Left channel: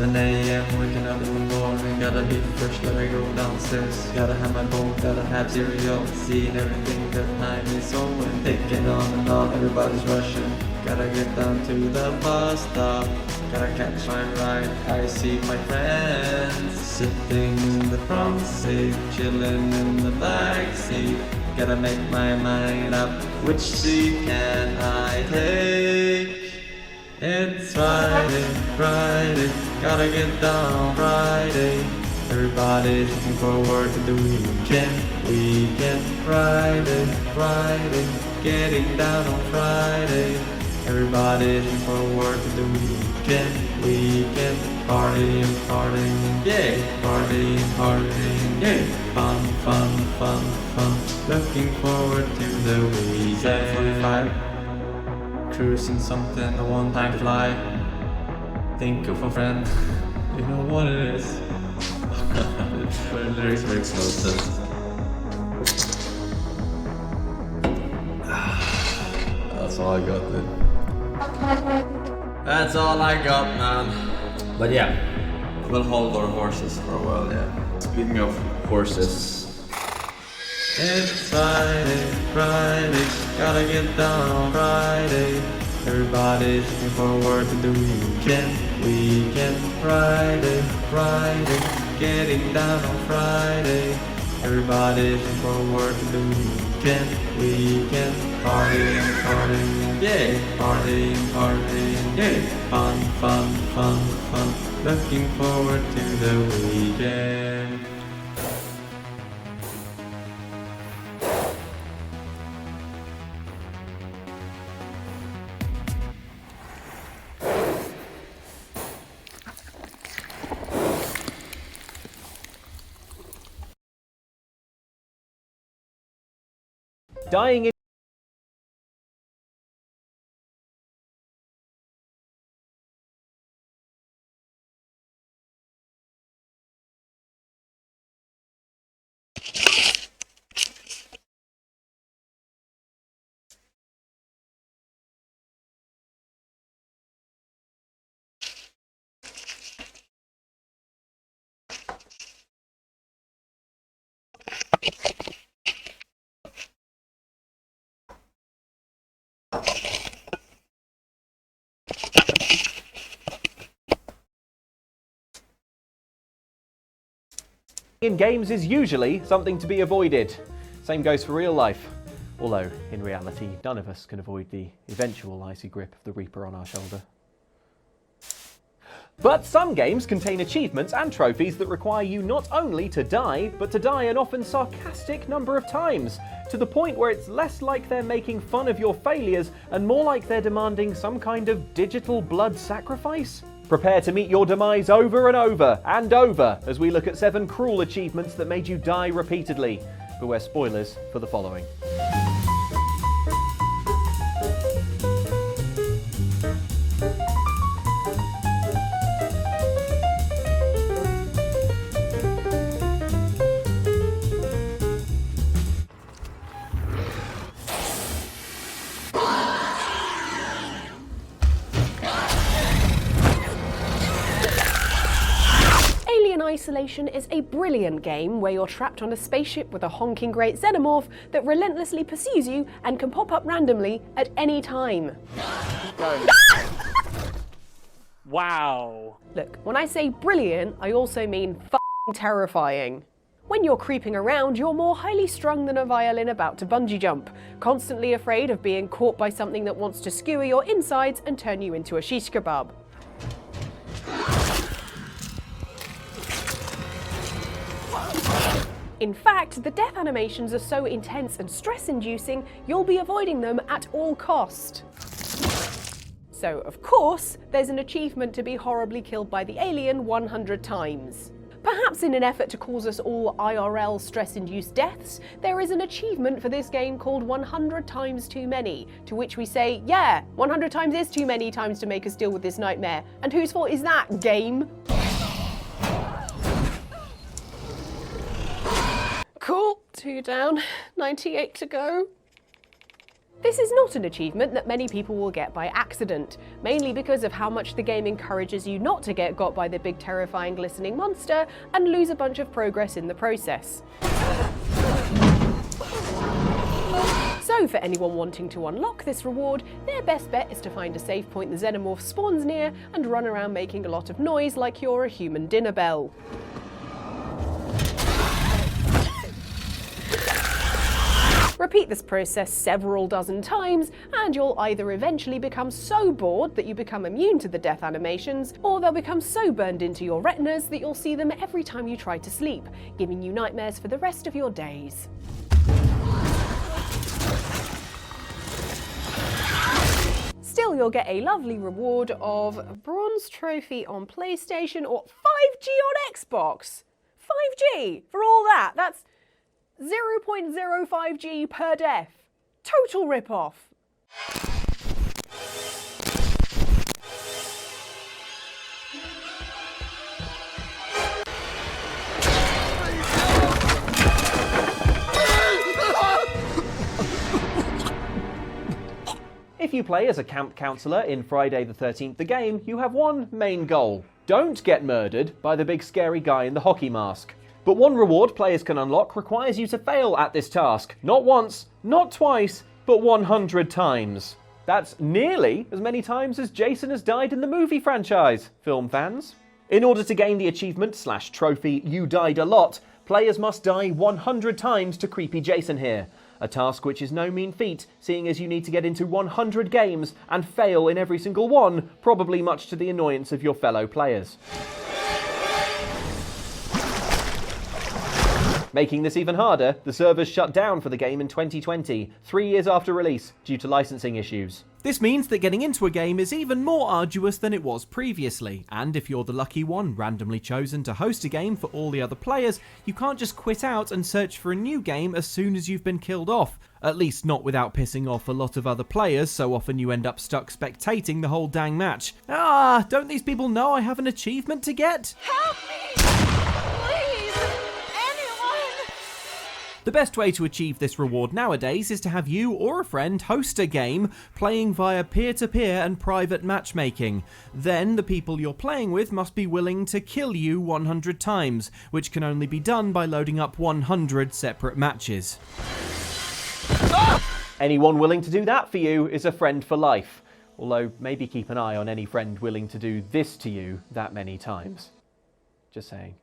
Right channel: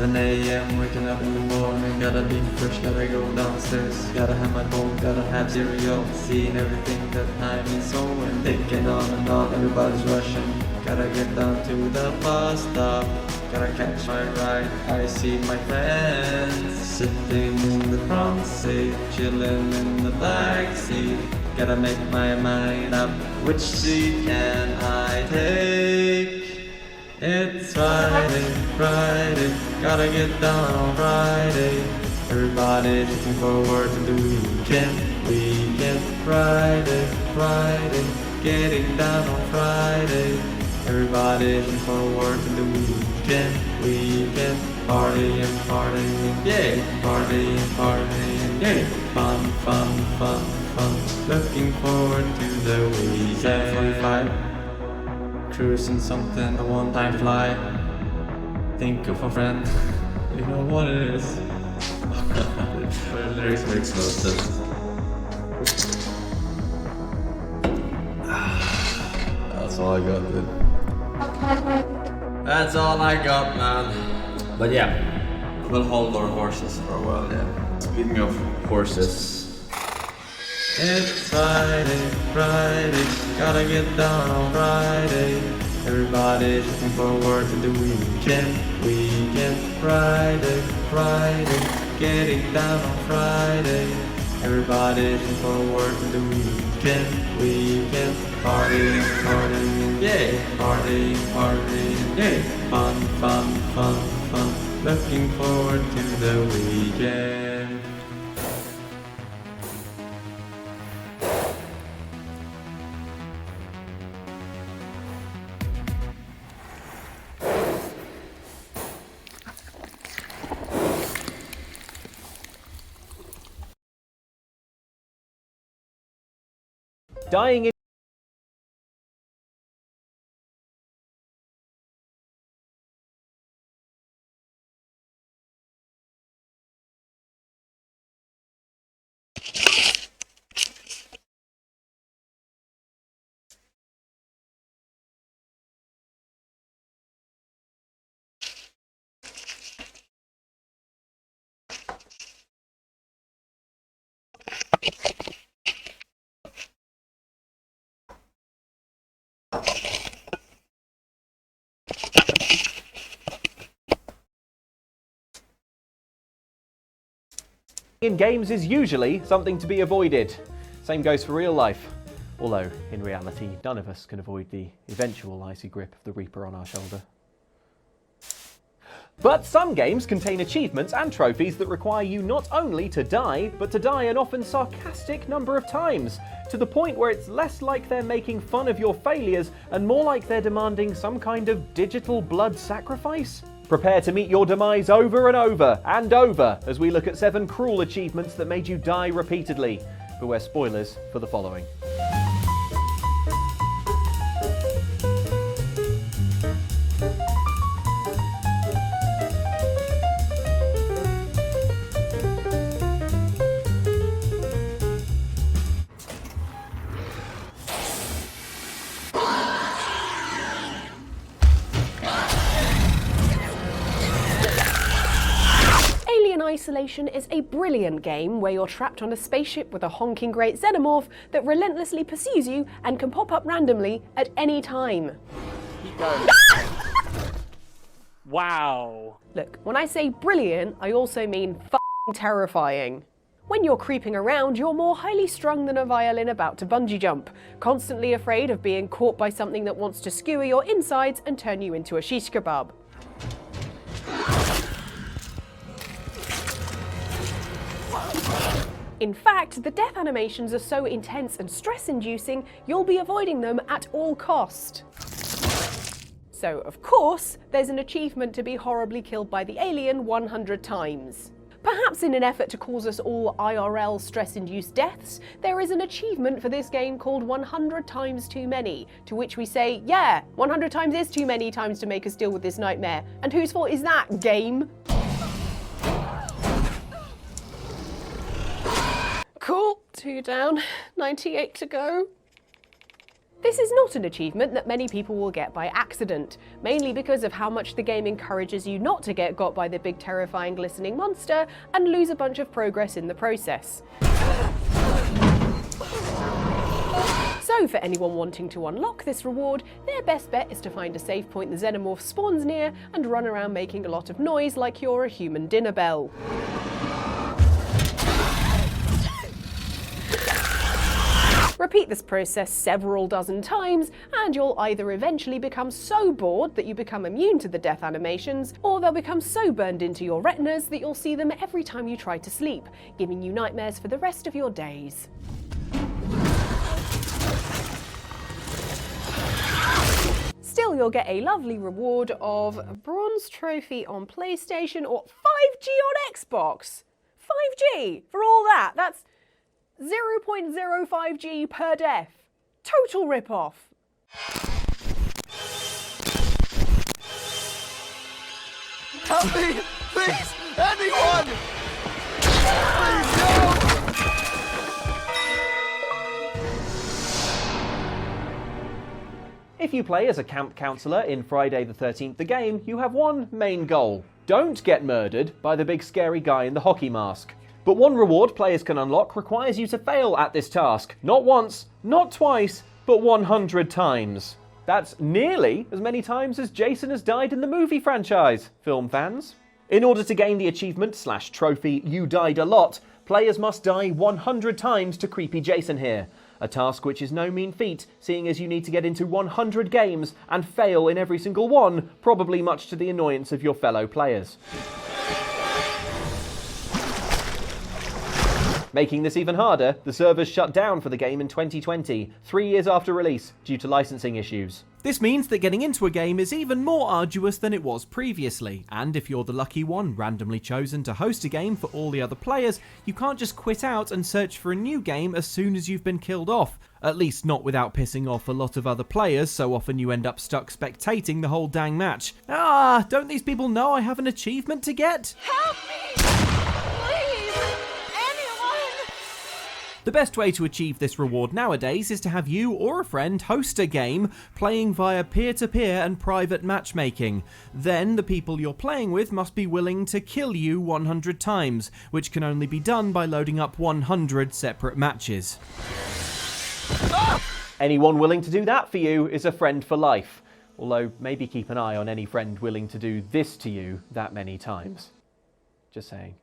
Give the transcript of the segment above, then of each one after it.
7 a.m. waking up in the morning. Gotta be fresh, gotta go downstairs. Gotta have my bowl, gotta have cereal. Seeing everything that time is going. Taking on and on, everybody's rushing. Gotta get down to the bus stop. Gotta catch my ride. I see my friends sitting in the front seat, chilling in the back seat. Gotta make my mind up, which seat can I take? It's Friday, Friday, gotta get down on Friday. Everybody's looking forward to the weekend, weekend. Friday, Friday, getting down on Friday. Everybody's looking forward to the weekend, weekend. Partying, partying, yay! Partying, partying, yay! Fun, fun, fun, fun. Looking forward to the weekend. 7:45. Cruising something, a one-time fly. Think of a friend. You know what it is. The lyrics makes no sense. That's all I got, dude. That's all I got, man. But yeah, we'll hold our horses for a while, yeah. Speaking of horses. It's Friday, Friday, gotta get down on Friday. Everybody's looking forward to the weekend, weekend. Friday, Friday, getting down on Friday. Everybody's looking forward to the weekend, weekend. Partying, partying, yay! Partying, partying, yay! Fun, fun, fun, fun. Looking forward to the weekend. Dying in games is usually something to be avoided. Same goes for real life. Although, in reality, none of us can avoid the eventual icy grip of the Reaper on our shoulder. But some games contain achievements and trophies that require you not only to die, but to die an often sarcastic number of times, to the point where it's less like they're making fun of your failures and more like they're demanding some kind of digital blood sacrifice. Prepare to meet your demise over and over and over as we look at 7 cruel achievements that made you die repeatedly. Beware spoilers for the following. Isolation is a brilliant game where you're trapped on a spaceship with a honking great xenomorph that relentlessly pursues you and can pop up randomly at any time. Keep going. Wow. Look, when I say brilliant, I also mean f***ing terrifying. When you're creeping around, you're more highly strung than a violin about to bungee jump, constantly afraid of being caught by something that wants to skewer your insides and turn you into a shish kebab. In fact, the death animations are so intense and stress-inducing, you'll be avoiding them at all cost. So, of course, there's an achievement to be horribly killed by the alien 100 times. Perhaps in an effort to cause us all IRL stress-induced deaths, there is an achievement for this game called 100 times too many, to which we say, yeah, 100 times is too many times to make us deal with this nightmare. And whose fault is that, game? Cool, 2 down, 98 to go. This is not an achievement that many people will get by accident, mainly because of how much the game encourages you not to get got by the big terrifying glistening monster and lose a bunch of progress in the process. So for anyone wanting to unlock this reward, their best bet is to find a safe point the xenomorph spawns near and run around making a lot of noise like you're a human dinner bell. Repeat this process several dozen times, and you'll either eventually become so bored that you become immune to the death animations, or they'll become so burned into your retinas that you'll see them every time you try to sleep, giving you nightmares for the rest of your days. Still, you'll get a lovely reward of a bronze trophy on PlayStation or 5G on Xbox. 5G for all that. That's 0.05G per def. Total rip-off. Help me! Please! Anyone! Please help! If you play as a camp counselor in Friday the 13th the game, you have one main goal. Don't get murdered by the big scary guy in the hockey mask. But one reward players can unlock requires you to fail at this task. Not once, not twice, but 100 times. That's nearly as many times as Jason has died in the movie franchise, film fans. In order to gain the achievement/trophy You Died a Lot, players must die 100 times to creepy Jason here. A task which is no mean feat, seeing as you need to get into 100 games and fail in every single one, probably much to the annoyance of your fellow players. Making this even harder, the servers shut down for the game in 2020, 3 years after release, due to licensing issues. This means that getting into a game is even more arduous than it was previously, and if you're the lucky one randomly chosen to host a game for all the other players, you can't just quit out and search for a new game as soon as you've been killed off. At least not without pissing off a lot of other players, so often you end up stuck spectating the whole dang match. Ah, don't these people know I have an achievement to get? Help me! Please! Anyone! The best way to achieve this reward nowadays is to have you or a friend host a game playing via peer-to-peer and private matchmaking. Then the people you're playing with must be willing to kill you 100 times, which can only be done by loading up 100 separate matches. Anyone willing to do that for you is a friend for life. Although maybe keep an eye on any friend willing to do this to you that many times. Just saying.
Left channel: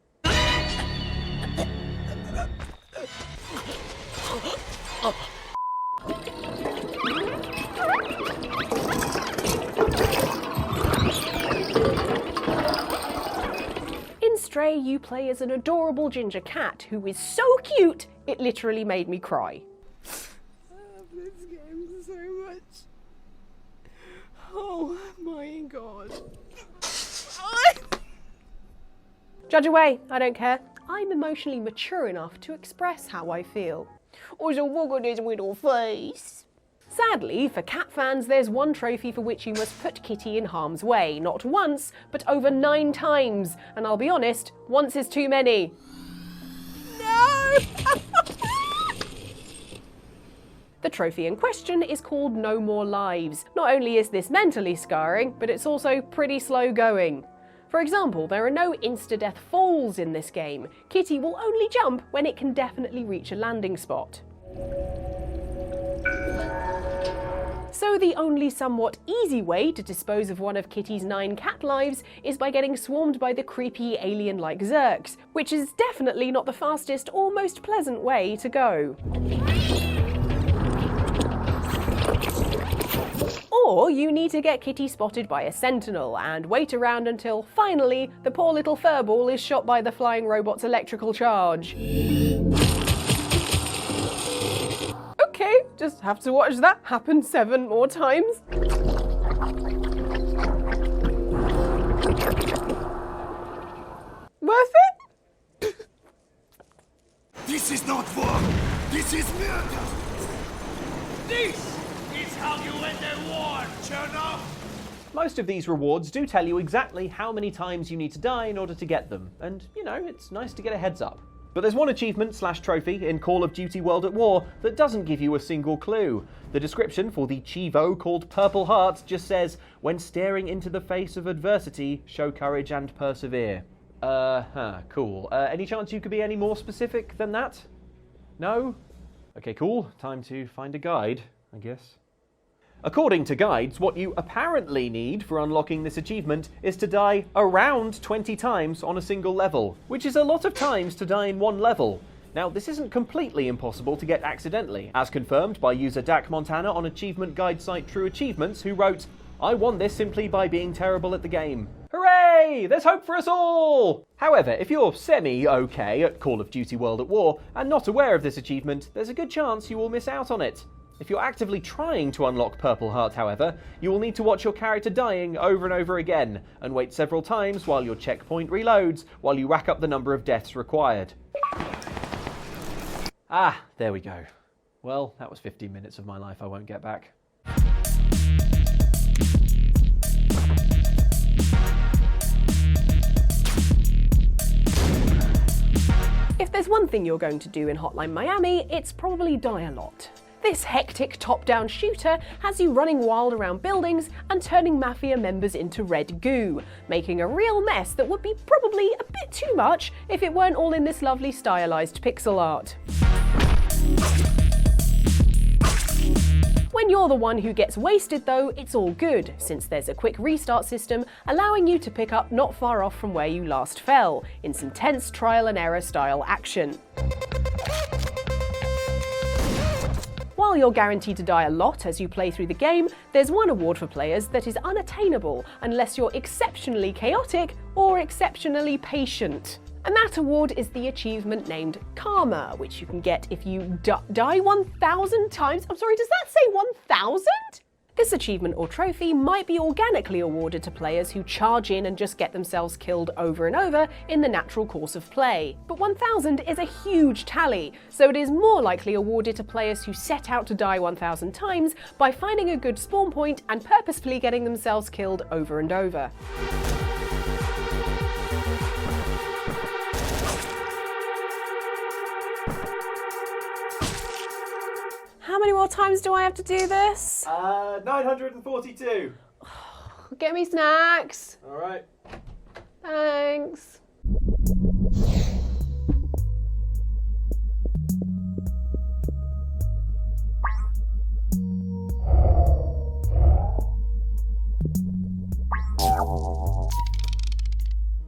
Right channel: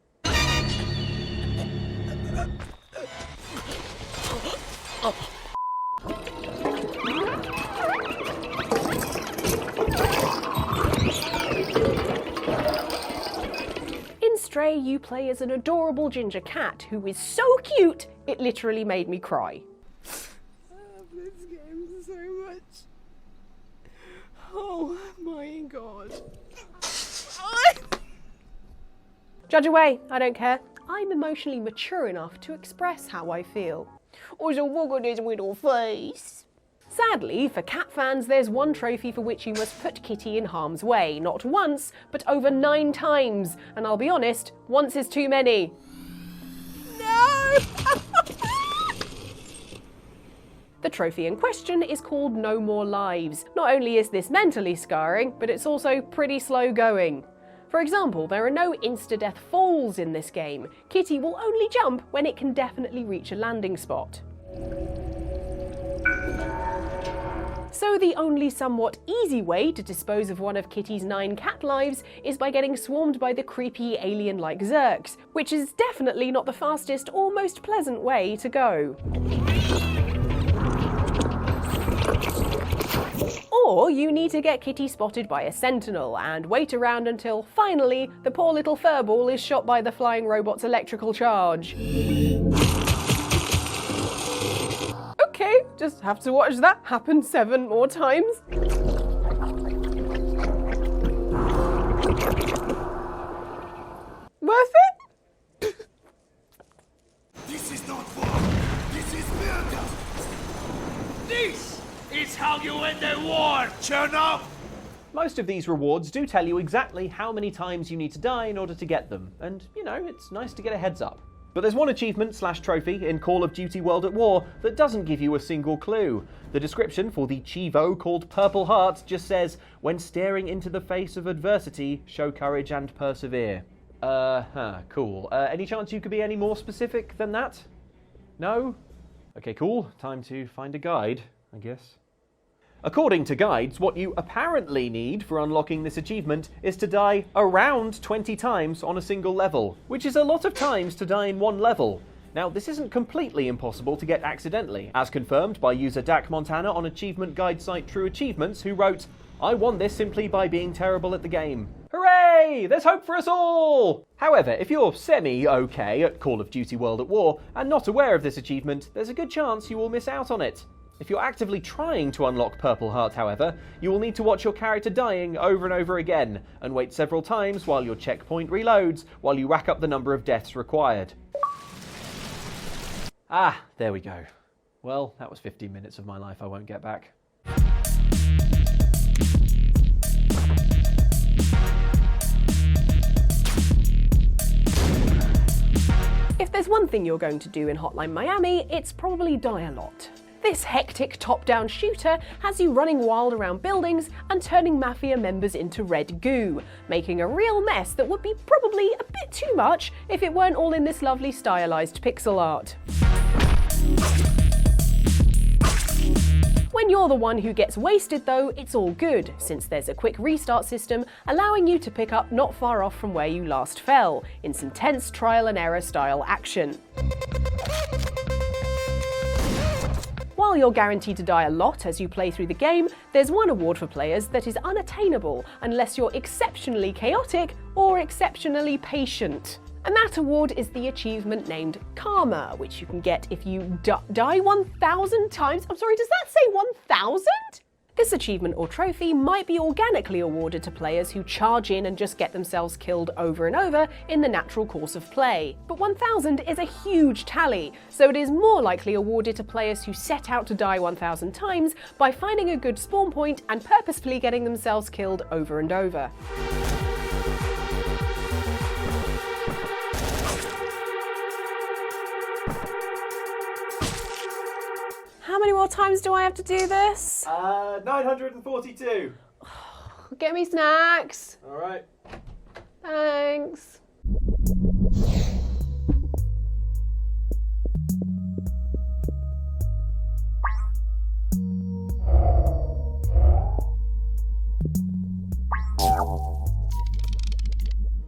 In Stray, you play as an adorable ginger cat who is so cute, it literally made me cry. I love this game so much. Oh my god. Judge away, I don't care. I'm emotionally mature enough to express how I feel. Oh, so look at his little face. Sadly, for cat fans, there's one trophy for which you must put Kitty in harm's way. Not once, but over 9 times. And I'll be honest, once is too many. No! The trophy in question is called No More Lives. Not only is this mentally scarring, but it's also pretty slow going. For example, there are no insta-death falls in this game. Kitty will only jump when it can definitely reach a landing spot. So the only somewhat easy way to dispose of one of Kitty's 9 cat lives is by getting swarmed by the creepy alien-like Zerks, which is definitely not the fastest or most pleasant way to go. Or you need to get Kitty spotted by a sentinel and wait around until, finally, the poor little furball is shot by the flying robot's electrical charge. Okay, just have to watch that happen 7 more times. Worth it? This is not war. This is murder. This is how you end a war, Chernobyl. Most of these rewards do tell you exactly how many times you need to die in order to get them, and, you know, it's nice to get a heads up. But there's one achievement / trophy in Call of Duty World at War that doesn't give you a single clue. The description for the Chivo called Purple Heart just says, when staring into the face of adversity, show courage and persevere. Cool. Any chance you could be any more specific than that? No? Okay, cool. Time to find a guide, I guess. According to guides, what you apparently need for unlocking this achievement is to die around 20 times on a single level, which is a lot of times to die in one level. Now, this isn't completely impossible to get accidentally, as confirmed by user Dak Montana on achievement guide site True Achievements, who wrote, "I won this simply by being terrible at the game." Hooray! There's hope for us all! However, if you're semi-okay at Call of Duty World at War and not aware of this achievement, there's a good chance you will miss out on it. If you're actively trying to unlock Purple Heart, however, you will need to watch your character dying over and over again, and wait several times while your checkpoint reloads, while you rack up the number of deaths required. Ah, there we go. Well, that was 15 minutes of my life I won't get back. If there's one thing you're going to do in Hotline Miami, it's probably die a lot. This hectic top-down shooter has you running wild around buildings and turning mafia members into red goo, making a real mess that would be probably a bit too much if it weren't all in this lovely stylized pixel art. When you're the one who gets wasted though, it's all good, since there's a quick restart system allowing you to pick up not far off from where you last fell, in some tense trial and error style action. While you're guaranteed to die a lot as you play through the game, there's one award for players that is unattainable unless you're exceptionally chaotic or exceptionally patient. And that award is the achievement named Karma, which you can get if you die 1,000 times. I'm sorry, does that say 1,000? This achievement or trophy might be organically awarded to players who charge in and just get themselves killed over and over in the natural course of play. But 1,000 is a huge tally, so it is more likely awarded to players who set out to die 1,000 times by finding a good spawn point and purposefully getting themselves killed over and over. How many more times do I have to do this? 942. Get me snacks. All right. Thanks.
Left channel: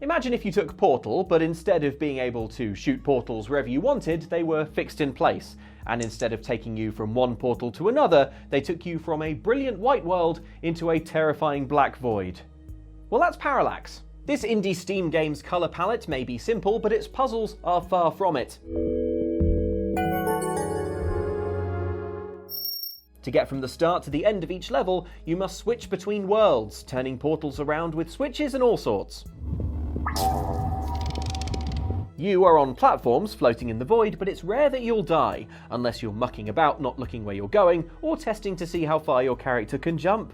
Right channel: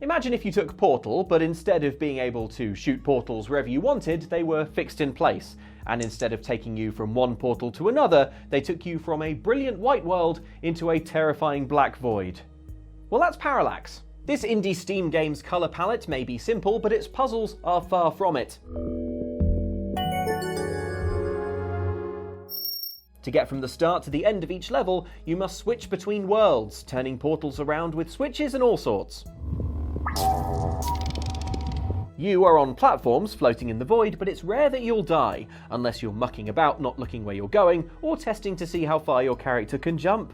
Imagine if you took Portal, but instead of being able to shoot portals wherever you wanted, they were fixed in place. And instead of taking you from one portal to another, they took you from a brilliant white world into a terrifying black void. Well, that's Parallax. This indie Steam game's colour palette may be simple, but its puzzles are far from it. To get from the start to the end of each level, you must switch between worlds, turning portals around with switches and all sorts. You are on platforms floating in the void, but it's rare that you'll die, unless you're mucking about not looking where you're going, or testing to see how far your character can jump.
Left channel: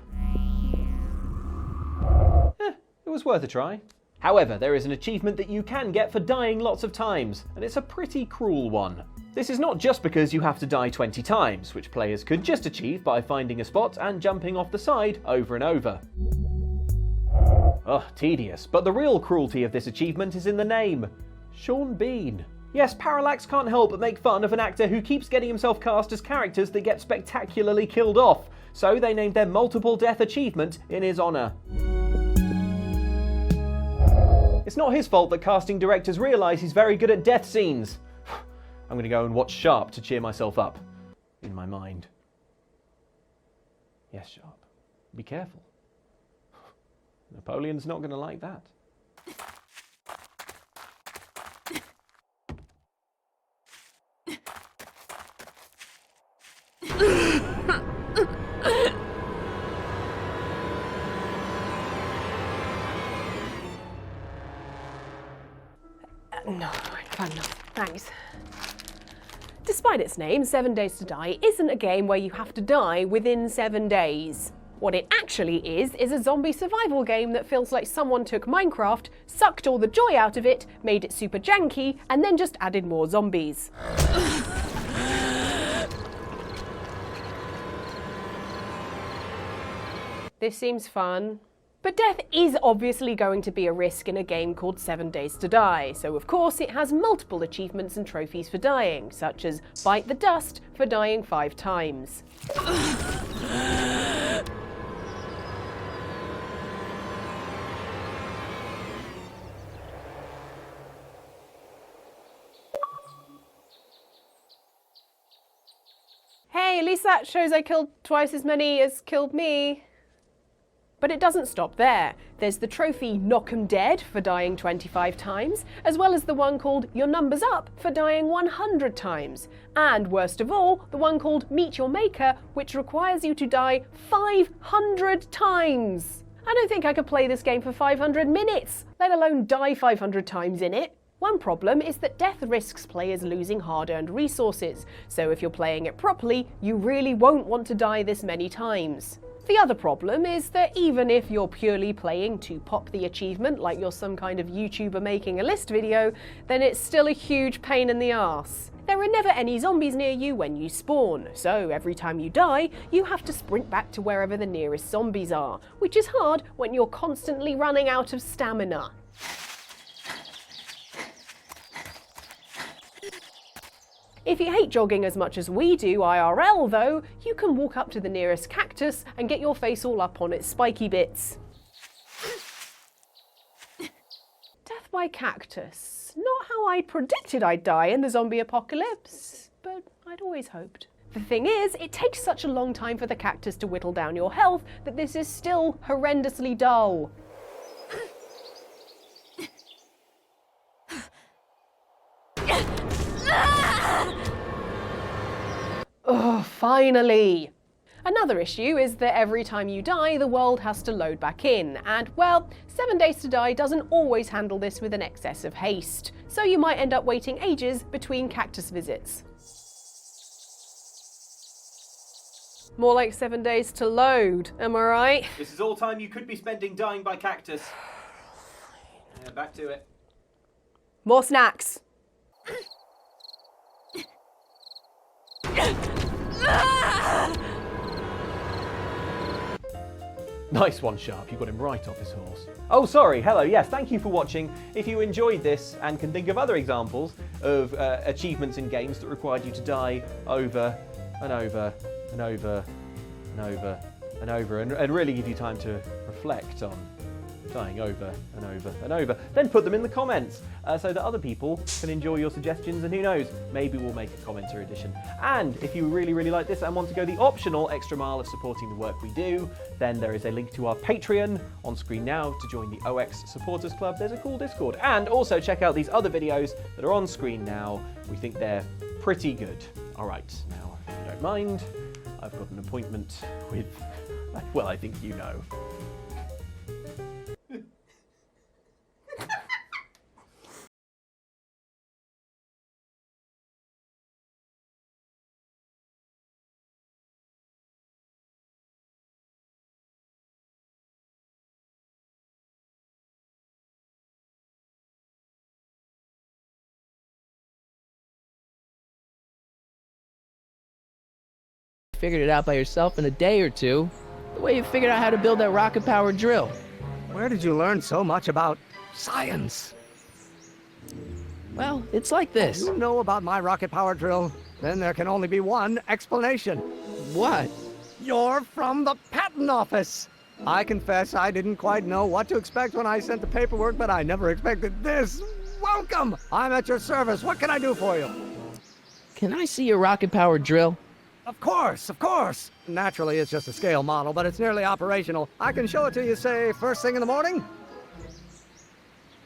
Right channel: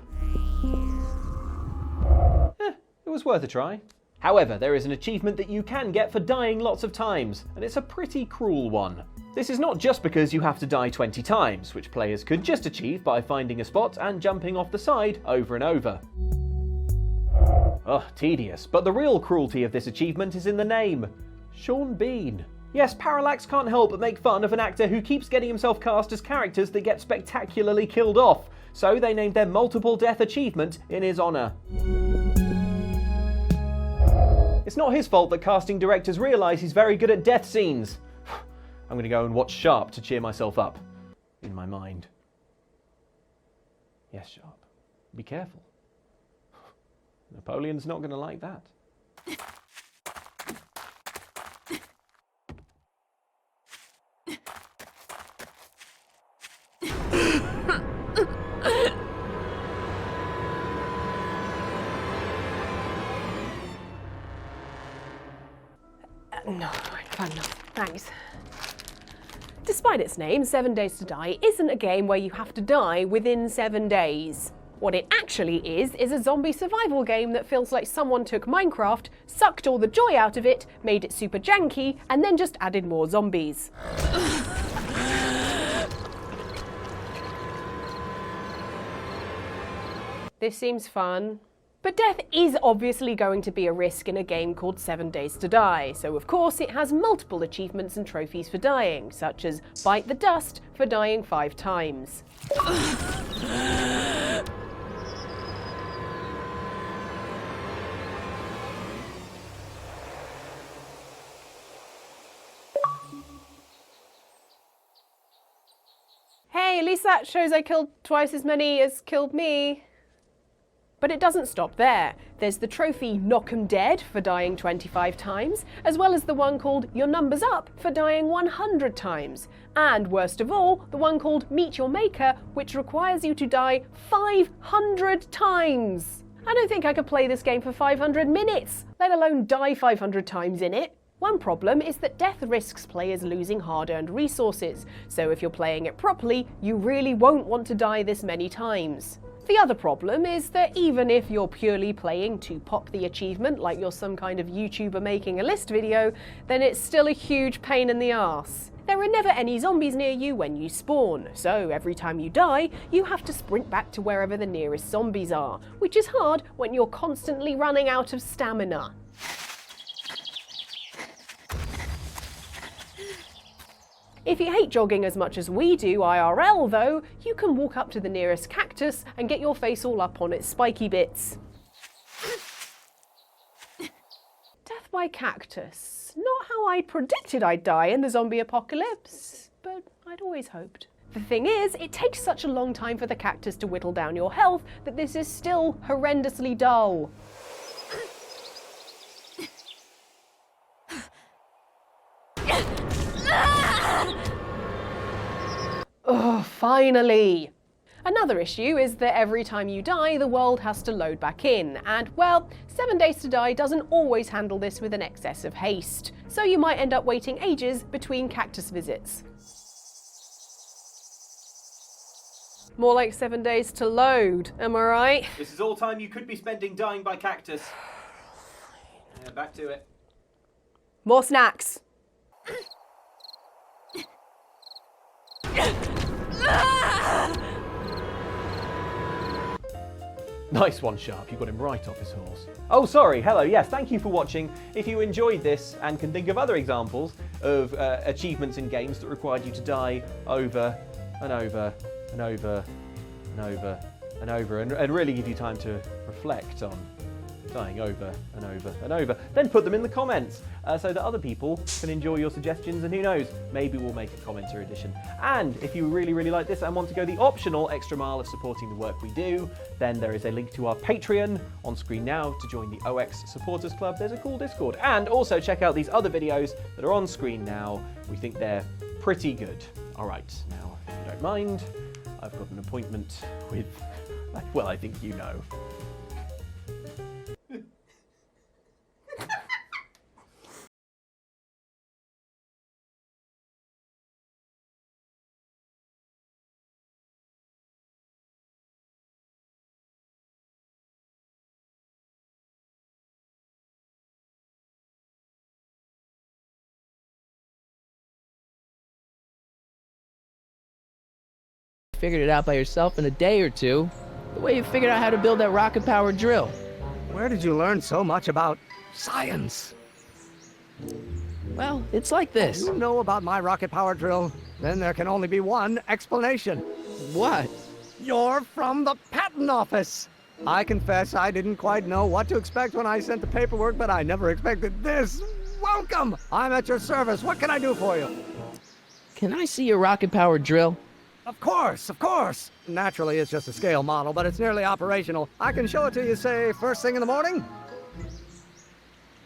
It was worth a try. However, there is an achievement that you can get for dying lots of times, and it's a pretty cruel one. This is not just because you have to die 20 times, which players could just achieve by finding a spot and jumping off the side over and over. Ugh, tedious, but the real cruelty of this achievement is in the name. Sean Bean. Yes, Parallax can't help but make fun of an actor who keeps getting himself cast as characters that get spectacularly killed off, so they named their multiple death achievement in his honour. It's not his fault that casting directors realise he's very good at death scenes. I'm going to go and watch Sharp to cheer myself up. In my mind. Yes, Sharp. Be careful. Napoleon's not going to like that. No, I've had enough. Thanks. Despite its name, 7 Days to Die isn't a game where you have to die within 7 days. What it actually is a zombie survival game that feels like someone took Minecraft, sucked all the joy out of it, made it super janky, and then just added more zombies. This seems fun. But death is obviously going to be a risk in a game called 7 Days to Die, so of course it has multiple achievements and trophies for dying, such as Bite the Dust for dying 5 times. Hey, at least that shows I killed twice as many as killed me. But it doesn't stop there. There's the trophy Knock 'em Dead for dying 25 times, as well as the one called Your Number's Up for dying 100 times. And worst of all, the one called Meet Your Maker, which requires you to die 500 times. I don't think I could play this game for 500 minutes, let alone die 500 times in it. One problem is that death risks players losing hard-earned resources, so if you're playing it properly, you really won't want to die this many times. The other problem is that even if you're purely playing to pop the achievement, like you're some kind of YouTuber making a list video, then it's still a huge pain in the arse. There are never any zombies near you when you spawn, so every time you die, you have to sprint back to wherever the nearest zombies are, which is hard when you're constantly running out of stamina. If you hate jogging as much as we do IRL though, you can walk up to the nearest cactus and get your face all up on its spiky bits. Death by cactus. Not how I predicted I'd die in the zombie apocalypse, but I'd always hoped. The thing is, it takes such a long time for the cactus to whittle down your health that this is still horrendously dull. Oh, finally! Another issue is that every time you die, the world has to load back in, and, well, 7 Days to Die doesn't always handle this with an excess of haste, so you might end up waiting ages between cactus visits. More like 7 days to load, am I right? This is all time you could be spending dying by cactus. Yeah, back to it. More snacks. Nice one, Sharp. You got him right off his horse. Oh, sorry. Hello. Yes, thank you for watching. If you enjoyed this and can think of other examples of achievements in games that required you to die over and over and over and over and over and really give you time to reflect on dying over and over and over, then put them in the comments so that other people can enjoy your suggestions, and who knows, maybe we'll make a commenter edition. And if you really like this and want to go the optional extra mile of supporting the work we do, then there is a link to our Patreon on screen now to join the OX Supporters Club. There's a cool Discord, and also check out these other videos that are on screen now. We think they're pretty good. All right, now if you don't mind, I've got an appointment with, well, I think you know. Figured it out by yourself in a day or two. The way you figured out how to build that rocket-powered drill. Where did you learn so much about science? Well, it's like this. You know about my rocket-powered drill? Then there can only be one explanation. What? You're from the patent office. I confess I didn't quite know what to expect when I sent the paperwork, but I never expected this. Welcome! I'm at your service. What can I do for you? Can I see your rocket-powered drill? Of course, of course. Naturally, it's just a scale model, but it's nearly operational. I can show it to you, say, first thing in the morning?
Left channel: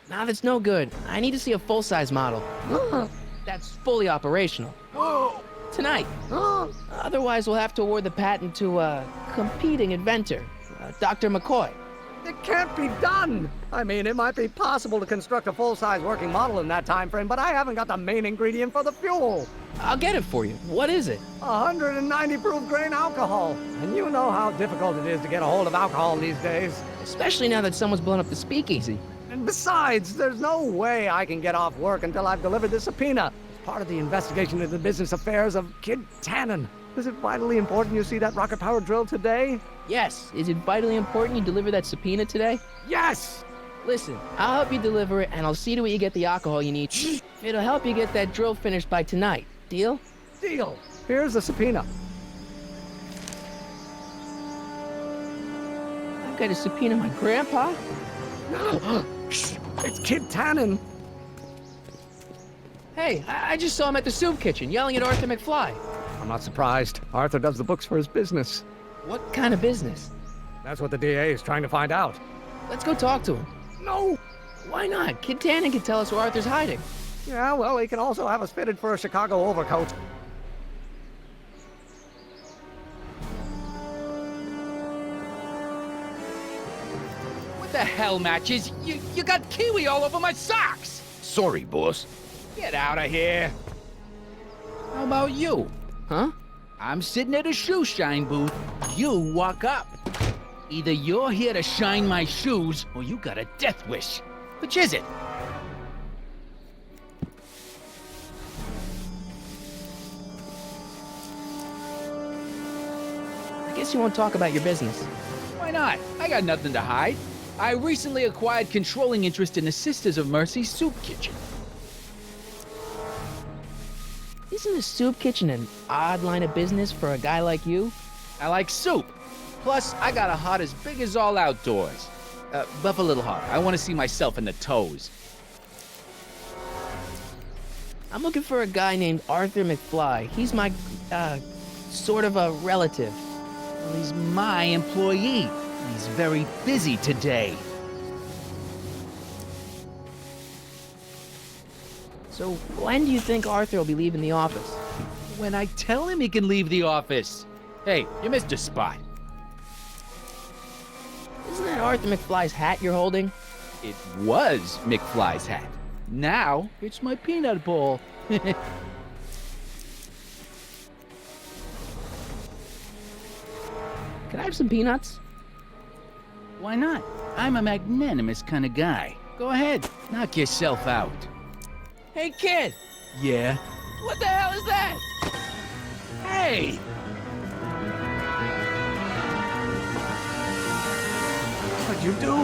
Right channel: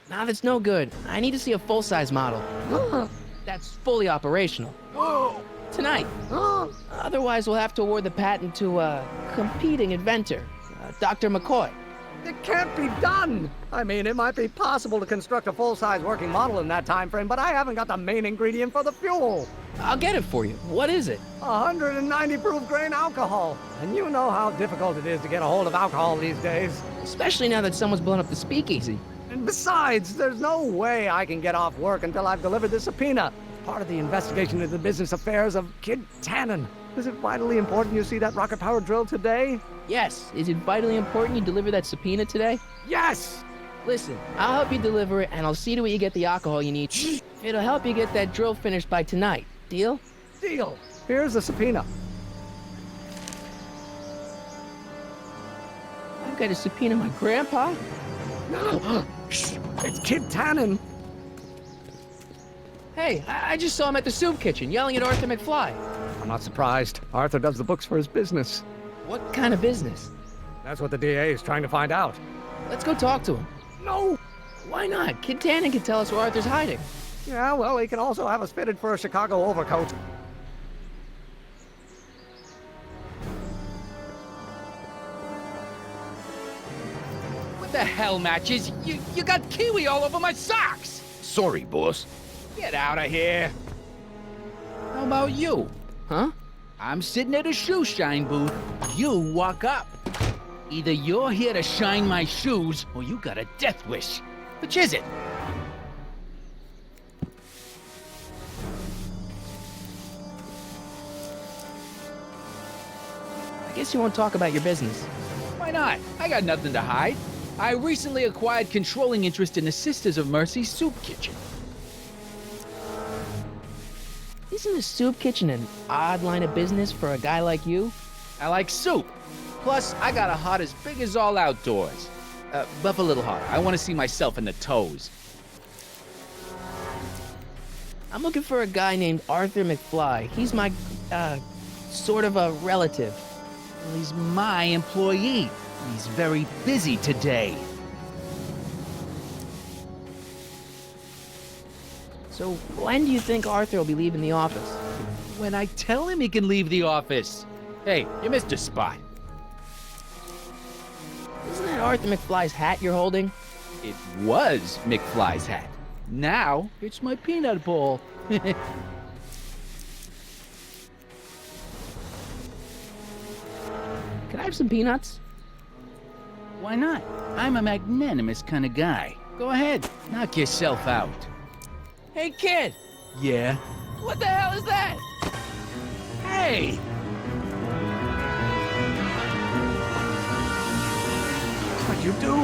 Nah, that's no good. I need to see a full-size model. That's fully operational. Tonight. Otherwise, we'll have to award the patent to a competing inventor, Dr. McCoy. It can't be done! I mean, it might be possible to construct a full-size working model in that time frame, but I haven't got the main ingredient for the fuel. I'll get it for you. What is it? 190 proof grain alcohol. And you know how difficult it is to get a hold of alcohol these days. Especially now that someone's blown up the speakeasy. And besides, there's no way I can get off work until I've delivered the subpoena. It's part of the investigation into the business affairs of Kid Tannen. Is it vitally important you see that rocket-powered drill today? Yes. Is it vitally important you deliver that subpoena today? Yes! Listen, I'll help you deliver it, and I'll see to it you get the alcohol you need. It'll help you get that drill finished by tonight. Deal? Deal. Here's the subpoena. I've got to subpoena my grandpa? No! It's Kid Tannen. Hey, I just saw him at the soup kitchen yelling at Arthur McFly. I'm not surprised. Arthur does the books for his business. What kind of business? That's what the DA is trying to find out. Let's go talk to him. No! Why not? Kid Tannen can tell us where Arthur's hiding. Yeah, well, he can also have us fitted for a Chicago overcoat. What the hell, Matches? You got kiwi all over my socks! Sorry, boss. Get out of here. How about you? Huh? I'm sitting at a shoe shine booth. You walk up. Either you're here to shine my shoes, or you got a death wish. Which is it? I guess you won't talk about your business. Why not? I got nothing to hide. I recently acquired controlling interest in the Sisters of Mercy soup kitchen. Isn't a soup kitchen an odd line of business for a guy like you? I like soup. Plus, I got a heart as big as all outdoors. Buff a little harder. I want to see myself in the toes. I'm looking for a guy named Arthur McFly. He's my, sort of a relative. Well, he's my employee. He's very busy today. So when do you think Arthur will be leaving the office? When I tell him he can leave the office. Hey, you missed a spot. Isn't that Arthur McFly's hat you're holding? It was McFly's hat. Now, it's my peanut ball. Can I have some peanuts? Why not? I'm a magnanimous kind of guy. Go ahead, knock yourself out. Hey, kid! Yeah? What the hell is that? Hey! What'd you do?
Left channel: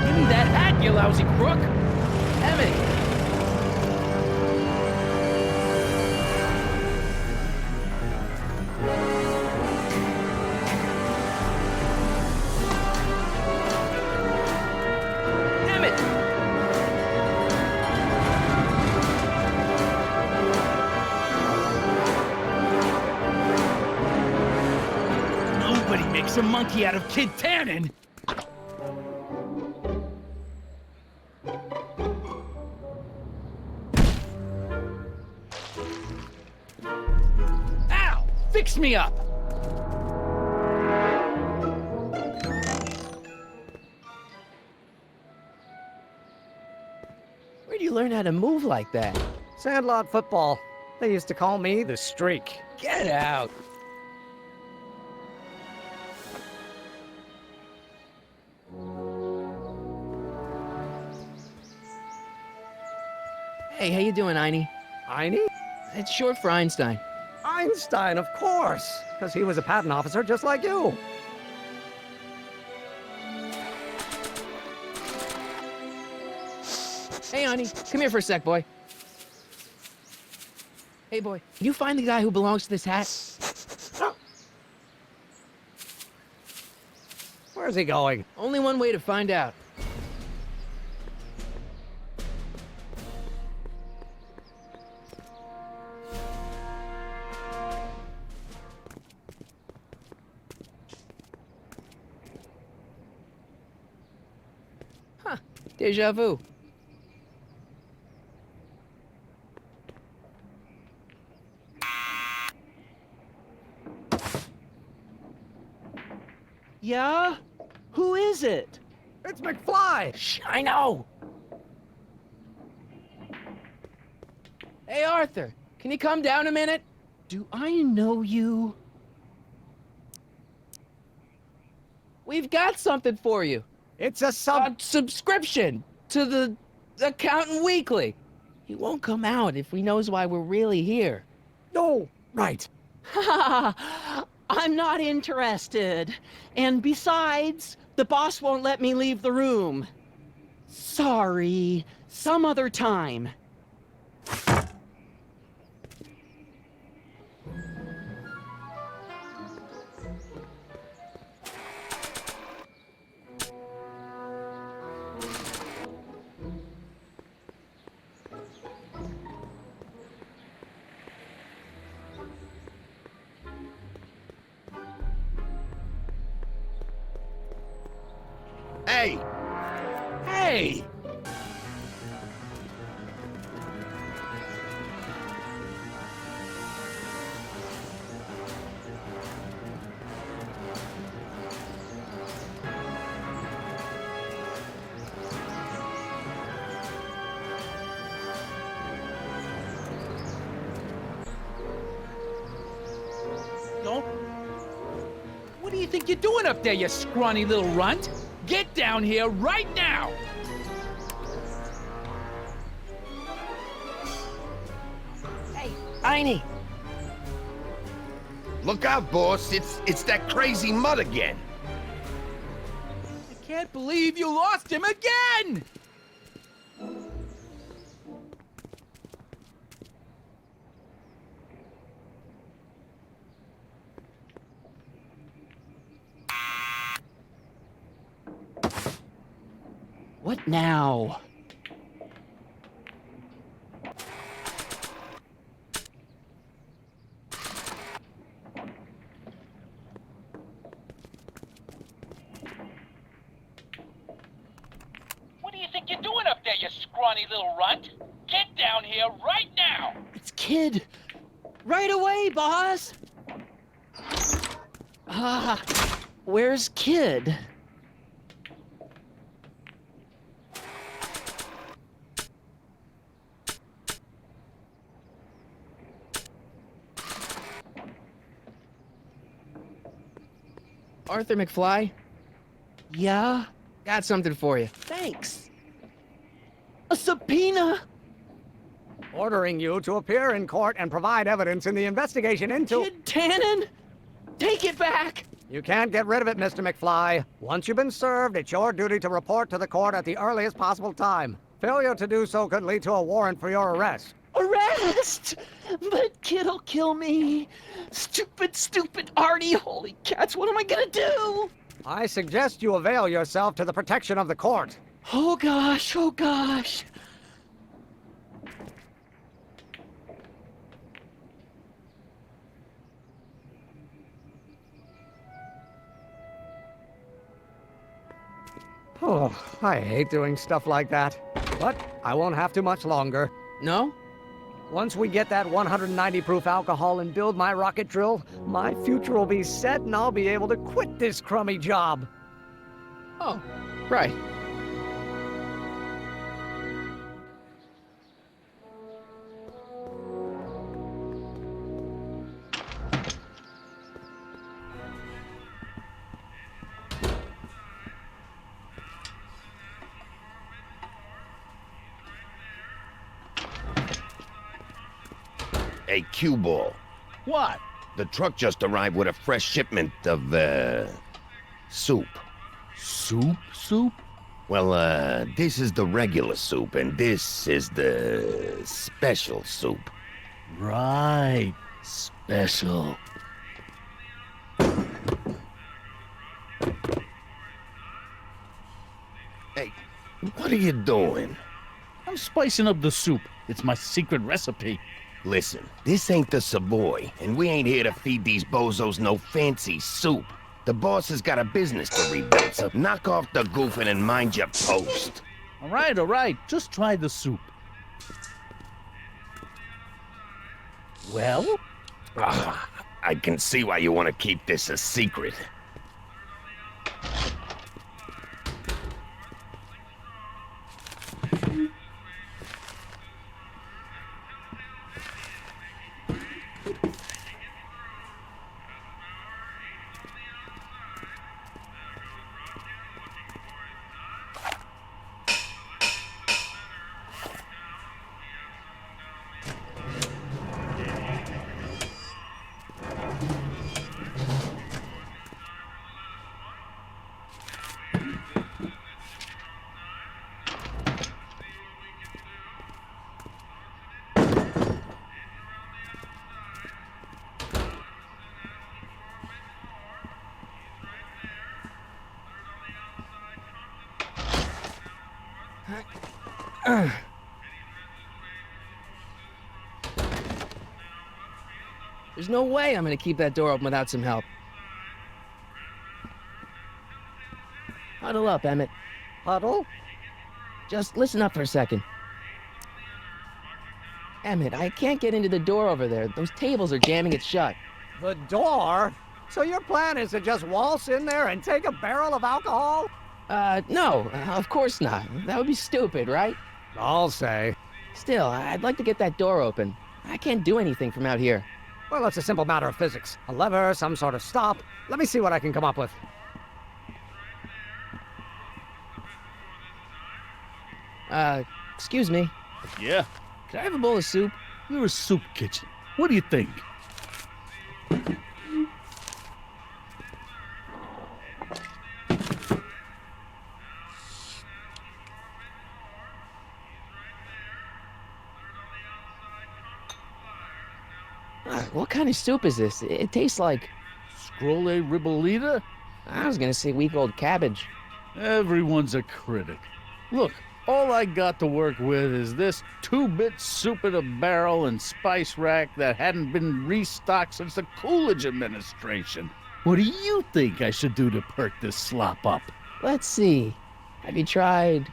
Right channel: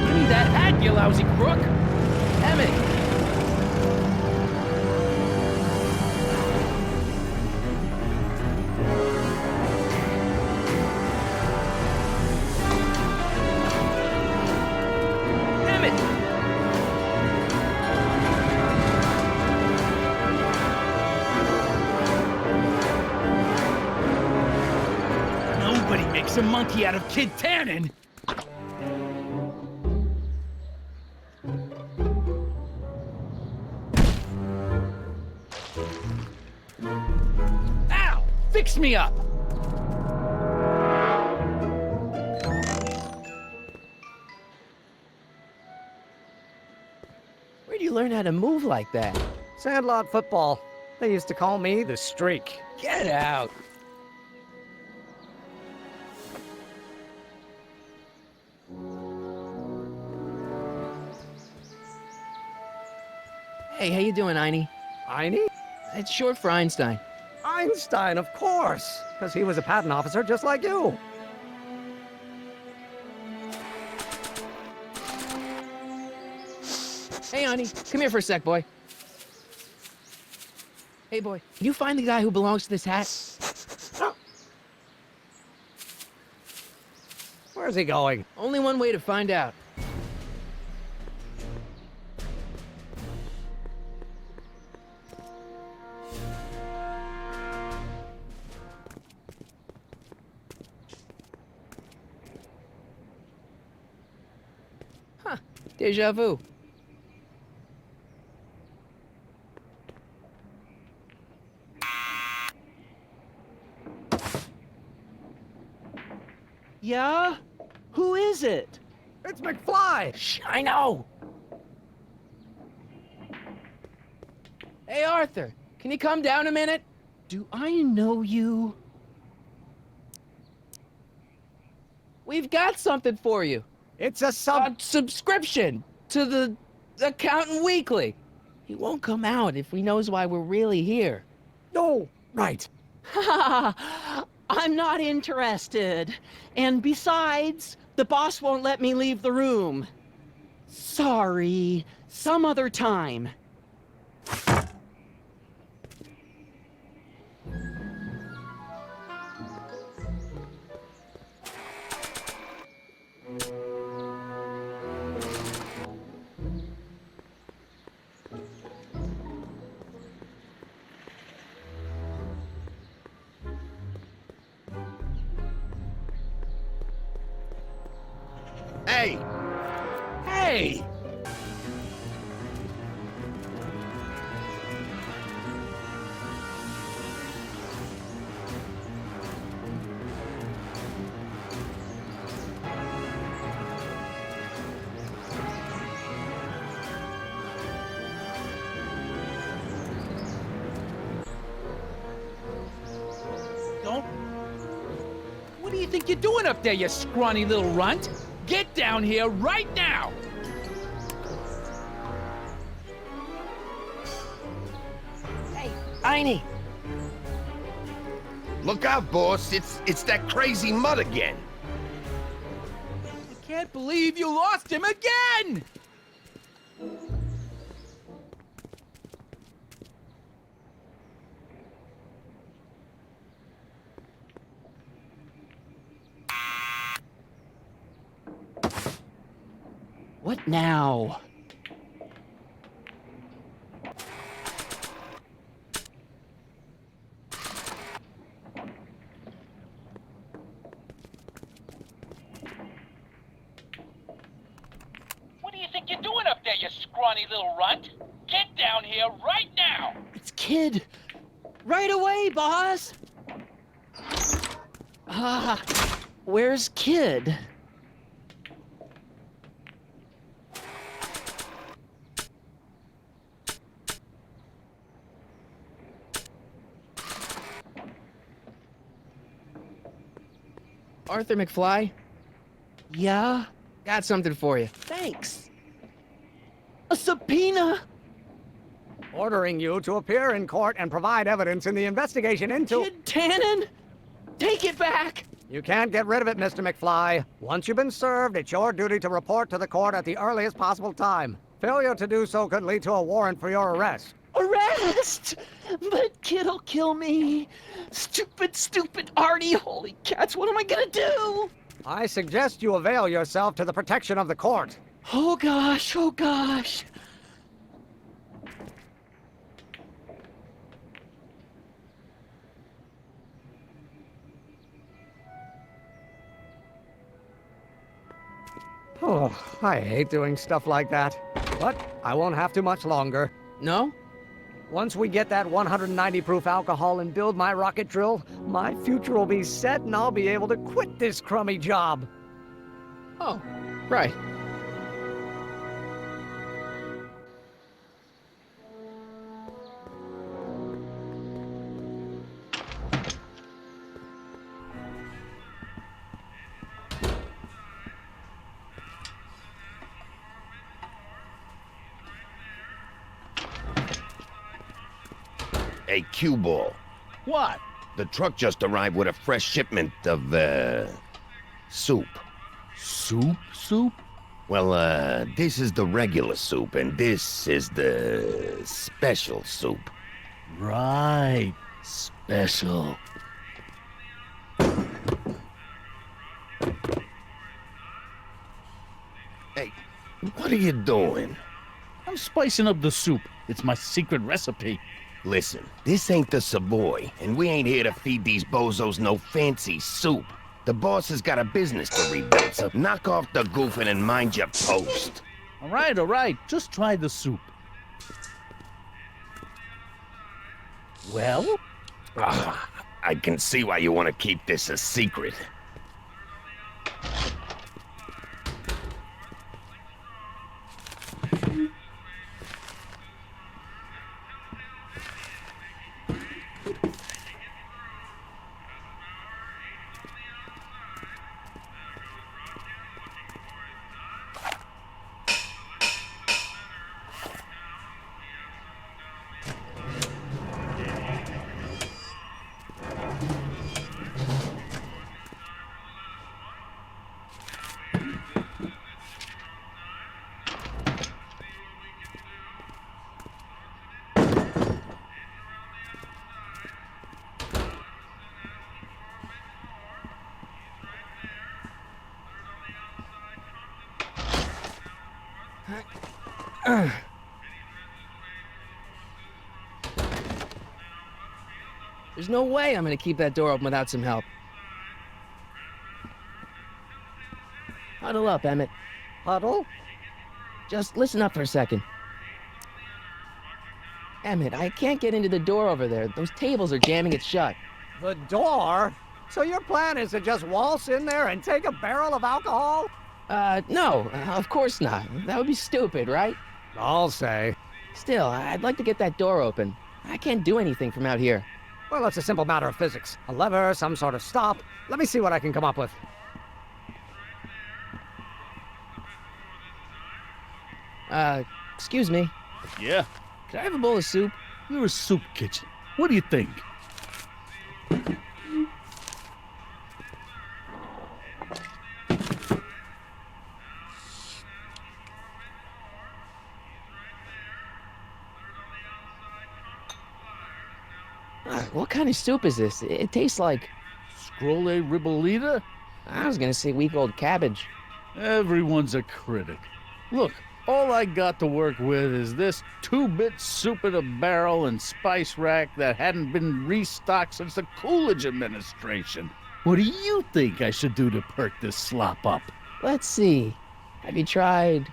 Give me that hat, you lousy crook! Emmett! Emmett! Nobody makes a monkey out of Kid Tannen! Ow! Fix me up! Where'd you learn how to move like that? Sandlot football. They used to call me the Streak. Get out! Hey, how you doing, Einie? Einie? It's short for Einstein. Einstein, of course. Because he was a patent officer just like you. Hey, Einie, come here for a sec, boy. Hey, boy, can you find the guy who belongs to this hat? Where's he going? Only one way to find out. Huh, deja vu. Yeah? Who is it? It's McFly! Shh, I know! Hey, Arthur, can you come down a minute? Do I know you? We've got something for you. It's a Subscription to the Accountant Weekly. He won't come out if he knows why we're really here. Oh, right. I'm not interested. And besides, the boss won't let me leave the room. Sorry, some other time. Hey! Hey! Don't... What do you think you're doing up there, you scrawny little runt? Get down here right now! Hey, Tiny. Look out, boss. It's that crazy mud again. I can't believe you lost him again! What now? What do you think you're doing up there, you scrawny little runt? Get down here right now! It's Kid. Right away, boss. Where's Kid? Arthur McFly, Yeah? got something for you. Thanks. A subpoena? Ordering you to appear in court and provide evidence in the investigation into... Kid Tannen? Take it back! You can't get rid of it, Mr. McFly. Once you've been served, it's your duty to report to the court at the earliest possible time. Failure to do so could lead to a warrant for your arrest. Arrest! But Kid'll kill me. Stupid Artie. Holy cats, what am I gonna do? I suggest you avail yourself to the protection of the court. Oh gosh, oh gosh. Oh, I hate doing stuff like that. But I won't have to much longer. No? Once we get that 190 proof alcohol and build my rocket drill, my future will be set and I'll be able to quit this crummy job. Oh, right. Hey, cue ball. What? The truck just arrived with a fresh shipment of, soup. Soup? Well, this is the regular soup, and this is the special soup. Right. Special. Hey, what are you doing? I'm spicing up the soup. It's my secret recipe. Listen, this ain't the Savoy, and we ain't here to feed these bozos no fancy soup. The boss has got a business to rebuild, so knock off the goofing and mind your post. All right. Just try the soup. Well? I can see why you want to keep this a secret. There's no way I'm gonna keep that door open without some help. Huddle up, Emmett. Huddle? Just listen up for a second. Emmett, I can't get into the door over there. Those tables are jamming it shut. The door? So your plan is to just waltz in there and take a barrel of alcohol? No, of course not. That would be stupid, right? I'll say. Still, I'd like to get that door open. I can't do anything from out here. Well, it's a simple matter of physics. A lever, some sort of stop. Let me see what I can come up with. Excuse me. Yeah, Could I have a bowl of soup? you're a soup kitchen. What do you think? What kind of soup is this? It tastes like... Scroll ribolita? I was gonna say week-old cabbage. Everyone's a critic. Look, all I got to work with is this 2-bit soup in a barrel and spice rack that hadn't been restocked since the Coolidge administration. What do you think I should do to perk this slop up? Let's see. Have you tried...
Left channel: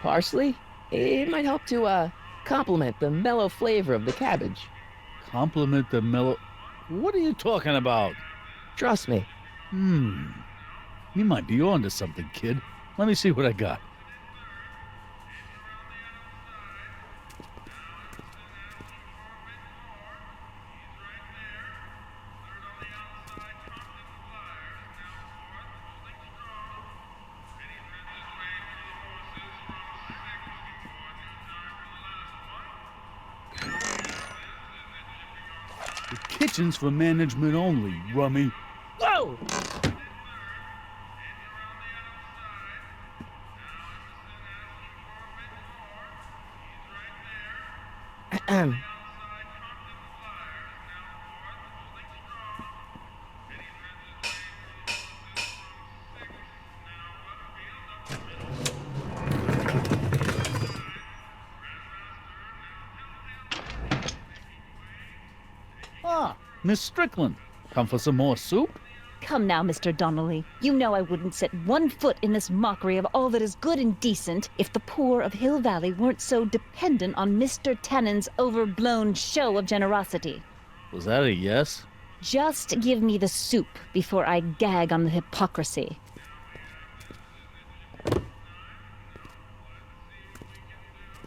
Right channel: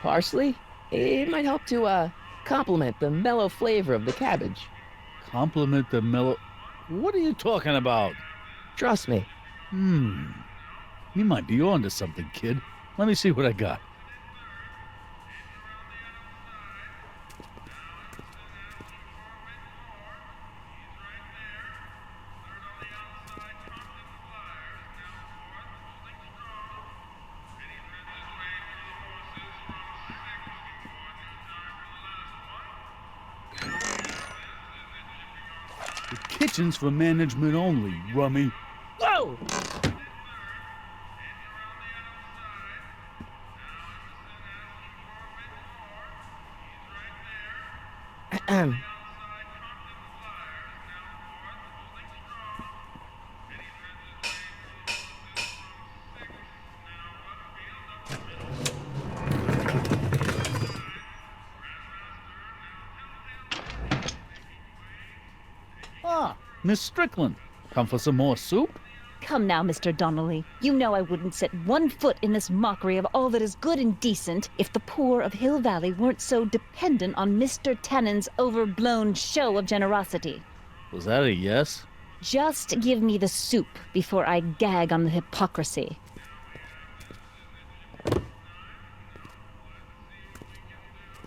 parsley? It might help to, complement the mellow flavor of the cabbage. Compliment the mellow... What are you talking about? Trust me. You might be onto something, kid. Let me see what I got. The kitchen's for management only, rummy. Whoa! Ahem. Ah, Miss Strickland. Come for some more soup? Come now, Mr. Donnelly. You know I wouldn't set one foot in this mockery of all that is good and decent if the poor of Hill Valley weren't so dependent on Mr. Tannen's overblown show of generosity. Was that a yes? Just give me the soup before I gag on the hypocrisy.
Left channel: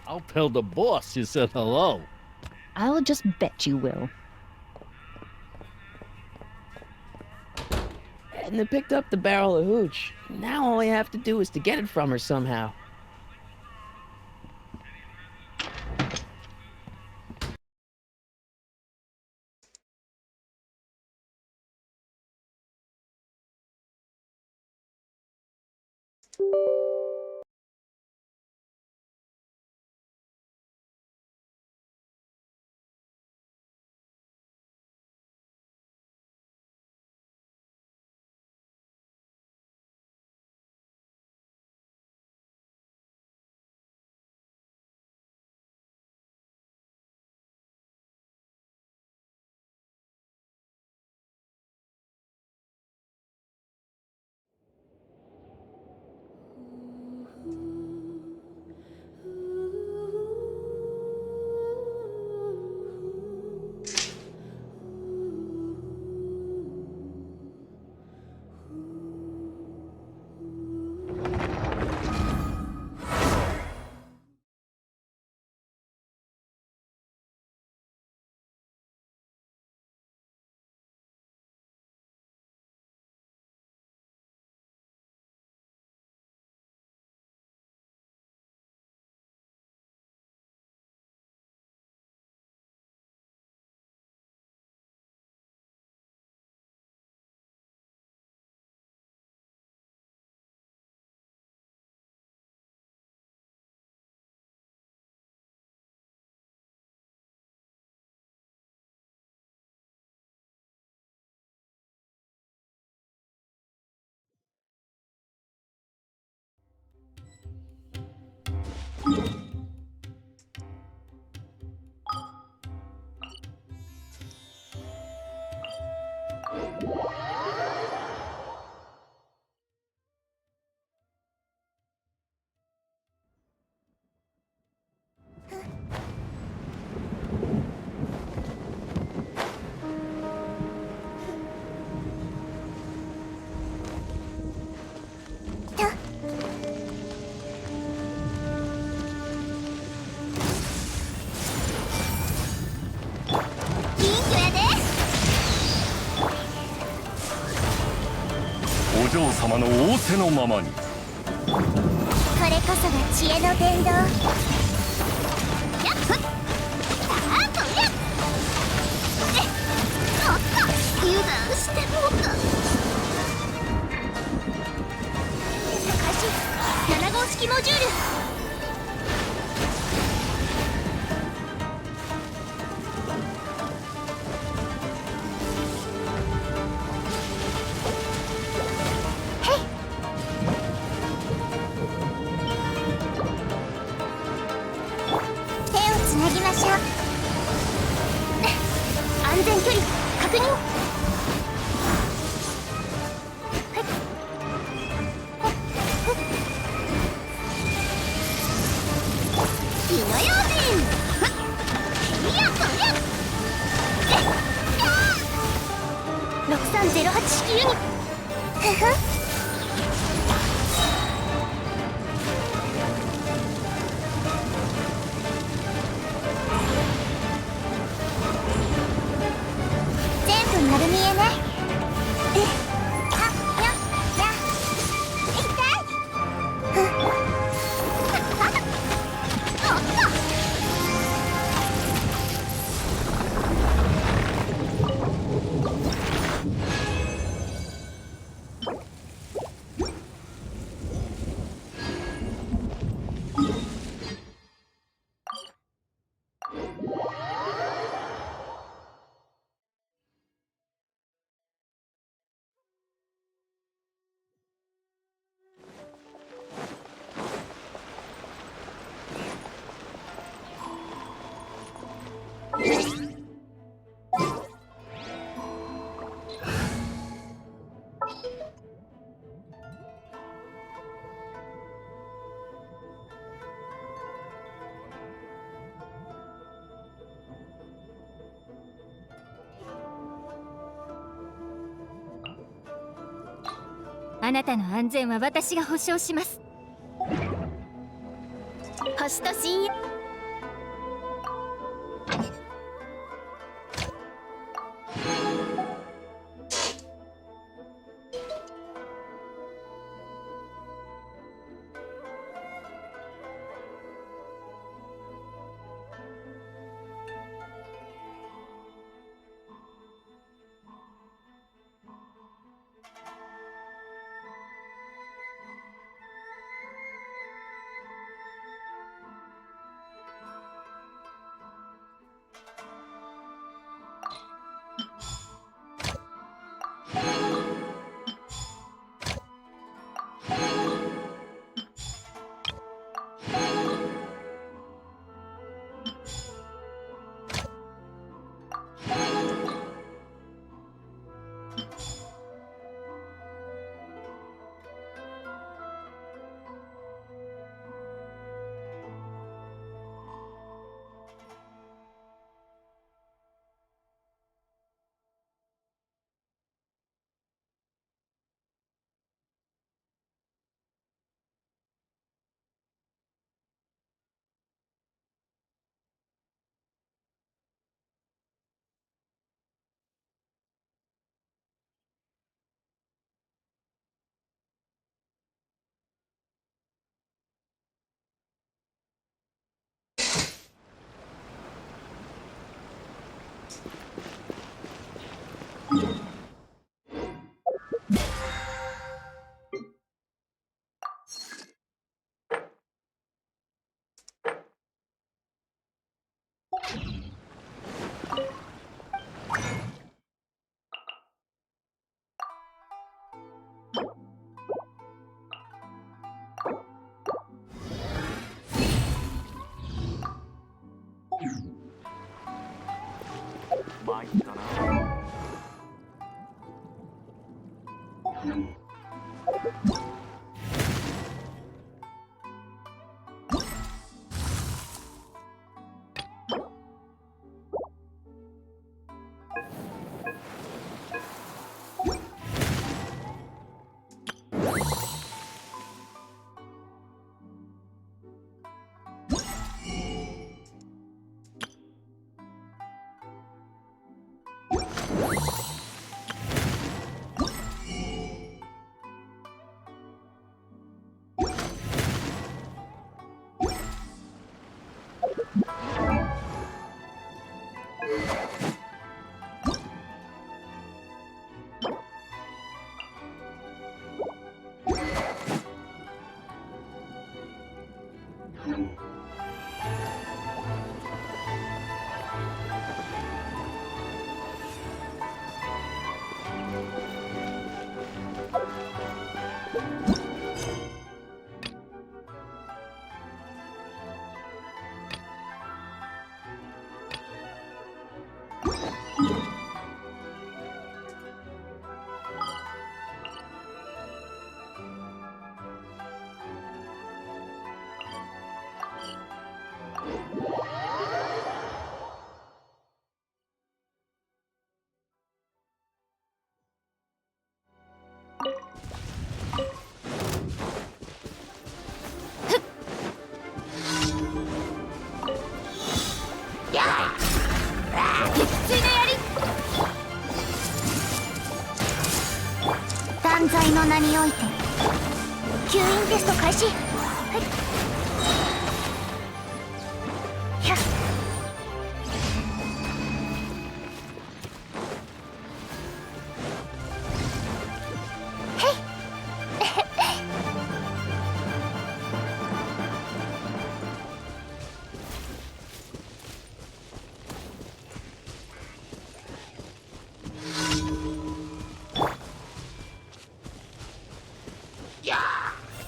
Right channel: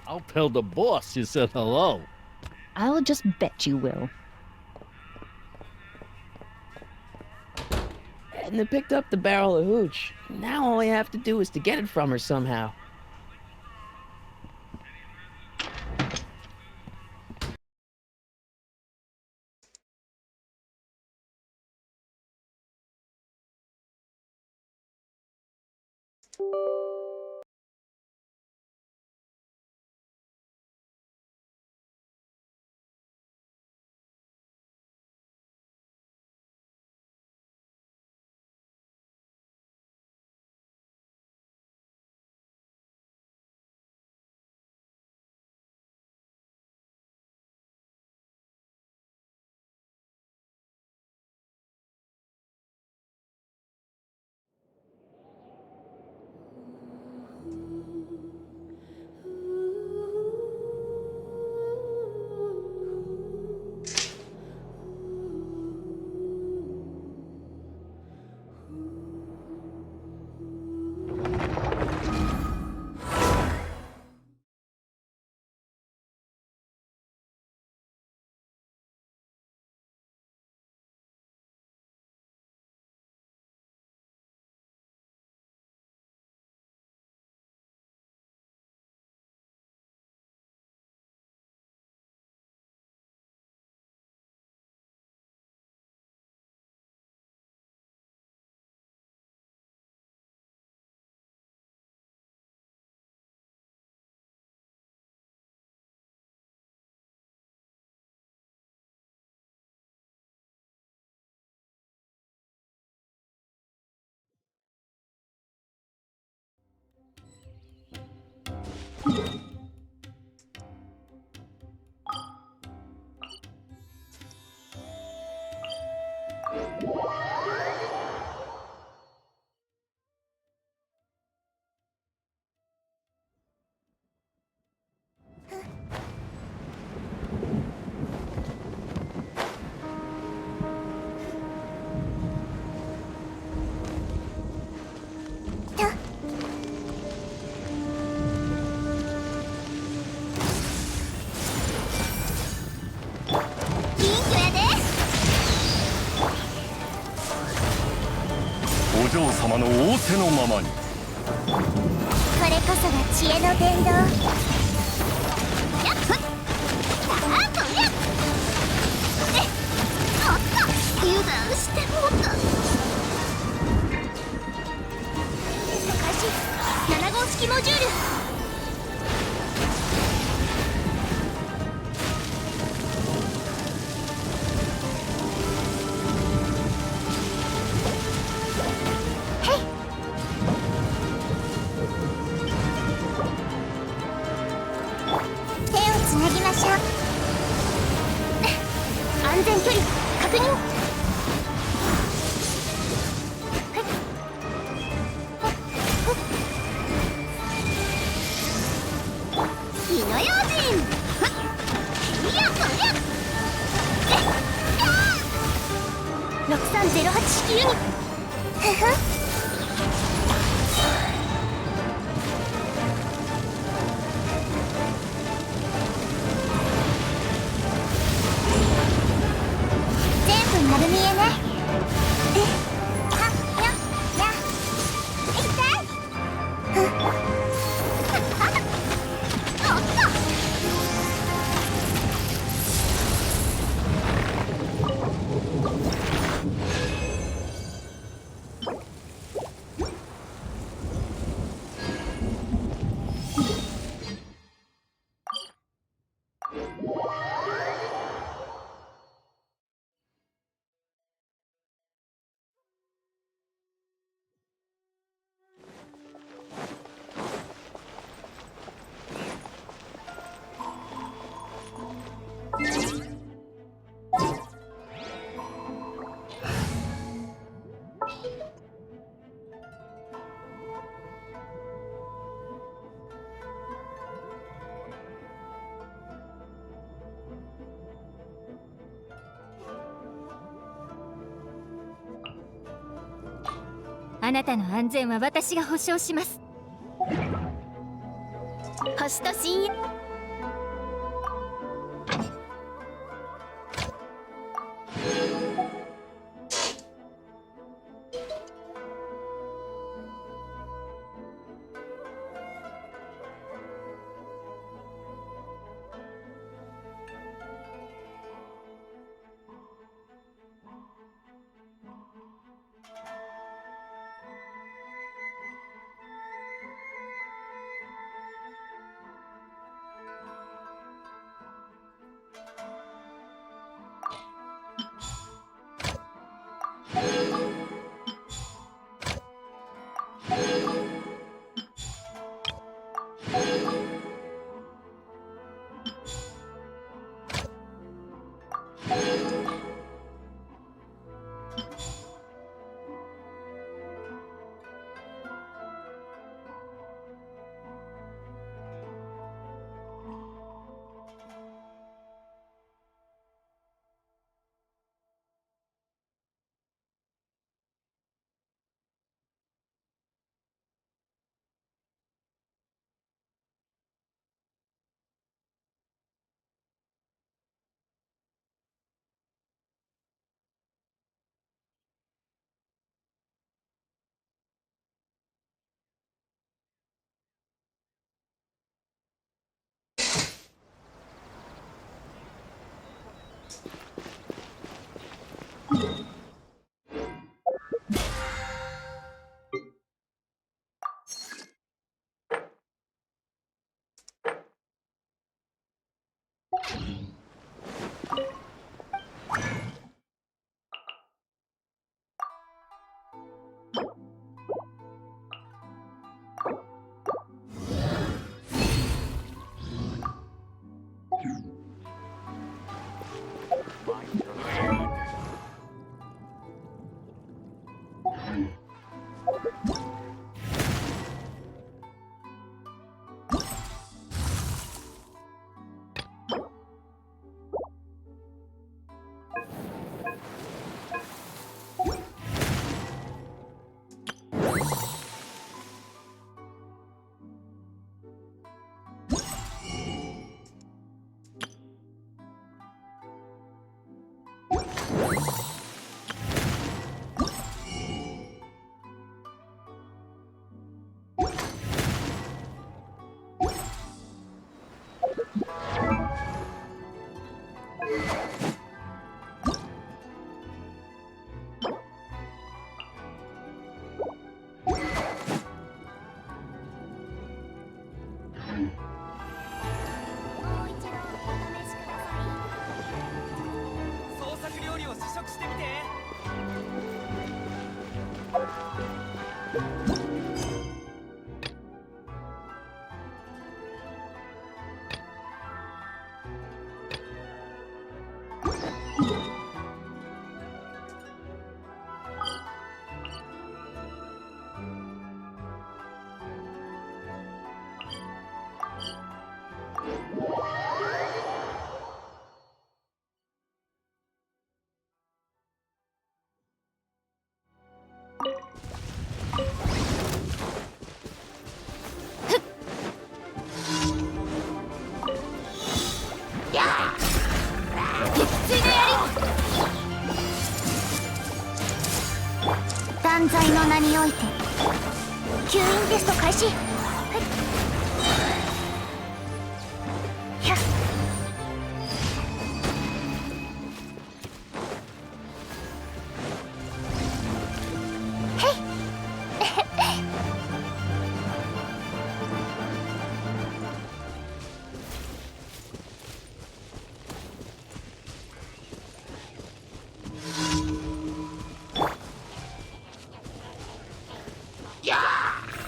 I'll tell the boss you said hello. I'll just bet you will. Edna picked up the barrel of hooch. Now all I have to do is to get it from her somehow. お嬢様の仰せのままに。これこそが知恵の伝道。やっふっ、さあこりゃおっと油断してもうた。開始7号式モジュール。つなぎましょう。安全距離確認。火の用心。いやこりゃ6308式ユニット。ふふ丸見えね。はっやや痛い。ふっおっとあなたの安全は私が保証します。星と深淵。断罪の名において吸引テスト開始。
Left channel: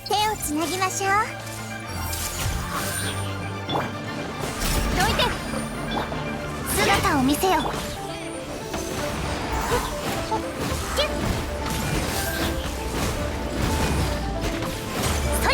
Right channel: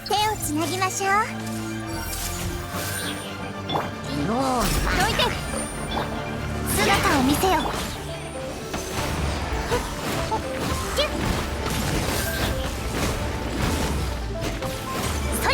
手をつなぎましょう。どいて、姿を見せよ。キュッ、そ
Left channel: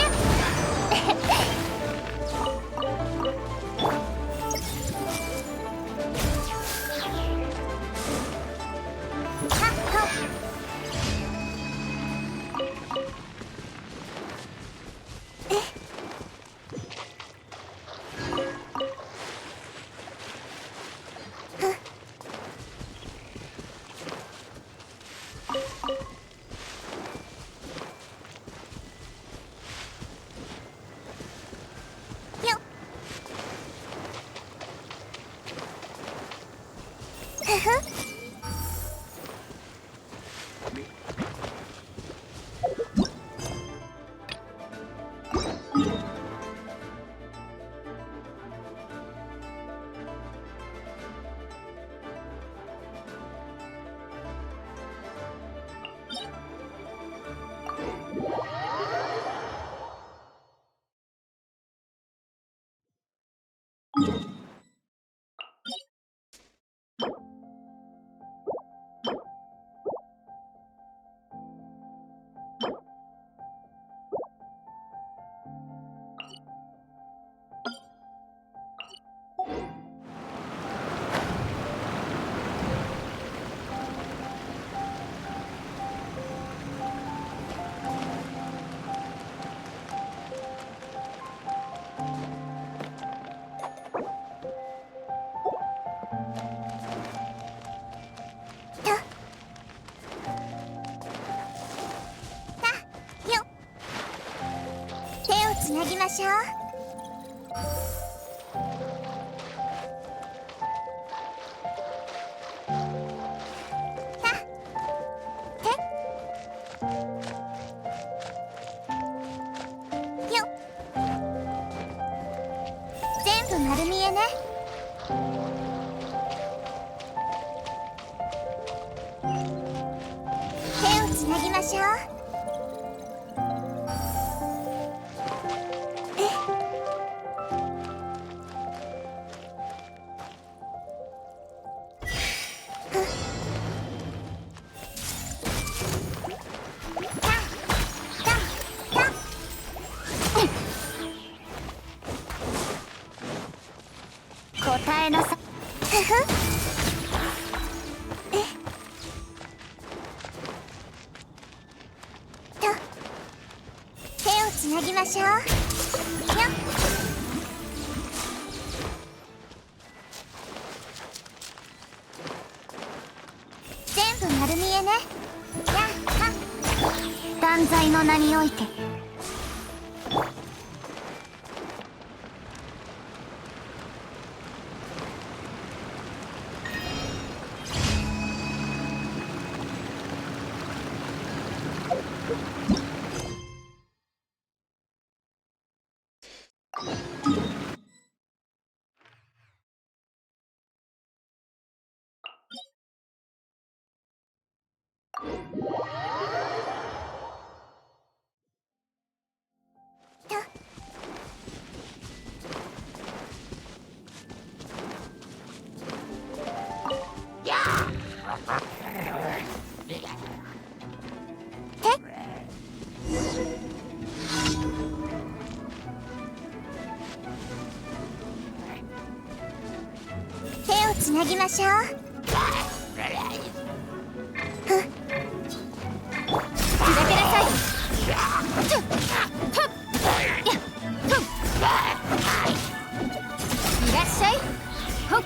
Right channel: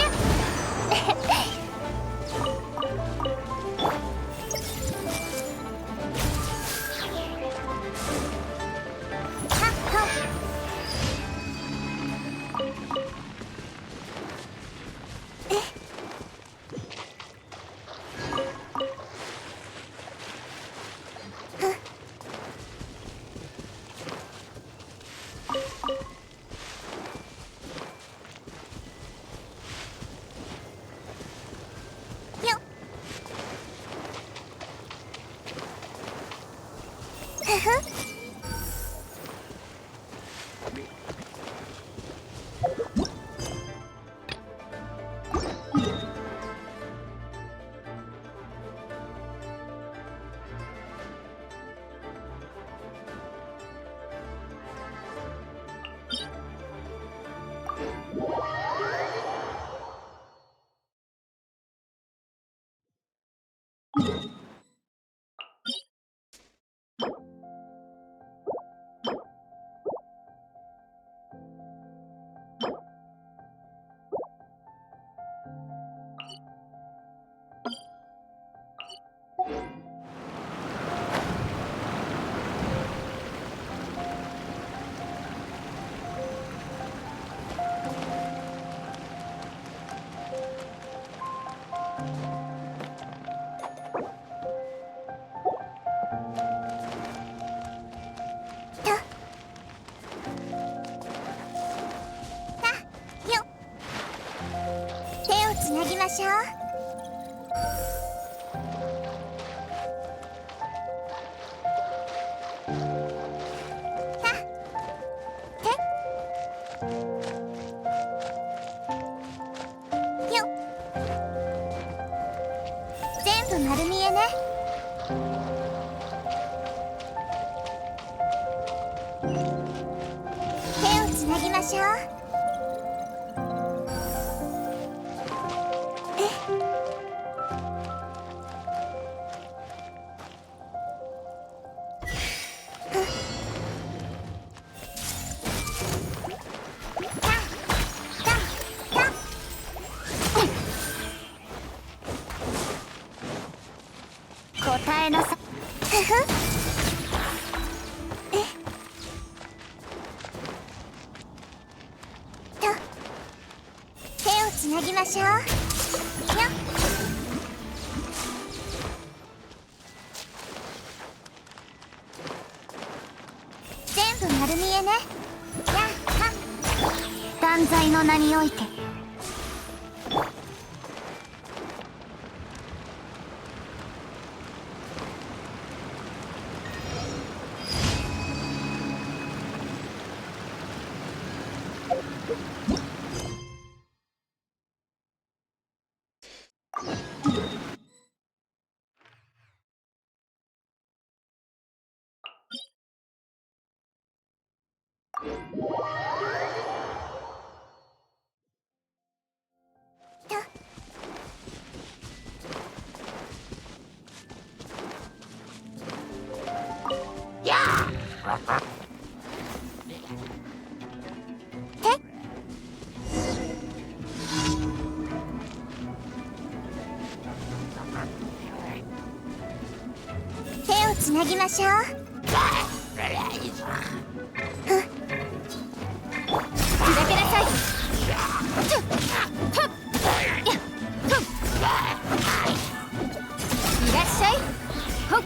やつなぎましょう。全部丸見えね。手をつなぎましょう。答えなさ。手をつなぎましょう。全部丸見えね。断罪の名において。手をつなぎましょう。砕けなさい。いらっしゃい。ほっ。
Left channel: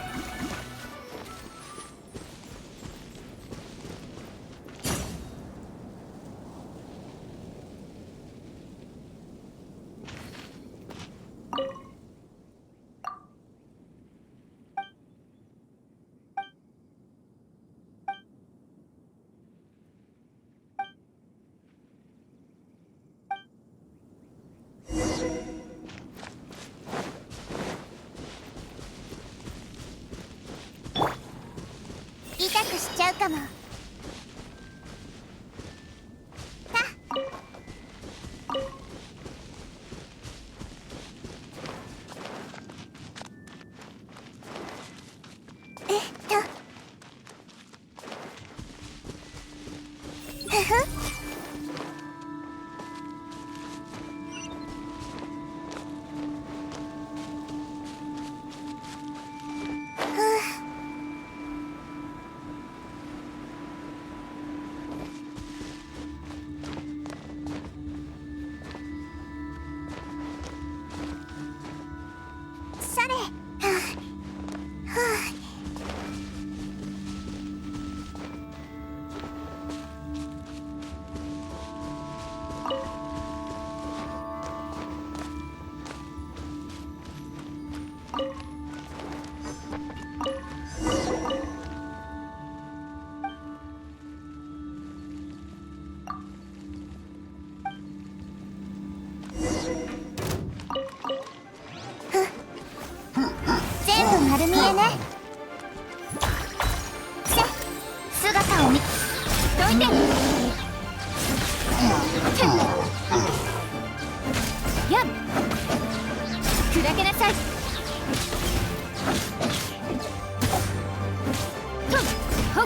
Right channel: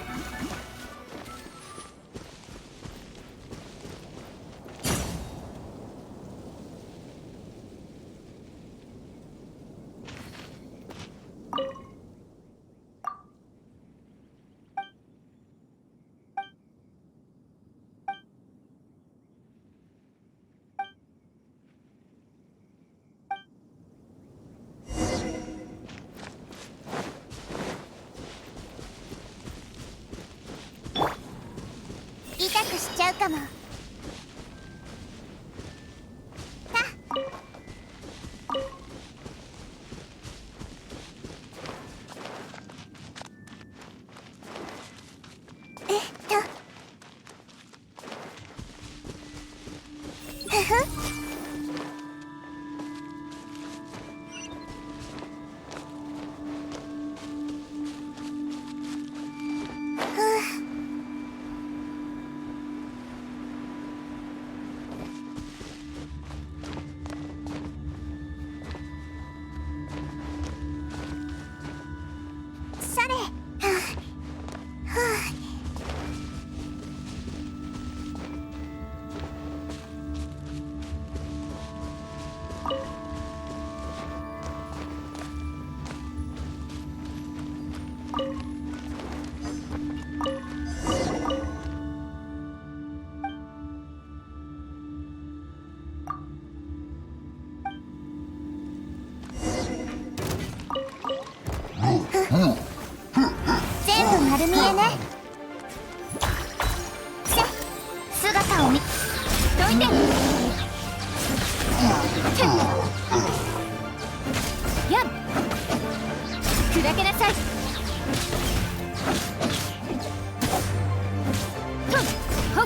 痛くしちゃうかも。ふふ。それ。はあ。はあ。全部丸見えね。姿を見どいて。やっ砕けなさい。ほっ。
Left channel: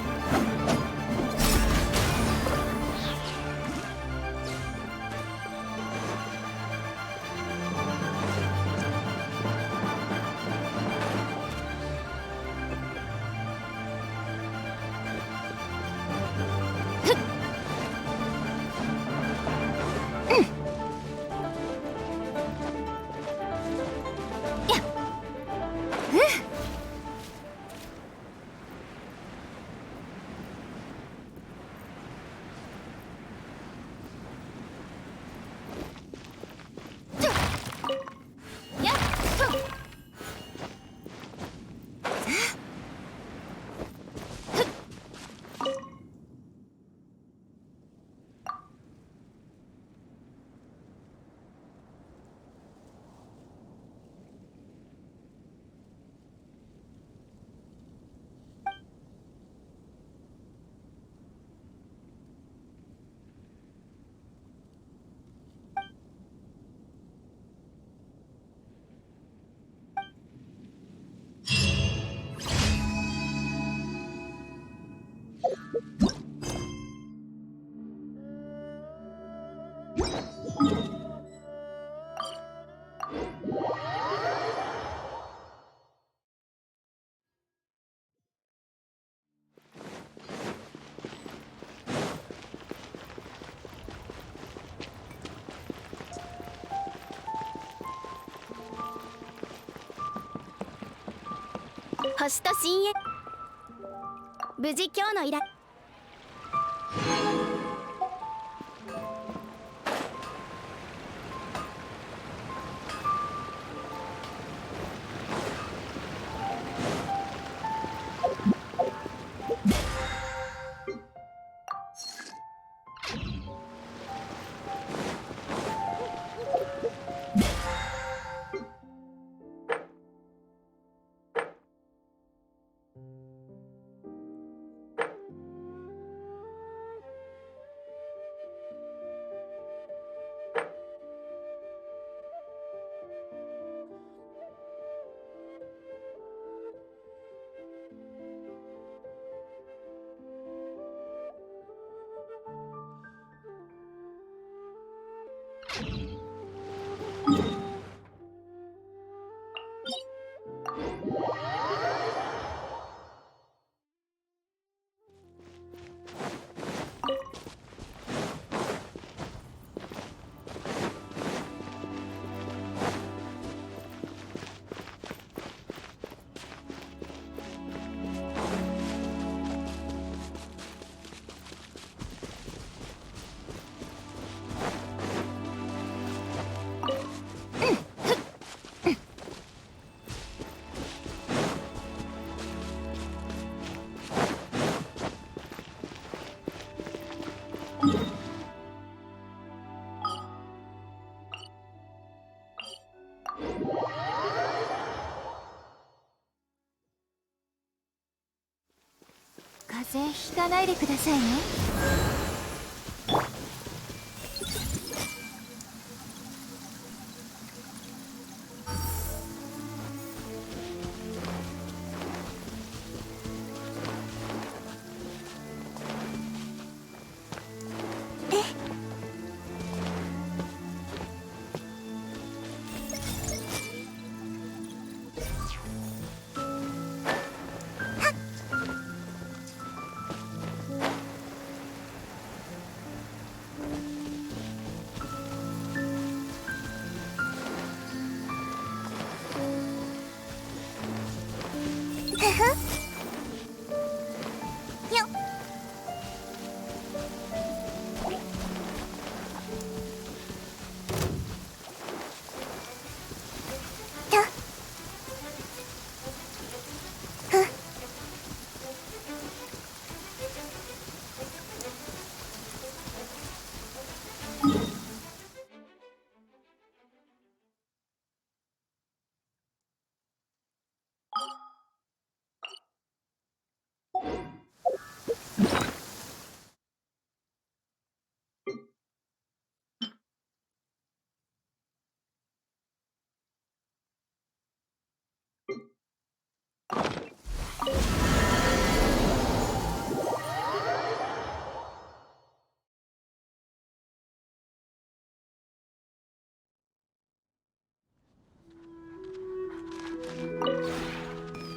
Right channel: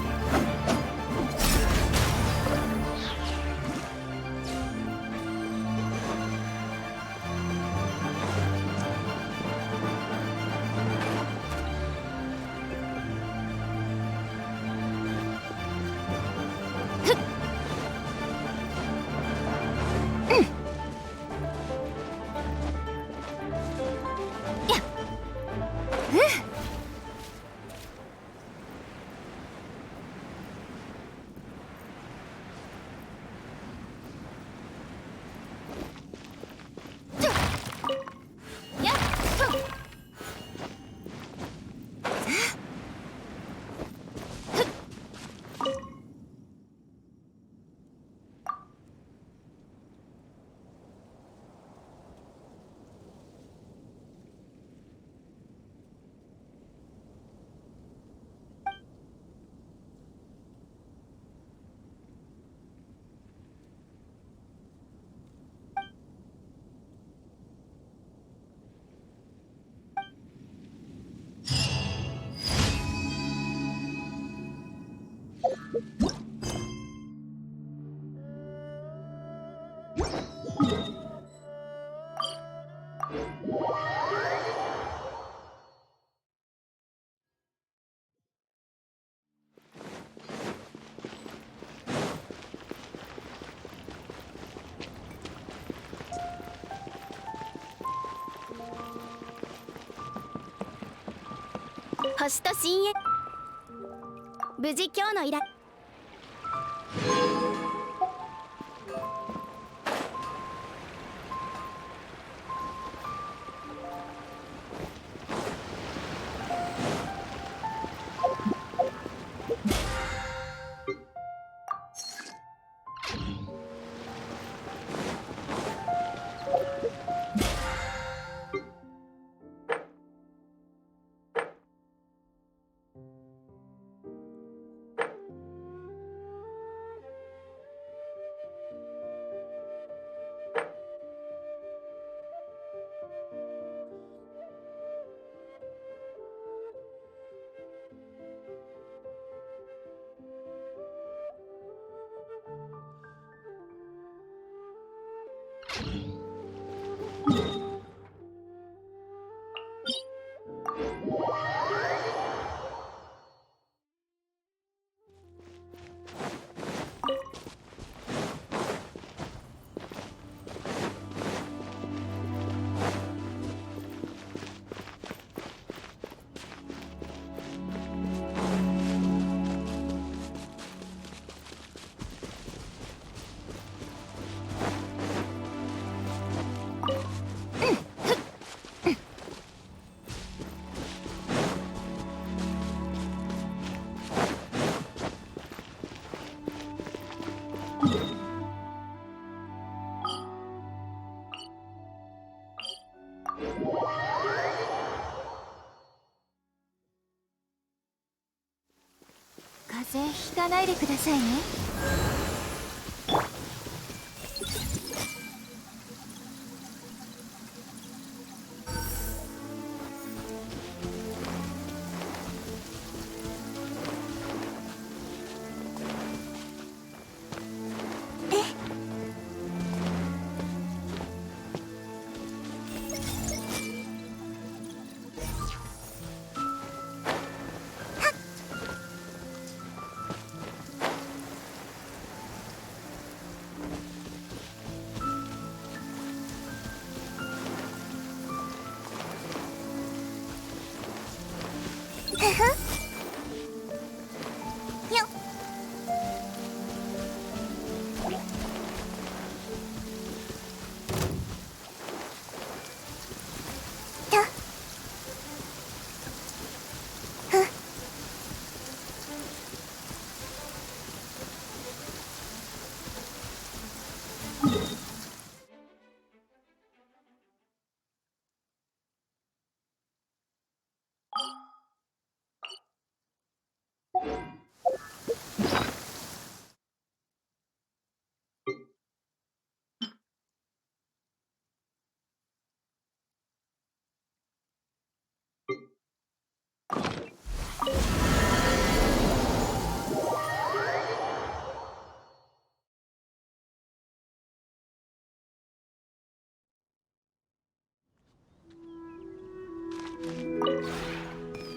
星と深淵。無事今日の依頼。風邪ひかないでくださいね。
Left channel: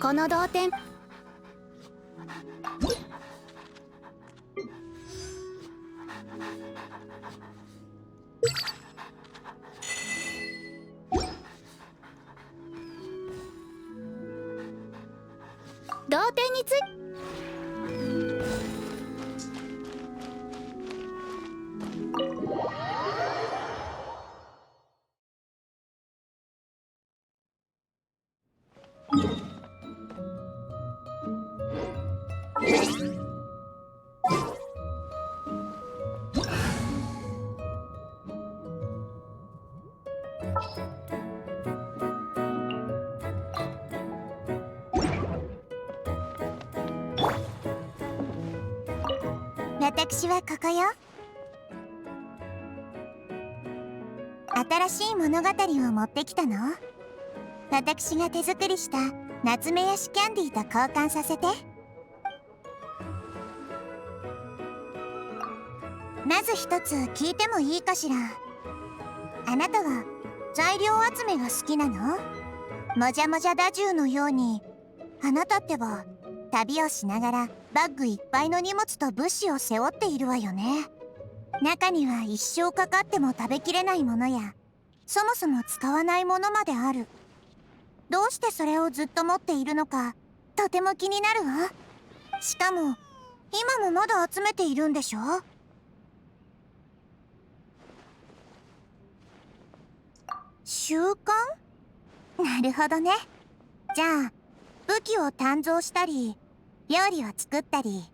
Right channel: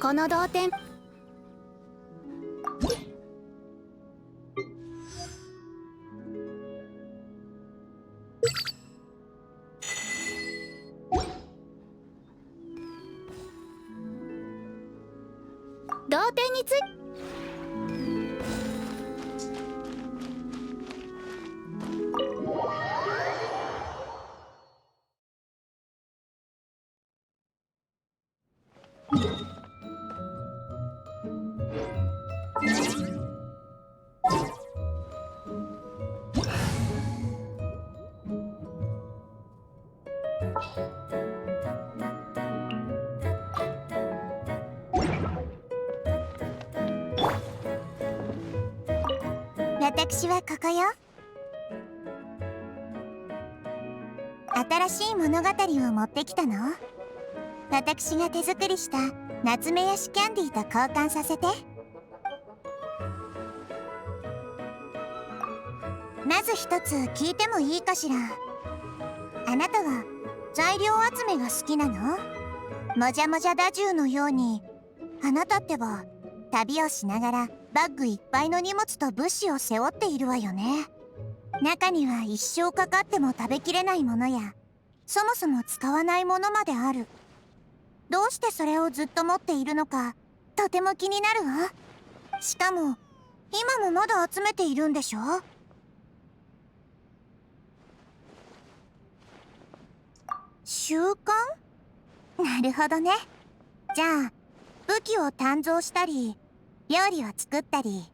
この同点。同点につい私はここよ。新しい物語を持ってきたの。私が手作りした夏目ヤシキャンディーと交換させて。まず一つ聞いてもいいかしら。あなたは材料集めが好きなの？もじゃもじゃダジューのように、あなたってば旅をしながらバッグいっぱいの荷物と物資を背負っているわよね。中には一生かかっても食べきれないものや、そもそも使わないものまである。どうしてそれをずっと持っているのか、とても気になるわ。しかも今もまだ集めているんでしょ？習慣？なるほどね。じゃあ武器を鍛造したり、料理を作ったり、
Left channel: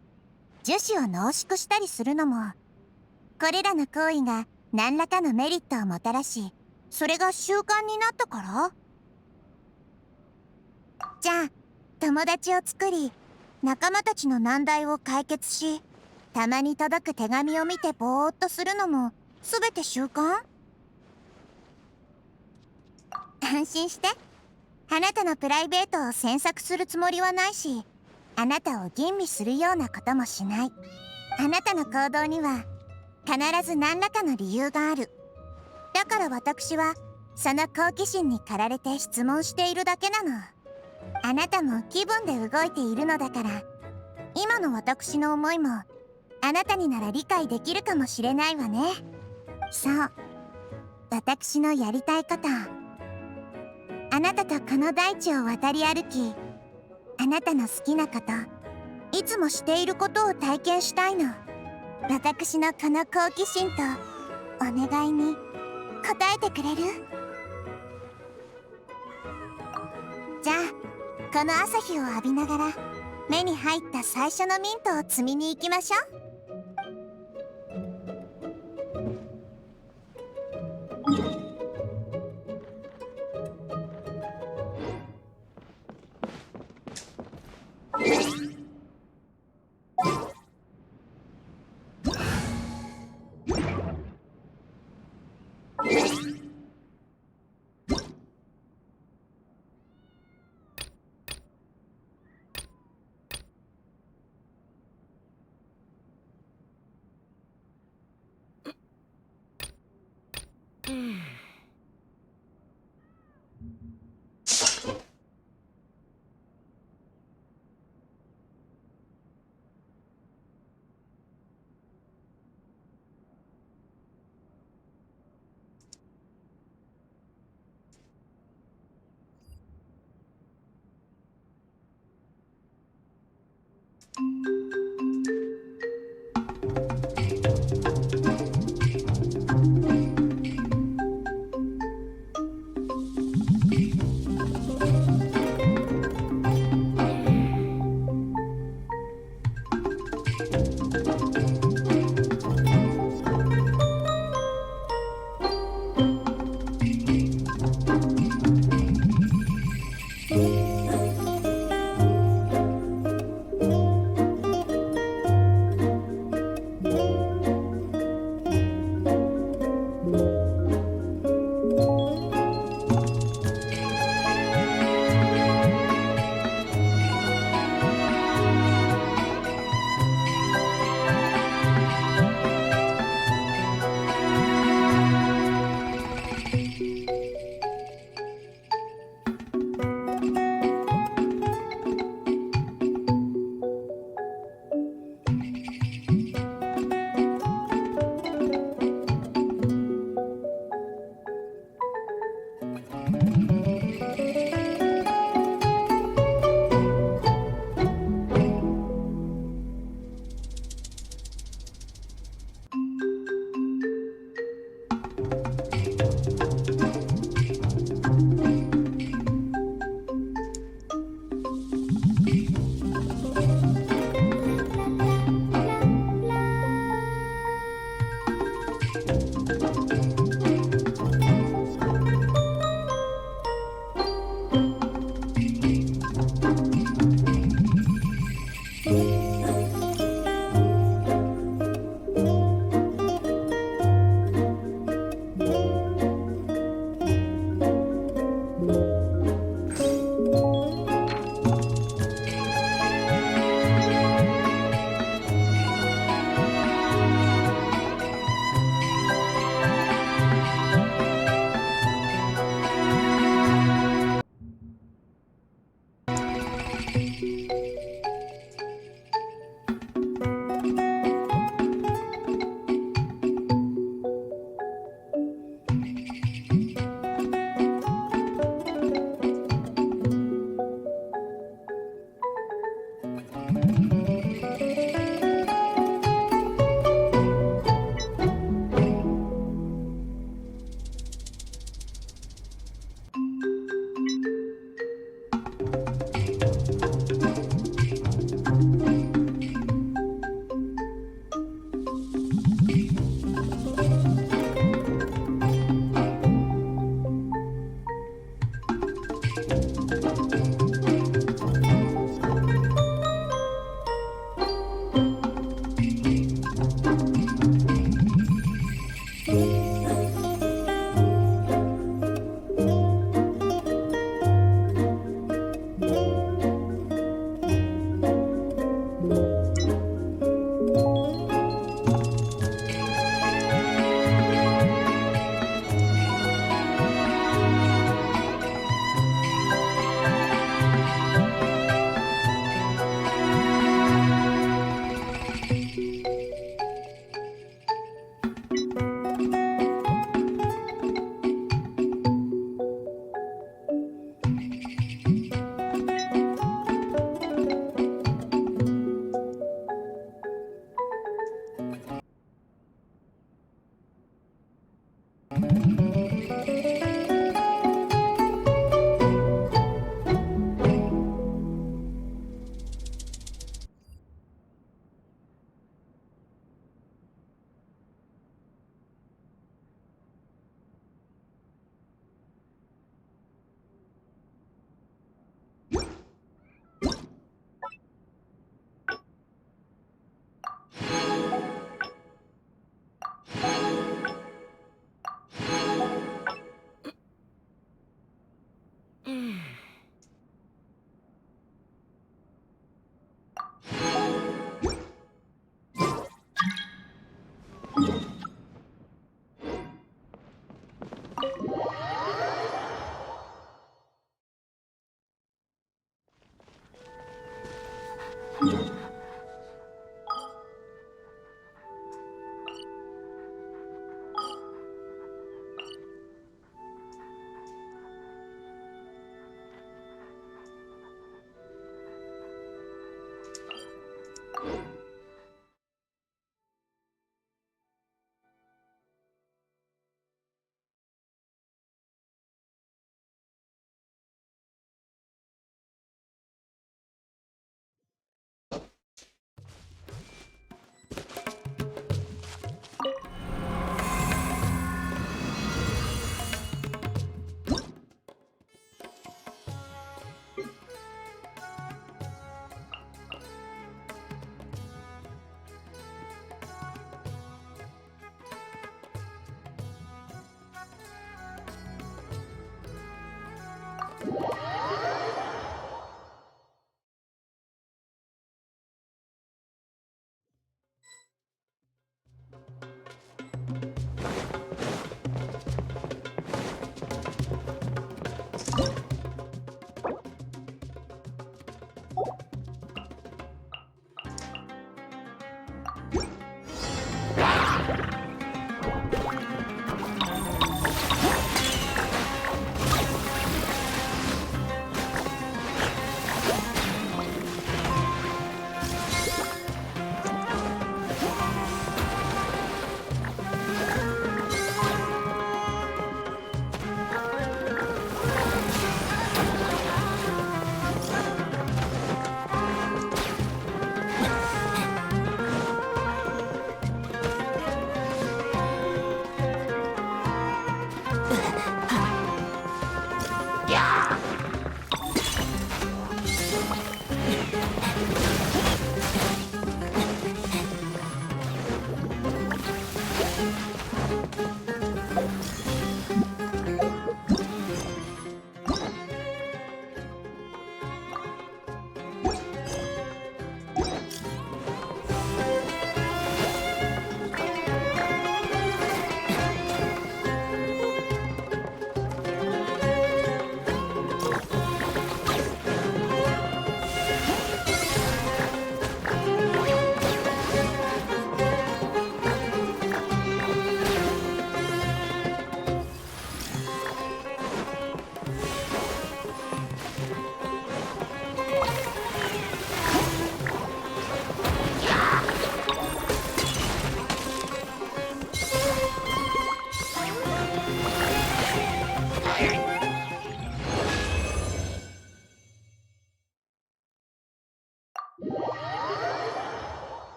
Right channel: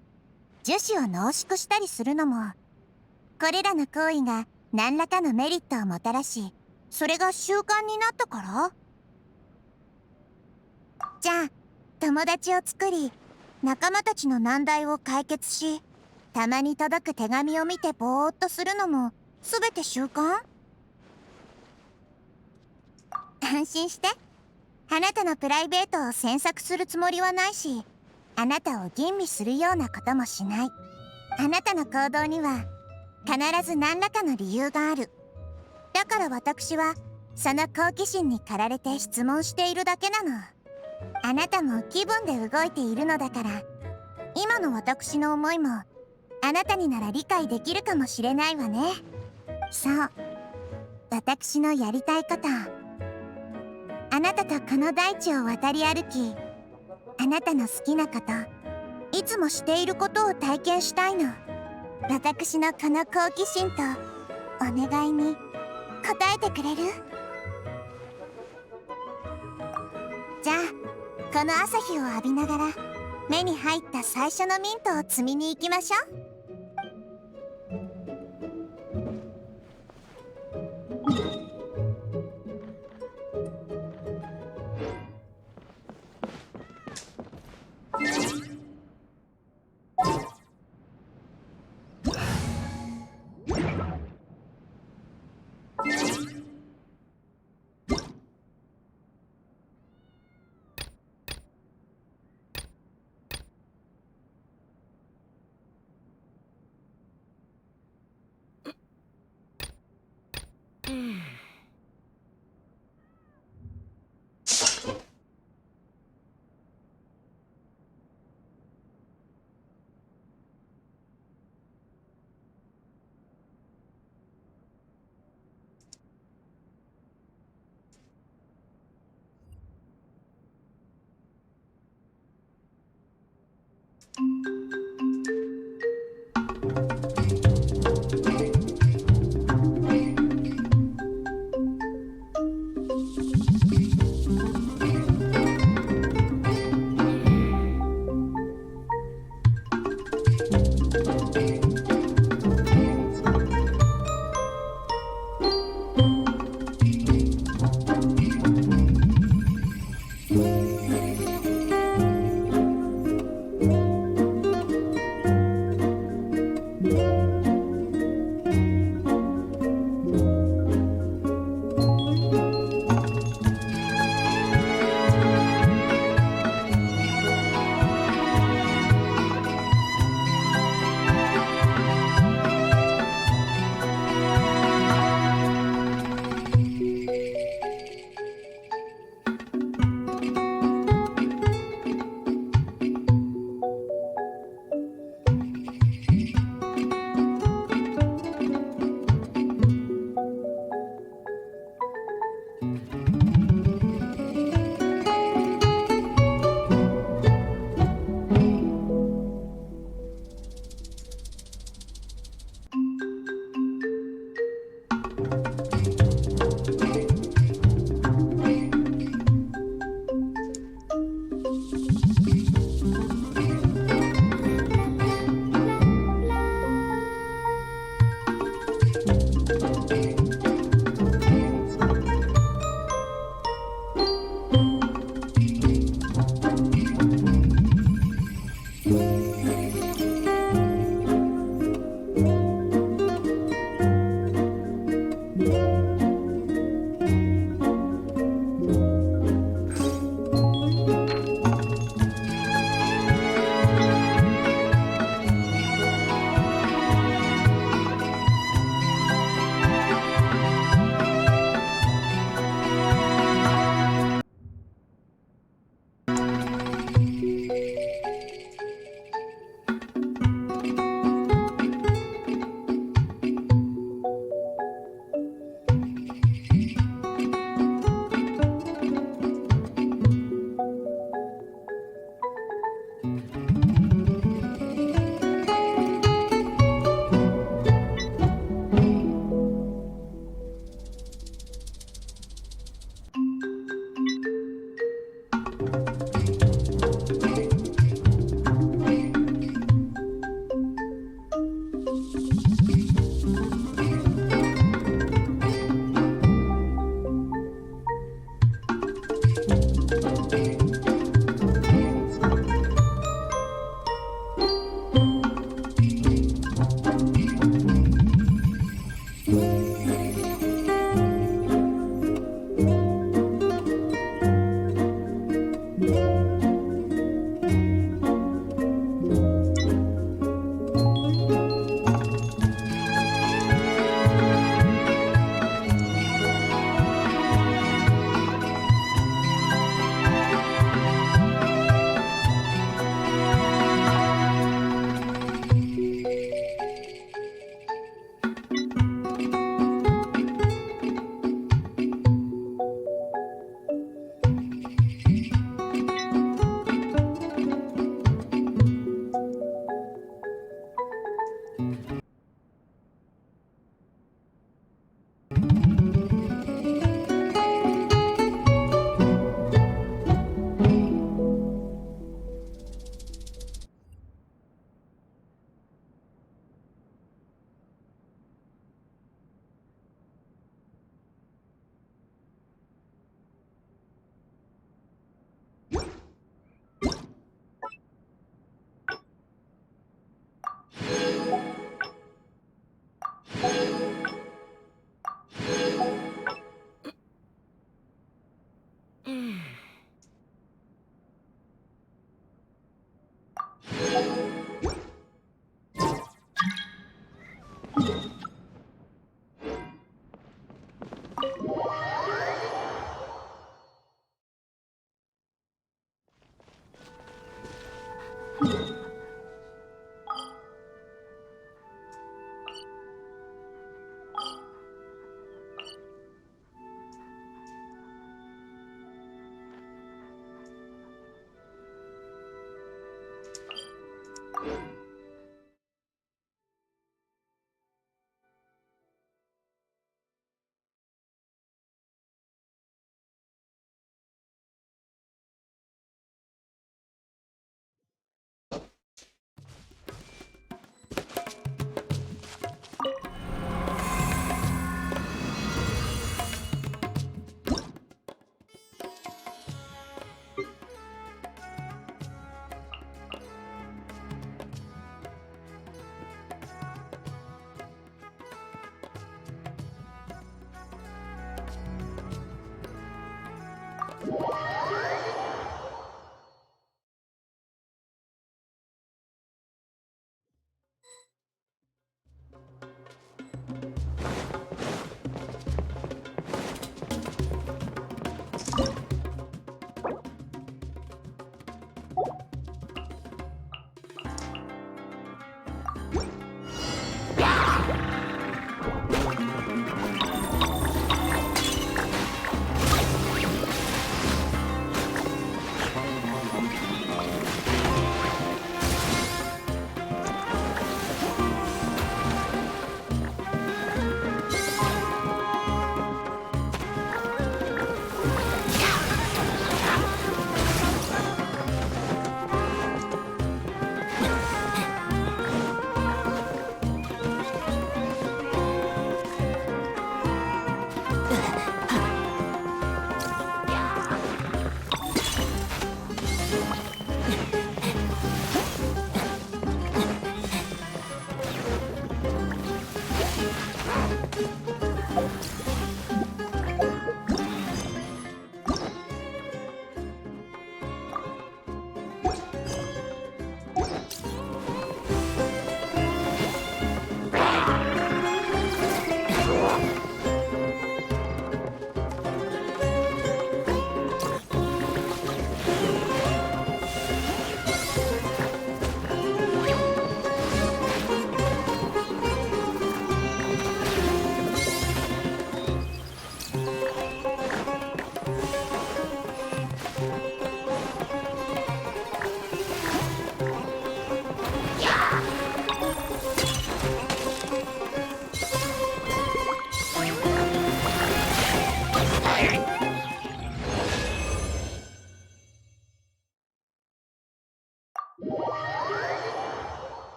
樹脂を濃縮したりするのも、これらの行為が何らかのメリットをもたらし、それが習慣になったから？じゃあ友達を作り、仲間たちの難題を解決し、たまに届く手紙を見てぼーっとするのも全て習慣？安心して。あなたのプライベートを詮索するつもりはないし、あなたを吟味するようなこともしない。あなたの行動には必ず何らかの理由がある。だから私はその好奇心に駆られて質問しているだけなの。あなたも気分で動いているのだから、今の私の思いもあなたになら理解できるかもしれないわね。そう、私のやりたいこと。あなたとこの大地を渡り歩き、あなたの好きなこと、いつもしていることを体験したいの。私のこの好奇心とお願いに応えてくれる？じゃあこの朝日を浴びながら目に入った最初のミントを摘みに行きましょう。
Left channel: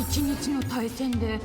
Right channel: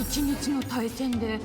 一日の対戦で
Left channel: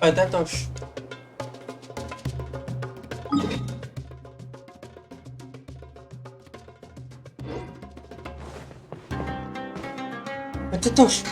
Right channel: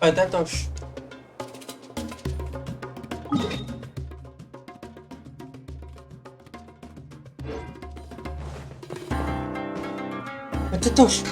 Tatoś. Tatoś.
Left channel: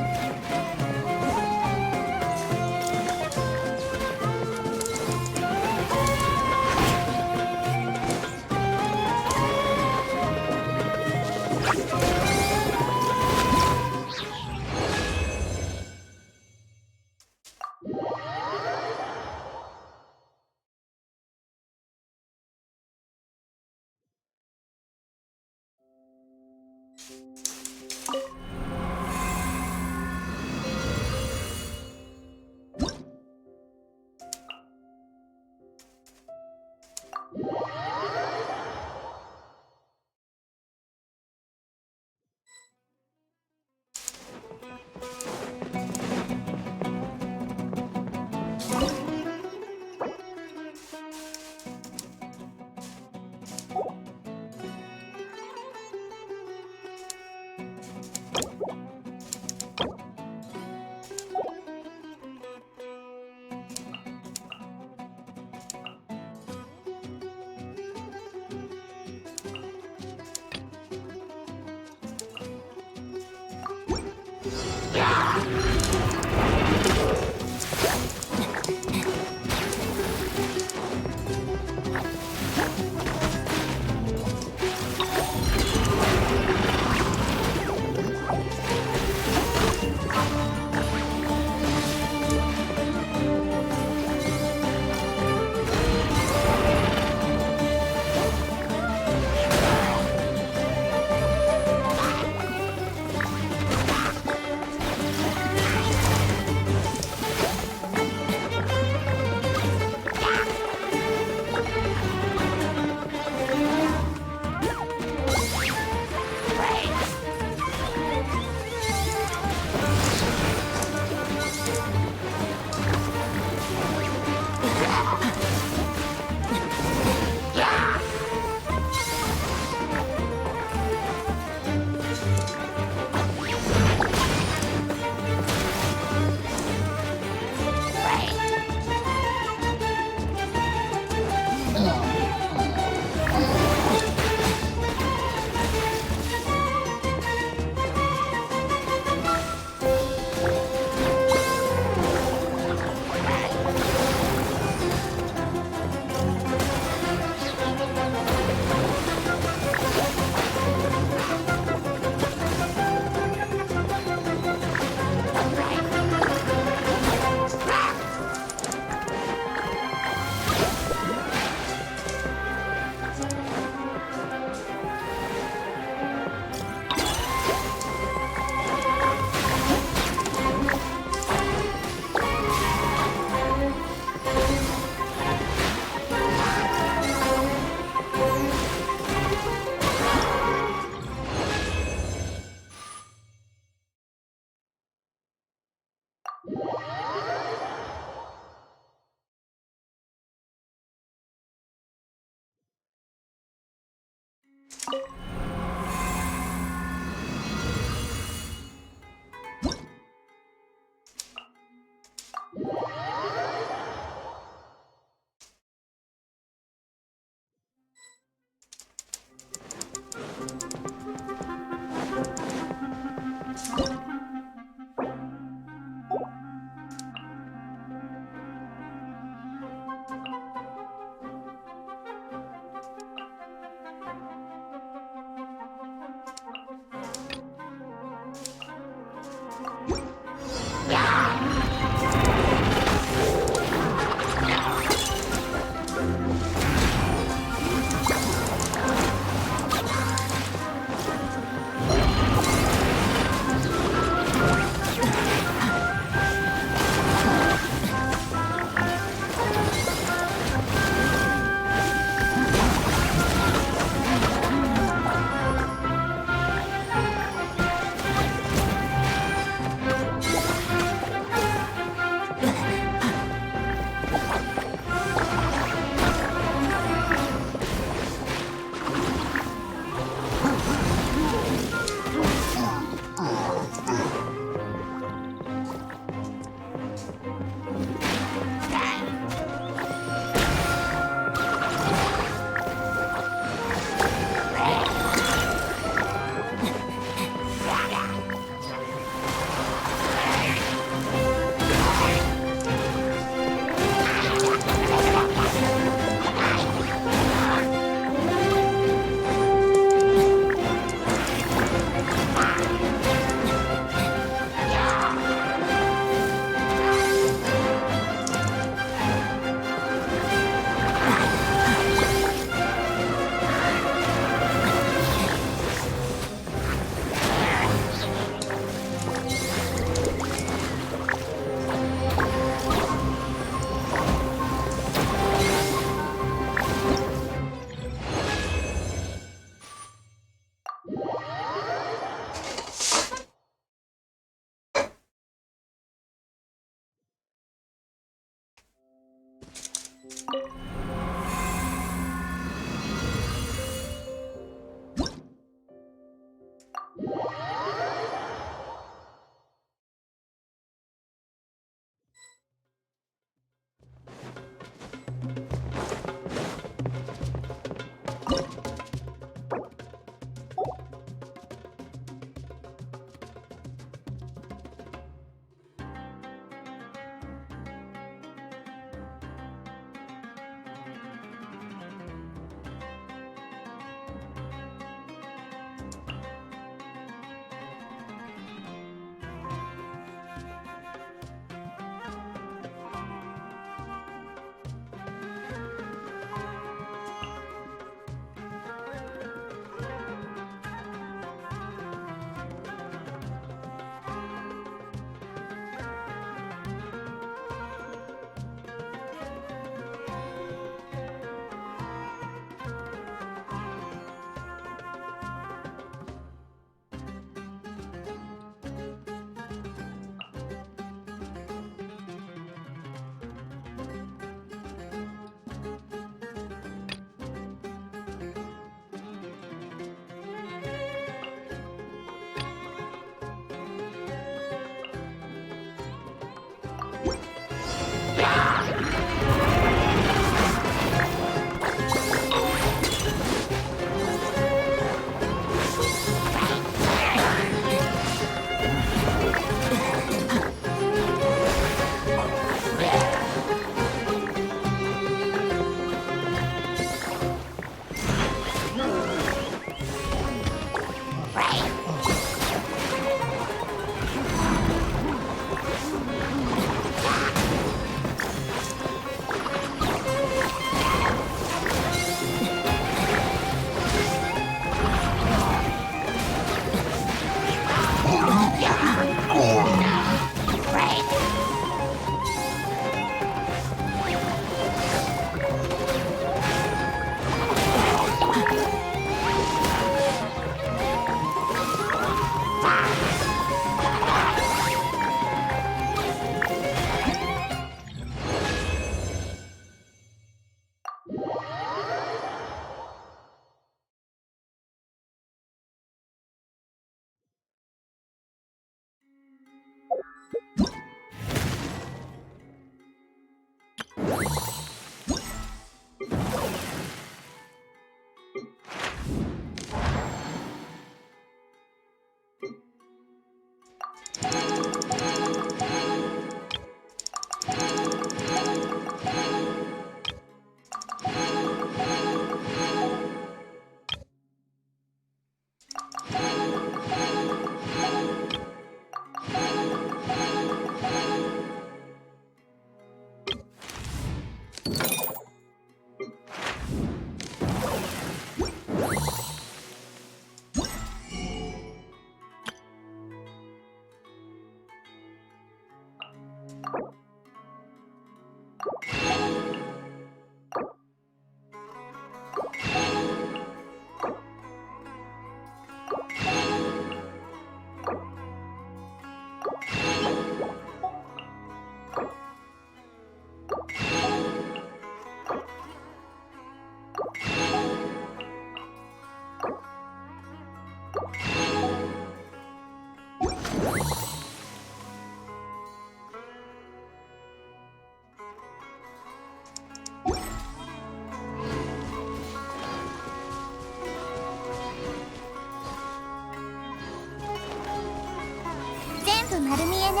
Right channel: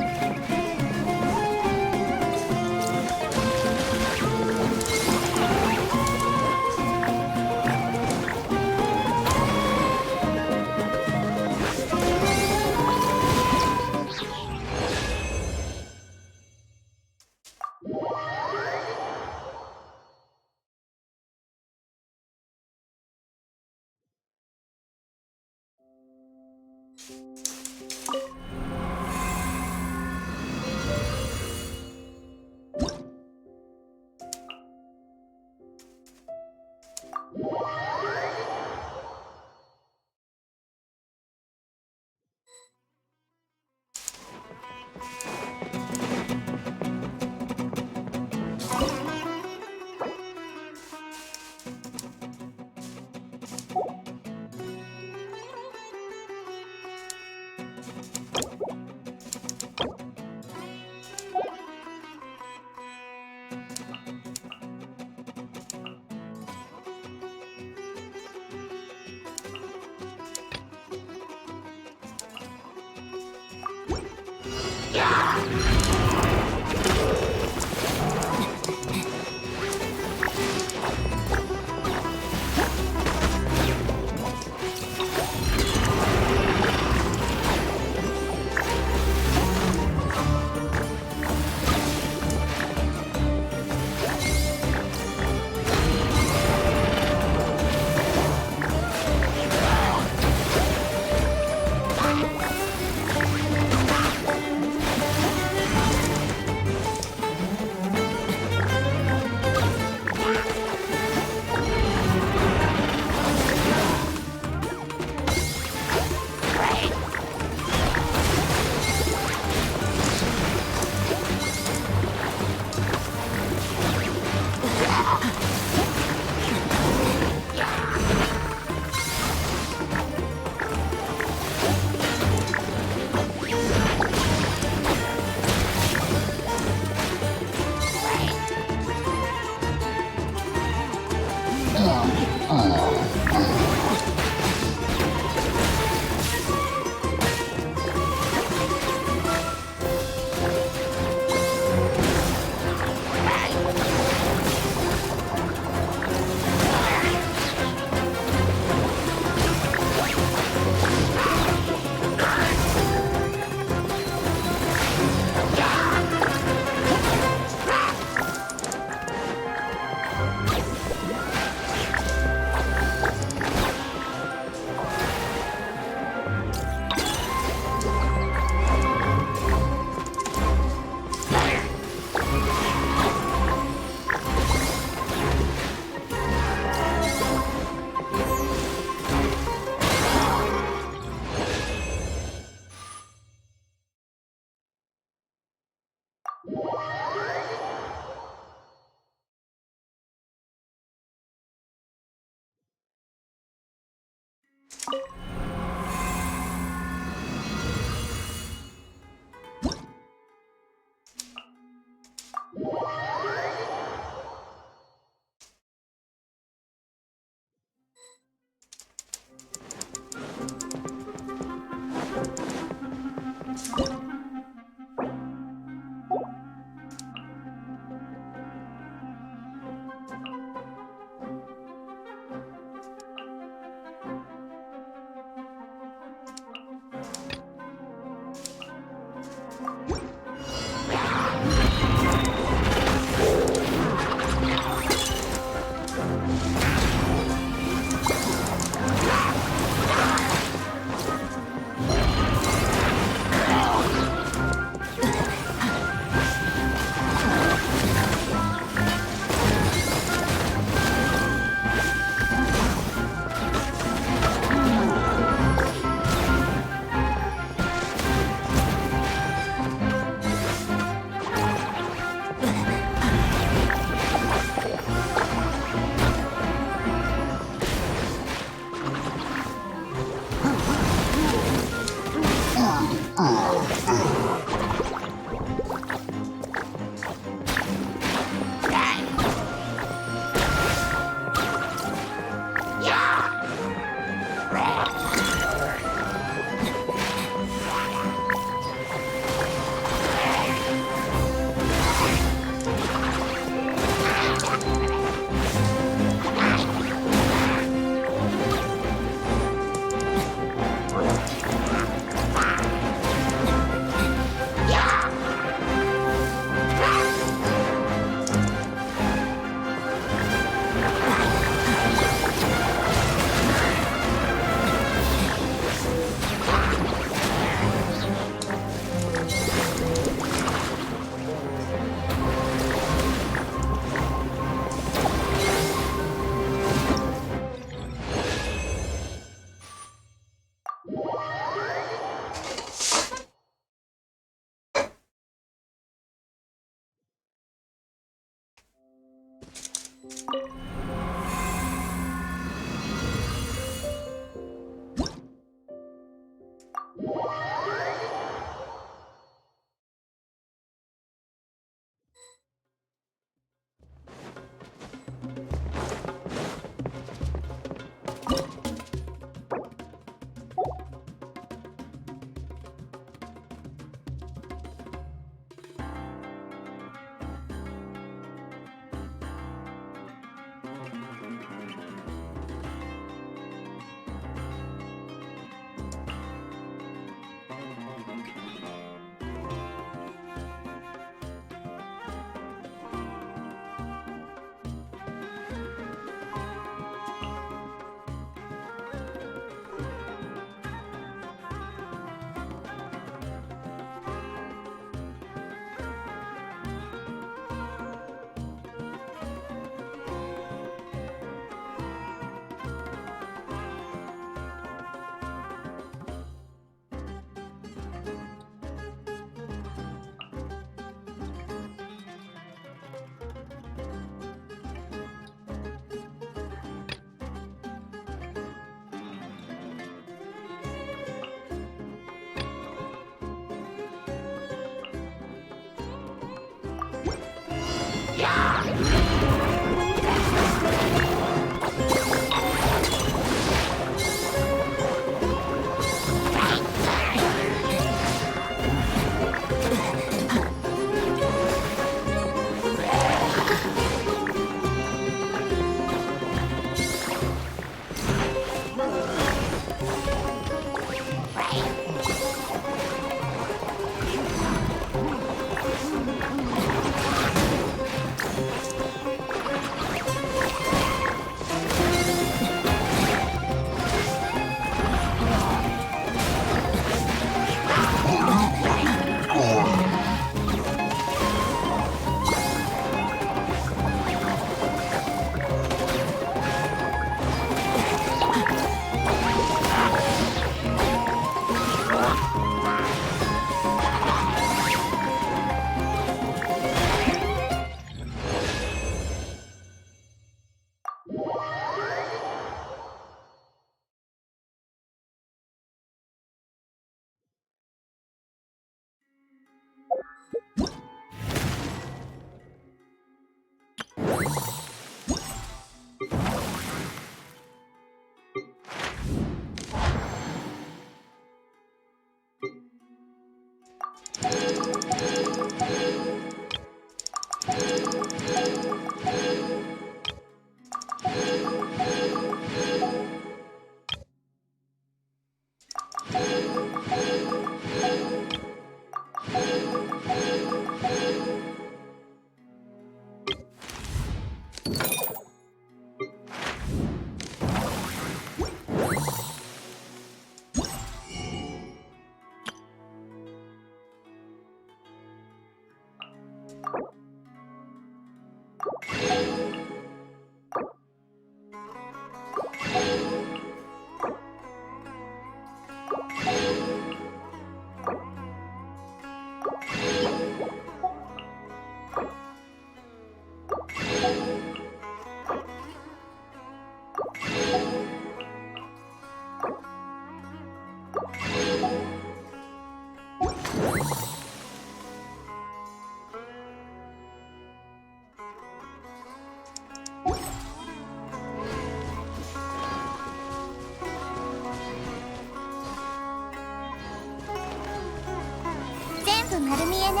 全部丸見えね。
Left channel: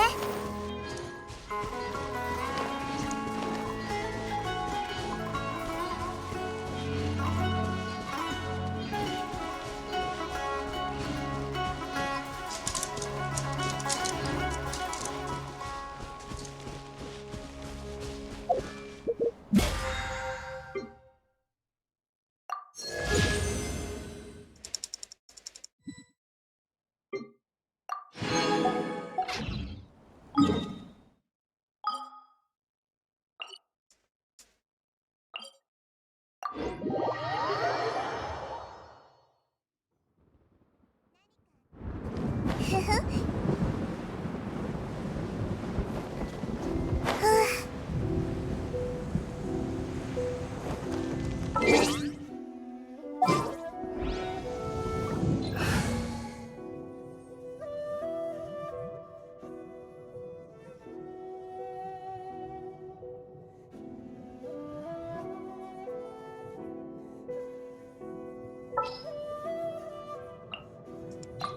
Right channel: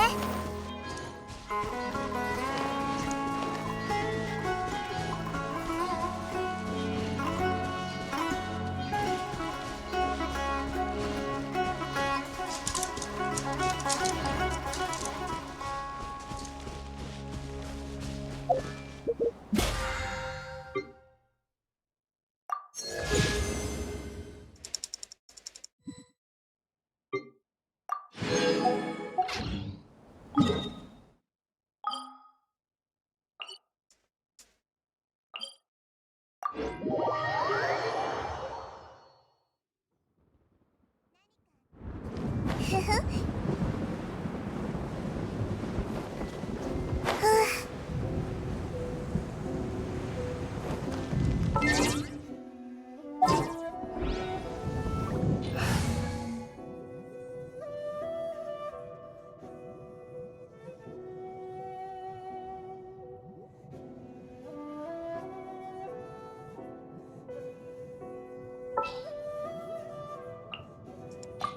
ふふ。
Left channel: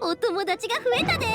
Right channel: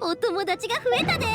お友達が増えたで。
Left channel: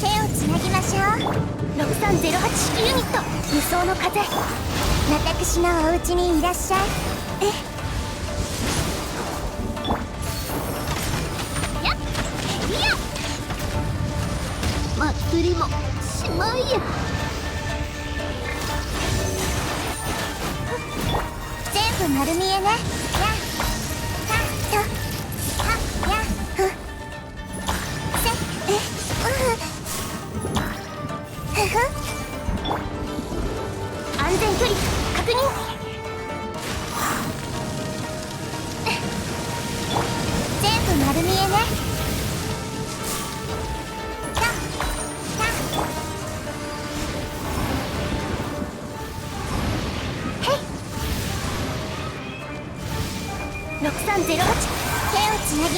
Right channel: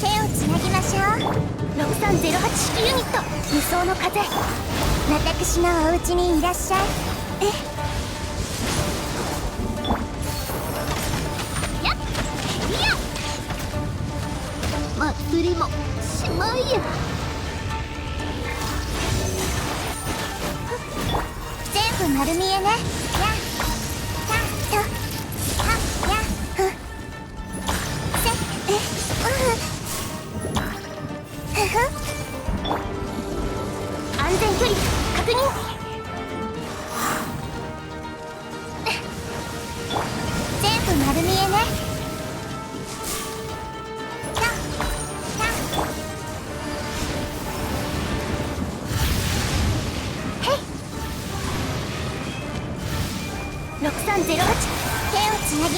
手をつなぎましょう。6308式ユニット無双の風。私のお家にいらっしゃい。やっいや祭りもしまいや。全部丸見えね。やたとはやふせふふ。安全距離確認。全部丸見えね。6308手をつなぎ。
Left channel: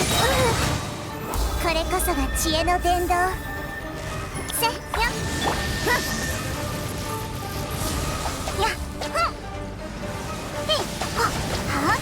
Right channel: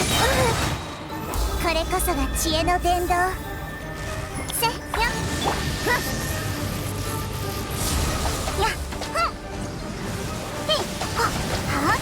これこそが知恵の伝道。せよふんやふんへいはは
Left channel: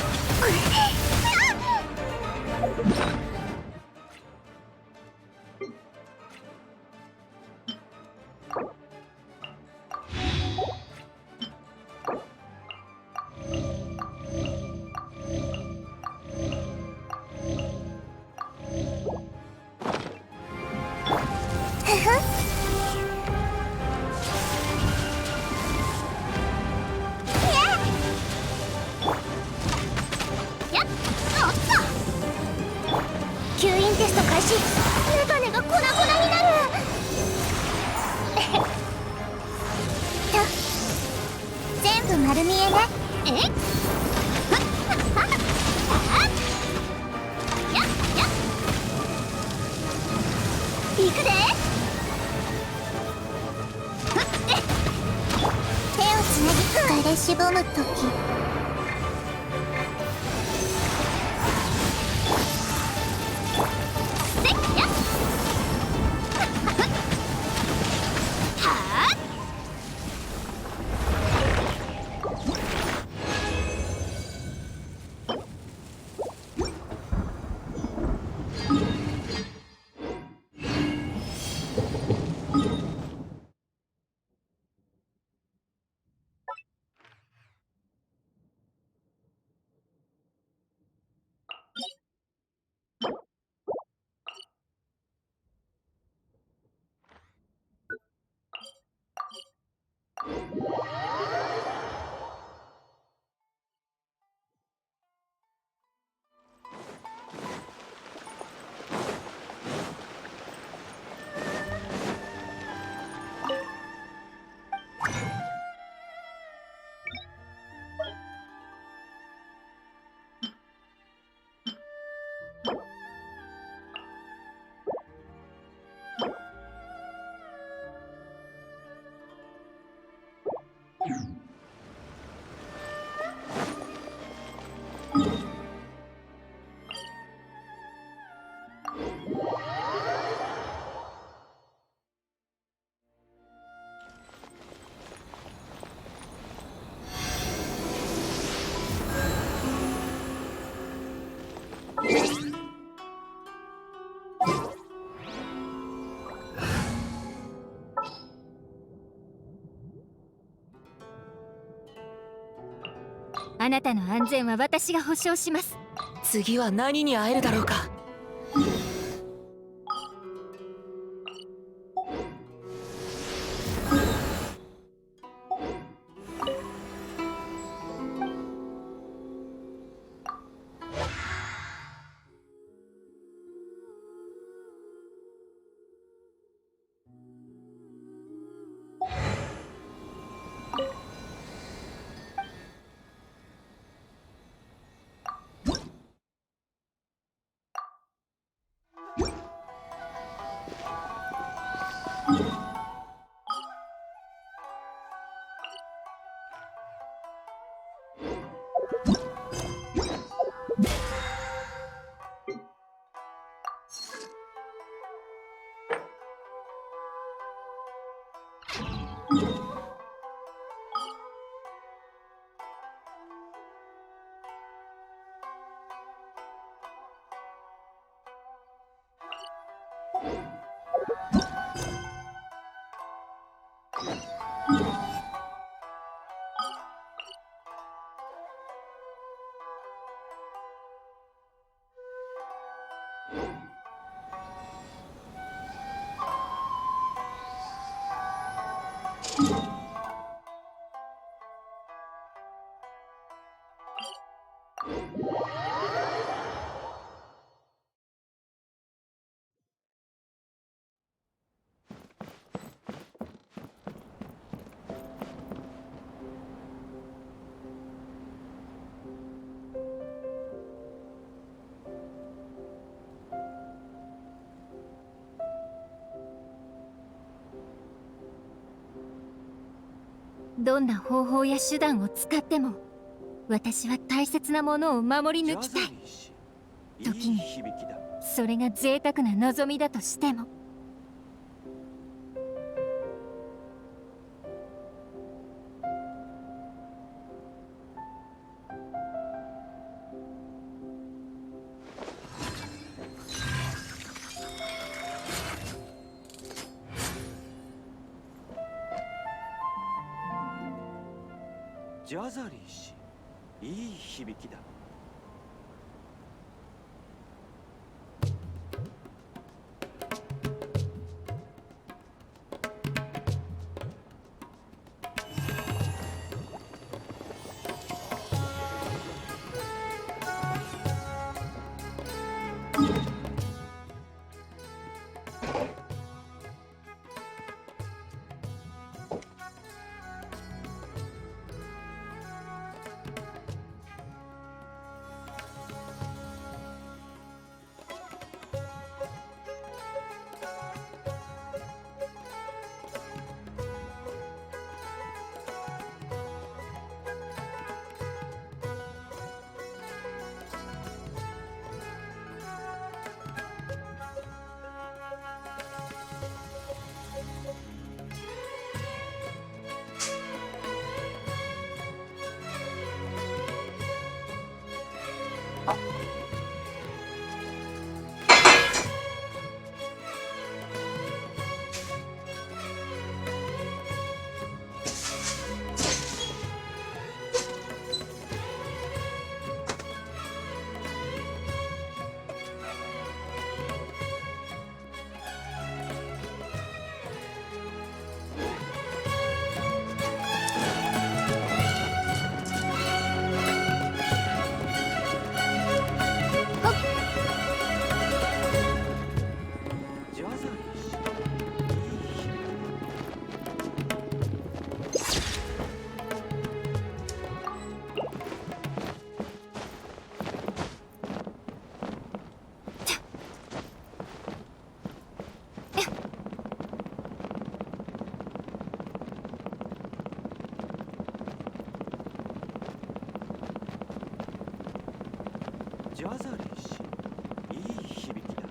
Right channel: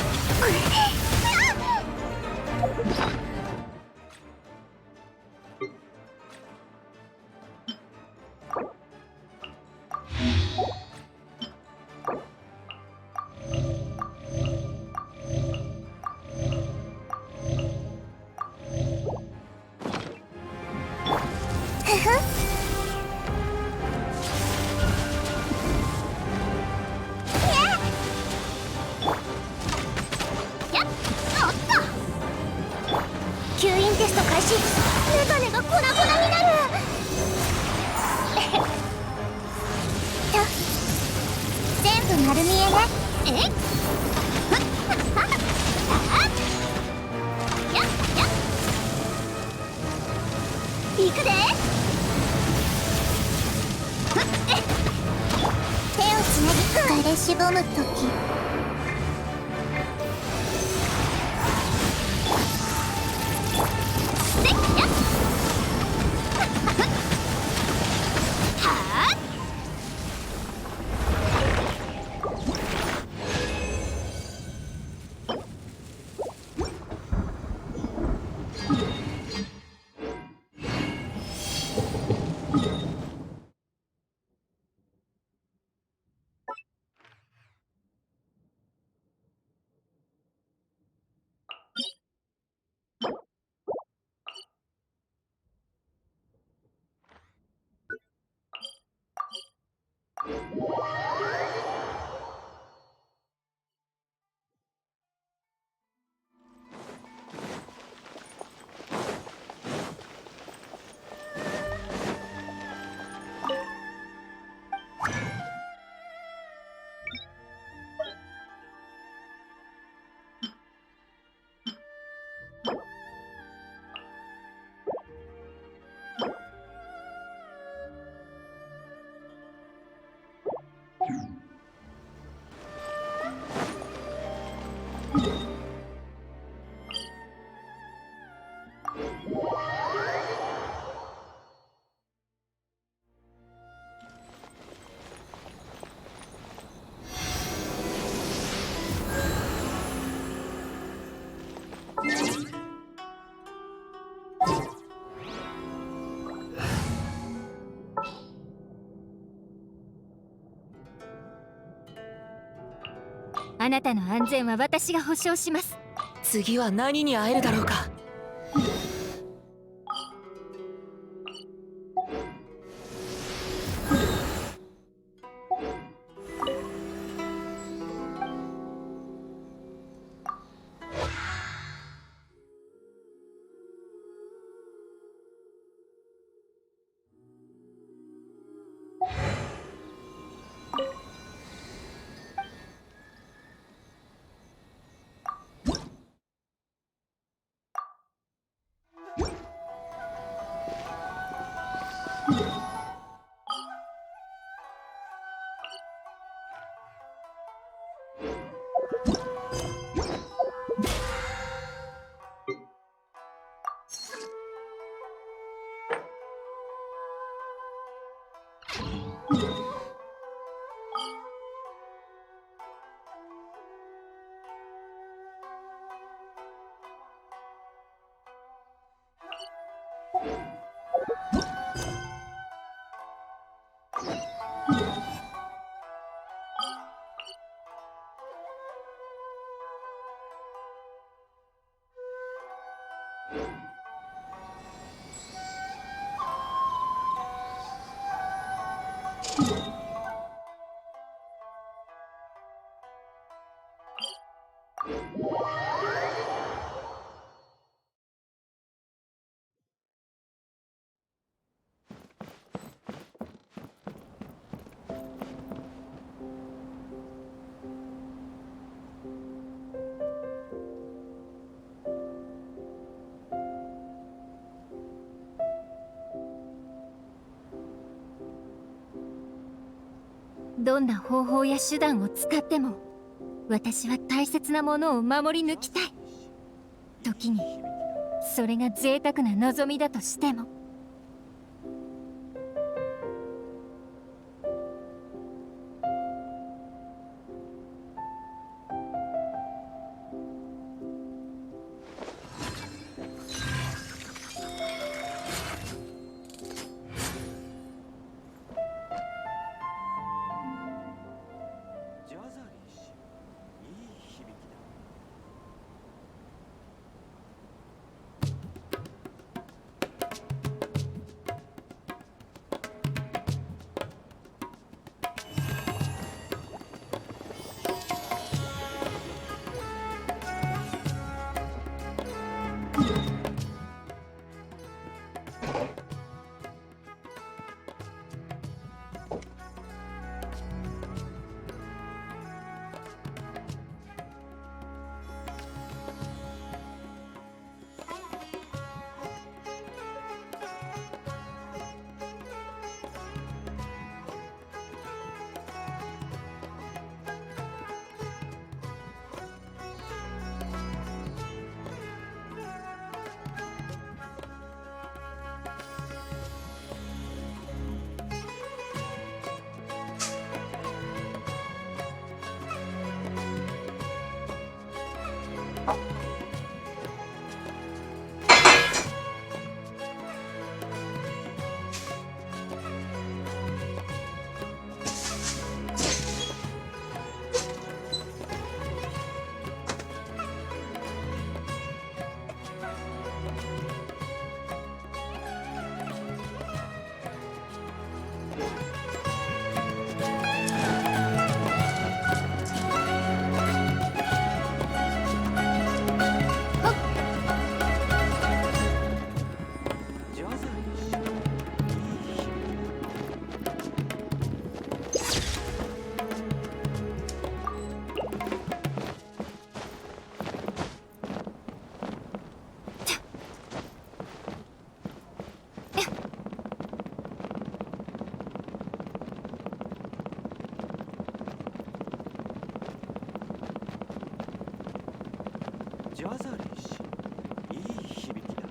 開始。メガネが粉々になる。全部丸見えね。行くで。手をつなぎ彼しぼむとき。あなたの安全は私が保証します。次は何に会えるだろうか。どんな方法や手段を使っても私は大切なものを守り抜きたい。時にそれが贅沢な望みだとしても。ジャザリー氏、いい響きだ。ジャザリーしいい響きだ。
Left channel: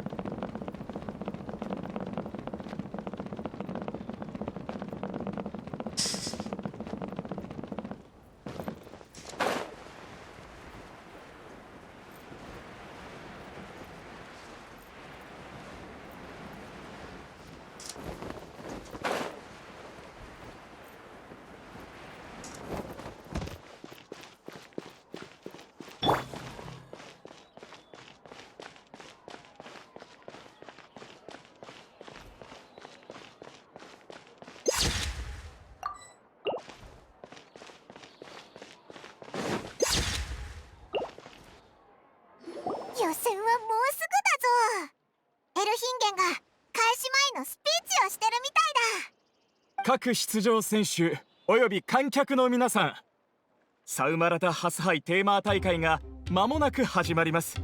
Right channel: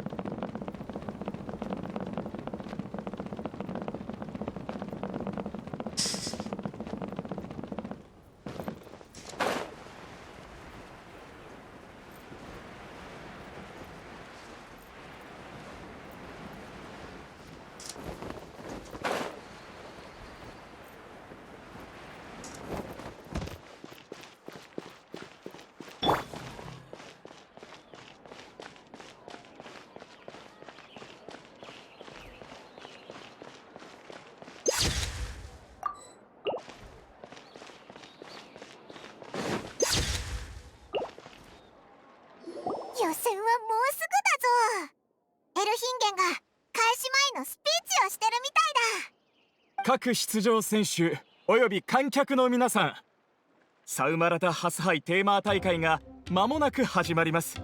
予選はもうすぐだぞ。エルヒンゲンが開始前のスピーチをしてるみたいだ。各出場選手および観客の皆さん、サウマラタハスハイテーマー大会が間もなく始まります。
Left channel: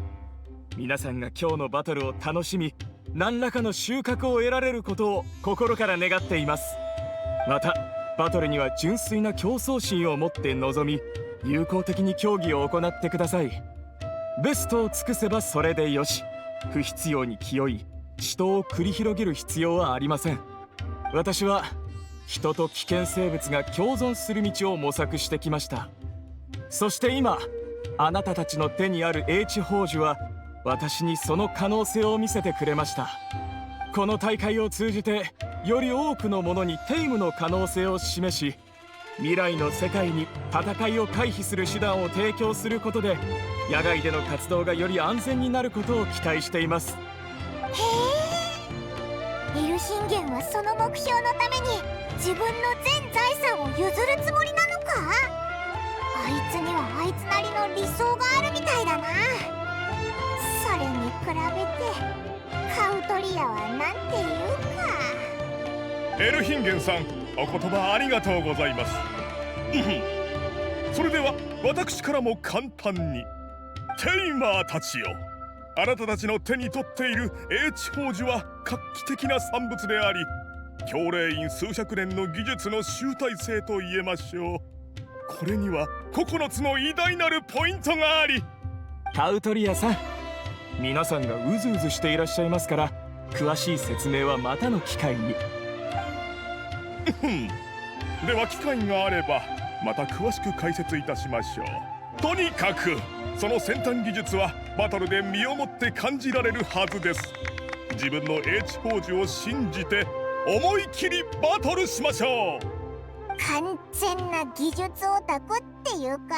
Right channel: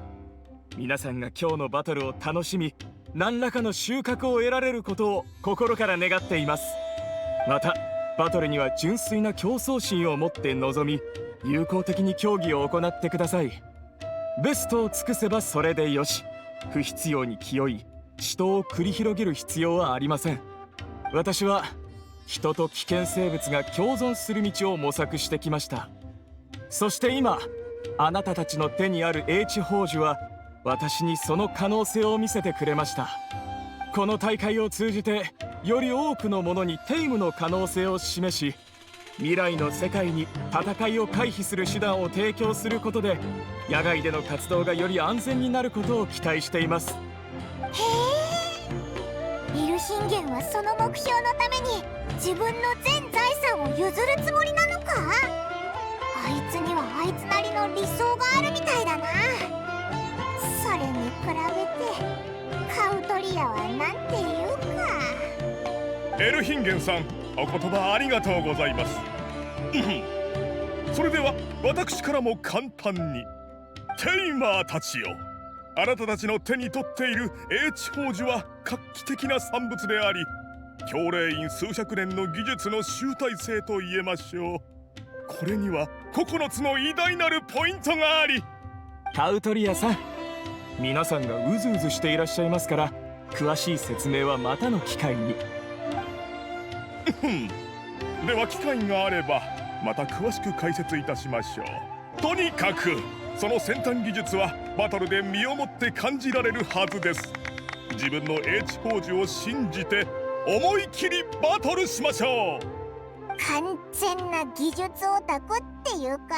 皆さんが今日のバトルを楽しみ、何らかの収穫を得られることを心から願っています。またバトルには純粋な競争心を持って臨み、友好的に競技を行ってください。ベストを尽くせばそれでよし。不必要に気負い死闘を繰り広げる必要はありません。私は人と危険生物が共存する道を模索してきました。そして今あなたたちの手にある英知宝珠は私にその可能性を見せてくれました。この大会を通じてより多くの者にテイムの可能性を示し、未来の世界に戦いを回避する手段を提供することで野外での活動がより安全になることを期待しています。へえ、エルヒンゲンはその目標のために自分の全財産を譲るつもりなのか。あいつにはあいつなりの理想があるみたいだな。それに比べてカウトリアはなんていうか。エルヒンゲンさん、お言葉ありがとうございます。それでは私からも簡単に。テイマーたちよ、あなたたちの手に取っている英知宝珠は画期的な産物であり、教令員数百年の技術の集大成と言えましょう。これには9つの偉大なるポイントがあり。カウトリアさん、皆さんがうずうずしていらっしゃいますから、詳しい説明はまたの機会に。では機会があればまた詳しく解説いたしましょう。とにかくその先端技術はバトルで身をもって感じられるはずです。自分の英知宝珠を信じて思い切りバトルしましょう。完全な技術オタクっていうか、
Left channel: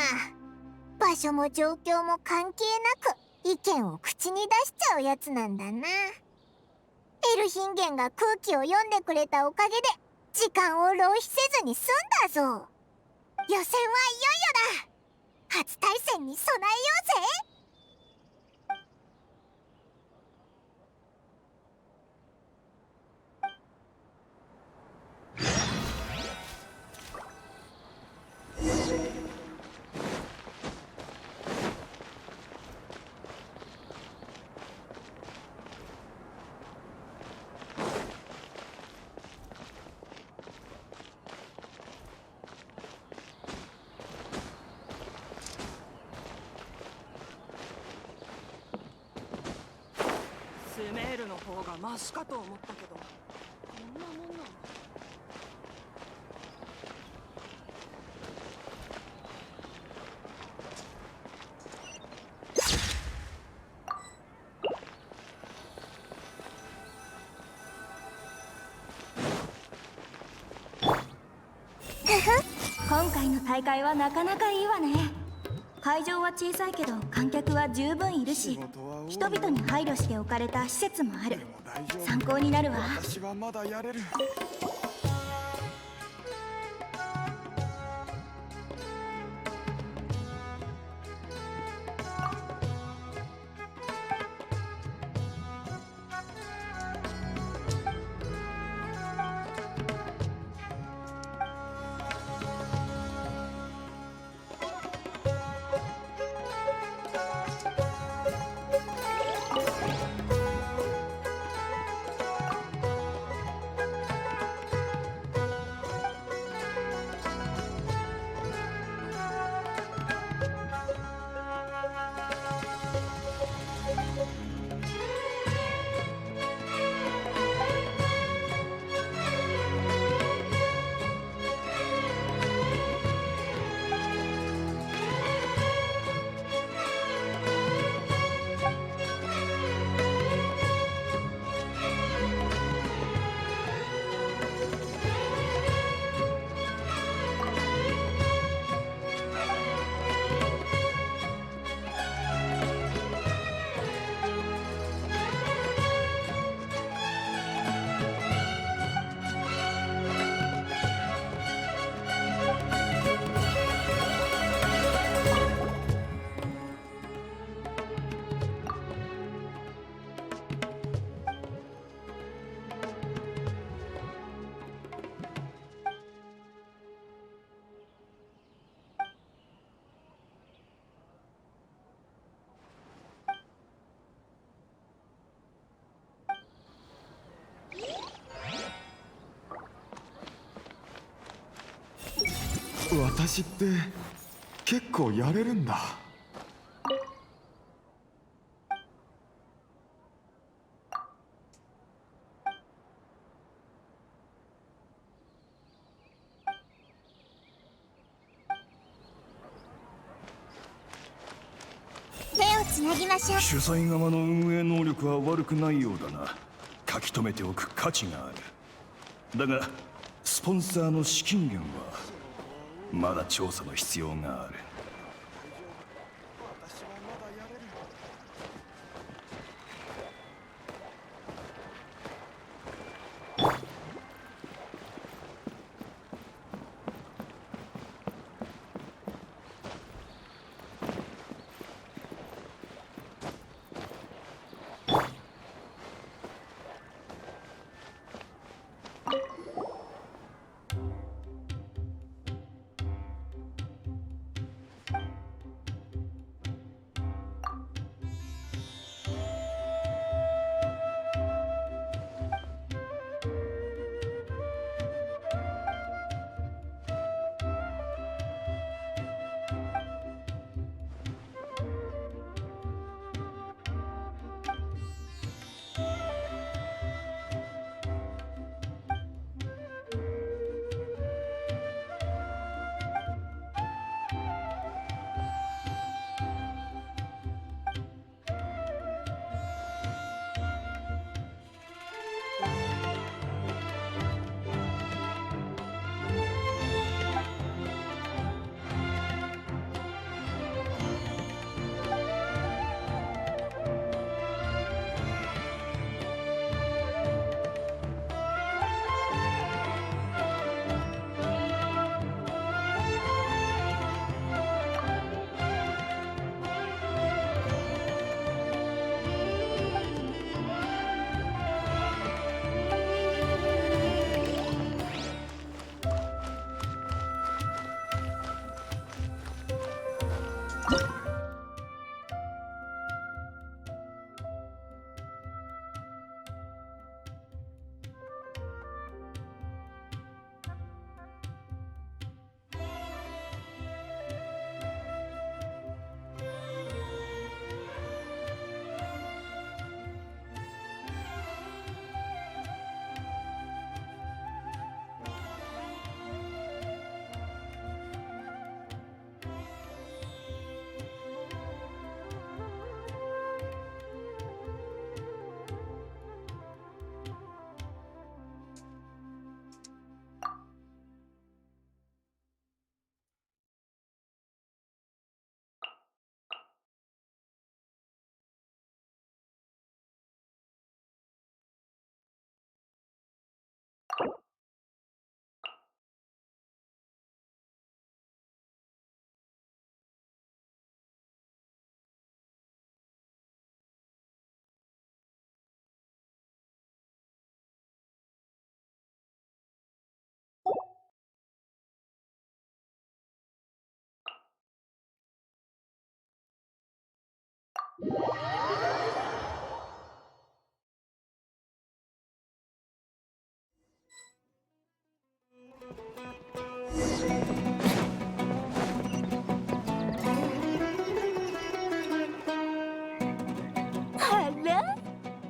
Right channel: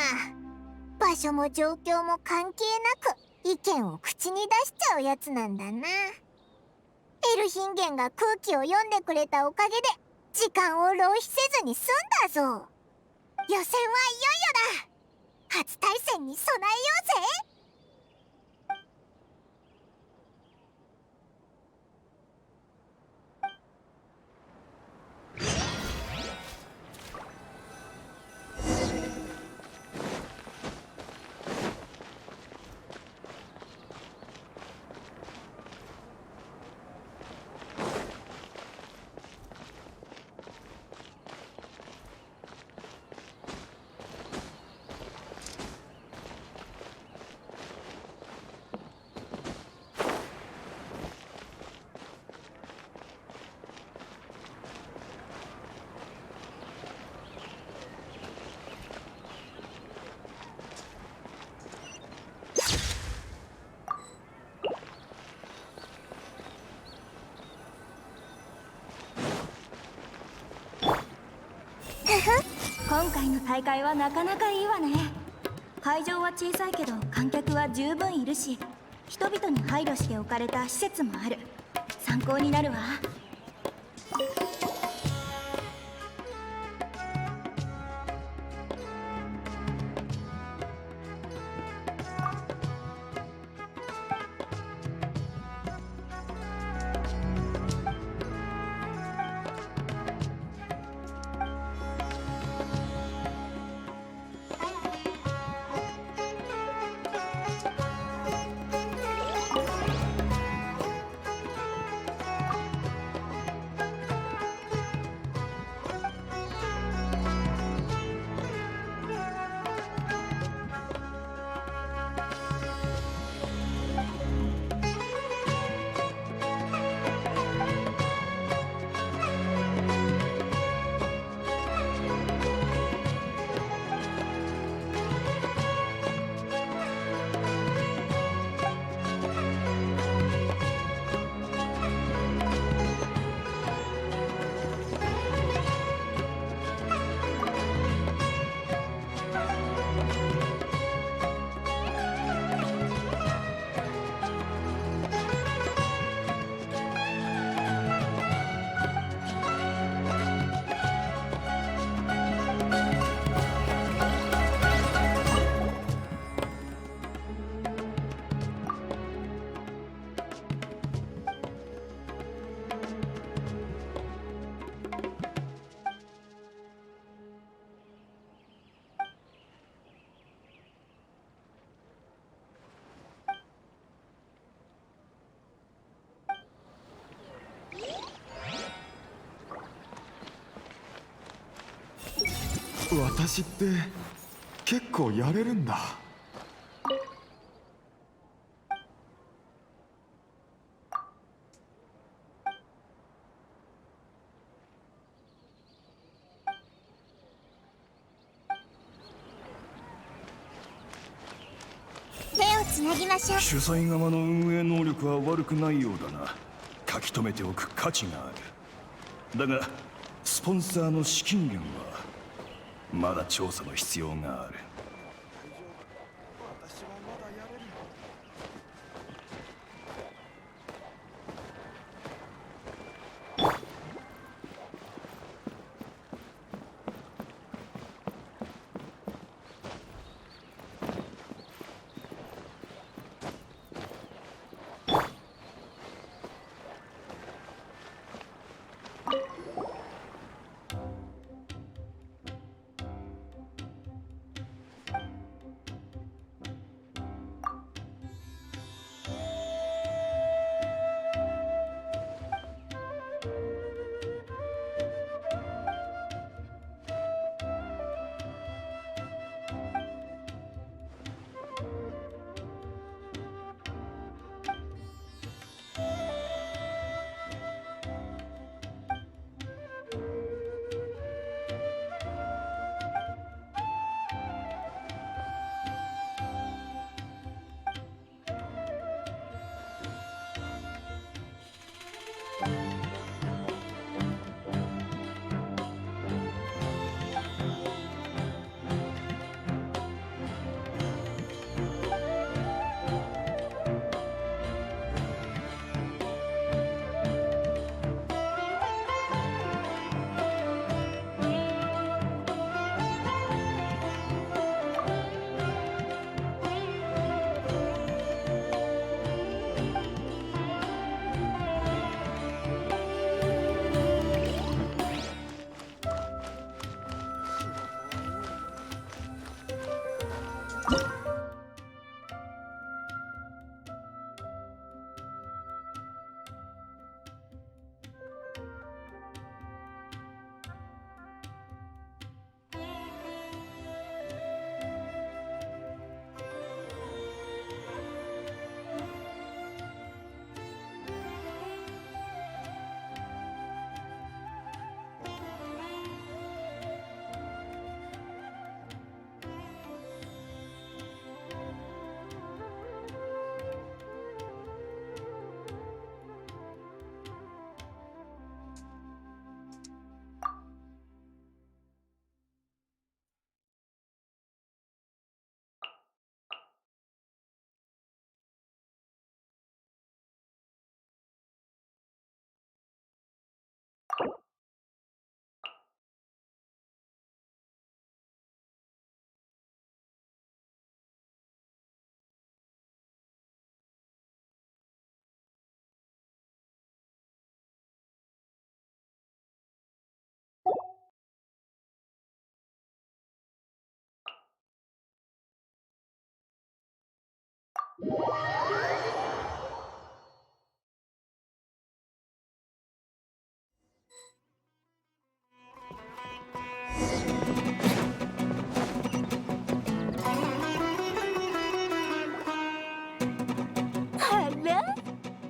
場所も状況も関係なく意見を口に出しちゃうやつなんだな。エルヒンゲンが空気を読んでくれたおかげで時間を浪費せずに済んだぞ。予選はいよいよだ。初対戦に備えようぜ。マシかと思ったけど。今回の大会はなかなかいいわね。会場は小さいけど観客は十分いるし、人々に配慮して置かれた施設もある。参考になるわ。私って結構やれるんだ。手をつなぎましょう。主催側の運営能力は悪くないようだな。書き留めておく価値がある。だがスポンサーの資金源はまだ調査の必要がある。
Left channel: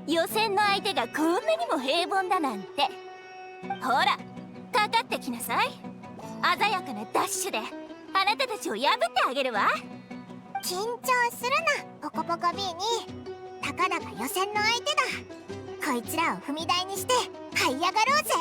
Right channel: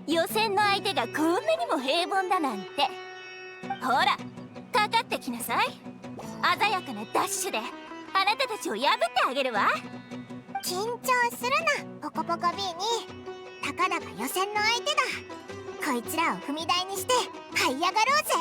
予選の相手がこんなにも平凡だなんて。ほらかかってきなさい。鮮やかなダッシュであなたたちを破ってあげるわ。緊張するなポコポコ B に。たかだか予選の相手だ。こいつらを踏み台にして這い上がろうぜ。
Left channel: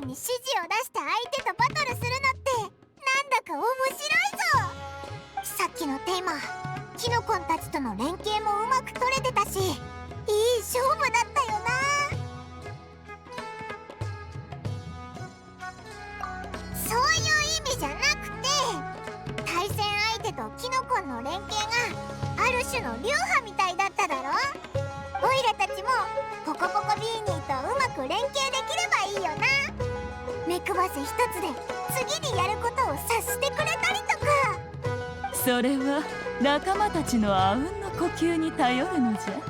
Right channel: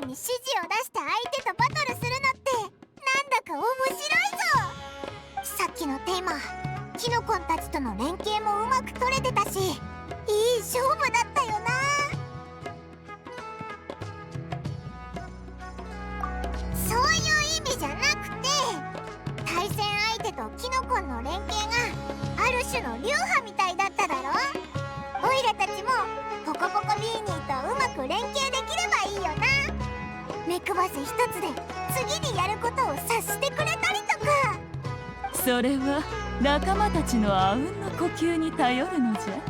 ンに指示を出して相手とバトルするのってなんだか面白いぞ。さっきのテーマキノコンたちとの連携もうまく取れてたし、いい勝負だったよな。そういう意味じゃなくて、対戦相手とキノコンの連携がある種の流派みたいだっただろ。オイラたちもポコポコビーニーとうまく連携できればいいよな。目配せ一つで次にやることを察してくれたりとか。それは仲間たちのあうんの呼吸に頼るのじゃ。ミコ、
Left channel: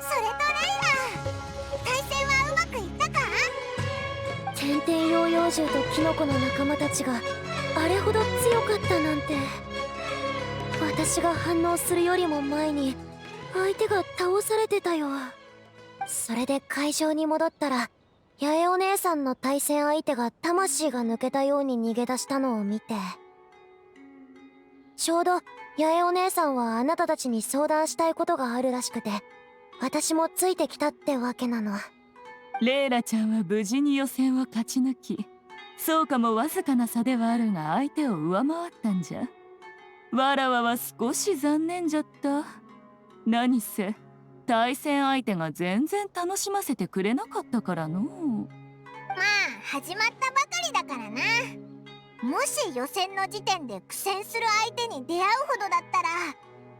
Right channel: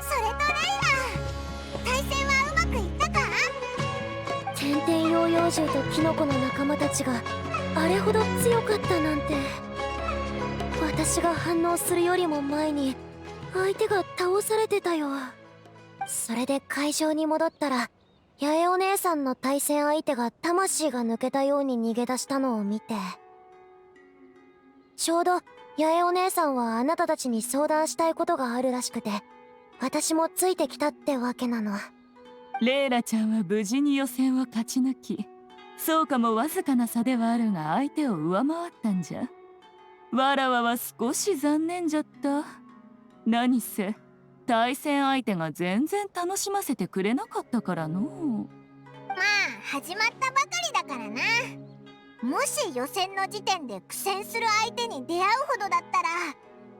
それとレイラ、対戦はうまくいったか？天天ヨーヨー獣とキノコの仲間たちがあれほど強かったなんて。私が反応するよりも前に相手が倒されてたよ。それで会場に戻ったら、八重お姉さんの対戦相手が魂が抜けたように逃げ出したのを見て、ちょうど八重お姉さんはあなたたちに相談したいことがあるらしくて、私もついてきたってわけなの。レイラちゃんは無事に予選を勝ち抜き、そうかもわずかな差ではあるが相手を上回ったんじゃ。わらわは少し残念じゃった。何せ対戦相手が全然楽しませてくれなかったからの。まあ始まったばかりだからな。もし予選の時点で苦戦する相手に出会うほどだったら、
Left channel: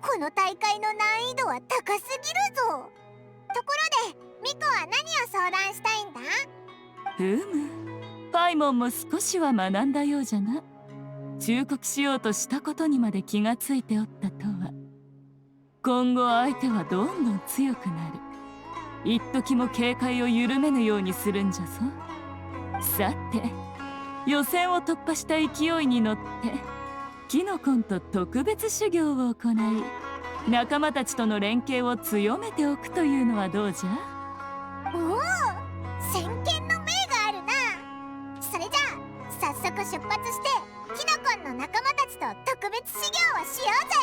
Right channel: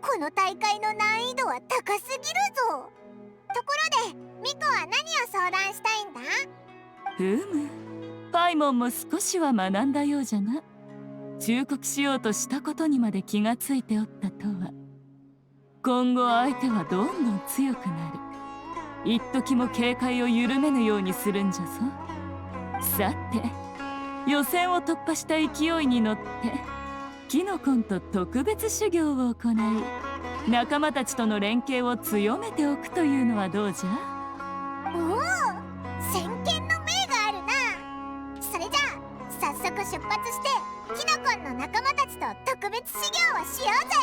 この大会の難易度は高すぎるぞ。ところでミコは何を相談したいんだ？パイモンも少しは学んだようじゃな。忠告しようとしたことにまで気がついておったとは。今後相手はどんどん強くなる。一時も警戒を緩めぬようにするんじゃぞ。さて、予選を突破した勢いに乗ってキノコンと特別修行を行い、仲間たちとの連携を強めておくというのはどうじゃ？おお、先見の明があるな。それじゃあ早速出発してキノコンの仲間たちと特別修行をしようぜ。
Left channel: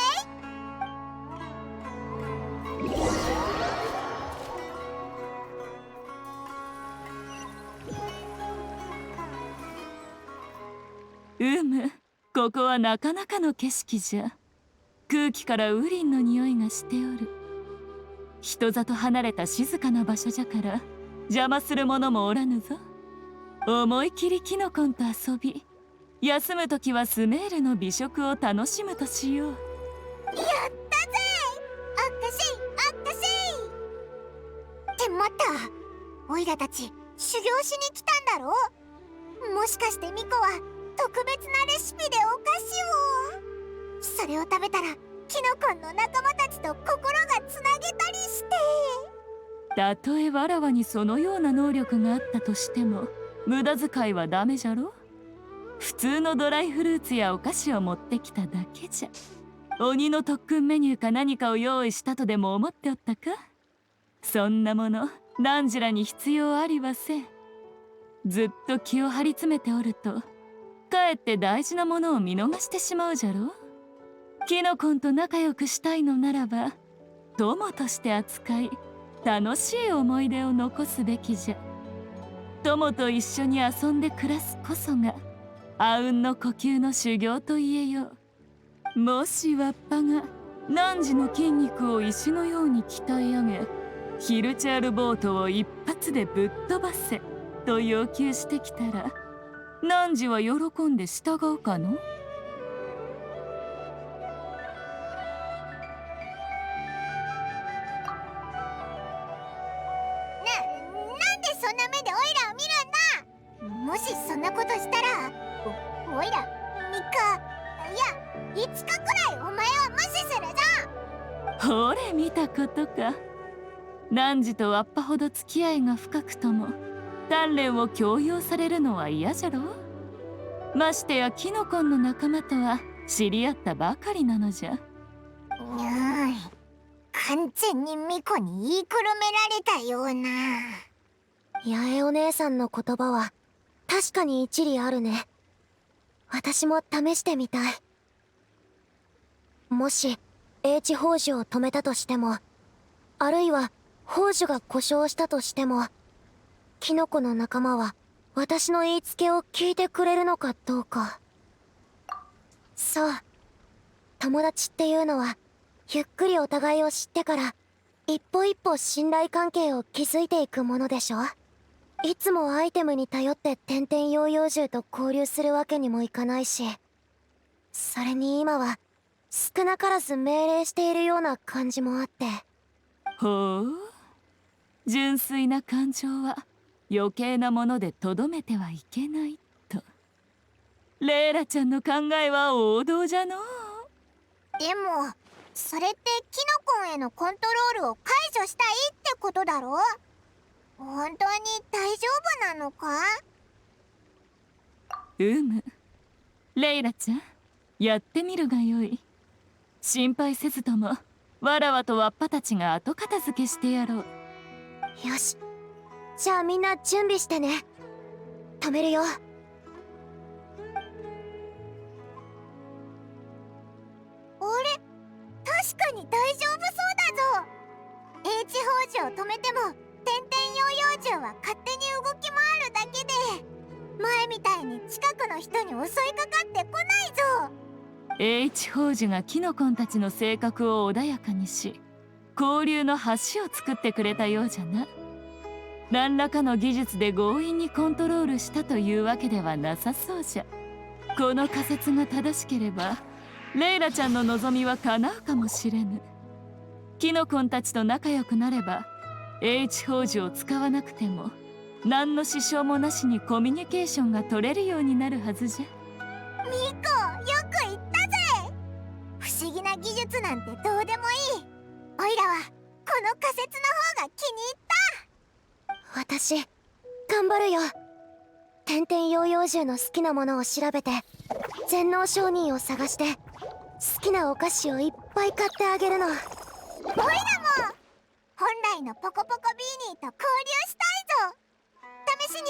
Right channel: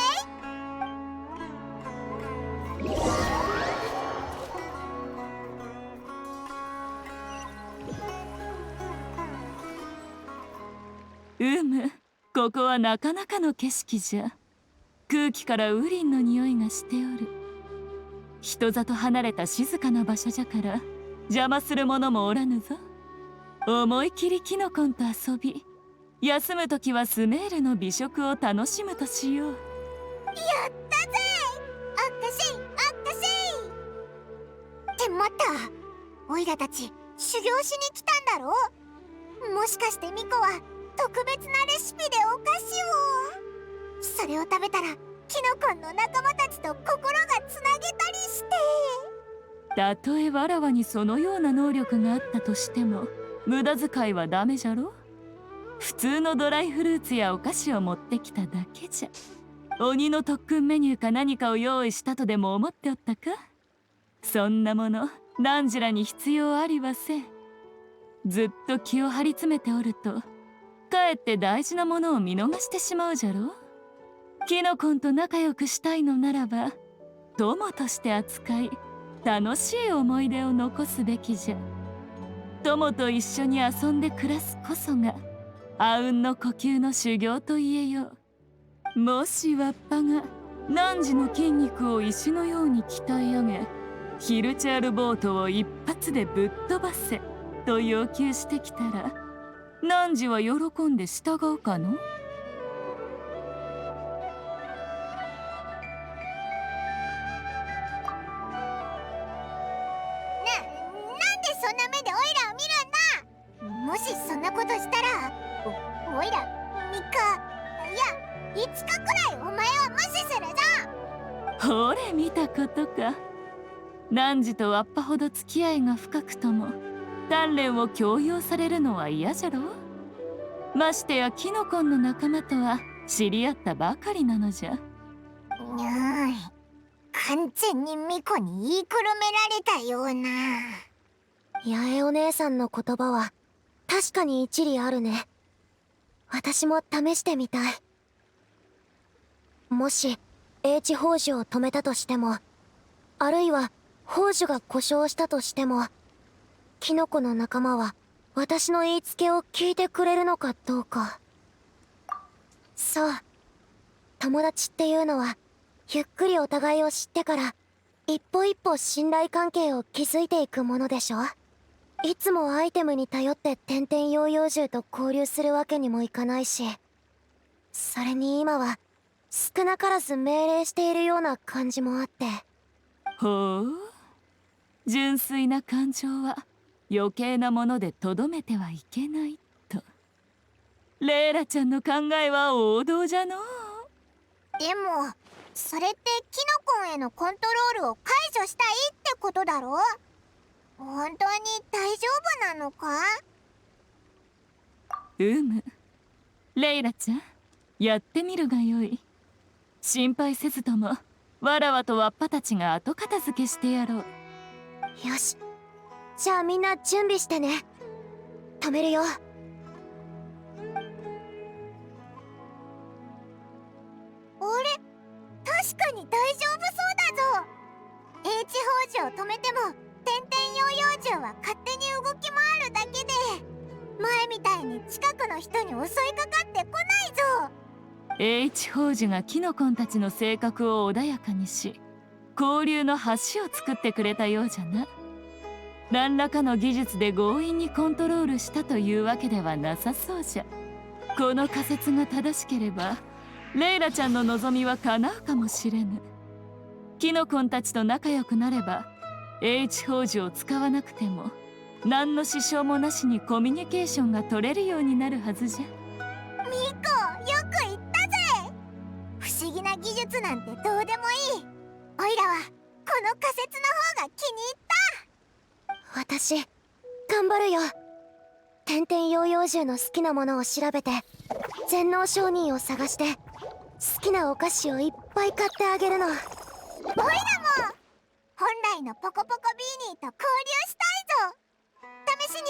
ここはなかなかの景色じゃ。空気からウリンの匂いがしておる。人里離れた静かな場所じゃから邪魔する者もおらぬぞ。思い切りキノコンと遊び、休むときはスメールの美食を楽しむとしよう。やったぜ！おかしいおかしいって待った、オイラたち修行しに来たんだろ？もしかしてミコは特別なレシピでお菓子を。それを食べたらキノコンの仲間たちと心がつなげたりして。たとえわらわにそのような能力があったとしても無駄遣いはダメじゃろ。普通のドライフルーツやお菓子を持ってきただけじゃ。鬼の特訓メニューか何かを用意したとでも思っておったか？そんなもの何らに必要ありはせん。ずっと気を張り詰めておるとかえって大事なものを見逃してしまうじゃろ。キノコンと仲良くしたいのならば友として扱い、楽しい思い出を残すべきじゃ。友と一緒に遊んで暮らすこそがあうんの呼吸の修行と言えよう。もしわっぱが汝の筋肉を石のように鍛え上げ、ヒルチャールボートを一発でぶっ飛ばせと要求してきたら、汝は喜んで従うかの？なんでそんな目でオイラを見るんだ。もしそんなことしたらオイラ3日、いや5日くらいお前を無視するぞ。ほれ見たことか。汝とわっぱほど付き合いが深くとも鍛錬を強要されるのは嫌じゃろ。ましてやキノコンの仲間とは知り合ったばかりなのじゃ。完全にミコに言いくるめられたような。八重お姉さんの言葉は確かに一理あるね。私も試してみたい。もし英知宝珠を止めたとしても、あるいは宝珠が故障したとしても、キノコの仲間は私の言いつけを聞いてくれるのかどうか。そう、友達っていうのはゆっくりお互いを知ってから一歩一歩信頼関係を築いていくものでしょ。いつもアイテムに頼って点々ヨーヨー獣と交流するわけにもいかないし、それに今は少なからず命令しているような感じもあって。ほう、純粋な感情は余計なものでとどめてはいけないと。レイラちゃんの考えは王道じゃのう。でもそれってキノコンへのコントロールを解除したいってことだろ。本当に大丈夫なのか？レイラちゃん、やってみるがよい。心配せずともわらわとわっぱたちが後片付けしてやろう。よし、じゃあみんな準備してね。止めるよ。あれ、確かに大丈夫そうだぞ。H 宝珠を止めても点々ヨーヨー獣は勝手に動き回るだけで、前みたいに近くの人に襲いかかってこないぞ。H 宝珠がキノコンたちの性格を穏やかにし、交流の橋を作ってくれたようじゃな。何らかの技術で強引にコントロールしたというわけではなさそうじゃ。この仮説が正しければレイラちゃんの望みは叶うかもしれぬ。キノコンたちと仲良くなれば H 宝珠を使わなくても何の支障もなしにコミュニケーションが取れるようになるはずじゃ。ミコ、よく言ったぜ。不思議な技術なんてどうでもいい。オイラはこの仮説の方が気に入った。私頑張るよ。点々ヨーヨー獣の好きなものを調べて全能商人を探して好きなお菓子をいっぱい買ってあげるの。オイラも本来のポコポコビーニーと交流したいぞ。試しに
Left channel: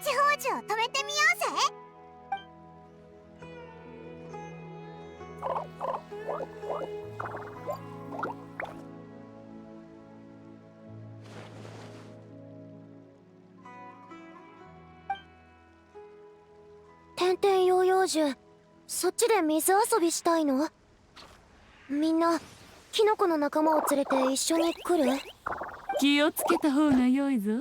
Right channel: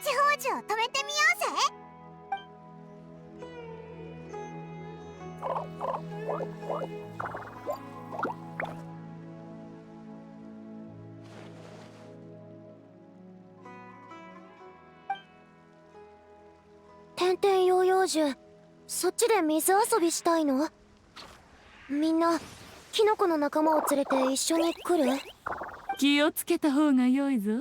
H 宝珠を止めてみようぜ。点々ヨーヨー獣、そっちで水遊びしたいの？みんなキノコの仲間を連れて一緒に来る？気をつけた方が良いぞ。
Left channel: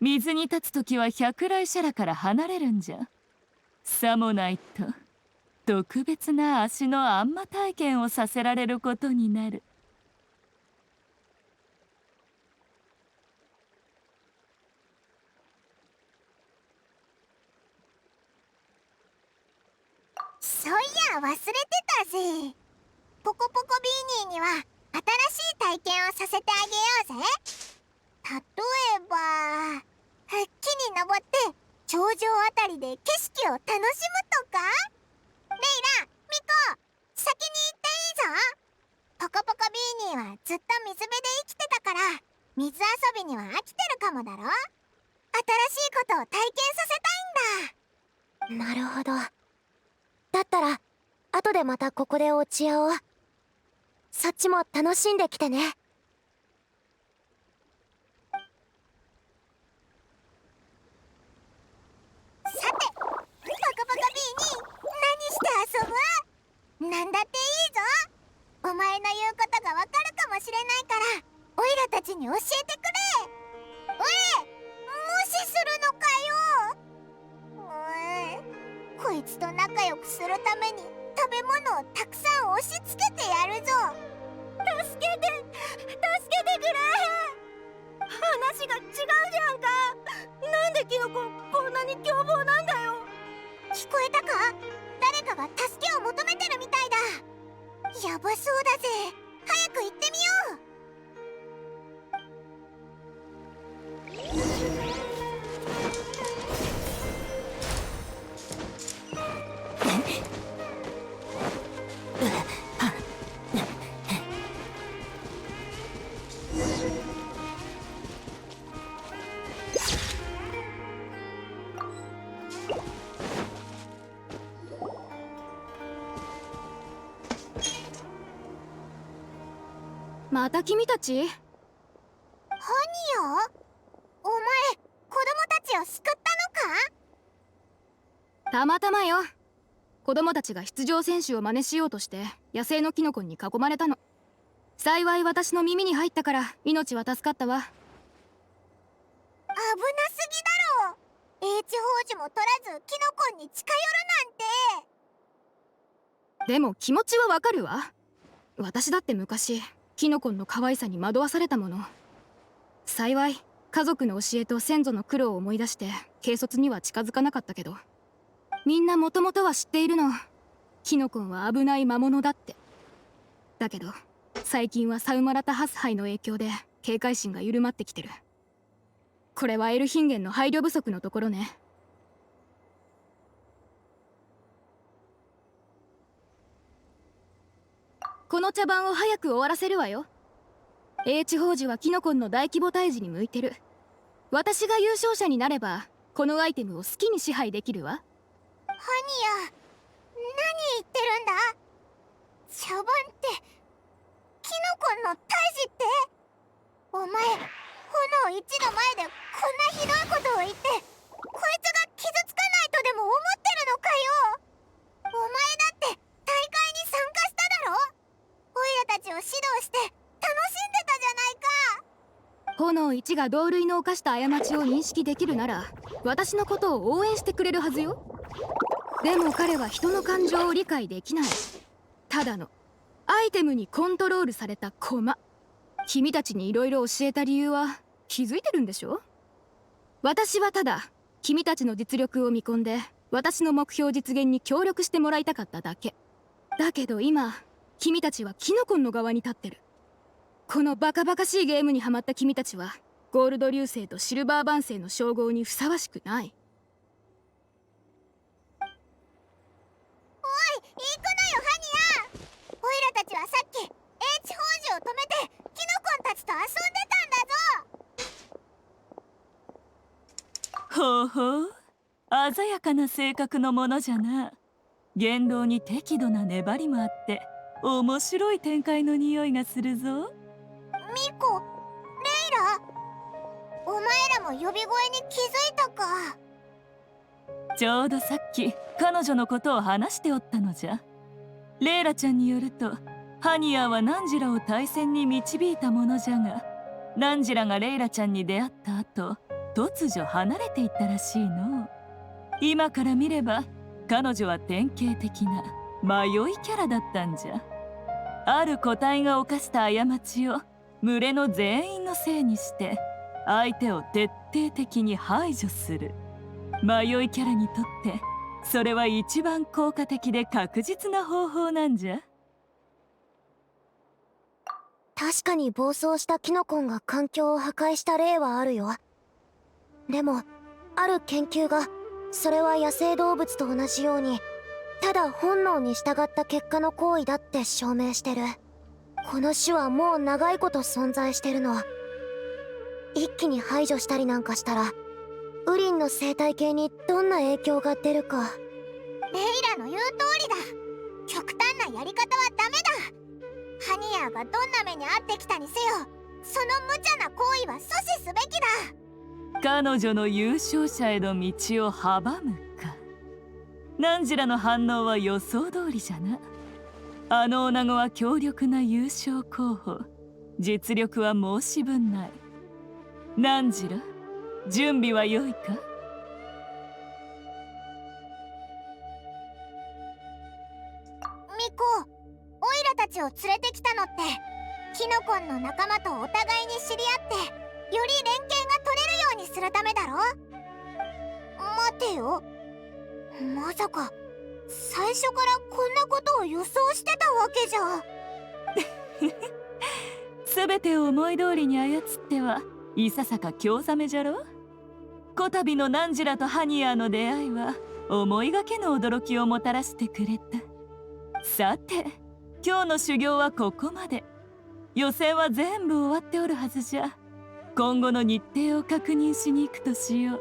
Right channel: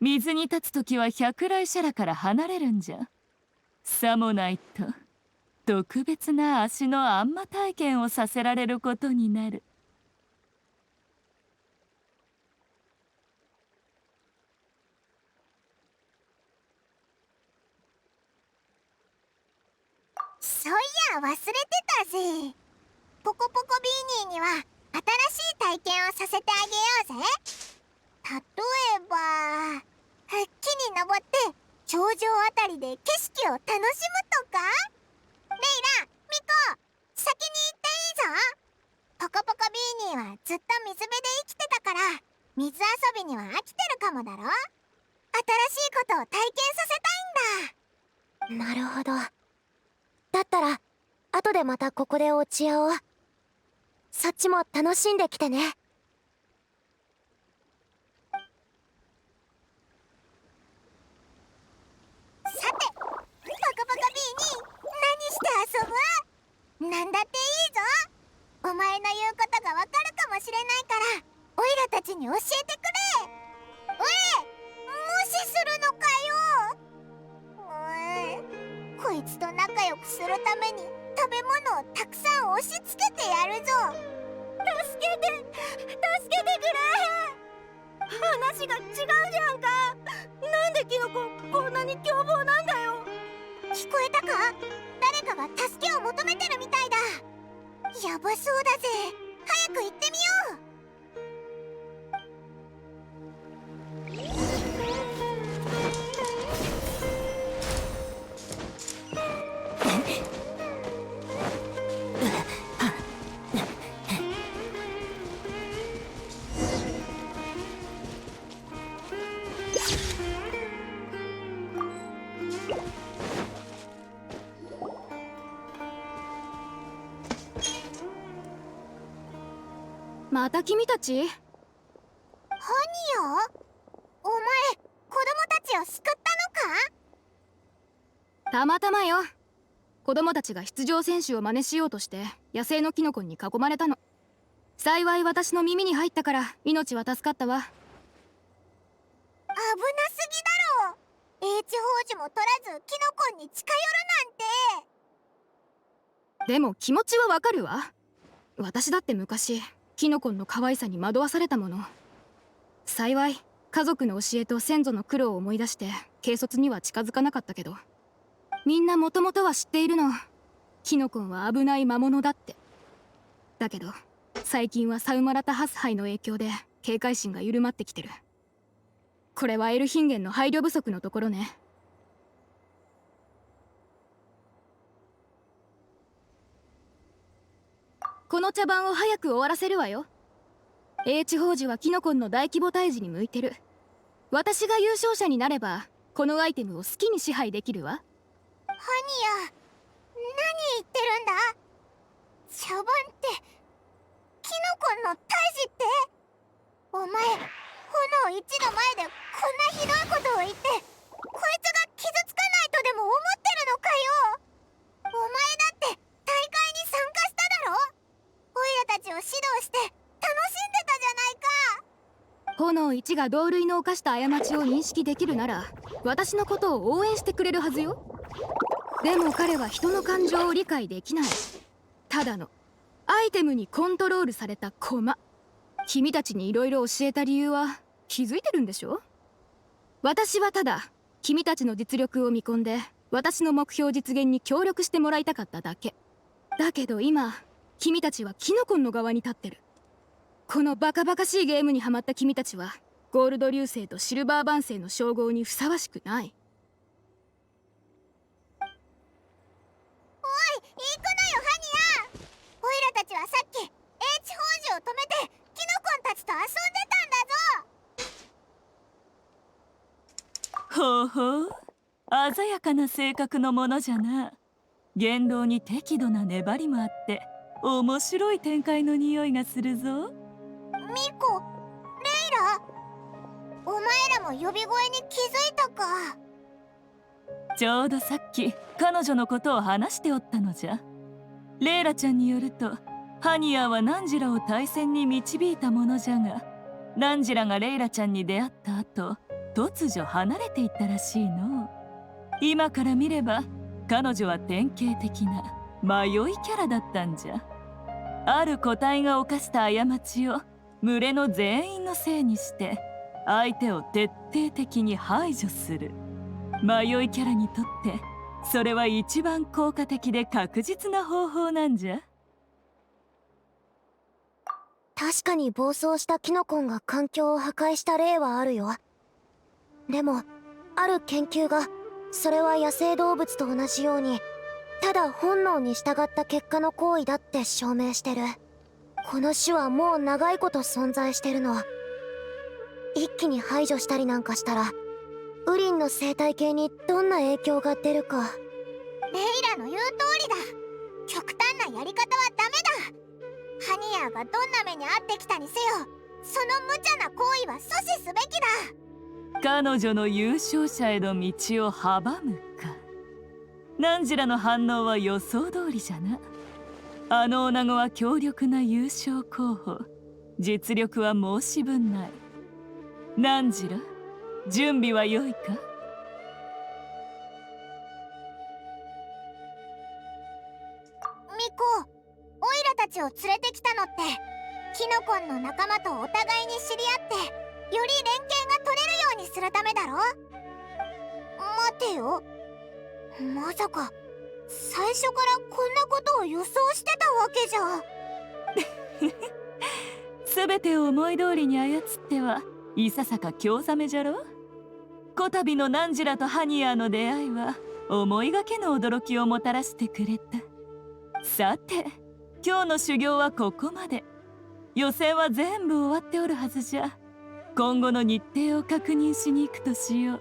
水に立つときは百来シャラから離れるんじゃ。さもないと特別な足のあんま体験をさせられることになる。そういや忘れてたぜ。ポコポコビーニーには新しい体験をさせてあげようぜ。例えば木に登って頂上あたりで景色を楽しむとか。レイラ、ミコ、先に行っていいぞ。ポコポコビーニーはずっと水辺で生きてたから水遊びには飽きてるかもだろ。新しいことを体験させたいんだ。なるほど。だったら後でまたここで落ち合おう。そっちも楽しんできてね。さて、ポコポコビーニー、何して遊ぶ？なんだっていいぞ。お前の言うことがわかるかもしれないからオイラたちに教えてくれ。無視するのかよ。こいつと仲良くするために食べ物をたくさん押し付けてやるぞ。助けてくれ。話が違うじゃんか。なんでキノコこんなに凶暴なんだよ。聞こえたか？誰かが助けを求めてるみたいだ。やばそうだぜ。早く行ってみよう。また君たち？ハニヤ？お前、こたまたまよ。子供たちが出場選手を真似しようとして野生のキノコに囲まれたの。幸い私の耳に入ったから命は助かったわ。危なすぎだろ。H 宝珠も取らずキノコに近寄るなんて。でも気持ちはわかるわ。私だって昔キノコの可愛さに惑わされたもの。幸い家族の教えと先祖の苦労を思い出して軽率には近づかなかったけど、みんなもともとは知っているの。キノコンは危ない魔物だって。だけど最近はサウマラタハス杯の影響で警戒心が緩まってきてる。これはエルヒンゲンの配慮不足のところね。この茶番を早く終わらせるわよ。H 宝珠はキノコンの大規模退治に向いてる。私が優勝者になればこのアイテムを好きに支配できるわ。ハニヤ、何言ってるんだ。茶番ってキノコンの退治って。お前、炎1の前でこんなひどいことを言って、こいつが傷つかないとでも思ってるのかよ。お前だって大会に参加しただろ。オイラたちを指導して楽しんでたじゃないか。炎1が同類の犯した過ちを認識できるなら私のことを応援してくれるはずよ。でも彼は人の感情を理解できない。ただのアイテムにコントロールされた駒。君たちにいろいろ教えた理由は気づいてるんでしょ。私はただ君たちの実力を見込んで私の目標実現に協力してもらいたかっただけ。だけど今君たちはキノコンの側に立ってる。このバカバカしいゲームにハマった君たちはゴールド流星とシルバーバン星の称号にふさわしくない。おい、行くなよハニヤ。オイラたちはさっき H 宝珠を止めてキノコンたちと遊んでたんだぞ。ほうほう、鮮やかな性格のものじゃな。言動に適度な粘りもあって面白い展開の匂いがするぞ。ミコ、レイラ、お前らも呼び声に気づいたか。ちょうどさっき彼女のことを話しておったのじゃ。レイラちゃんによるとハニヤはナンジラを対戦に導いたものじゃが、ナンジラがレイラちゃんに出会った後突如離れていったらしいの。今から見れば彼女は典型的な迷いキャラだったんじゃ。ある個体が犯した過ちを群れの全員のせいにして相手を徹底的に排除する。迷いキャラにとってそれは一番効果的で確実な方法なんじゃ。確かに暴走したキノコンが環境を破壊した例はあるよ。でもある研究がそれは野生動物と同じようにただ本能に従った結果の行為だって証明してる。この種はもう長いこと存在してるの。一気に排除したりなんかしたらウリンの生態系にどんな影響が出るか。レイラの言う通りだ。極端なやり方はダメだ。ハニヤがどんな目に遭ってきたにせよ、その無茶な行為は阻止すべきだ。彼女の優勝者への道を阻むか。ナンジラの反応は予想通りじゃな。あの女子は強力な優勝候補。実力は申し分ない。ナンジラ、準備は良いか。ミコ、オイラたちを連れてきたのってキノコンの仲間とお互いに知り合ってより連携が取れるようにするためだろ。待てよ、まさか最初からこんなことを予想してたわけじゃ。全てを思い通りに操ってはいささか興ざめじゃろ。こたびのナンジラとハニヤの出会いは思いがけの驚きをもたらしてくれた。さて今日の修行はここまで。予選は全部終わっておるはずじゃ。今後の日程を確認しに行くとしよう。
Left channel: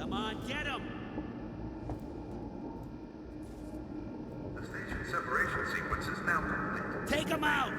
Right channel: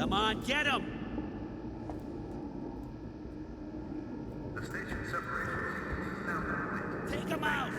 Come on, get him! The station separation sequence is now complete. Take him out!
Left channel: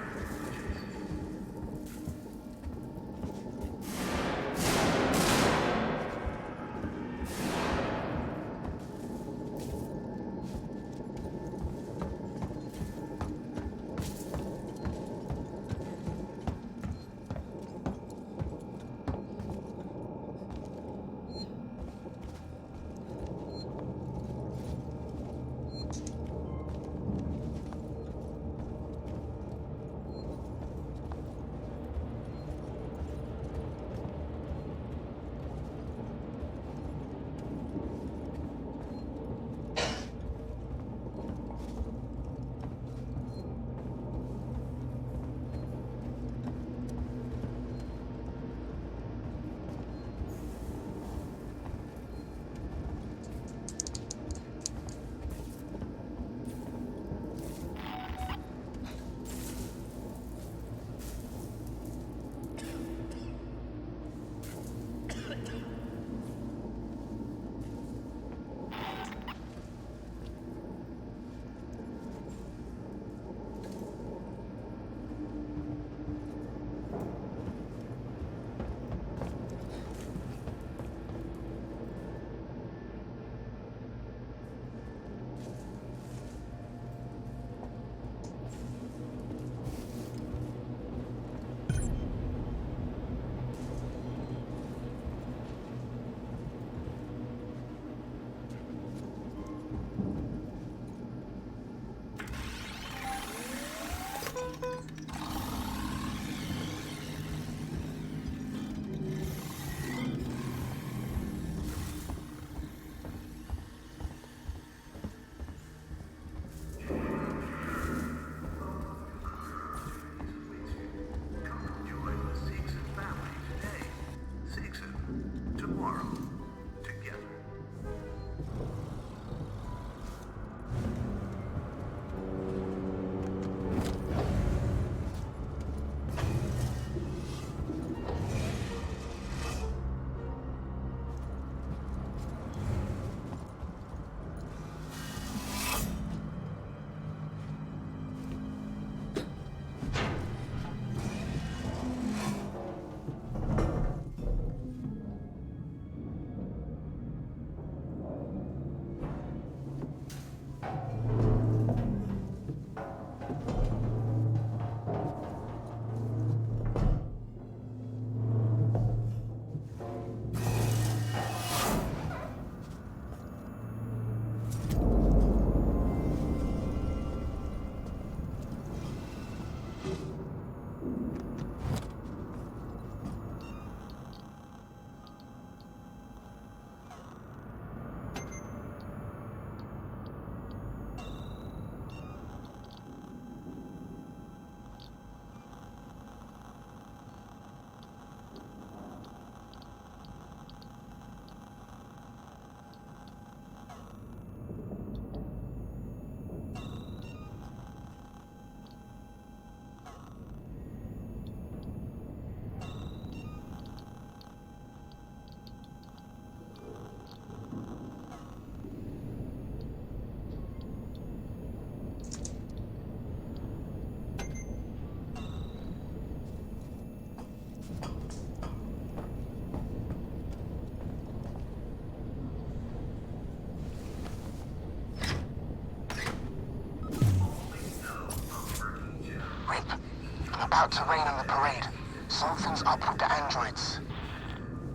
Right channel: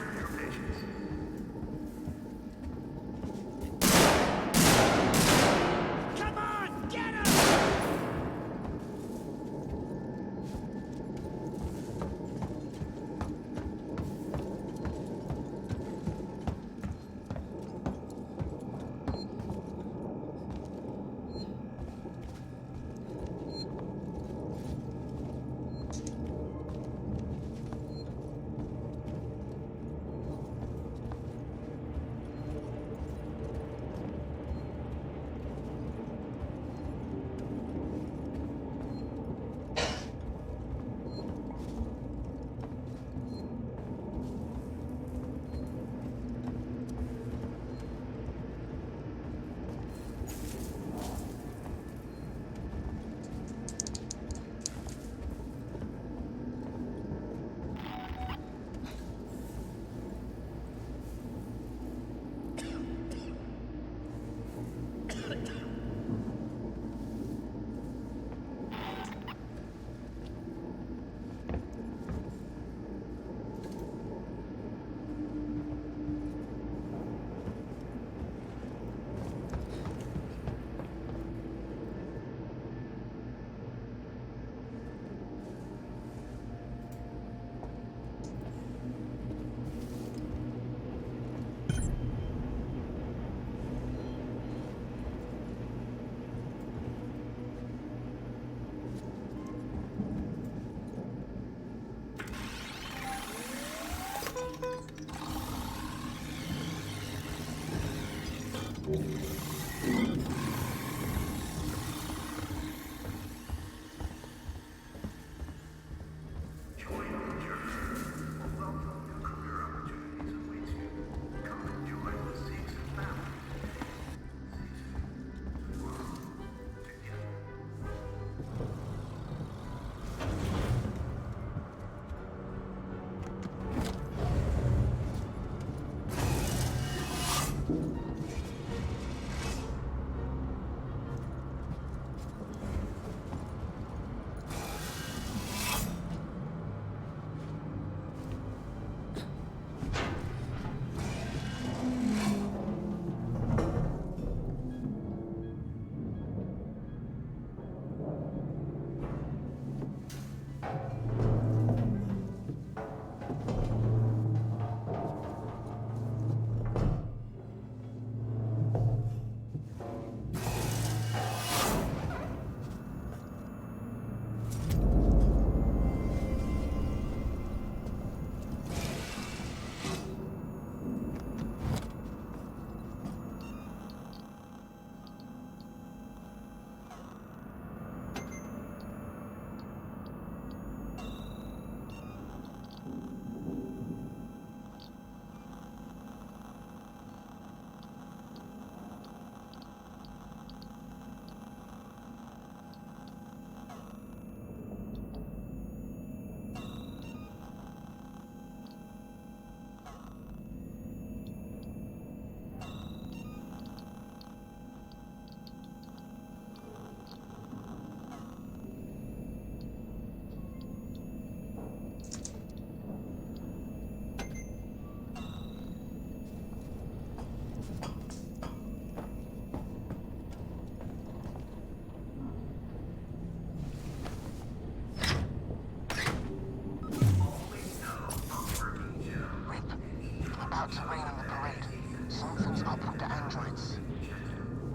About to rain on the parade. Something's up with the androids.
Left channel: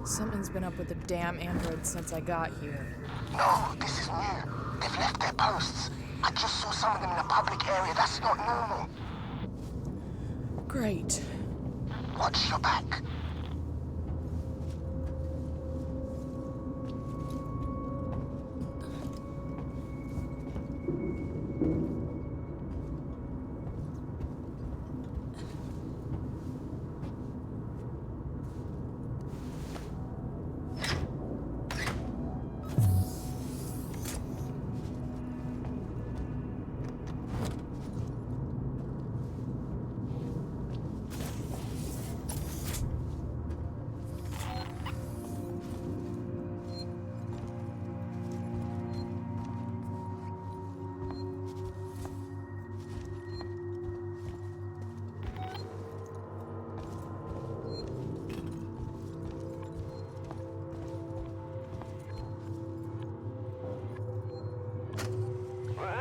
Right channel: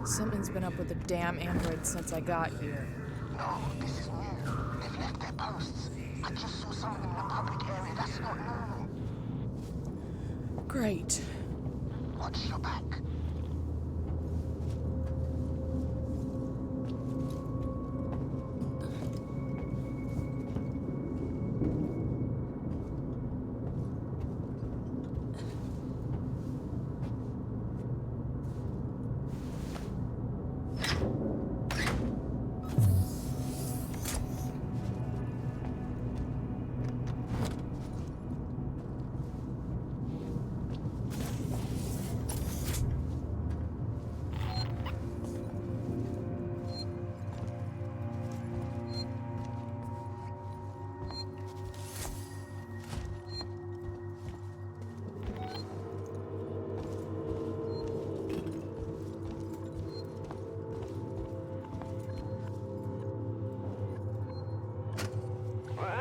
Something's been up with the damn androids since I got here. No, this is new. They've left their posts. I just saw some of them in a public area. That's not normal. Great. Watch your back.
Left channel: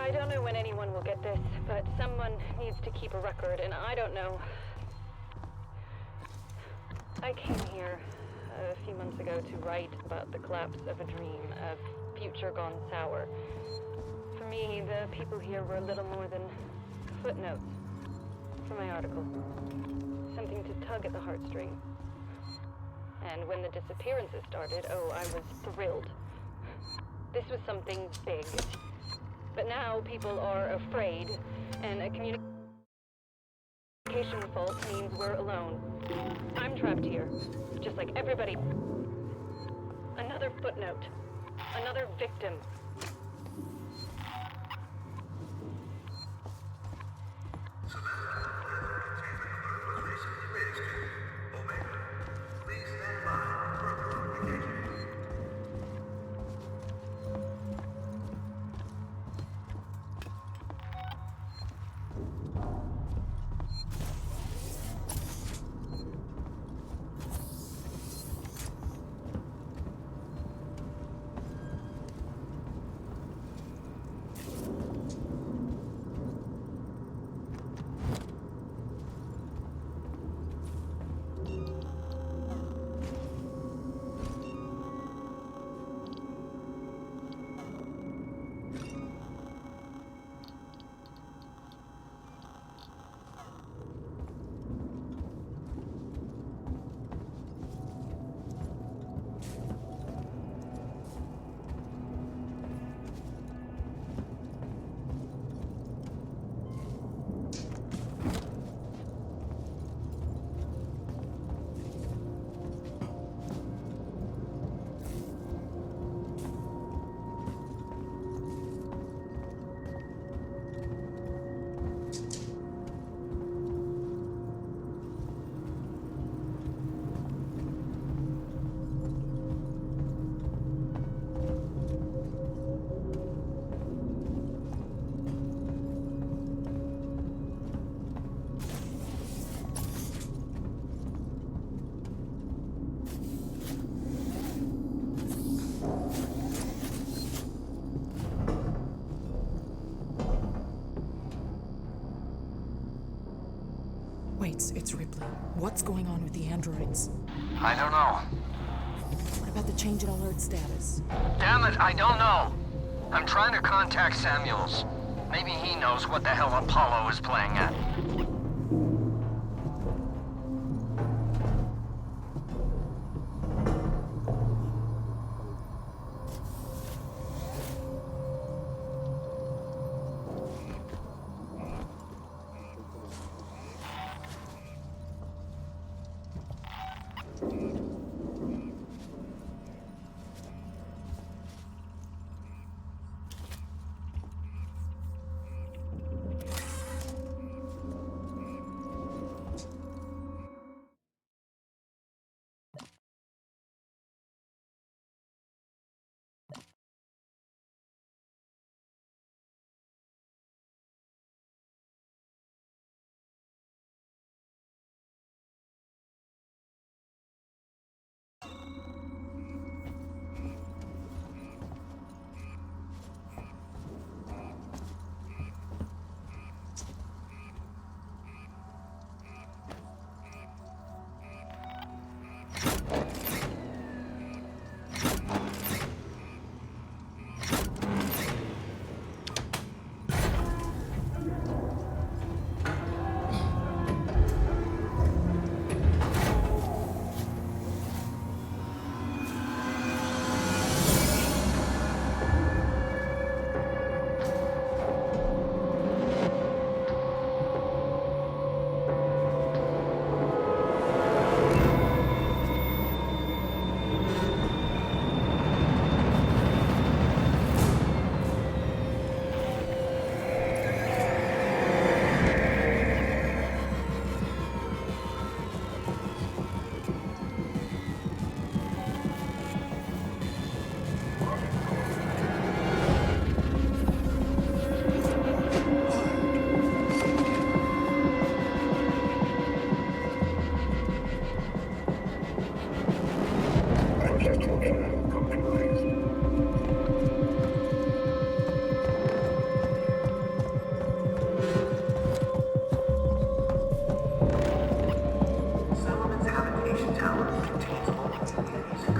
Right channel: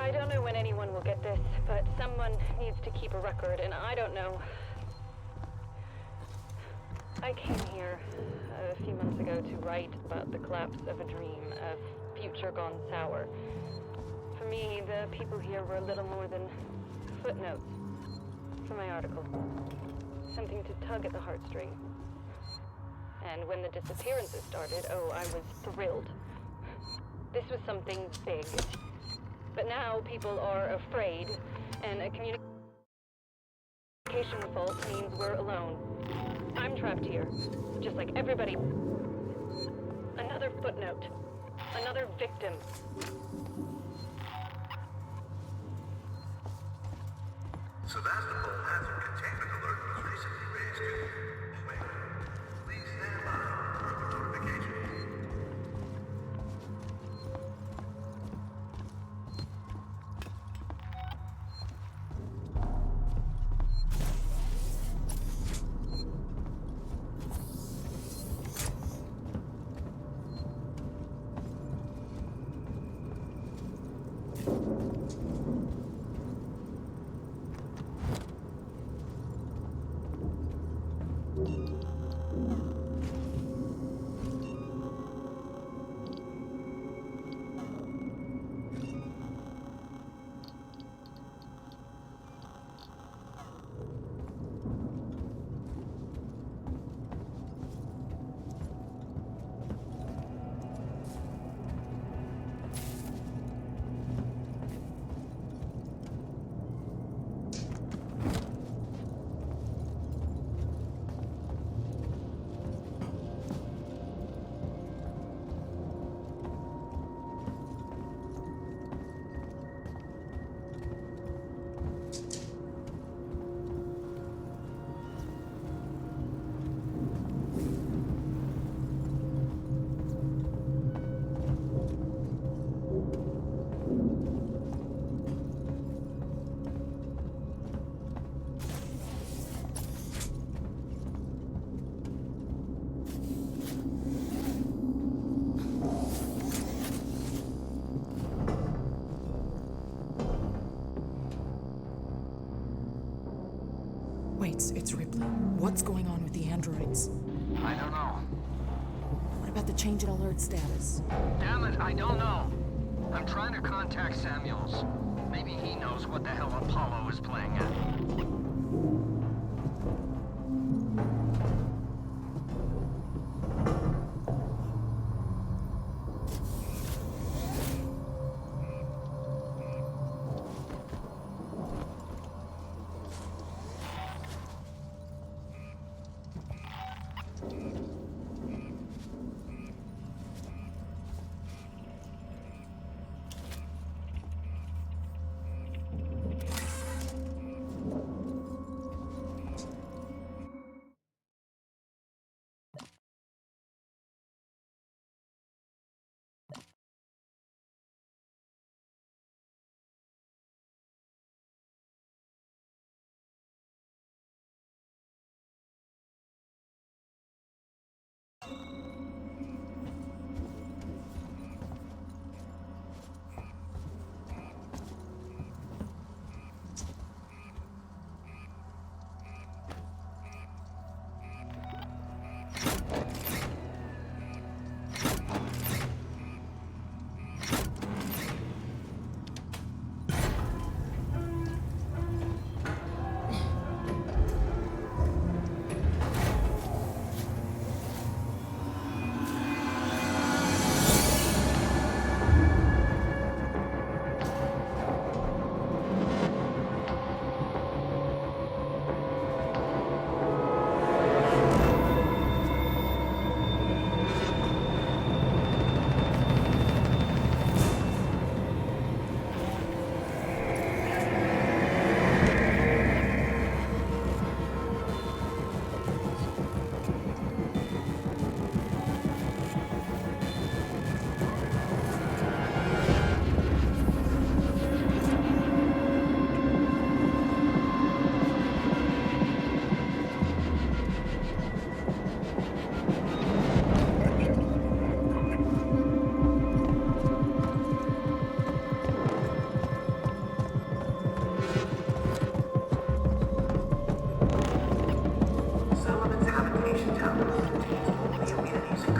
I don't know when anyone will get this, but someone needs to keep a record, and I don't know. I came here a few months ago to write about the collapse of a dream, a future gone sour. For me, the people here were little more than footnotes for my article. Something to tug at the heartstring. And when the disappearances started, oh, I was thrilled. This was something big. But now people are afraid, and a communication fault means we're alone. I'm trapped here, just like everybody. Another footnote. Another victim. So that little hazard containment alert was recently raised to Omega. Please stand by for further notification. Wait, it's Ripley. What's going on with the androids? I don't know. What about the change in alert status? Damn it, I don't know. I'm trying to contact Samuels. Maybe he knows what the hell Apollo is playing at.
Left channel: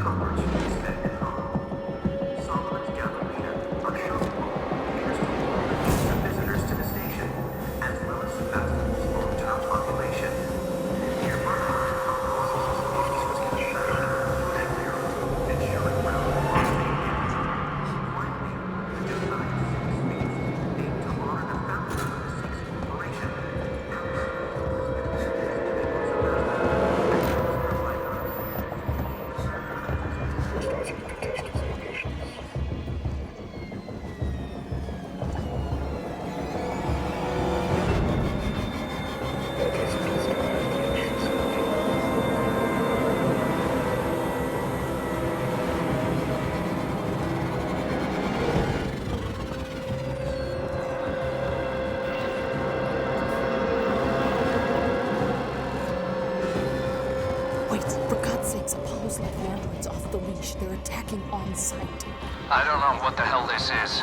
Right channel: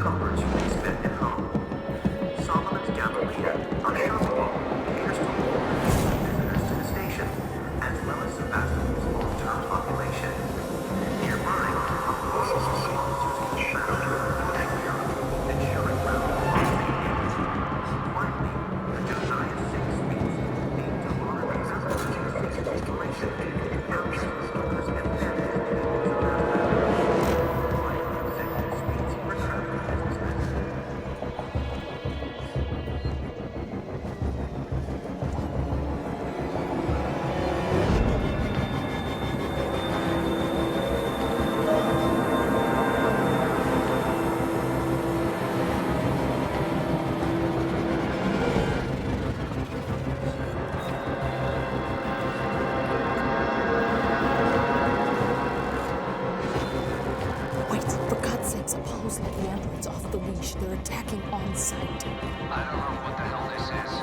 comforts you may spend at home. Solomon's Galleria, our shopping mall, caters to all the needs of visitors to the station, as well as Sevastopol's long-term population. Nearby, our postal system officers can shout, food and beer, ensuring round on Finally, the Josiah 6 feast, aimed to honor the founders of the Six Corporation, countless workers and families living in Sevastopol, providing executive suites reserved for businessmen. Wait, for God's sakes, Apollo's let the androids off the leash. They're attacking on sight. I don't know what the hell this is.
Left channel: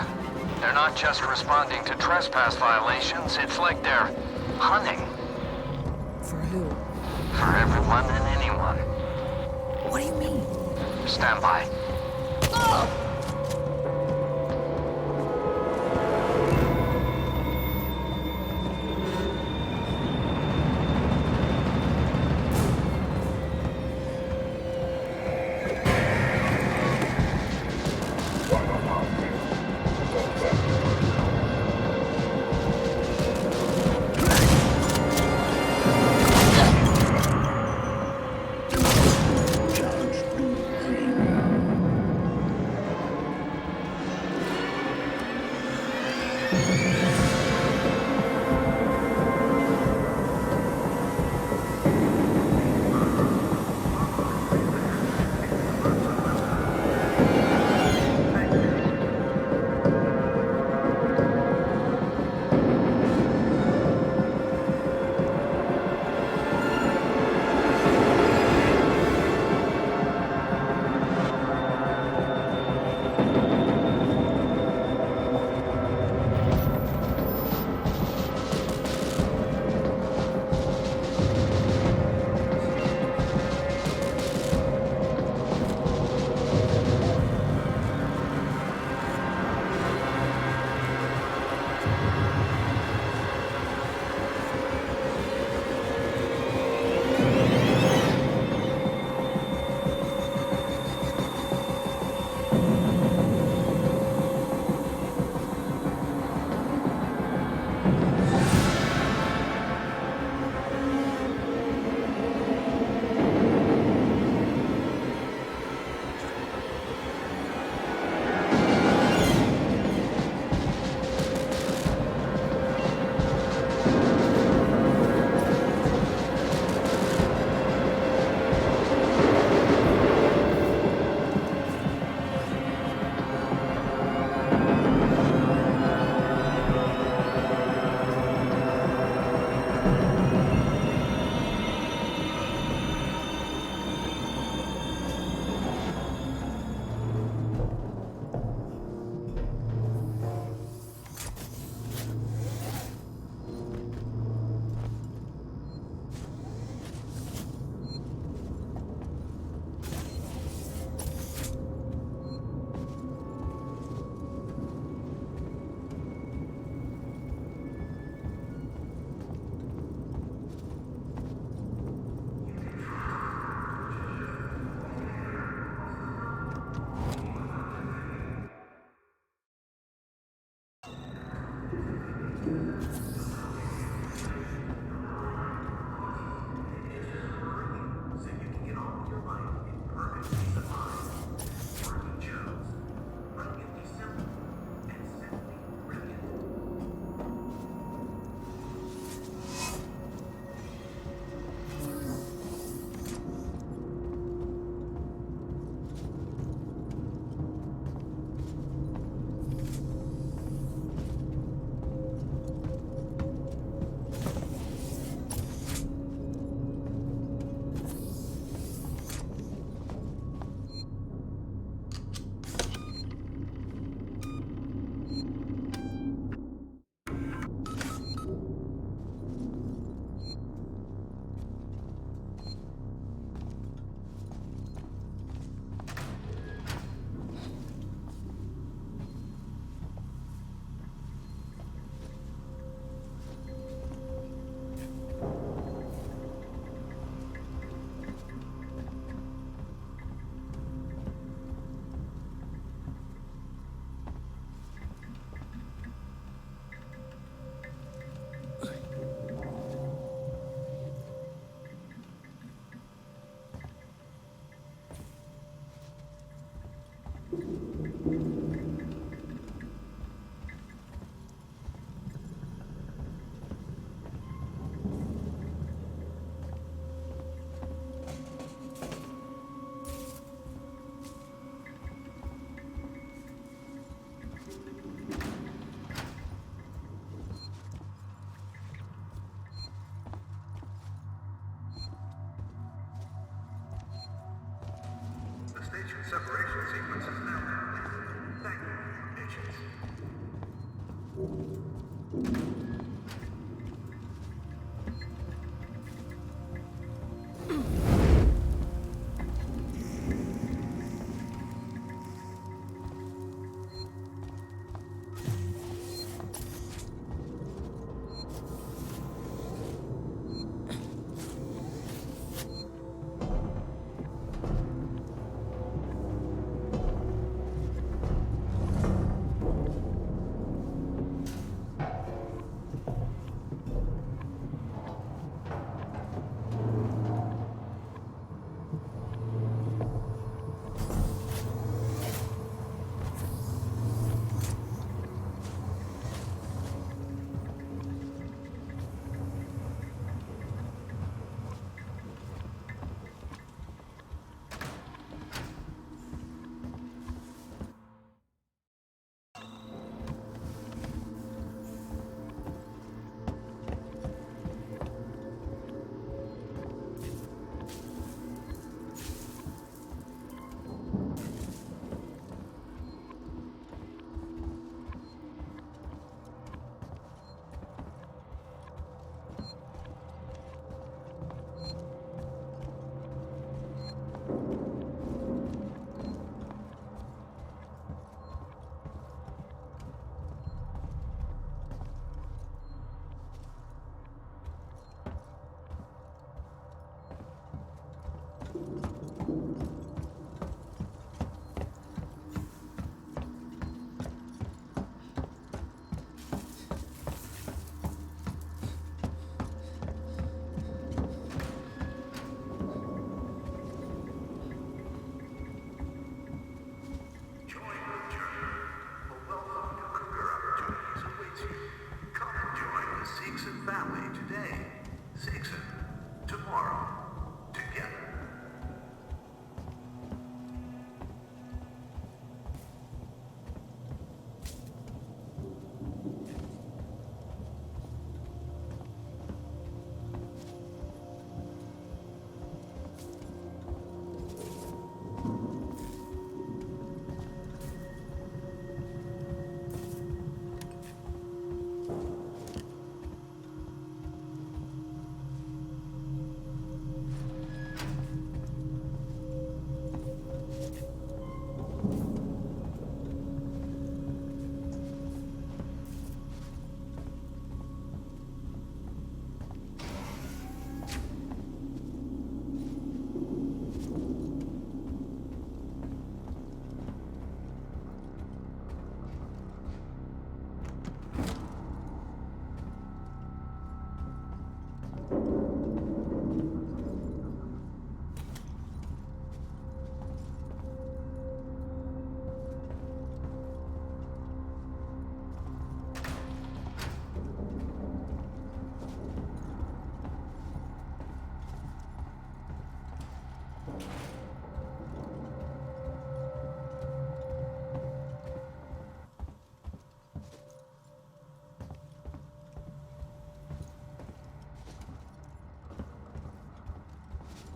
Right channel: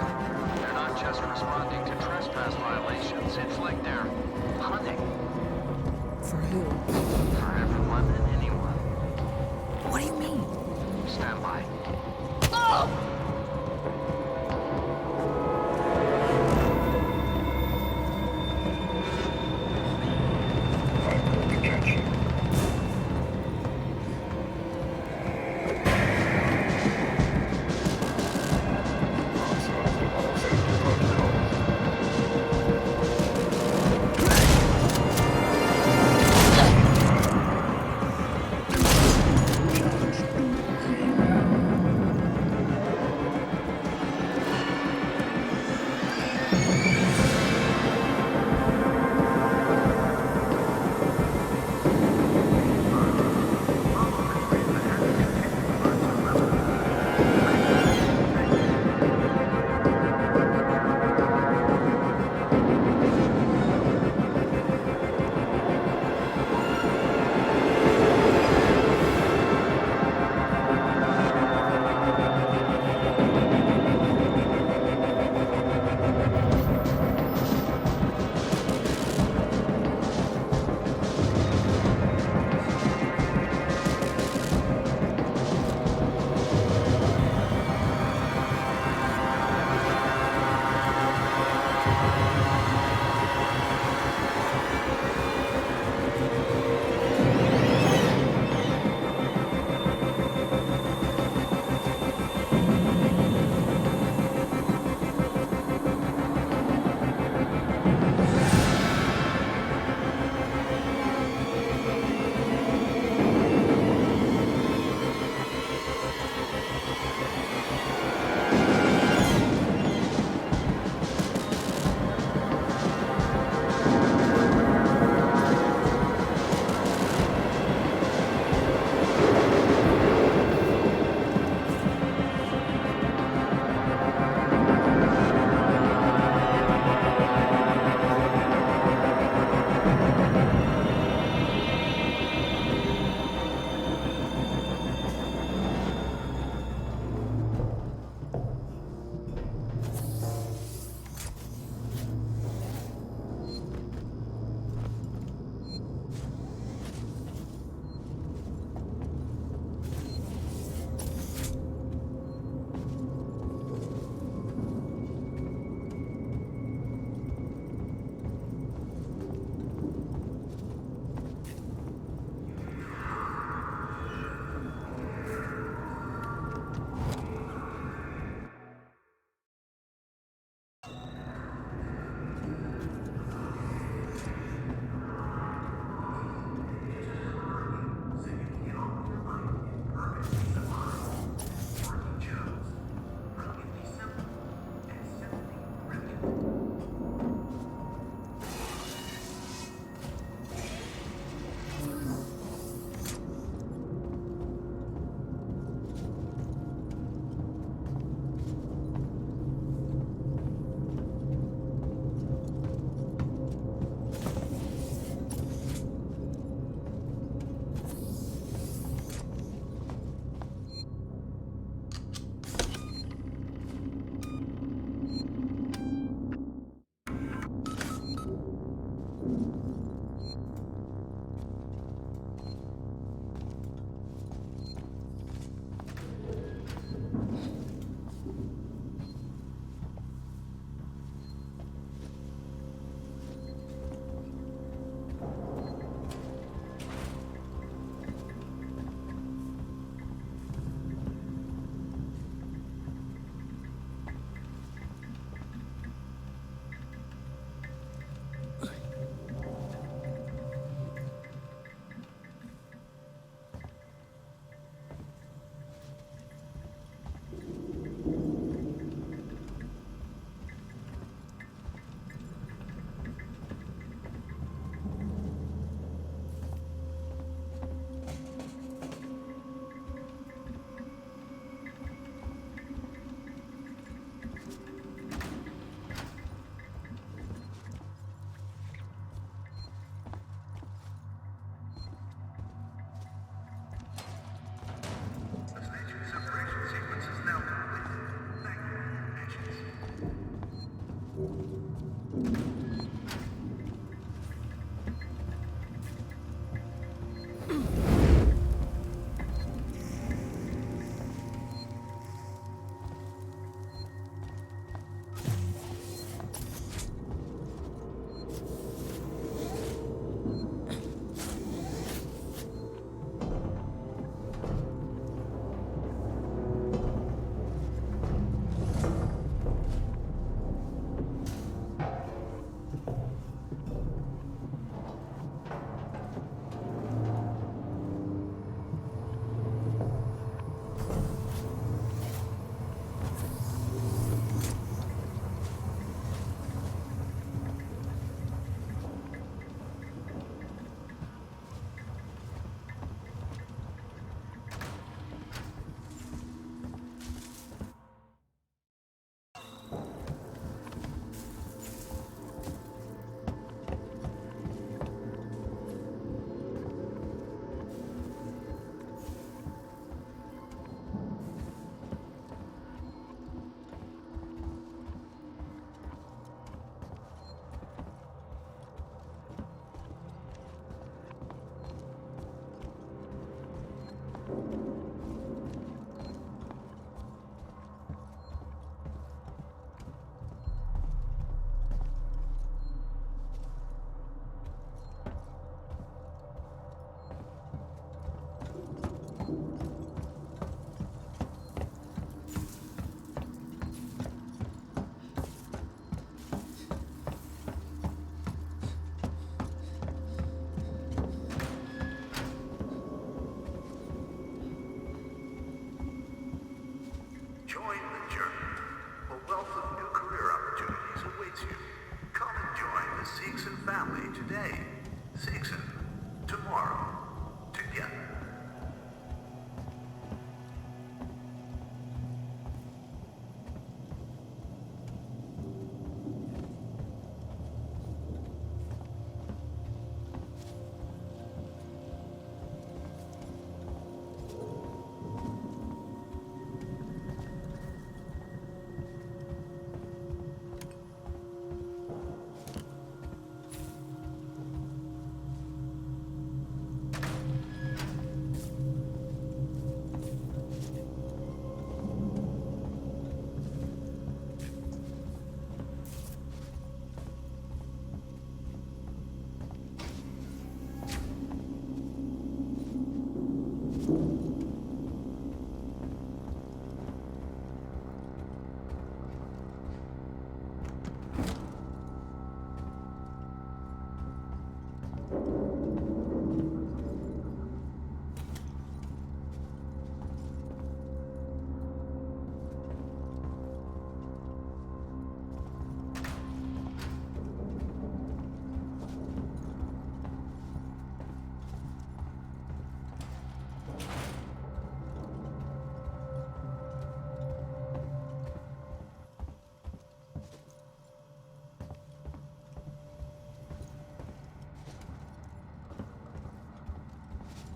They're not just responding to trespass violations, it's like they're hunting. For who? For everyone and anyone. What do you mean? Stand by.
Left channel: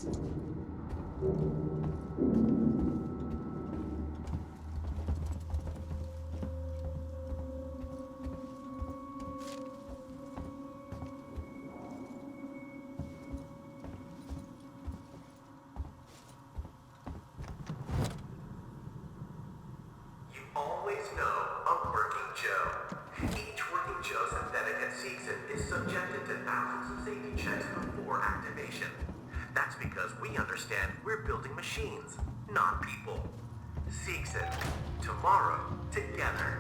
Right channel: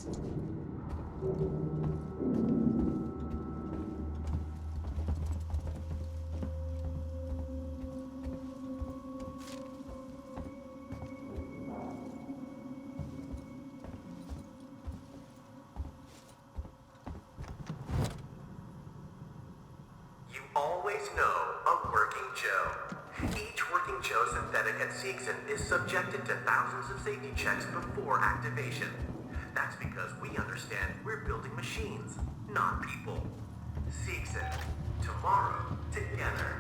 You always know a working Joe. Each working Joe synthetic at Seegson is subjected to thousands of safety checks before activation. That's because we understand we're building machines, not people. Seegson, tomorrow, together.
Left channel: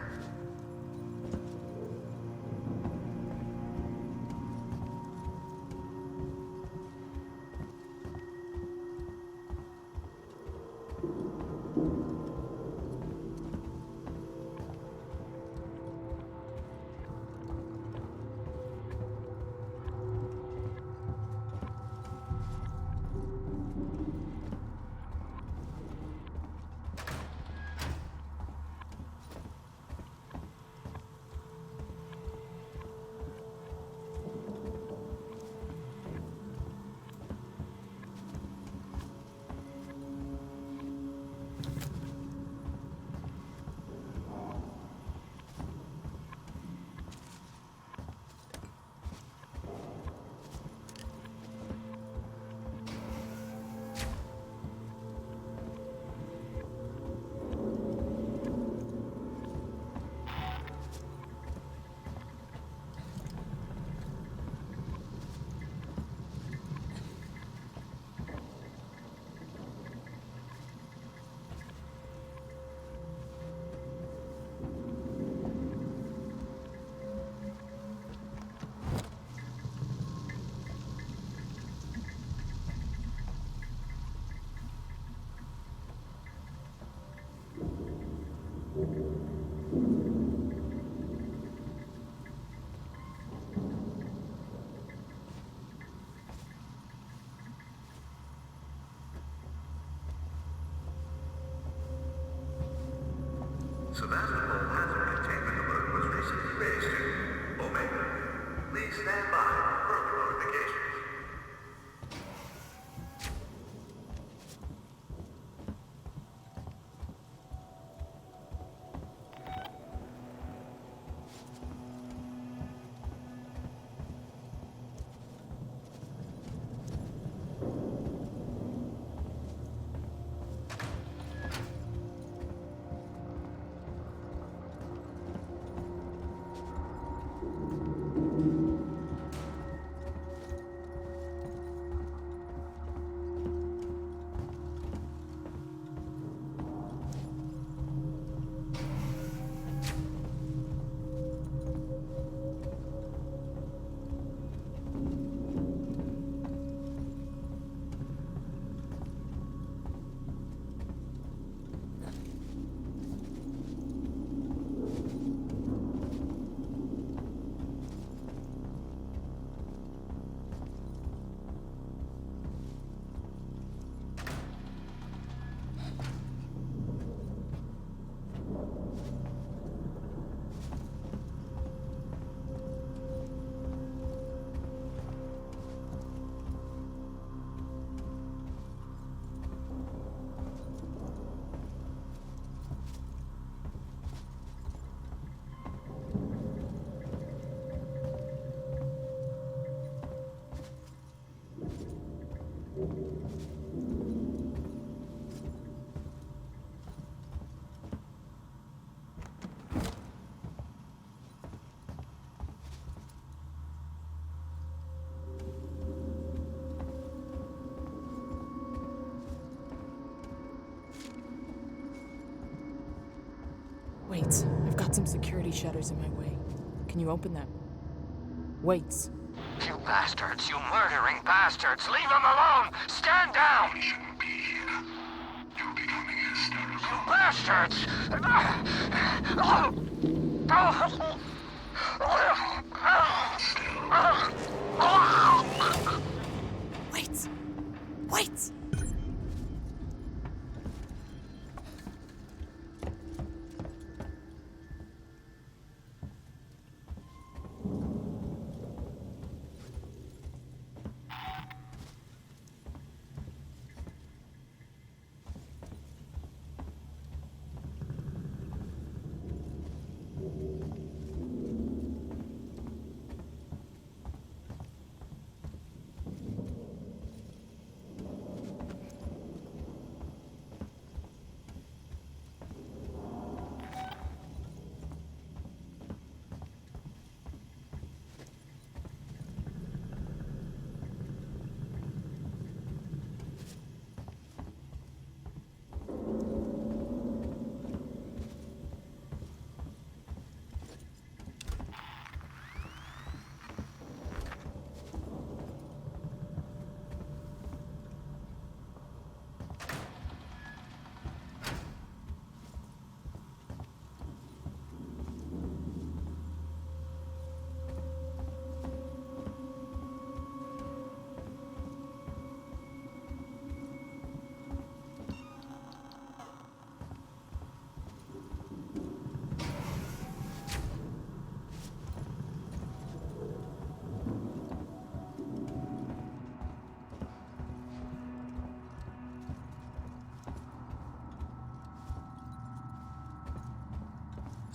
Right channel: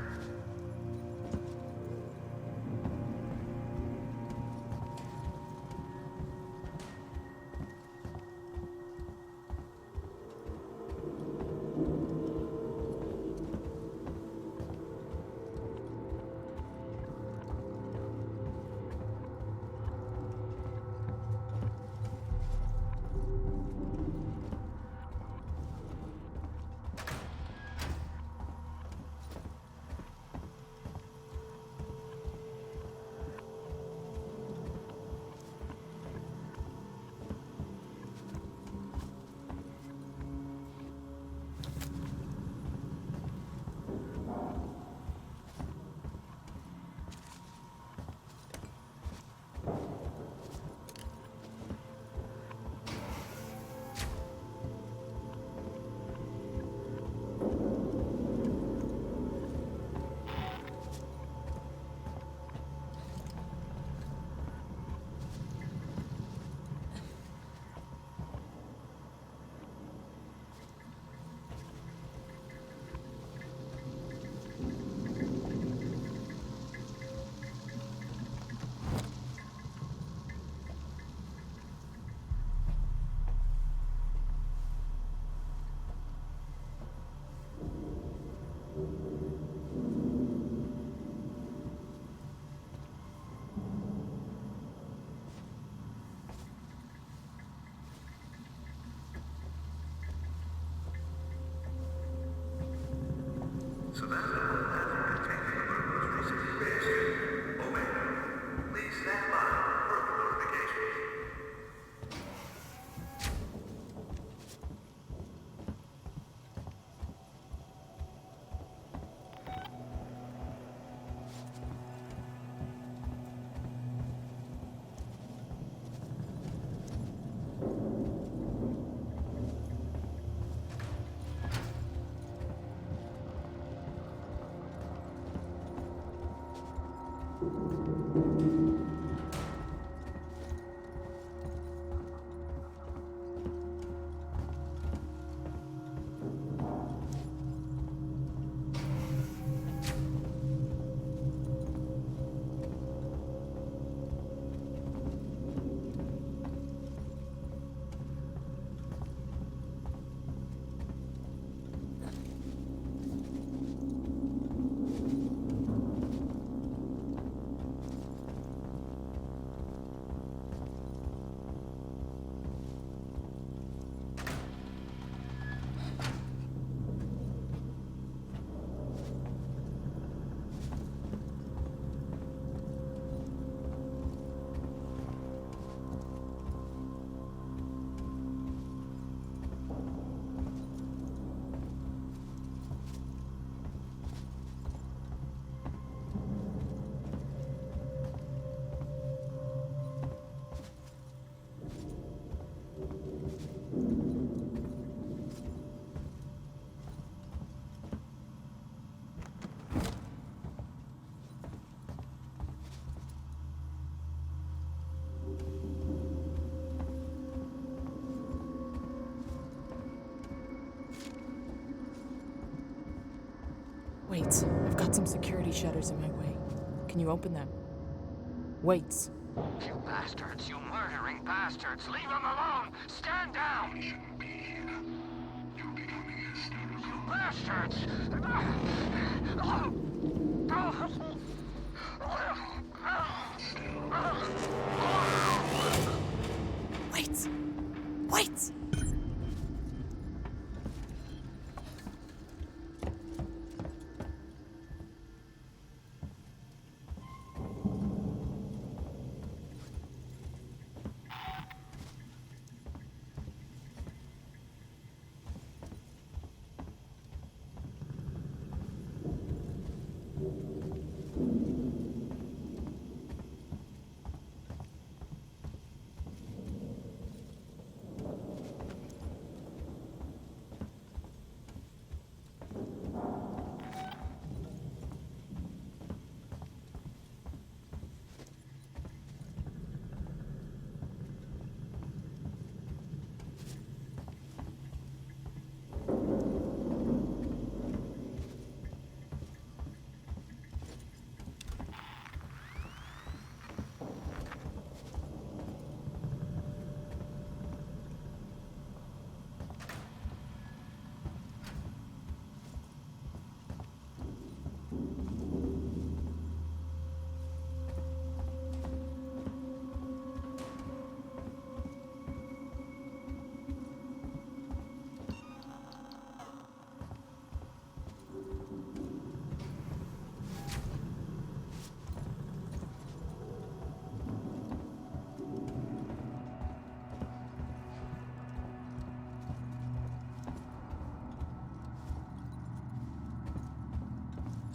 Sevastopol hazard containment alert was recently raised to Omega. Please stand by for further notifications. Wait, I've got some security shutters in my way. Can you open them? Wait. You bastards, you murdering bastards! Leave him alone! Stand down! You shouldn't be here. You're becoming hysterical. You bastards! Wait! Wait!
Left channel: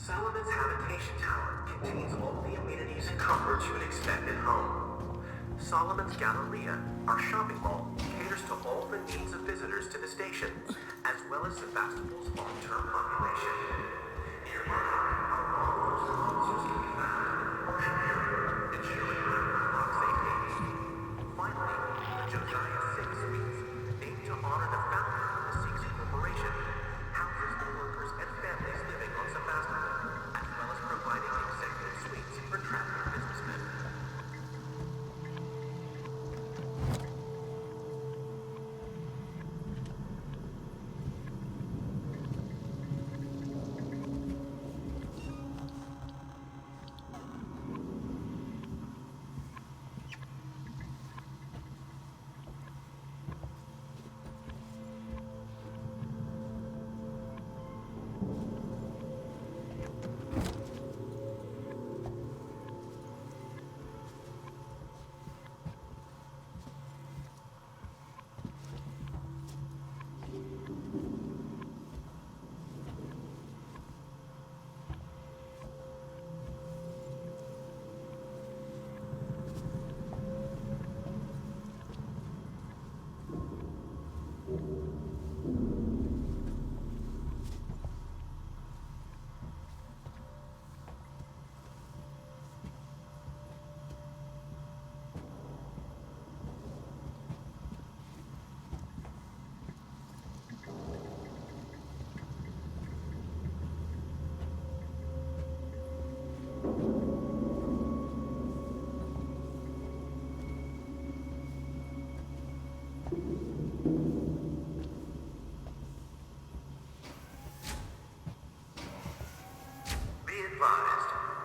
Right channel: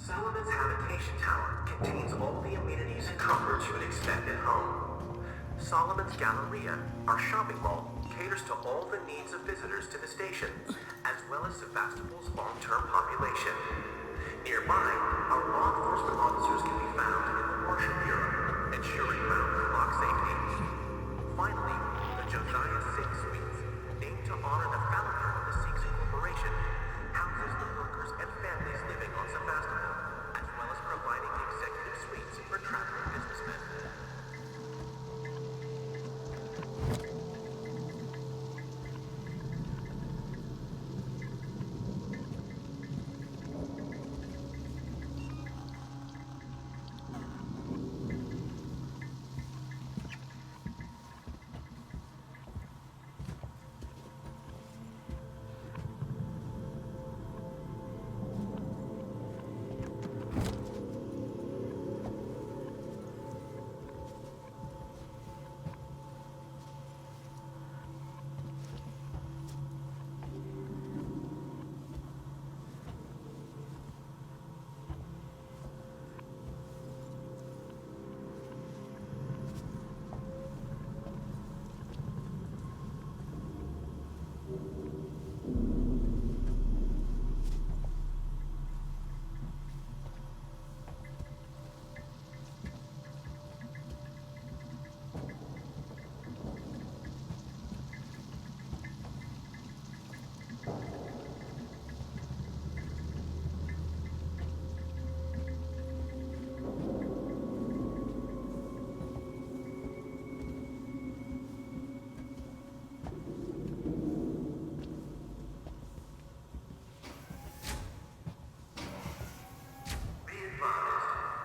Solomon's Habitation Tower contains all the amenities and comforts you would expect at home. Solomon's Galleria, our shopping mall, caters to all the needs of visitors to the station, as well as Sevastopol's long-term population. Nearby, our law enforcement officers can be found in the Marshal Bureau, ensuring round-the-clock safety. Finally, the Josiah 6 Suites, named to honor the founder of the Sikhs Corporation, houses the workers and families living on Sevastopol, as well as providing executive suites for traveling businessmen.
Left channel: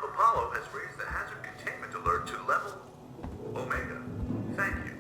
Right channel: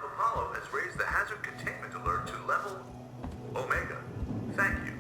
Apollo has raised the hazard containment alert to level Omega. Thank you.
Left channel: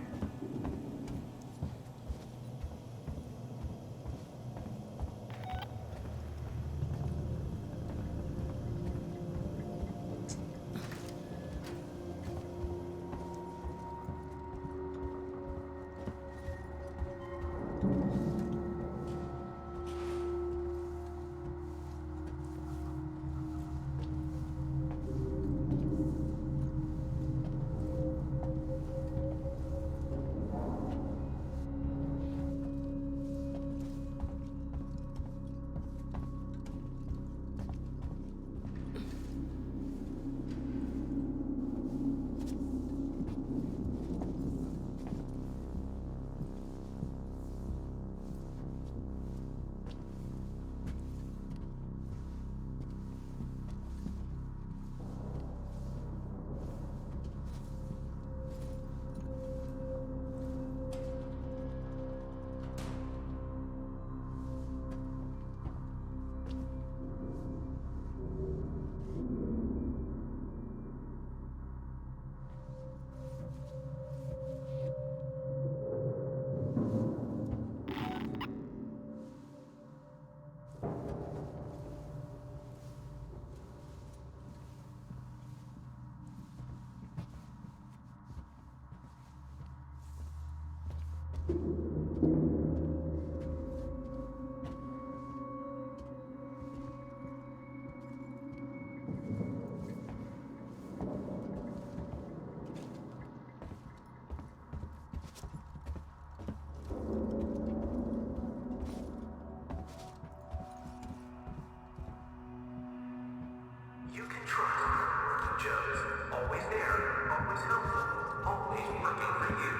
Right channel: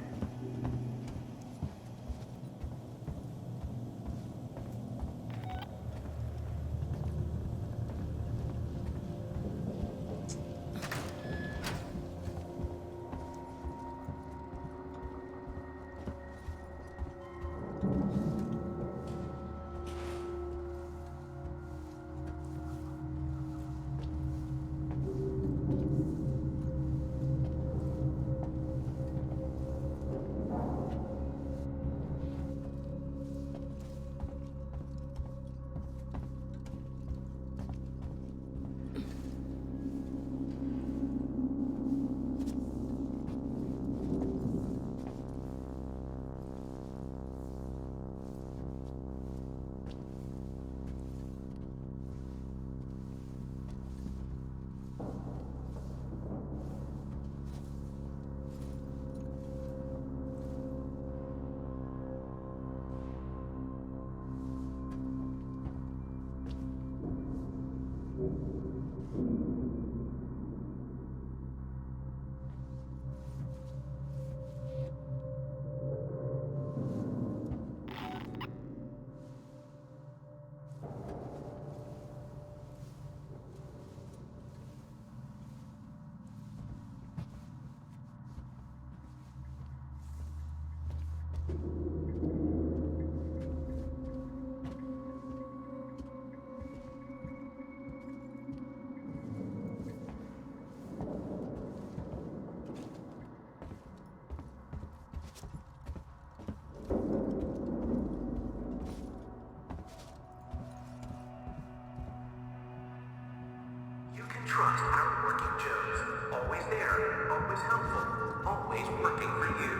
Trust our working Joes. Always there, always helpful, always working for you.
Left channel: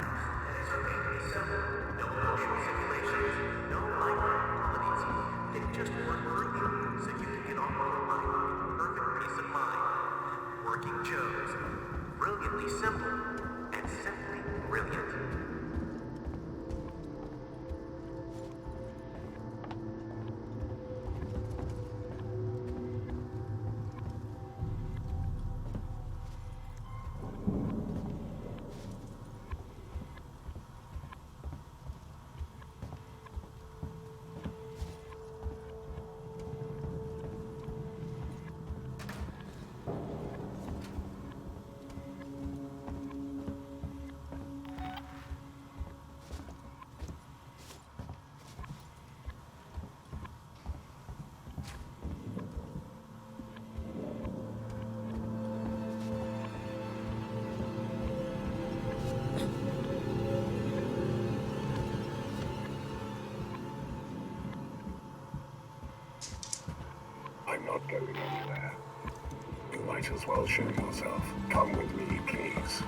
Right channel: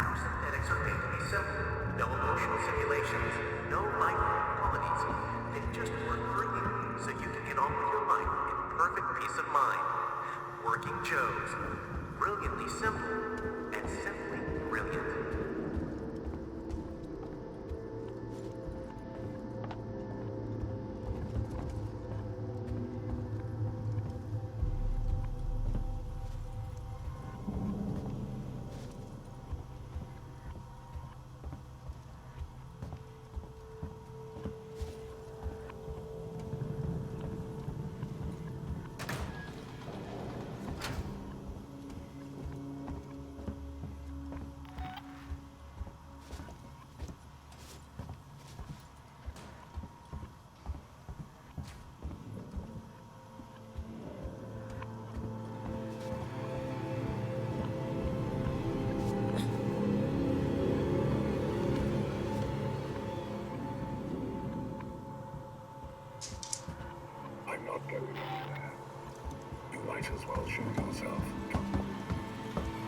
Our synthetics are made to be simple. No emotional simulations, no micro qualities. They just work for you, so you can get on with your life in perfect peace of mind. Working Joes. Brilliantly simple and simply brilliant. not going anywhere. You might as well show yourself. Come with me, please.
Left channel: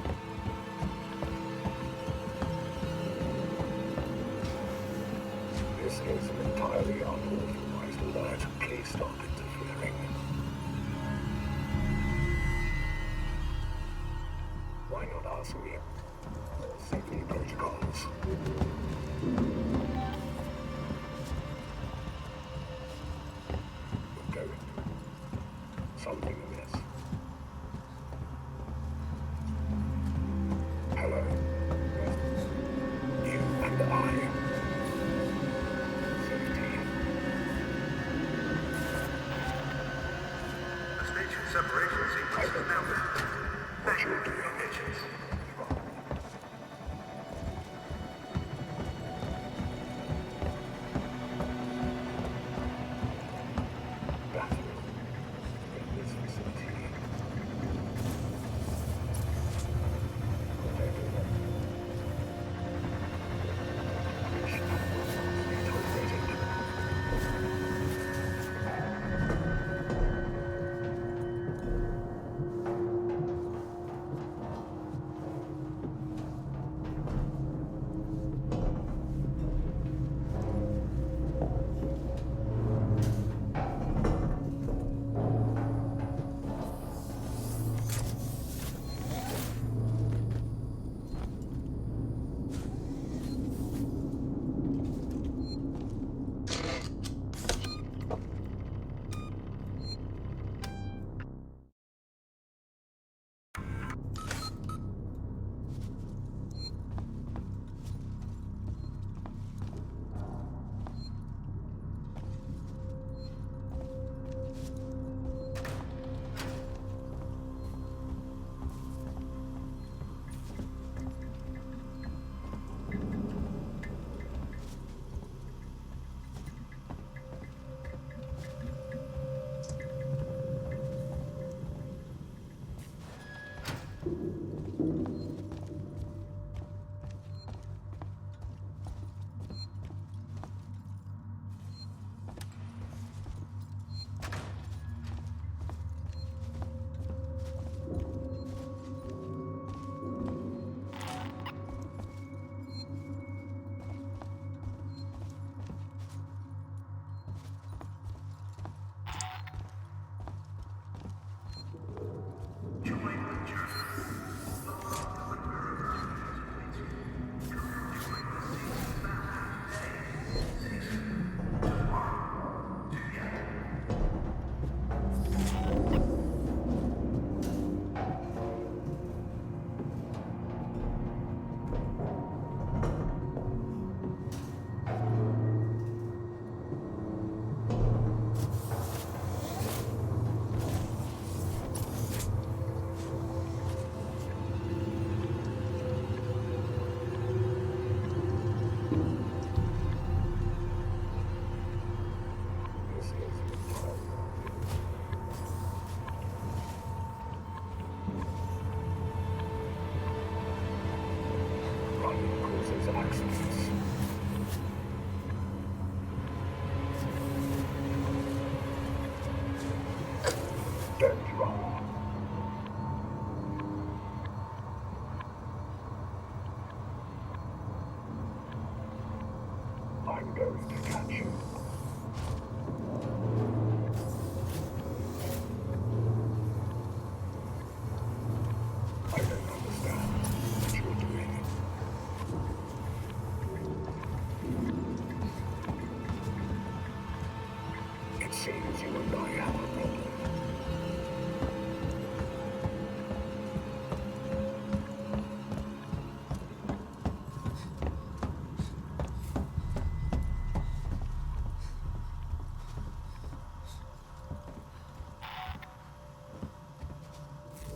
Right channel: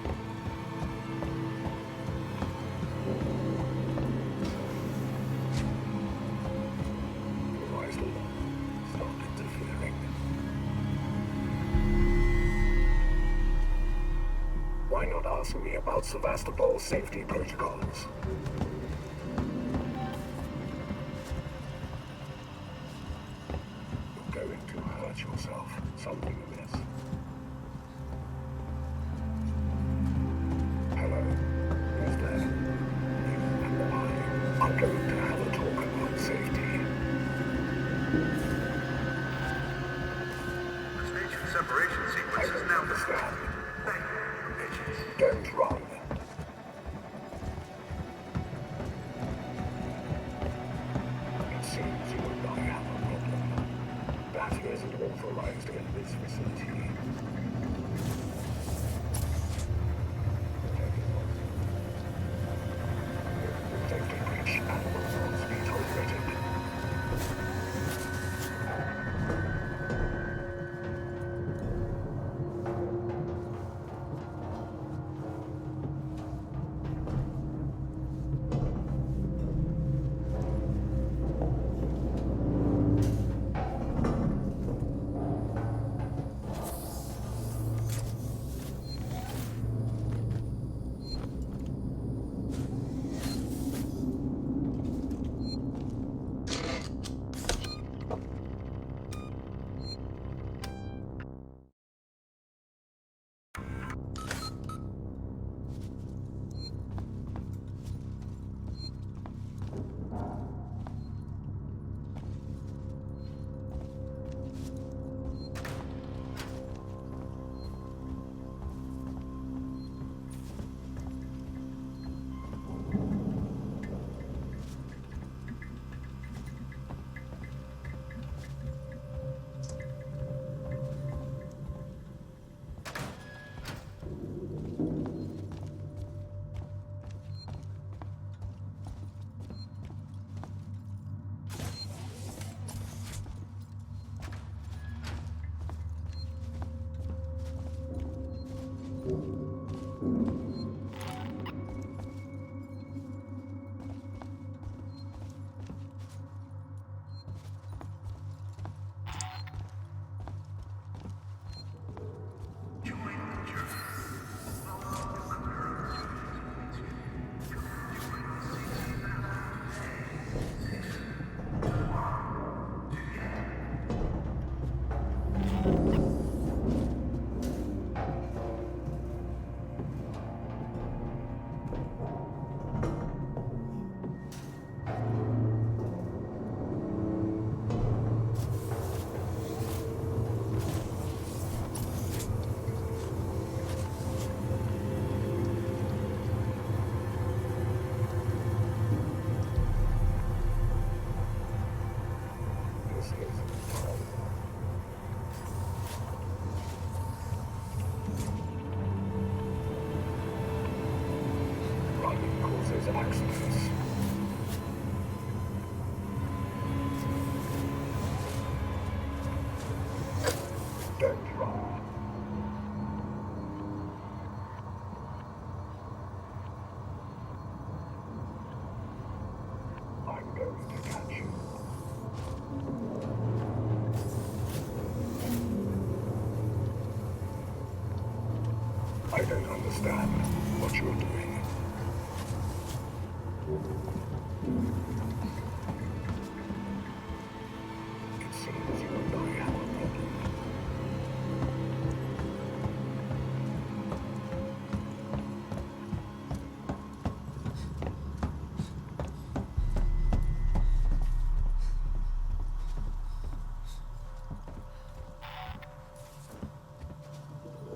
This is entirely unauthorized alert. Please stop interfering. Why not ask me about Sevastopol's safety protocols? You're going to hurt yourself. Something amiss. Hello. Who's there? You and I are going to have a talk about safety. The station separation sequence is now complete. Thank you for your patience. Don't run. It seems you and I have a problem. Battery isn't authorized in this facility. Protected breach and will not be tolerated. This is entirely running causes accidents. Don't run. I'm going to catch you. I don't understand what you're doing. It seems you and I have a problem.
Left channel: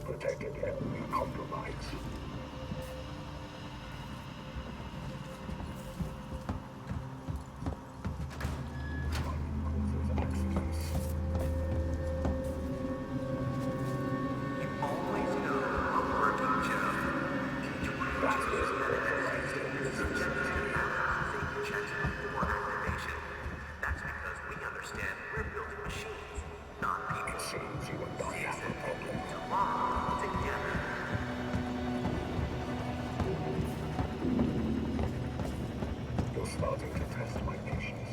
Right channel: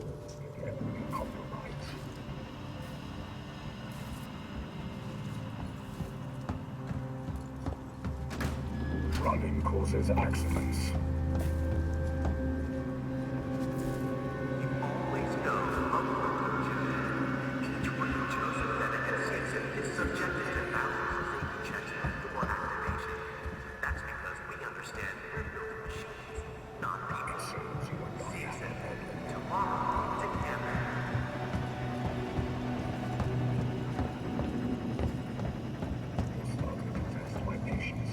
Protected enemy compromised. Running causes accidents. You always know a working Joe. Each one of Joe's benefit season is subjected to thousands of safety checks before activation. That's because we understand we're building machines, not people. It seems you and I have a problem. Tomorrow, together. You're starting to test my patience.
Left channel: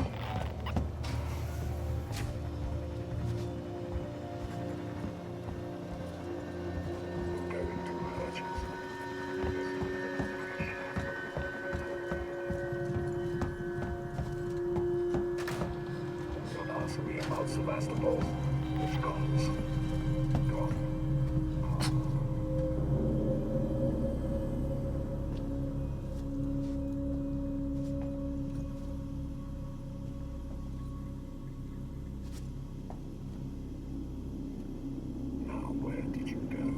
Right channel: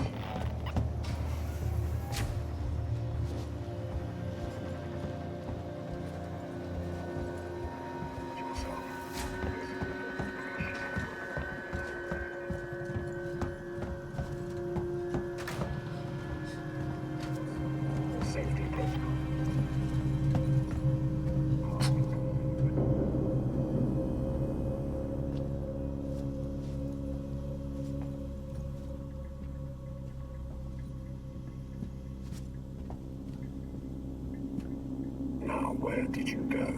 Now, where did you go?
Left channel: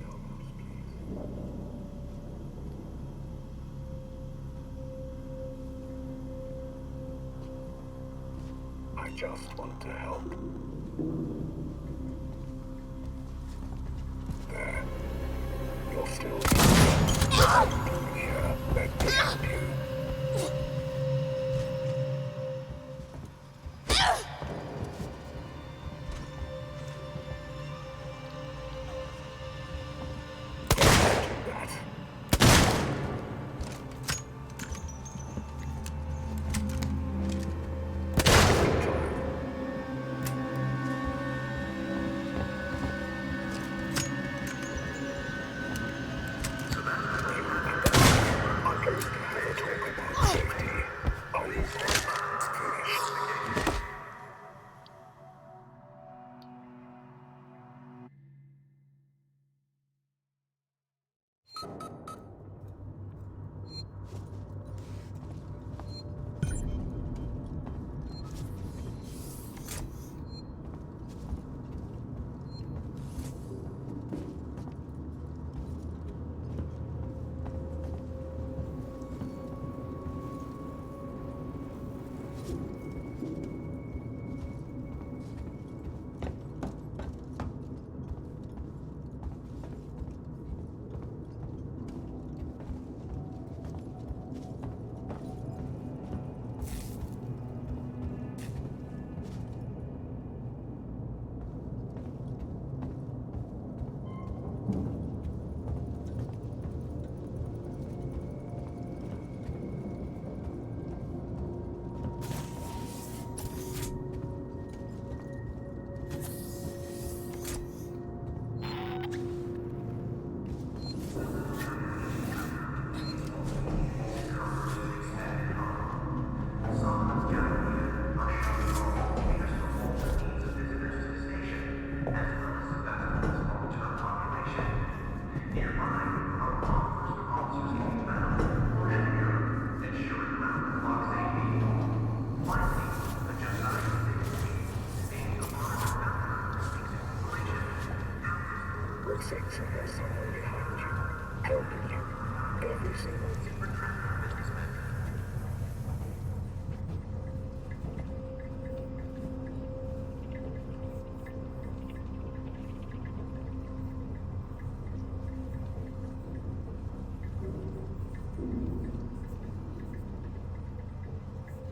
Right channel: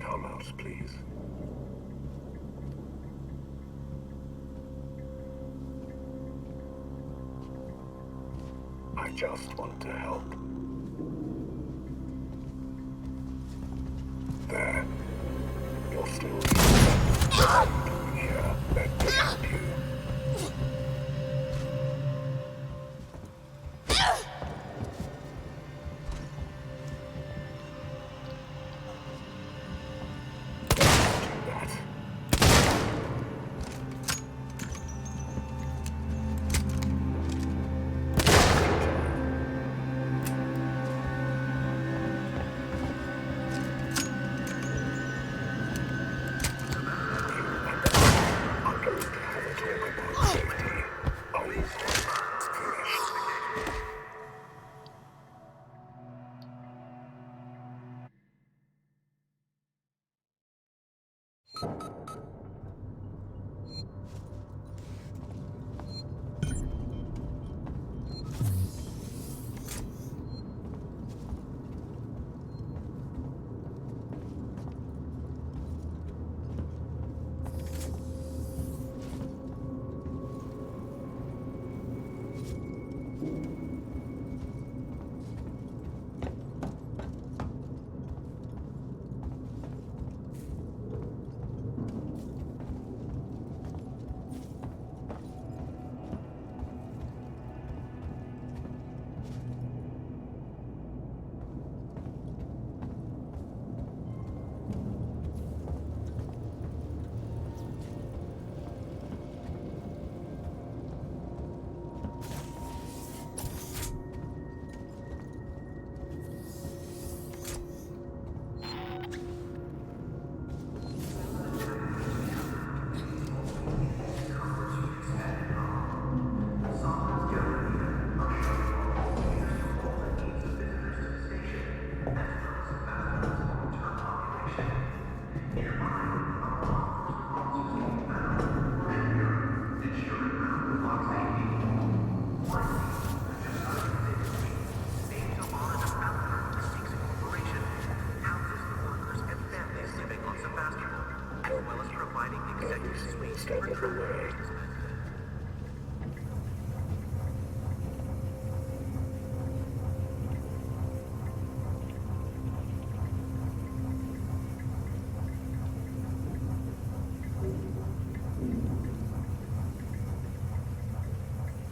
Come out, please. I just want to help. There. You're still here. Let me help you.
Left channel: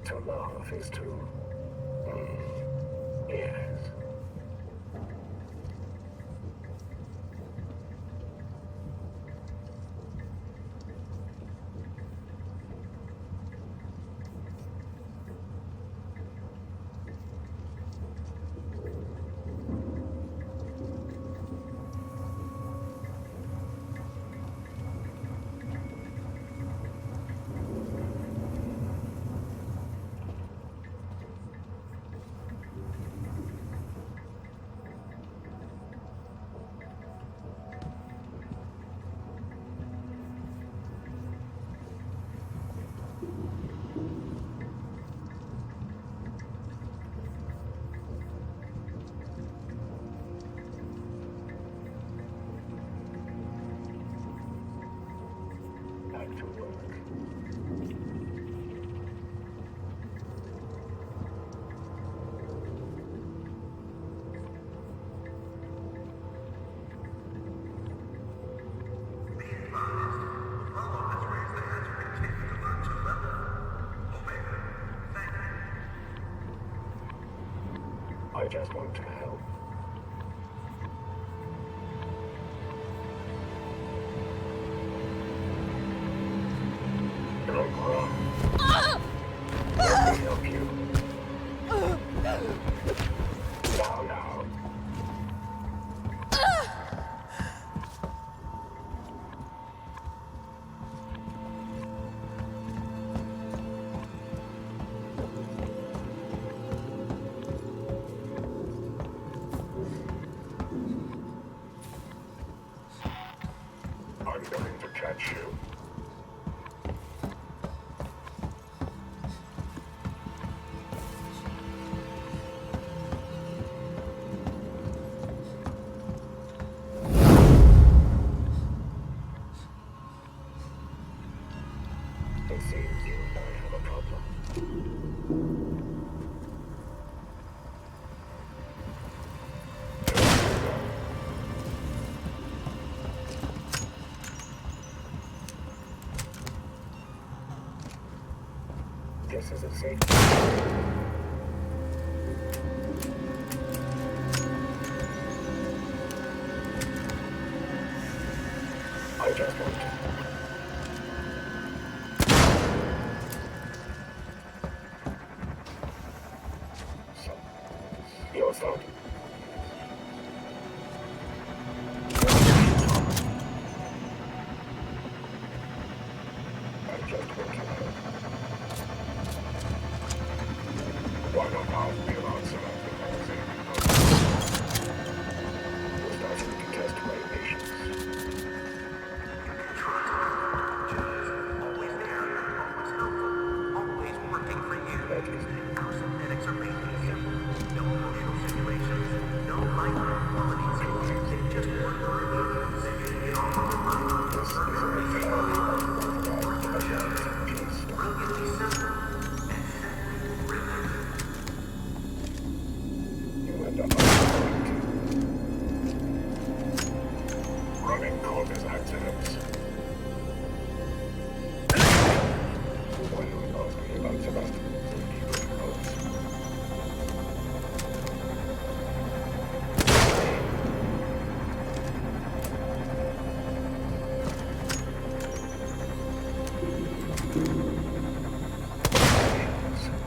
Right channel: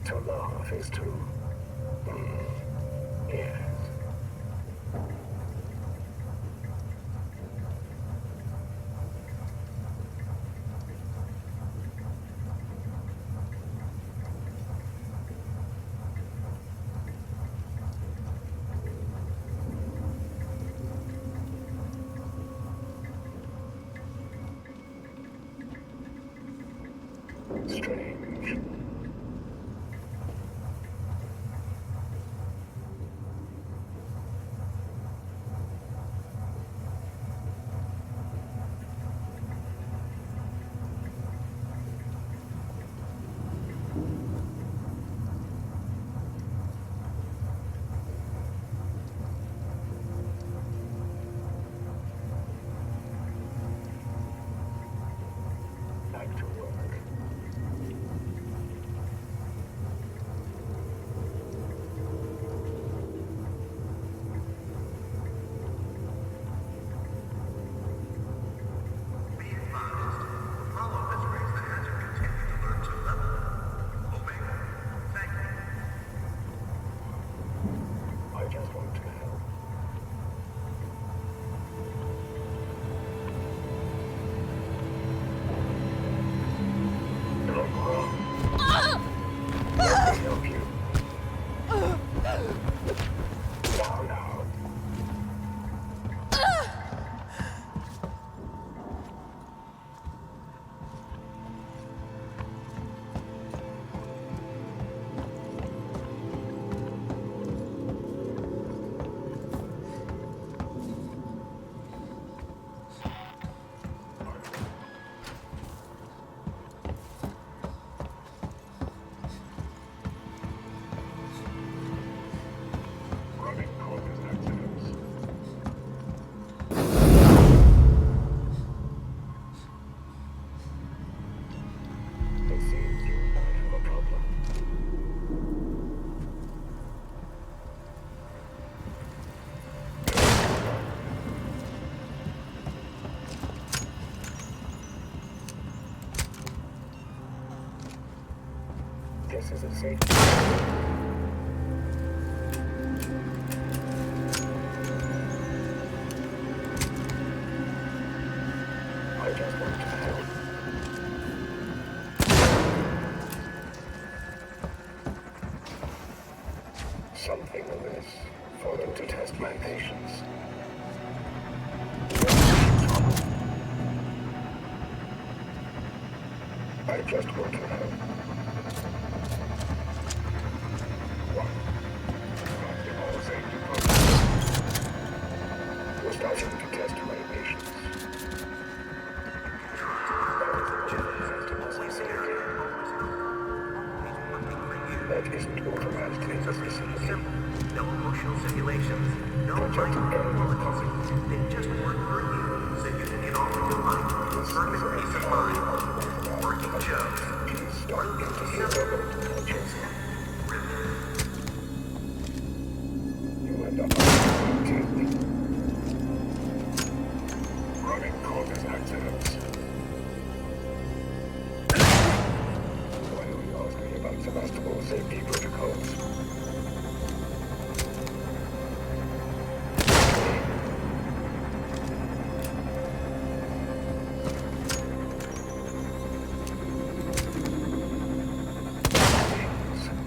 To laugh is to... yes. Strange. Back to work. just want to help. Don't run. Let me help you. Now, now. I'm going to catch you. It seems you and I have a problem. This is a safe. I just want to help. Something amiss. You're starting to test my patience. I just want to help. Why not ask me about some active all safety protocols? You're starting to test my patience. Always there, always helpful, always working for you. That isn't automatic. And extremely simple. No emotional simulations, no mind qualities. They just work for you, so you can get on with your life with perfect peace of mind. Working shows. Brilliantly simple. And simply brilliant. You end up on running causes accidents. Why don't you ask me about Sebastopol safety protocols?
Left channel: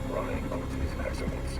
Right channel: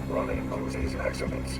Running causes accidents.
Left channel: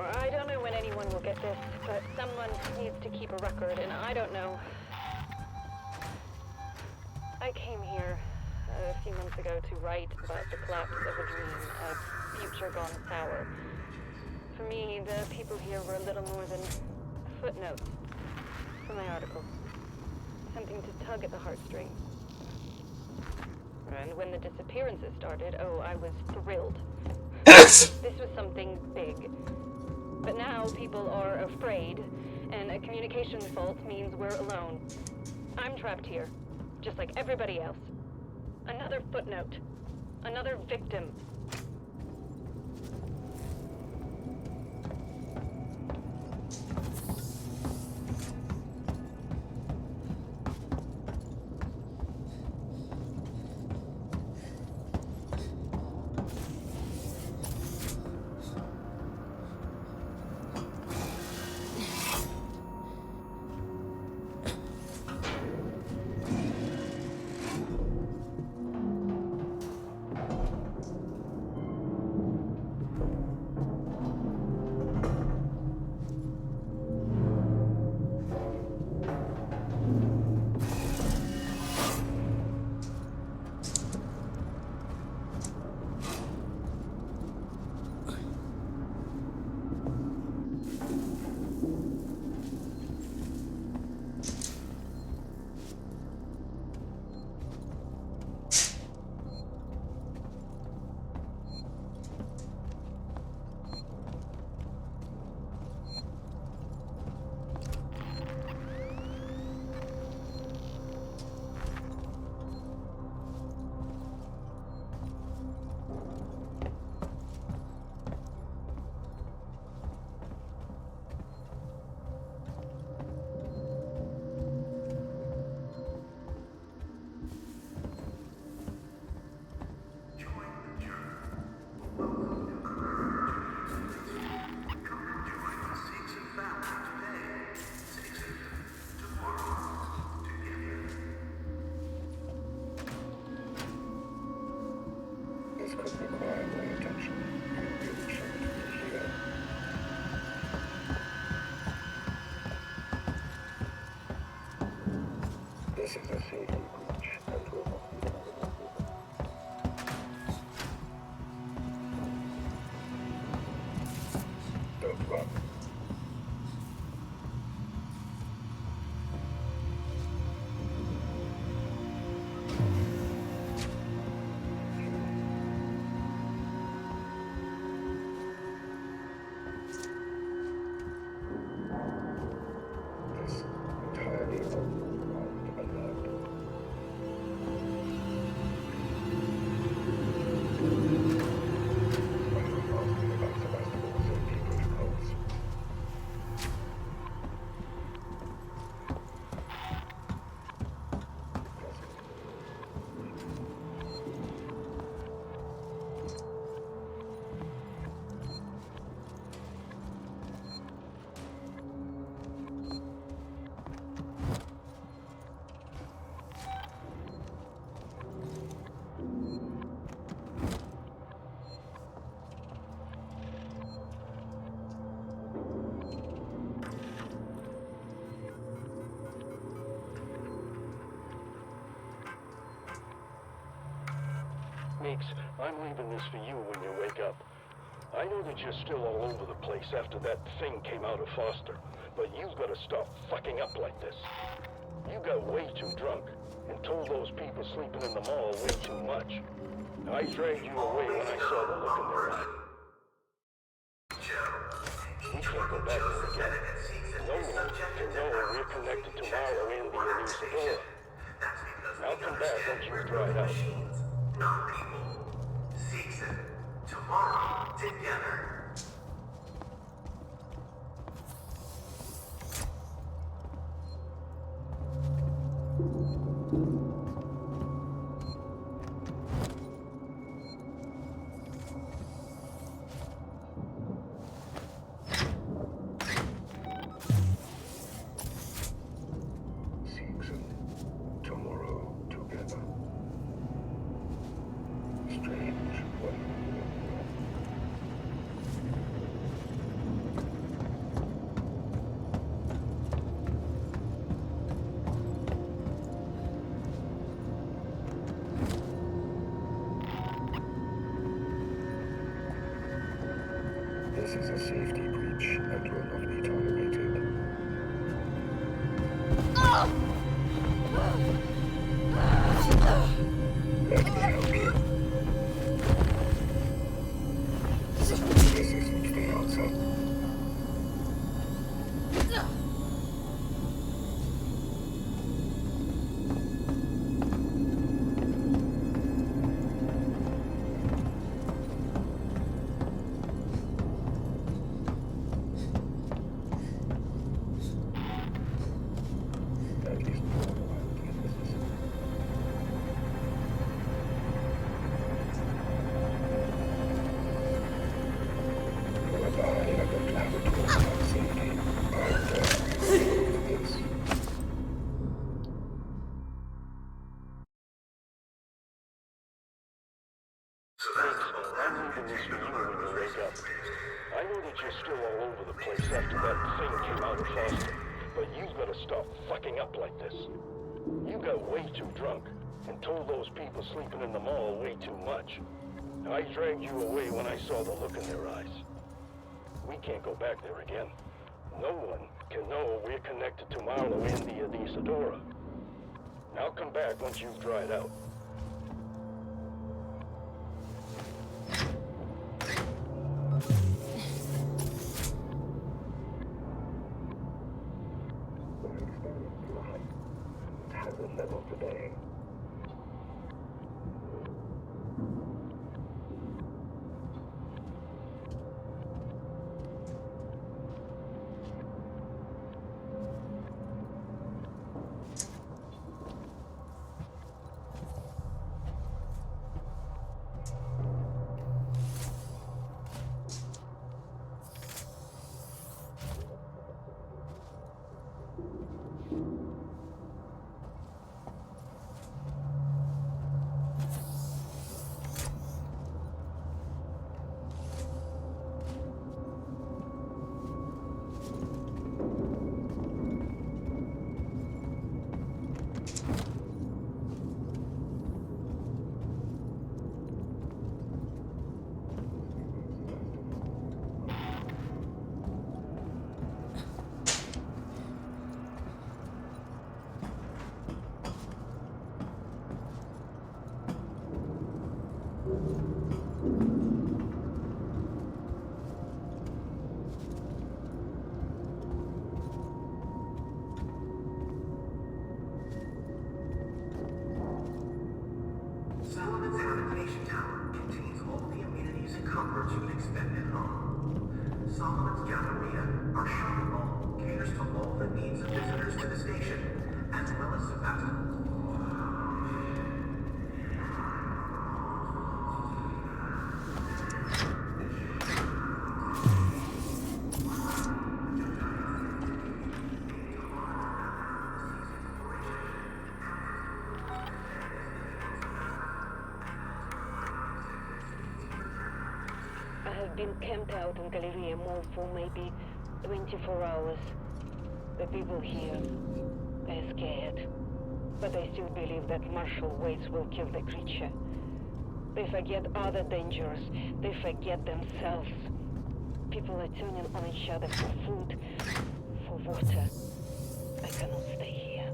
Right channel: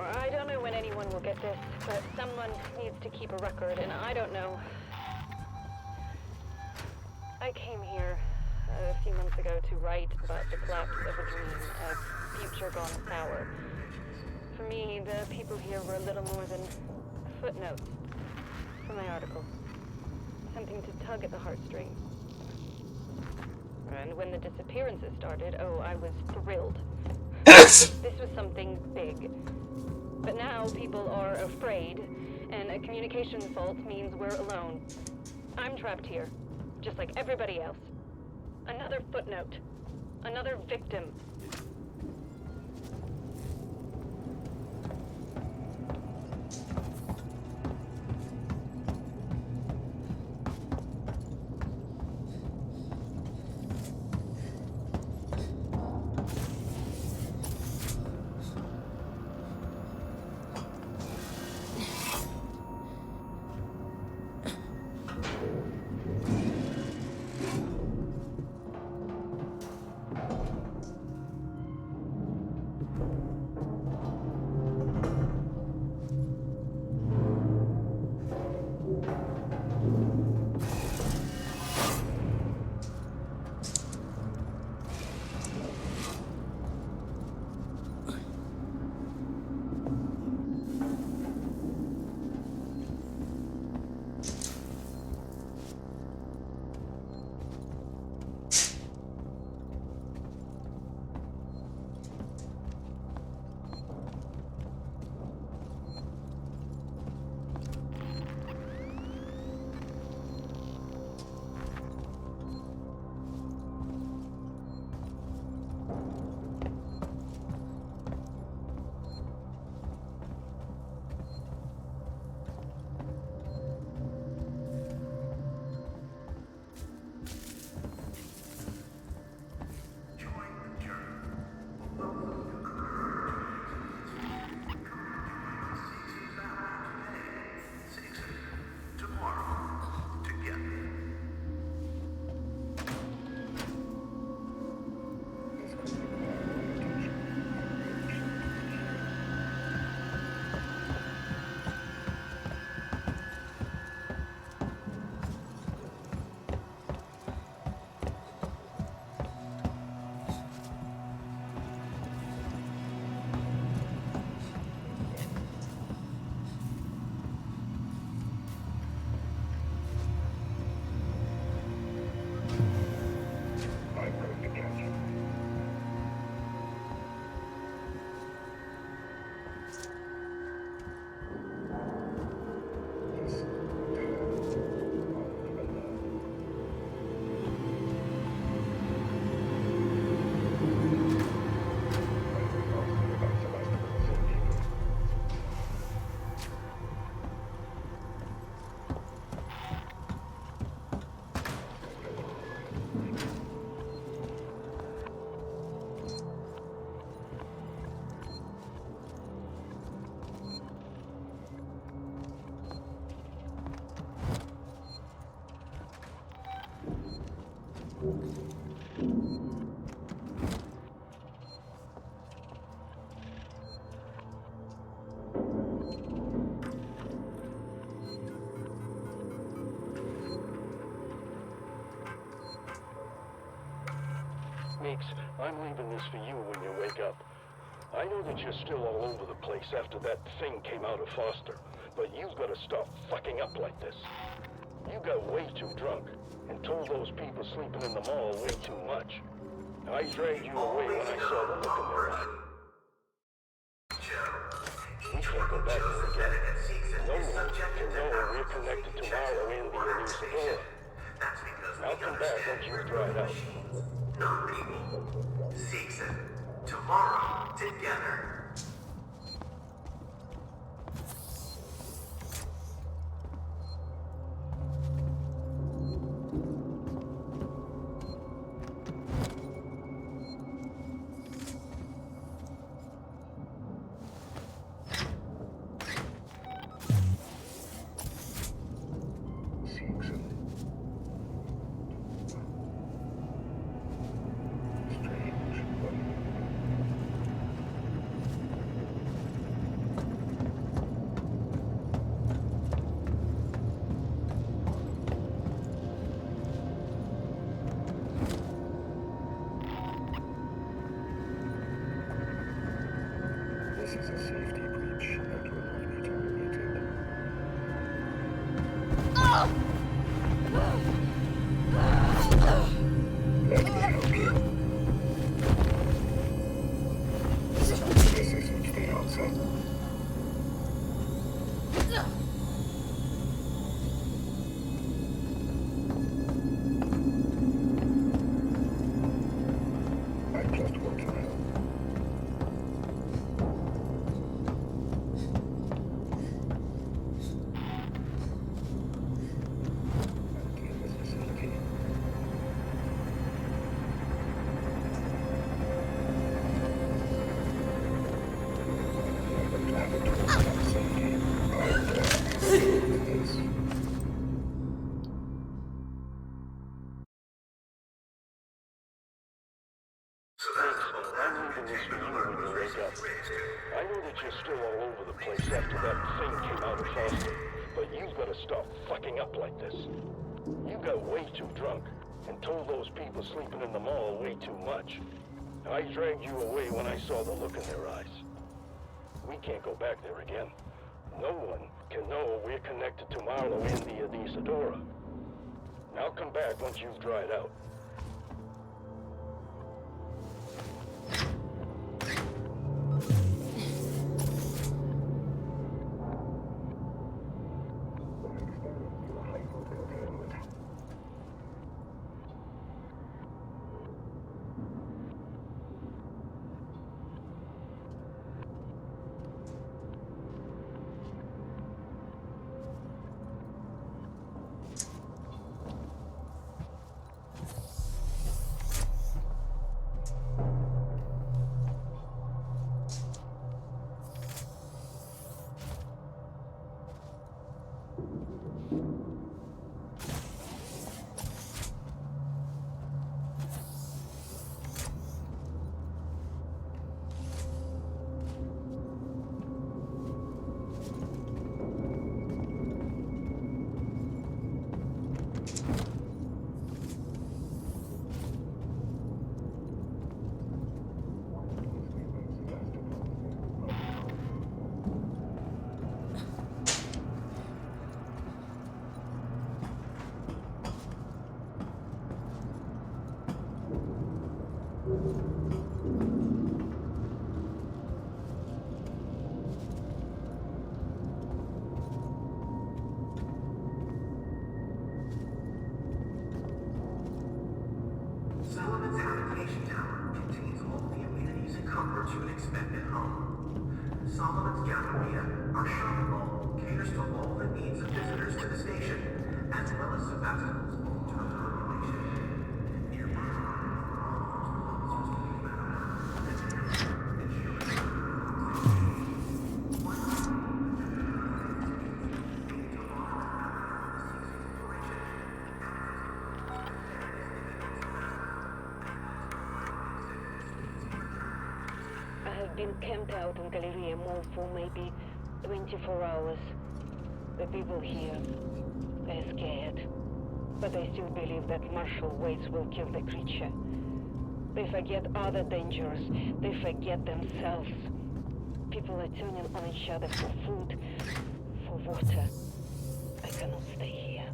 I don't know when anyone will get this, but someone needs to keep a record, and I don't know. I came here a few months ago to write about the collapse of a dream, a future gone sour. For me, the people here were a little more than footnotes for my article. Something to tug at the heartstrings. And when the disappearances started, oh, I was thrilled. This was something big. But now people are afraid, and a communication fault means we're alone. I'm trapped here, just like everybody else. Another footnote. Another victim. I'm leaving this for you when you wake up. I know that you're still all over the place after that thing came out of Foster, but you've got to stop fucking up like this. You got way too drunk and told those people sleeping in the mall way too much. I dragged you away when I saw the look in their eye. We can't go back there again. No one can know we're connected to Marlowe and the Elucidora. Now come back once you've dried out. Not people. Season. Tomorrow, together. This is a safety breach and will not be tolerated. Let me help you. This isn't the answer. I'm leaving this for you when you wake up. I know that you're still all over the place after that thing came out of Foster, but you've got to stop fucking up like this. You got way too drunk and told those people sleeping in the mall way too much. I dragged you away when I saw the look in their eyes. We can't go back there again. No one can know we're connected to Marlowe and the Elucidora. Now come back once you've dried out. Solomon's habitation tower contains all the amenities and comforts you would expect at home. Solomon's Galleria, our shopping mall, caters to all the needs of visitors to the station, as well as Sebastian's. I've been camped out in Galleria Mall for maybe 24 hours. The people here, they're scared. But they still believe that martial ways will kill the creature. They forget other dangers. They forget themselves. People are turning on each other for food, for water. I cannot stay here.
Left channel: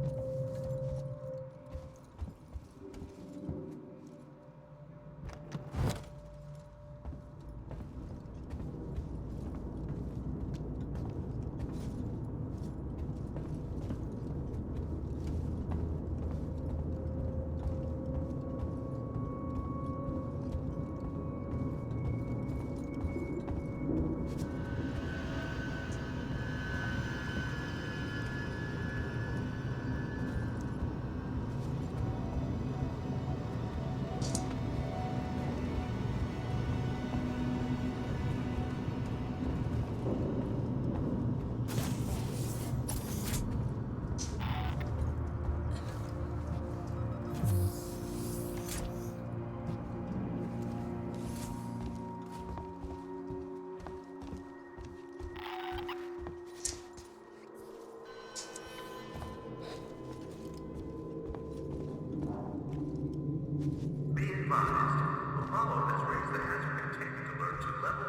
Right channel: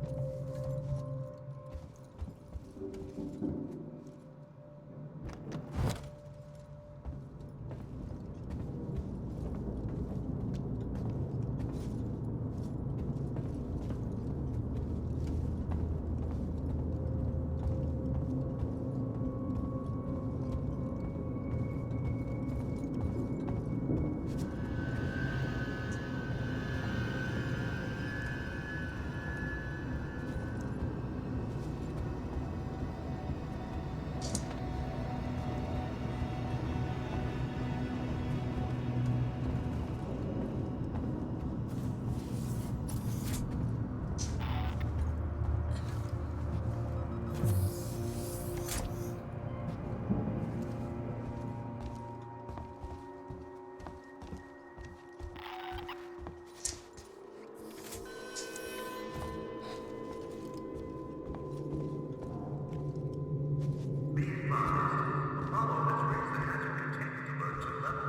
Apollo has raised the hazard containment alert to level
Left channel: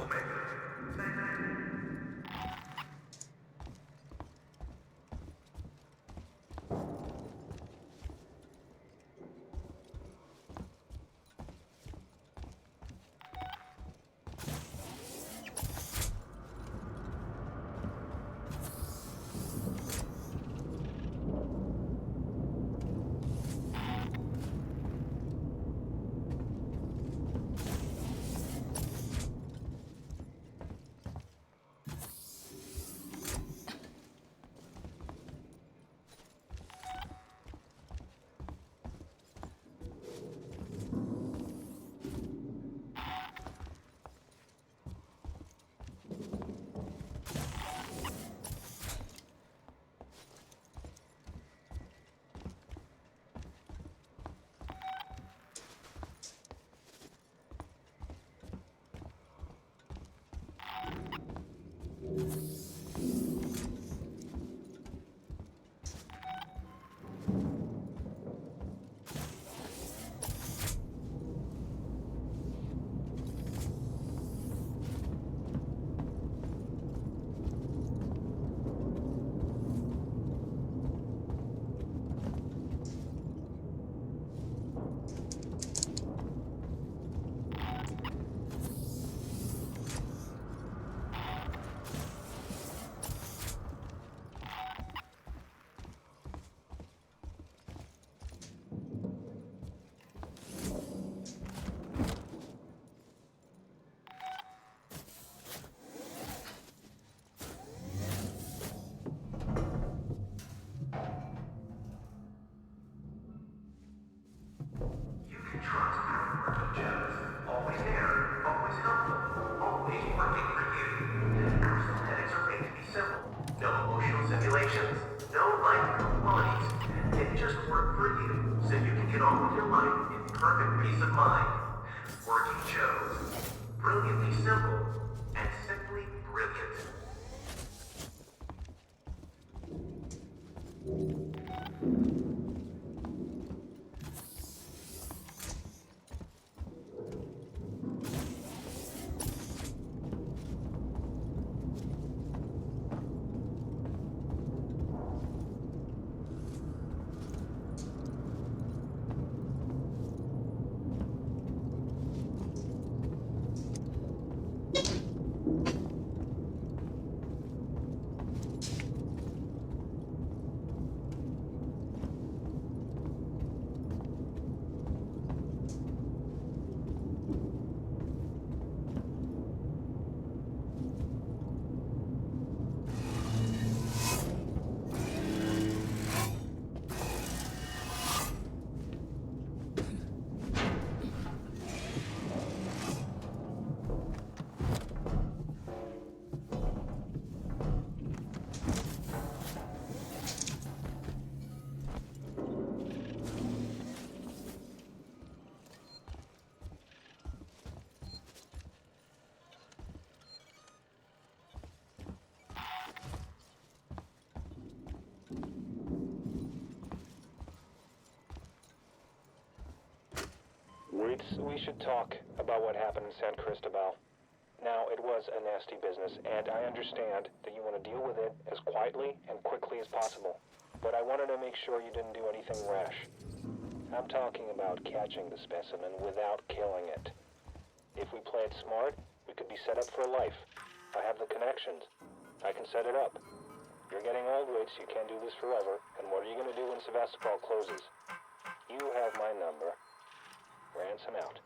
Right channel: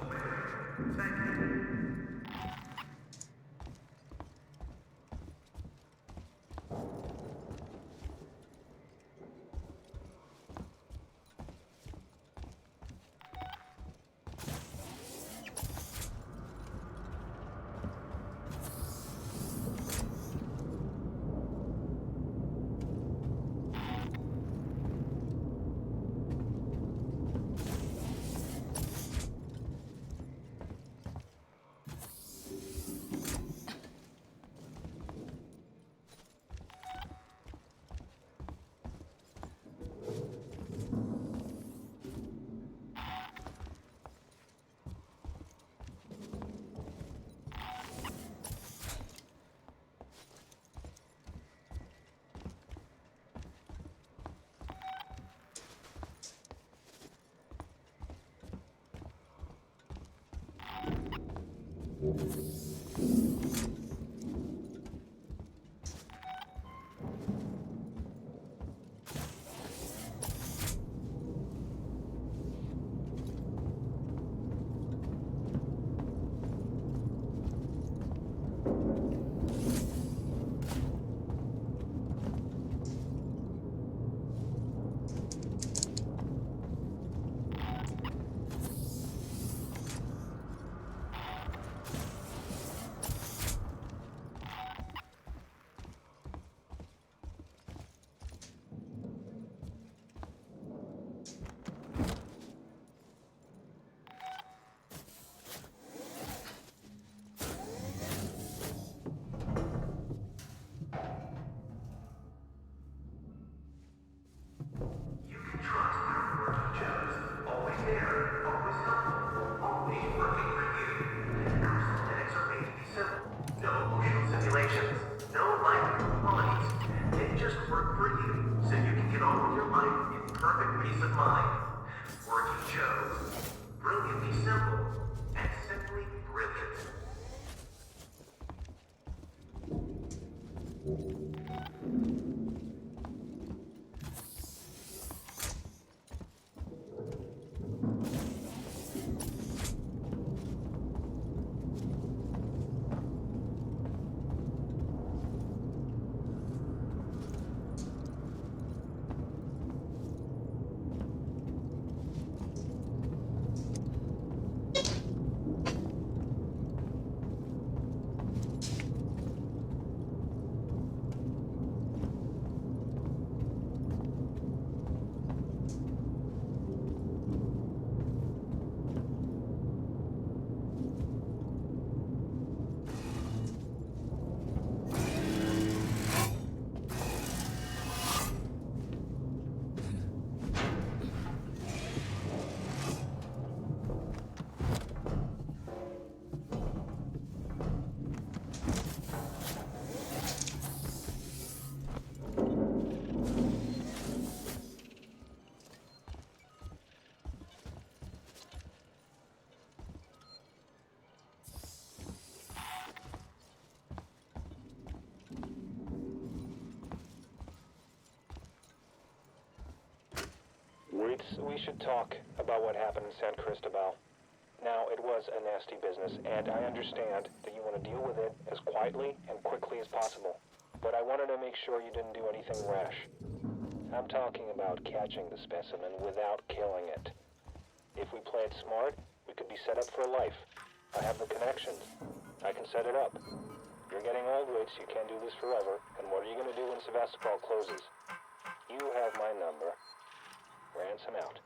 Omega. Thank you. Waits, we should talk about what happened in San Cristobal. Now, it was a nasty business, and I understand that you want to deal with it as quietly and quickly as possible. But I wanted to make sure you didn't do anything rash. I'm talking about catching the specimen without killing it. If we play it smart, we could be set up for life. I have the connections. I can set it up. You're getting old, Waits, you can't do this forever. And what are you going to do when Sevastopol closes? You have my number. Ransom out.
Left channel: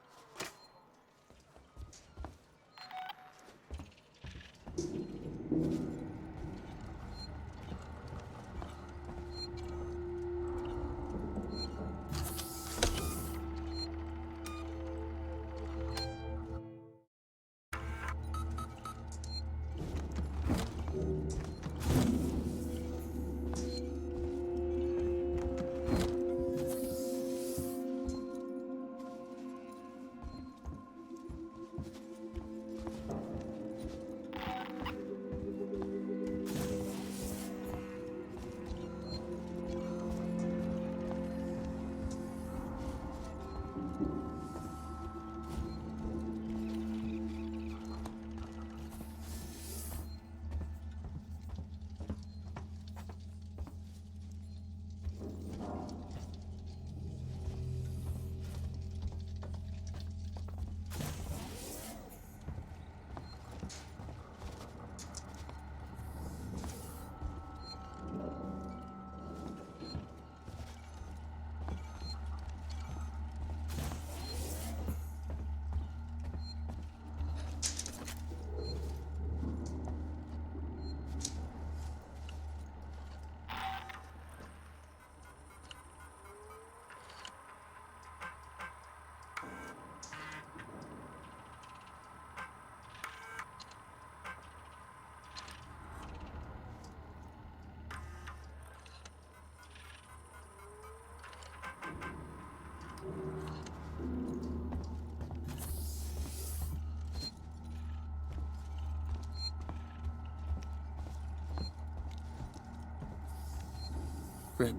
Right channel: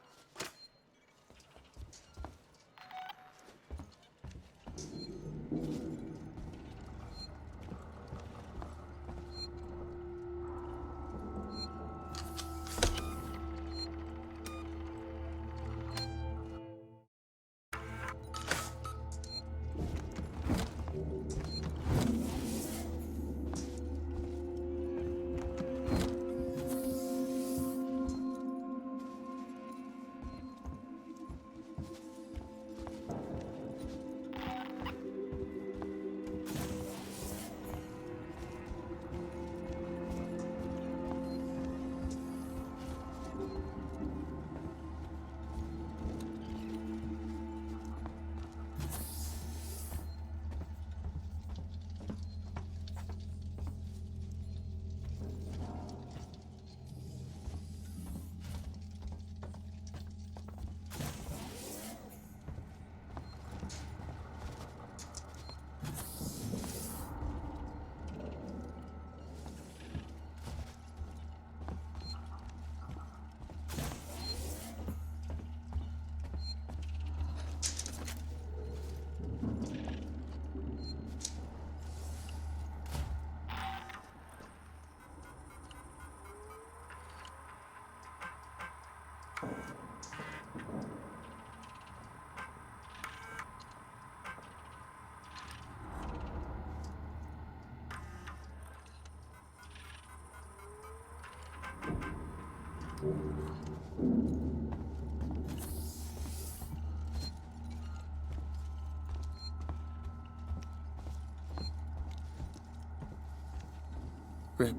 Rip.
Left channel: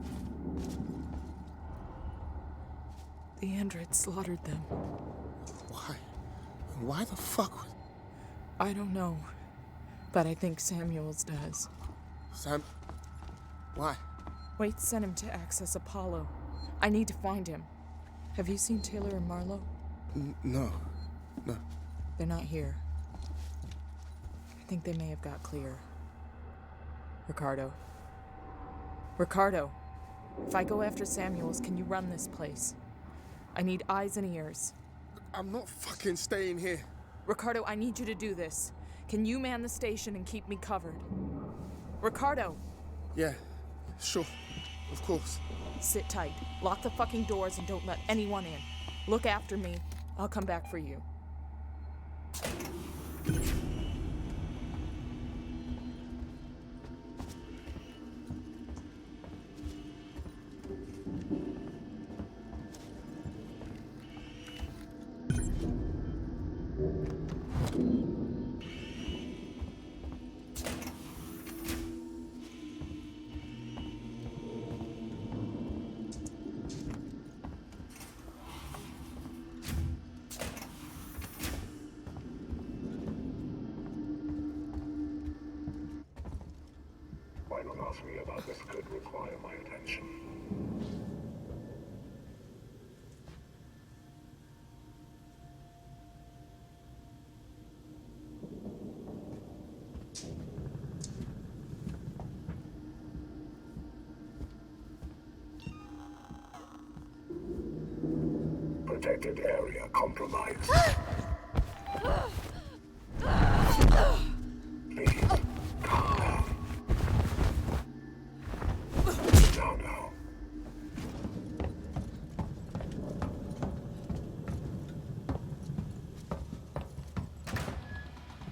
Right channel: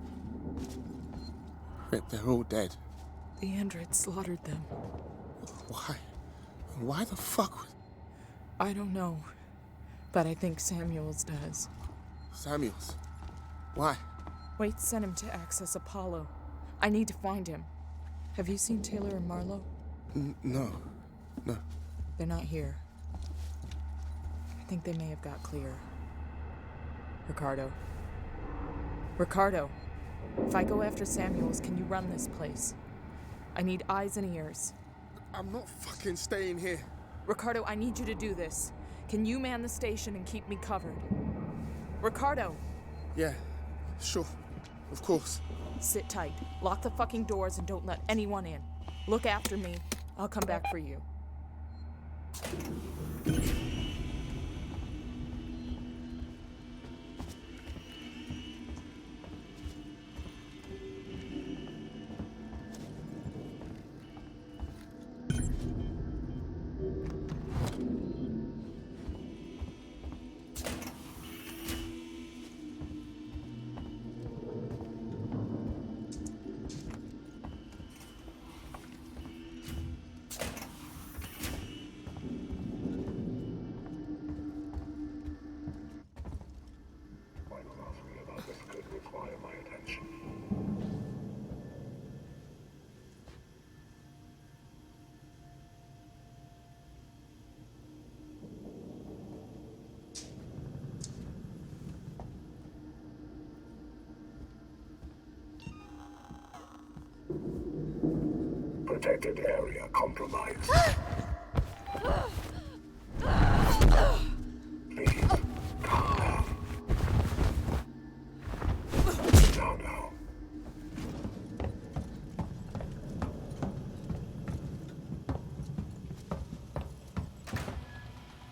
Rip, they're all dead. The android slaughtered them. Why? Why the fuck would... I don't know, but I think Samuels does. Samuels? Why? Waits sent him to access Apollo. I need to find him. Have you seen Taylor and Marlowe? No. No. They're not here. I think they may have got clear. Ricardo. Ricardo, if I go after Samuels, can you run this place? I need eyes and ears. I'm not fucking staying here. Ricardo, I need you to do this. Can you man the station and keep me covered? Ricardo! Yeah, sure. Of course. Sit tight. Lock the fucking doors and don't let anyone in. Look after me. I'll come back for you. Why not ask me about this could require my attention? Protected area compromised. Please, calm down. Now.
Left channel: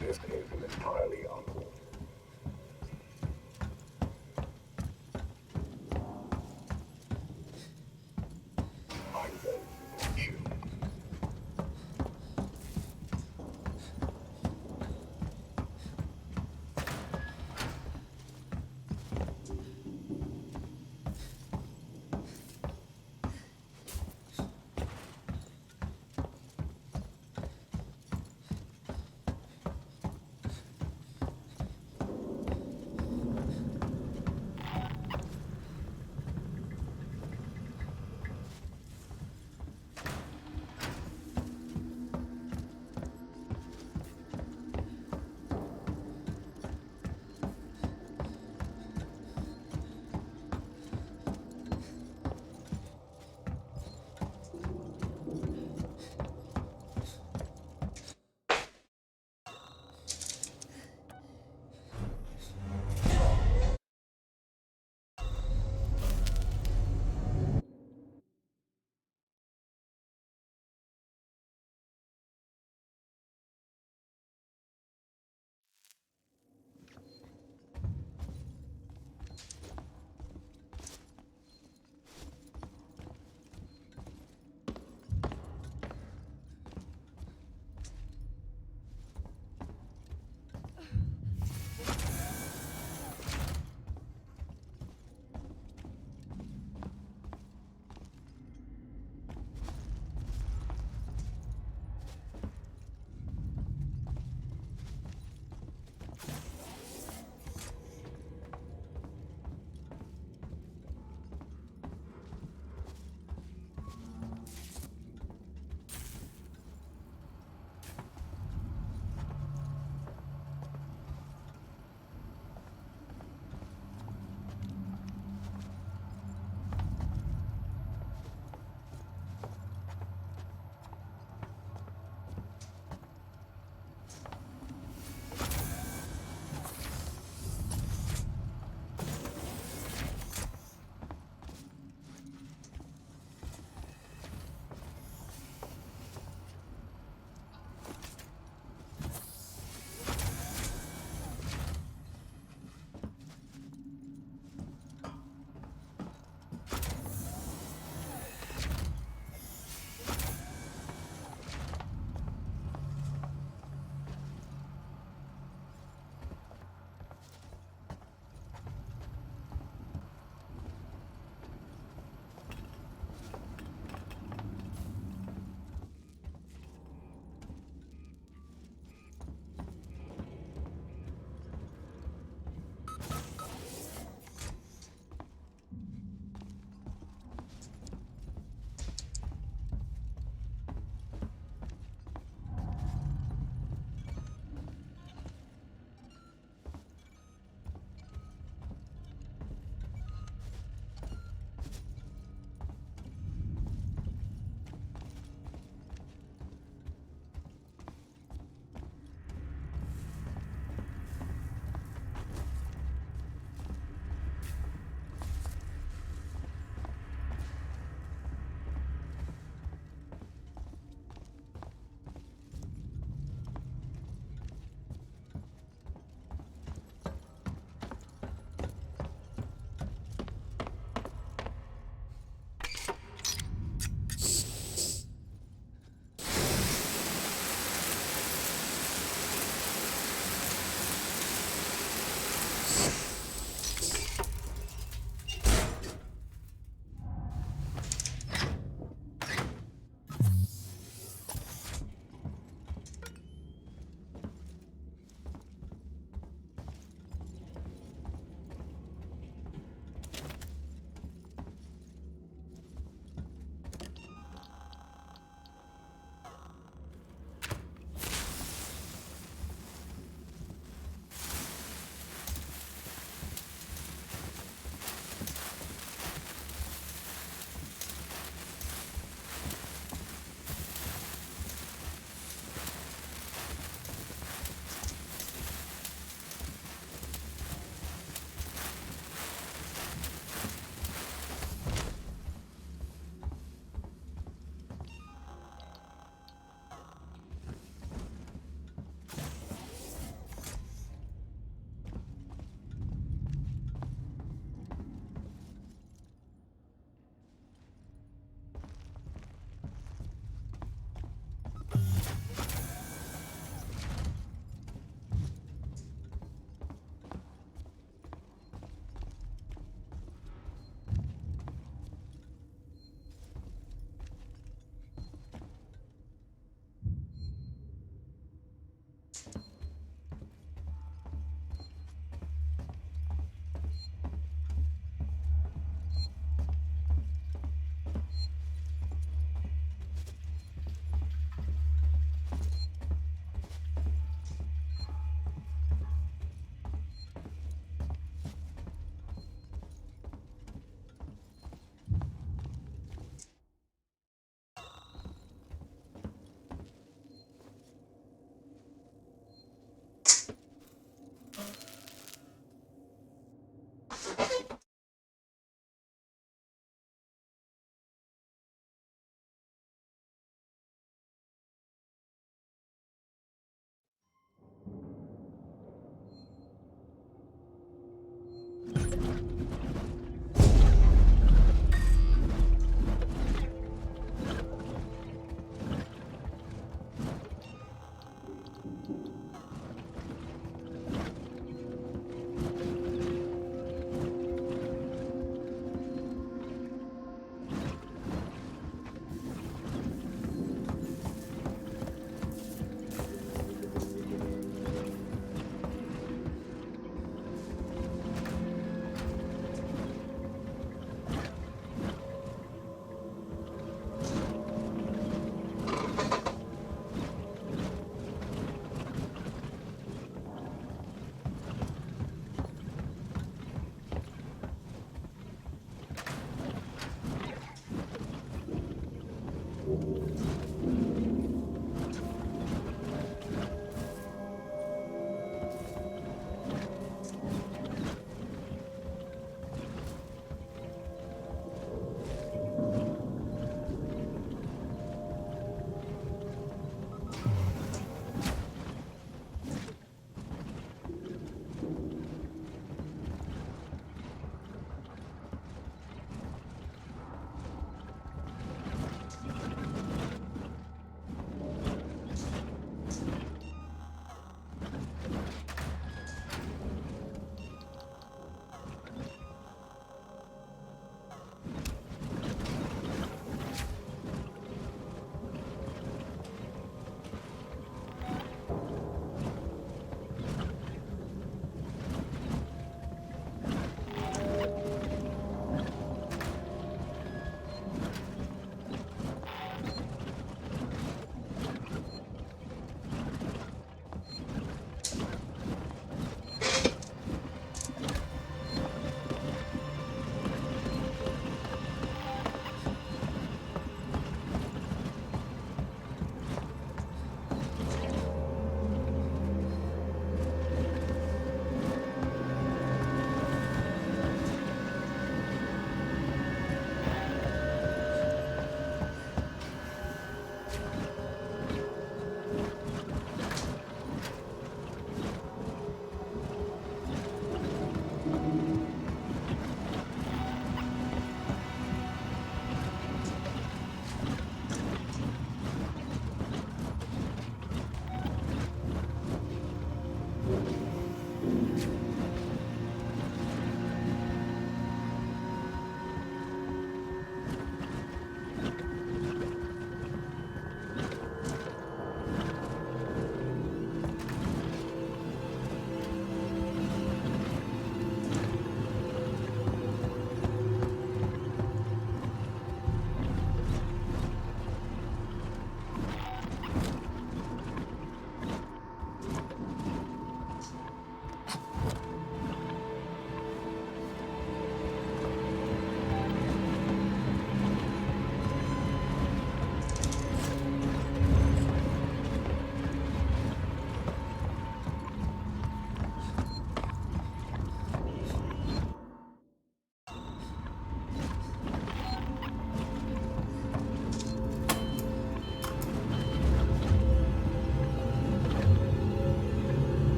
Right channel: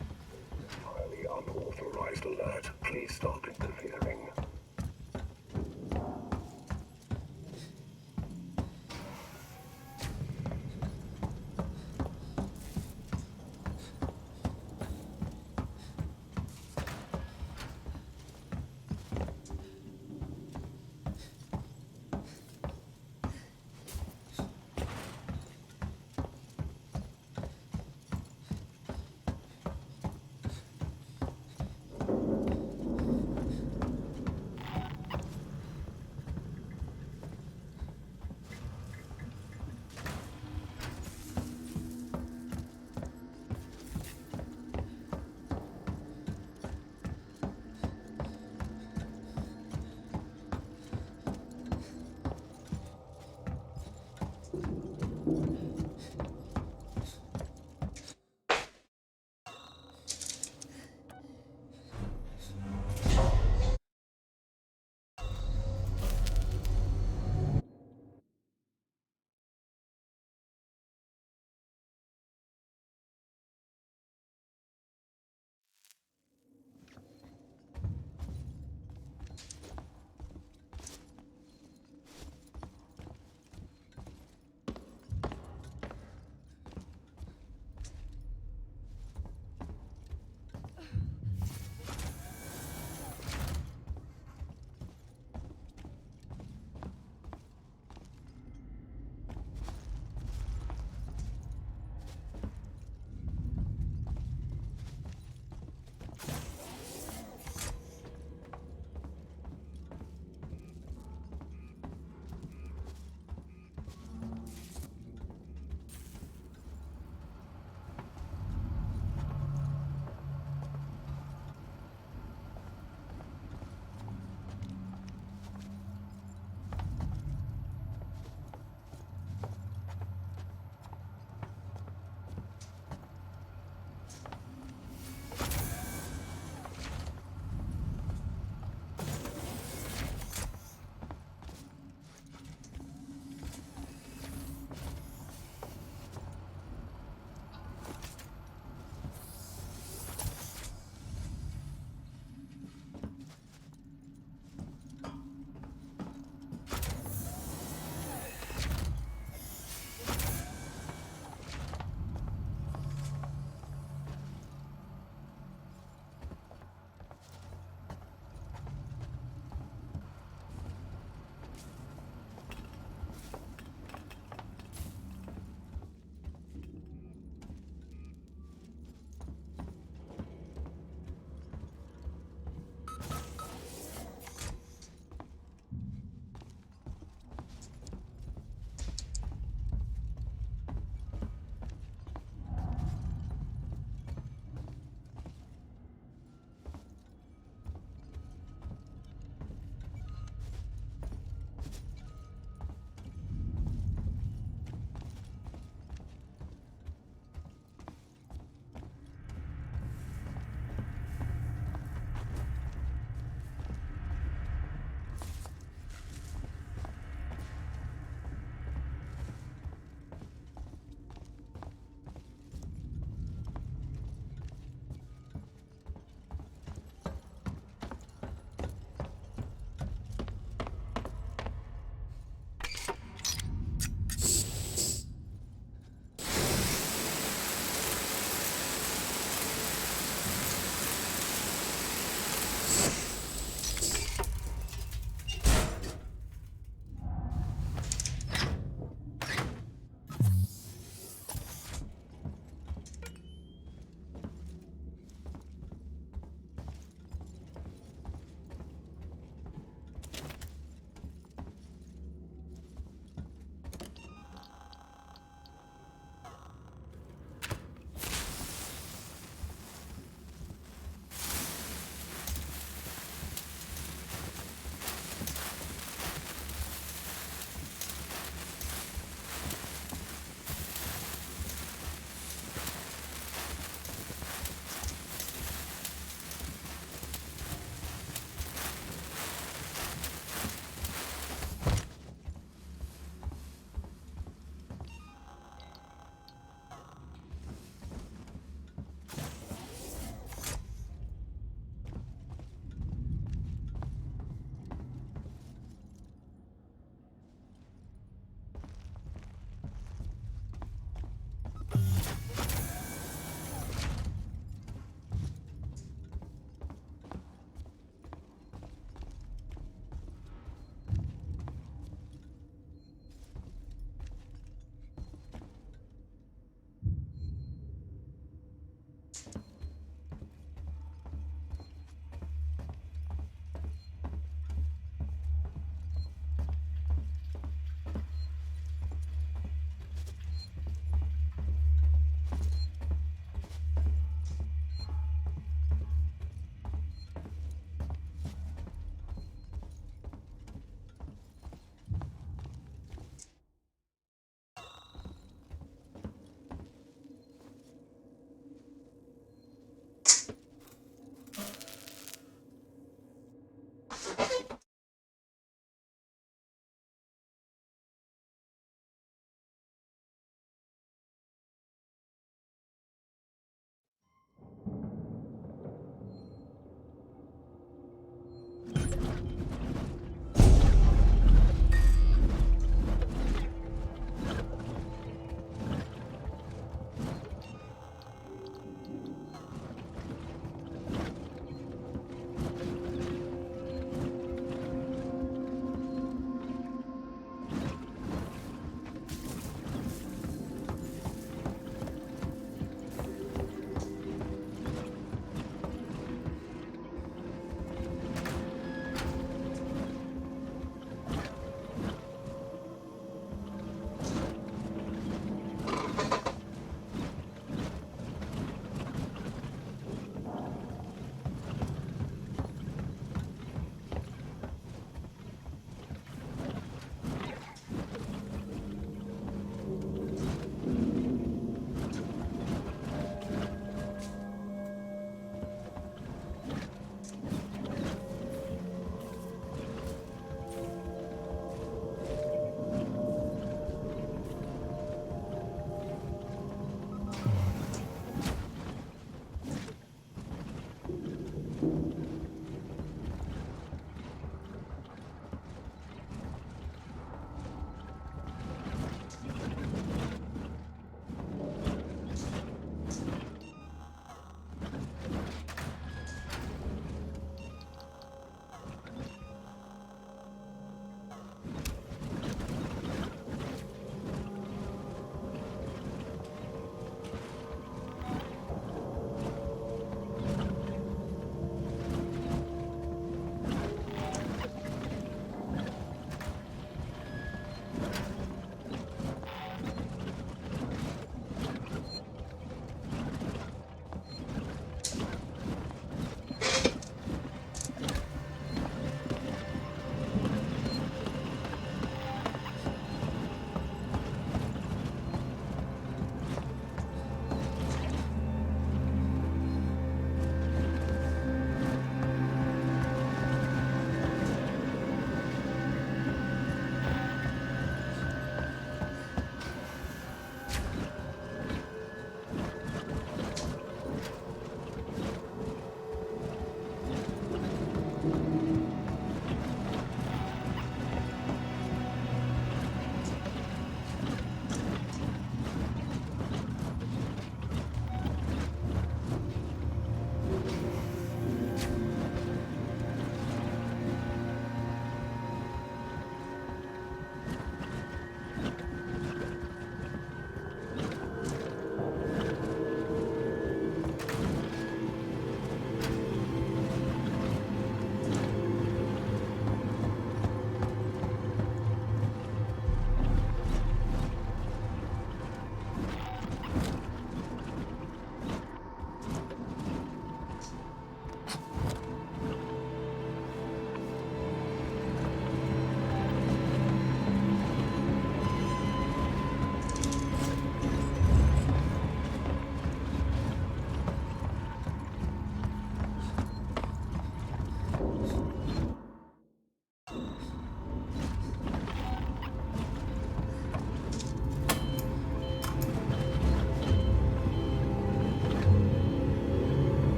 This is an entirely unauthorized alert. Please stop interfering.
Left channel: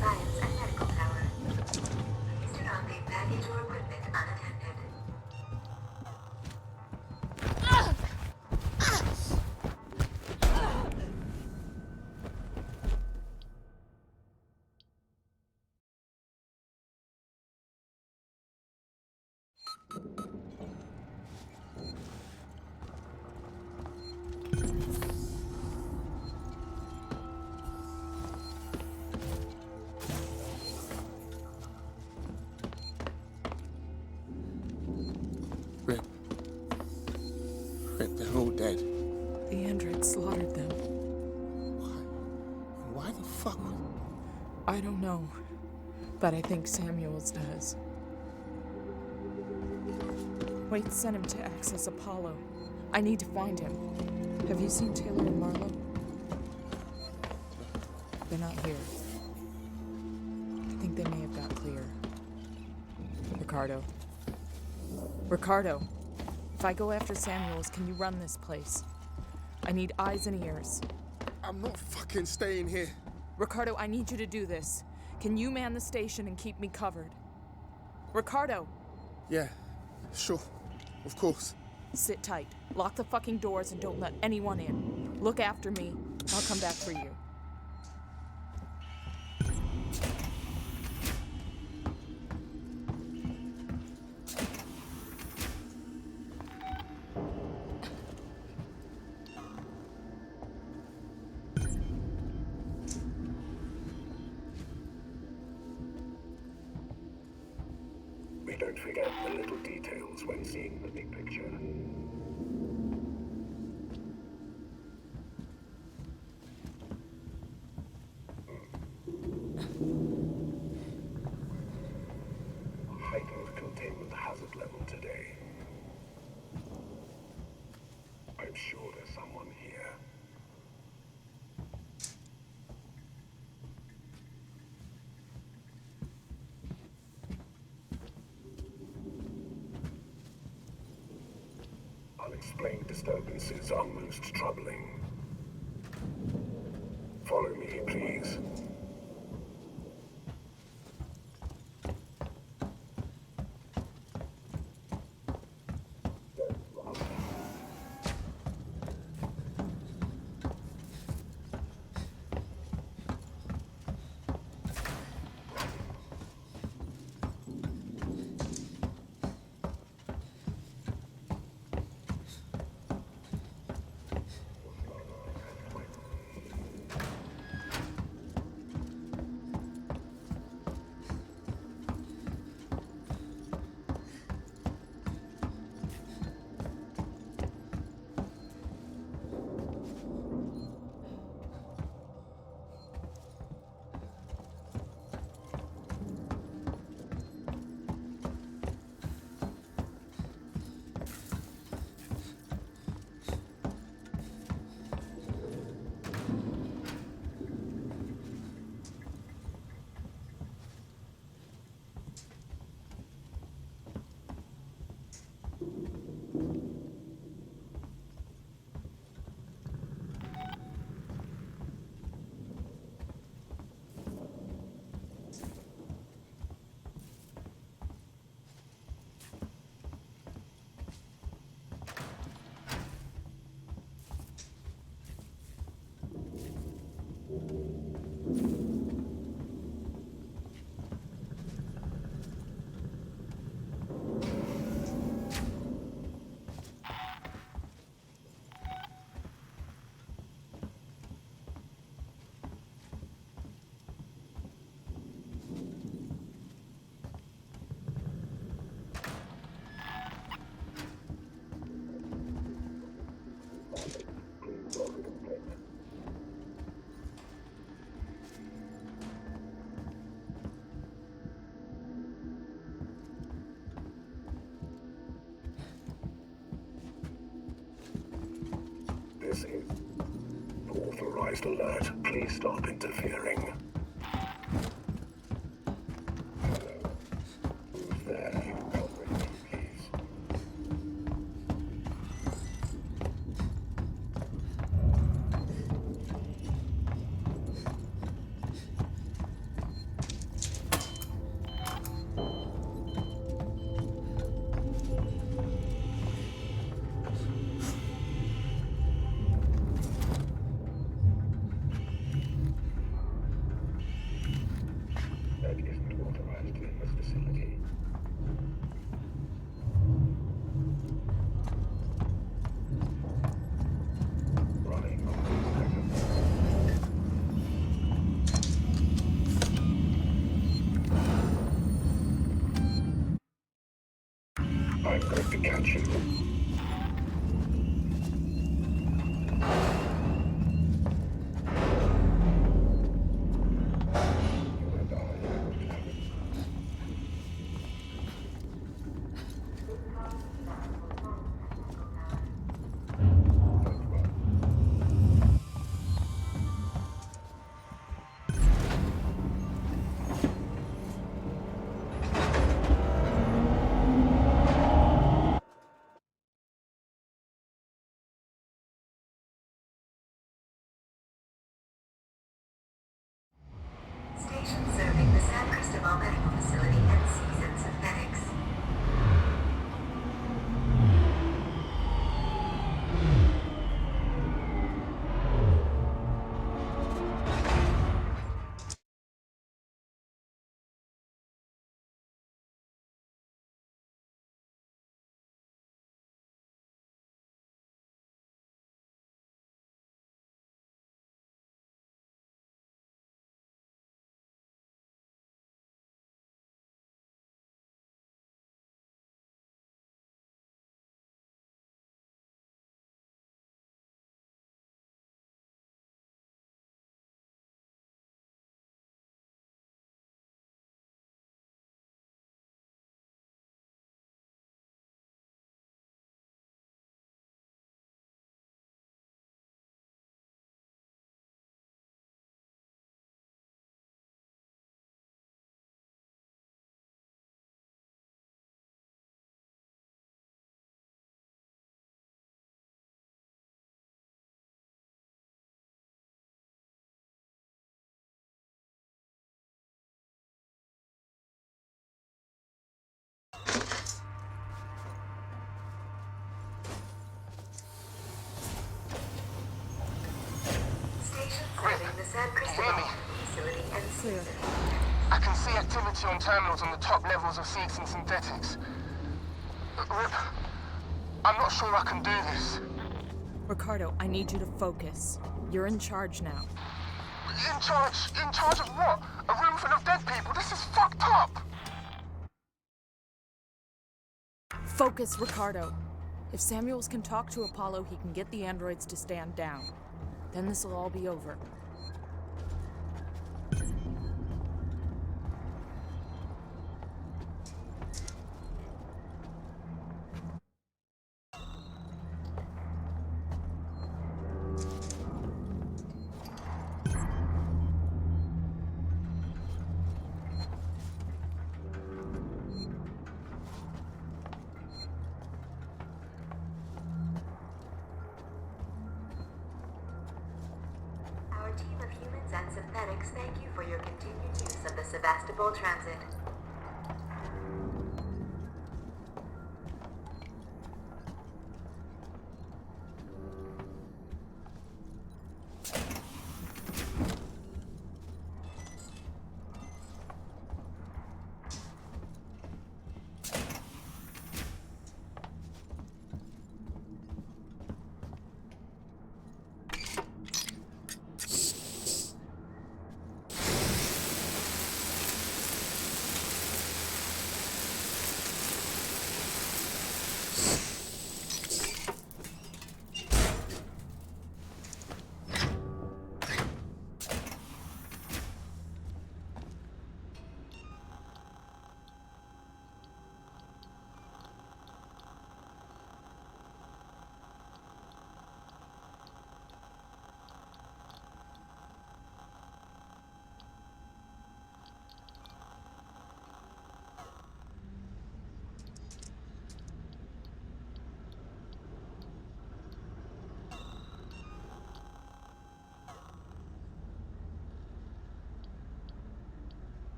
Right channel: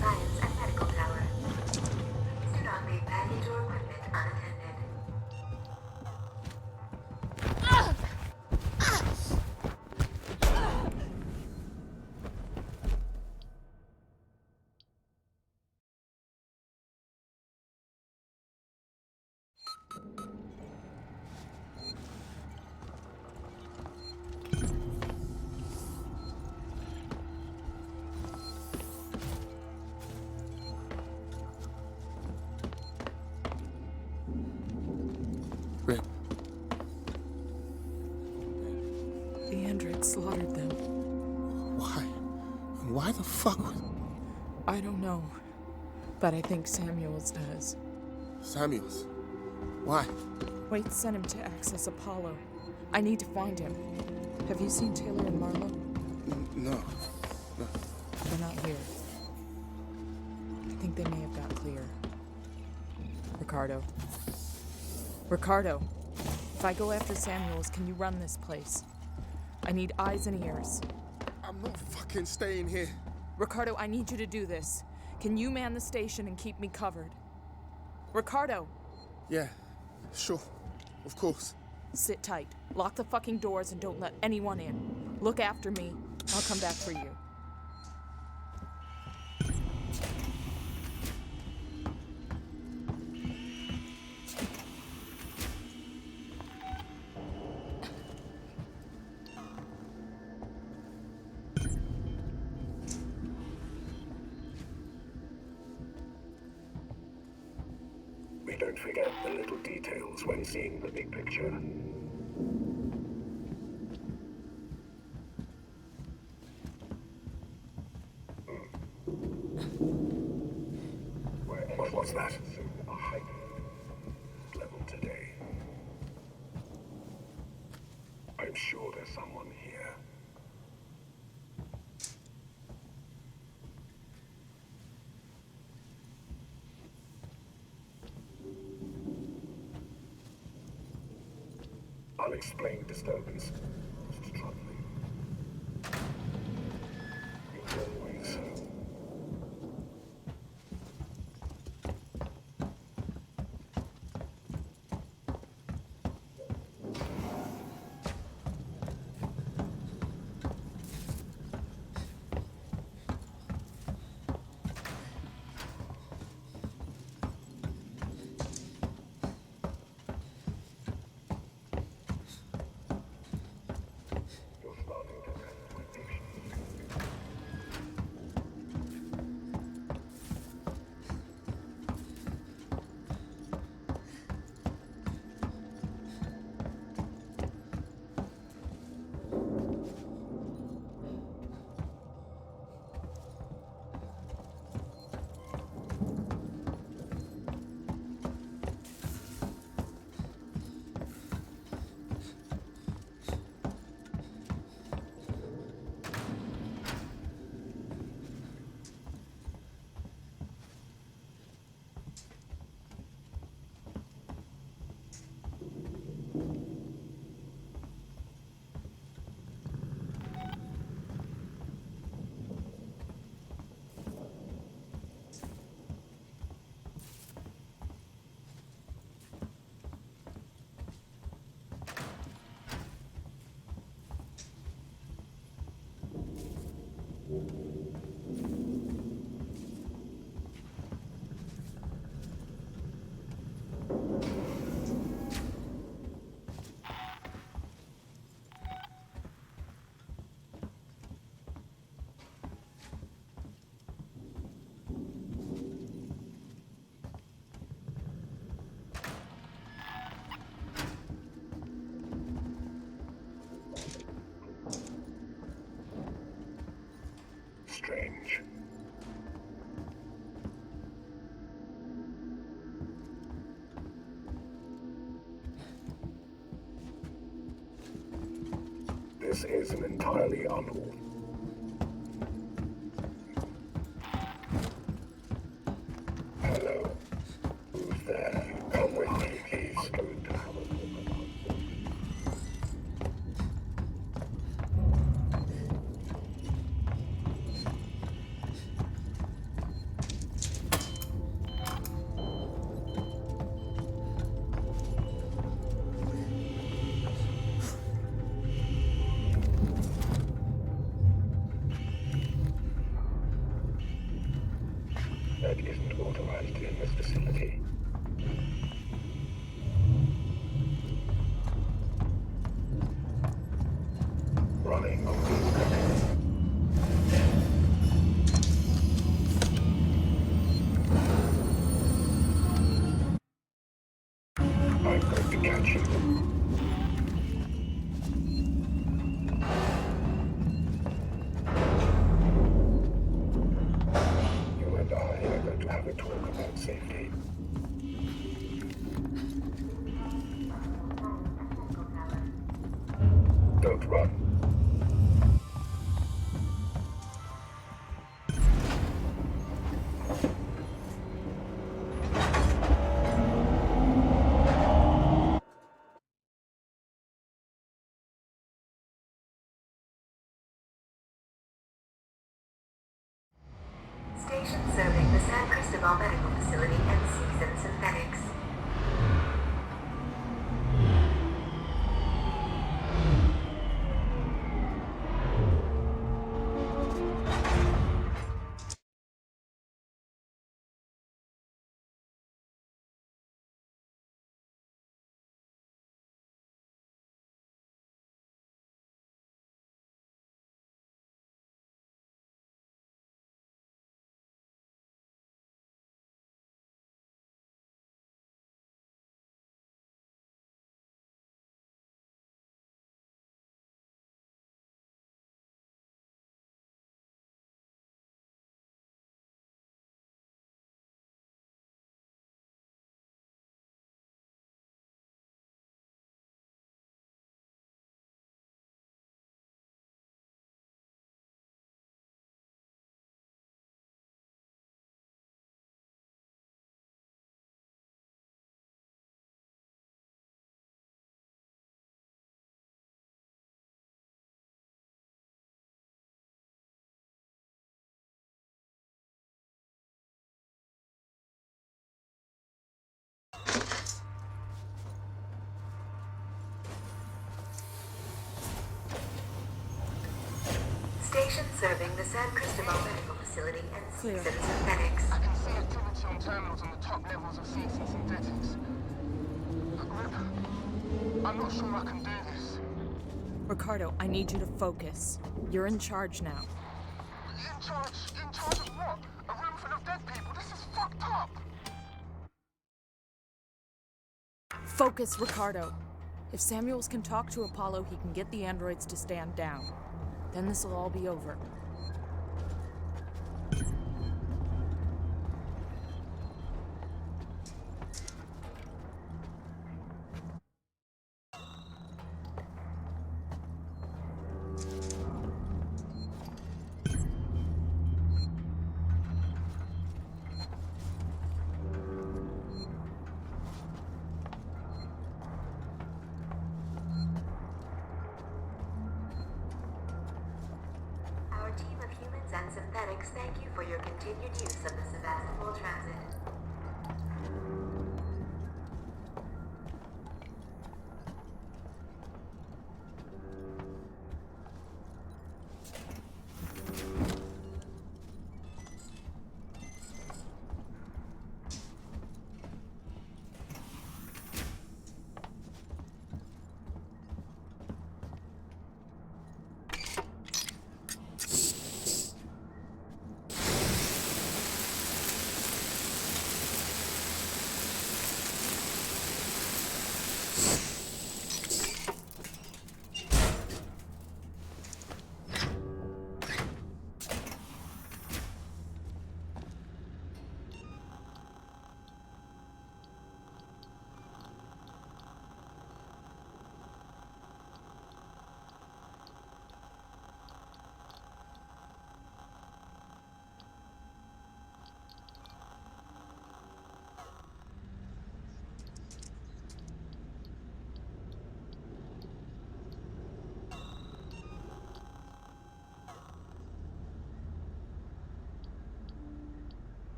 Science and Medical Tower. Do not leave baggage or equipment unattended. Rip. Rip, they're all dead. The android slaughtered them. Why? Why the fuck would... I don't know, but I think Samuels does. Samuels? Why? Wait sent him to access Apollo. I need to find him. Have you seen Taylor and Marlowe? No. They're not here. I think they may have got clear. Ricardo. Ricardo, if I go after Samuels, can you run this place? I need eyes and ears. I'm not fucking staying here. Ricardo, I need you to do this. Can you man the station and keep me covered? Ricardo! Yeah, sure. Of course. Sit tight. Lock the fucking doors and don't let anyone in. Look after me. I'll come back for you. We don't forget the little details when seeing the big picture. What's that? A heightened containment hazard level today. I'm sure there's someone here. Unexplained disturbances are most troubling. Follow me, please. Strange. This is an entirely unauthorized alert. Please stop interfering. Hello. Who's there? Come with me, please. that isn't authorized in this vicinity. Running on these credits. I'm going to catch you. You and I are going to have a talk about safety. Don't run. Station serving the San Cristobal Medical Facility and Season Synthetics. Station serving the San Cristobal Medical Facility and Season Synthetics. I can see activity on terminals on the top levels of Seeds and Synthetics. Rip, I'm not sure I can do this. Ricardo, I need you to focus. You're in charge now. In charge? In charge of what? A room full of dead people? This is fucked up! Focus, Ricardo. If Samuels can talk to Apollo, he can get the androids to stand down. Then this will all be over. Our team of humans and synthetics thank you for your continued use of the Sevastopol Transit.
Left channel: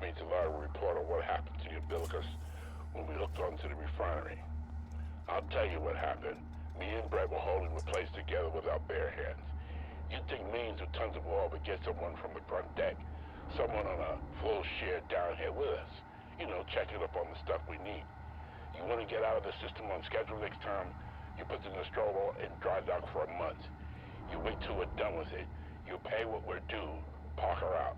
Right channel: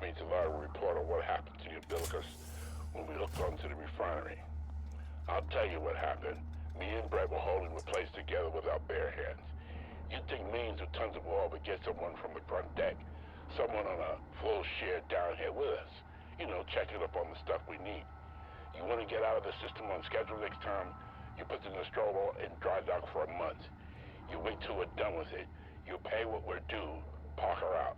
asked me to write a report on what happened to the umbilicus when we hooked onto the refinery. I'll tell you what happened. Me and Brett were holding the place together with our bare hands. You'd think millions of tons of oil would get someone from the front deck, someone on a full share down here with us. You know, checking up on the stuff we need. You want to get out of the system on schedule next time, you put the Nostromo in dry dock for a month. You wait till we're done with it. You pay what we're due. Park her out.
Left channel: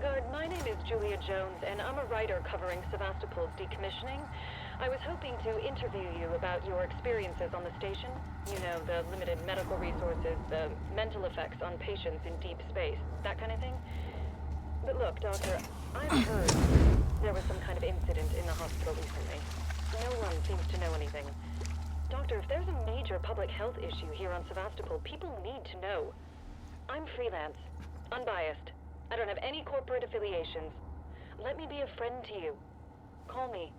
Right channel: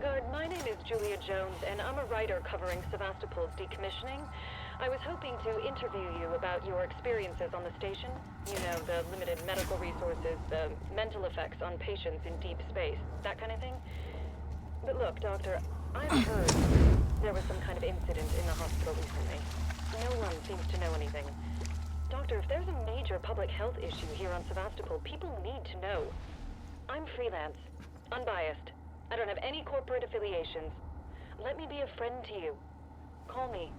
Good. My name is Julia Jones, and I'm a writer covering Sevastopol's decommissioning. I was hoping to interview you about your experiences on the station. You know, the limited medical resources, the mental effects on patients in deep space, that kind of thing. But look, Doctor, I've heard there was some kind of incident in the hospital recently. No one seems to know anything. Doctor, if there's a major public health issue here on Sevastopol, people need to know. I'm freelance, unbiased. I don't have any corporate affiliations. Let me be a friend to you. Call me.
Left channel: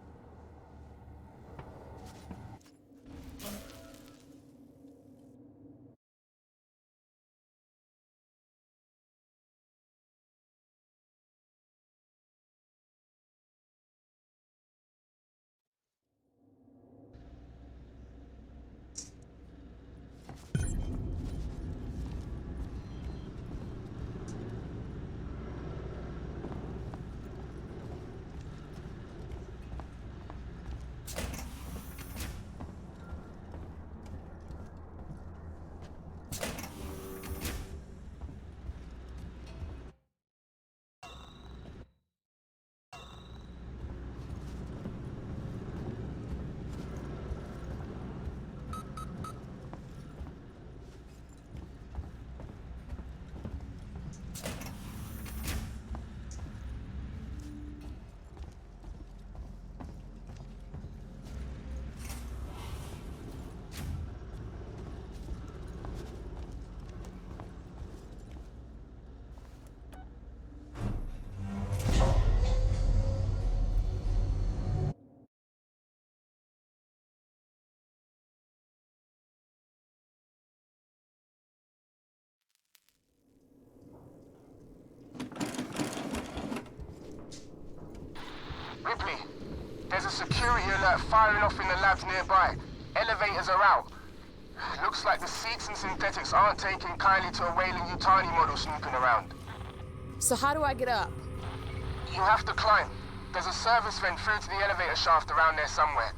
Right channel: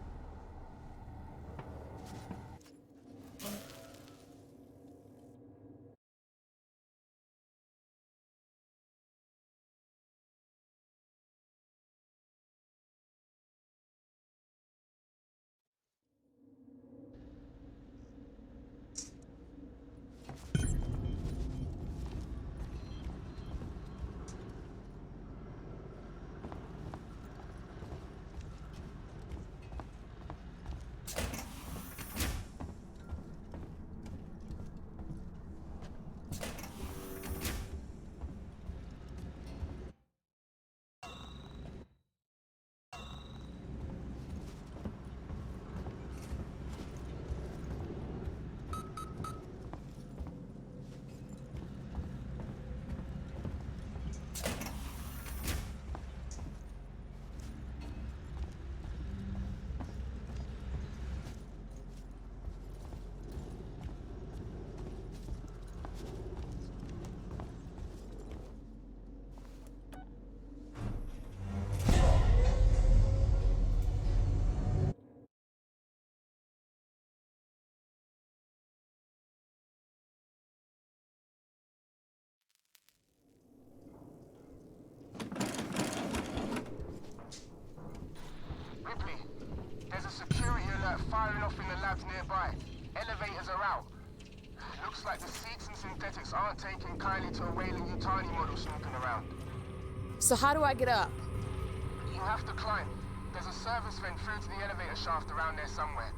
Ripley, there's a security alert firing off in the labs nearby. Elevators are out. Looks like the seeds and synthetics aren't taking kindly to a Weyland-Yutani model snooping around. So how do I get up? You have to climb. There's a service vent through to the elevator shaft around there somewhere.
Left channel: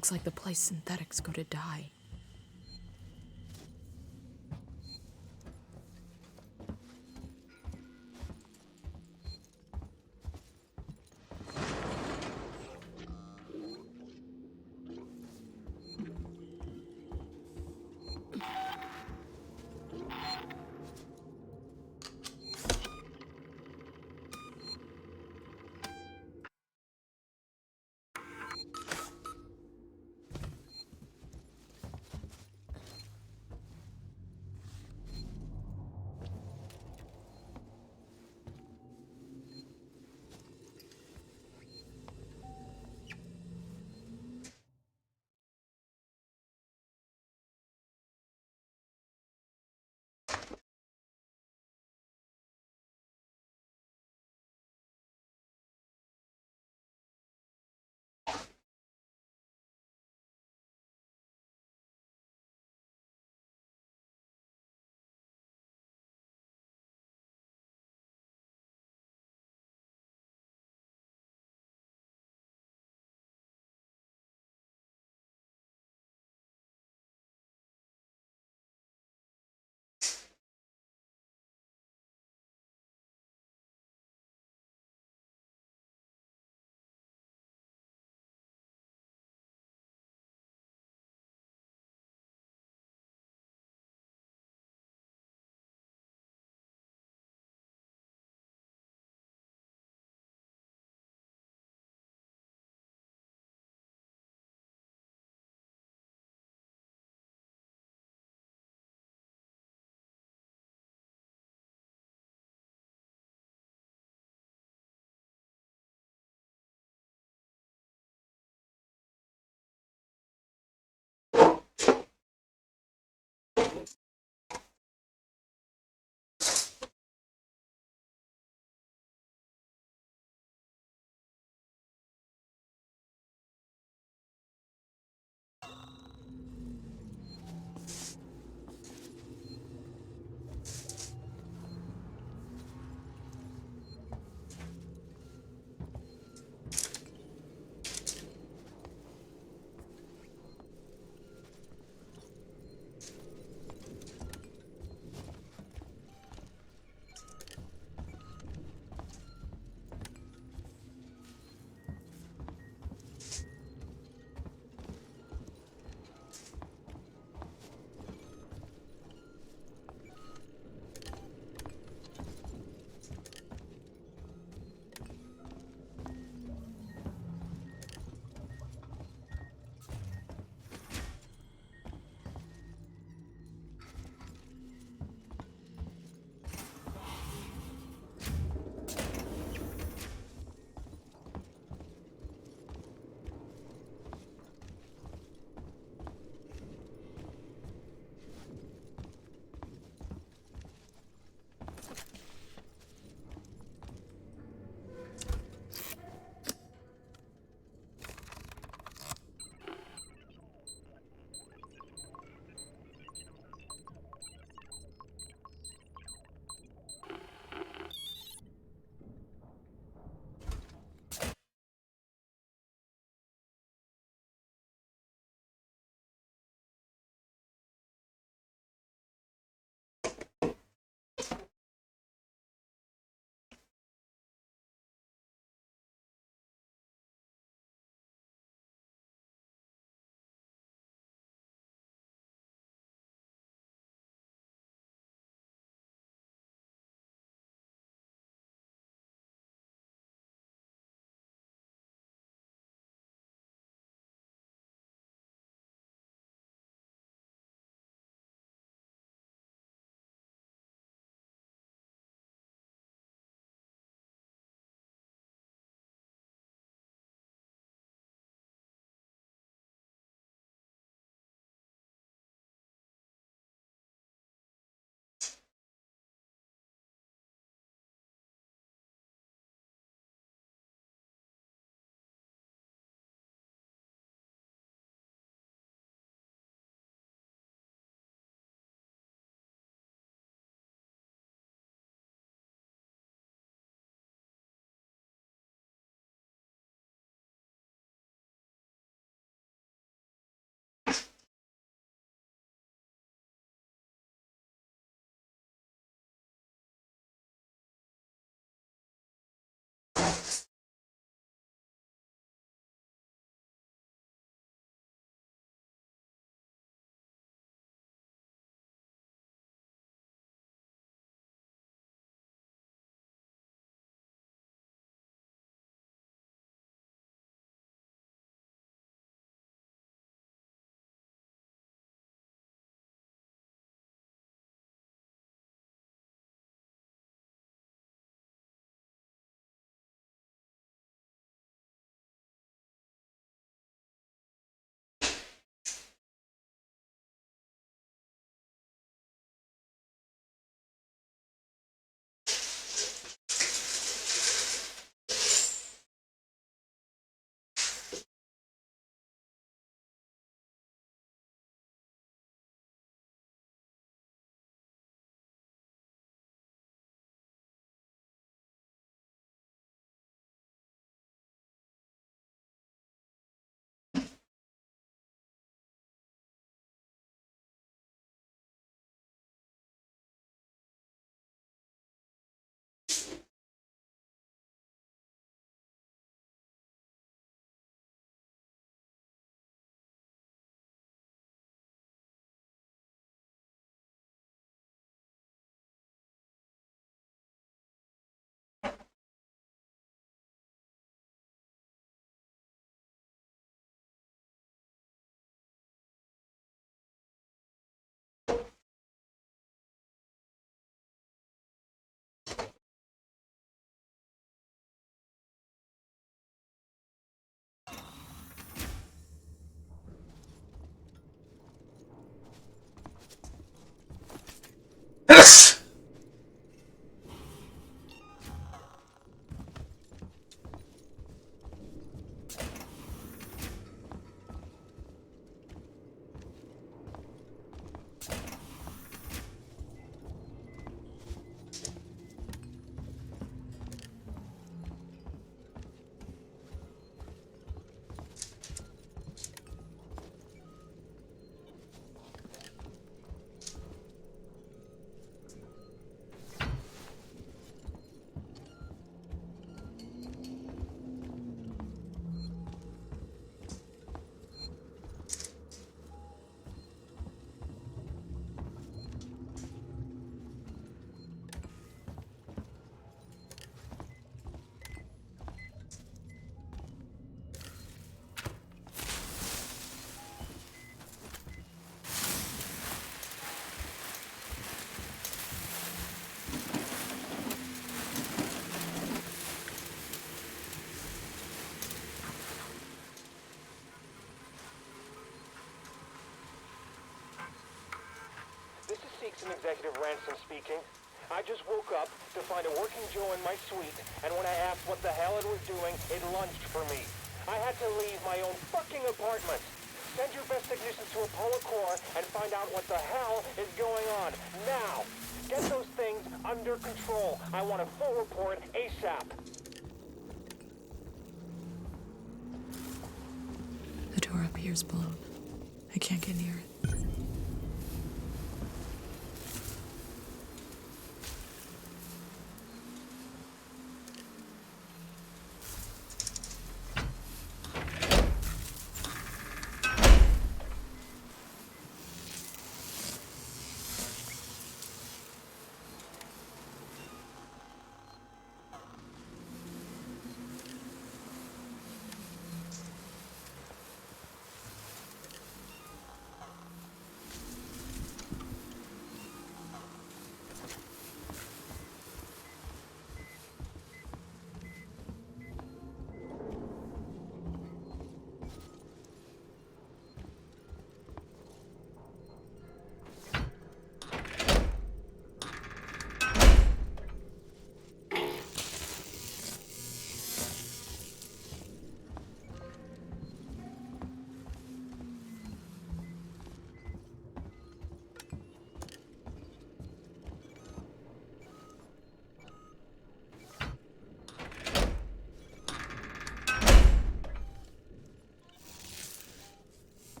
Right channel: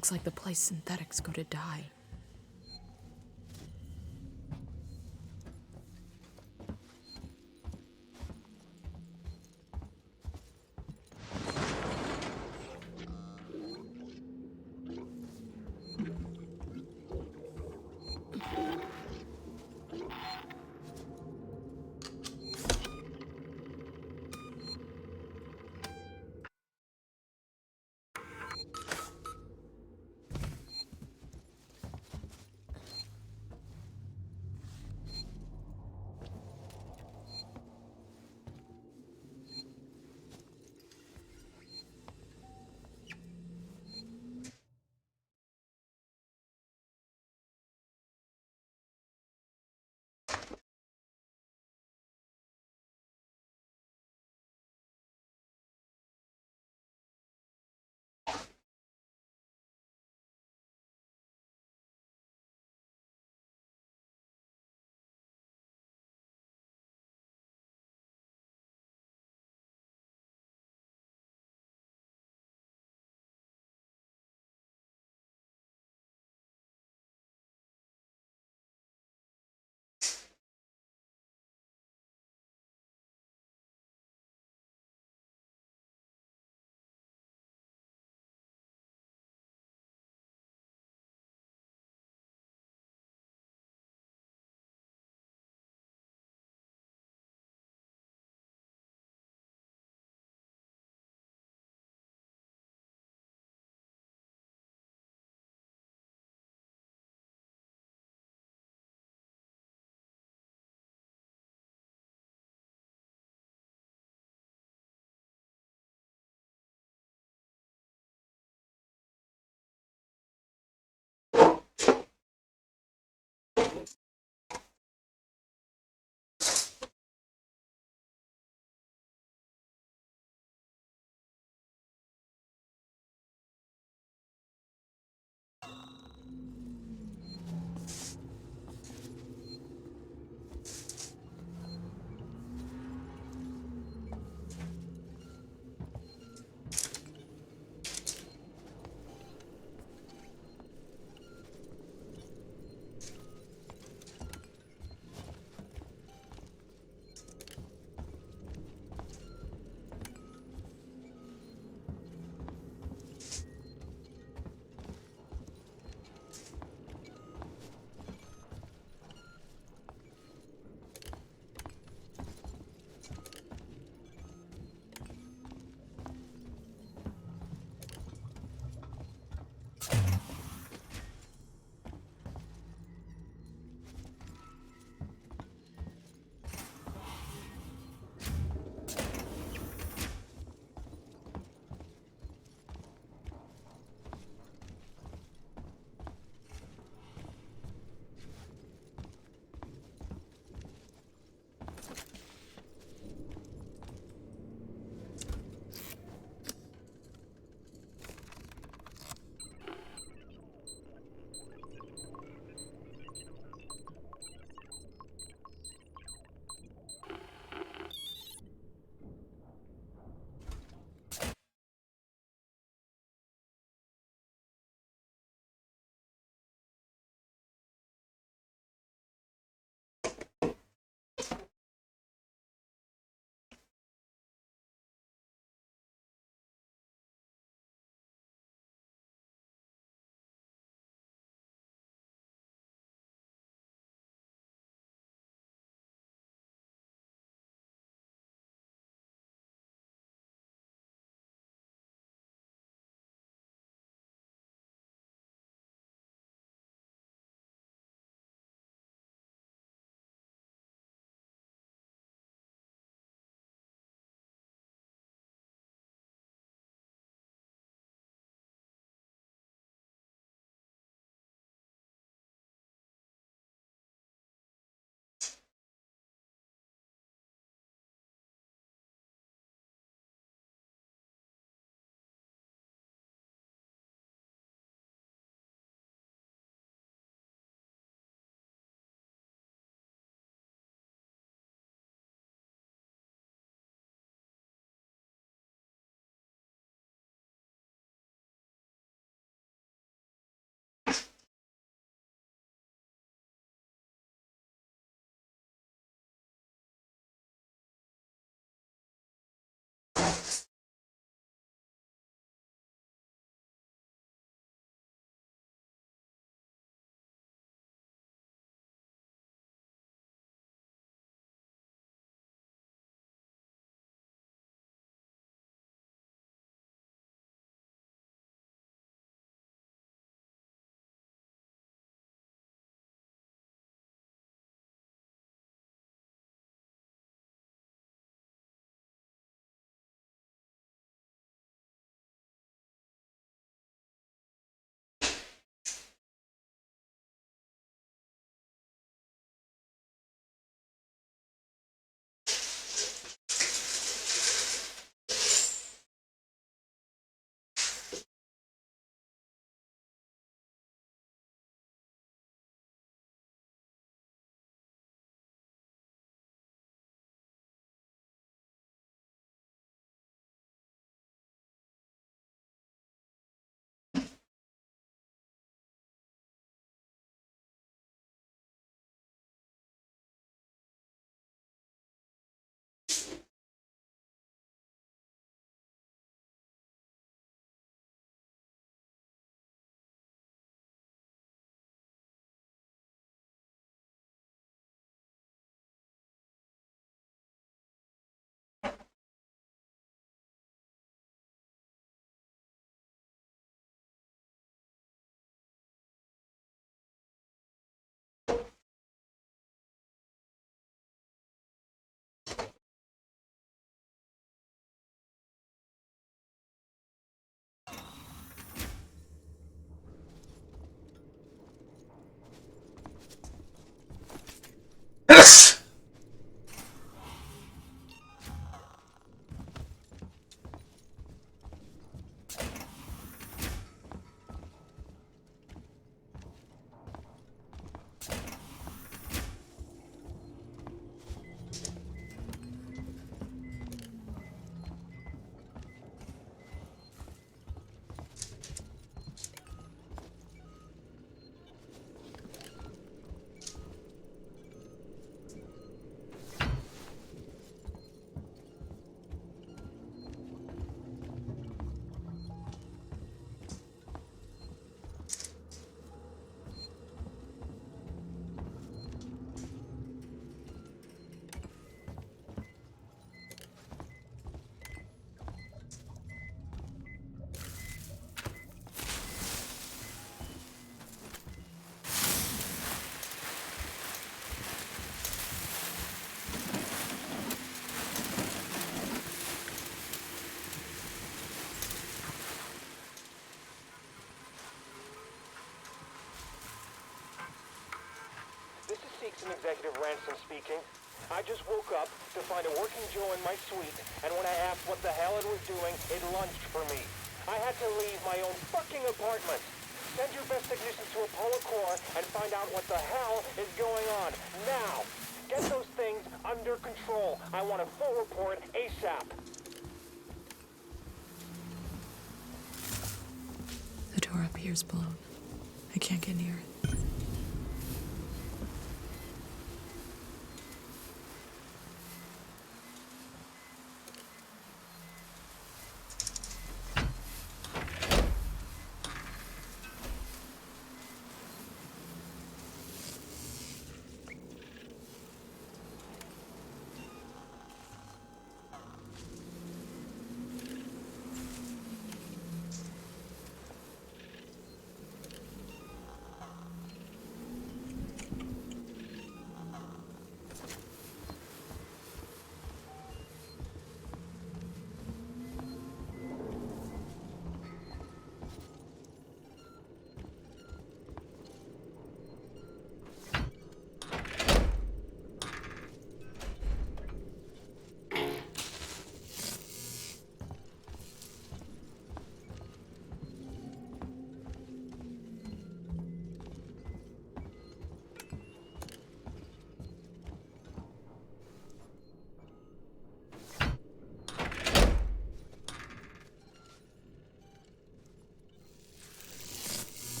Looks like the place synthetics go to die. Executive Ransom speaking. I just woke up to find a working Joe in my suite, and when I asked what the hell it was doing, it lunged for me. I had to leave my own fucking apartment. Send your best technicians to Apollo Core and find out what the hell is going on. Now! Get those things under control. I want a full report ASAP. The door up here is blown. I can't get near it.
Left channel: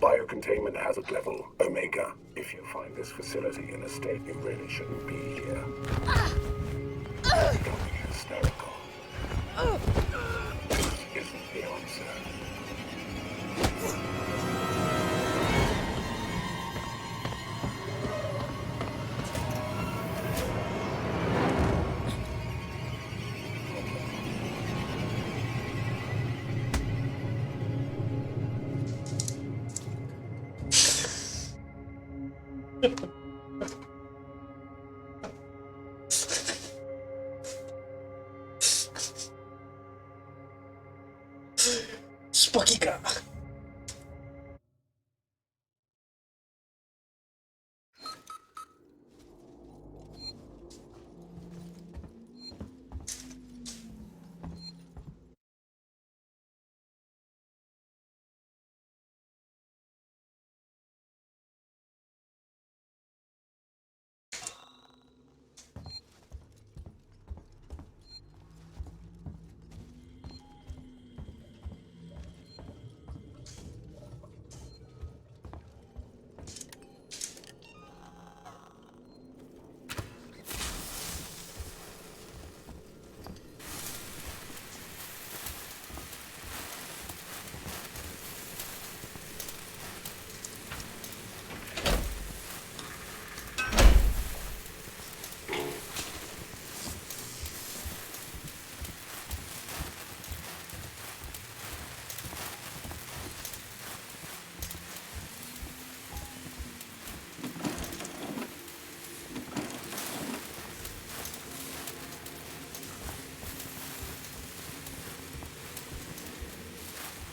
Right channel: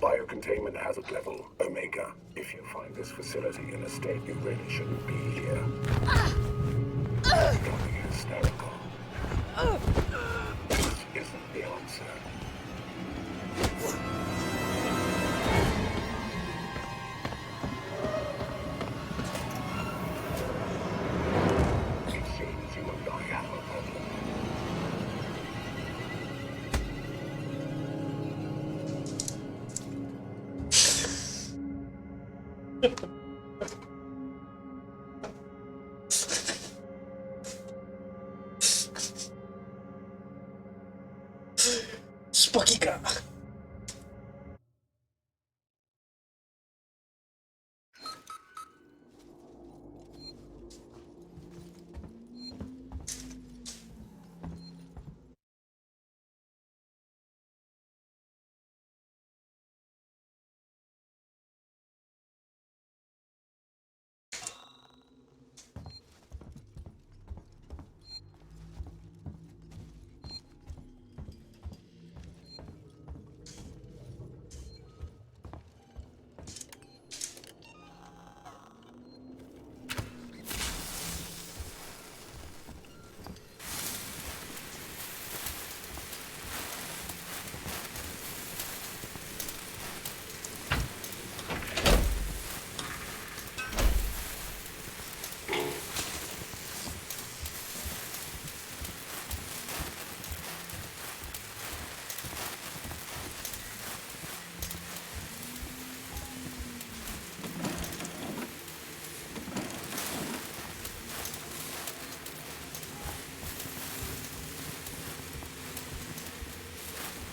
Biocontainment hazard level, Omega. If you find this facility in a state you really shouldn't be here. Becoming hysterical. This isn't the answer. Spucky ka.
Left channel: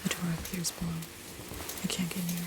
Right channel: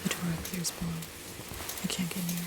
The door up here is blown. I can't get near it.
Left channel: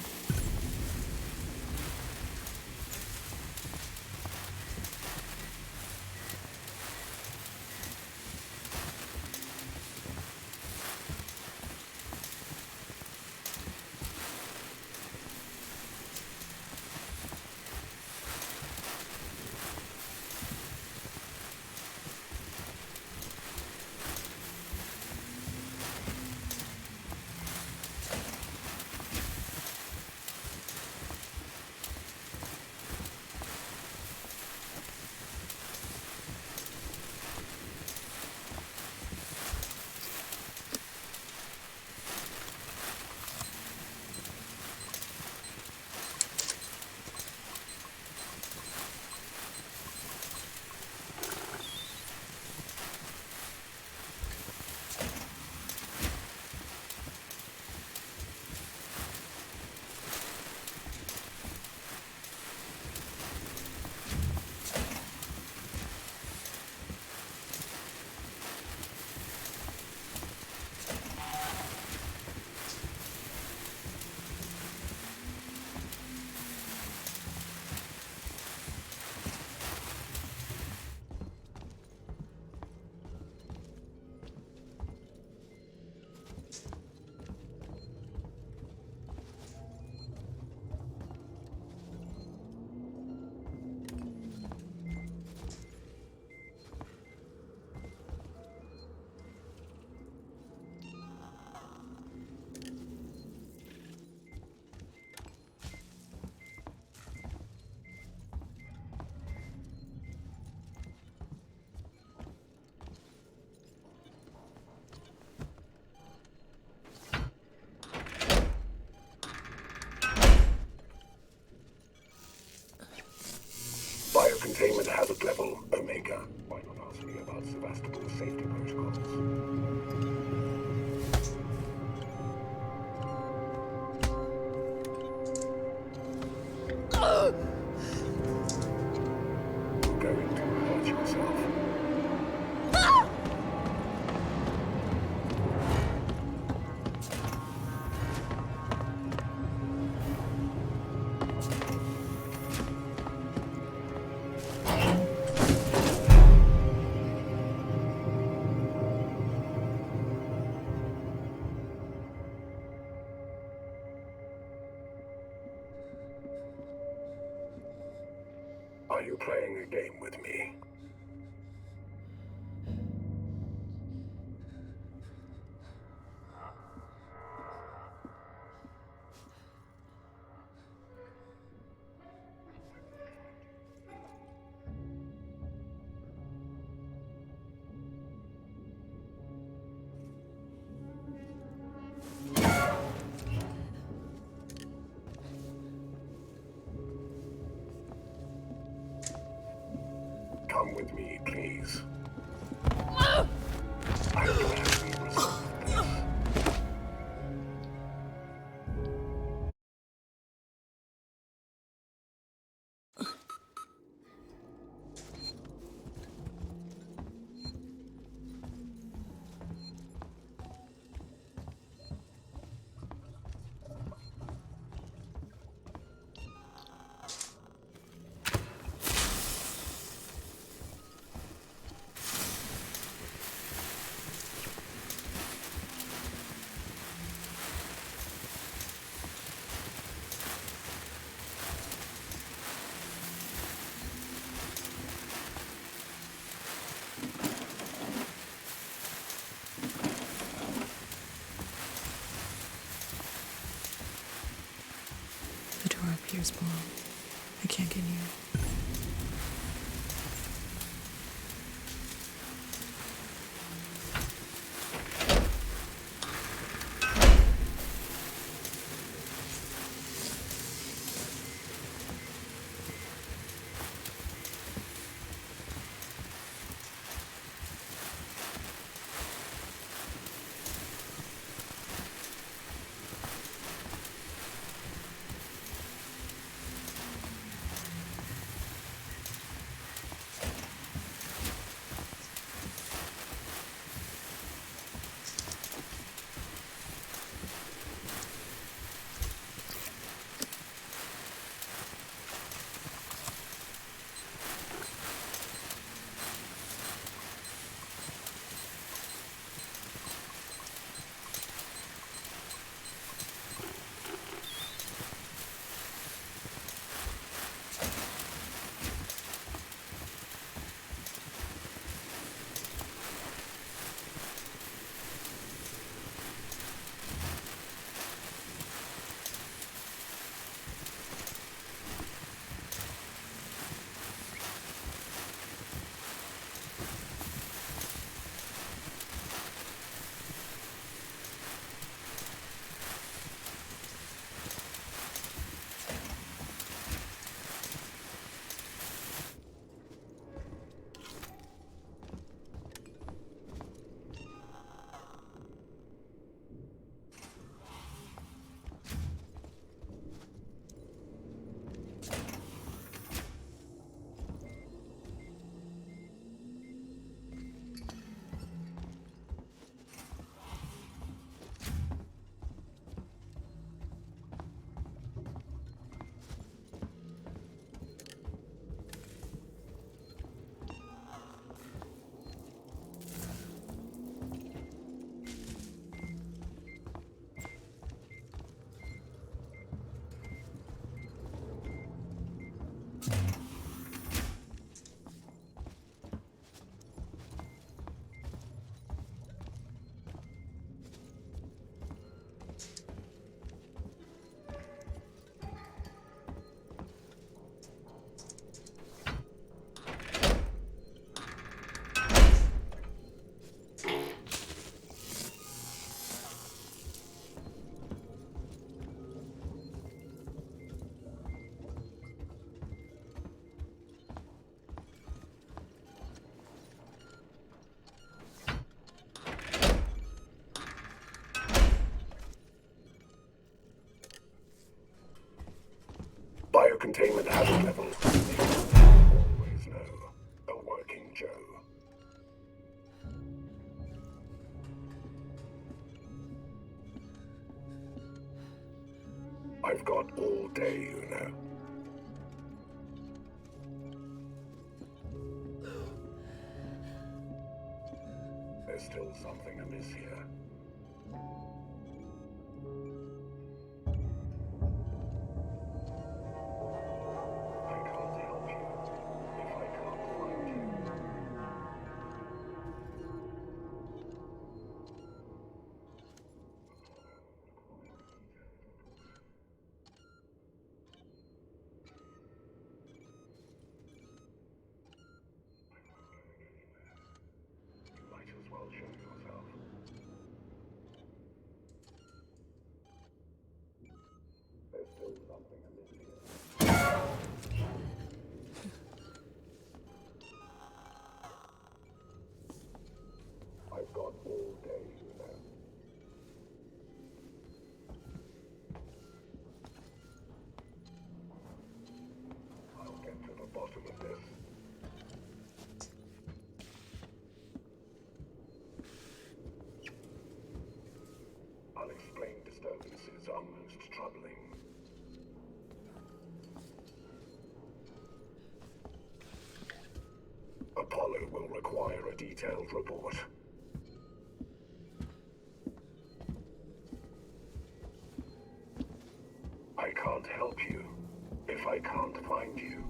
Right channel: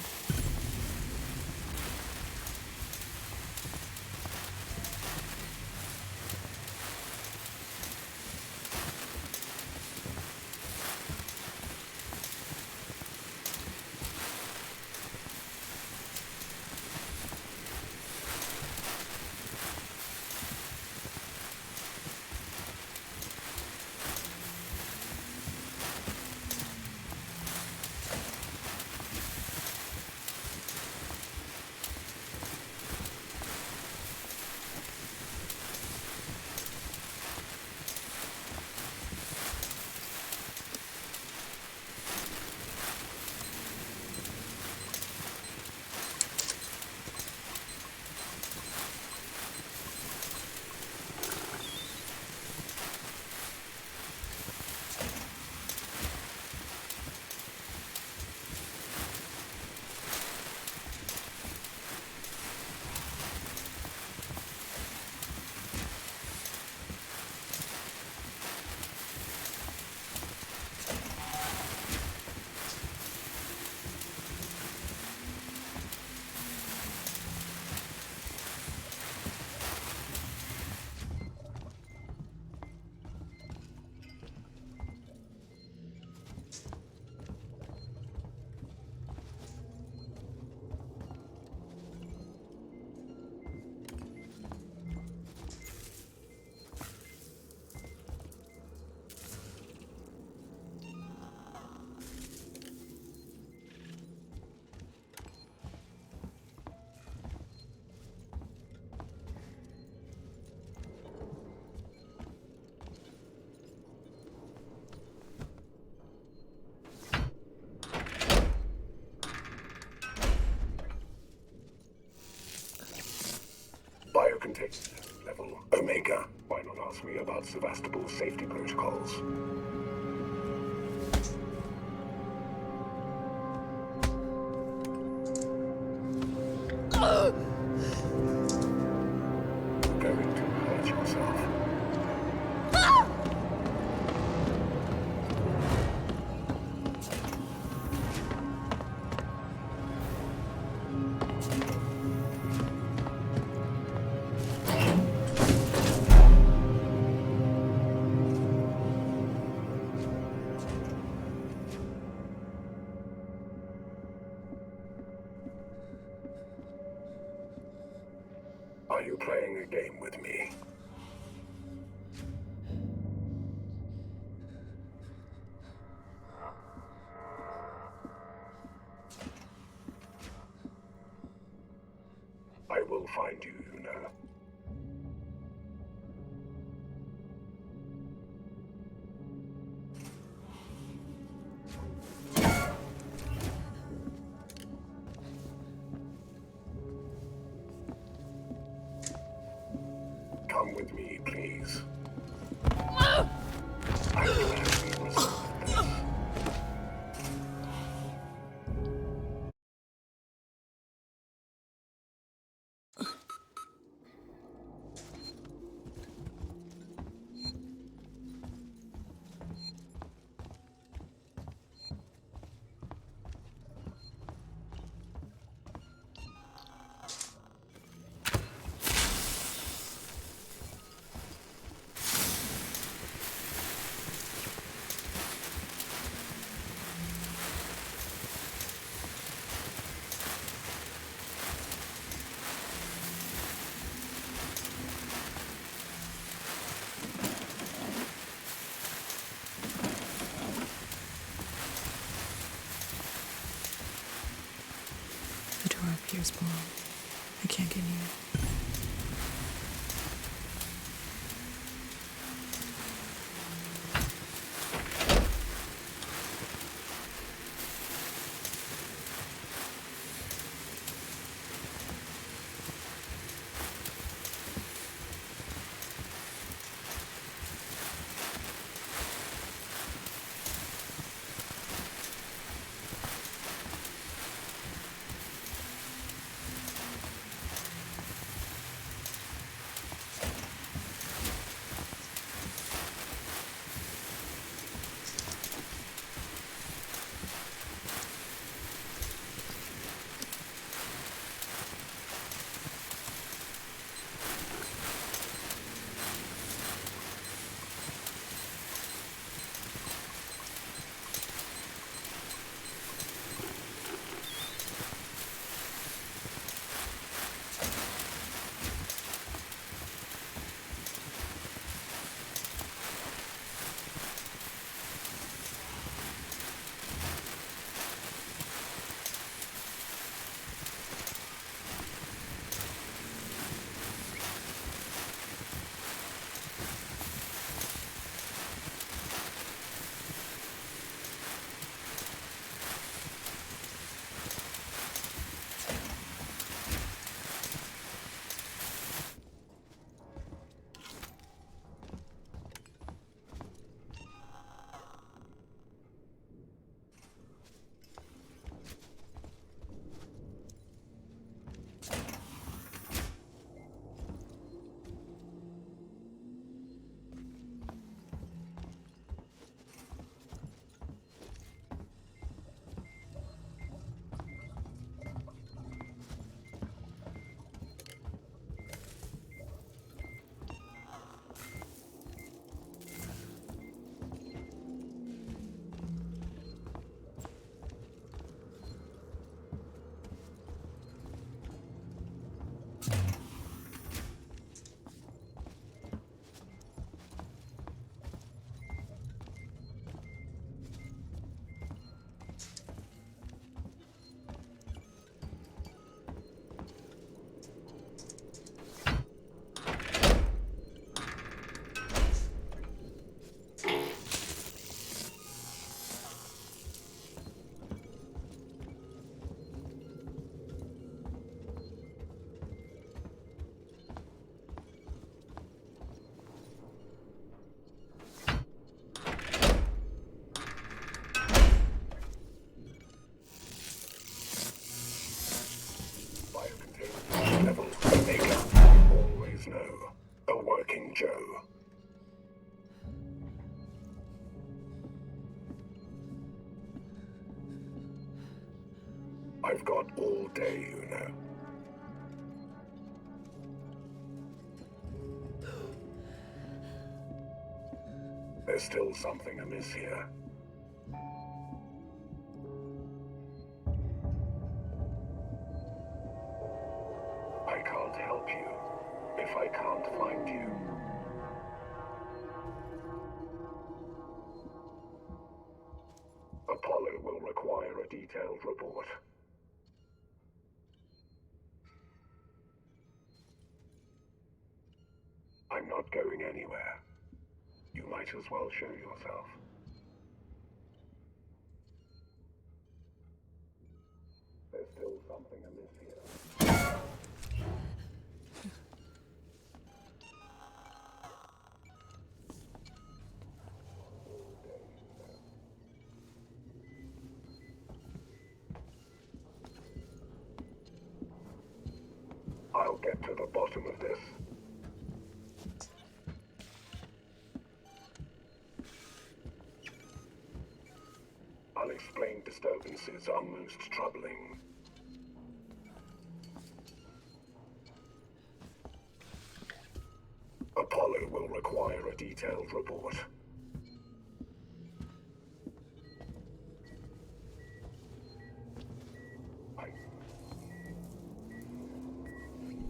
Mika, why not ask me about Sevastopol's safety protocols? You're going to hurt yourself. Are you playing a game with me? I will find you, Yuna. Come with me, please. I'm glad we resolved this. The door appears below. I can't get near. There's still something amiss here. I can't help you if I can't find you. Apollo will require a detailed report. I'm not going anywhere. You might as well show yourself. There's still something amiss here. I've got all day, you know. I'll get to the bottom of this. Unexplained disturbances are most troubling. Apollo will require a detailed report. I can't help you if I can't find you.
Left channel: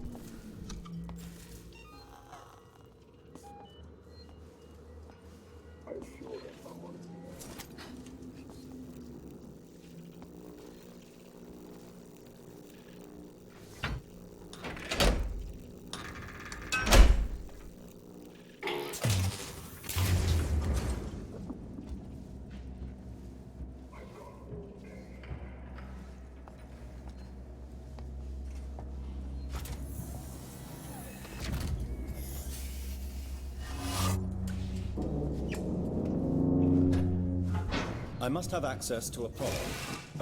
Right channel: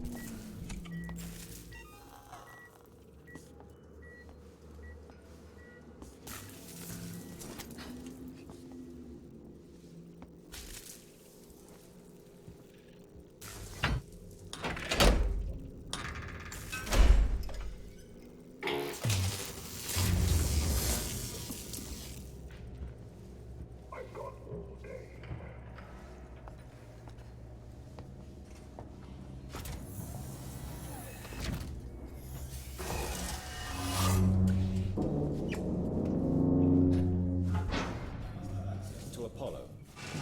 I must have access to Apollo.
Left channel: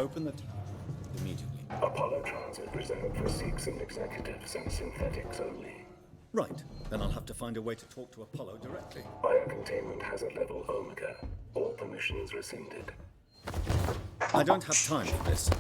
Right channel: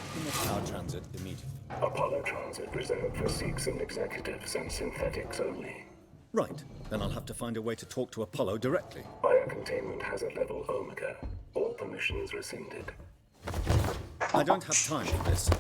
Open the tower transit immediately. Apollo transit reserved for Sikhs and executives and synthetics only. Right. Then I'll have to find a way to talk to Apollo directly. Biocontainment hazard level Omega. All permissions rescinded. I don't have time for this.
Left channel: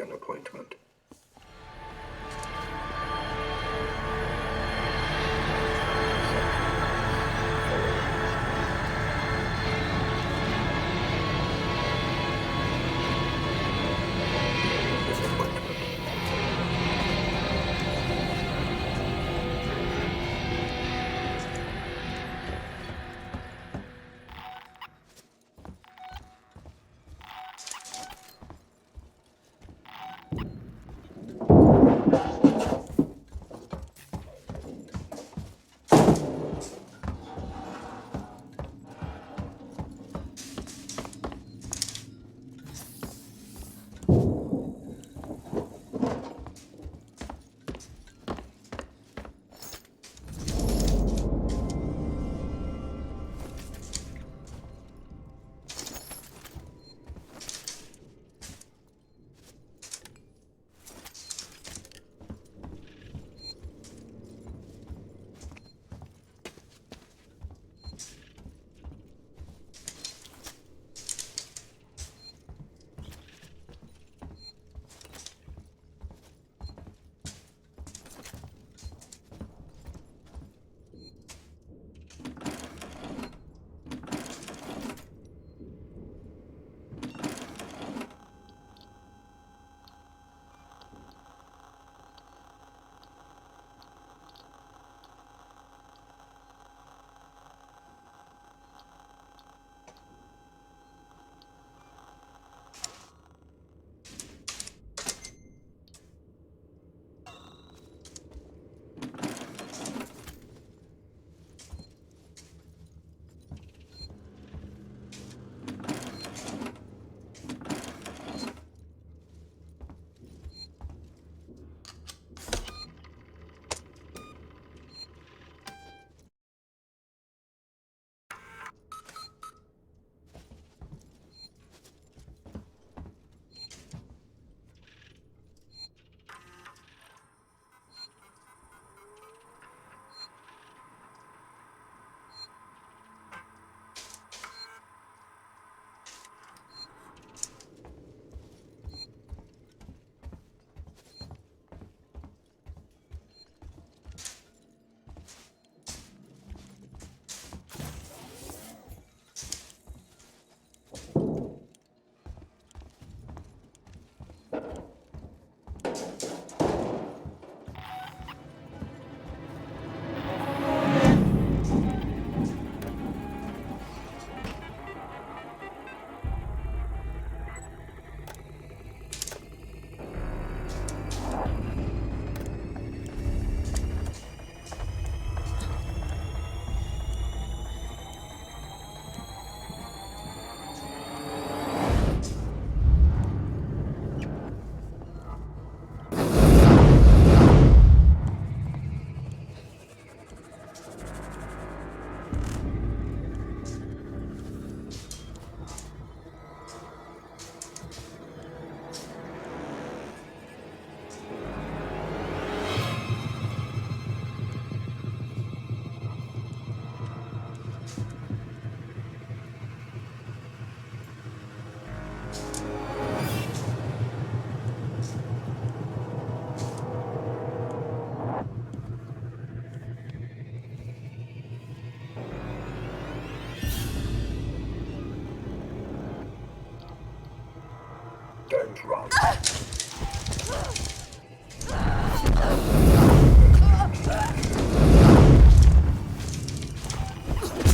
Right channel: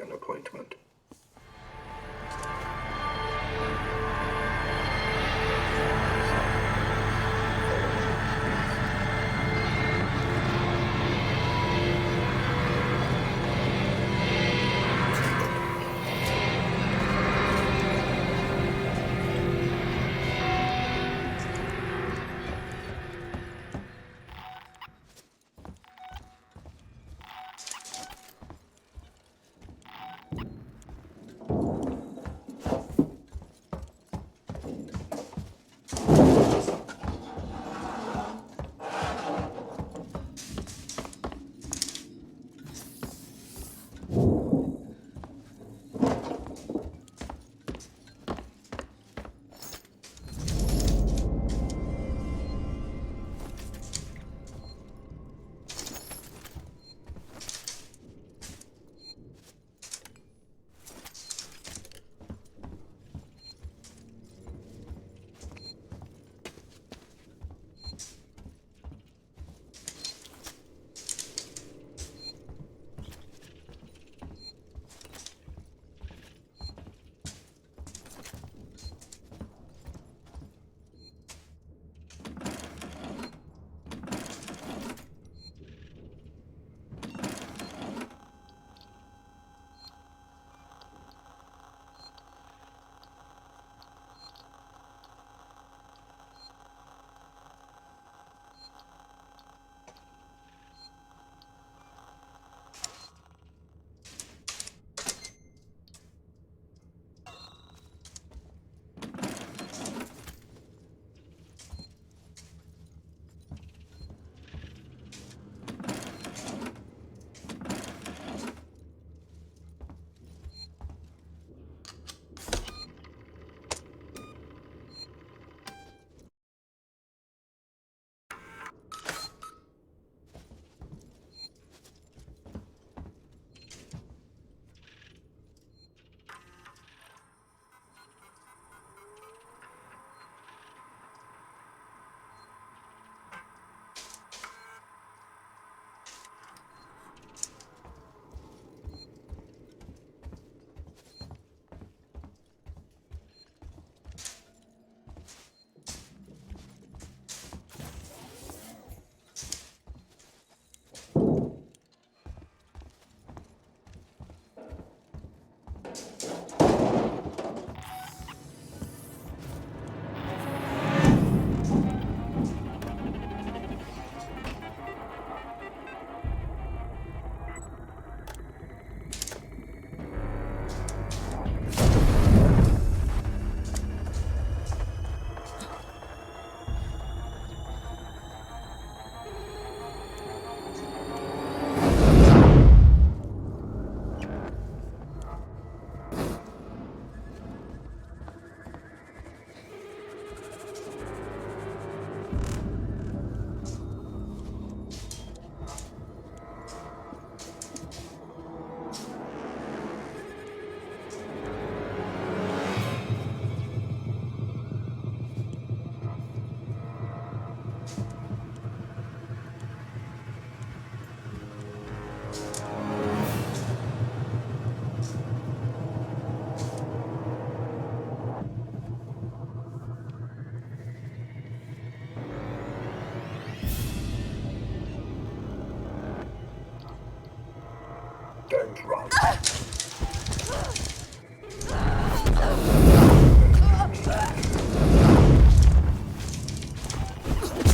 an appointment. Don't run.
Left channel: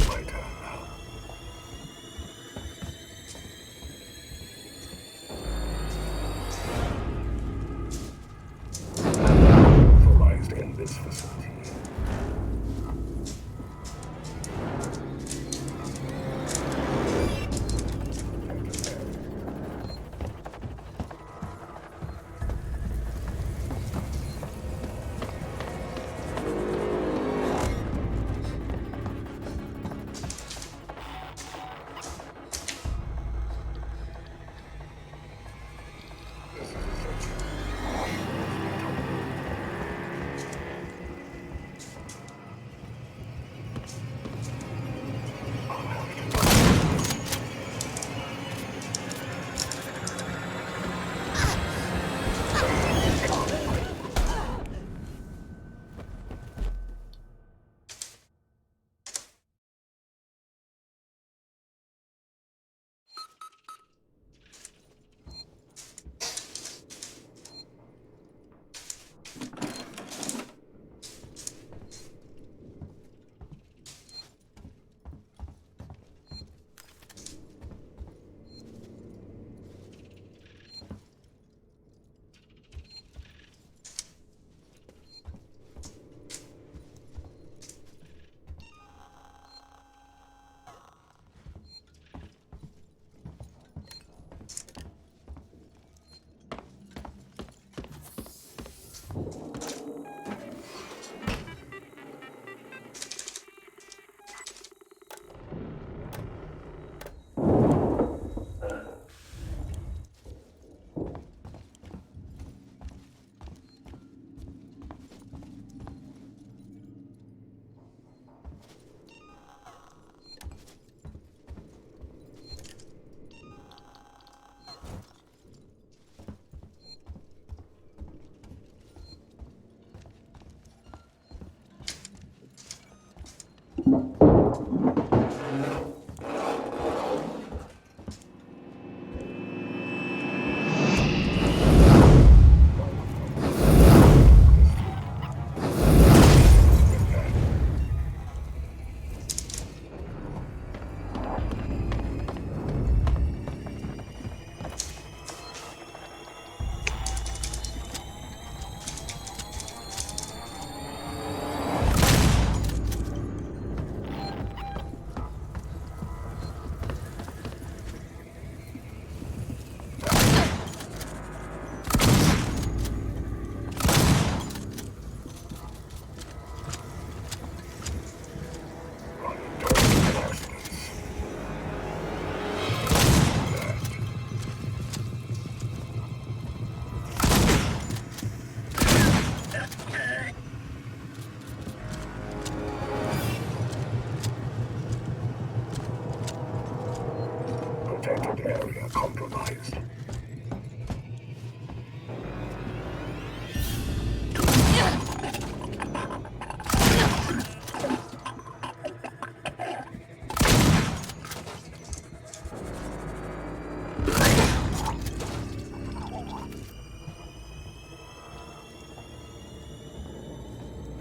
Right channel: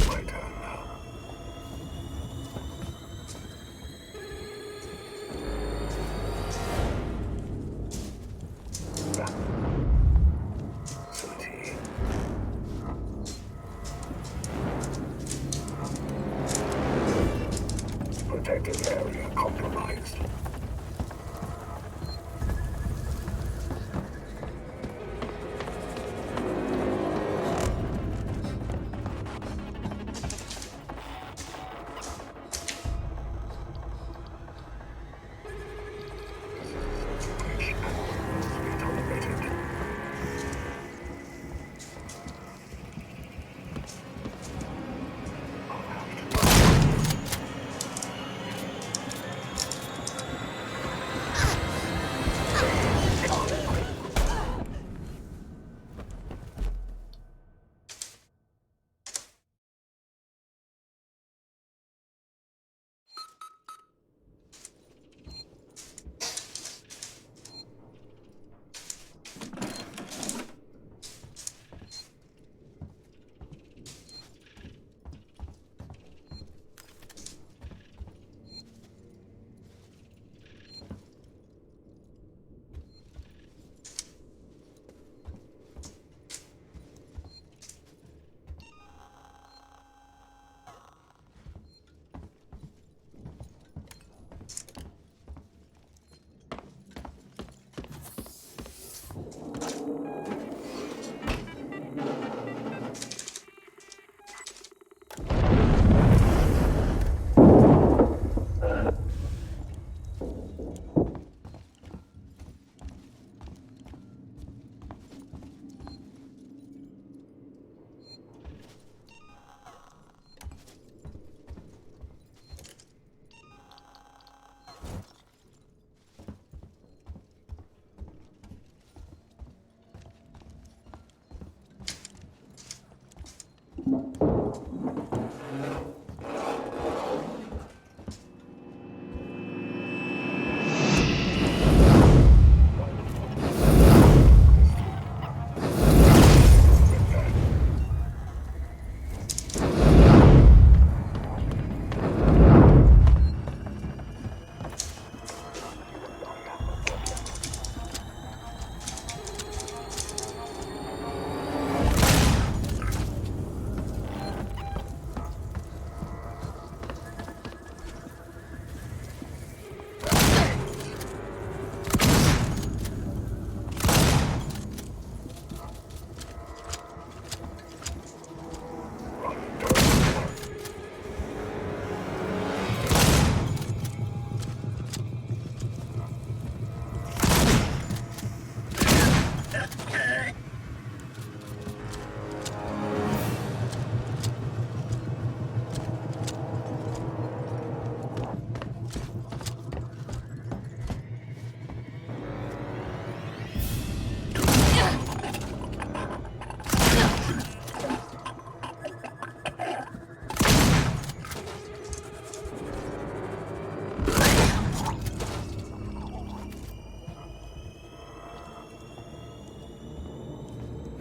My turn now. Authorized in this facility. Protected area compromised.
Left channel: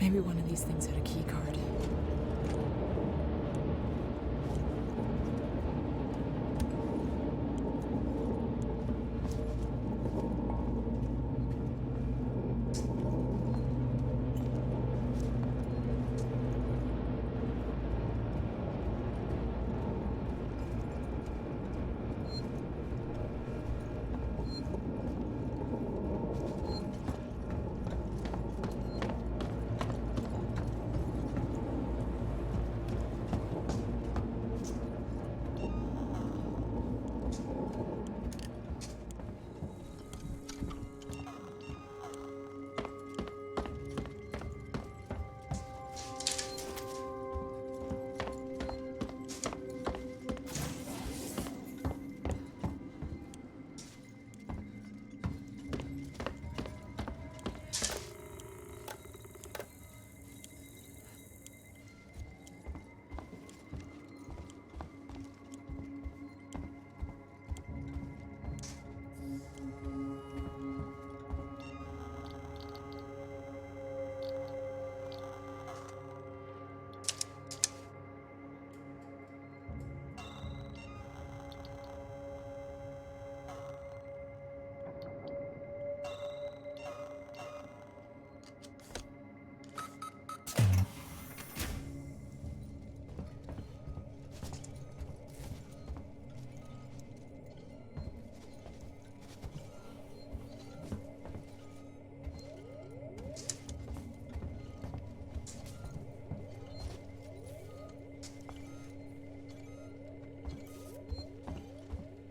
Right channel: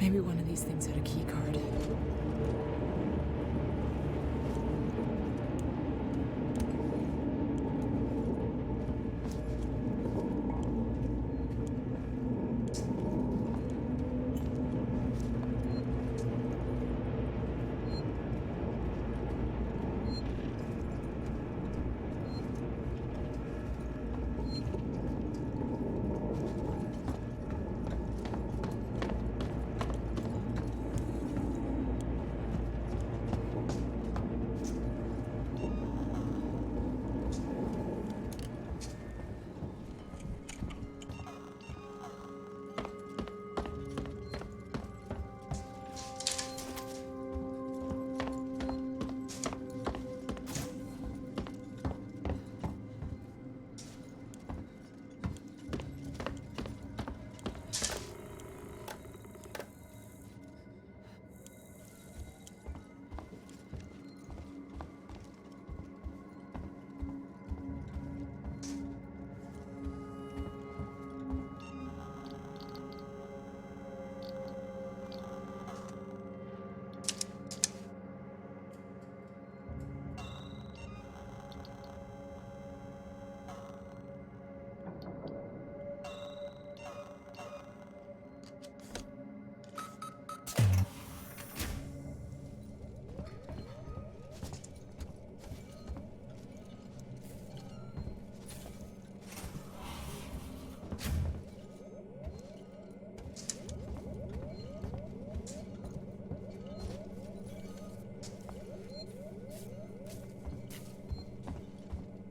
Maybe one of these things had a key card.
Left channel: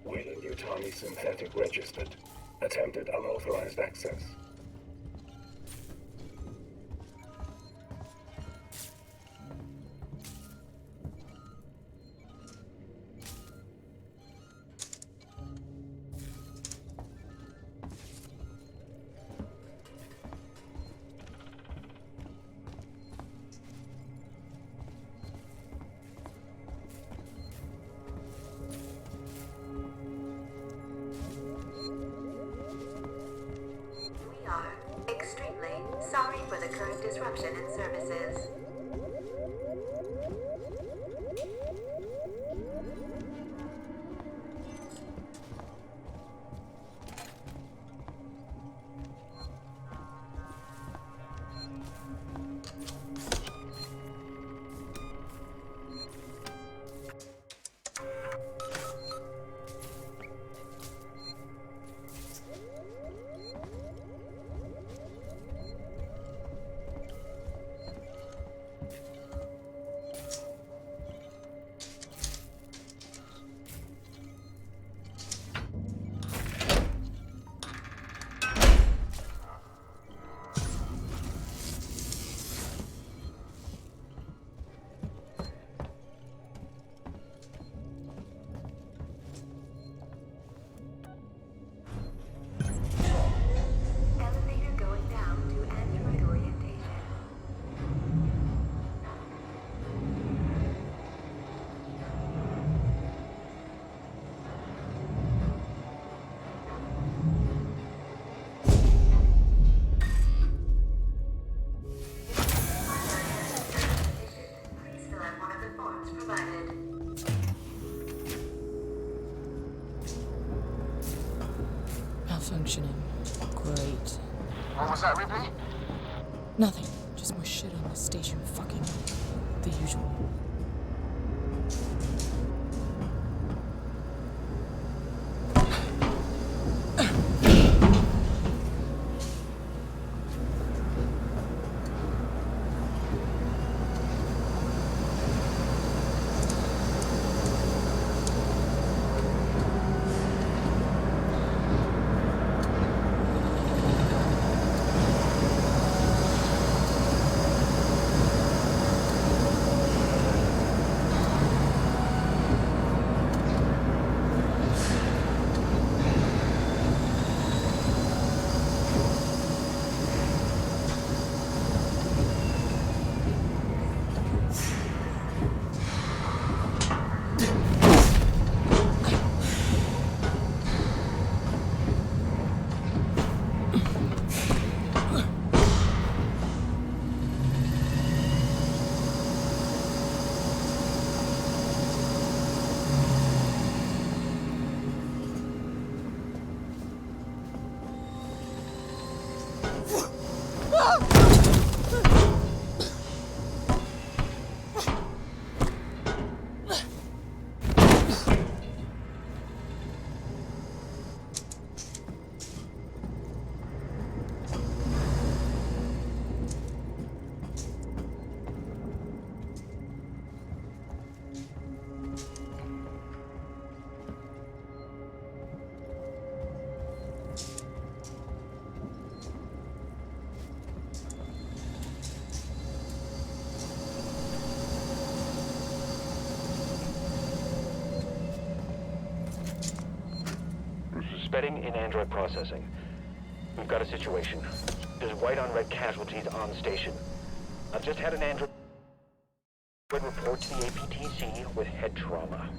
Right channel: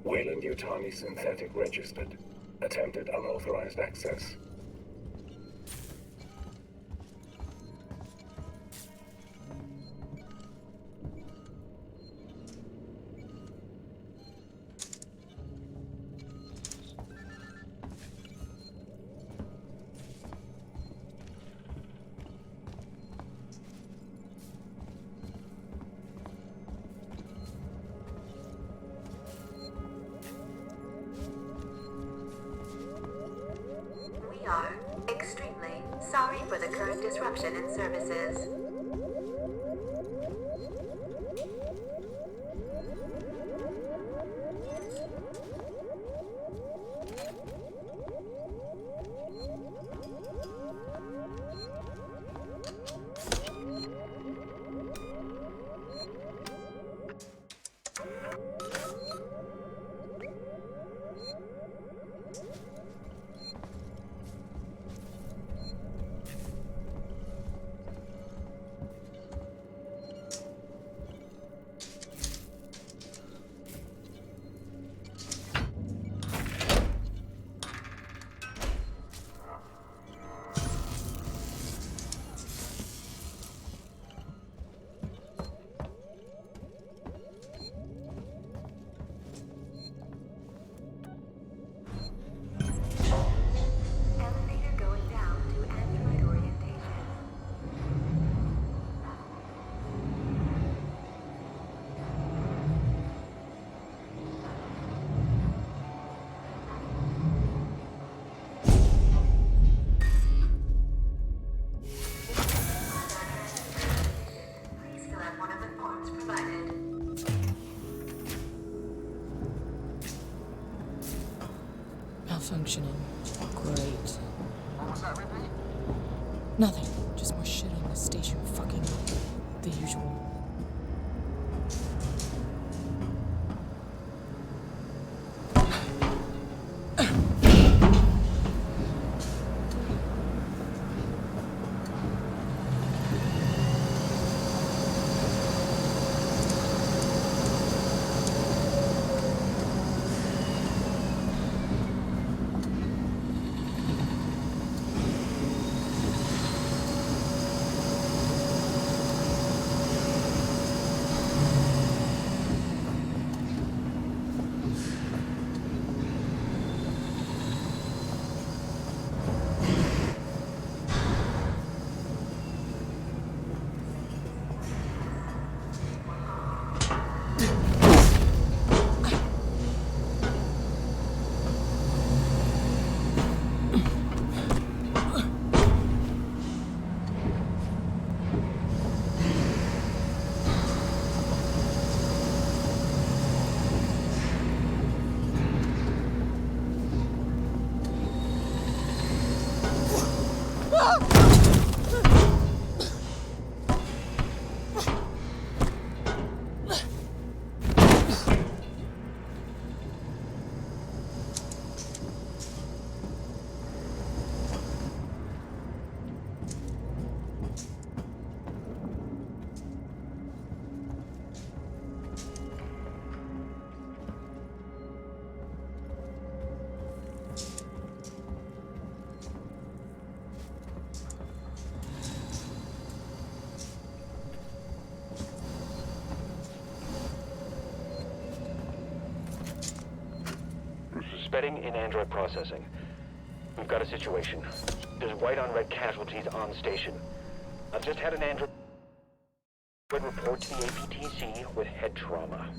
Weyland-Yutani synthetic registered. Attempted unauthorized access. We are extremely sorry for the current disruption in services. functioning. Great. What was that, Ripley? Nothing. Just more shit on the station. Fucking the usual. Suspending in android processing. We've got a situation. There's white on red casualties on station. I've just had an android report to the APTC with head trauma.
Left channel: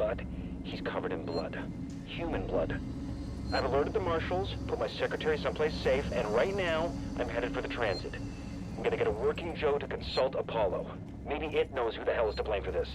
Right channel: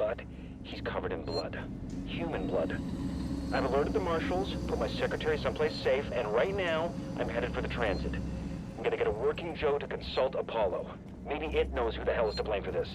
but he's covered in blood. Human blood. I've alerted the marshals, put my secretary someplace safe, and right now, I'm headed for the transit. I'm gonna get a working Joe to consult Apollo. Maybe it knows who the hell is to blame for this.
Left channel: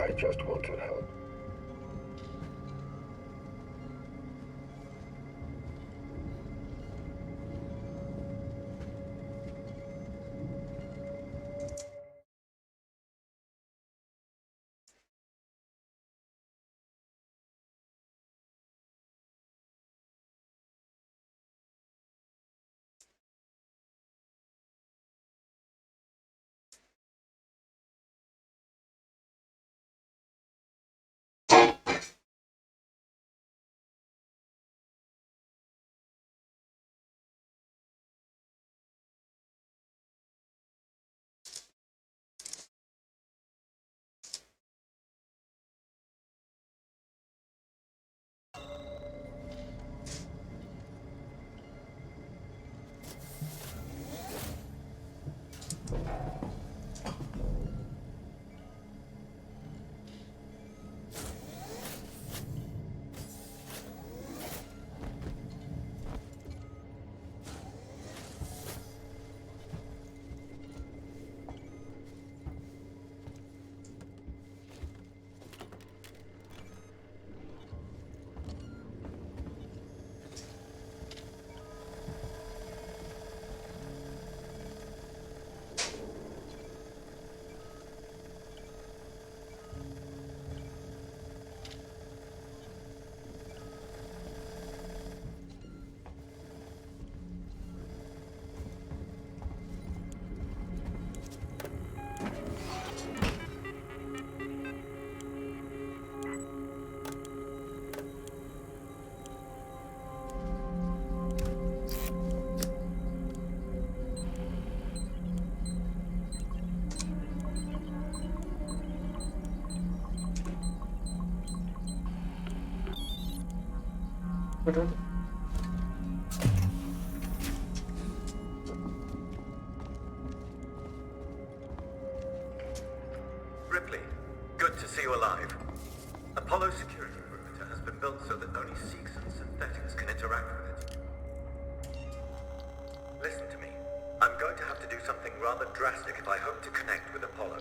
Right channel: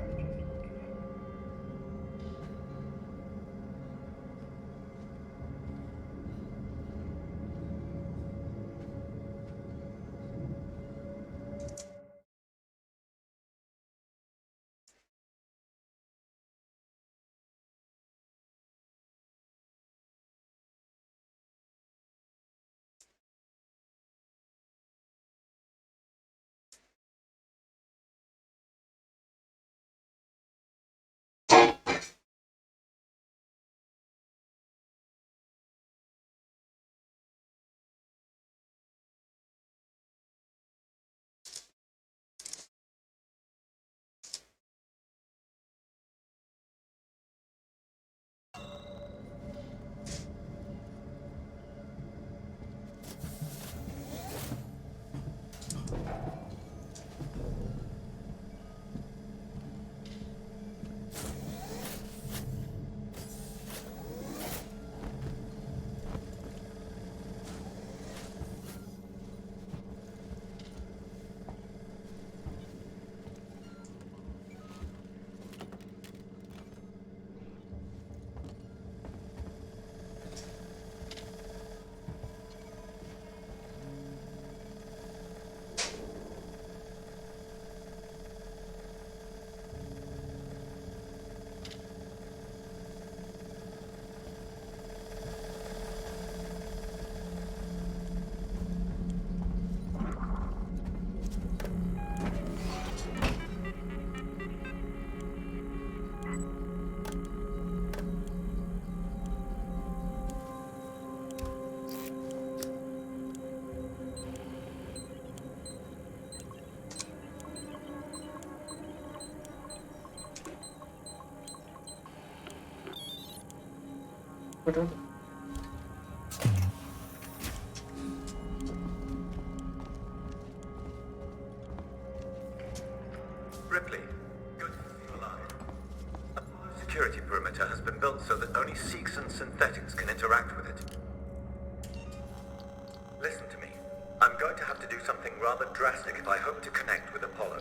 I just want to help. Ripley, good to see you alive. Apollo's security perimeter has been built so that only Seeks and synthetics can interact with it. Listen to me. I'm going to have to do something rather drastic if I hope to connect with Apollo.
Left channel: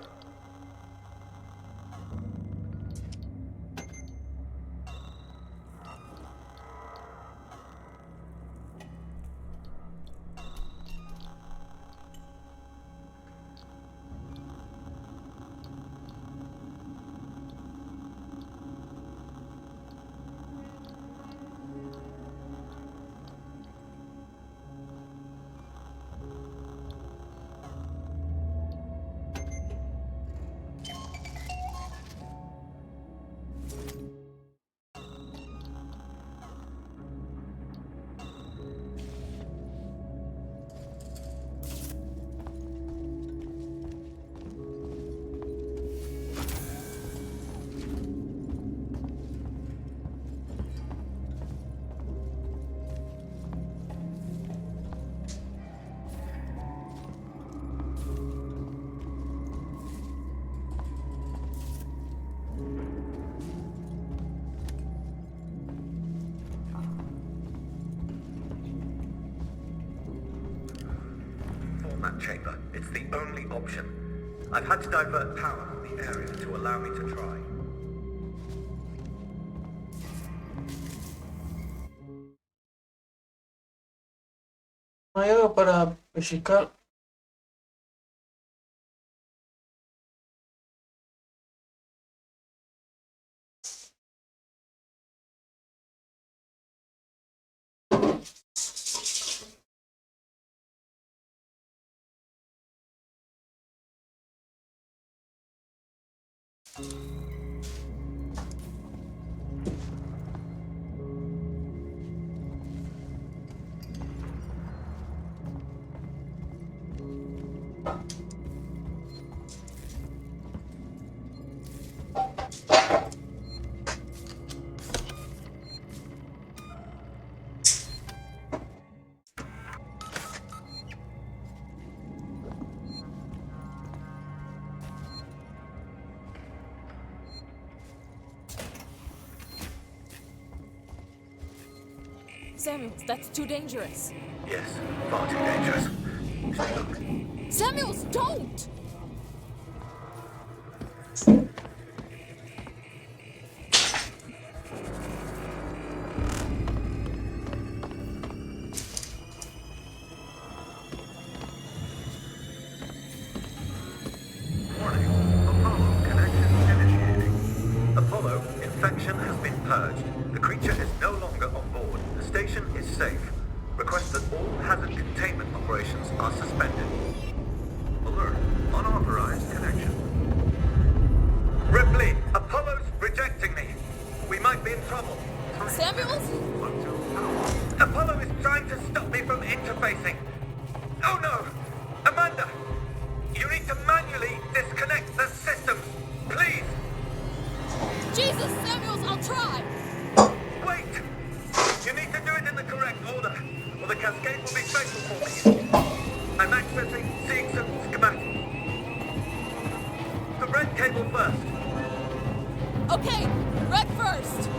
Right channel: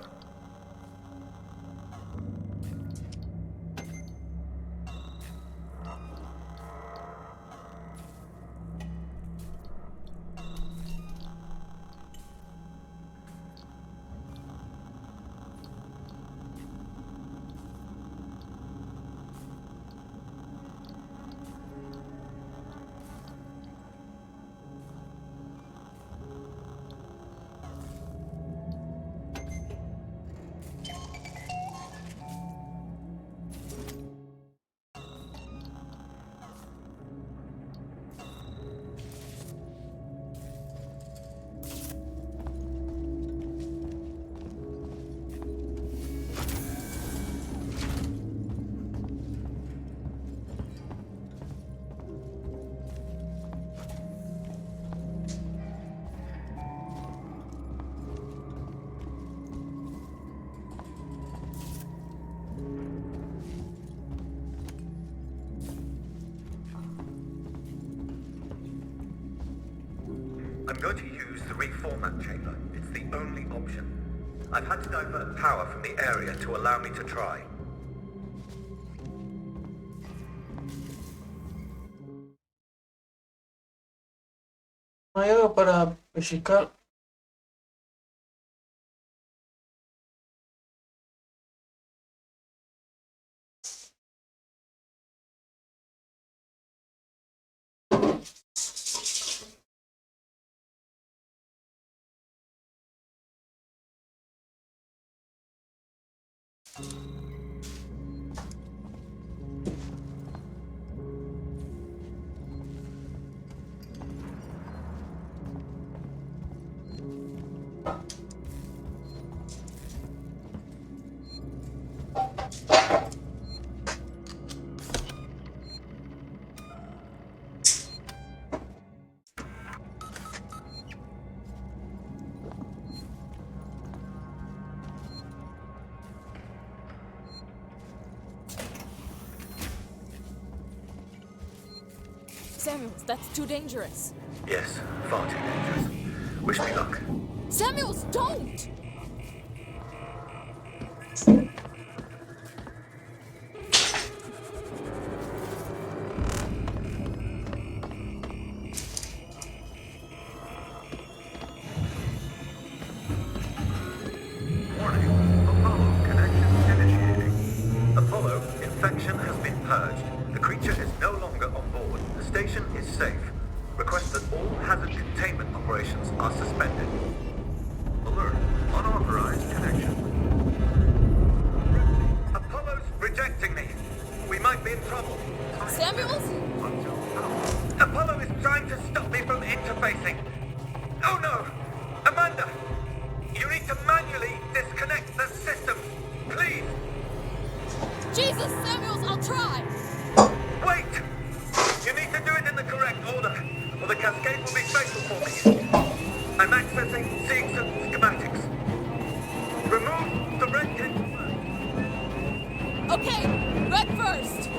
I'm going to use the reformat chamber. It's the only option. I've had to divert power from the area to allow me to try. No hay algo para pescar. Samuels, that's too dangerous. Yes, far too dangerous. Wish me luck. Samuels, don't! Apollo, infection has been purged. The creature is no longer on board. The station is safe. Request that all hazard containment operations are suspended. Alert. Unauthorized connection. Ripley, Apollo's rejecting me. We might be in trouble. Samuels? Apollo is trying to stop me from interfacing. Oh no! Amanda! You need to manually disconnect the system. Please! Jesus, Samuels, I'll try! Wait! You need to do it in the correct order, or the cascade will be fatal for me. I'm accessing Seegson schematics. Remove the red cable first. Okay, red first!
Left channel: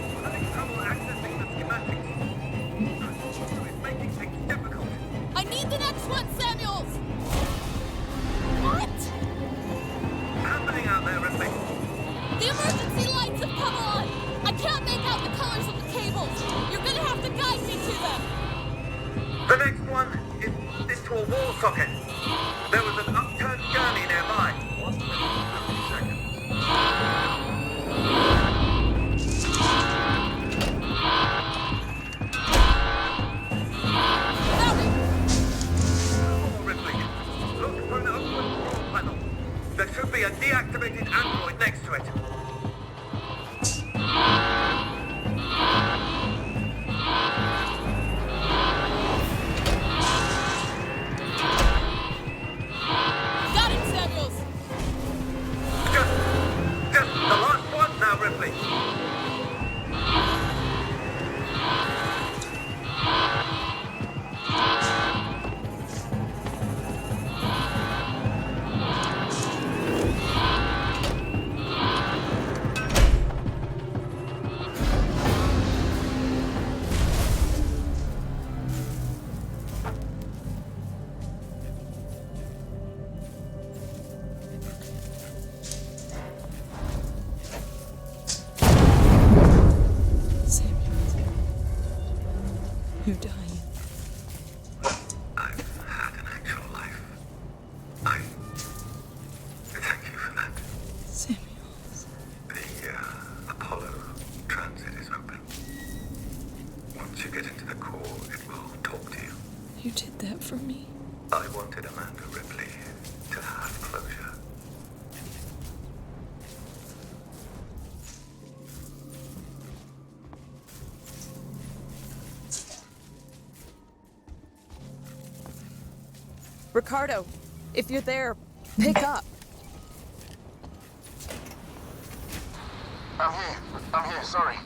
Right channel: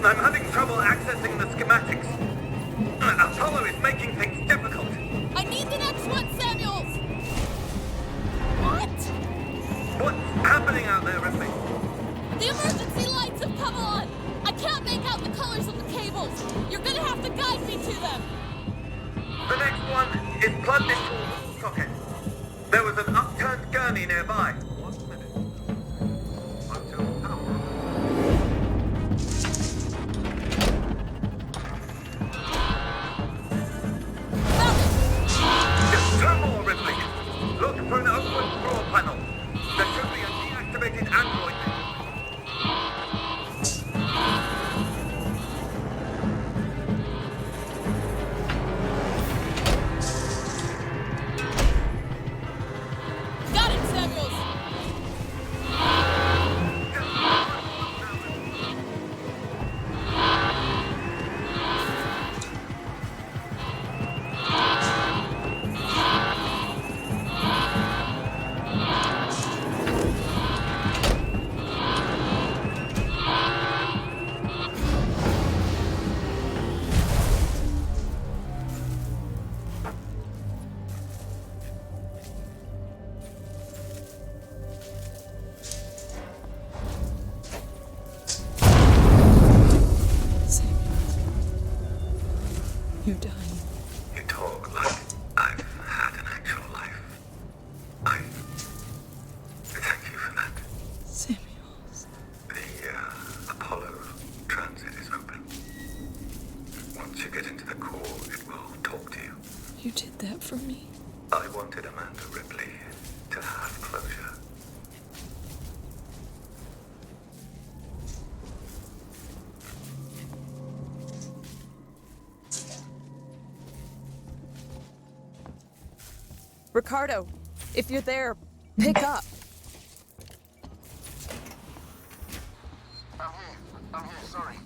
I'm having trouble accessing the schematics. Apollo is making things difficult. I need the next one, Samuels! What? What's happening out there, Ripley? The emergency lights have come on! I can't make out the colors of the cables. You're gonna have to guide me to them. The next one is plugged into a wall socket. There was an upturned gurney nearby. For an open floor panel. There should be a deactivated android next to it. Got it, Samuels! Just the last one now, Ripley. You're dying. You talk like I've had an actual life. I thank you for that. Samuels. The Apollo transit is open. Once you get into the core, it will talk to you. You did that for me. I wanted Amanda Ripley to have closure. Ricardo, if you're there, pick up. I'm here, sorry.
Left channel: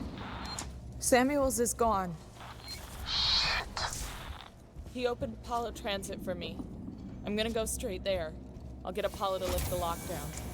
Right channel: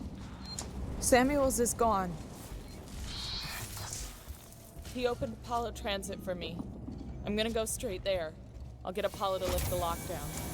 Samuels is gone. He opened Apollo Transit for me. I'm gonna go straight there. I'll get Apollo to lift the lockdown.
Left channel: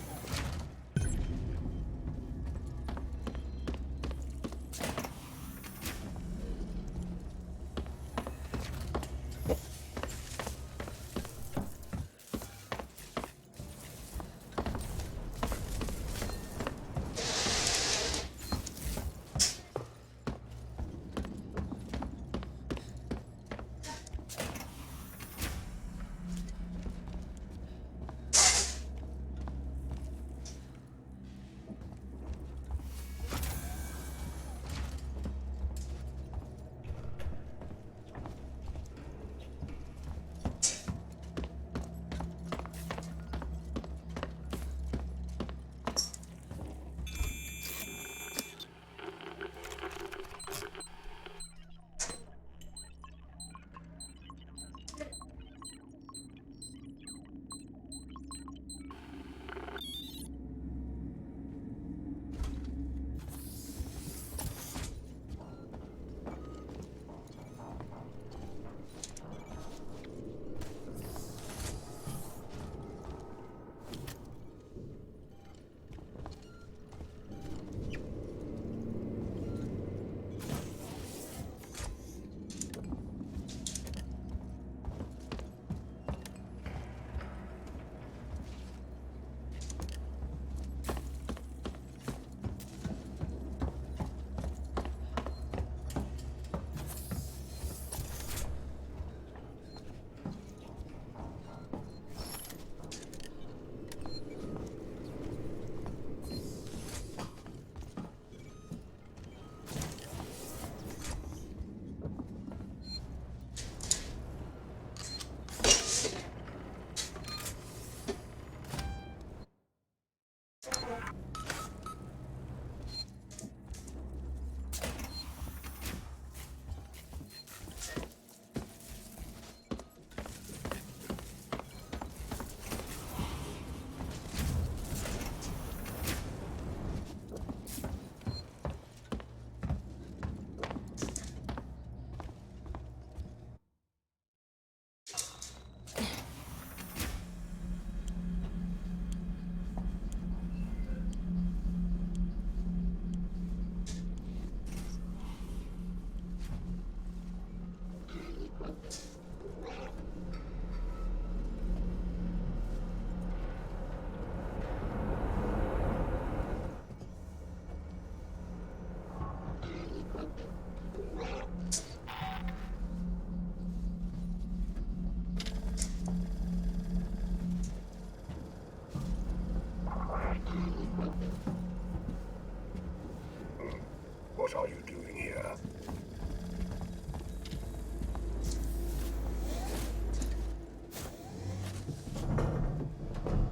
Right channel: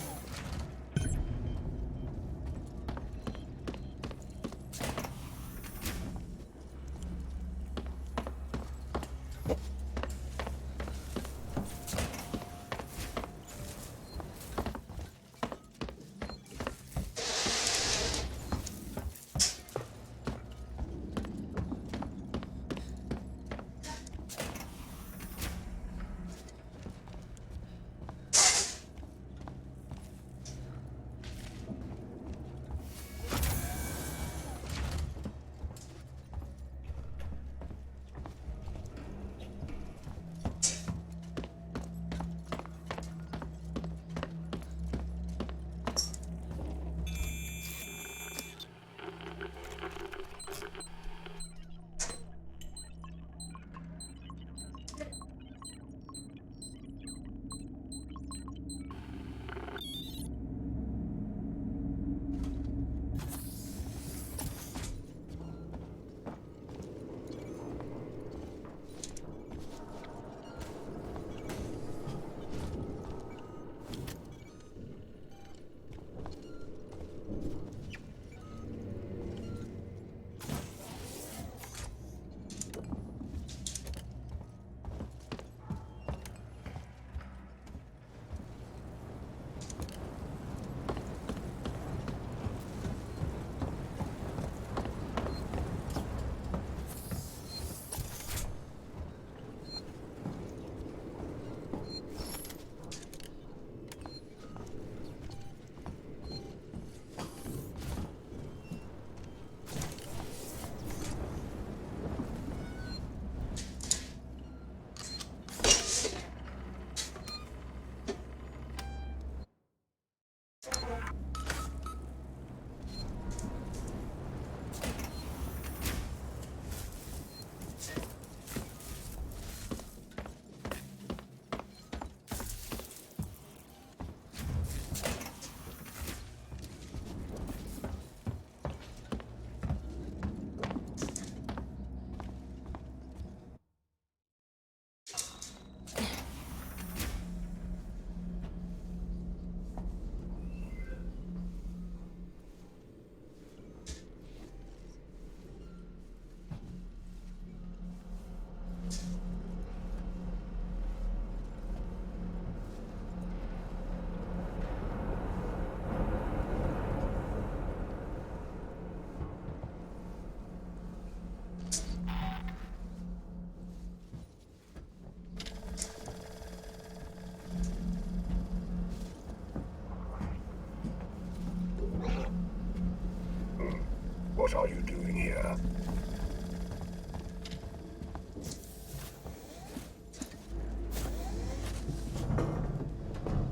What are you doing here?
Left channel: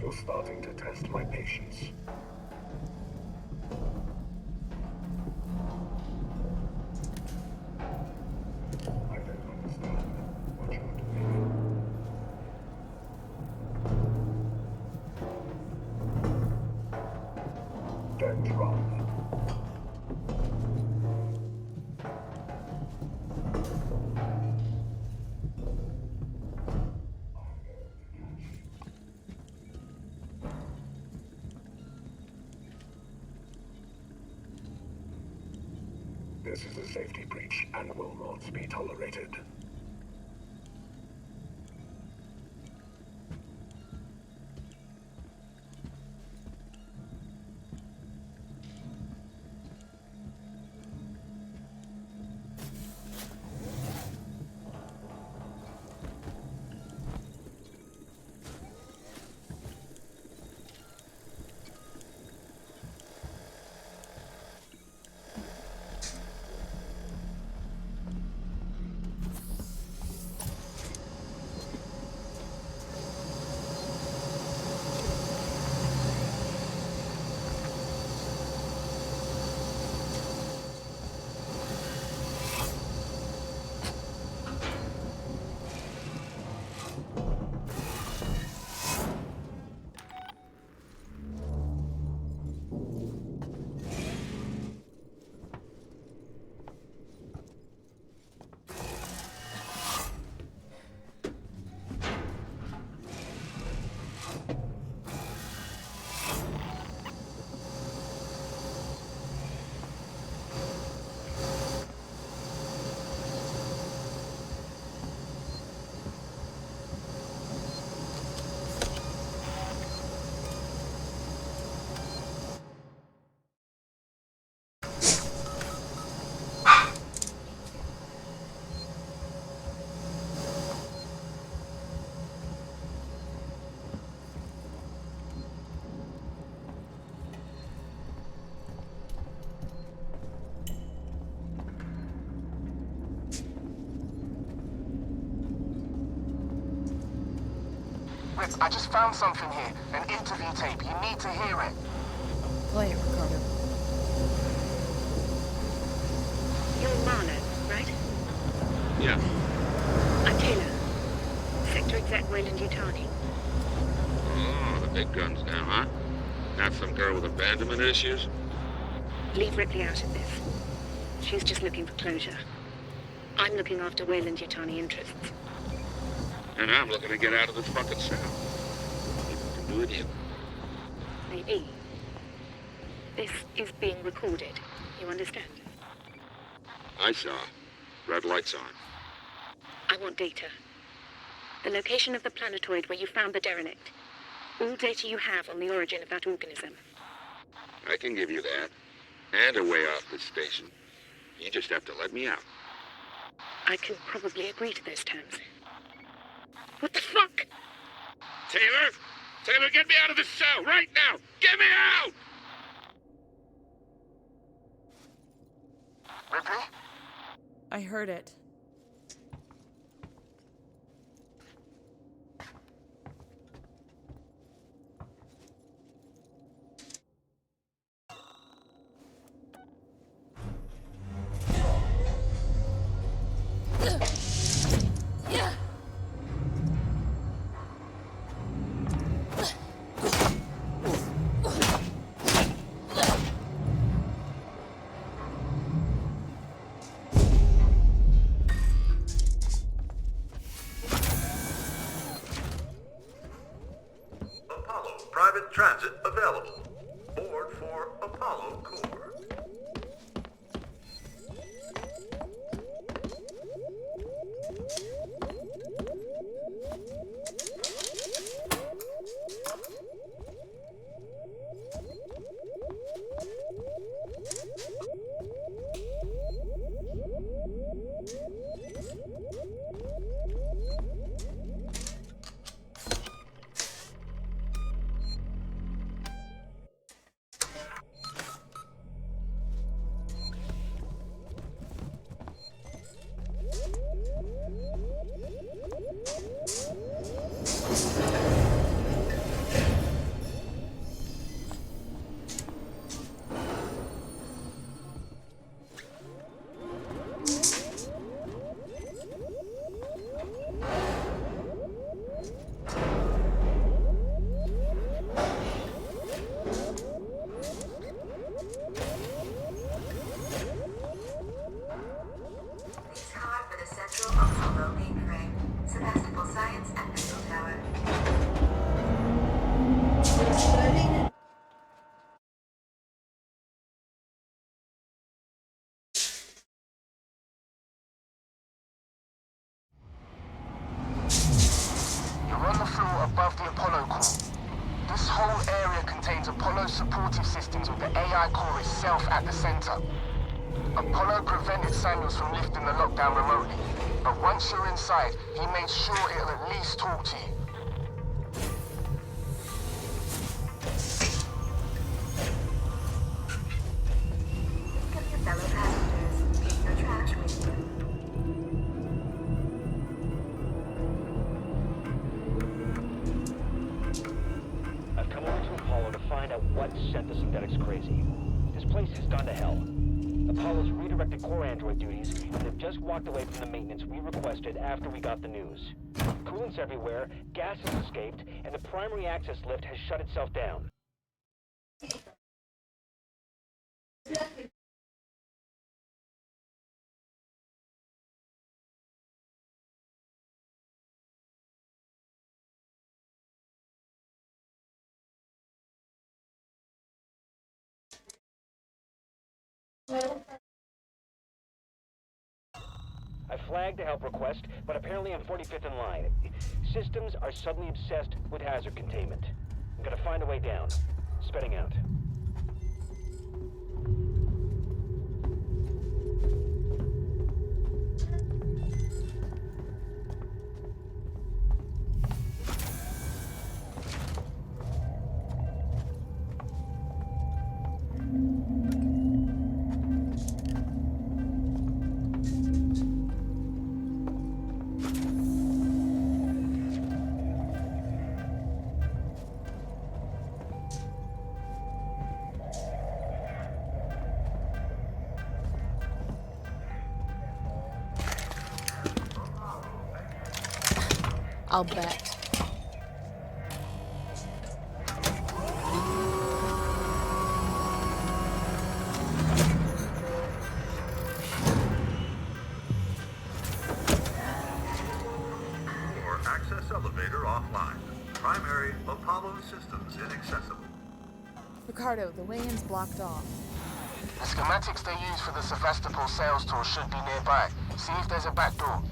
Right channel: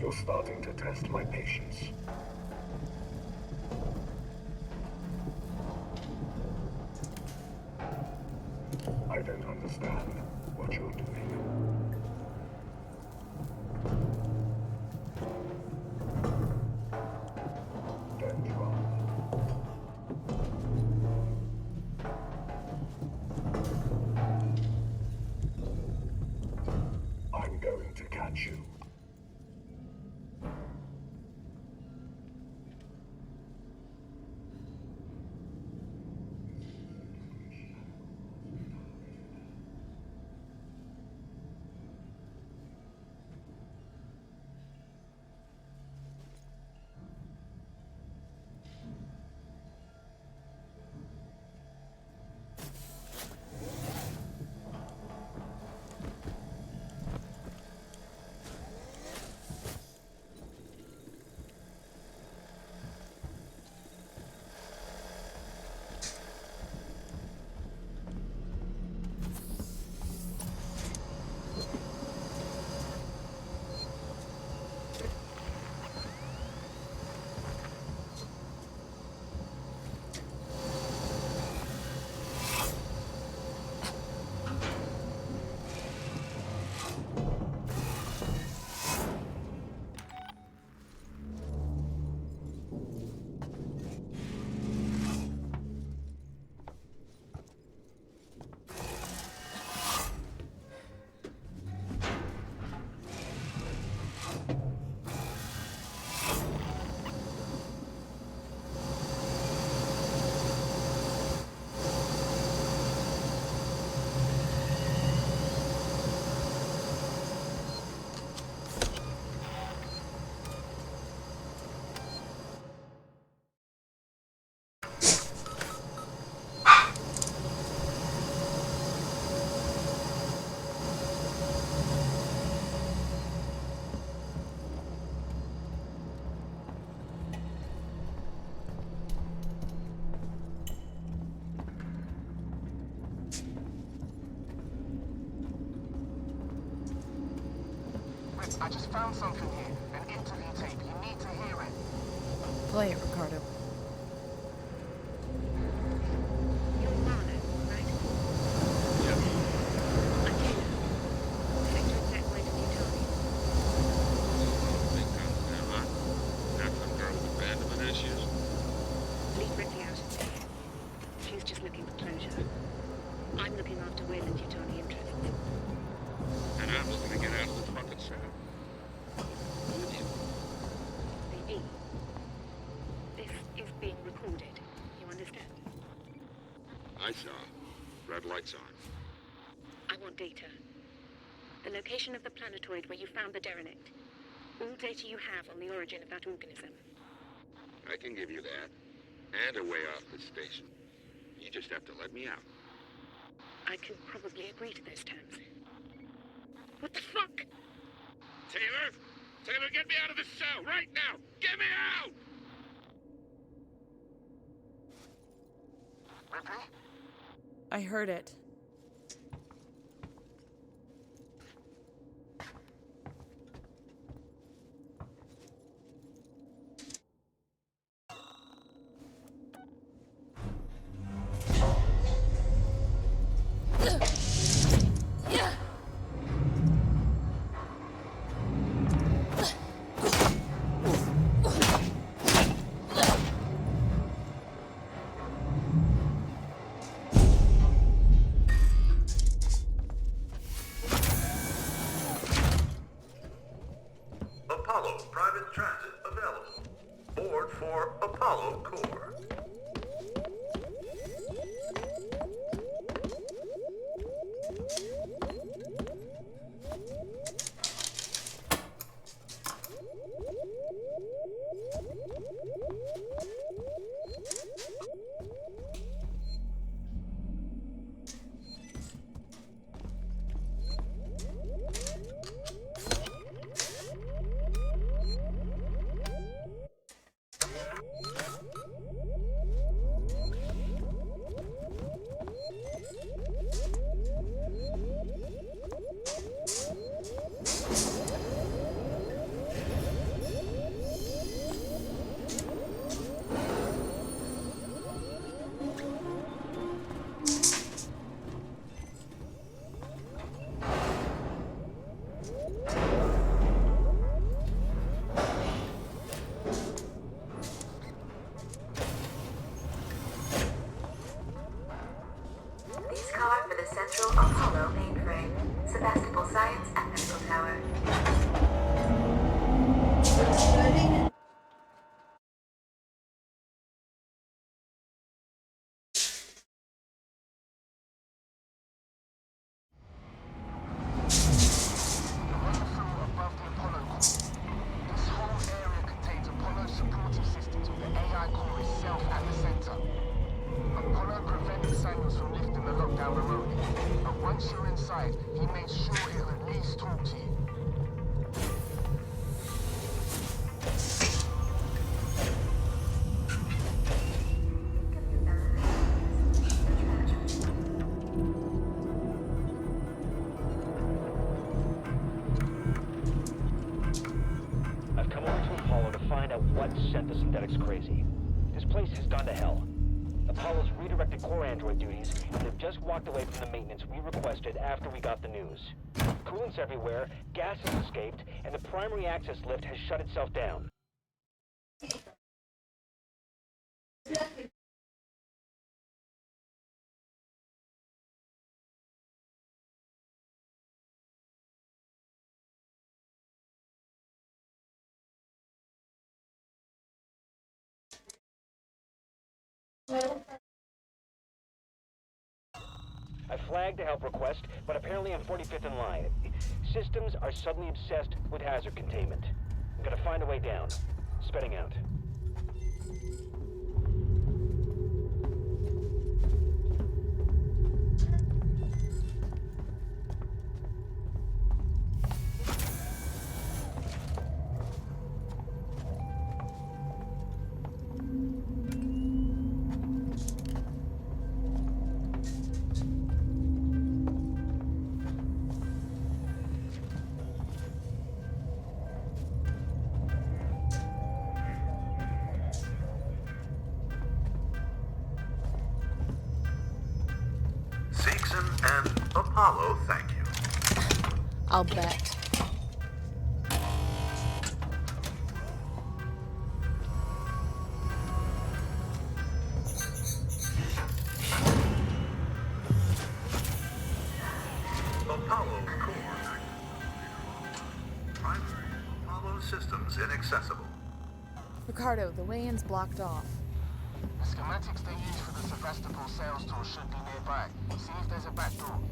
You're starting to test my patience. I don't understand what you're doing. Don't run. I'm going to catch you. This is a safety breach and will not be tolerated. Alex, I just found something here. An interview tape. You need to hear it. Play it, Ricardo. You're Marlowe, right? Yeah. I'm Taylor. Sector Exec Wayland Yutani. Oh, the big guns now, huh? Not some girl with abandonment issues? Leave Ripley out of this. She's just looking for closure. I'm looking after Wayland Yutani interests. And I'm looking to get out of this fucking cell. Even with you. Maybe. This is being recorded. You understand? I saw. Red lights on. I want data. The location of the planetoid where you found the derelict. All data you have on the origin of that organism. I can give you that. And a way off this station. You just have to let me out. I can probably agree to those terms. What the fuck? Taylor! Taylor, get me out of this cell right now! Get me out! Ripley? I heard it. Apollo private transit available. Board for Apollo Core. These card for the Central Apollo mainframe. Sebastopol Science and Missile Tower. You're on the floor above the Apollo core. This whole area contains Apollo's supportive systems with the AI core itself at the center. Apollo prevented Samuels from lifting the lockdown remotely, but once you're inside, he made sure he'll at least talk to you. Think of your fellow passengers. No trash. I've come over to Apollo to find out what sent the synthetics crazy. This place has gone to hell. Apollo's redirected core android duties, and they've just walked away from the maintenance we requested after we got the news. Coolant's everywhere, gas has escaped, and the primary access lift has shut itself down. I flagged a help request, but apparently I'm 45th in line. Systems are suddenly obsessed with hazard containment. I'm gonna find a way down. Spitting out. Apollo, thank you. I'll bet. Apollo core access elevator offline. Primary Apollo systems inaccessible. Ricardo, the way-in's blocked off. The schematics they use for the Sevastopol sales tour should be nearby. See if there's a back door.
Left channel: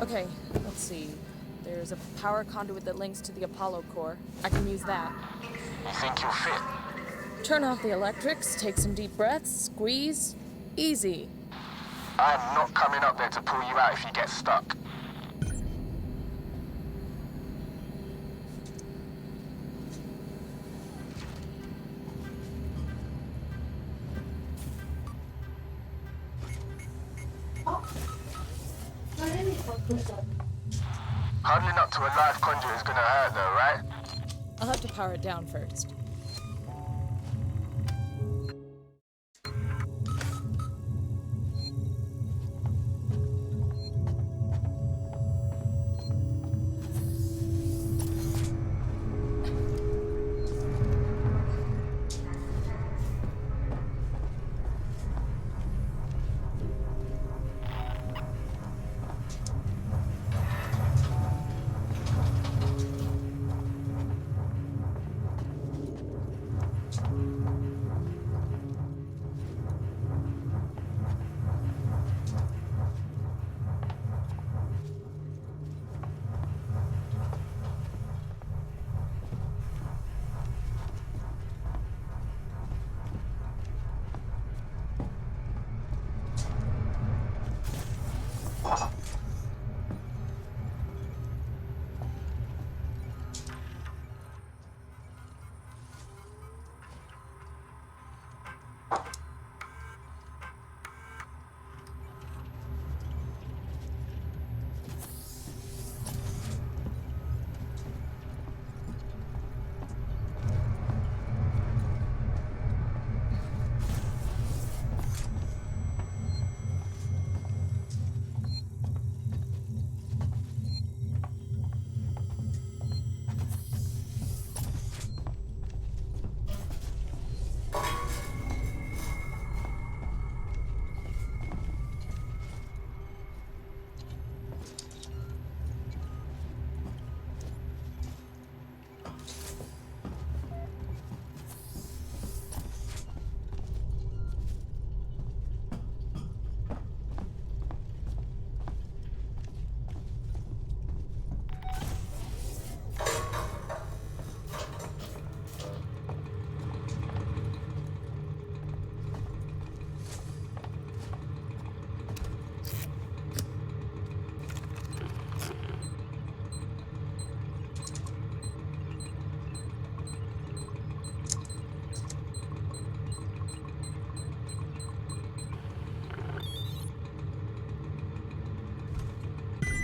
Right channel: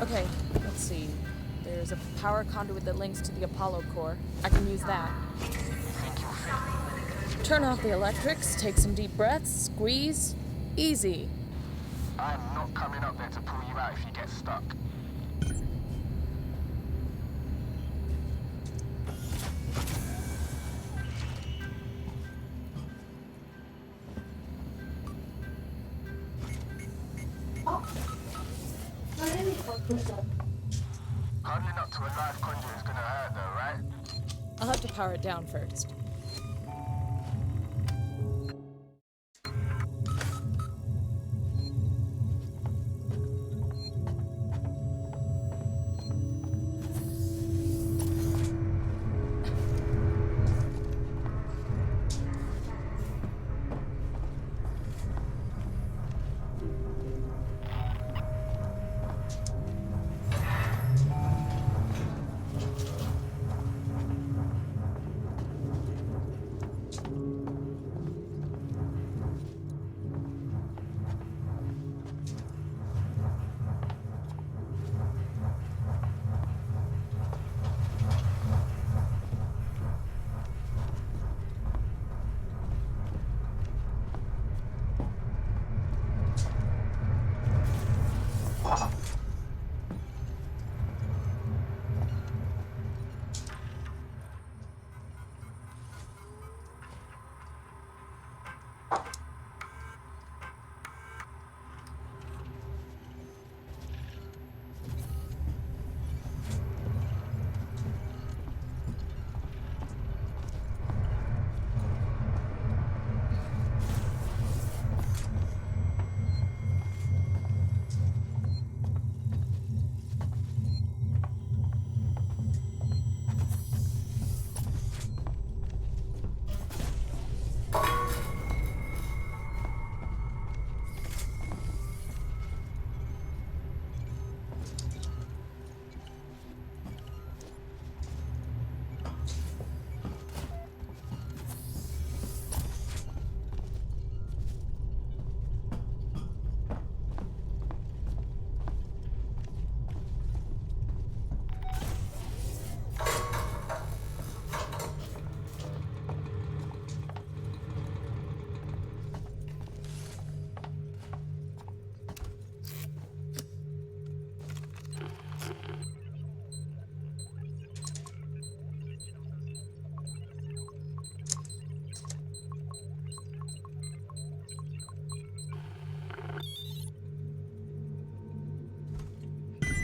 Okay, let's see. There's a power conduit that links to the Apollo core. I can use that. You think you'll fit? Turn off the electrics, take some deep breaths, squeeze. Easy. I'm not coming up there to pull you out if you get stuck. Huddling up to a live conduit is gonna hurt though, right? I'll have to power it down first.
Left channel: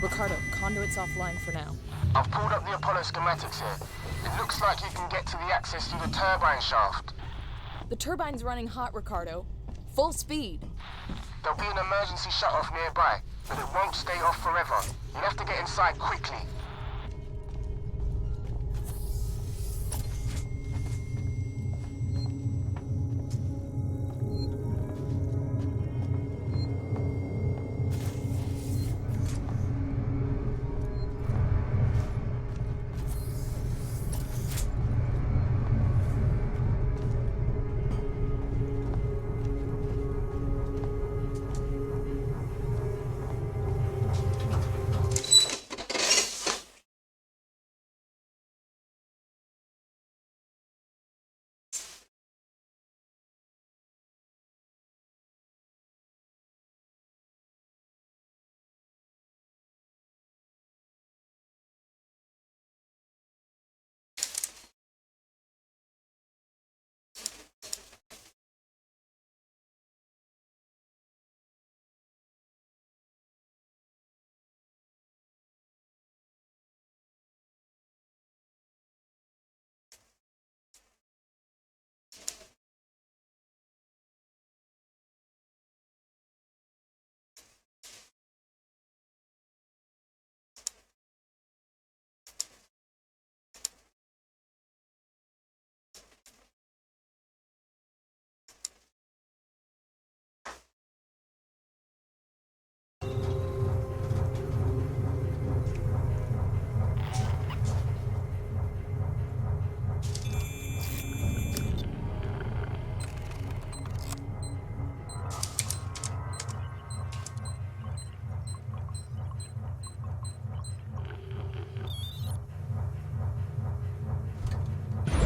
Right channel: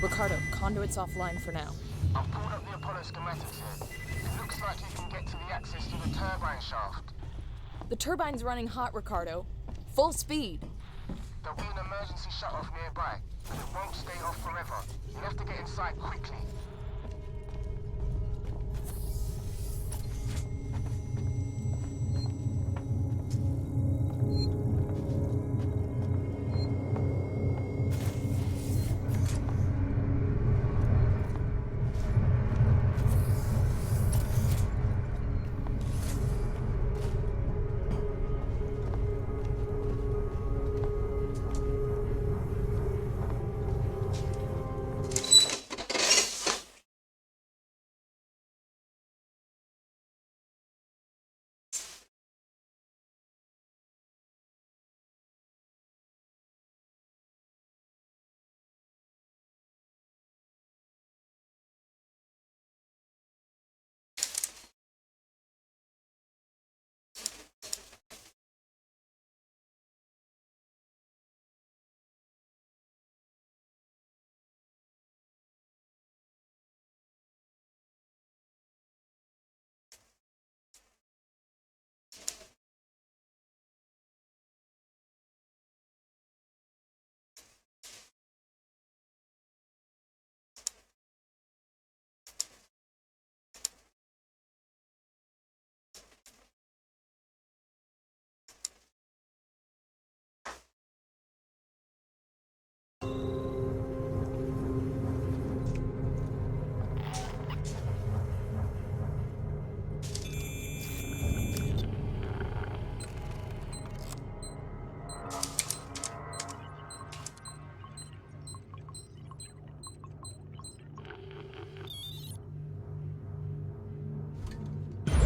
Ricardo, conduit's offline for now. I've pulled up the Apollo schematics here. It looks like you can get to the access through the turbine shaft. The turbine's running hot, Ricardo. Full speed. There'll be an emergency shut-off nearby, but it won't stay off forever. You'll have to get inside quickly.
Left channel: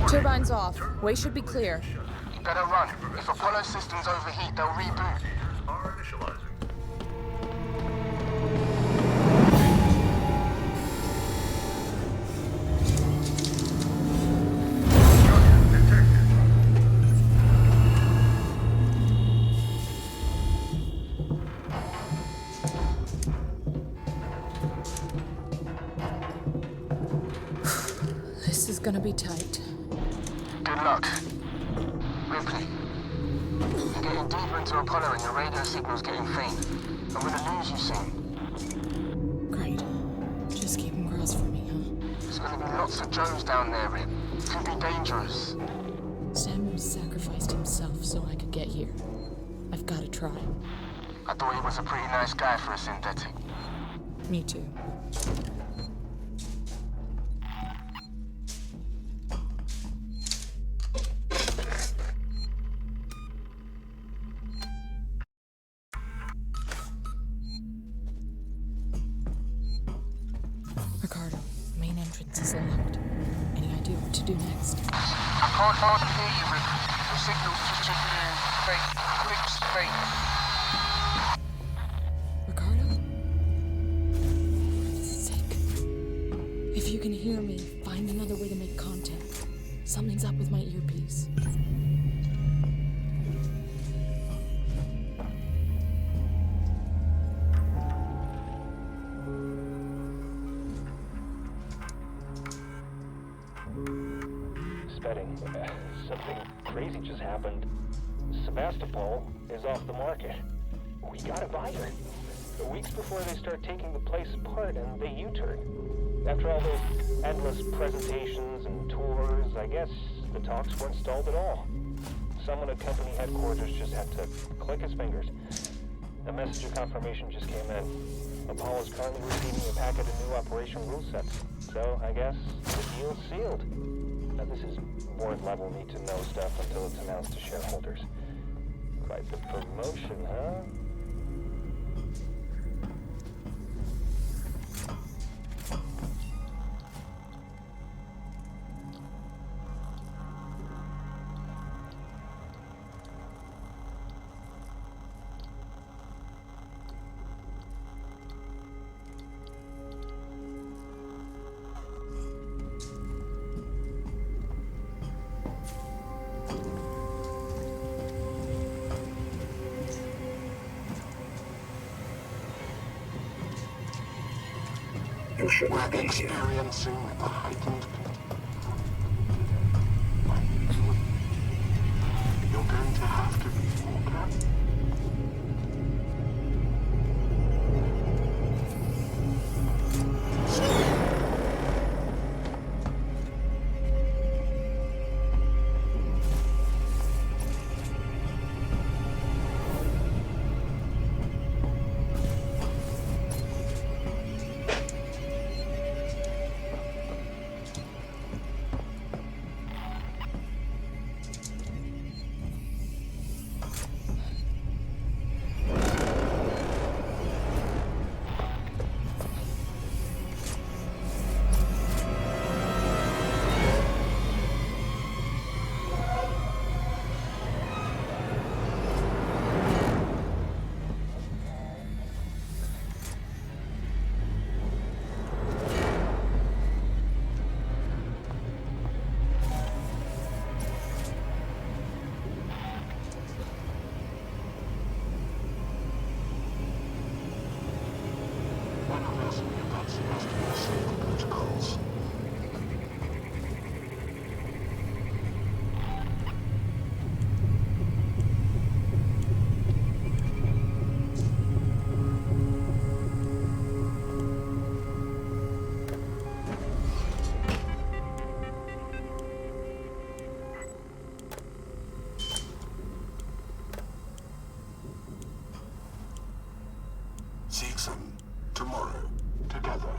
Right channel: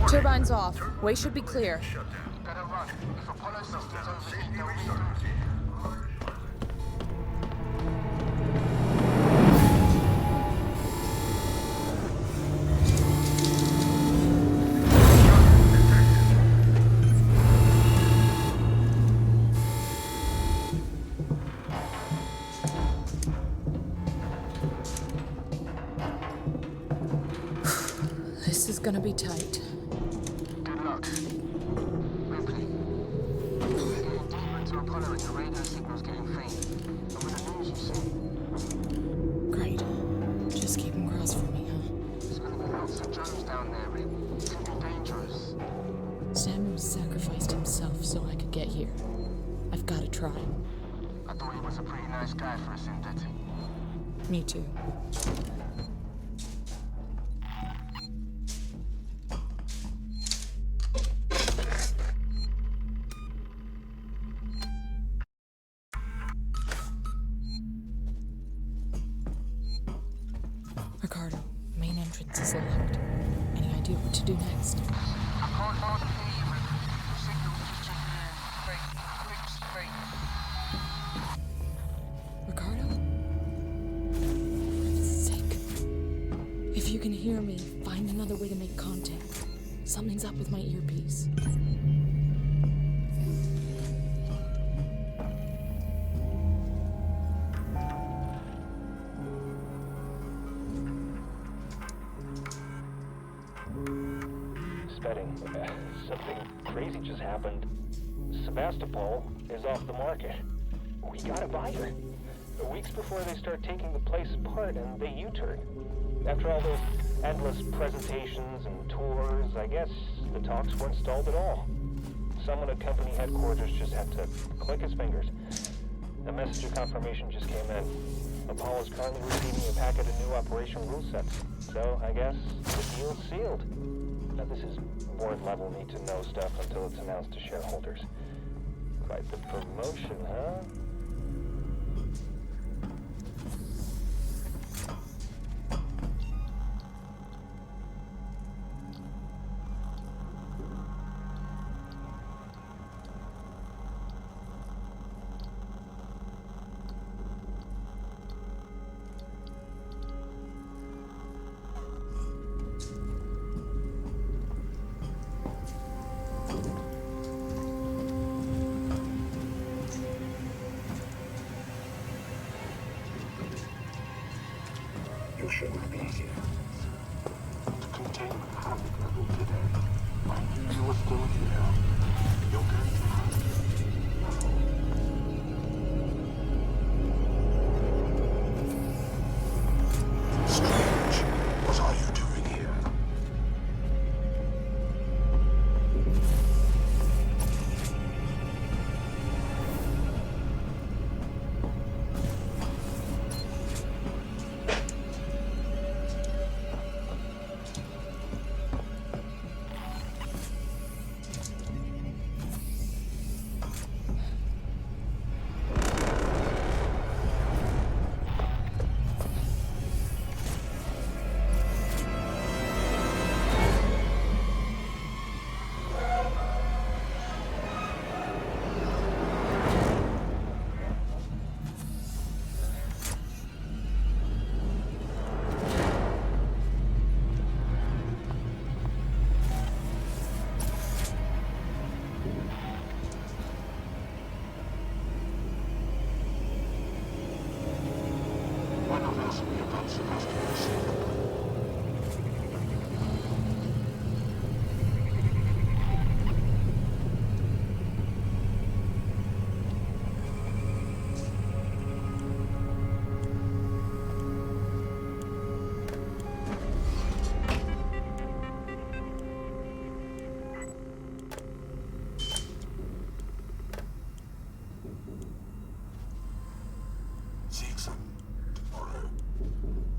Turbine's off. Way should be clear. Better run. If Apollo systems overheat, they'll reboot. gonna be tight. Good luck. Ripley, you're getting deeper into Apollo and your radio signal's getting faint. I'm gonna lose you soon. Great. Just keep him crossed for me, huh? There's gonna be lots of Joes down there, Rip. Could be dangerous. Samuel sacrificed himself so I could get here. I've gotta try. I thought he was a pretty nice guy for a synthetic. Me too. Ricardo, the main entrance is locked. Any idea what to do next? I can't hardly hear you, Rip. The signal's just a faint, clips faint. Ricardo? For heaven's sake. If you can hear me, find another way to make contact. Something's up with my earpiece. Spedding. Something crazy just happened. Sebastopol is off the market. We gotta buy her. Weeks before they start taking the place apart and they U-turn. After all those endless presentations and tours, I guess the talks weren't stalled at all. Someone at company headquarters just had to click his fingers. A message of confirmation just came in. Apollo's currently receiving a packet of new operation rule sets. So, I guess the deal's sealed. Now, this is board-level need-to-know stuff until it's announced to shareholders. Quite the promotion, huh? You should We're be here. experiencing a heightened containment level today. I need you with me here. You're going to have to be careful. Strange. What are you doing here? One of us will be about Sebastopol's safety protocols. Seek some tomorrow together.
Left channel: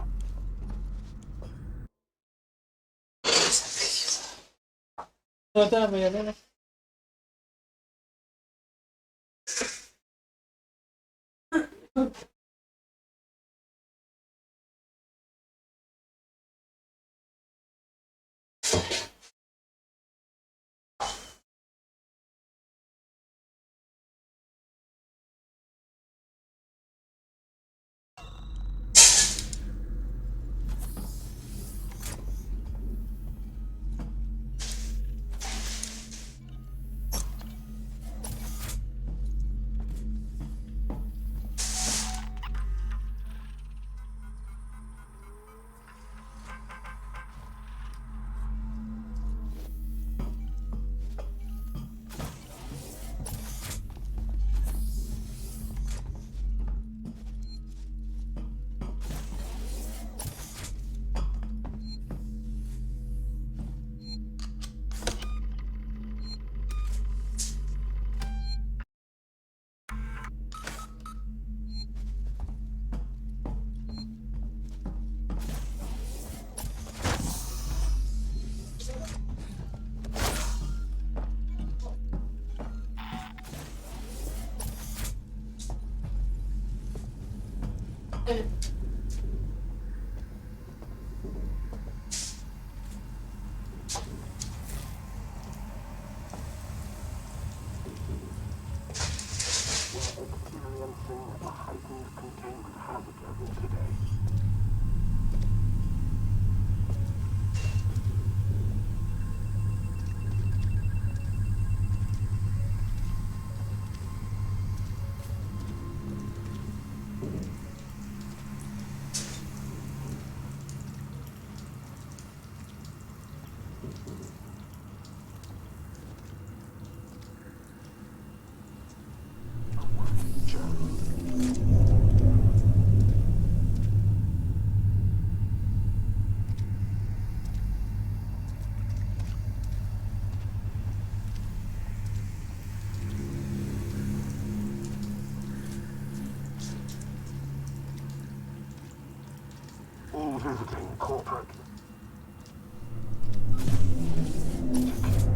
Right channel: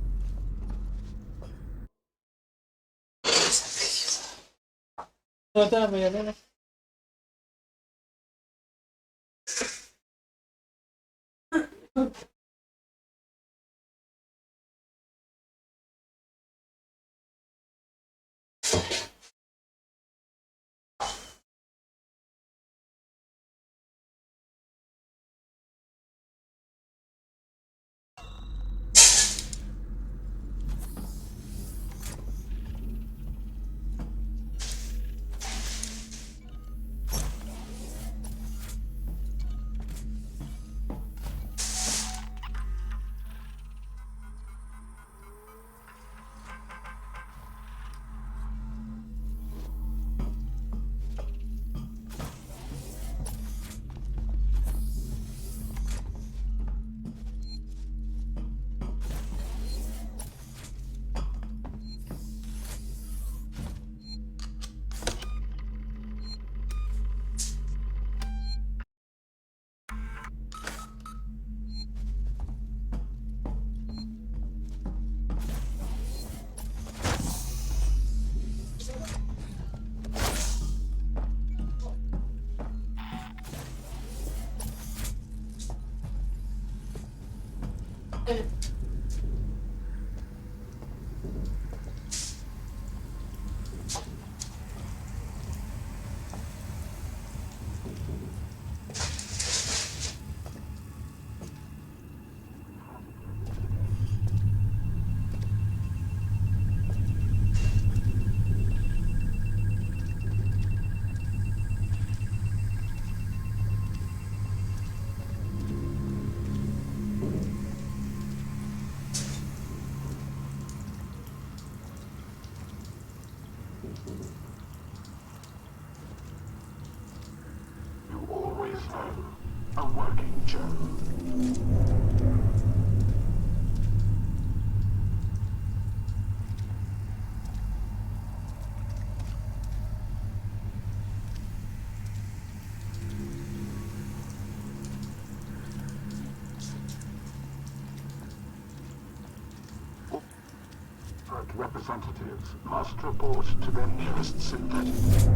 All visiting corporate representatives must report to Ganshit synthetic.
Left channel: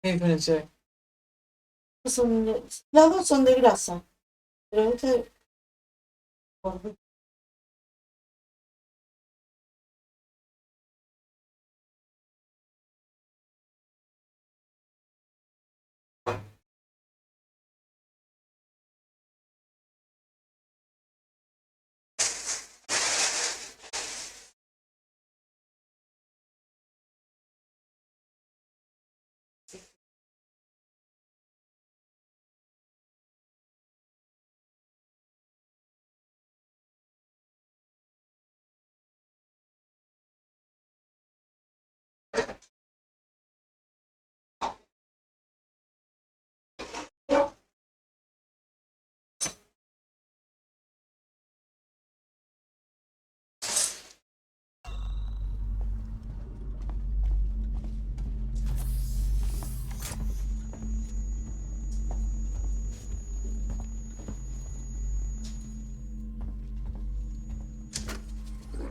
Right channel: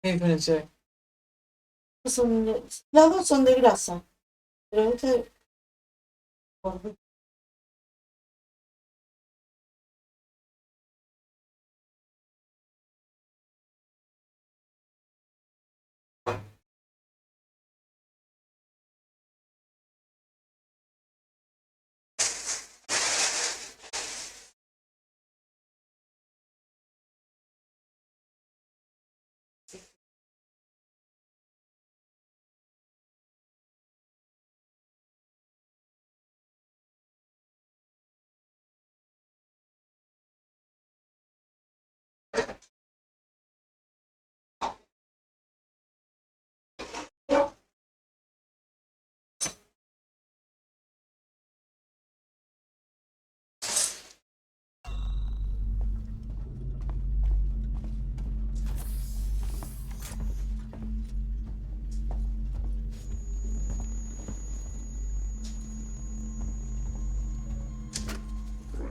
Perché diferencia? Las dos son de grasa, pero este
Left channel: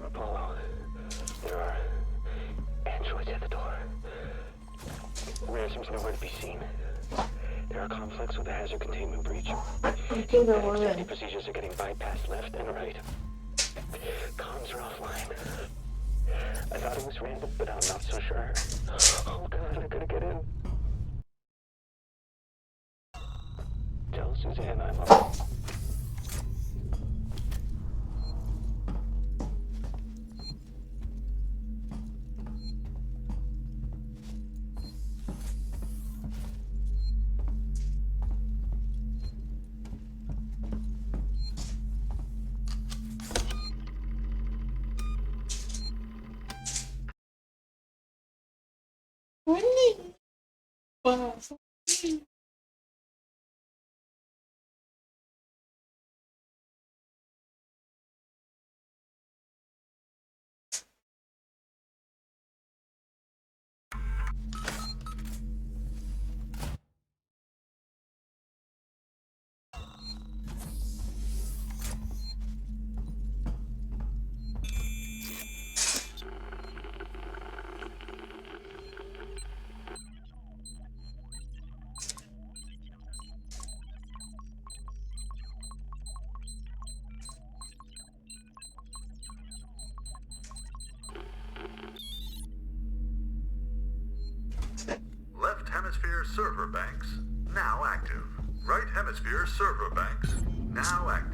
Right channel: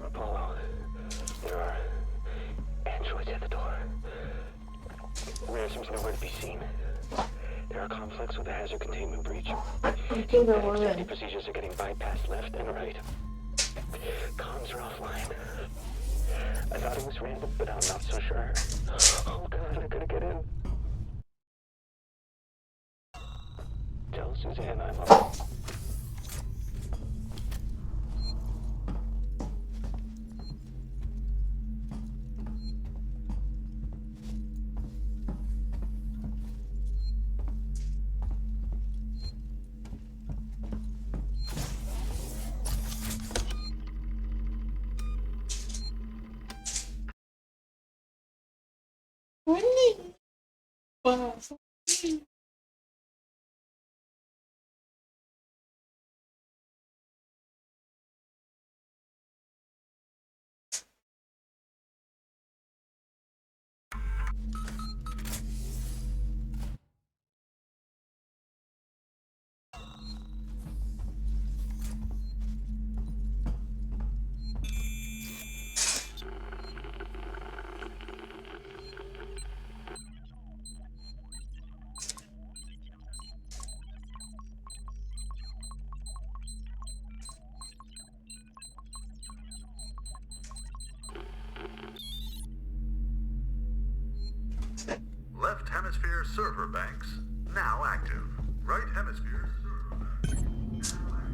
Apollo, there are androids at the door. Rare seems nowhere to be seen. There are conflicts with the hazard containment breach. Safety procedures are getting bypassed left and right. Comms are offline. I thought it was random, but I'm not so sure. Oh god, I gotta get in. Tell Suzanne I'm up. Left hemisphere server banks now active. Right hemisphere server banks now active.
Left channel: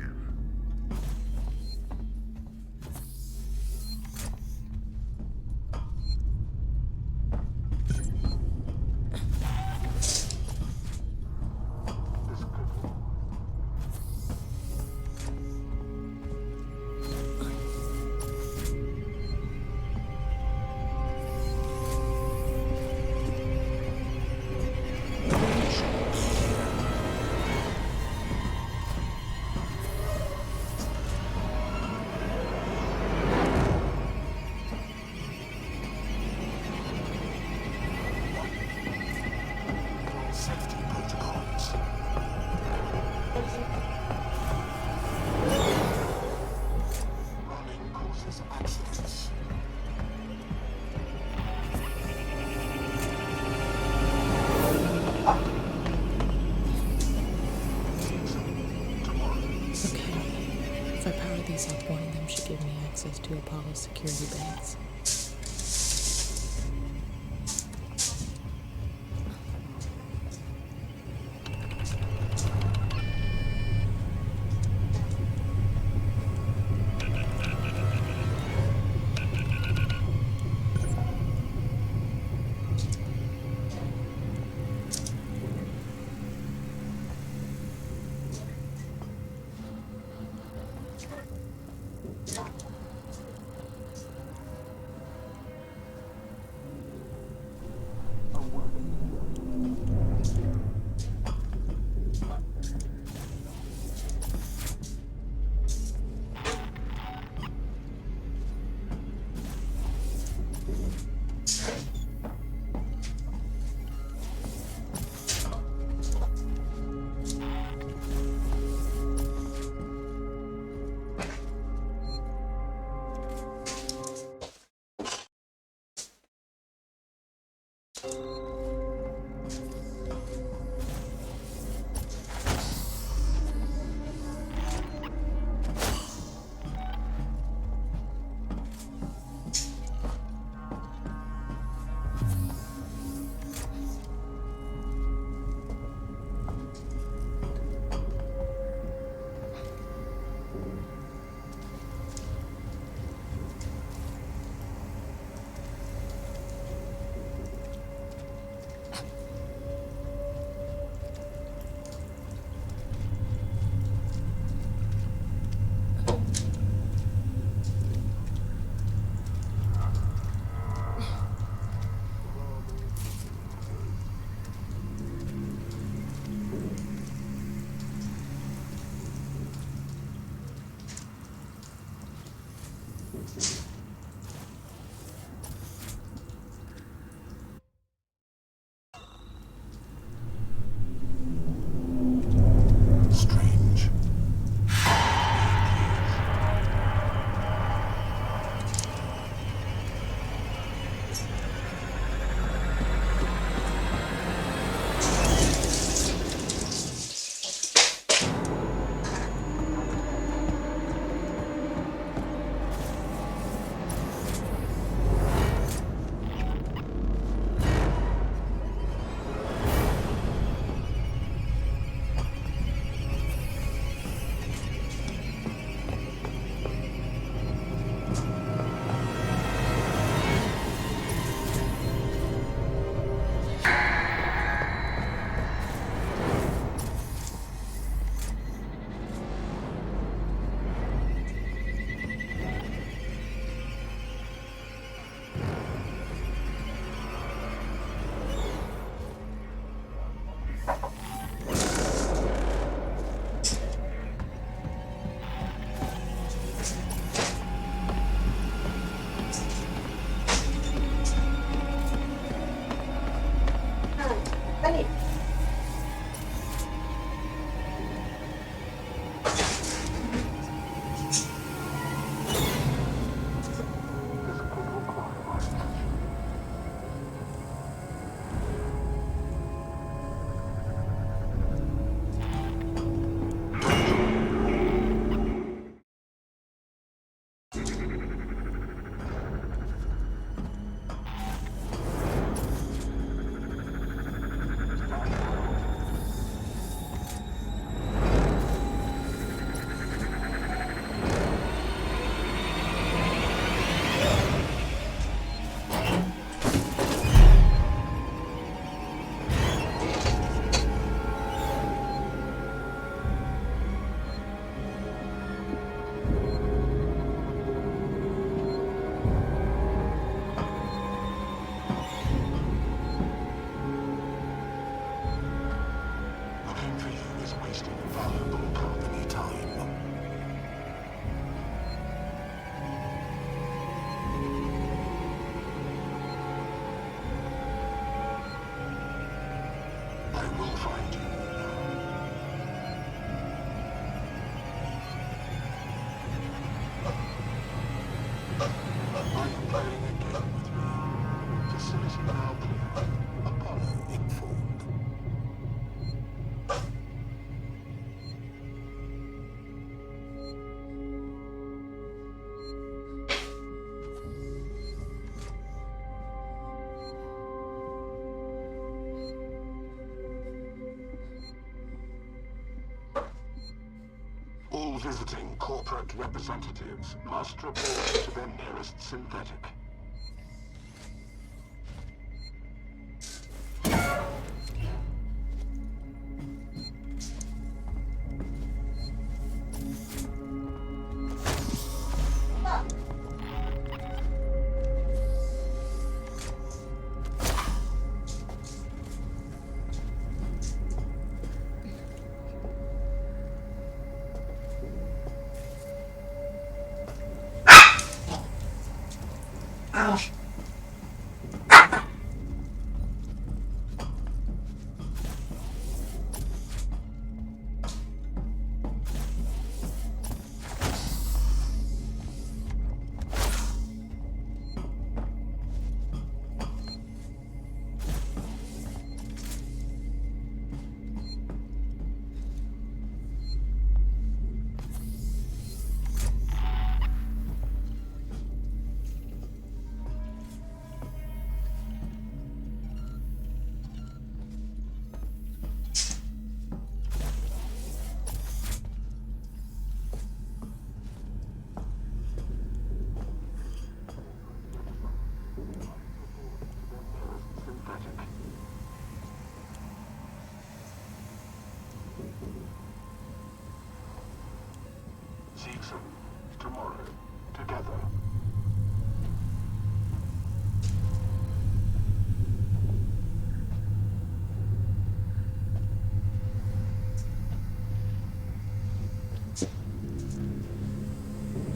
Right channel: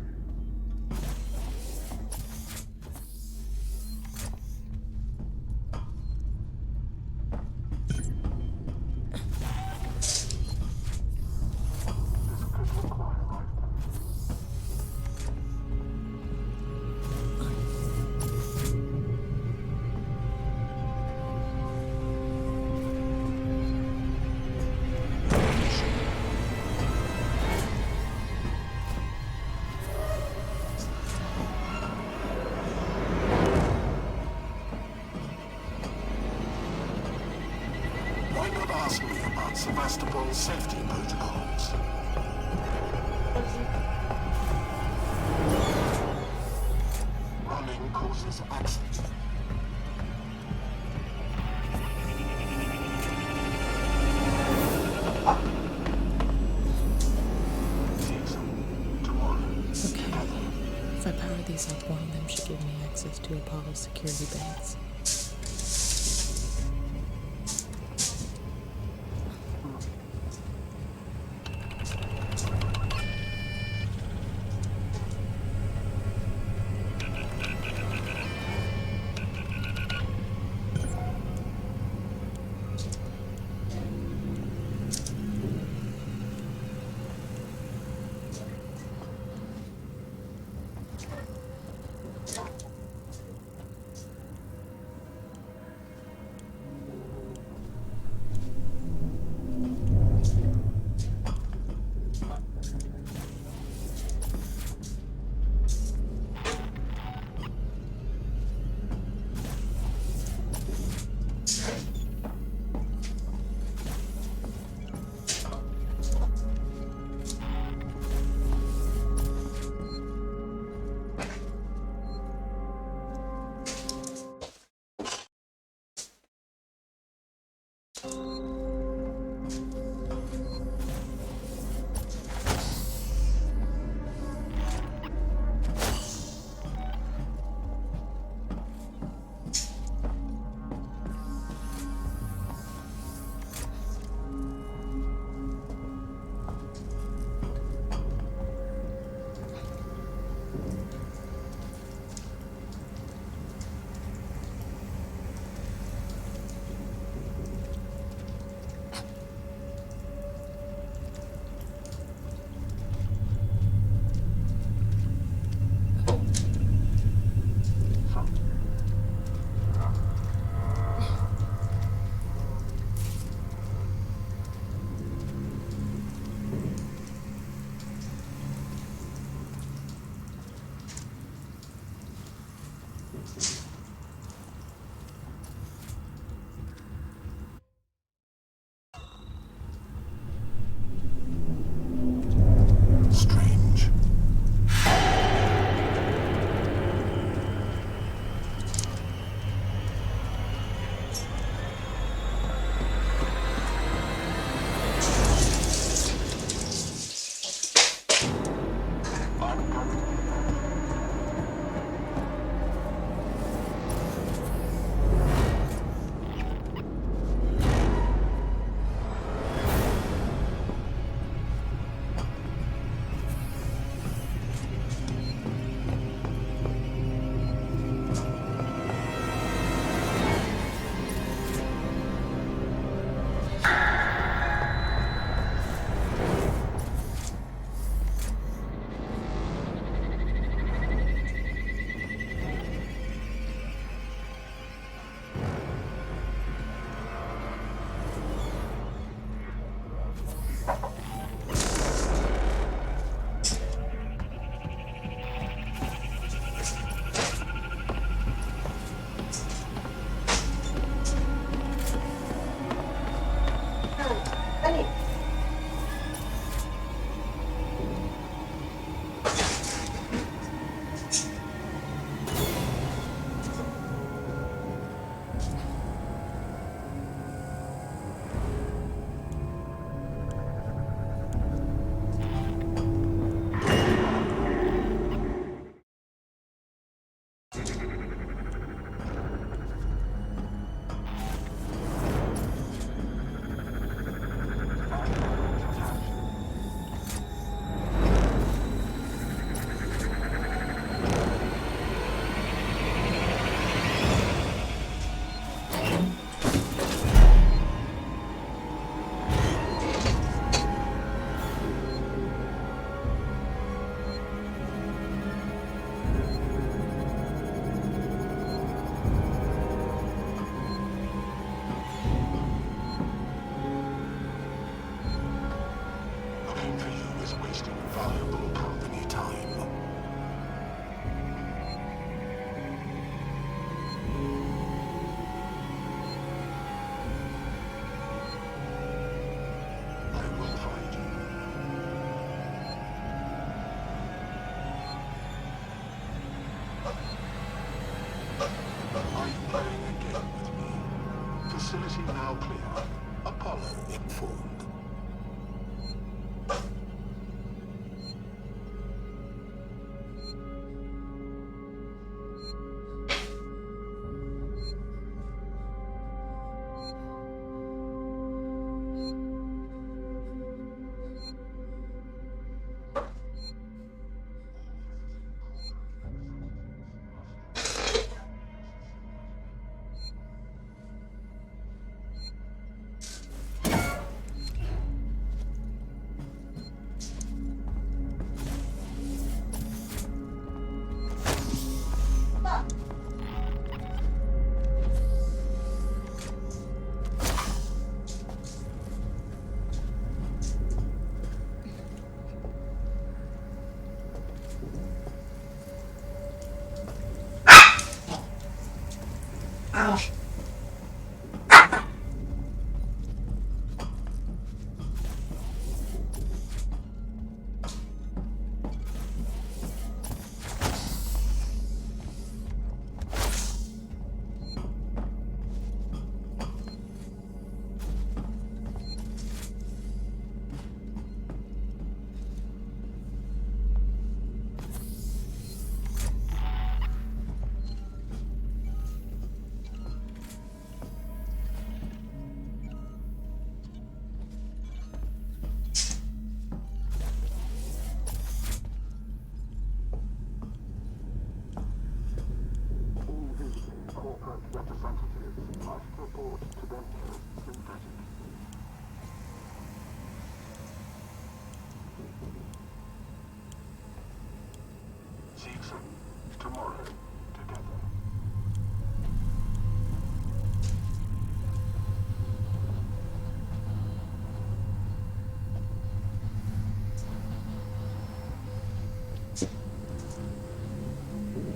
Safety protocols. Running causes accidents. give me access to Apollo's security banks. Visiting corporate representatives must report to their nearest synthetic. Season tomorrow together.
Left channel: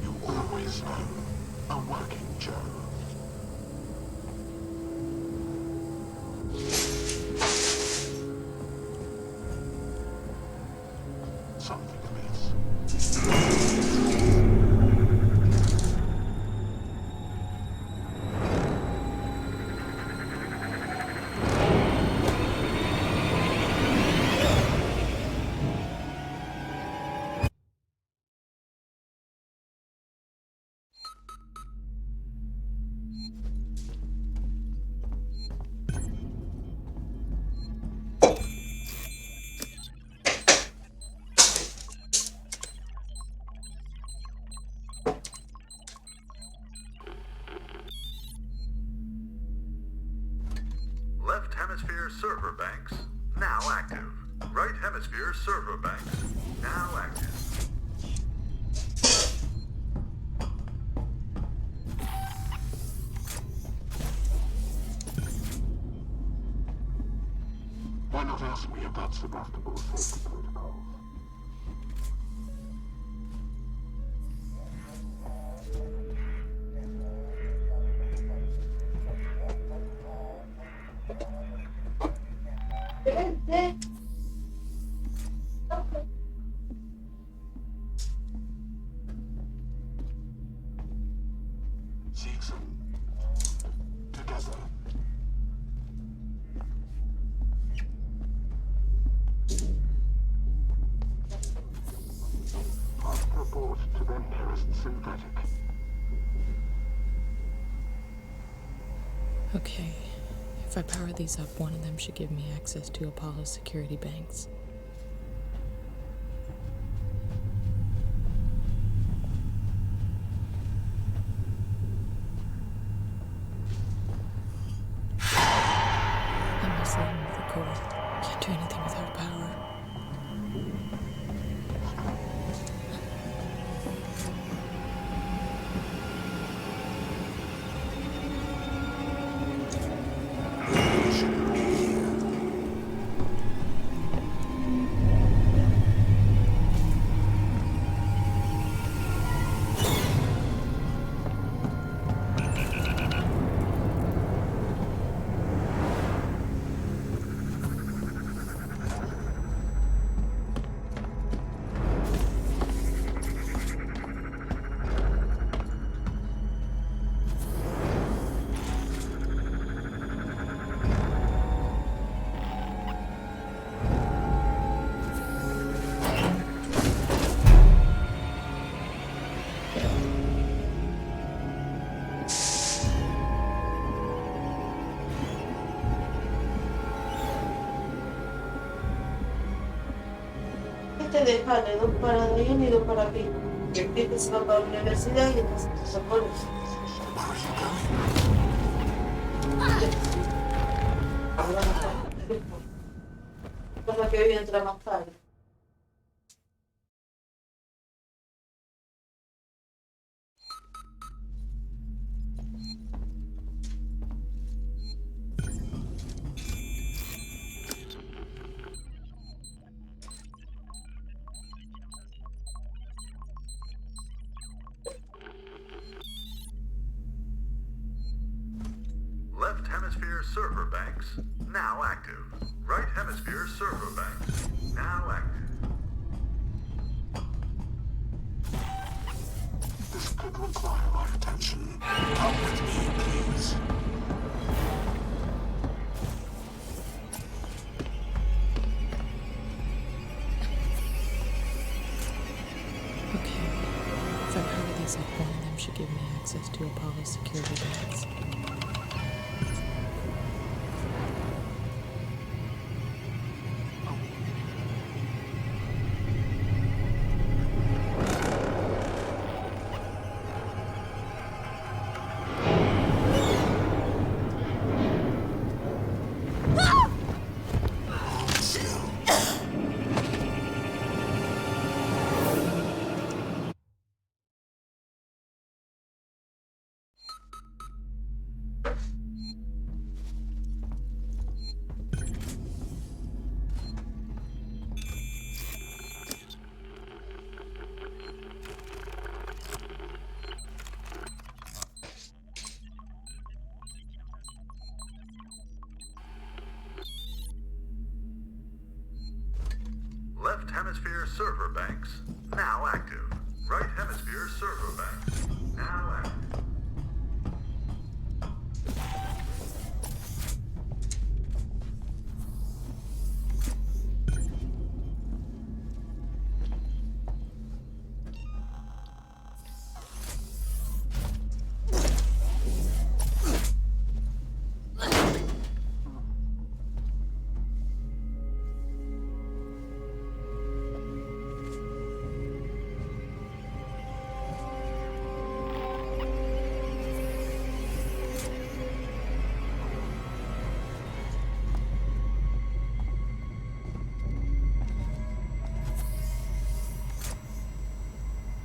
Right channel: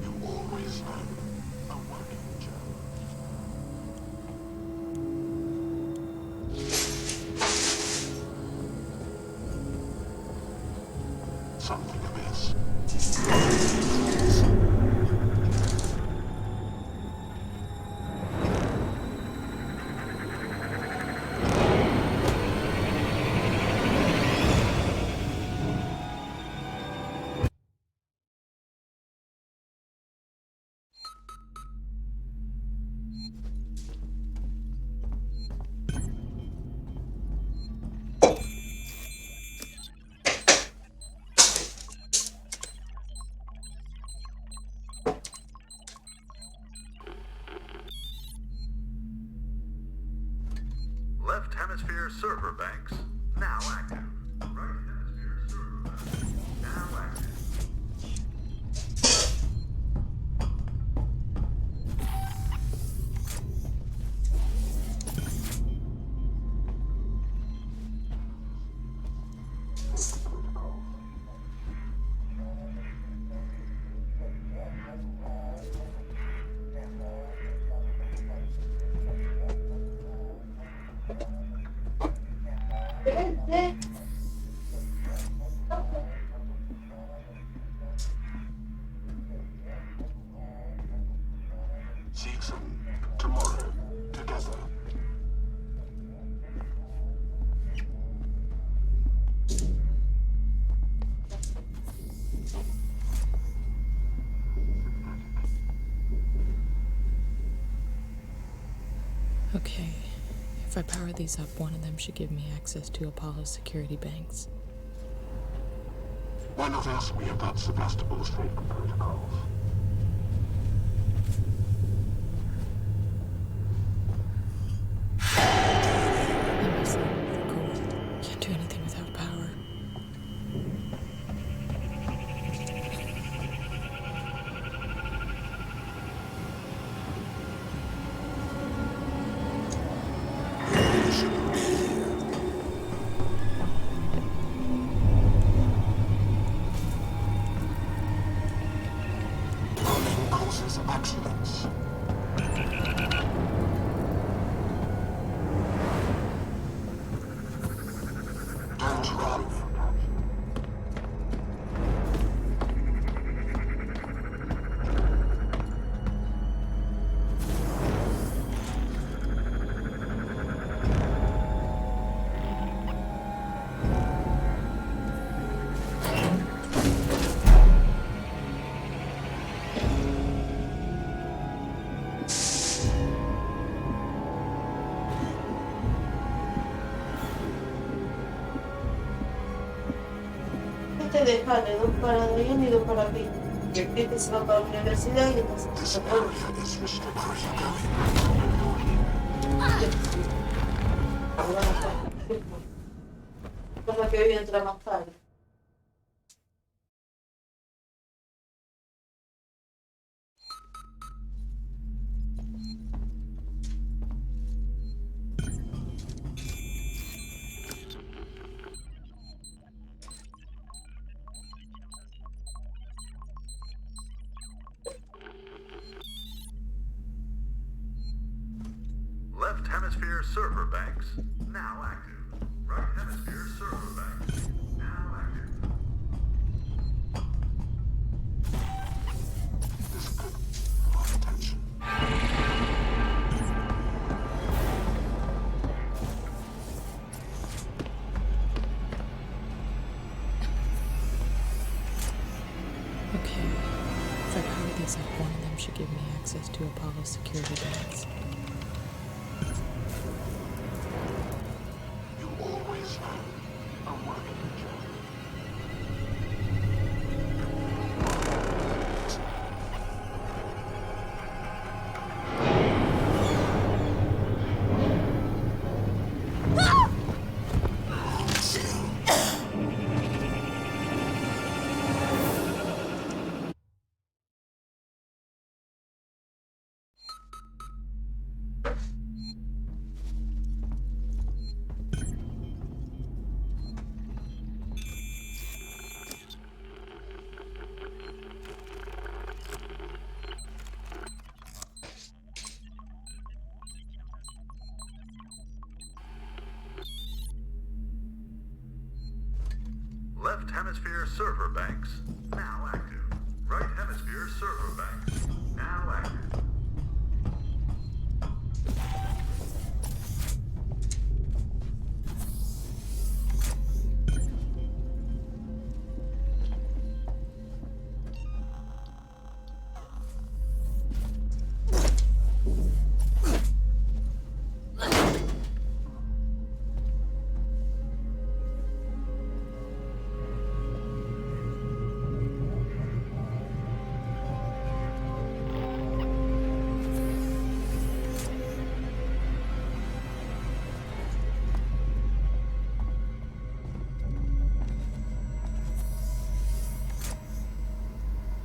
You always know a working Joe. Something amiss. Left hemisphere server banks now active. Right hemisphere server banks now active. Why not ask me about Sebastopol's safety protocols? Season tomorrow together. Must report to their nearest synthetic. Okay, if I power these up, one of them should give me access to Apollo's security banks. Why not ask me about Sebastopol's safety protocols? I'm isolated with the core. Can't do anything without power. te deja de 2 para Dayan y 2 para Pi. Y el Pi se va para la universidad y entonces se pone. Con la que hoy entra más tarde. Left hemisphere server banks now active. Right hemisphere server banks now active. This could require our attention. Okay. If I power these up, one of them should give me access to Apollo's security banks. Left hemisphere server banks now active. Right hemisphere server banks now active.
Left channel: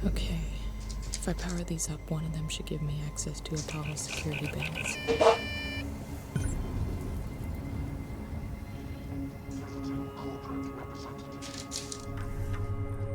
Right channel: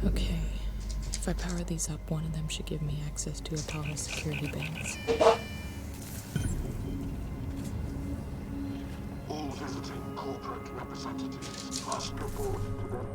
Okay. If I power these up, one of them should give me access to Apollo's security banks. All visiting corporate representatives must report to their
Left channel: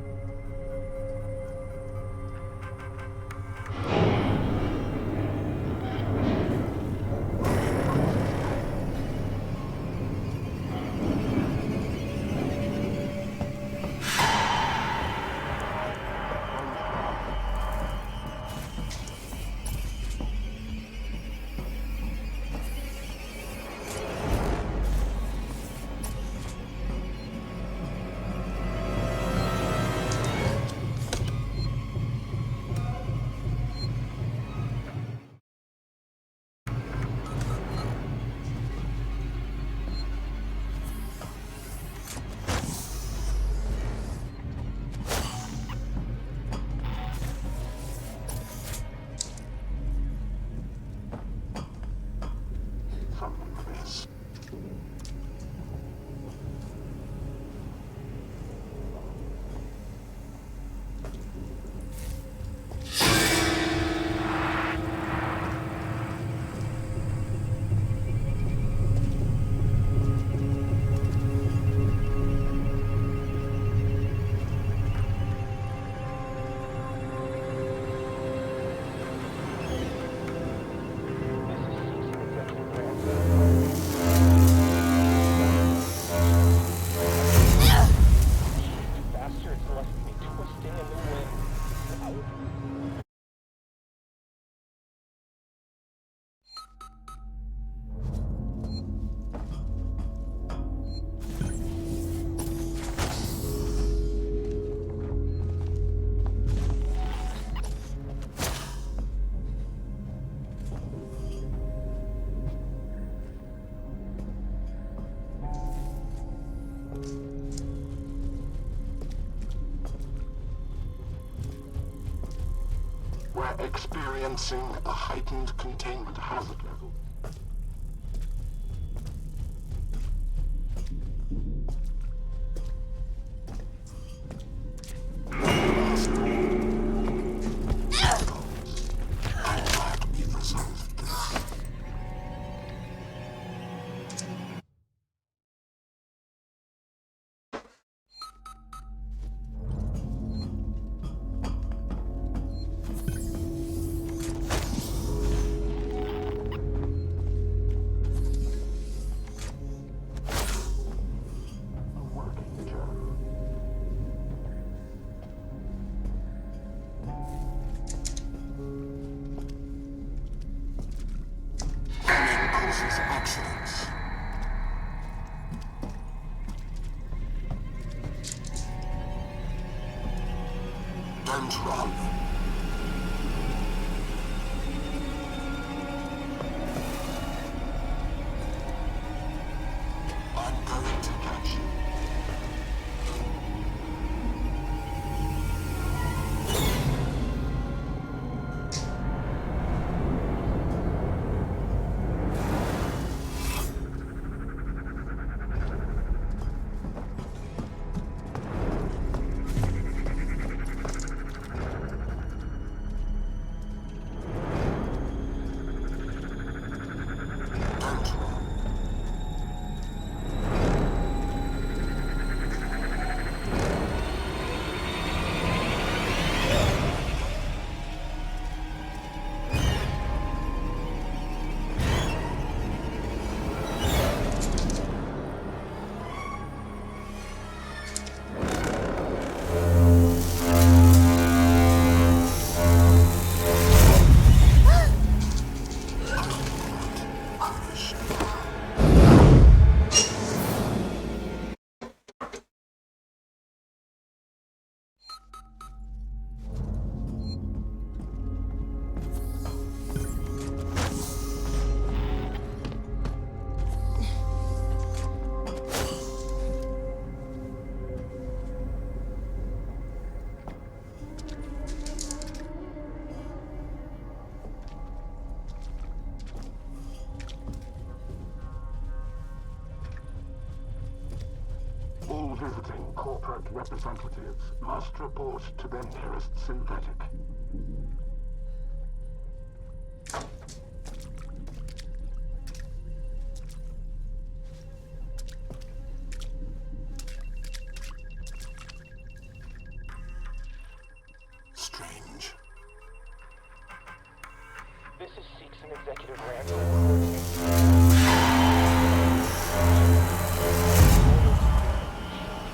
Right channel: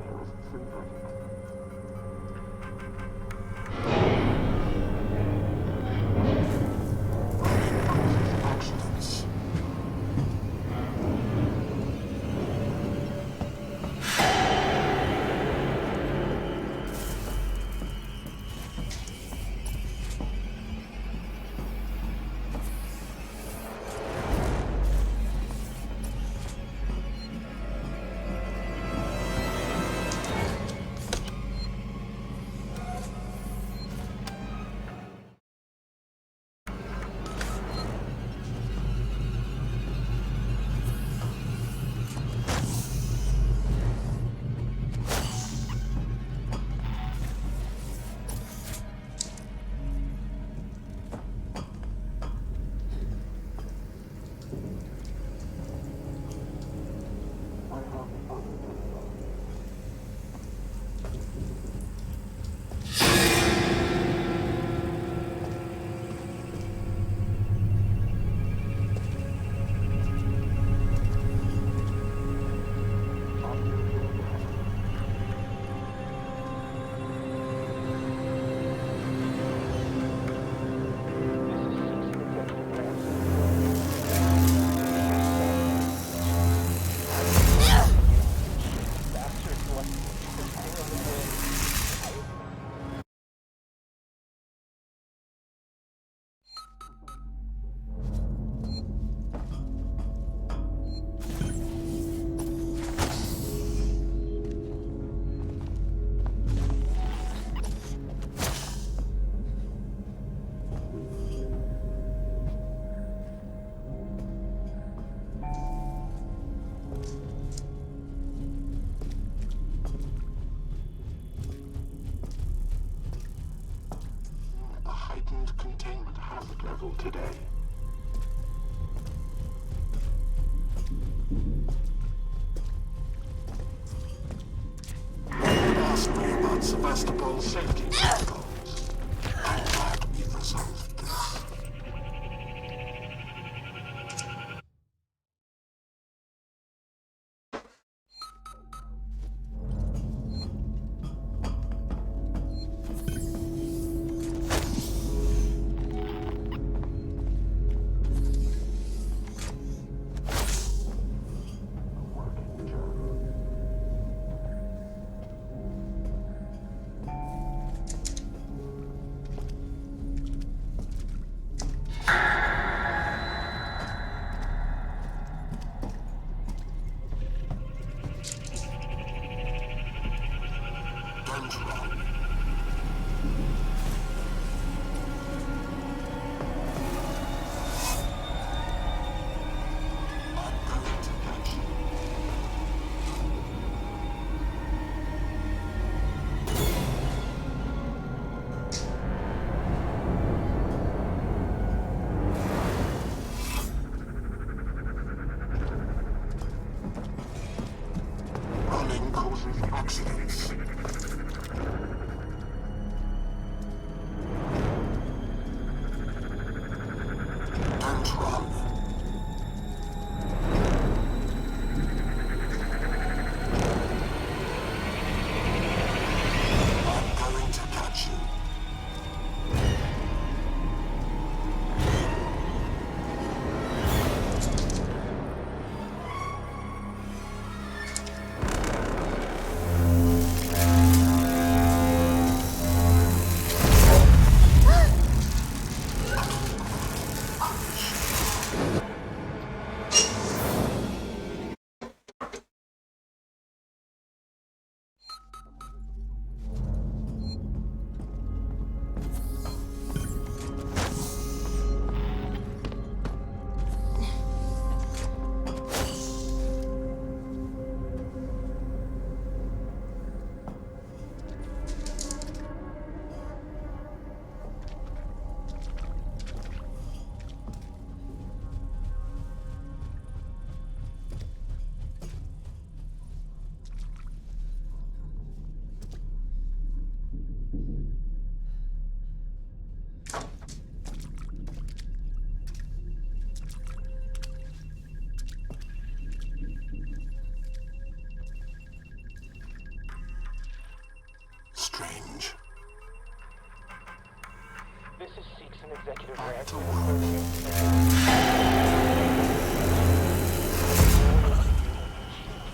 experiencing a heightened containment hazard level today. Ask me about Sevastopol's safety protocols. I'm glad we've resolved this. Don't run. I'm going to catch you. Running causes accidents. Don't run. I'm going to catch you. All visiting corporate representatives must report to their nearest synthetic. Strange. This is Seekson Executive Ransom reporting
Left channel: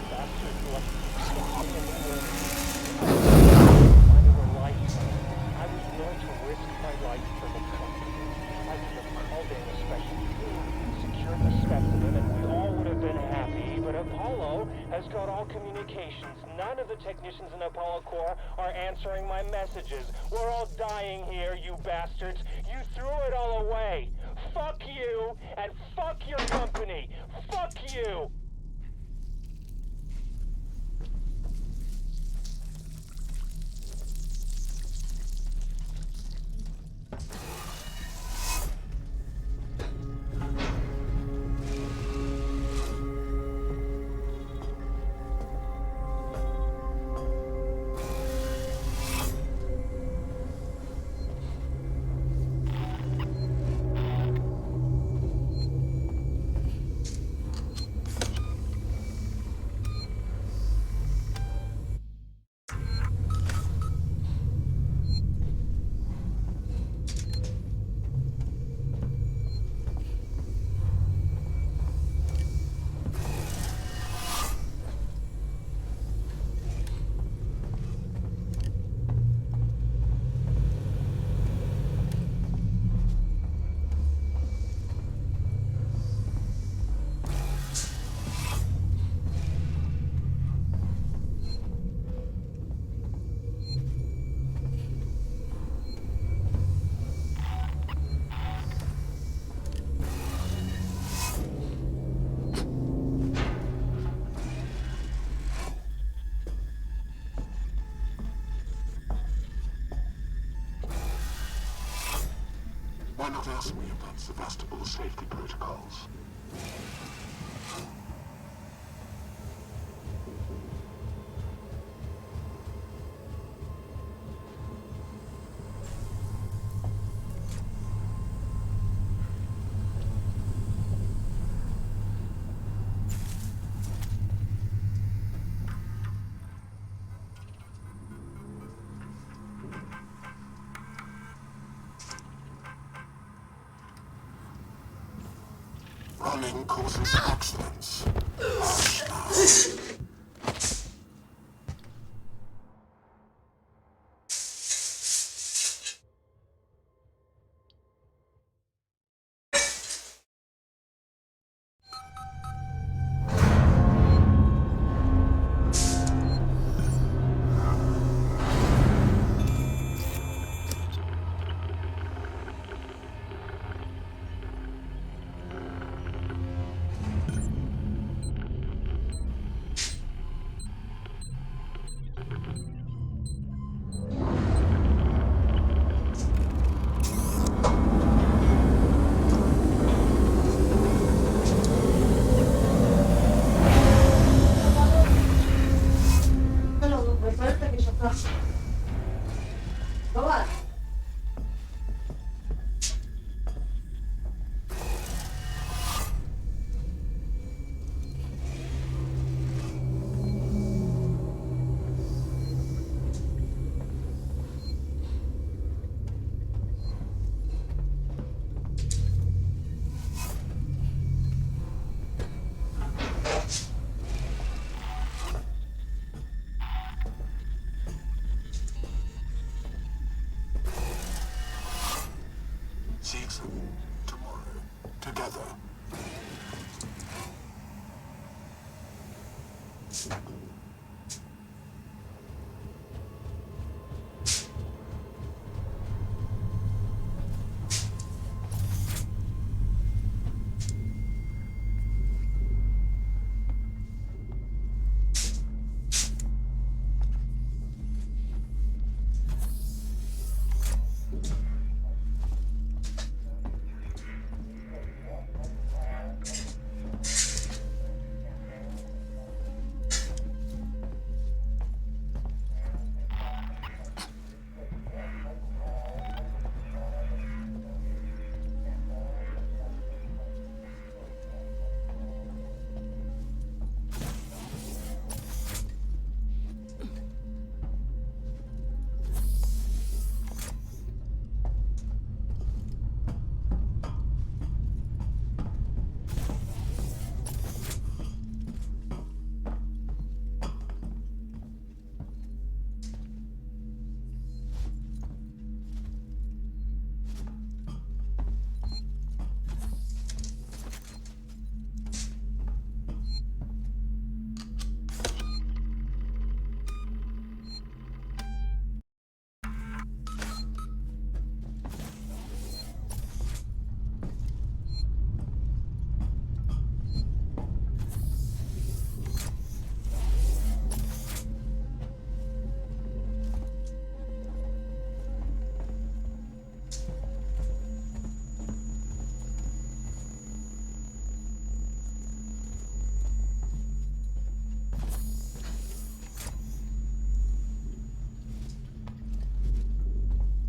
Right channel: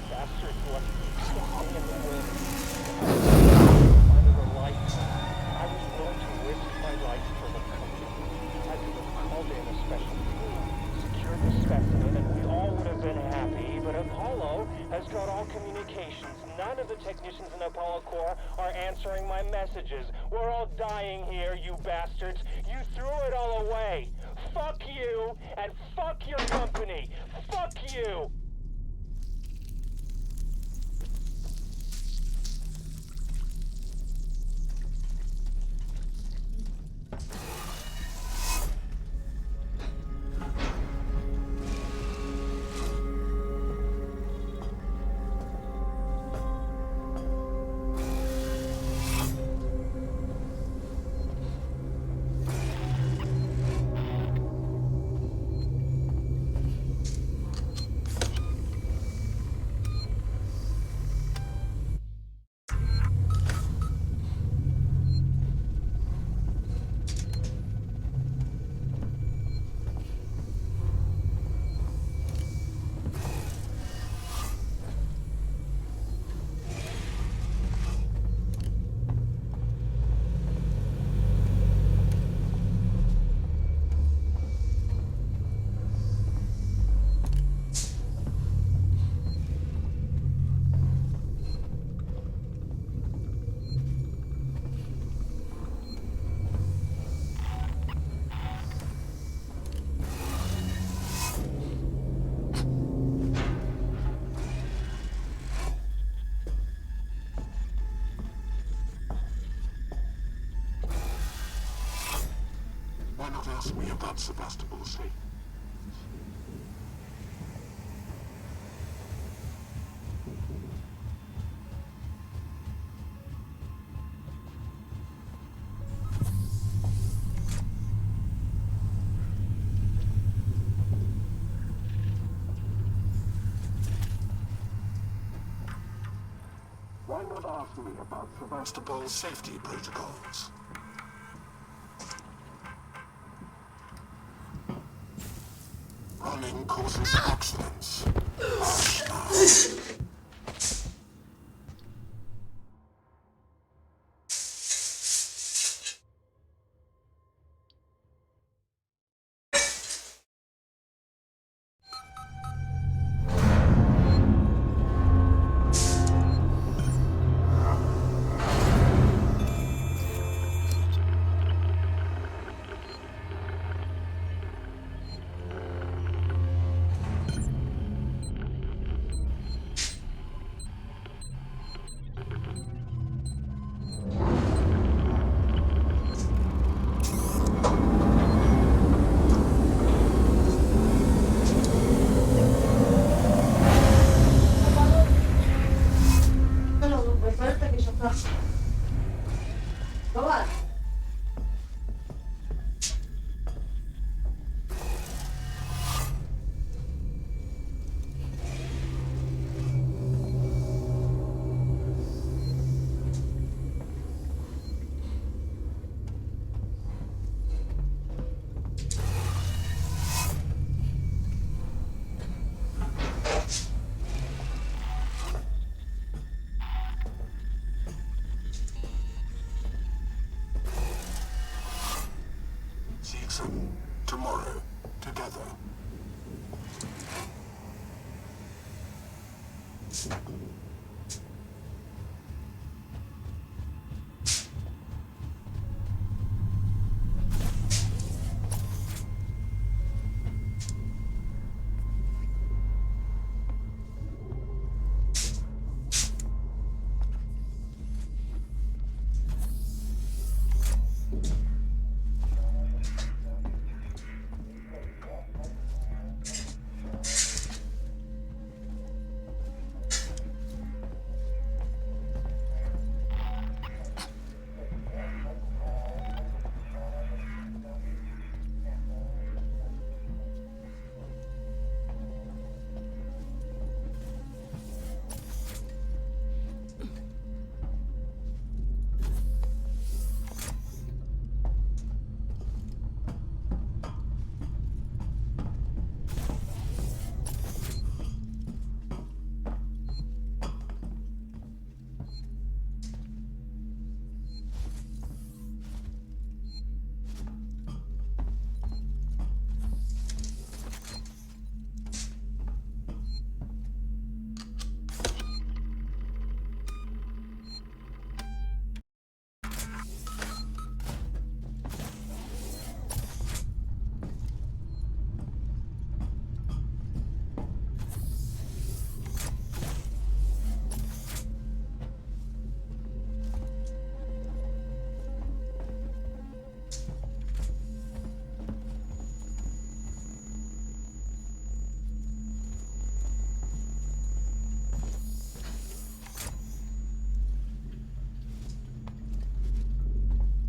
bastard who left something in the wind. Under the lights. I was willing to risk my life for the company. I could have called in a special team, secured the specimen, and we all would have been happy, but Apollo has got all communications. None of the technicians in Apollo Corps are answering my messages. We're all dying here, you bastards. You threw it all away. Fuck you, and fuck your company. Fuck you! Why not ask me about Sevastopol's safety protocols? Why not ask me about Sevastopol's safety protocols? Running causes accidents. Tomorrow, together.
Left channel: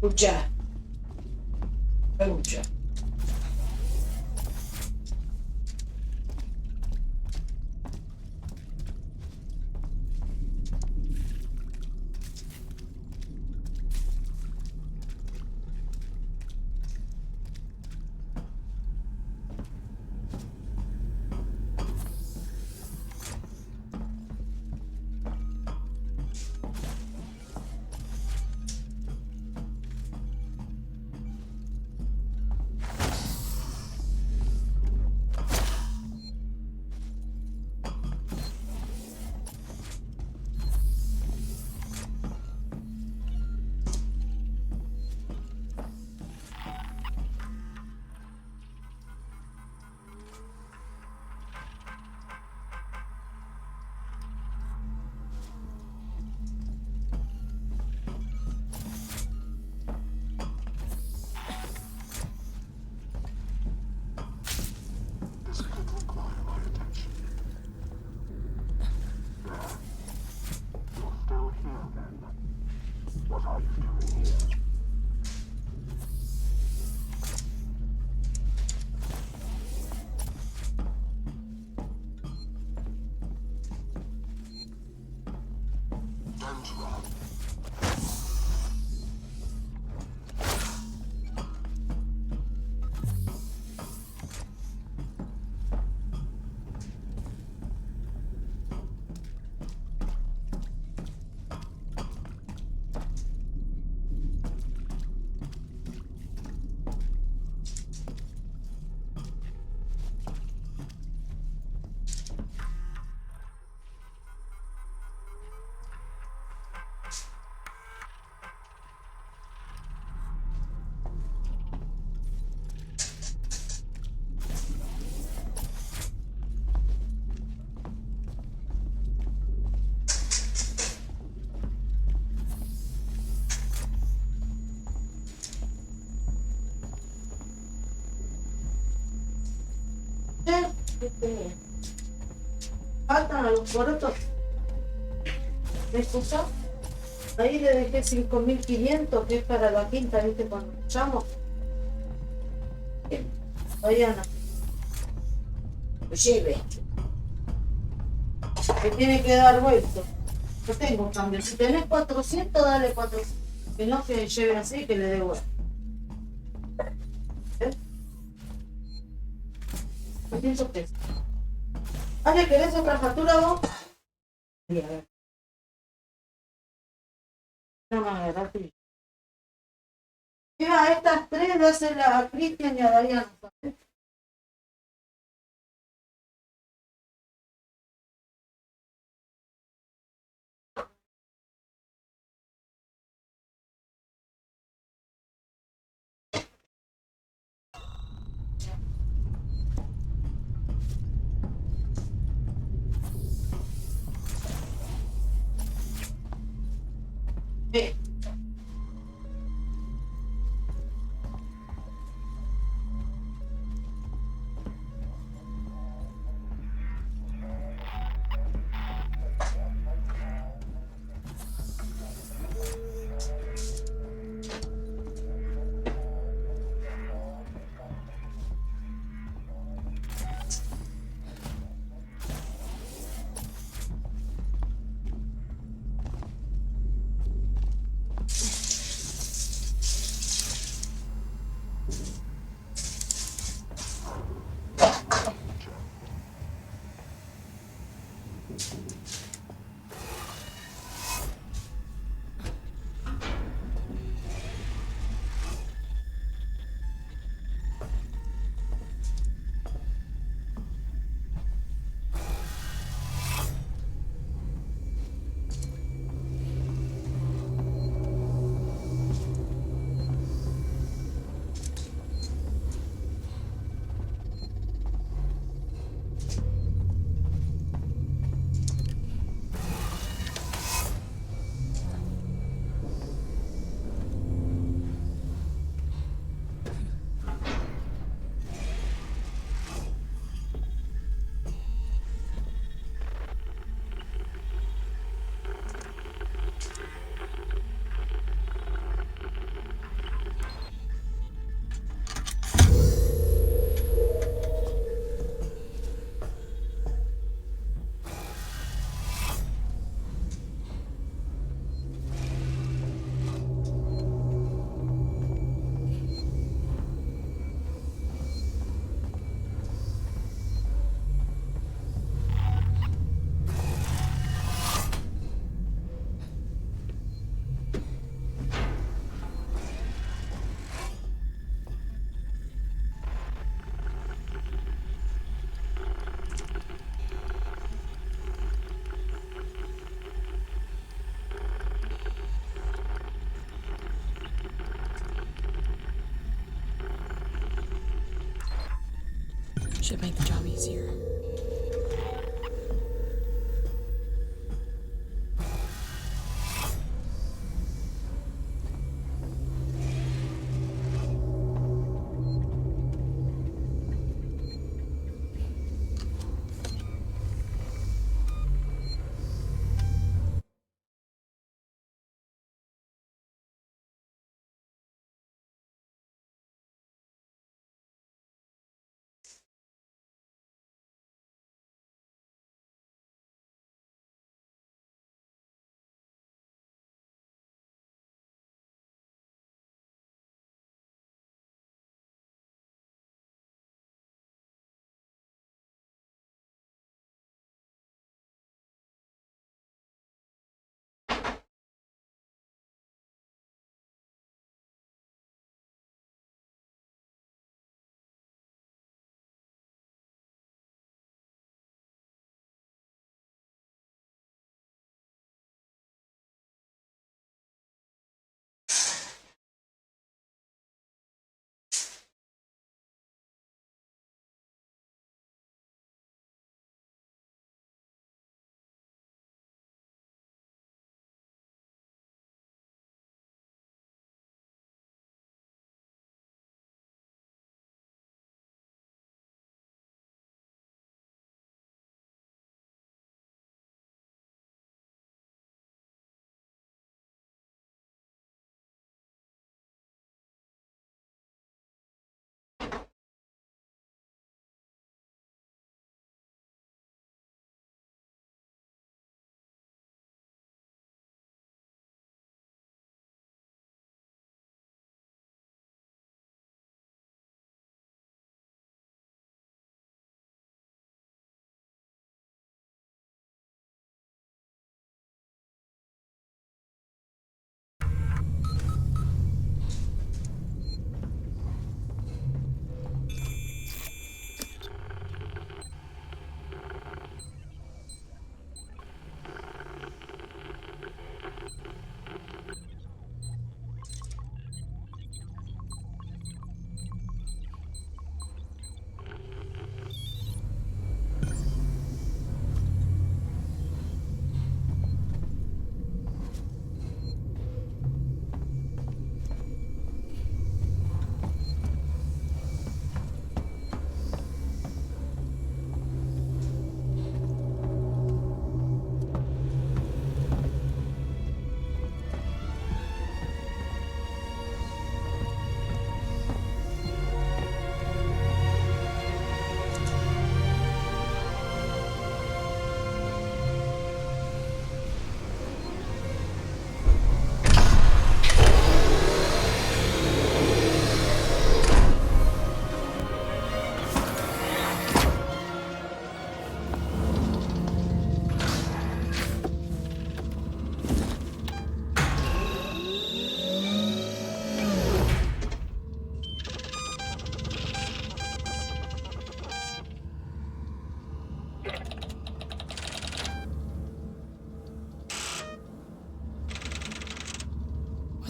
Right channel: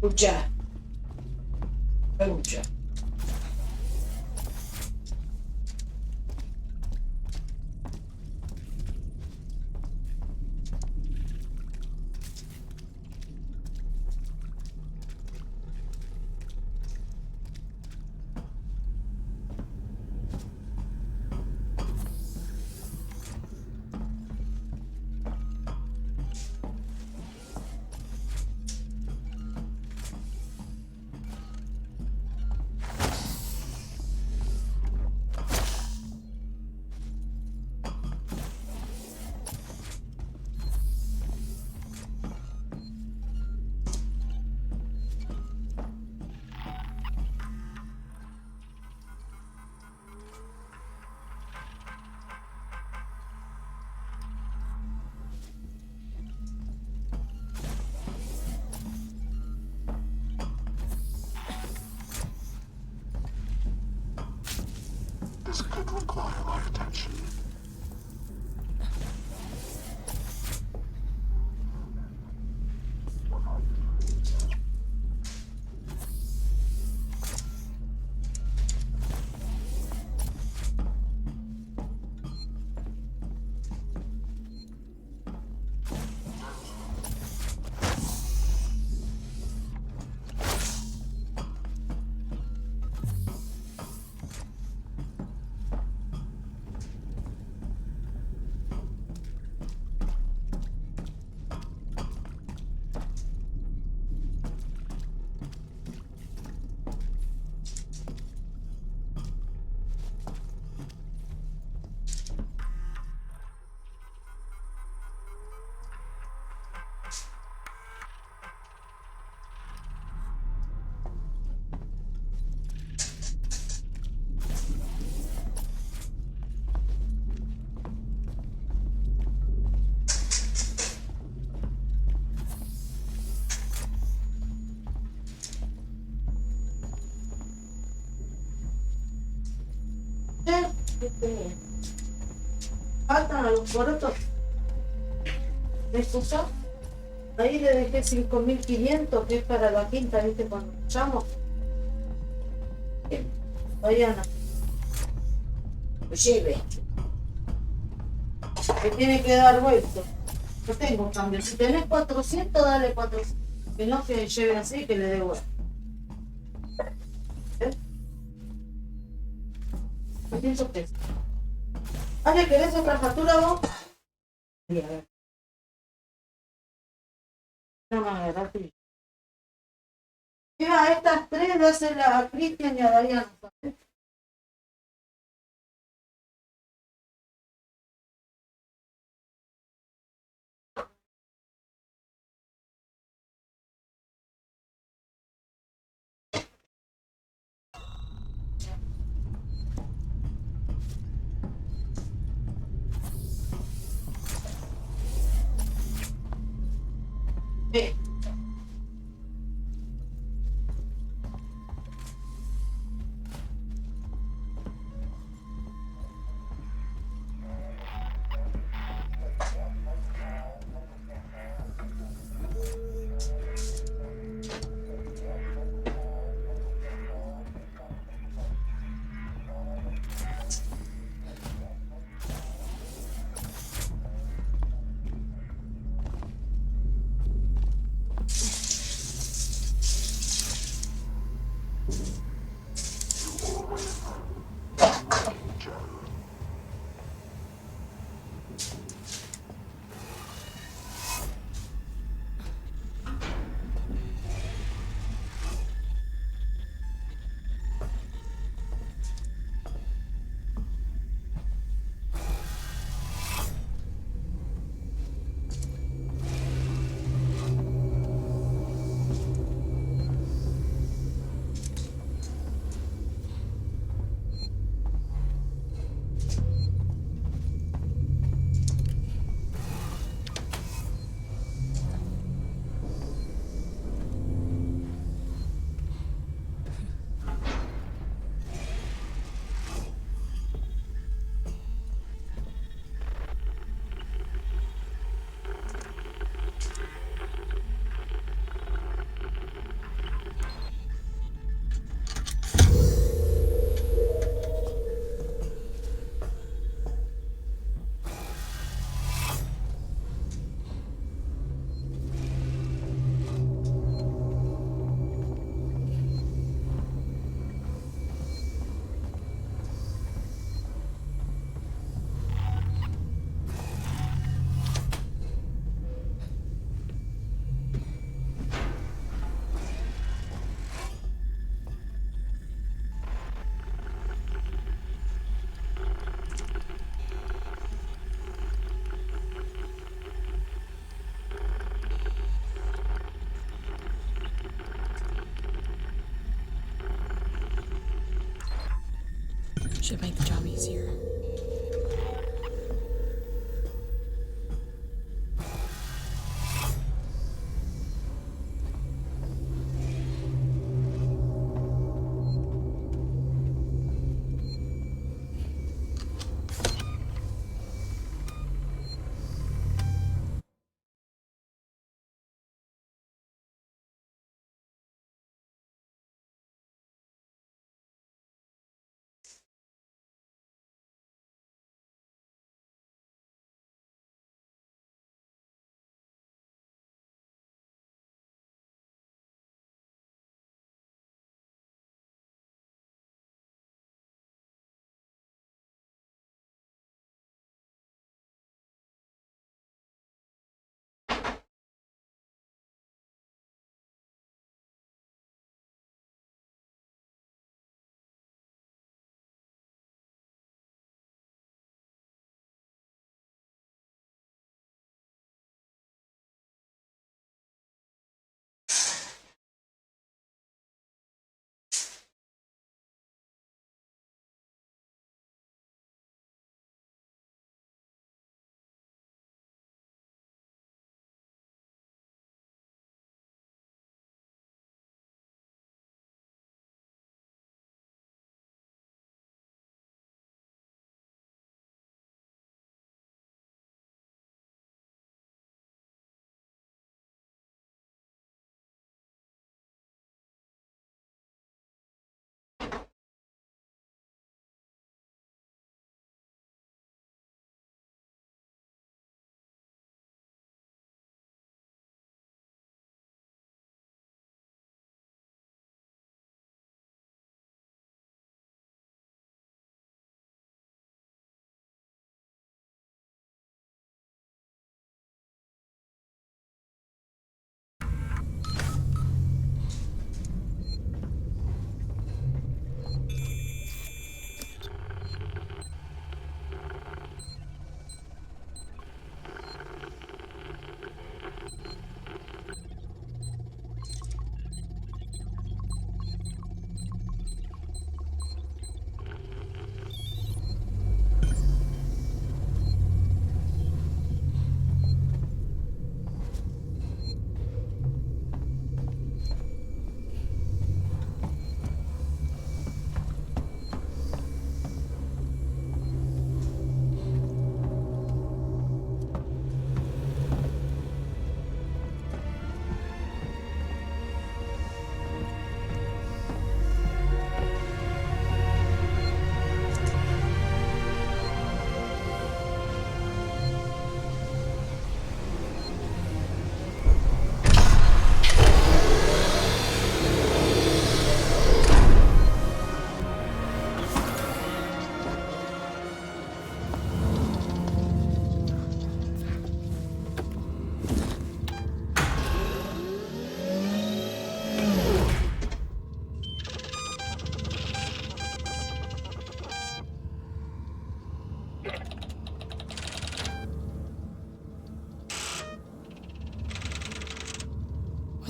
Uccia. Uccia. ¿Qué tenía? Faltan a los porotos. ¿Me escuchó? Ahí le dejé 5.500, que es para la quinta, ¿viste? Cuando escuchamos. Vayan a... Lleve. Que tiene que dar vuelto. Yo tengo un cambio. Si tenés 400, dale 400. Que no se lleve así, que le dé vuelta. ¿Eh? 200 pesos. Ale, ¿querés otra factura vos? Sí, a ver. No me agarraste. Mira, estas tres, dáselas a Cristian y a Dayana. ¿Sabes? Sí. Should make the job easier.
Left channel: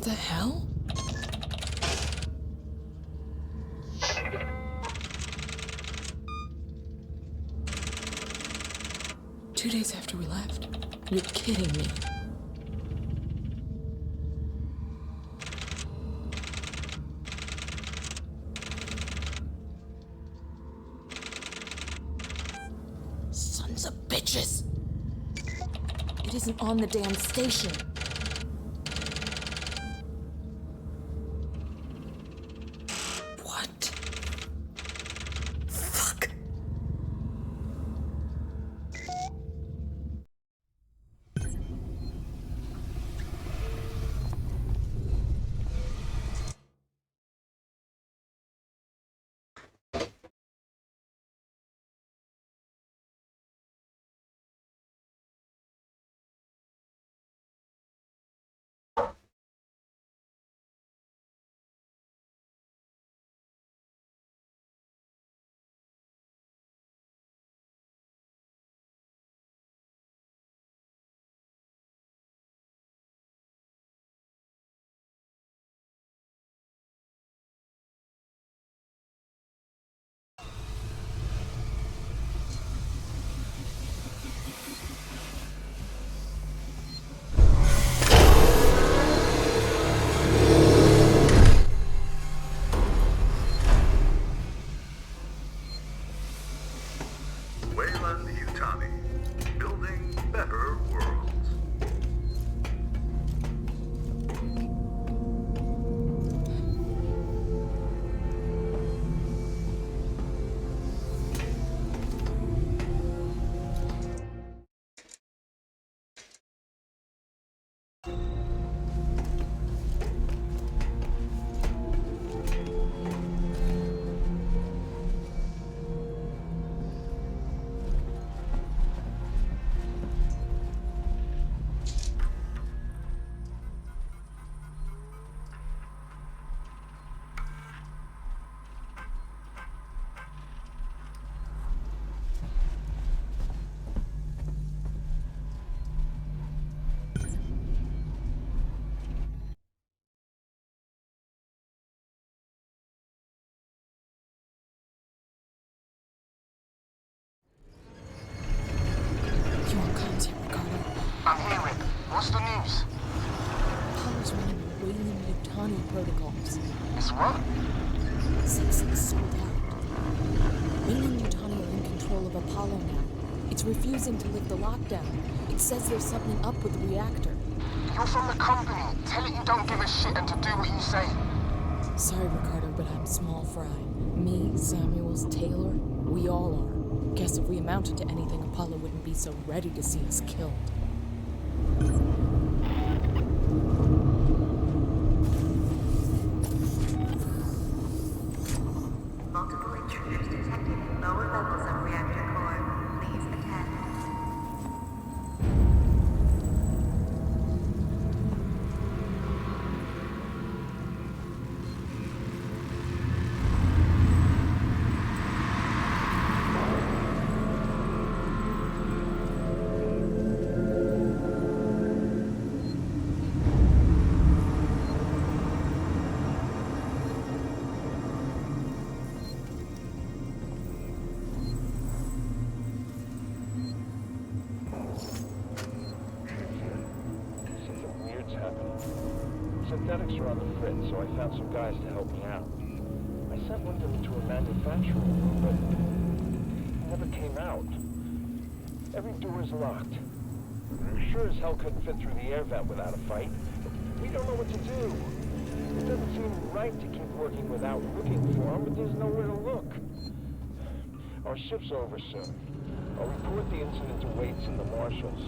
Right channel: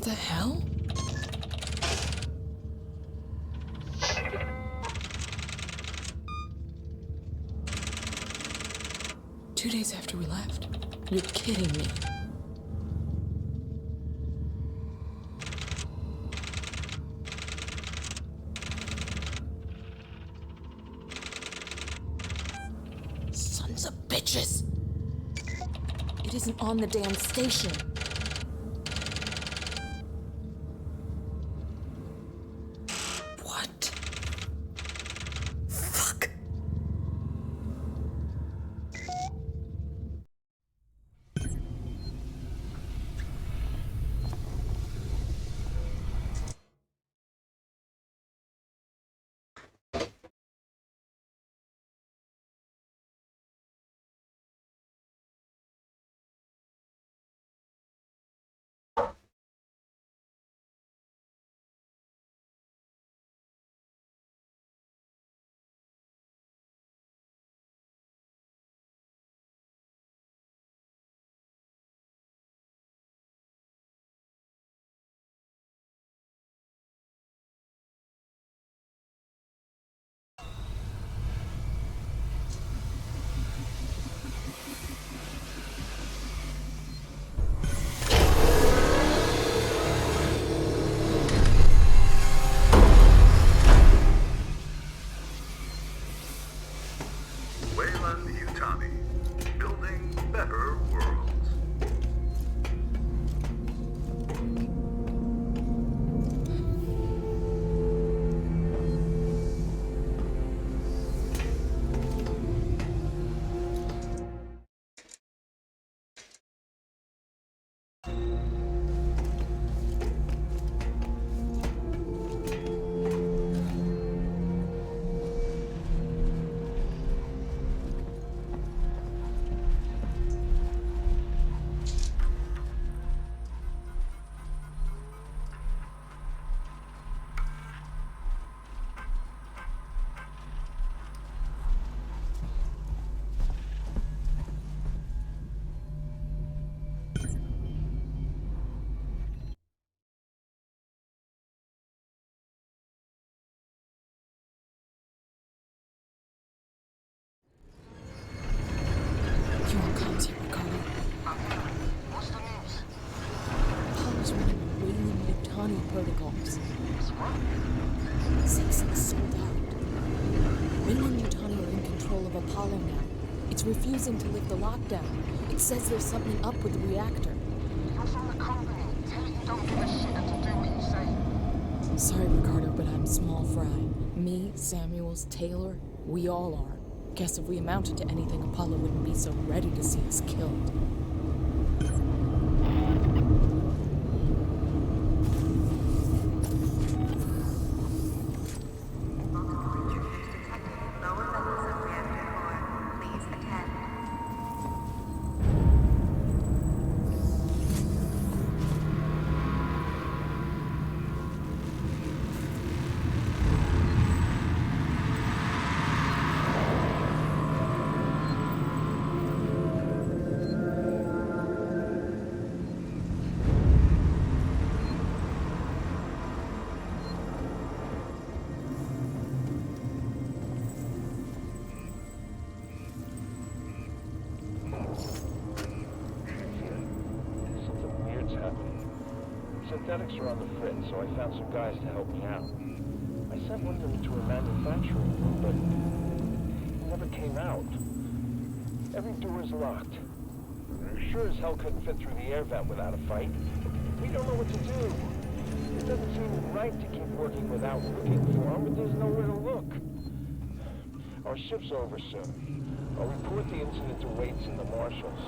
What the hell? Two days after we left? You're kidding me. Sons of bitches! It isn't on the damn station. What? Fuck. You on comms here, Ricardo? I'm hearing. What's the news? Apollo's running a Weyland-Yutani protocols. It's what? Citizens sold out. Weyland-Yutani are in control of Apollo now. It's refusing to lift the lockdown. It says there's something up with the reactor. You're from the company. Tell it you don't give a shit and to do what you say. Sorry, Ricardo, but I'm small fry. Me, Samuels, Taylor, we all are. Guess if we amounted to anything, Apollo wouldn't be so ready to see us killed. Multiple intruders detected in lower levels of reactor core. Please attend. Something weird's happening. Synthetics are on the fritz, so I found some guys to help me out. I sent one of them to a manufacturing room, but he never came out. Every door is locked. Sure as hell couldn't fit through the air vent without a fight. We don't know what to do. It doesn't seem right to keep working without looking for him, but there's nowhere to look. Our shift's over soon. I'll report the incident to Waits and the marshals.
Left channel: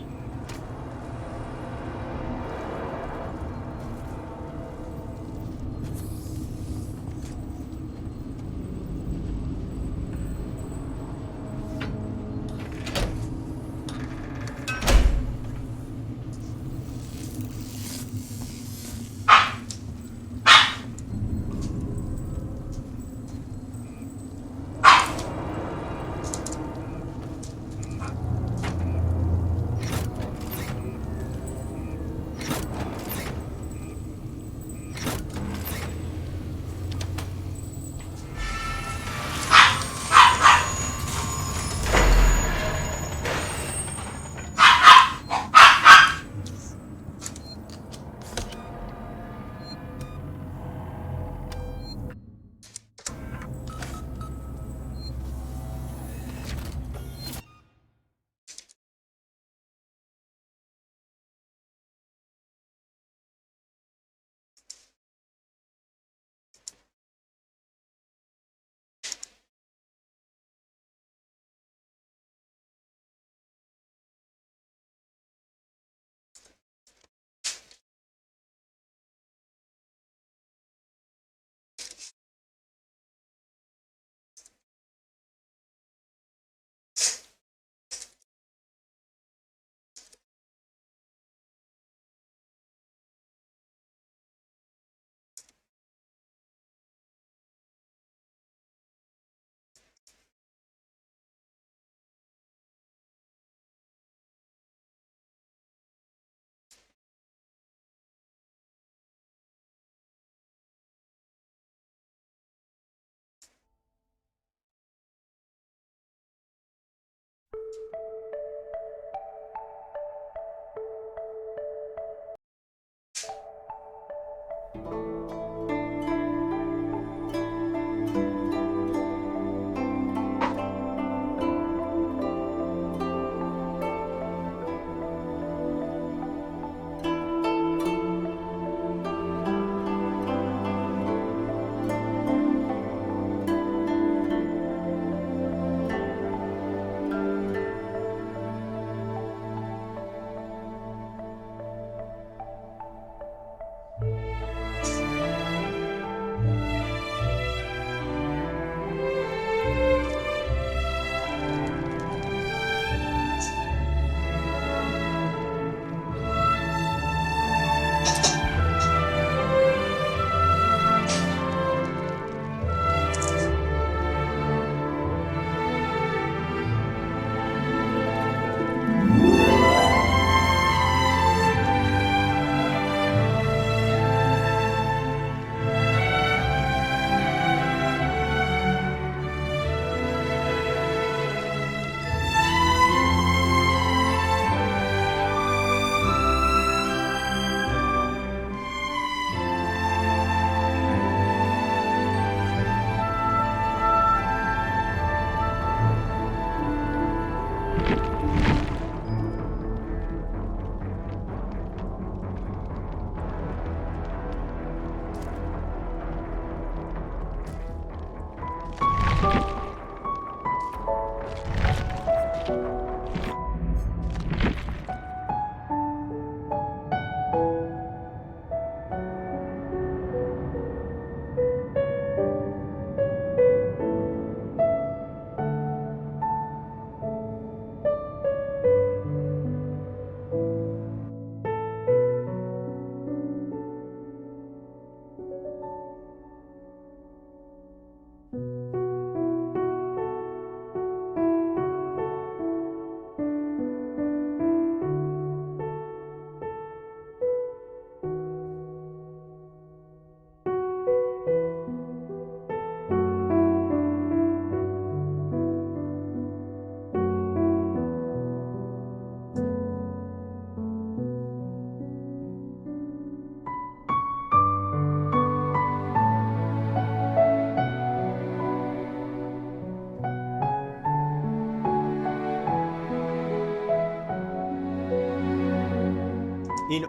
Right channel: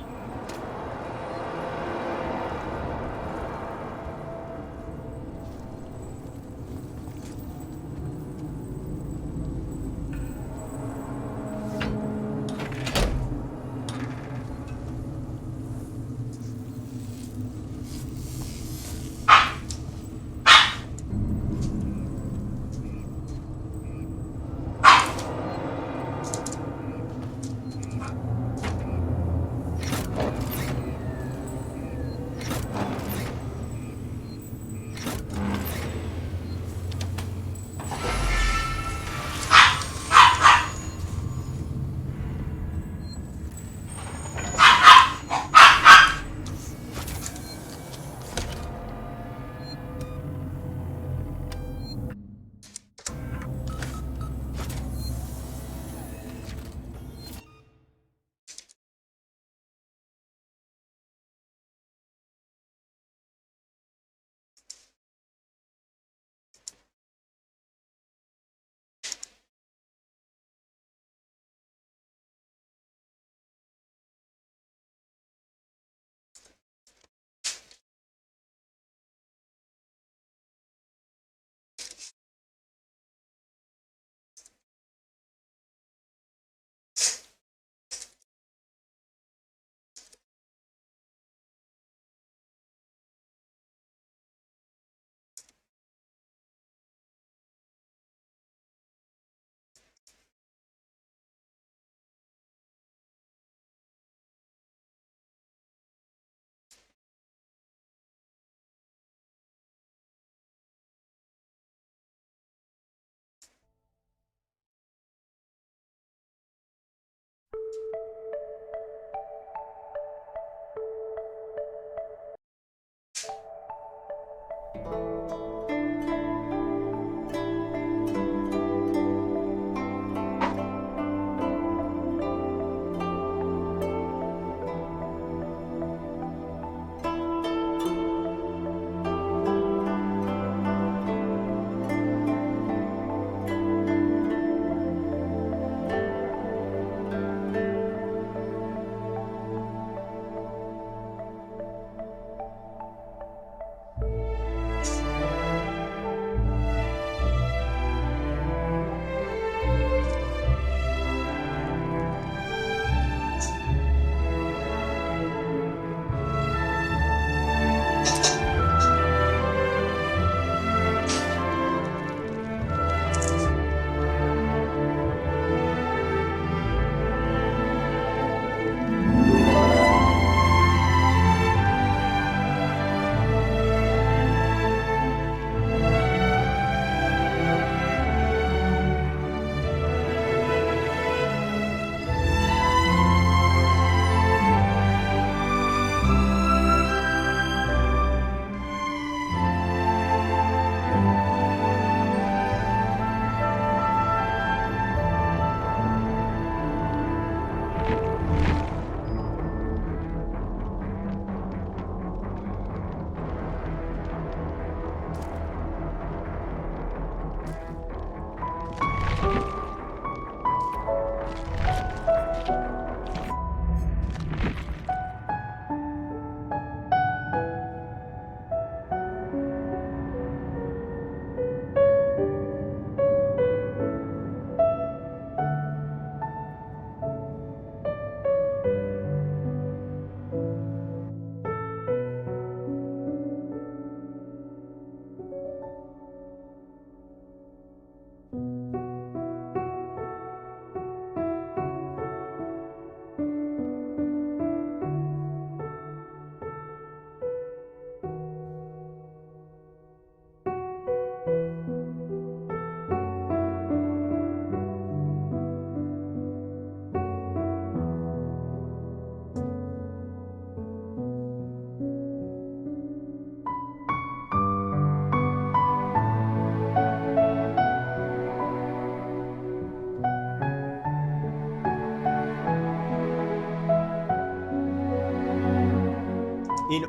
In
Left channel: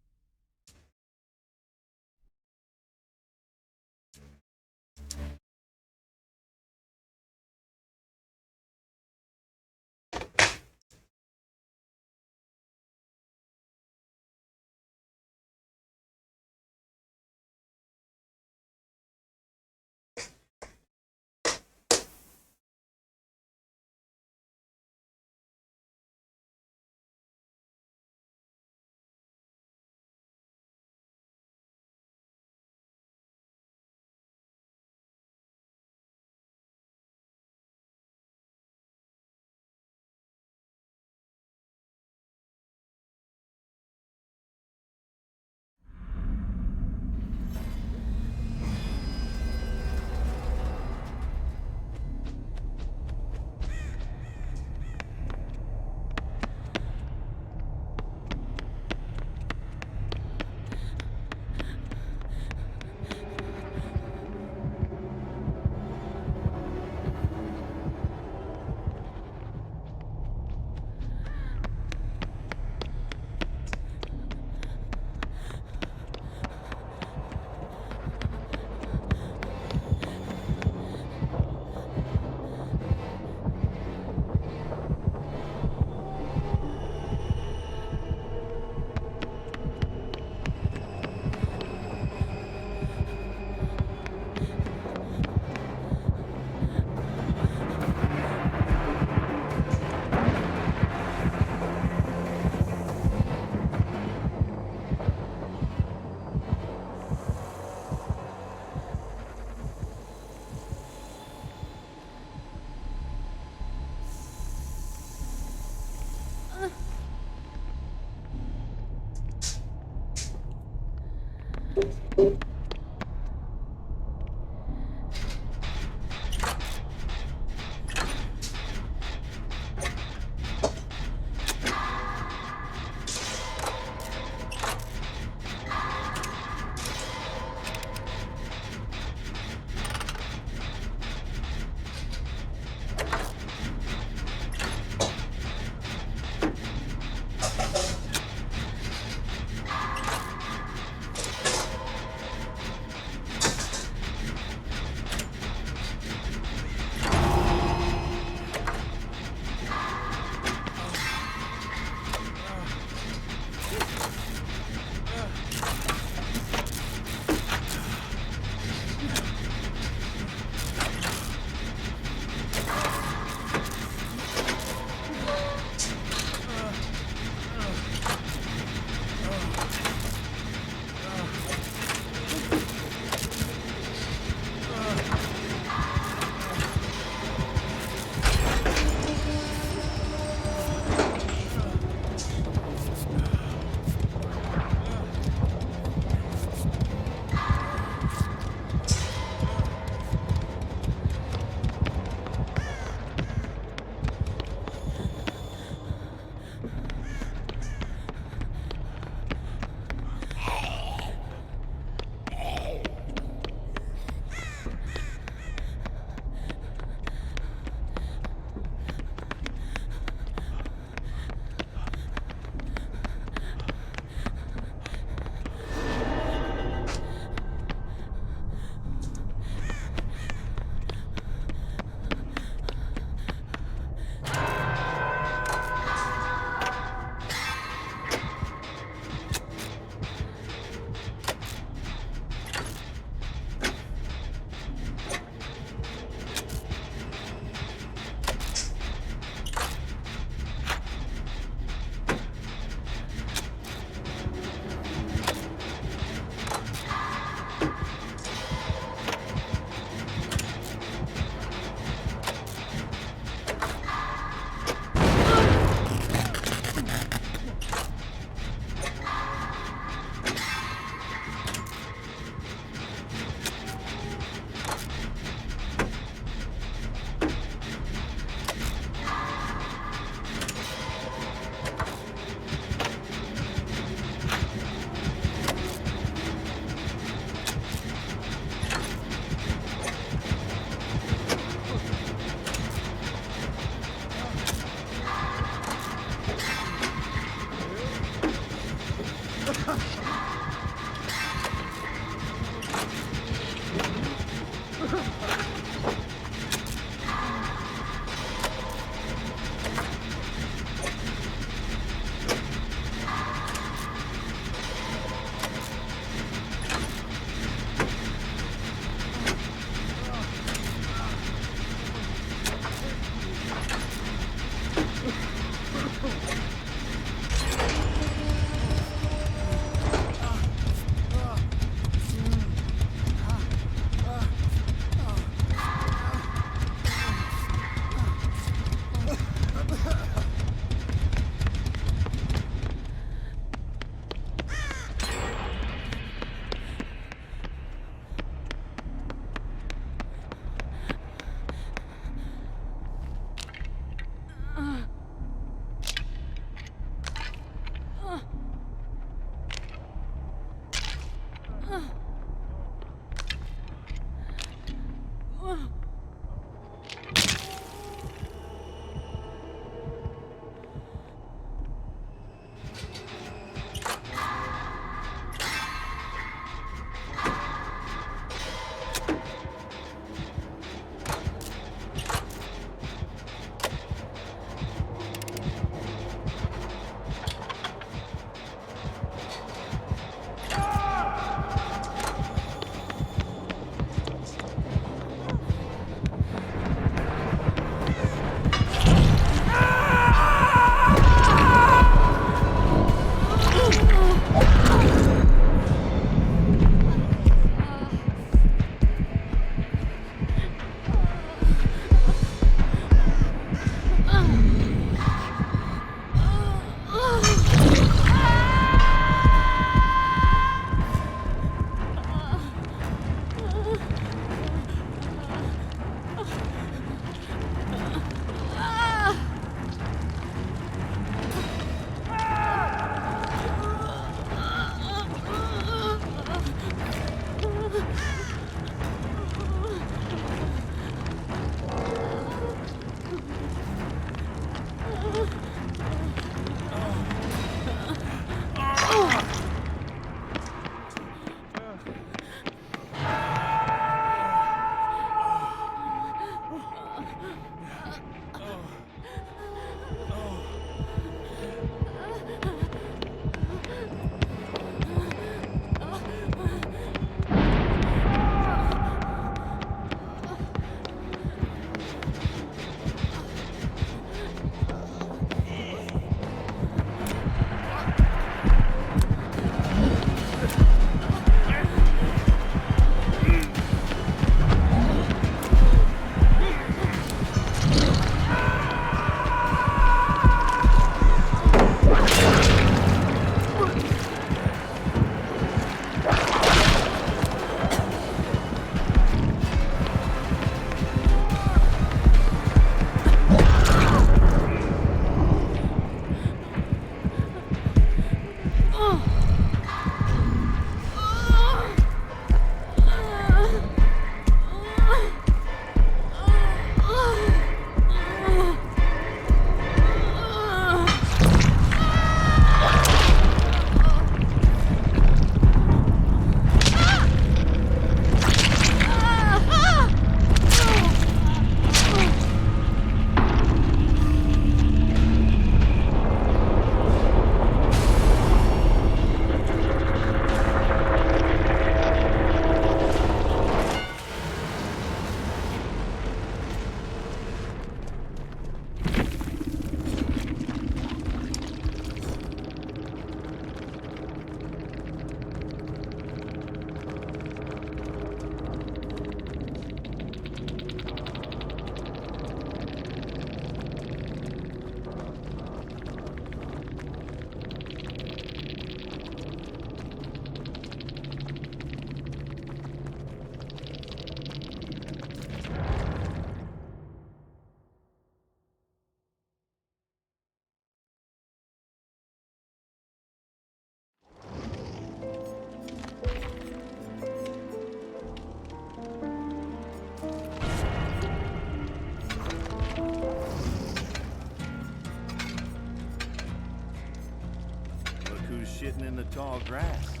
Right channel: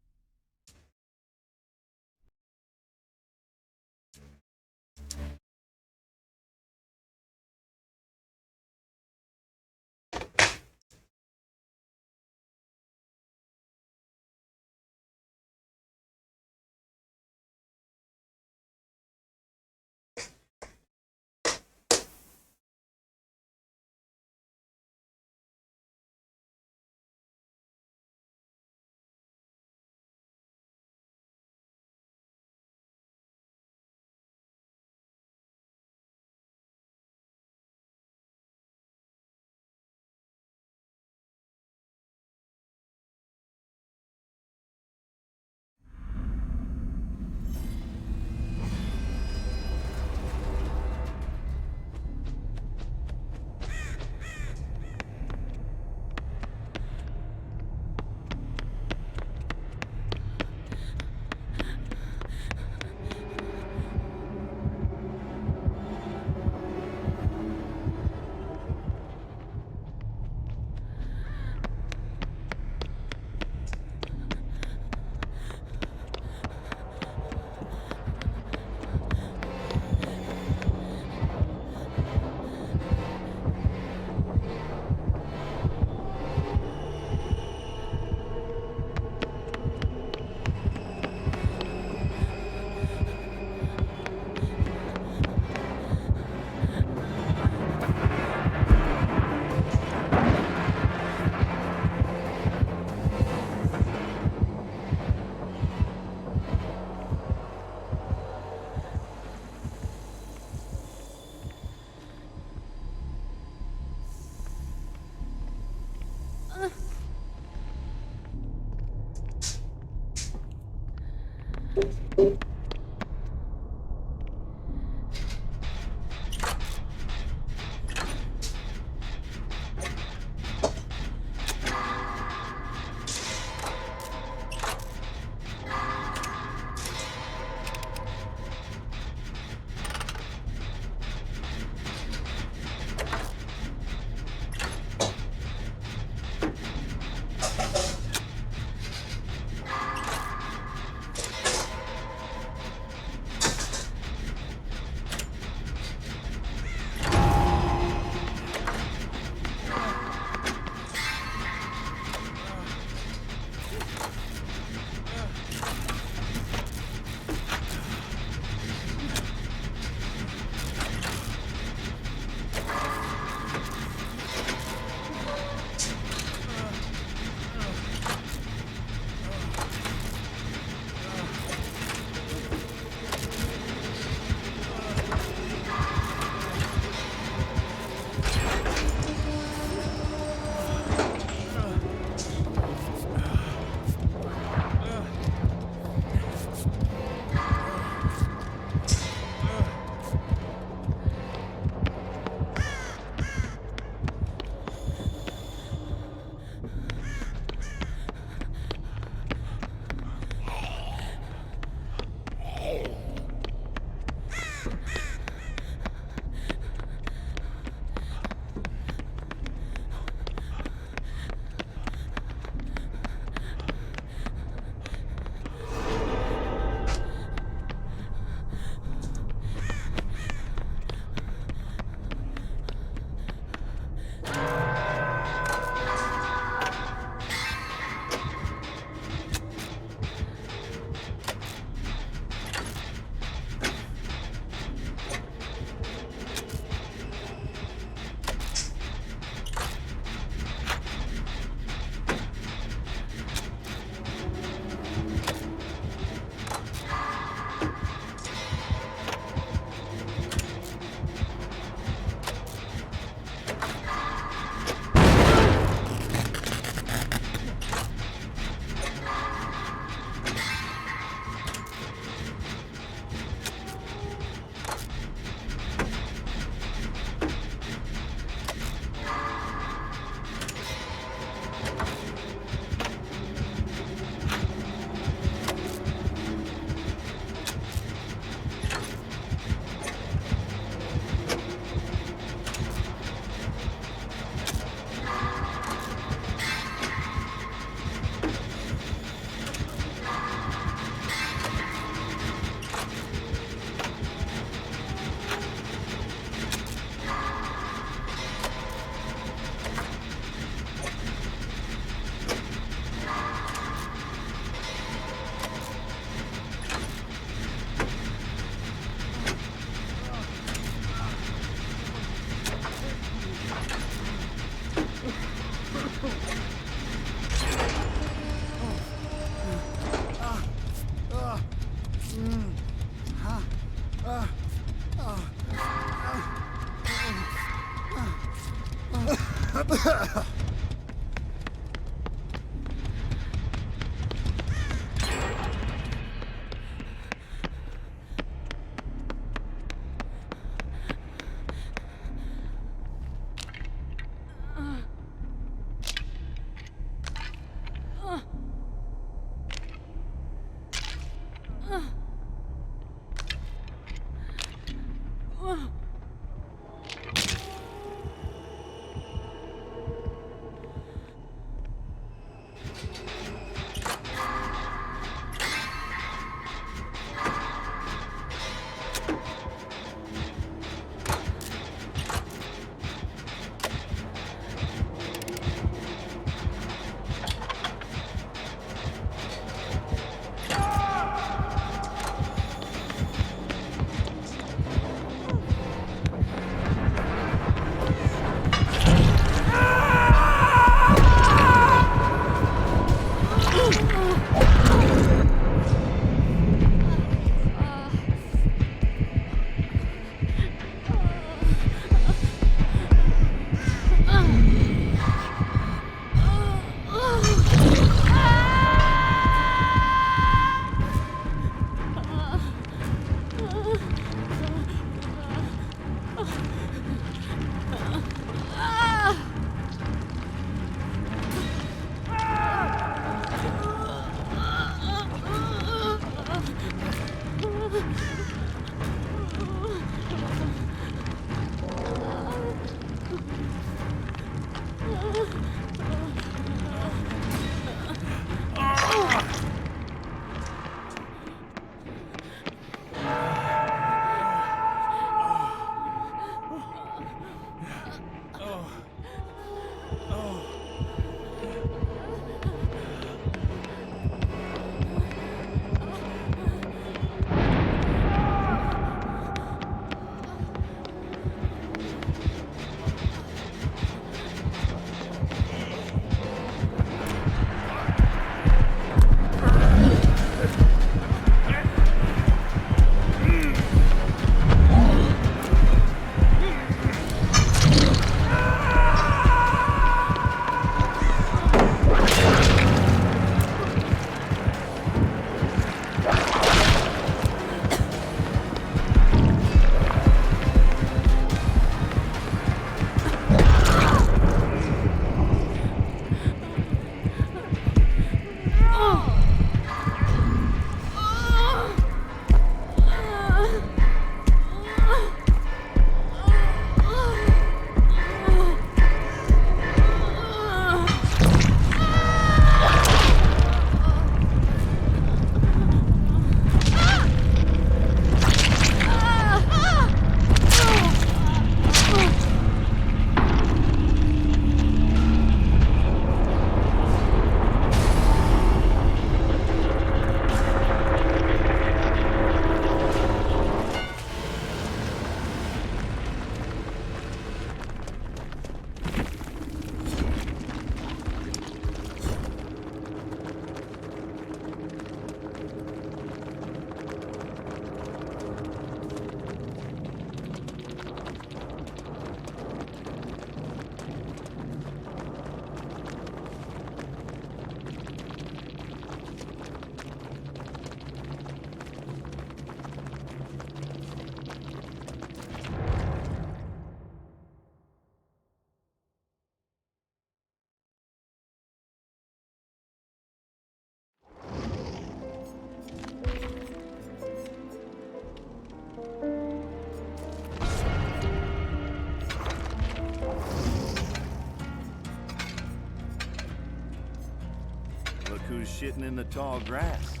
who's shitting in the tall grass.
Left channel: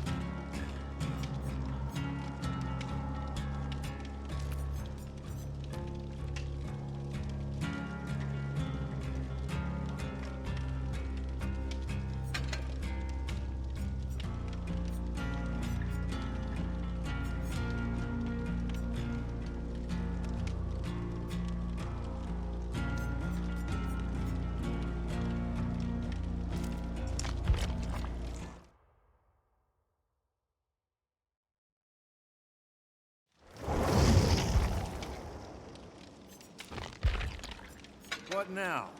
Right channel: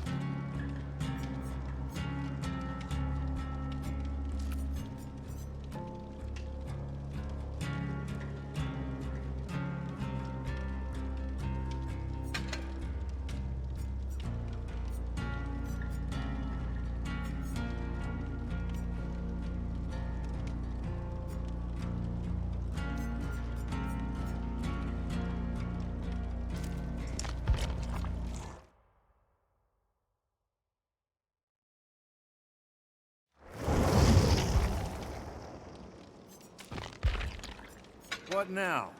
What now?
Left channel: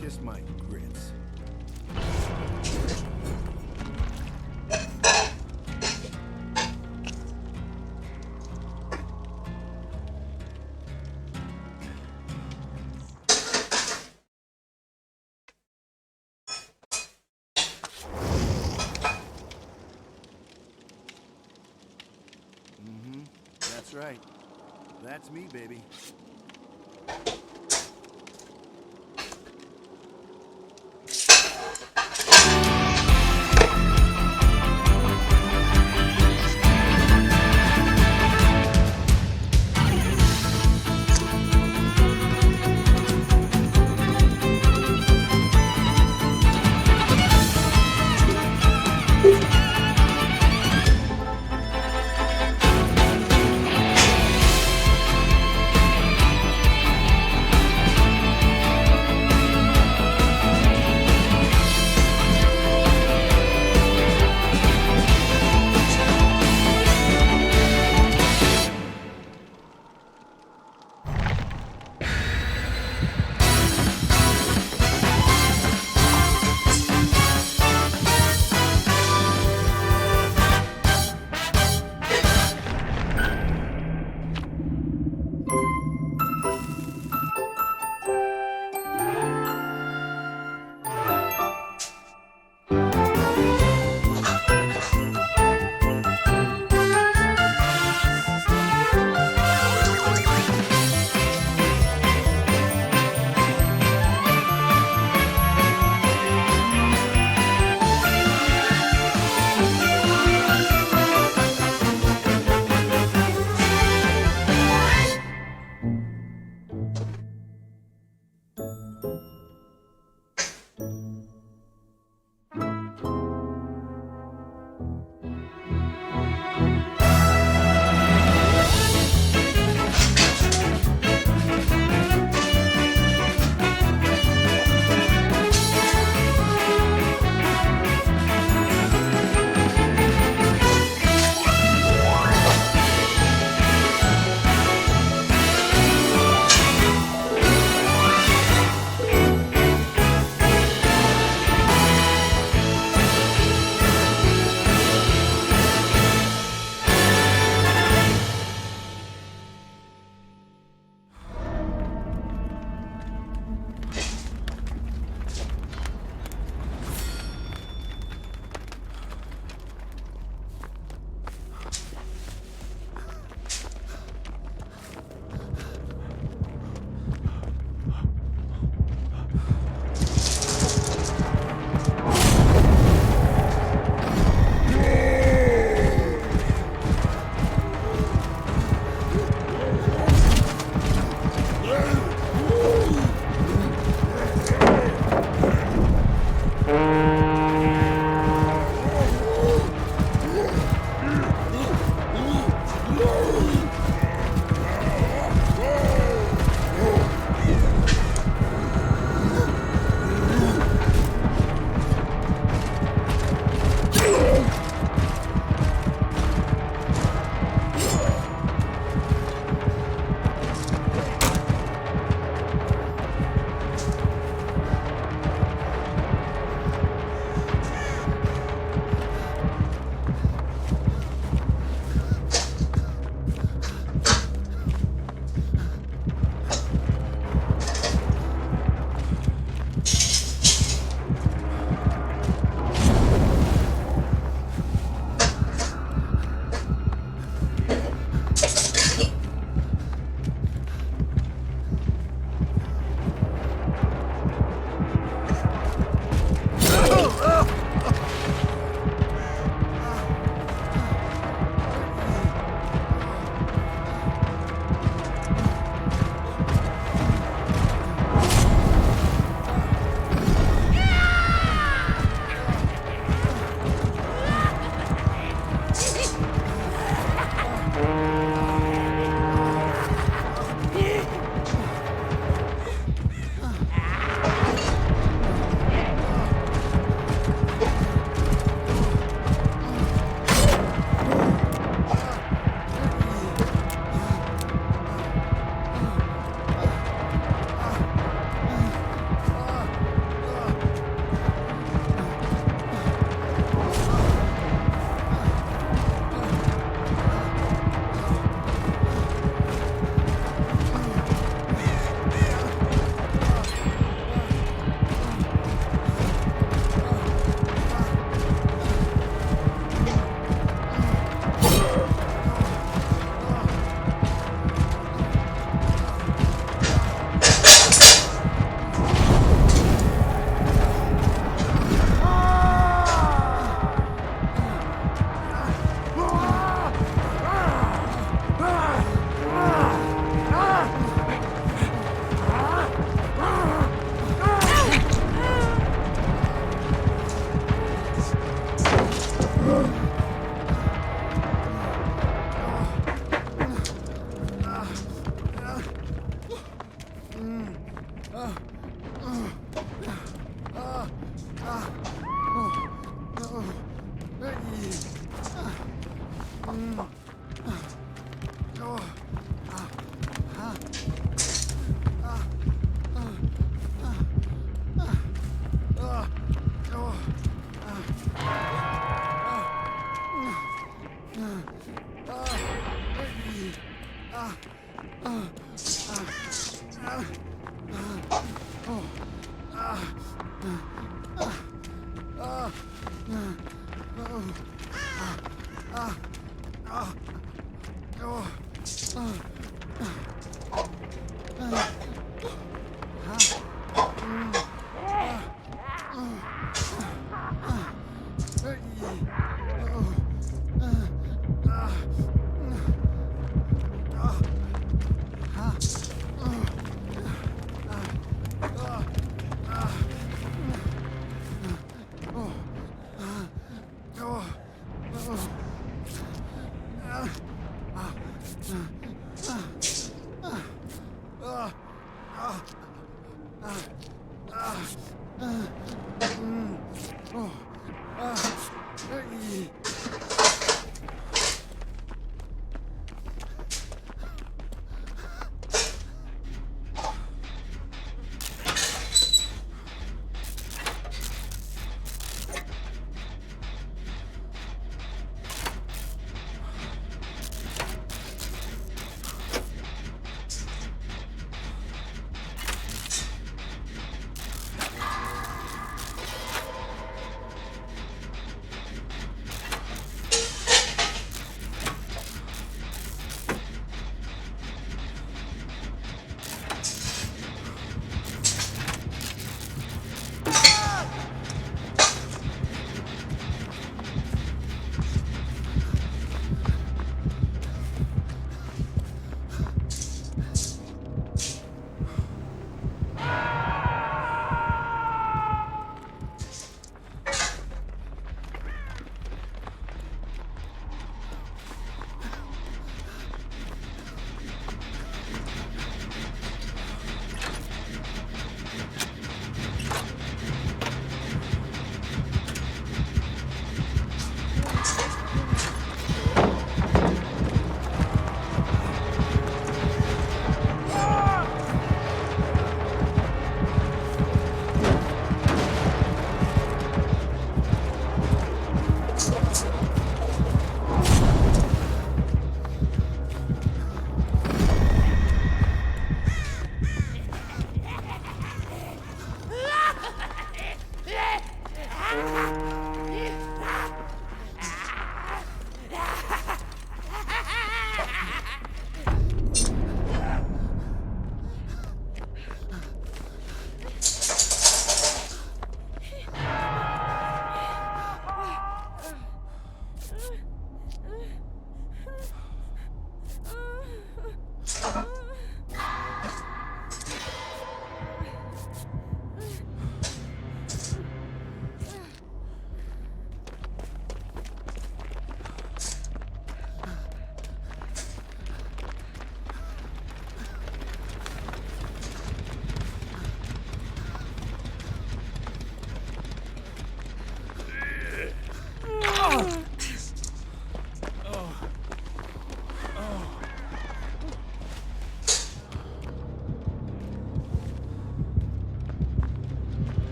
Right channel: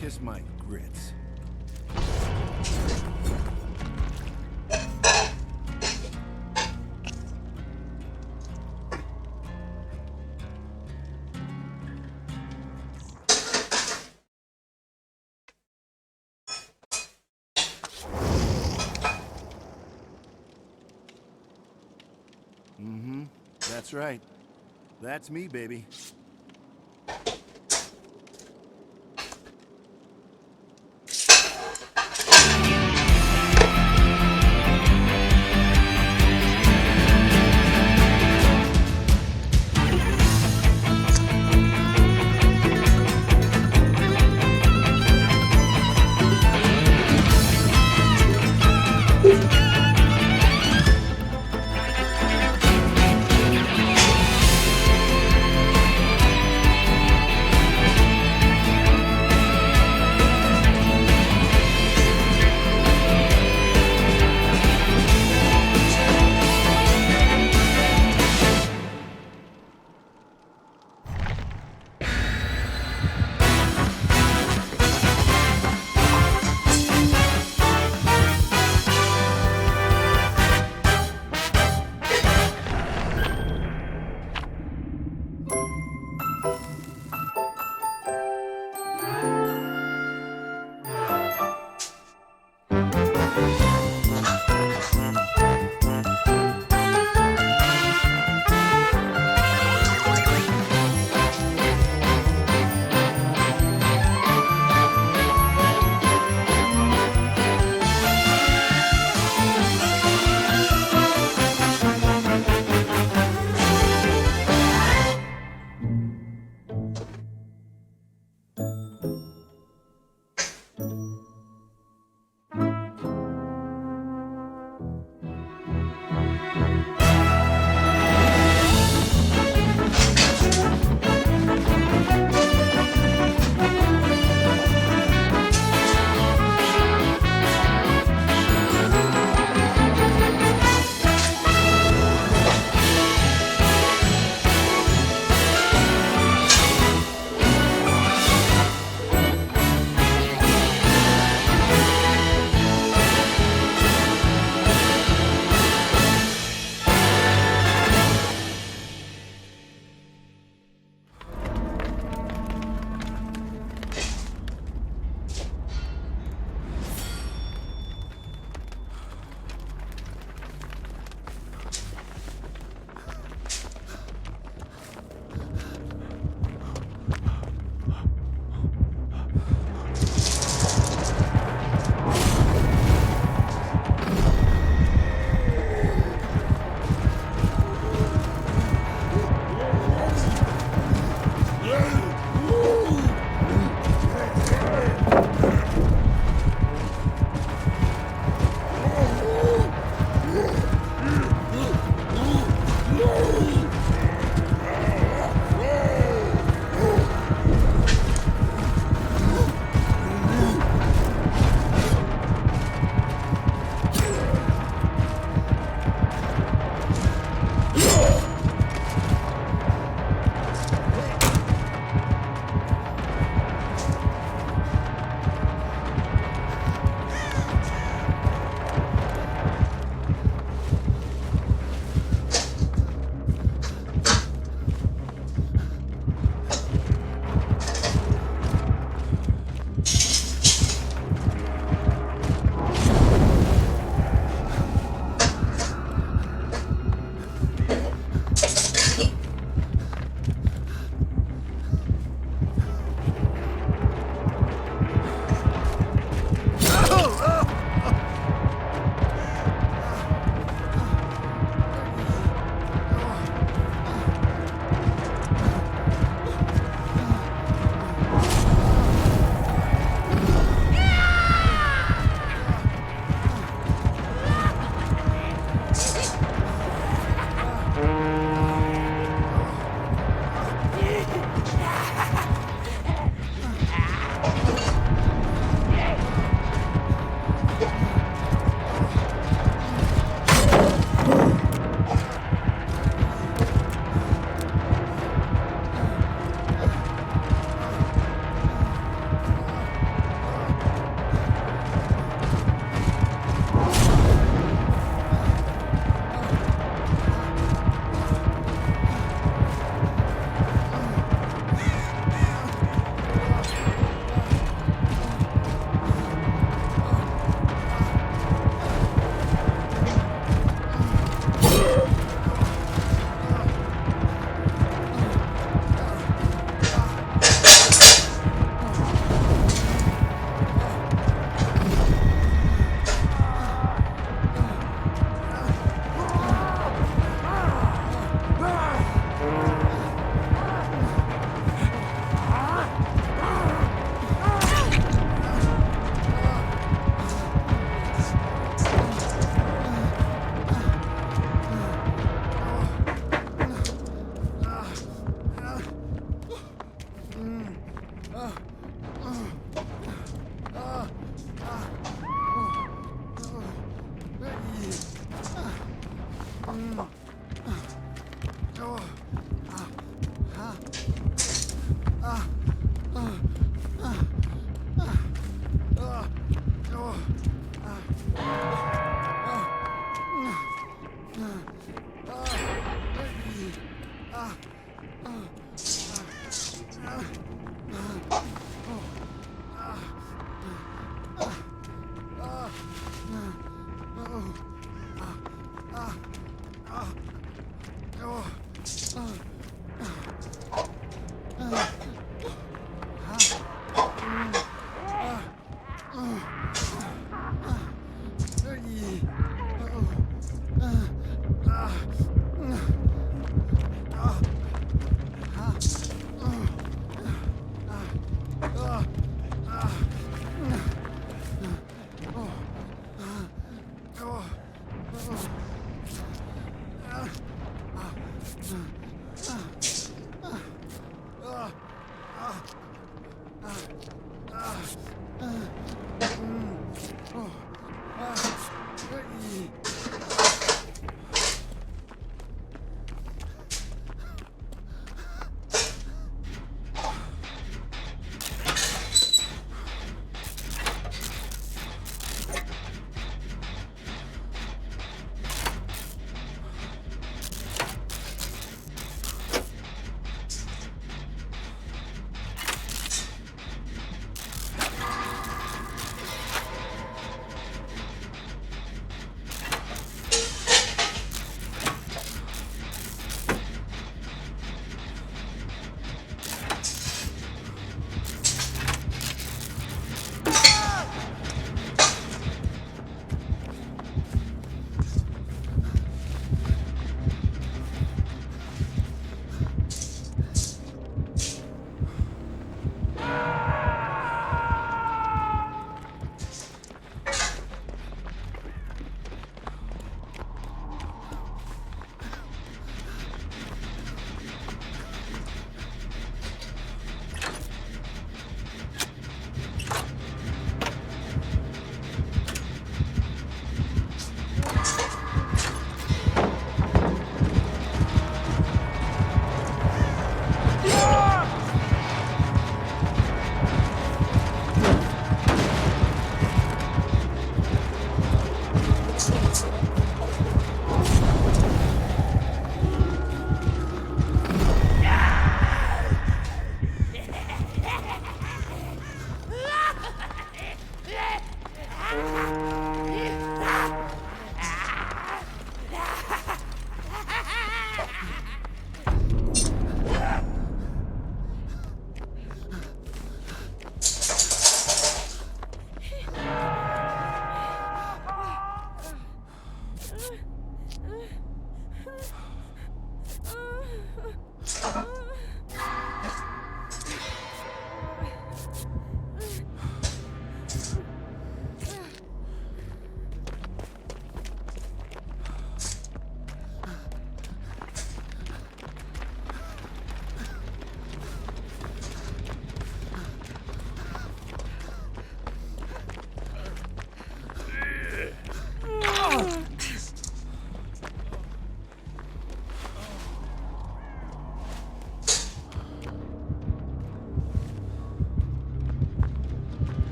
Kiss my grits. Mm-hmm. That's right. That's me, baby.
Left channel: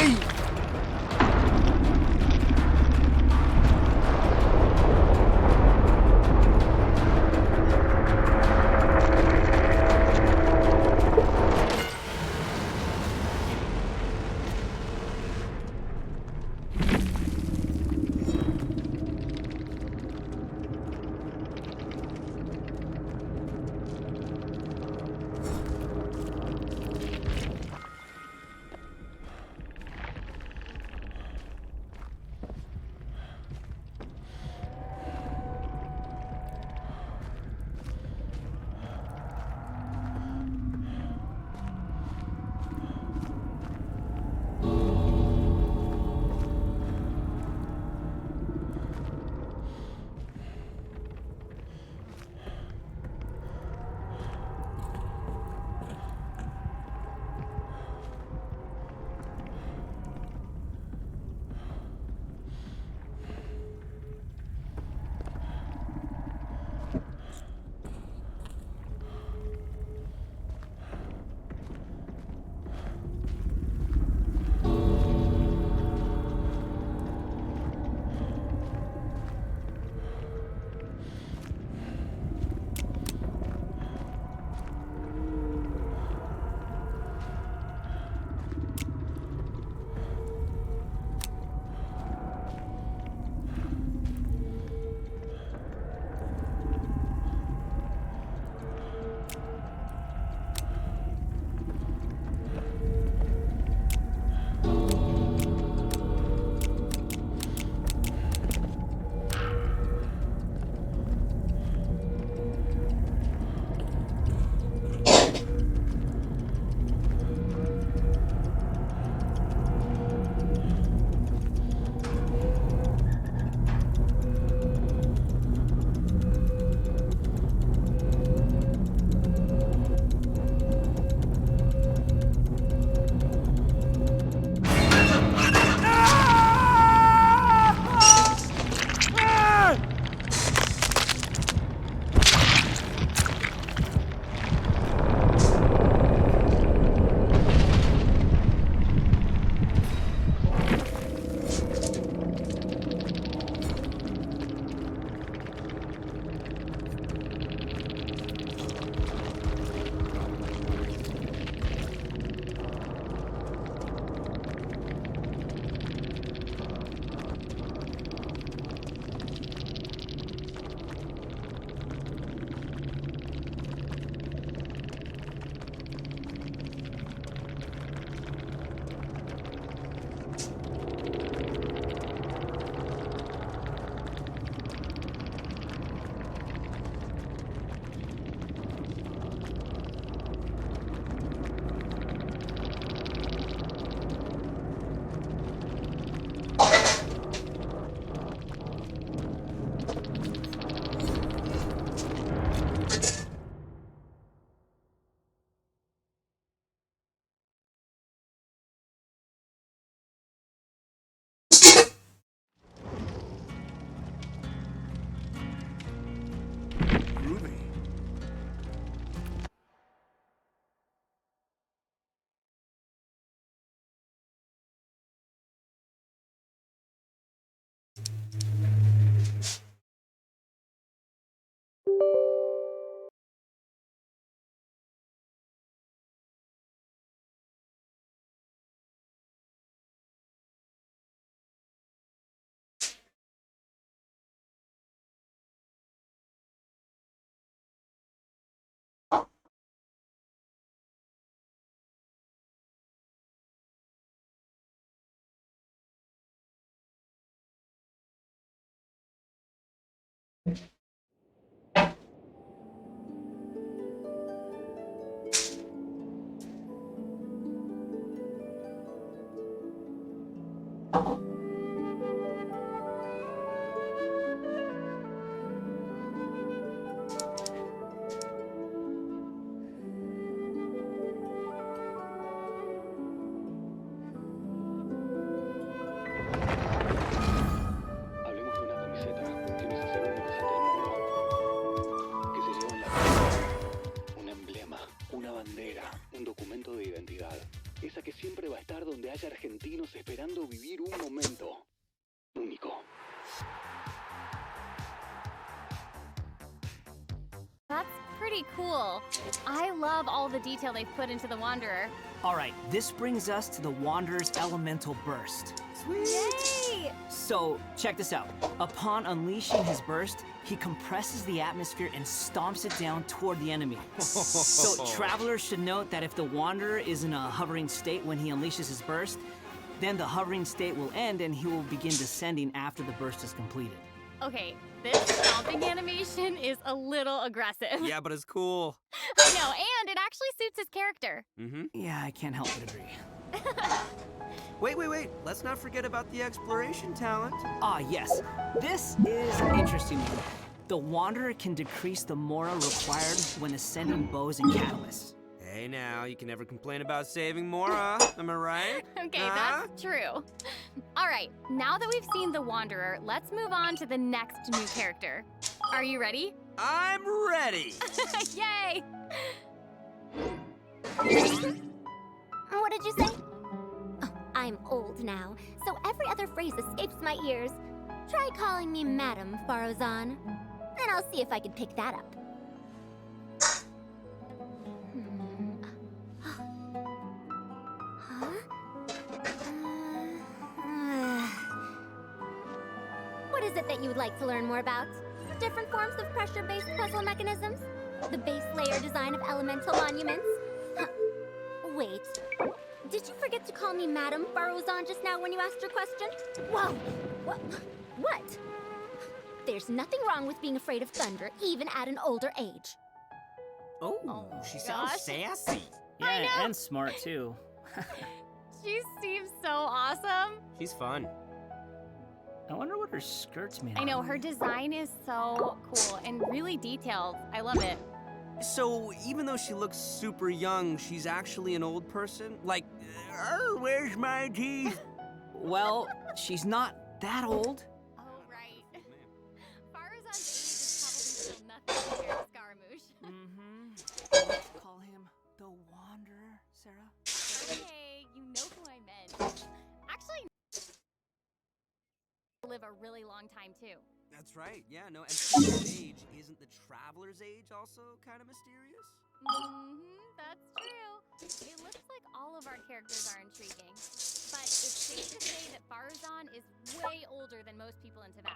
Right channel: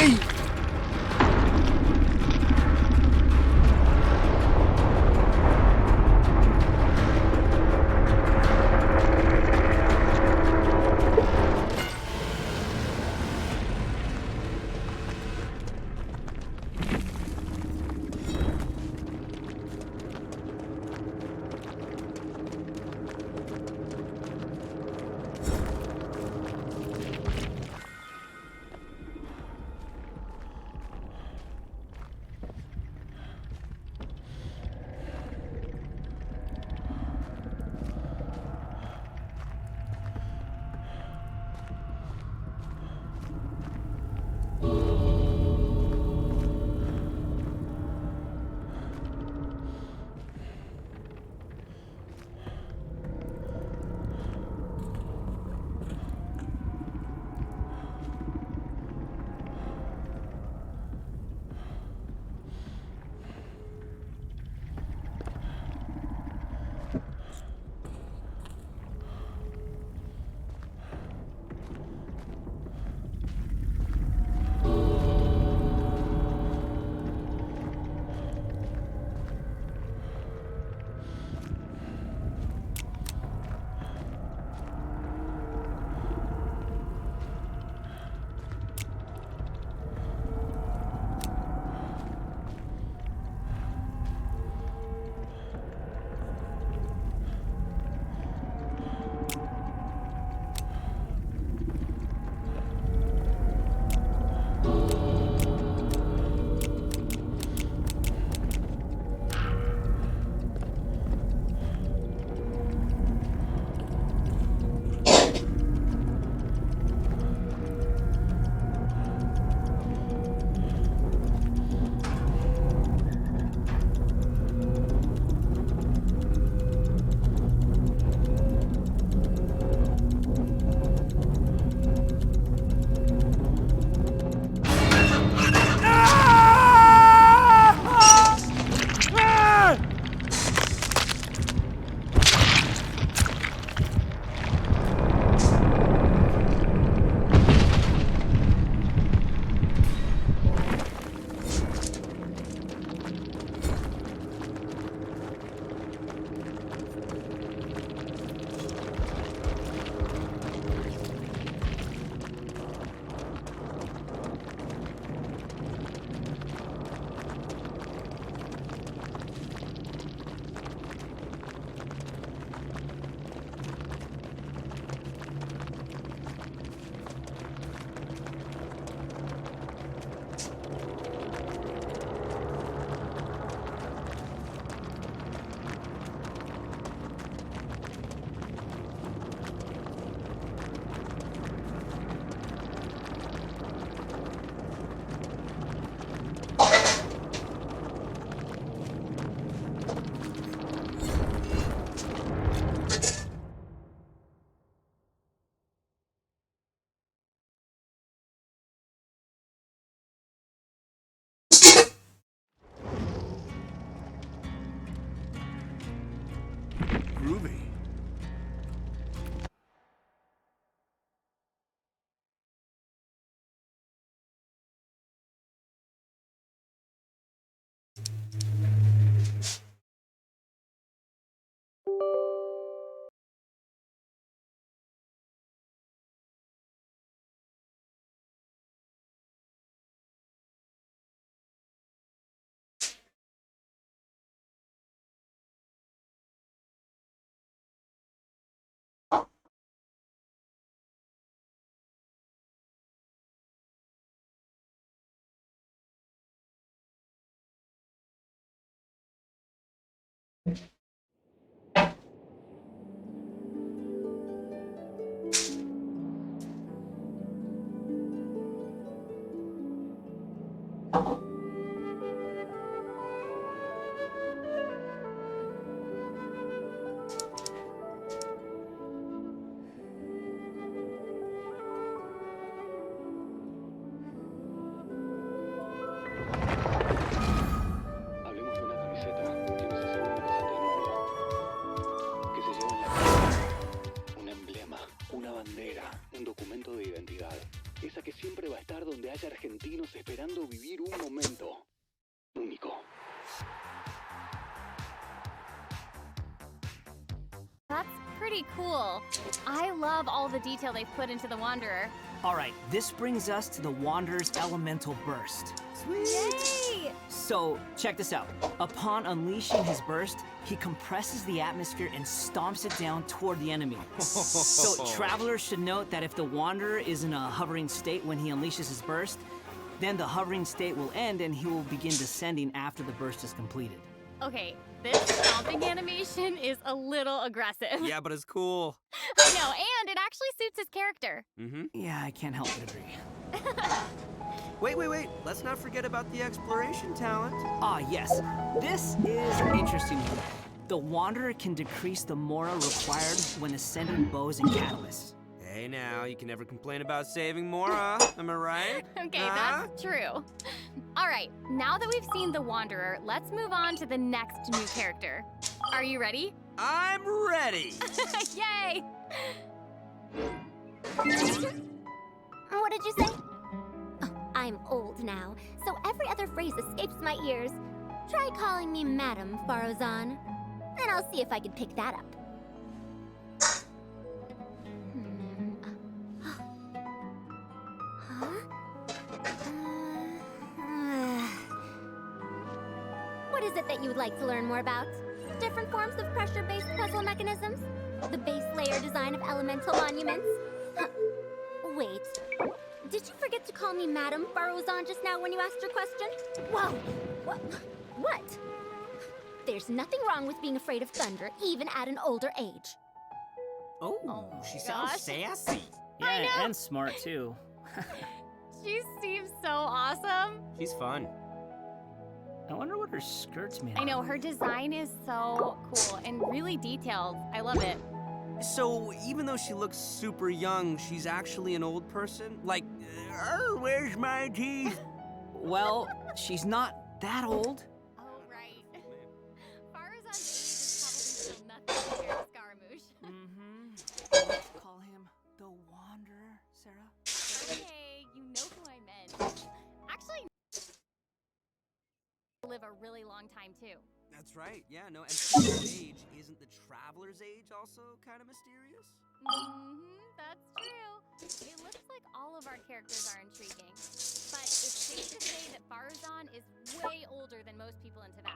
¡Ey! Groovy. Hablemos de una camiseta que nos hace únicos ante el mundo. Que se lleva en la piel un emblema, una bandera, un documento de identidad. Esa que siempre va a estar donde haya argentinos esperando vivir un momento único. That's pretty cool. I love all the detail they've put into the Wanderer. Alright, this brings us to the Wanderer's elemental burst. Yay! So, check this out. Upon unleashing his burst, he compresses the atmosphere and stomps it down toward the enemy. So, travelers should note that if the Wanderer is in a hovering state when he unleashes his burst, then the hovering state will end and he will begin descending after the burst is completed. Okay, this stomping animation is a little aggressive. Yeah, but it's cool. I know, and it actually suits his character. Yeah, I can't help but agree. Wait. Let's not forget about the exploration talent. Ah, yes. This is an interesting one. The Wanderer can decrease the mora required when ascending bows and catalysts. Hey now, you can never complain about saving Mora, am I right? Okay, that's true. All right, now that we've seen the Wanderer, let's move on to the next new character. Are you ready? I'm ready! Yay! What did you say? Oh, I'm old now, so every other phrase escapes my ears. Try calling me Madam, Farozan, and I'll see if I can pick that up. What is it that you would like to learn more about? Different forms of pressure-based puzzle mechanisms? The base layer design of elemental monuments? Wait, did you forget to call me Madam Farozan just now when you asked your question? Whoa! What? There's nothing wrong with being afraid of thunder, even at an older age. Oh, she sounds gosh. sassy. I know. And smart too. She seems so awesome. She's fun. I wonder what her skirt's made I know, of. her design is so cool and really detailed. I love it. So, even though she looks super young, she's actually an old person? Like, where's my teeth? Well, she's not that old. Oh, right. Farozan's age is probably still nothing compared to Scaramouche. Let's call him the Wanderer, Sarah. Okay, you know who I meant. Actually, live a really long time too. That's right, yeah, no, and people's age, isn't the traveler's age also kind of mysterious? That's true. It looks like all of our characters are intriguing, but it's safe to say that Farozan is way older than most people in Tibet.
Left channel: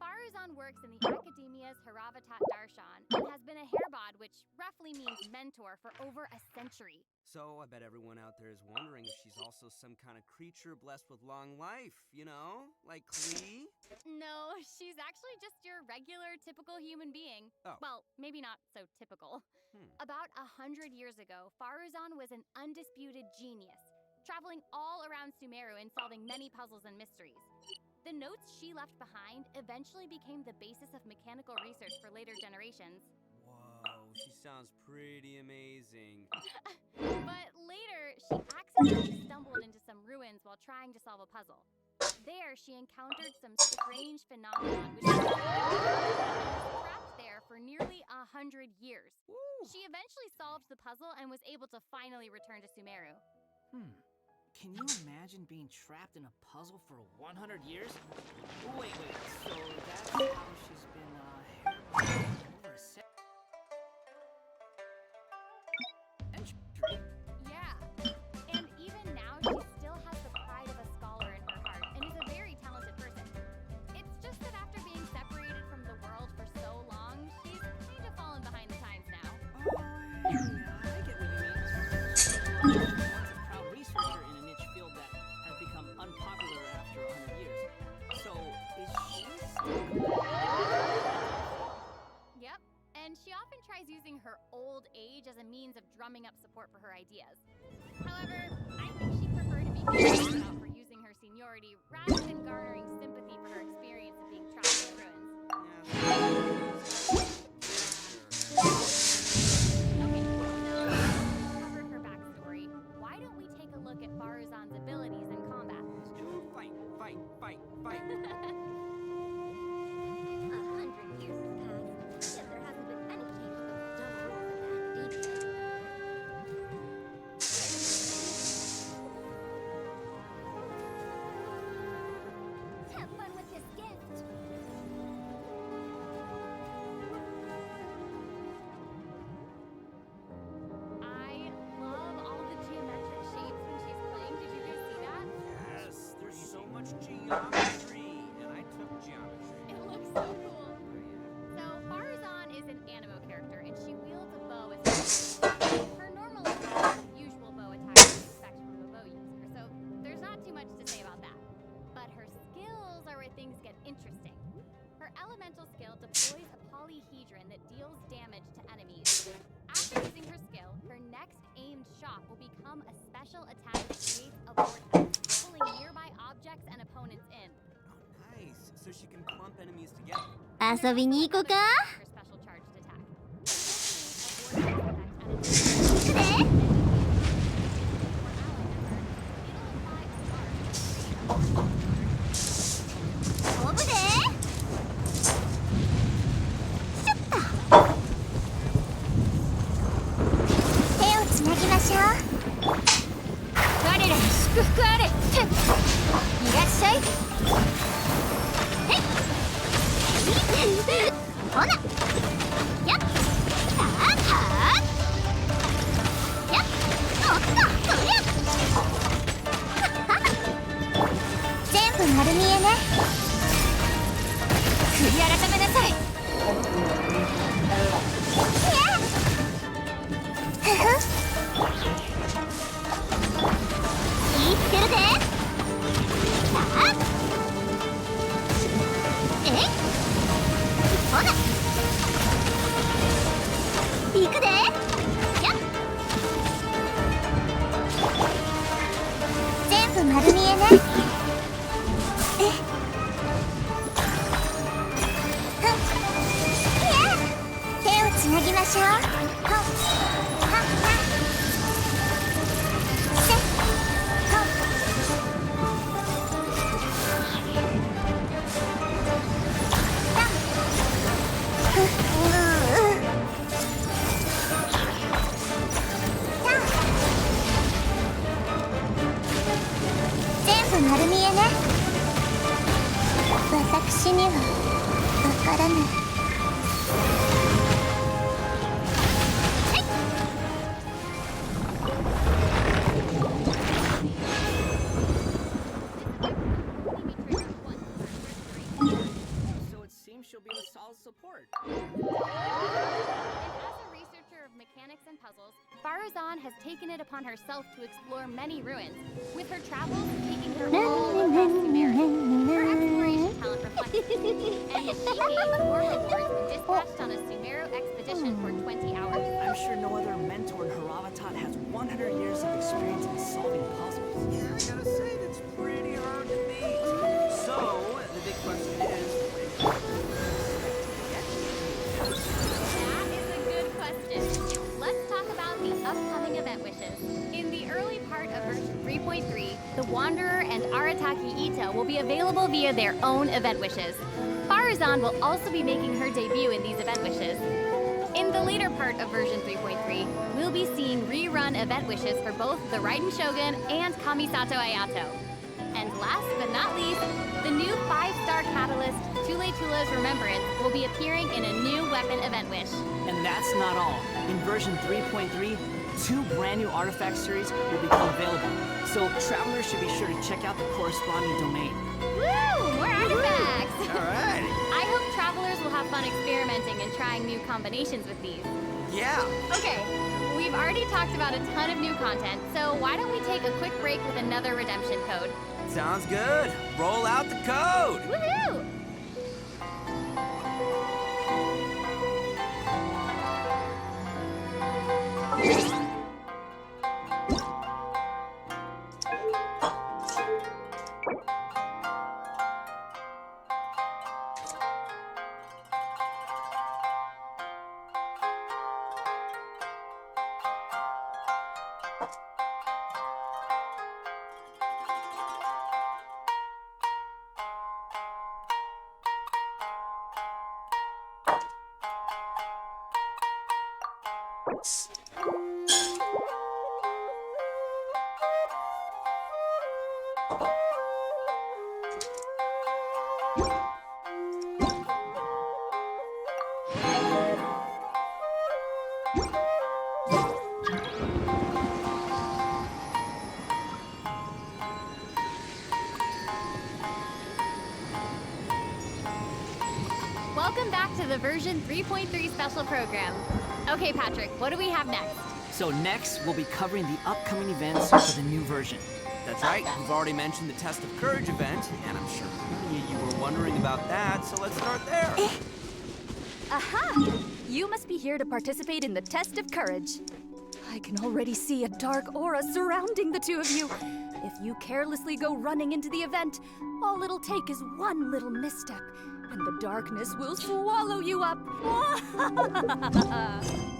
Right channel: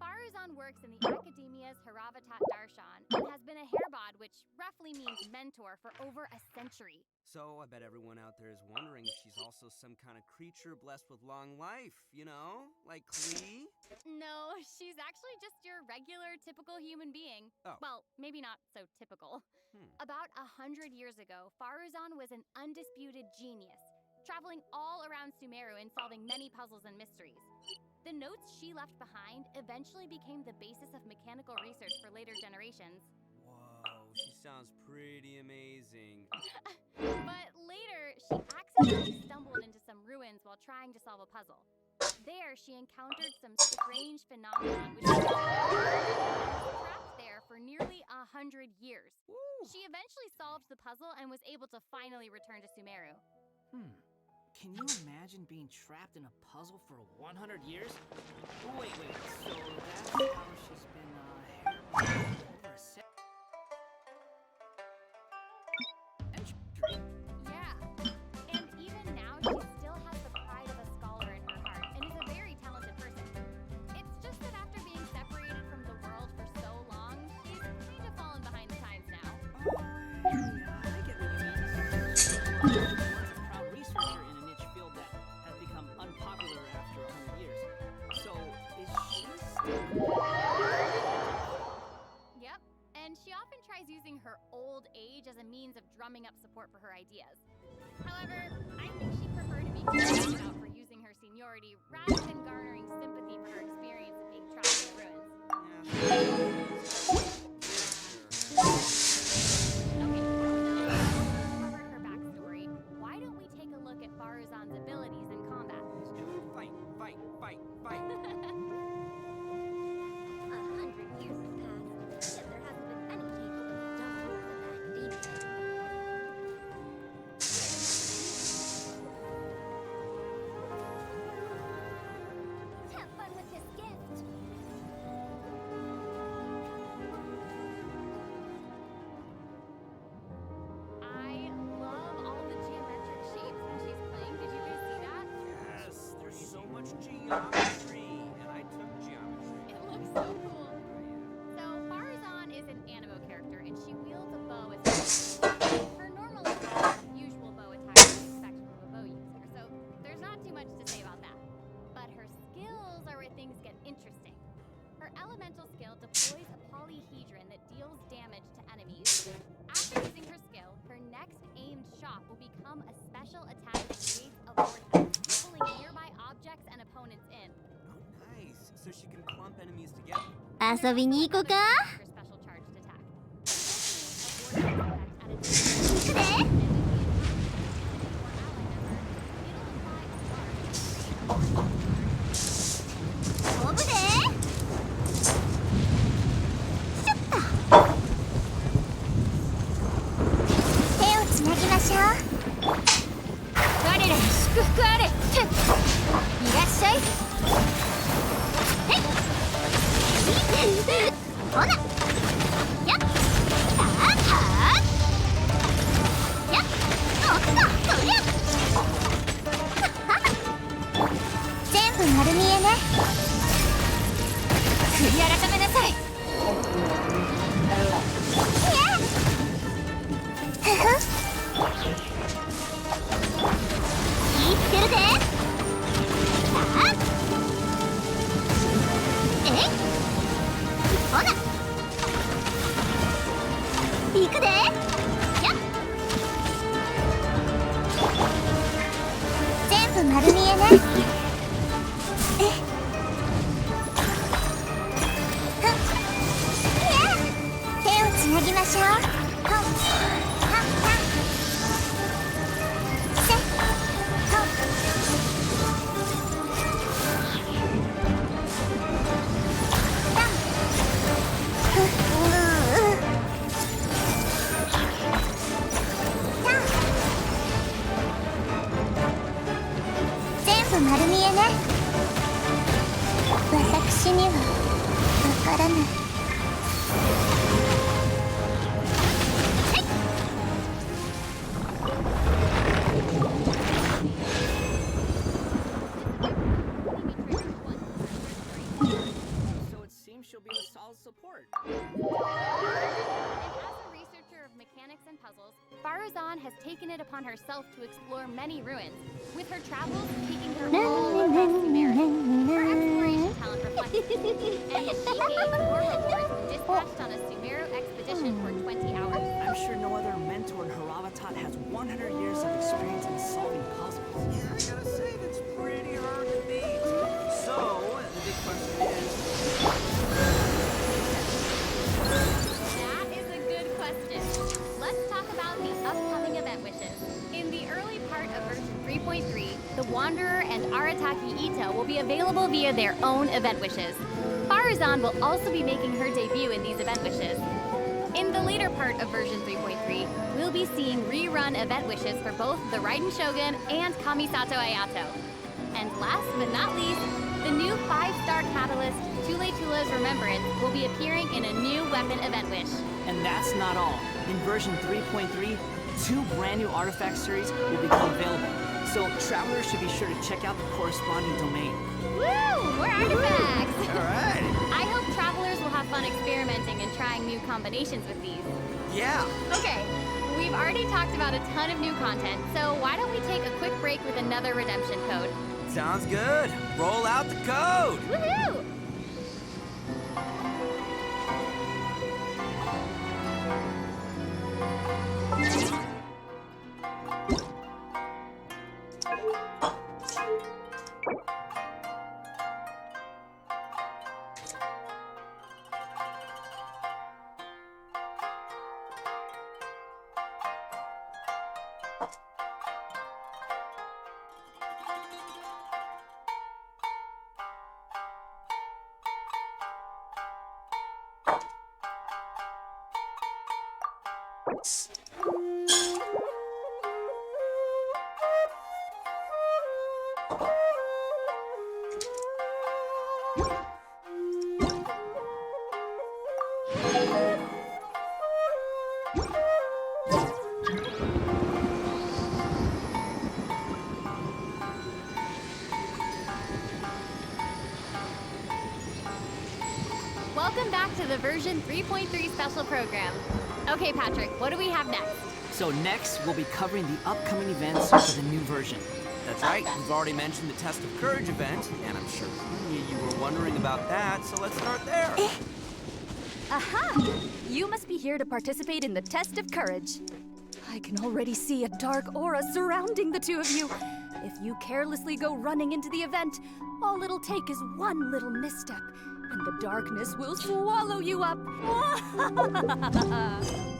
Farozan works in the Academia's Haravatat Darshan and has been a hairbod, which roughly means mentor, for over a century. So, I bet everyone out there is wondering if she's also some kind of creature blessed with long life, you know? Like Klee? No, she's actually just your regular, typical human being. Oh. Well, maybe not so typical. About 100 years ago, Farozan was an undisputed genius, traveling all around Sumeru and solving many puzzles and mysteries. The notes she left behind eventually became the basis of mechanical research for later generations. Whoa, she sounds pretty amazing. But later, she accidentally stumbled into some ruins while trying to solve a puzzle. There, she encountered some strange phenomenon, which was trapped there for nearly 100 years. She eventually solved the puzzle and was able to finally return to Sumeru. Can you imagine being trapped in a puzzle for 100 years? Wait, so that's how she's been, hairbond over a century? Yeah, and even now she still has the pride of a scholar in her heart and is a very talented person. It's just that after being separated from the world for so long, she's kind of fallen behind the times now. Yeah, I get what you mean. Once a proud researcher in a niche field that has become unpopular after 100 years. So, is she still... Yep, and she often tries using her old age as a means of drumming up support for her ideas. However, I think she'd prefer to be called out for using her seniority rather than garnering sympathy for her experience of being trapped in the ruins. Okay, now that we've covered her backstory, why don't we take a look at Farozan's abilities in combat? Fight. 100 years have passed, yet there hasn't been any change to those dumb rules in the Academia. Geometry, and I took geometry. It looks so cool. So, Farazan is an animo character, and she wields a bow as her normal attack is the usual bow attack you'd expect from a bow user, so there's not too much to say about that. But her skills are where things get interesting. Her elemental skill deploys a polyhedron that deals damage to enemies. After using her skill, her next aimed shot will become a special attack that creates a vortex, pulling nearby objects and opponents in. Nice. So she can clump enemies together. 遊びに行こうか。 Her special charged attack. Additionally, a vortex effect at a 行くで。 飛ぶで。シュッと。手をつなぎましょう。我らに祝福あれ。いらっしゃい。へい。ほな。やっ。さあ。やっ。おっと。そりゃ。全部丸見えね。悔い改めなさい。ふふ。言ってるで。さあ。えい。ほな。行くで。やっ。全部丸見えね。手をつなぎましょう。はっはっせっほったんふうたん全部丸見えね。私にはわからない。So it seems she'll be a solid support. And as a researcher of mechanics and puzzles, Farazan has taken it upon herself to explore many ruins, with her travels taking her all across Sumeru. Her exploration talent reflects this, and she gained more rewards when dispatched on a Sumeru expedition for 20 hours. I'm sure no other mentor in Haravatat has 100 years of experience in solving puzzles. Yeah, I gotta say, that's pretty hard to beat. So, the big question is... That is a good question. Let's talk about the upcoming event wishes. In the early part of version 3.3, the Wanderer and Arataki Ito will be available via their own event wishes. Farazan will also be making her debut in these event wishes. In the later part of version 3.3, we'll be seeing rerun event wishes for both the Raiden Shogun and Kamisato Ayato. And last but not least, the new 5-star catalyst, Tule Tula's Remembrance, will be appearing in a new weapon event wish. And that's not all. In version 3.3, 2 brand new artifact series will become available. So travelers should be sure to check out the corresponding domain. Woo! More artifacts! Alright! I hope travelers will have fun experimenting and trying new combinations with these. Yeah! Okay, we've already talked about a ton of new content, so why don't we take a quick break with another redemption code? Sounds good. Roll out the code. Woohoo! back to the version 3.3 special program. Okay, Patrick, what do we have next? So next, we'll be covering the upcoming events for the new version. That's right, we've already mentioned the Test of Courage event, and I'm sure plenty of you were wondering about that, so let's start there. Aha! You must be here to participate in the Test of Courage. I can already see a dark aura surrounding the two of you. If you carelessly go running into the event, all it'll take is one little misstep, and the darkness will swallow you up.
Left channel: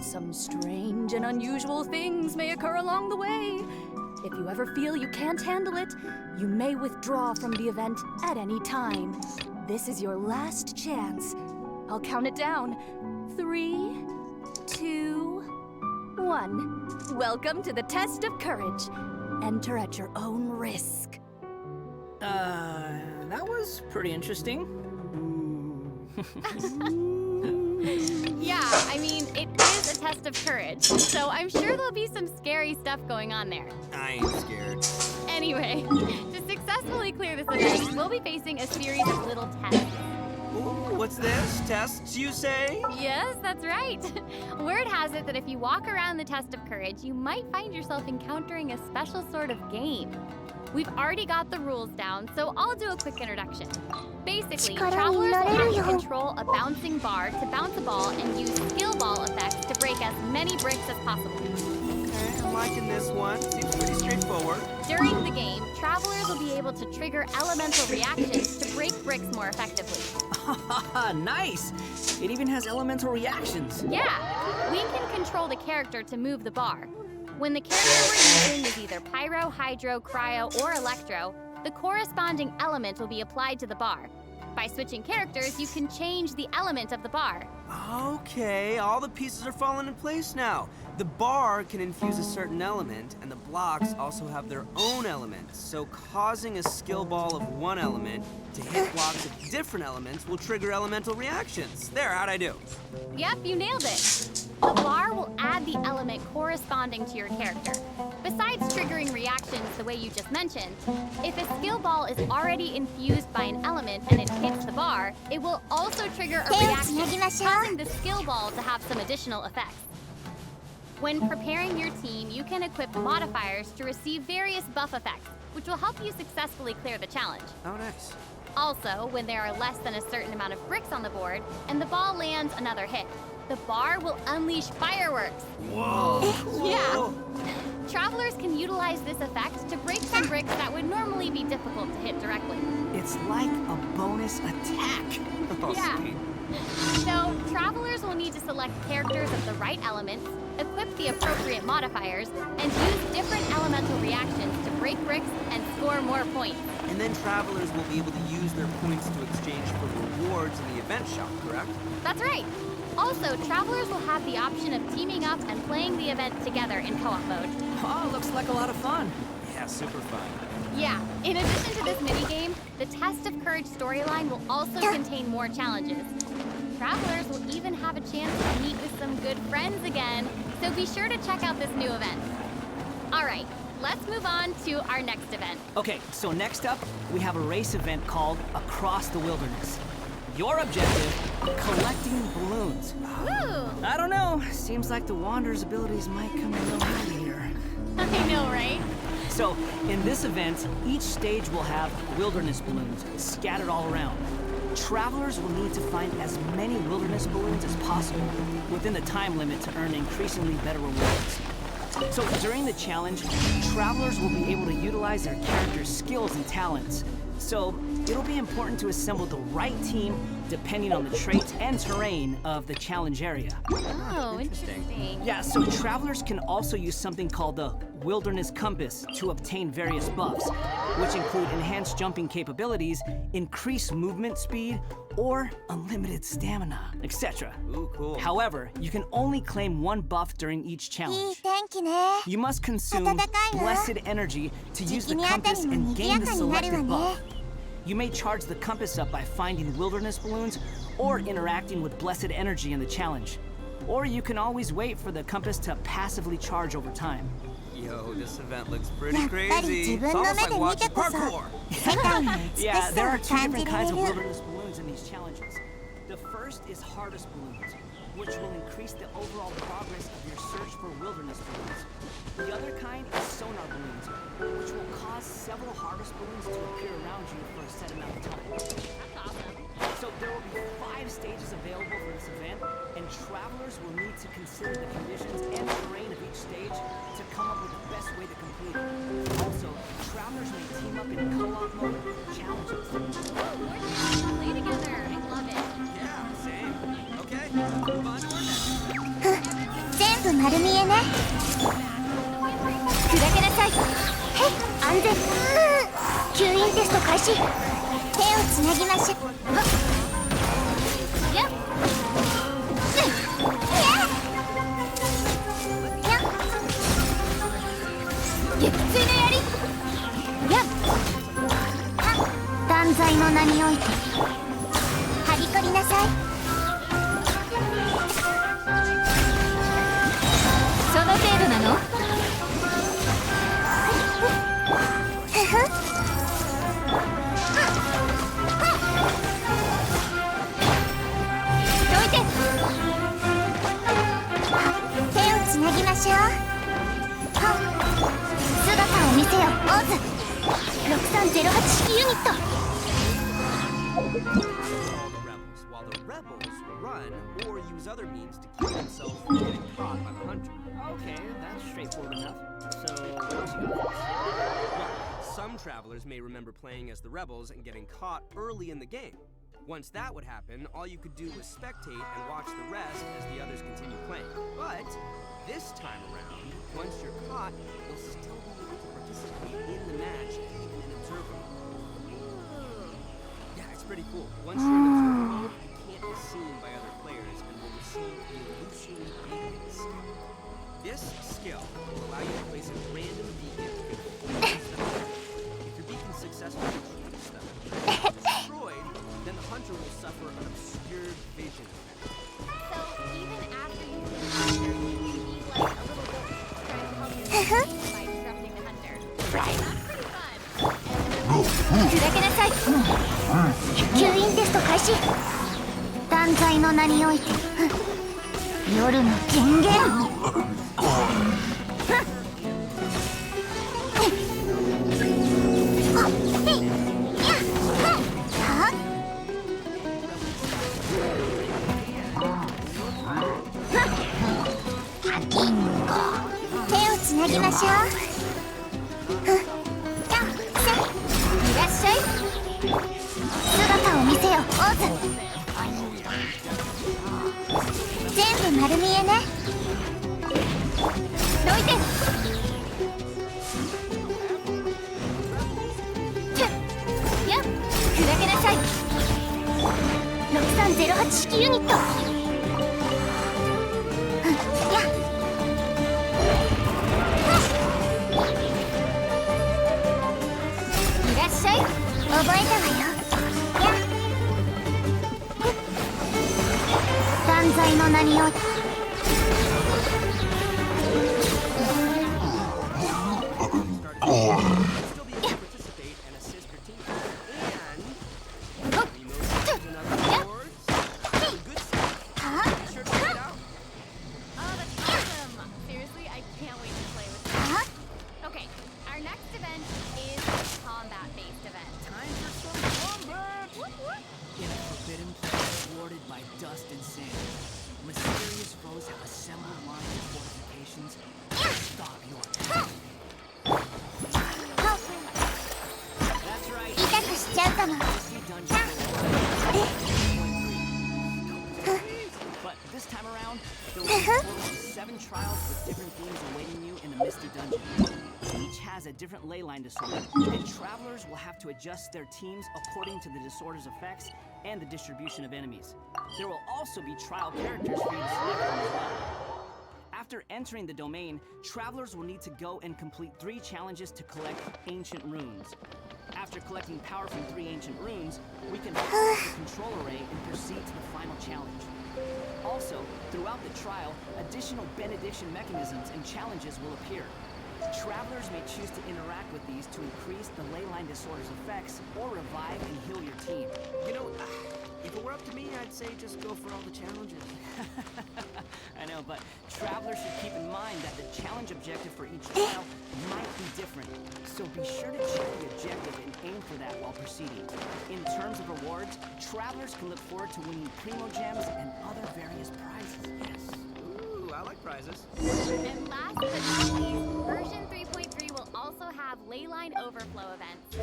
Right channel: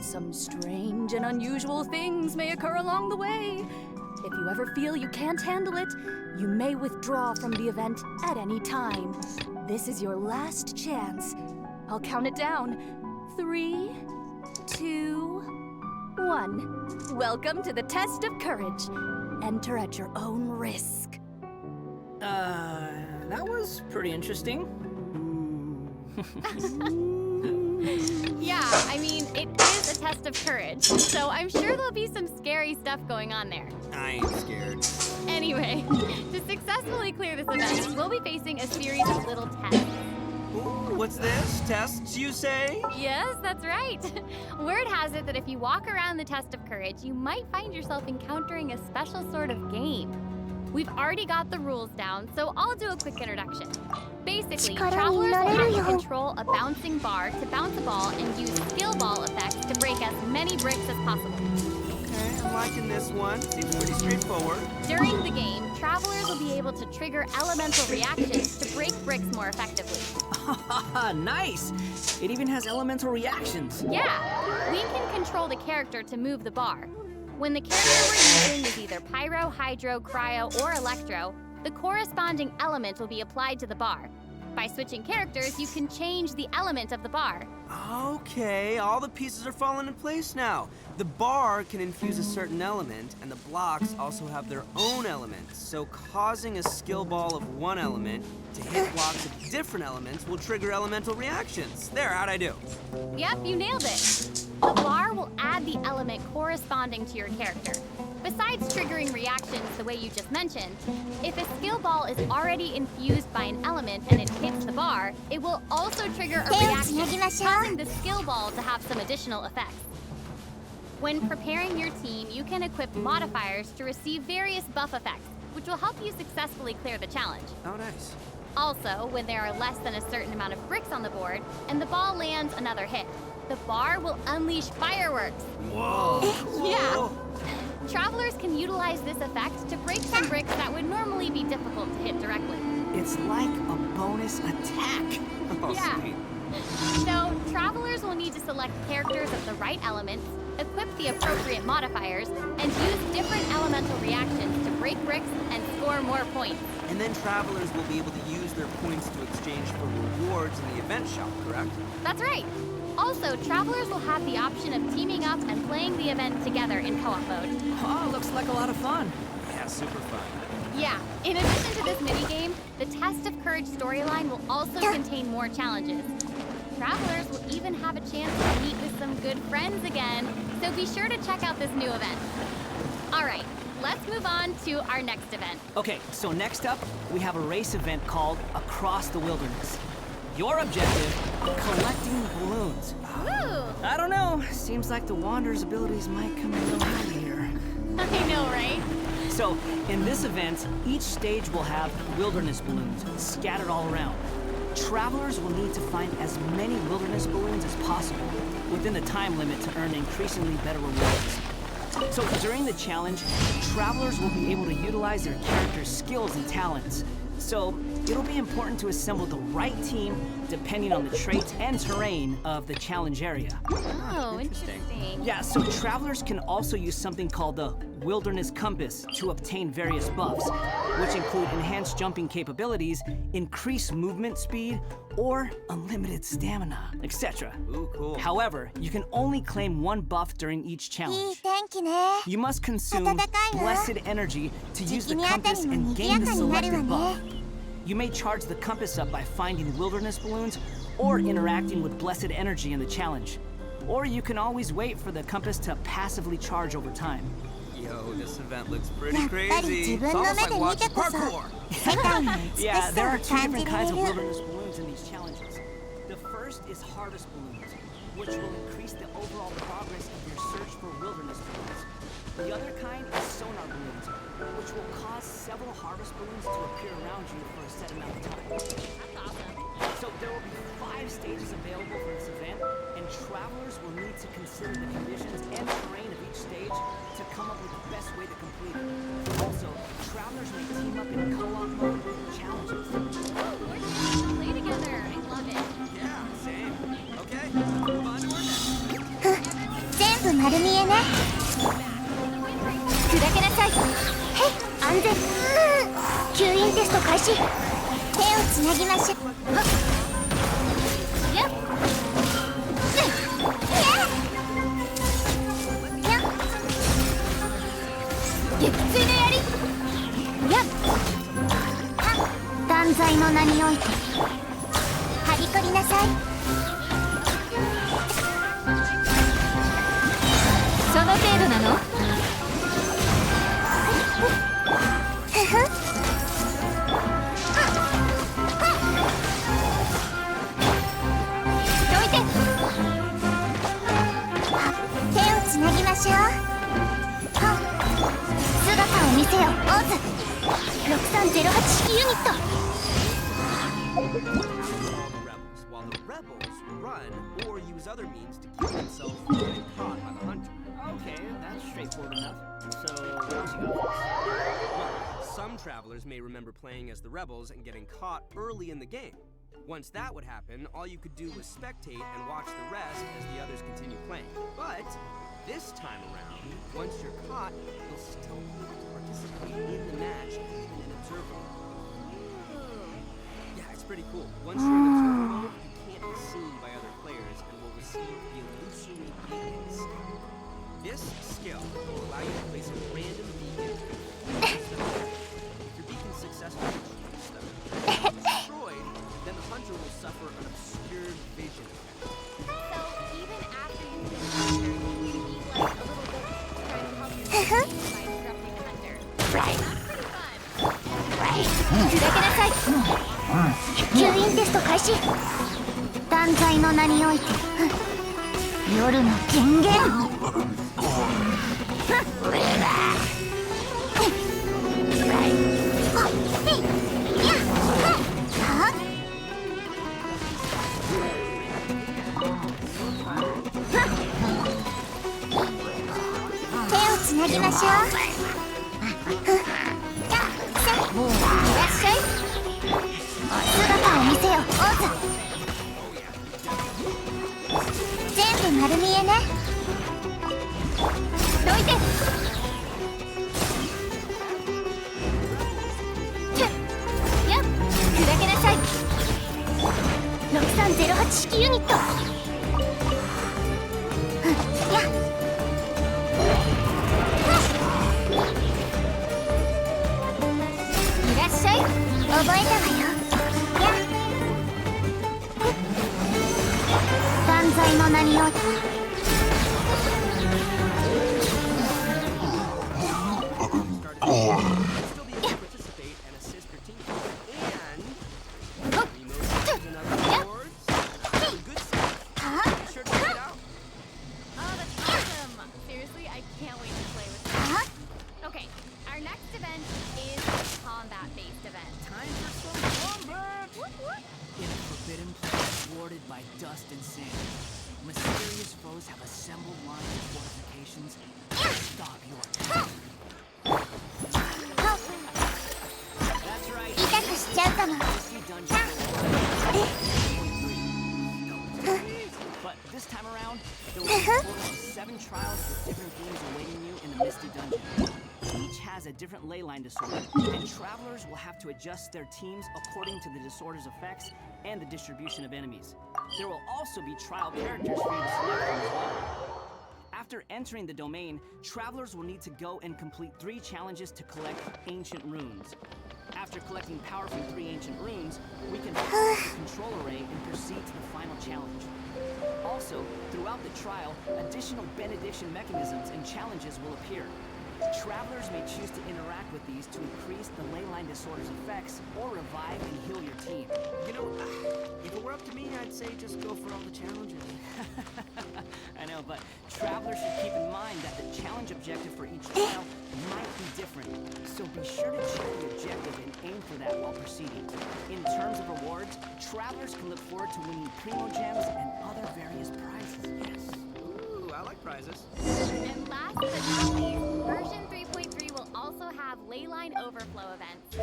Some strange and unusual things may occur along the way. If you ever feel you can't handle it, you may withdraw from the event at any time. This is your last chance. I'll count it down. 3, 2, 1. Welcome to the Test of Courage. Enter at your own risk. That was pretty interesting. Yeah, I mean, it is a test of courage, so I'm sure there'll be some scary stuff going on there. I ain't scared. Anyway, to successfully clear this event, we'll be facing a series of little tests. Ooh, what's this? Tests, you say? Yes, that's right. Word has it that if you walk around the test of courage, you might find yourself encountering a special sort of game. We've already got the rules down, so I'll do a quick introduction. Basically, travelers will have to control a bouncing bar to bounce a ball and use skill ball effects to break as many bricks as possible. Okay, I'm liking this one. Seems pretty straightforward. During the game, travelers will be able to trigger elemental reactions to break bricks more effectively. Nice! It even has elemental reactions. Yeah! We can control the character to move the bar. When the character we're using is either pyro, hydro, cryo, or electro, the corresponding element will be applied to the bar. By switching characters, you can change the element of the bar. Okay, all the pieces are falling in place now. The bar can infuse a certain element, and the blocks also have their own elements. So causing a skill ball of one element to hit blocks of different elements will trigger elemental reactions. There, how'd I do? Yep, you nailed it. The bar will add the element corresponding to your character. Besides triggering reactions the way you just mentioned, if a skill ball is already infused by an element and it hits the bar, it will also trigger a reaction, causing the skill ball to have some additional effects. When preparing your team, you can equip modifiers to receive various buff effects, which will help you successfully clear the challenge. Oh, nice. Also, when there are less than a certain amount of bricks on the board and the ball lands another hit, the bar will unleash fireworks. Whoa! Yeah. Travelers can utilize this effect to break some bricks that would normally be difficult to hit directly. It's like a bonus attack. Oh, yeah. sweet. So, travelers will need to select characters of the right elements, equip the appropriate modifiers, and use different elemental reactions to break bricks and score more points. And then travelers will be able to use their points to exchange for rewards in the event shop, correct? That's right. Also, travelers will have the option of teaming up and playing the event together in co-op mode. Oh, looks like a lot of fun. Yeah, super fun. Yeah, in addition to this minigame, the Test of Courage storyline will also contain more challenges. Travelers will even have a chance to meet with some good friends again, so be sure to check out this new event. All right, let's move on to our next event. Okay, so next up, we have a race event called Across the Wilderness. Your objective, collecting balloons. Woo! I don't know, seems like the Wanderer's abilities might come in little handy here. I know, right? So, in this event, each stage will have wilderness balloons scattered all around. Travelers will need to find as many wilderness balloons as possible within the time limit to earn increasingly better rewards. So during the challenge, travelers will be able to utilize their character's skills and talents. So it'll be important to assemble the right team depending on the traits and terrain of the challenge area. Oh, interesting. Yeah, so travelers can also use something called the Wilderness Compass to obtain various buffs, which include enhanced jumping capabilities, increased movement speed, or unlimited stamina, etc. Ooh, cool. However, you can only claim one buff during each challenge. You must consume blessed energy to use the compass and gain the selected buff. You may charge the compass up by finding wilderness balloons or interacting with blessed energy in the challenge. Or you can always wait for the compass to passively charge over time. Yo, this event looks pretty crazy. It's almost like watching parkour. Yeah, there are two different kinds of wilderness balloons in these challenges. The first is harvest balloons, which will increase the overall progress of your search for wilderness balloons. The other kind is sonar balloons, which will cause several harvest balloons to appear around you for a set amount of time. That's awesome. So there will be 5 stages available for this event, and travelers will need to consider the conditions and terrain of each stage to come up with the best way to complete it. Also, travelers may team up in co-op mode with challenges. Ooh, we're just gonna play together. I love it. Yeah, same. Okay, let's move on to our next. 全部丸見えね。砕けなさい。へい、安全。吸引テスト開始。手をつなぎましょう。やっ。撃墜の槍。やっ。断罪の名において。はびこりなさい。その程度なの？ふふ。どいて。手をつなぎましょう。姿を見せよ、オーズ。6308式ユニット。While the rebels will run or use other means to keep themselves from getting caught by the hunter. Okay, that's straightforward enough. So, what else you got? Well, some travelers may remember playing as the rebels and getting caught early in the game. Once that would happen, all you could do was spectate and watch the rest as the others continue playing. But this time around, once you're caught, you'll still be able to participate in the match, even in observer mode. Yeah, it's pretty cool. Once you're in observer mode, you can't be seen by other players and will receive the illusory beacons. This skill will allow you to place a random beacon. If your beacon's successfully destroyed, then the hunter will suffer an obscured vision effect. So even after you finish the hunter, you can be like a little bit trying to help yourself by disrupting the hunter. Right. That's pretty fun. 砕けなさい。吸引テスト開始。断罪の名において。夜の権限。手をつなぎましょう。いらっしゃい。姿を見せよ、オーズ。全部丸見えね。どいて。やっ、砕けなさい。6308式ユニット。やっ。いらっしゃい。覚えたわよ。やっ。断罪の名において。But this time around, there will be a total of 7 trials with different themes awaiting you in the Misty Dungeon. Each has a different ley line disorder, and travelers will have to adjust their teams according to the disorder's effects and the distribution of enemies. There will also be trial characters for you to select from as well. After entering the domain, travelers will need to go and complete 3 challenges to collect ancient runes. After collecting power from 3 ancient runes, we can power the control array and proceed to the final challenge. Also, throughout the trial, additional benediction mechanisms and challenges will appear. Travelers may choose to interact with these to increase the ley line disorder's effects or revive and heal your team. You know, if it were up to me, I'd say just go for all the challenges. I know, but travelers should keep in mind that the challenge objective for each trial might be different. So be sure to check the objective and aim for that while proceeding. In terms of rewards, travelers can look forward to winning Primo Gems and other various prizes. Yes. Ooh, I like prizes. And last but not least, version 3.3 will also have leyline overflow events.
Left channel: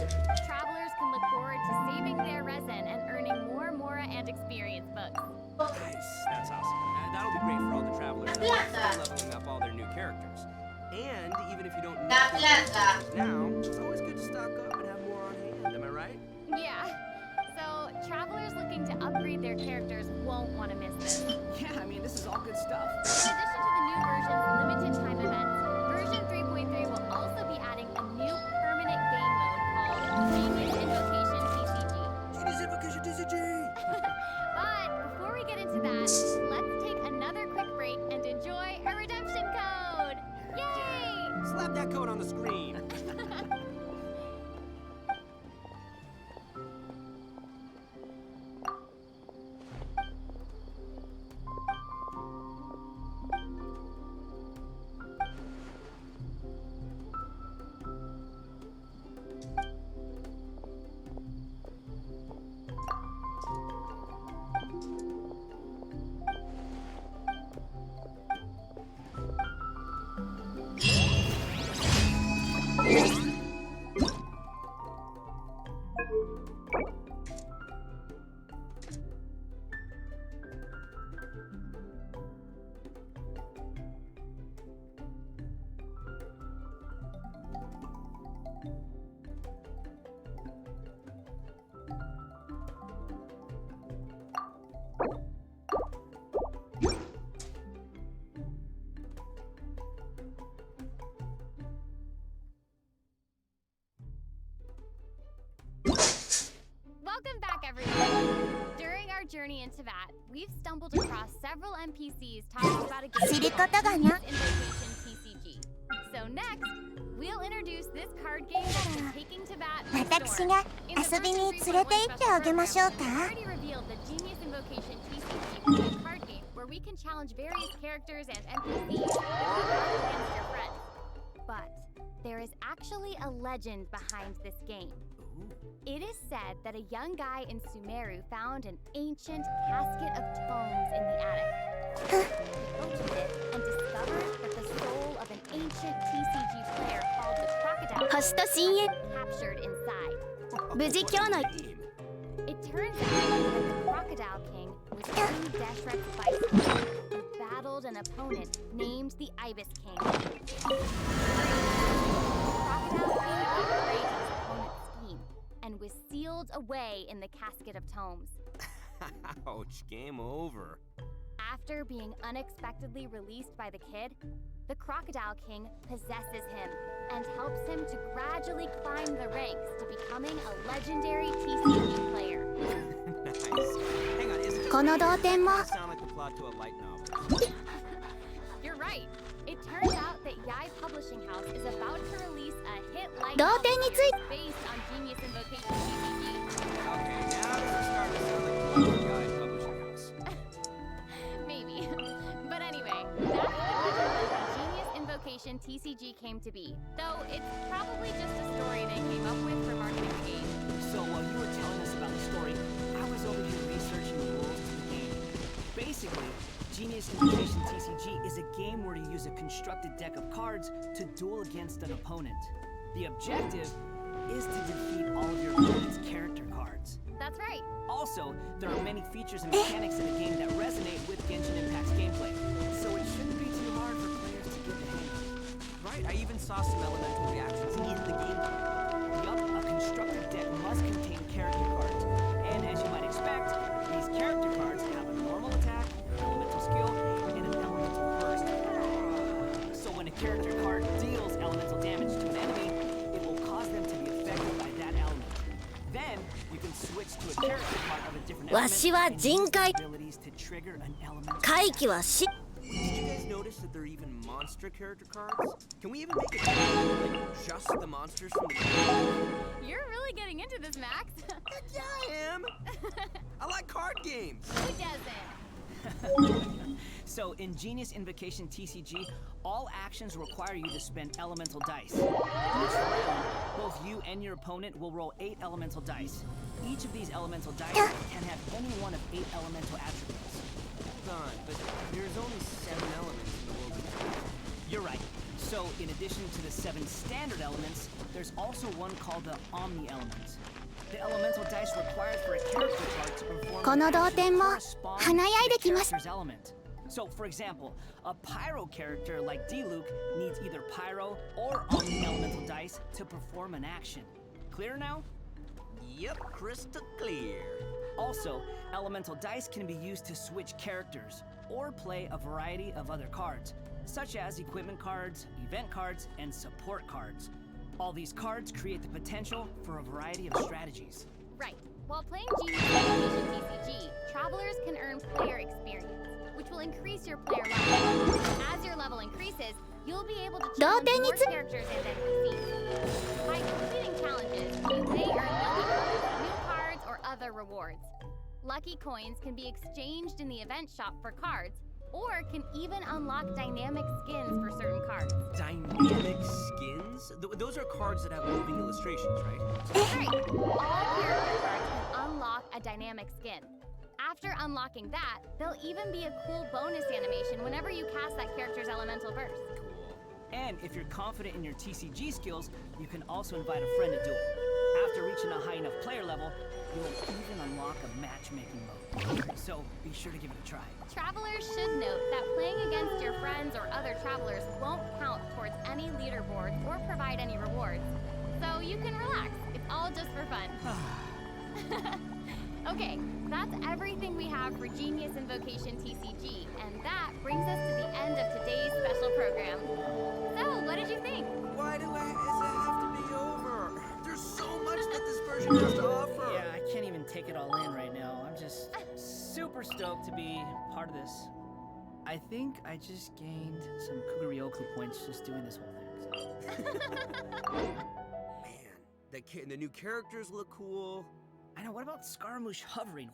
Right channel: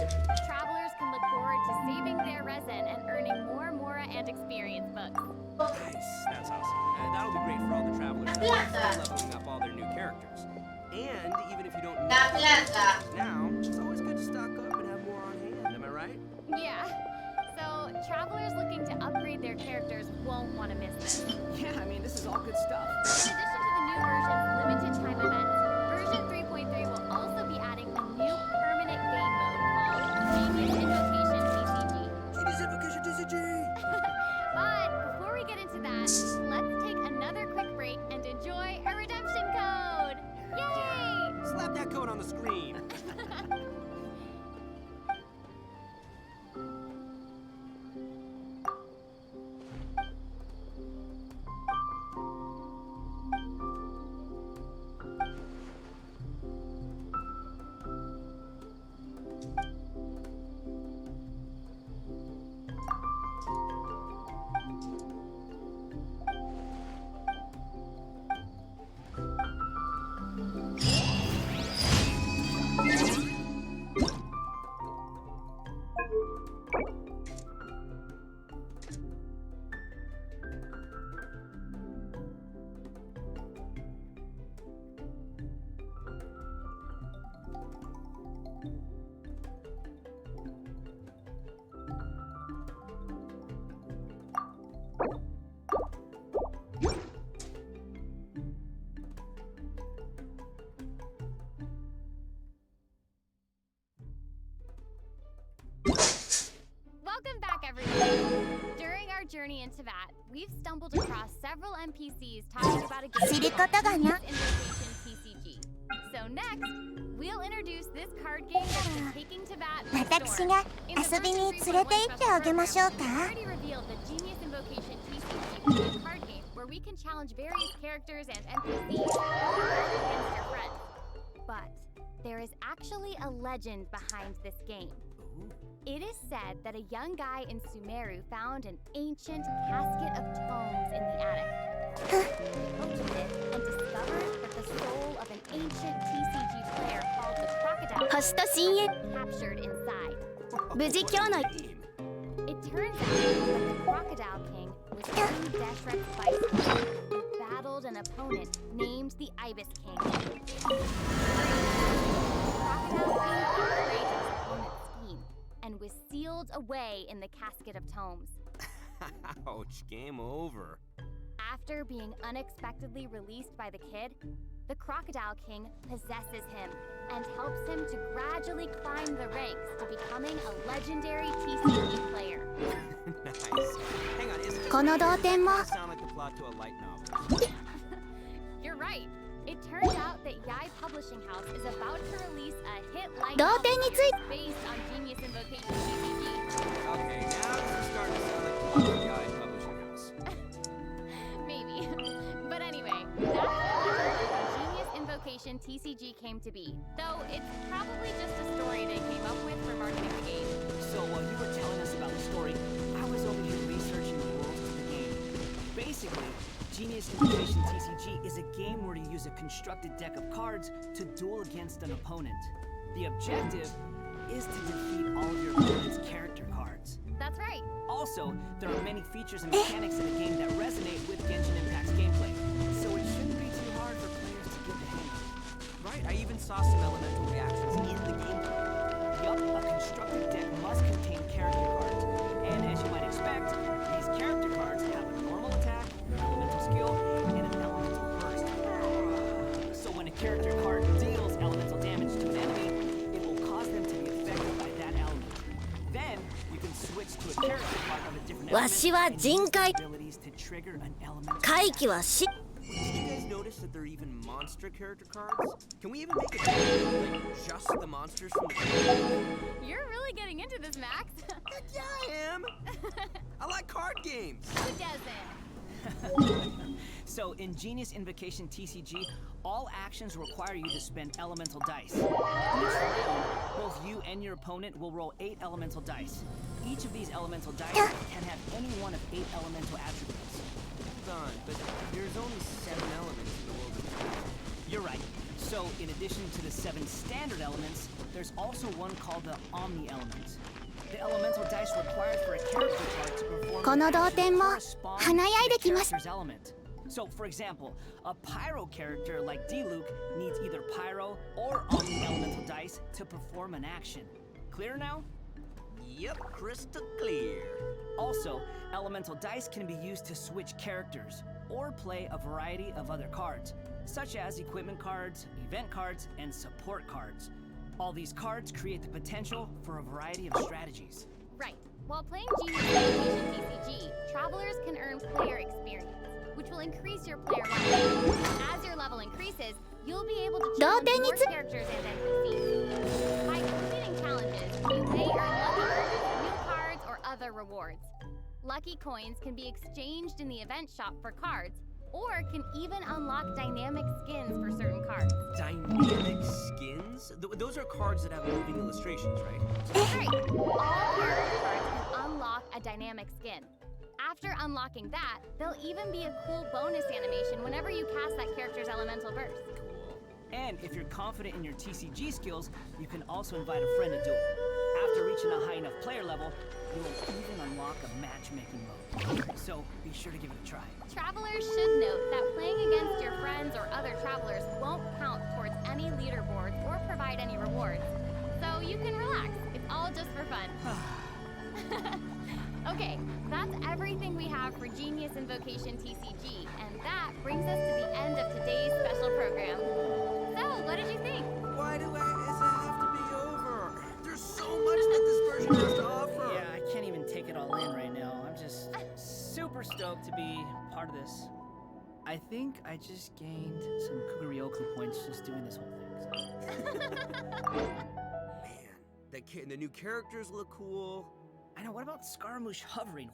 Travelers can look forward to saving their resin and earning more Mora and experience books. Nice, that's awesome. That'll be great for all the travelers who are still leveling up all their new characters. And even if you don't need characters now, it's always good to stock up and have more on hand, am I right? Yeah. So, travelers looking to upgrade their characters won't want to miss this. Yeah, I mean, this is all good stuff. In addition to the new version's limited time events, version 3.3 will also be adding a new permanent game mode called Genius Invocation TCG. Genius Invocation TCG! But before we get into that, let's take another quick break and enjoy a redemption code! Yay! Slap that code on the screen. Welcome back, everyone! During our journey into Vat, we've stumbled across several NPCs talking about a game called Genius Invocation TCG. So next, we'll introduce this card game that's been taking to Vat by storm. In the version 3.1 special program, we already revealed that Genius Invocation TCG will be a card game where we can challenge various characters and NPCs or battle against your friends. But there is actually a legend behind this game. It is said that a young guy in Sumeru found an ancient casket of tomes in the attic. He opened it and discovered that the soul of an ancient TCG player called the Crocodile was captured inside. It turns out that the Crocodile King was King Deshret's viceroy who battled an opponent named the Ibis King. The Crocodile King betrayed his opponent's scheme and was sealed away in the casket of tomes. Ouch, game over. After being unexpectedly released by the kid, the Crocodile King possesses him and helps him to gradually climb the ranks to becoming a legendary TCG player. Nice. Hang on, is it just sound like the plot to a light novel? You're right. It turns out that Yai Publishing House is about to release a hit light novel series based on Genius Invocation TCG. Okay, now this is starting to sound like the plot to Yai Publishing House. Maybe. But anyway, that's how Genius Invocation TCG came to be. Though it's probably just a story they came up with for marketing the game. So while you were telling us about the story, I was over here researching the rules to the game. Basically, Genius Invocation TCG is a game where you use a constructed deck of cards to duel against an opponent. The objective is to defeat all of your opponent's character cards. That's right. Also, there are many features and mechanics in the game that resonate with Genshin Impact's gameplay, so it shouldn't be too hard for players to get the hang of. Right, I even saw some elemental reactions in the gameplay. Yup, a constructed deck must contain character cards, and as you might expect, these character cards have a normal attack, an elemental skill, and an elemental burst. So when a character card deals elemental damage to an enemy, it will cause them to be affected by that element. Then, you can switch to a character card of a different element and use abilities to trigger an element. What did you guys notice that there are even monster character cards? Can we even make it like just the monsters from the game? You're really getting into this, Max. Yeah, I am. I like card games. Who doesn't? So, in Genius Invocation TCG, all actions require you to spend elemental dice. Each round, both you and your opponent will roll 8 elemental dice. Each of these elemental dice can have any one of 8 elemental attributes. Hold on, but there's only 7 elements in the world of Genius. You're right. So, in addition to the 7 standard elements, there's also one called the Omni element. The elemental dice required for a character card to perform この同点も華やいできます。 character's element. So, for example, a pyro character like D-Luke needs either pyro or Omni elemental dice to perform an action. Clear now? Yep, crystal clear. Also, elemental dice can be used to switch characters or play a variety of other cards, such as equipment cards, event cards, and support cards. All these cards create the potential for a variety of strategies. Right. While playing Genius Invocation TCG, travelers can earn player experience, which will increase your player level. As your level increases, you'll be able to challenge more characters and NPCs. By completing challenges, you may earn lucky coins, new cards, or other rewards. Lucky coins can be exchanged in the event shop for cards, or can even unlock dynamic skins for certain cards. Dynamic skins? Those are cards that have moving illustrations, right? Right. All character cards can unlock a dynamic skin. After unlocking that, there'll even be a cool bonus animation whenever you cast that character's elemental burst. Cool. And if you're confident in your TCG skills, you can also invite a friend to duel. After reaching a high enough player level, you will even unlock a matchmaking mode. So be sure to give it a try. Travelers should note that playing against your friends or other travelers won't count towards any leaderboards or provide any rewards. So you can relax. It's all just for fun. Okay, that's everything we have for Genius Invocation TCG, and that brings us to the end of today's special program. So, what did you think? Why does it have to be over? There's so much that this version has to offer. Yeah, I can't even take it all in right now. I'm just super stoked to be part of this. I think I just gained some Kuguryoku points just doing this whole thing. So. Man, the new characters look cool. I know, what about Scaramouche hovering?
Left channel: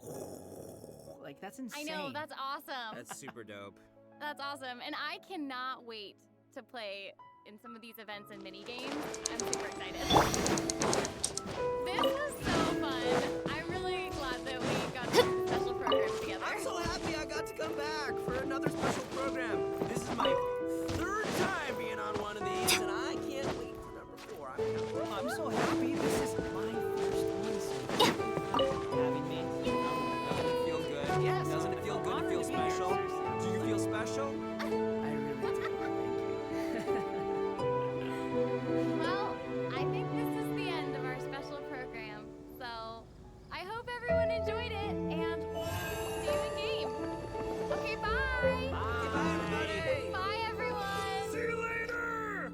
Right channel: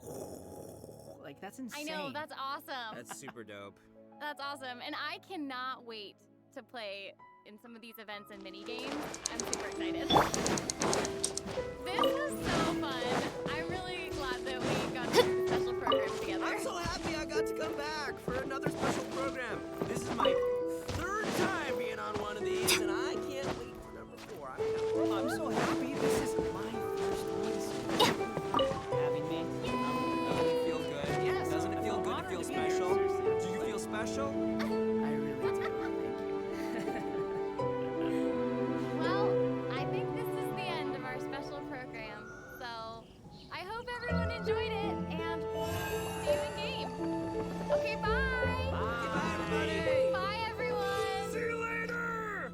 Like, that's insane. I know, that's awesome. That's super dope. That's awesome, and I cannot wait to play in some of these events and mini games. I'm super excited. This was so fun. I'm really glad that we got this special program together. I'm so happy I got to come back for another special program. This is my 3rd time being on one of these, and I can't wait for number 4. I'm so happy. This is my first one. Having me. Doesn't it feel good? Yes. Doesn't it feel good to feel special? Do you feel special? I really do. Thank you. Well, I think this is the end of our special program. So, I hope everyone enjoyed it, and see you in game. Okay, bye. Bye, everybody. Bye, everyone. See you later.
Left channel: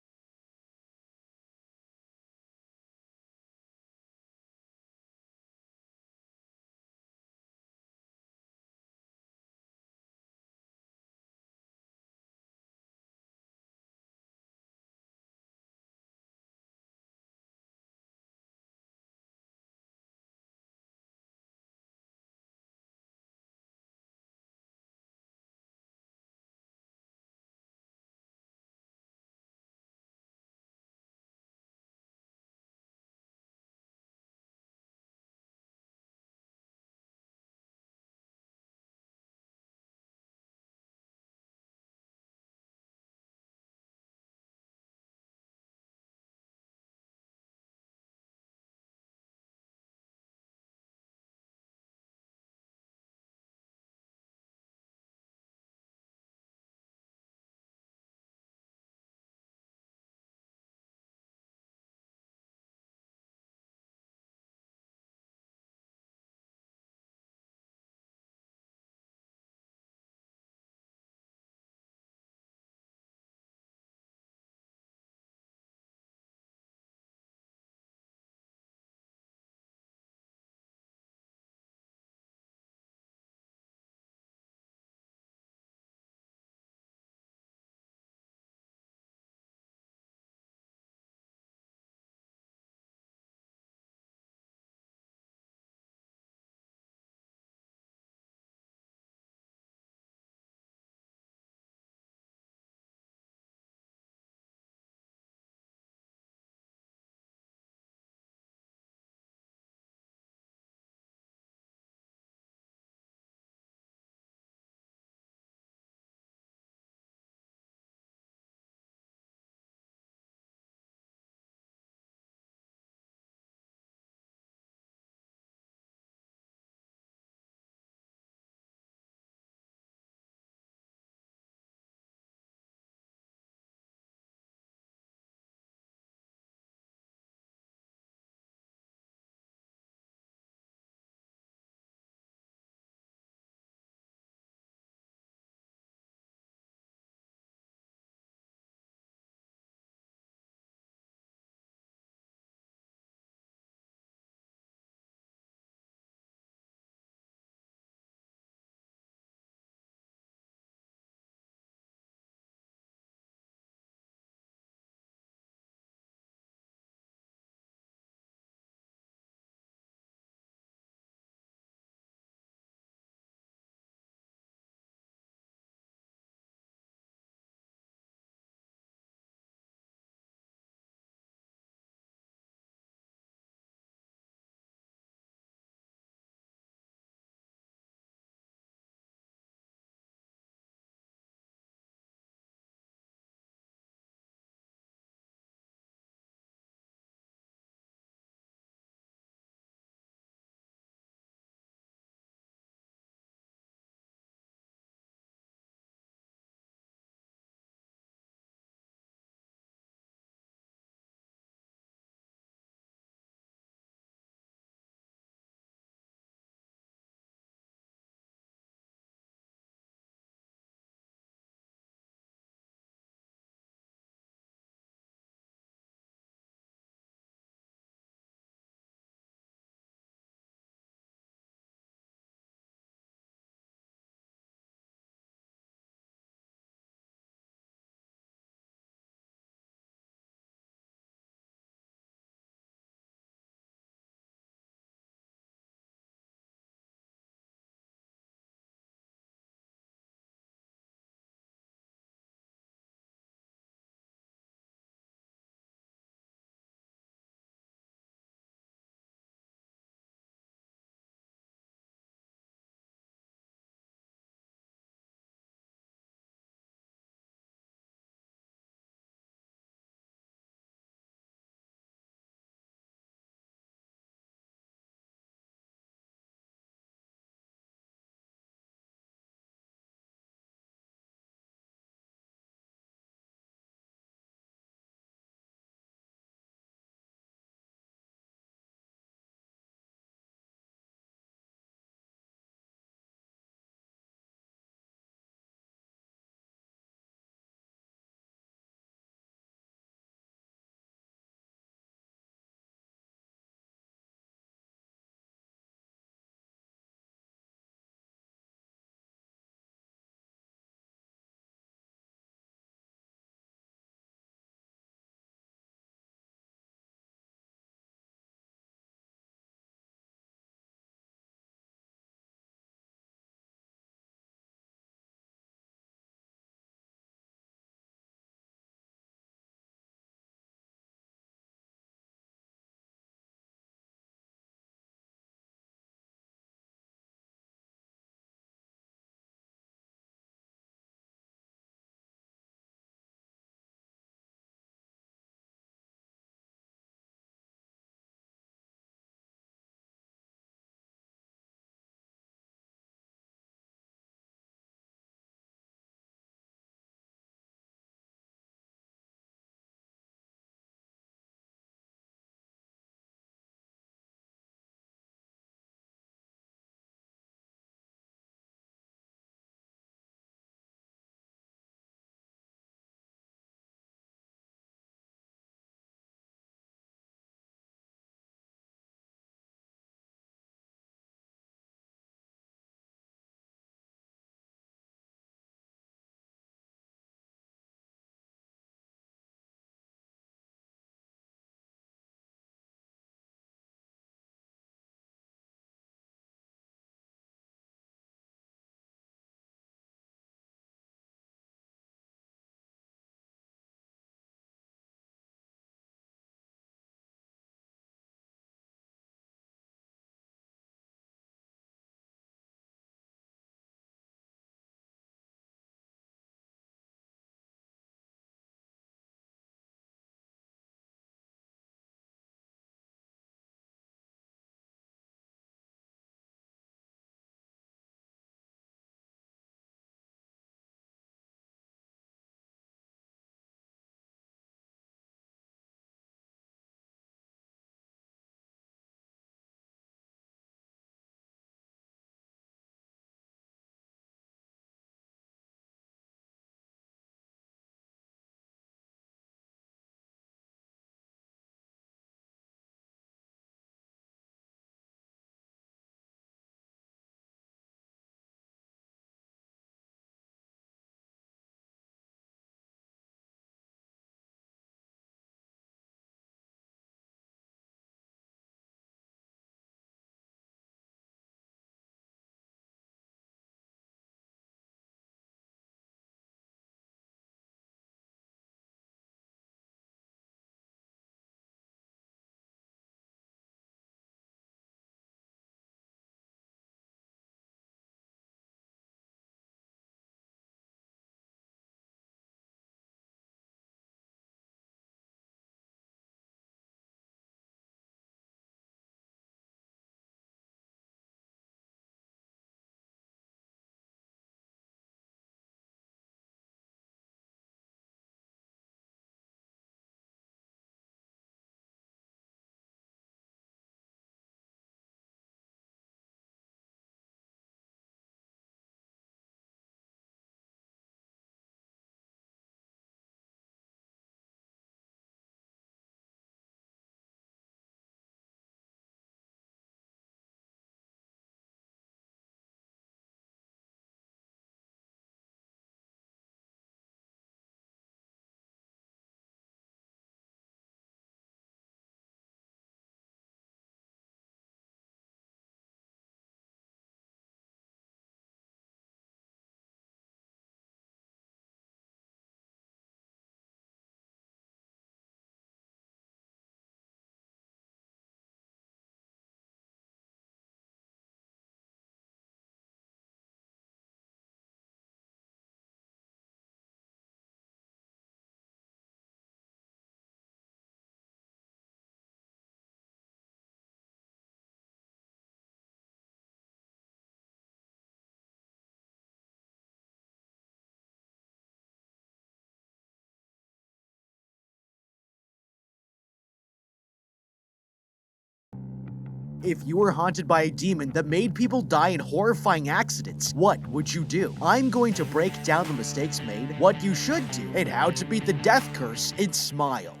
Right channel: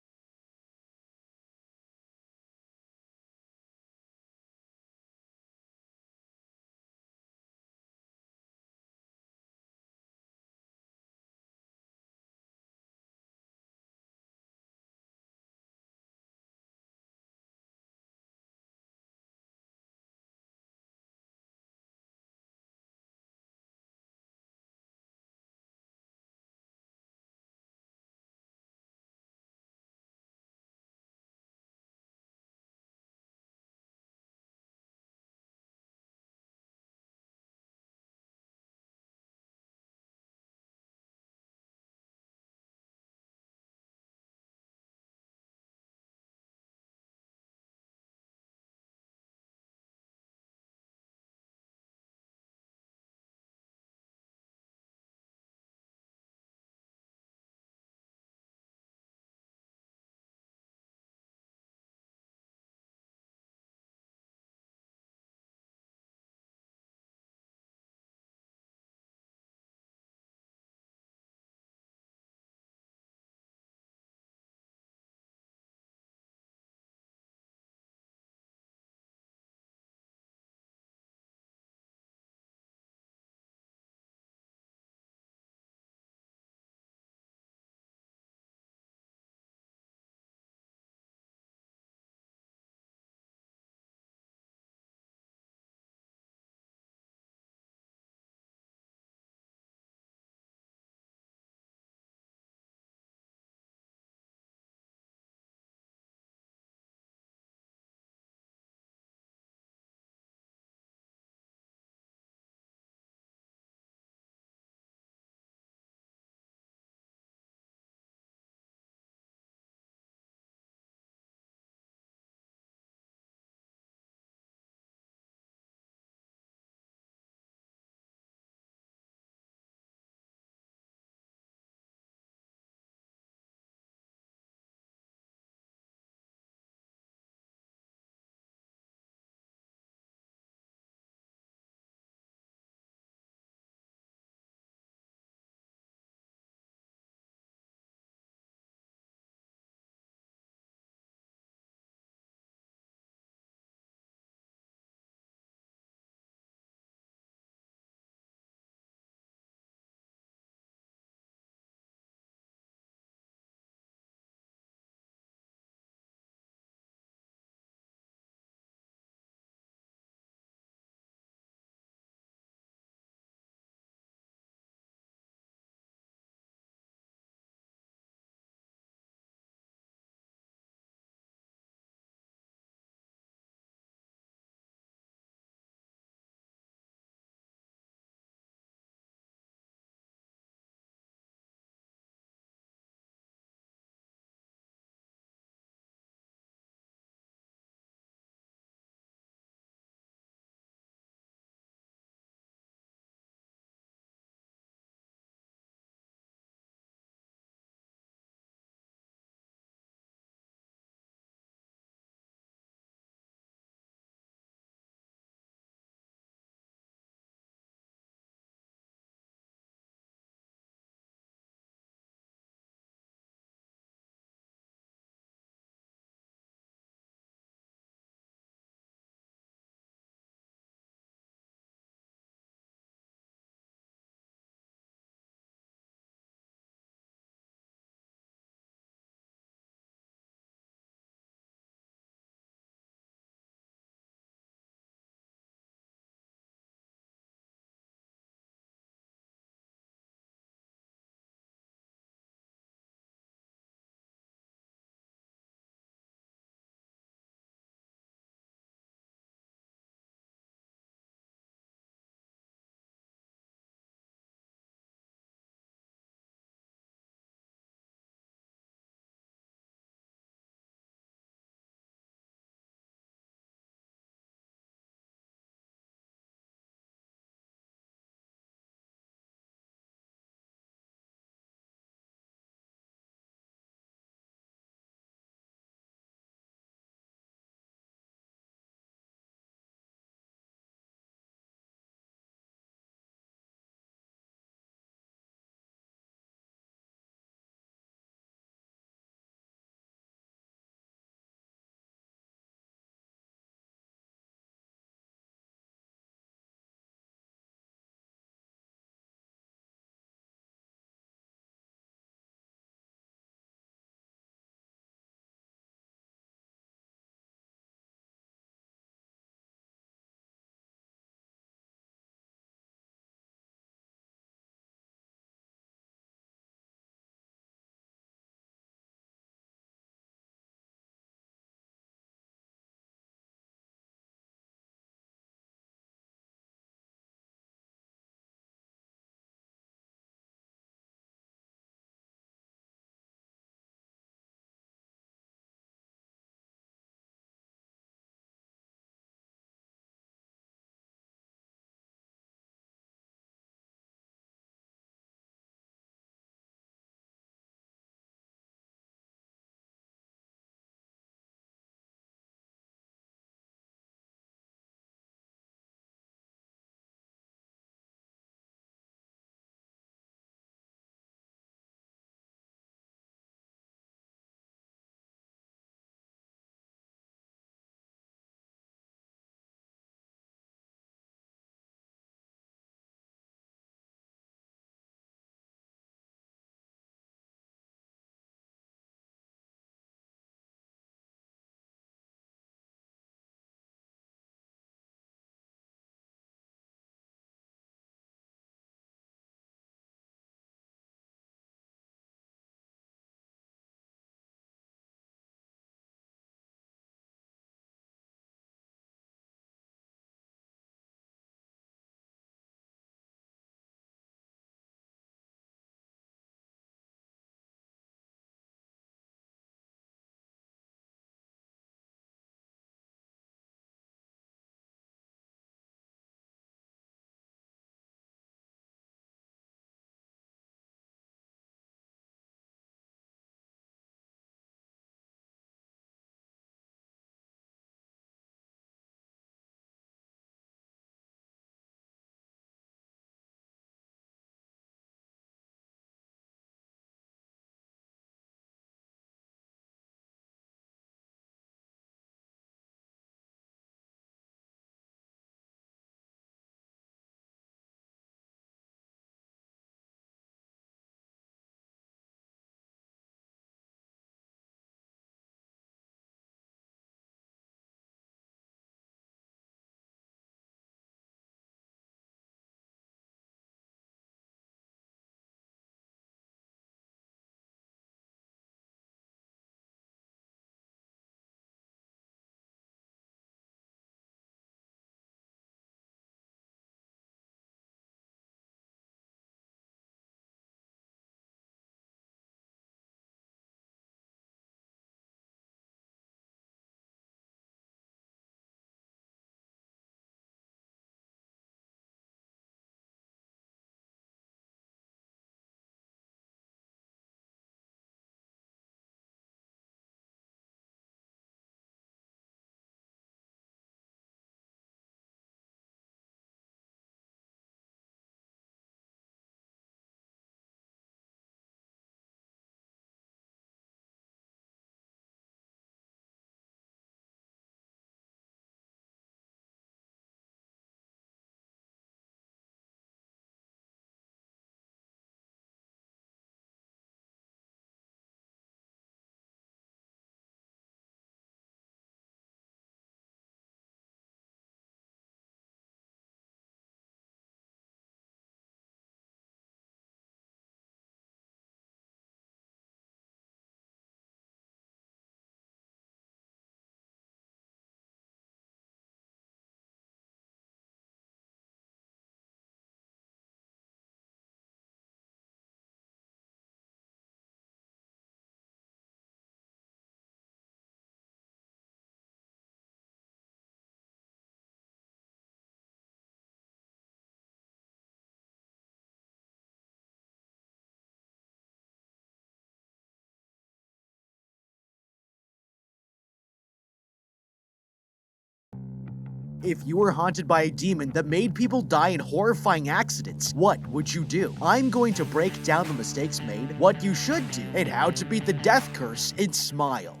If you were haunted by a demon that made people die in horrifying accidents, what would you do? I'm going to break down the mistakes made, what you should do, and how to beat the death curse and smile.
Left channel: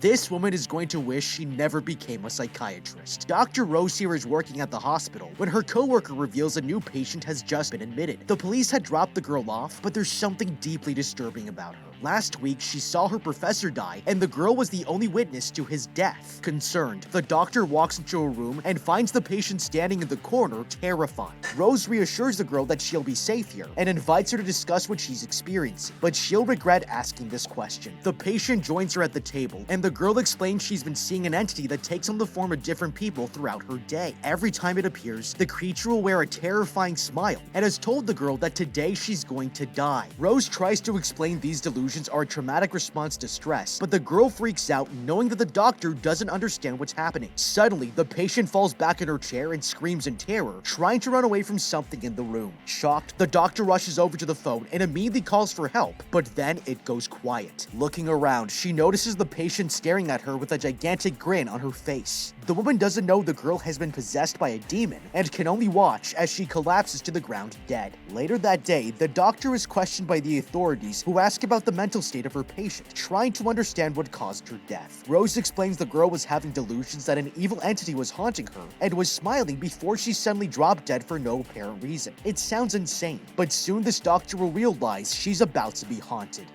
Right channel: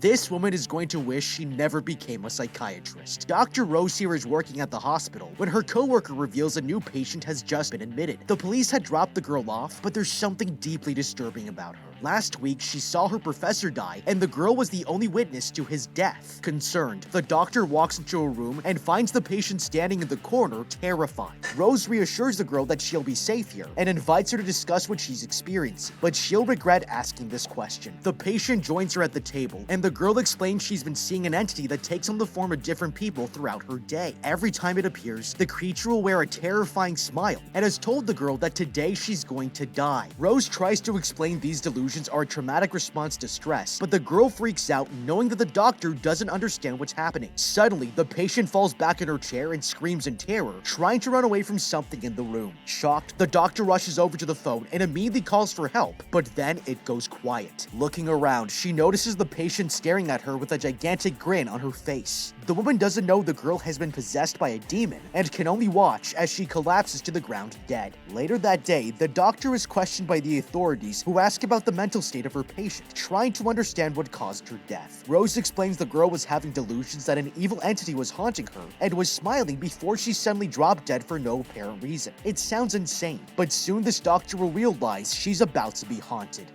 This woman is going to wish she never became a psychiatrist. Dr. Rose here is working at the hospital when her coworker reveals a new patient has just been admitted. The police had dropped the girl off, but there's something deeply disturbing about her. Last week, she saw her professor die, and the girl was the only witness to his death. Concerned, the doctor walks into a room and finds the patient standing in the corner, terrified. Rose reassures the girl that she'll be safe here and invites her to discuss what she's experiencing, but she'll regret asking this question. The patient joins her at the table, and the girl explains she's been seeing an entity that takes on the form of different people throughout her day. Every time it appears, the creature will wear a terrifying smile and has told the girl that today she's going to die. Rose tries to explain these delusions are a traumatic response to stress, but the girl freaks out knowing that the doctor doesn't understand what's happening. Suddenly, the patient falls back in her chair and screams in terror, trying to run away from something in the room. Shocked, the doctor rushes over to the phone and immediately calls for help, but then it goes quiet. Looking around, she notices the patient staring at her with a gigantic grin on her face. The woman doesn't know the girl has been possessed by a demon and can only watch as she collapses to the ground dead. Later that day, the doctor is questioned by the authorities, who ask about the mental state of her patient, trying to understand what caused her death. Rose explains the girl was having delusions that an evil entity was haunting her and was smiling before she suddenly dropped dead for no apparent reason. It sounds insane, but soon this doctor will realize she's about to be haunted.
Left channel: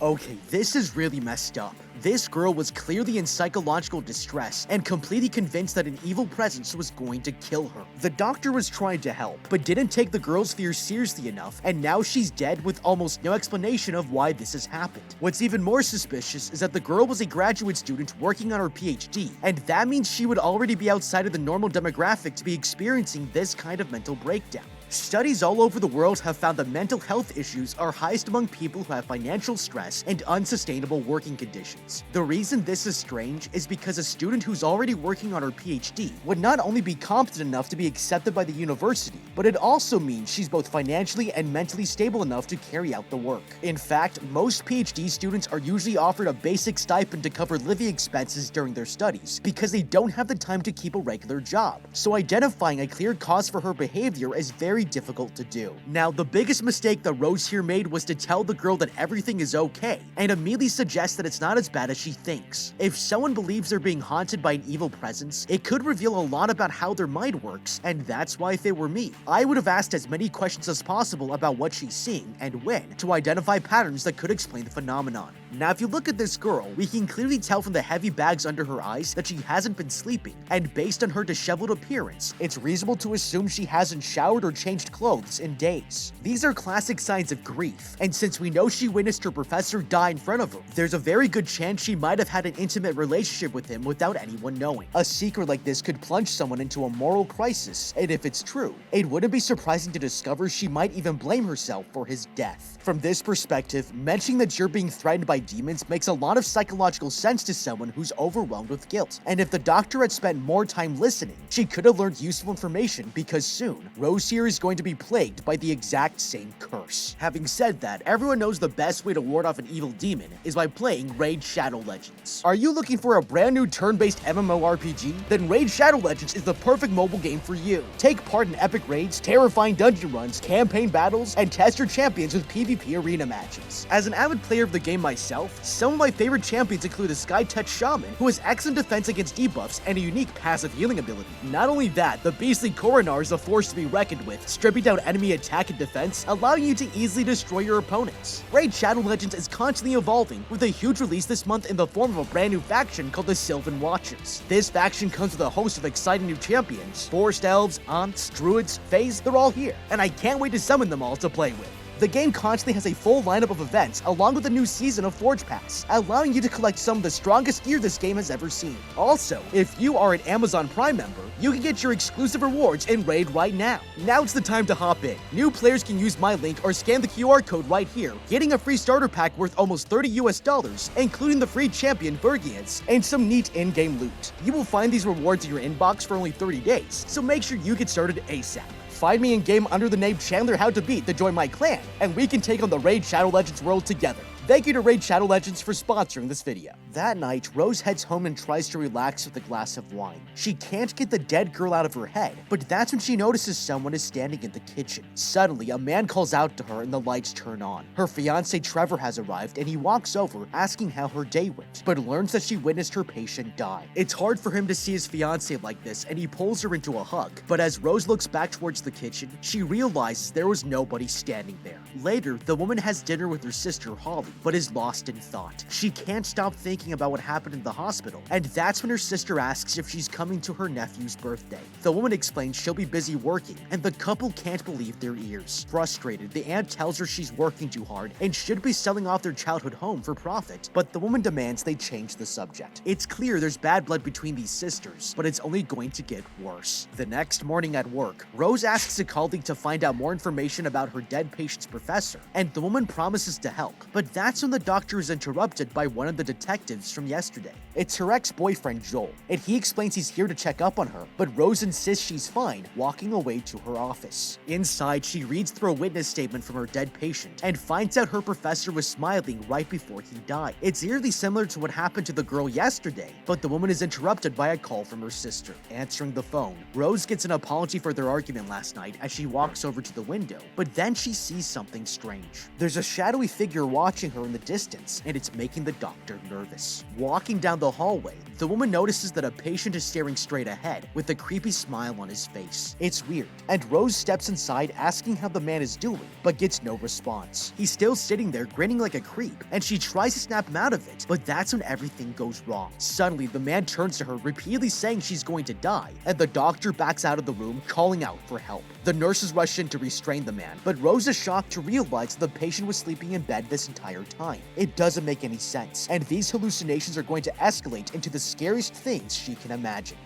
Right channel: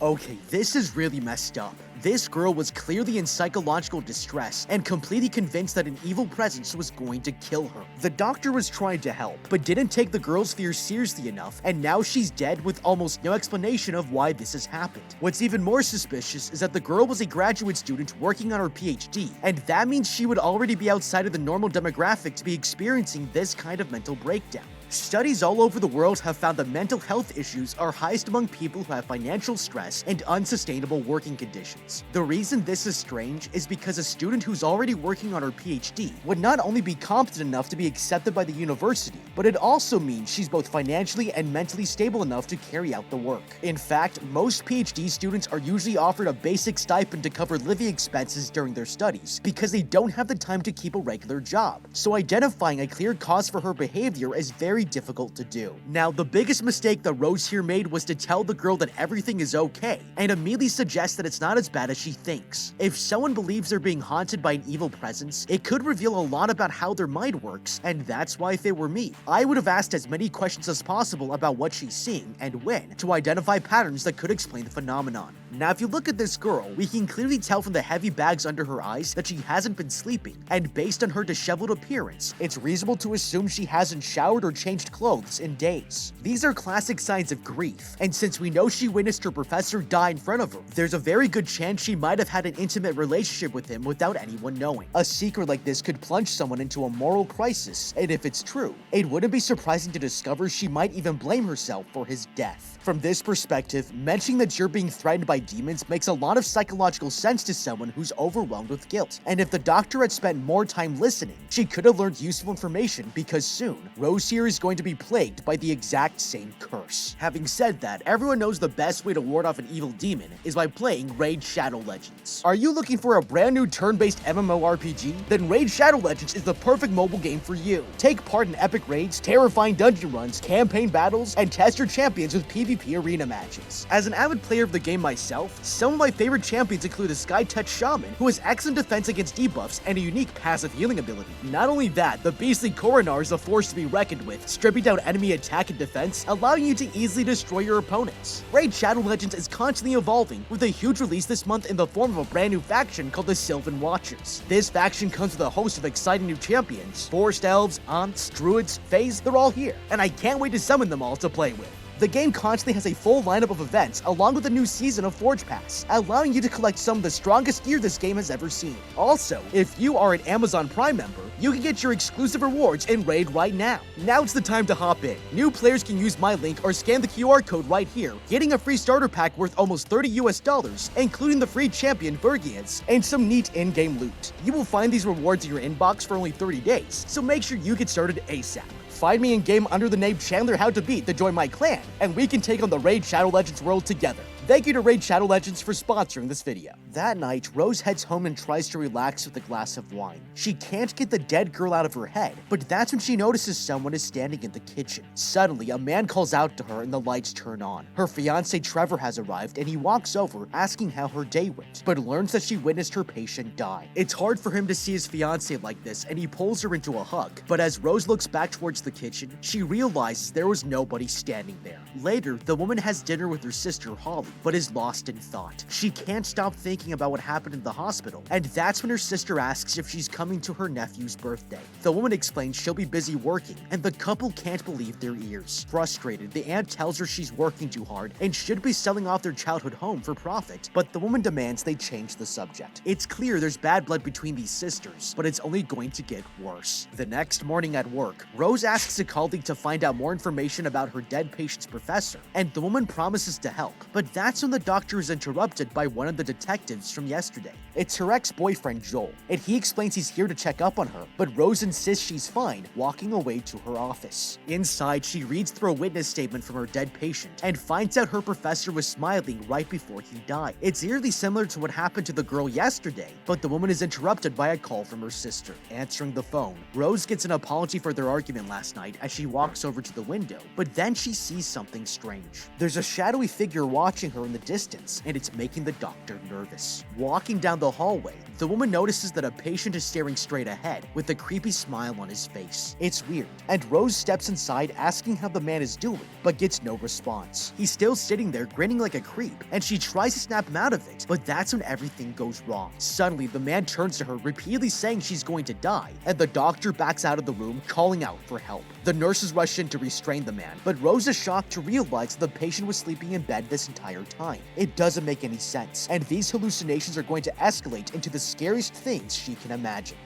Okay, this is really messed up. This girl was clearly in psychological distress and completely convinced that an evil presence was going to kill her. The doctor was trying to help, but didn't take the girl's fears seriously enough, and now she's dead with almost no explanation of why this has happened. What's even more suspicious is that the girl was a graduate student working on her PhD, and that means she would already be outside of the normal demographic to be experiencing this kind of mental breakdown. Studies all over the world have found that mental health issues are highest among people who have financial stress and unsustainable working conditions. The reason this is strange is because a student who's already working on her PhD would not only be competent enough to be accepted by the university, but it also means she's both financially and mentally stable enough to carry out the work. In fact, most PhD students are usually offered a basic stipend to cover living expenses during their studies because they don't have the time to keep a regular job. So identifying a clear cause for her behavior is very difficult to do. Now, the biggest mistake that Rose here made was to tell the girl that everything is okay, and immediately suggest that it's not as bad as she thinks. If someone believes they're being haunted by an evil presence, it could reveal a lot about how their mind works, and that's why if it were me, I would have asked as many questions as possible about what she's seeing and when, to identify patterns that could explain the phenomenon. Now, if you look at this girl, we can clearly tell from the heavy bags under her eyes that she hasn't been sleeping, and based on her disheveled appearance, it's reasonable to assume she hasn't showered or changed clothes in days. These are classic signs of grief, and since we know she witnessed her professor die in front of her, there's a very good chance she might have had an intimate relationship with him without anyone knowing. A secret like this could plunge someone into a moral crisis, and if it's true, it wouldn't be surprising to discover she might even blame herself for his death. From this perspective, mentioning that you're being threatened by demons makes a lot of psychological sense to someone who's overwhelmed with guilt, and if the doctor had spent more time listening, she could have learned useful information because soon, Rose here is going to be plagued by the exact same curse. Having said that, everyone knows the best way to ward off an evil demon is by playing Raid Shadow Legends. Are you looking for a brand new turn-based MMORPG? Then Raid Shadow Legends is the perfect mobile game for you. Take part in epic raids, terrifying dungeon runs, campaign battles, and test your champions with PvP arena matches. As an avid player of the game myself, some of my favorite champions include a Sky-Touch Shaman, who has excellent defense against debuffs and a unique passive healing ability. Not only that, the beastly Coronar is a force to be reckoned with, stripping down enemy attack and defense, allowing you to easily destroy your opponents. Raid Shadow Legends is constantly evolving, with a huge release this month in the form of a brand new faction called the Sylvan Watchers. This faction comes with a host of exciting new champions. Forest Elves, Aunts, Druids, Fays, they're all here, and I can't wait to summon them all to play with. The game constantly has a full lineup of events along with a new season of Forge Pass, allowing you to collect some of the strongest gear this game has ever seen. Also, if you are an Amazon Prime member, you can get your exclusive rewards in Raid right now. Now it's the time to hop in. New players can use my link or scan the QR code right here, getting a free starter pack worth almost $30 including the free champion Vergians and some neat in-game loot. You will find these rewards in your inbox for only 30 days, so make sure you get started ASAP. Find me in-game under the name Chandler How to Beat to join my clan, and we can take on the Raid Shadow Legends world together. Thank you to Raid Shadow Legends for sponsoring this video. That night, Rose heads home and tries to relax with a glass of wine. She can't get the dead girl out of her head, but that's when she notices someone is standing in the kitchen. Suddenly, a man calls out to her and the lights turn on. Her fiance Trevor has arrived and he walks over asking how her day went, but learns that she witnessed her patient die. It's hard for him to see his fiance like this and he pulls her into a hug, but as Rose looks back towards the kitchen, she realizes there was nobody standing there. Later, the woman has dinner with her sister Holly, but is lost in thought. She can't stop thinking about what happened in the hospital, and that's when her sister asks if she's coming to her nephew's birthday. The woman explains she'll be busy working, and the couple can't believe their ears. Frustrated, the aunt tells her she's working too hard and should be selling off their childhood home for profit, but the woman demands they change the subject. It's clear there's bad blood between these sisters, but it's only going to get worse. The next morning at work, Rose asks a colleague to find out more information about her dead patient's professor, and the woman promises to help, but that's when the doctor is interrupted by one of the detectives from yesterday. It's her ex-boyfriend Joel, and he explains he's here to check up on her, but Rose insists she's fine, walking away to her office. Inside, she reads through a witness statement from her dead patient and finds out her professor was smiling right before he died. It's eerily similar to what happened to the girl yesterday, but the woman is interrupted by a call from her sister. Answering the phone, Rose gets an apology for their argument last night as she walks over to the window, but then she sees something strange. There's a shadowy figure watching her in the distance, and it's making the doctor nervous. Walking down the hallway, the woman notices that a patient is staring straight ahead with a creepy smile on his face. It's weird, and Rose steps inside asking how the man is doing, but gets no response. He's still sitting there grinning like a creep, and she tries to snap him out of it, but that's when everything goes wrong. Suddenly, the man turns to her, repeatedly saying she's going to die, and the doctor backs out of the room, calling out for help. The nurses rush in to restrain the man, but Rose is shocked to realize the patient was sleeping in bed this entire time. It doesn't make any sense, and these hallucinations are going to escalate into the scariest things she can imagine.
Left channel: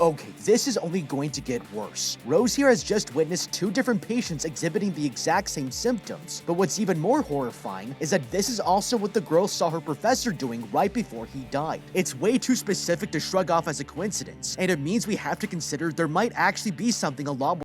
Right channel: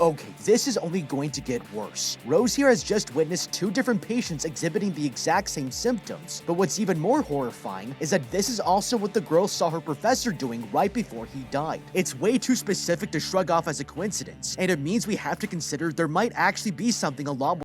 Okay, this is only going to get worse. Rose here has just witnessed two different patients exhibiting the exact same symptoms, but what's even more horrifying is that this is also what the girl saw her professor doing right before he died. It's way too specific to shrug off as a coincidence, and it means we have to consider there might actually be something a lot more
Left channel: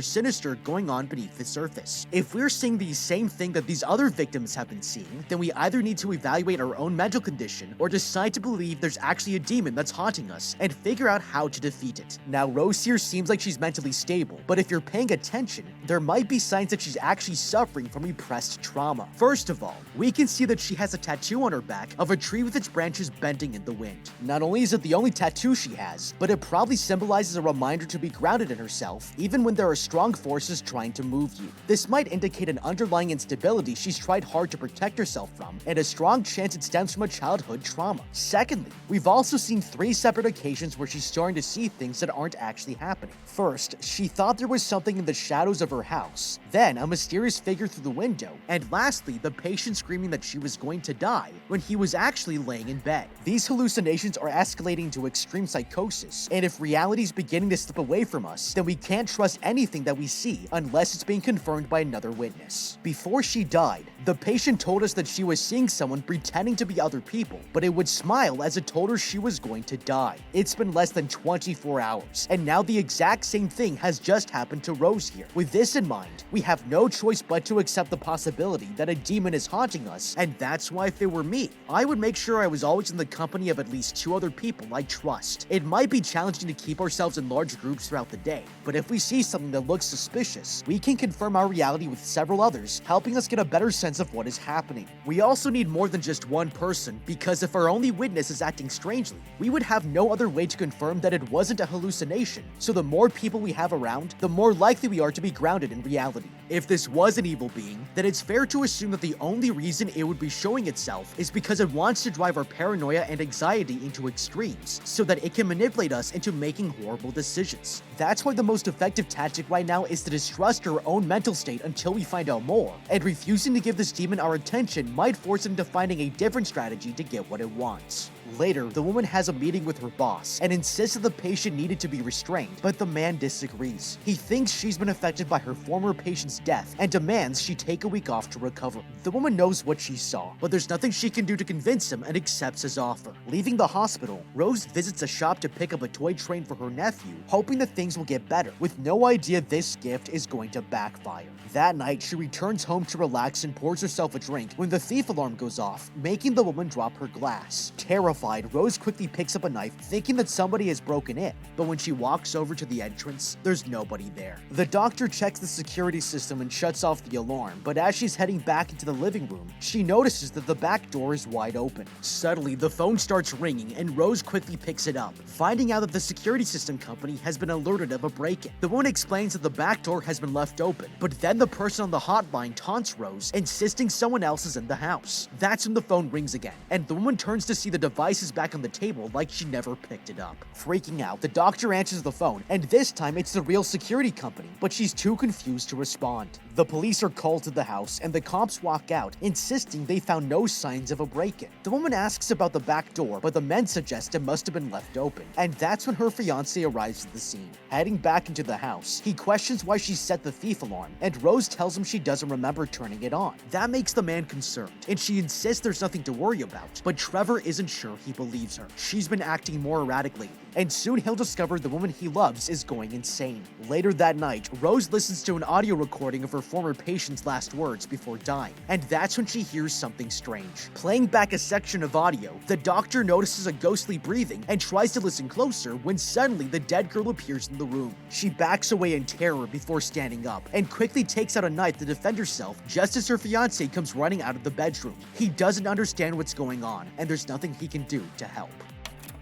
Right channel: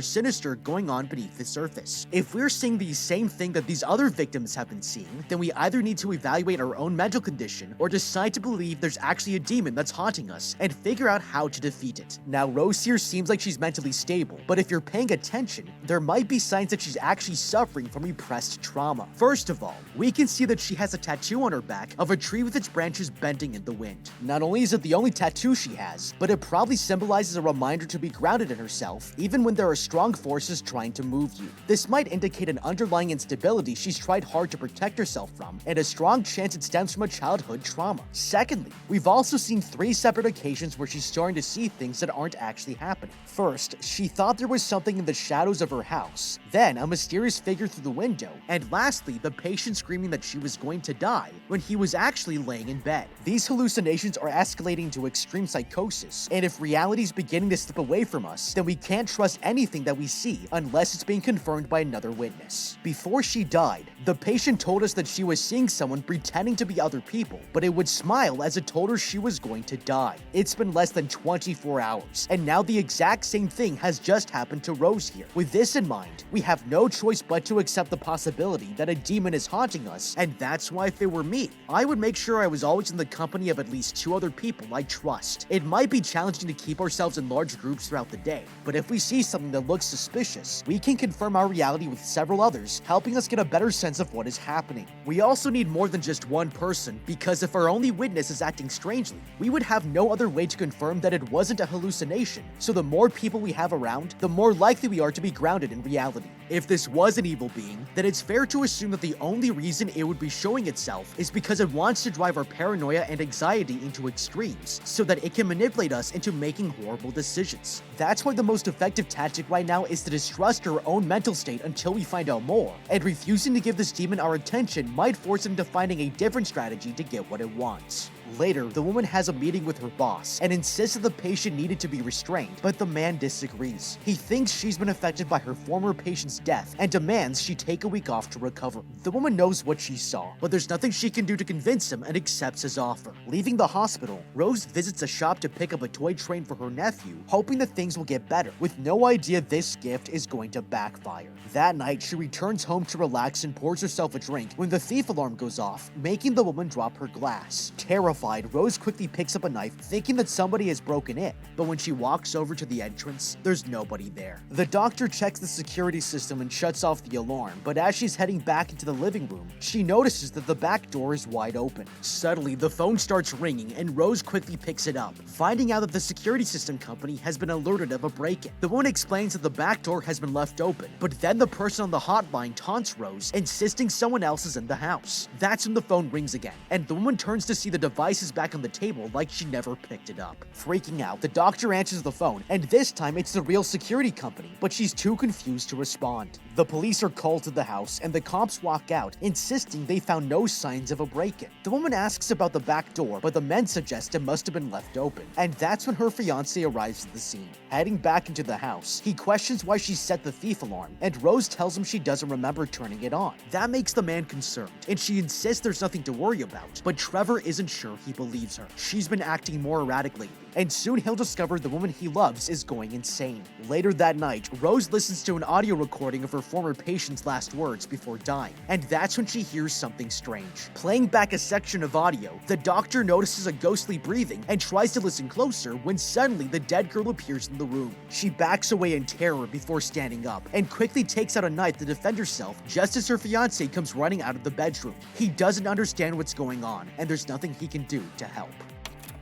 sinister going on beneath the surface. If we're seeing the same thing that these other victims have been seeing, then we either need to evaluate our own mental condition or decide to believe there's actually a demon that's haunting us and figure out how to defeat it. Now, Rose here seems like she's mentally stable, but if you're paying attention, there might be signs that she's actually suffering from repressed trauma. First of all, we can see that she has a tattoo on her back of a tree with its branches bending in the wind. Not only is it the only tattoo she has, but it probably symbolizes a reminder to be grounded in herself, even when there are strong forces trying to move you. This might indicate an underlying instability she's tried hard to protect herself from, and a strong chance it stems from a childhood trauma. Secondly, we've also seen 3 separate occasions where she's starting to see things that aren't actually happening. First, she thought there was something in the shadows of her house, then a mysterious figure through the window, and lastly, the patient screaming that she was going to die when he was actually laying in bed. These hallucinations are escalating to extreme psychosis, and if reality's beginning to slip away from us, then we can't trust anything anything that we see unless it's being confirmed by another witness. Before she died, the patient told us that she was seeing someone pretending to be other people, but it would smile as it told her she was going to die. It's been less than 24 hours, and now the exact same thing has just happened to Rose here. With this in mind, we have no choice but to accept the possibility that a demon is haunting us, and that's why if it were me, I would make sure I was always in the company of at least 2 other people I trust. It might be challenging to keep ourselves in large groups throughout the day, but if we see something that looks suspicious, we can confirm our reality with several others, helping us get a better sense of what is happening. We also need more than just one person, because if our only witness is acting strangely, we would have no other way to confirm that it wasn't a hallucination, so the more people we have around, the more likely we are to be grounded in reality. If this was an evil being, then it's fair to assume that the only reason it would be showing itself is because it wants to drive our paranoia and anxiety into extremes, so that it can manipulate us into making horrible decisions. That's why the most effective tactic right now is to distrust our own mental state until we find out more, and refusing to give this demon our attention might force it into finding a different strategy to get what it wants. Later, the woman has a meeting with her boss and insists that the patient needed to be restrained, but the man disagrees. He thinks she's been affected by her former patient's death and demands she take a week off to recover. The woman knows what she saw, but there's nothing she can do to convince him and accepts his offer. Leaving the hospital, Rose visits a shop to pick up a toy train for her nephew, hoping that things will get better, with no idea this gift is going to backfire. That night, she returns home to relax and pours herself a drink when the thief alarm goes off, making the woman drop her glass. Terrified, Rose quickly picks up a knife, thinking that somebody has broken in, but when she walks over to the entrance, there's nobody there. The doctor checks the security system and shuts off the alarm, but as she's heading back into the living room, she notices that the back door is wide open. Suddenly, the phone starts ringing and Rose quickly picks it up, finding out that the security system company has been alerted of a break-in. The woman explains that the back door has been left open, but then the person on the hotline taunts Rose, insisting someone else is in the house. That's when the phone rings again, and the woman turns to see the device is back on the table like she never picked it up. Freaking out, the doctor answers the phone, and this time it's the real security company, but she's too confused to respond. The police are called to the house, and the cops walk out, insisting they found no signs of a break-in. The woman asks about the back door, but the men suggest it must have been left open, and that's when her fiancé arrives at the scene. Heading back into the house, he questions why she set the thief alarm, and Rose tells him she doesn't remember turning it on. That makes the man concerned, and she insists there's nothing to worry about, but Trevor isn't sure he believes her. She's been acting more erratic lately, and soon he'll discover the woman he loves is going insane. Later that night, Rose listens to an audio recording of her former patient's last words before dying, and that's when she hears something strange. Playing back a section of audio, the doctor notices a ghostly breathing and tries to listen closer when suddenly the dead girl appears in the room. She backs away in terror before standing up, and quickly takes out a knife to defend herself just as her fiancé comes running out of the bedroom. He doesn't understand what's going on, and there's nothing he can do to help.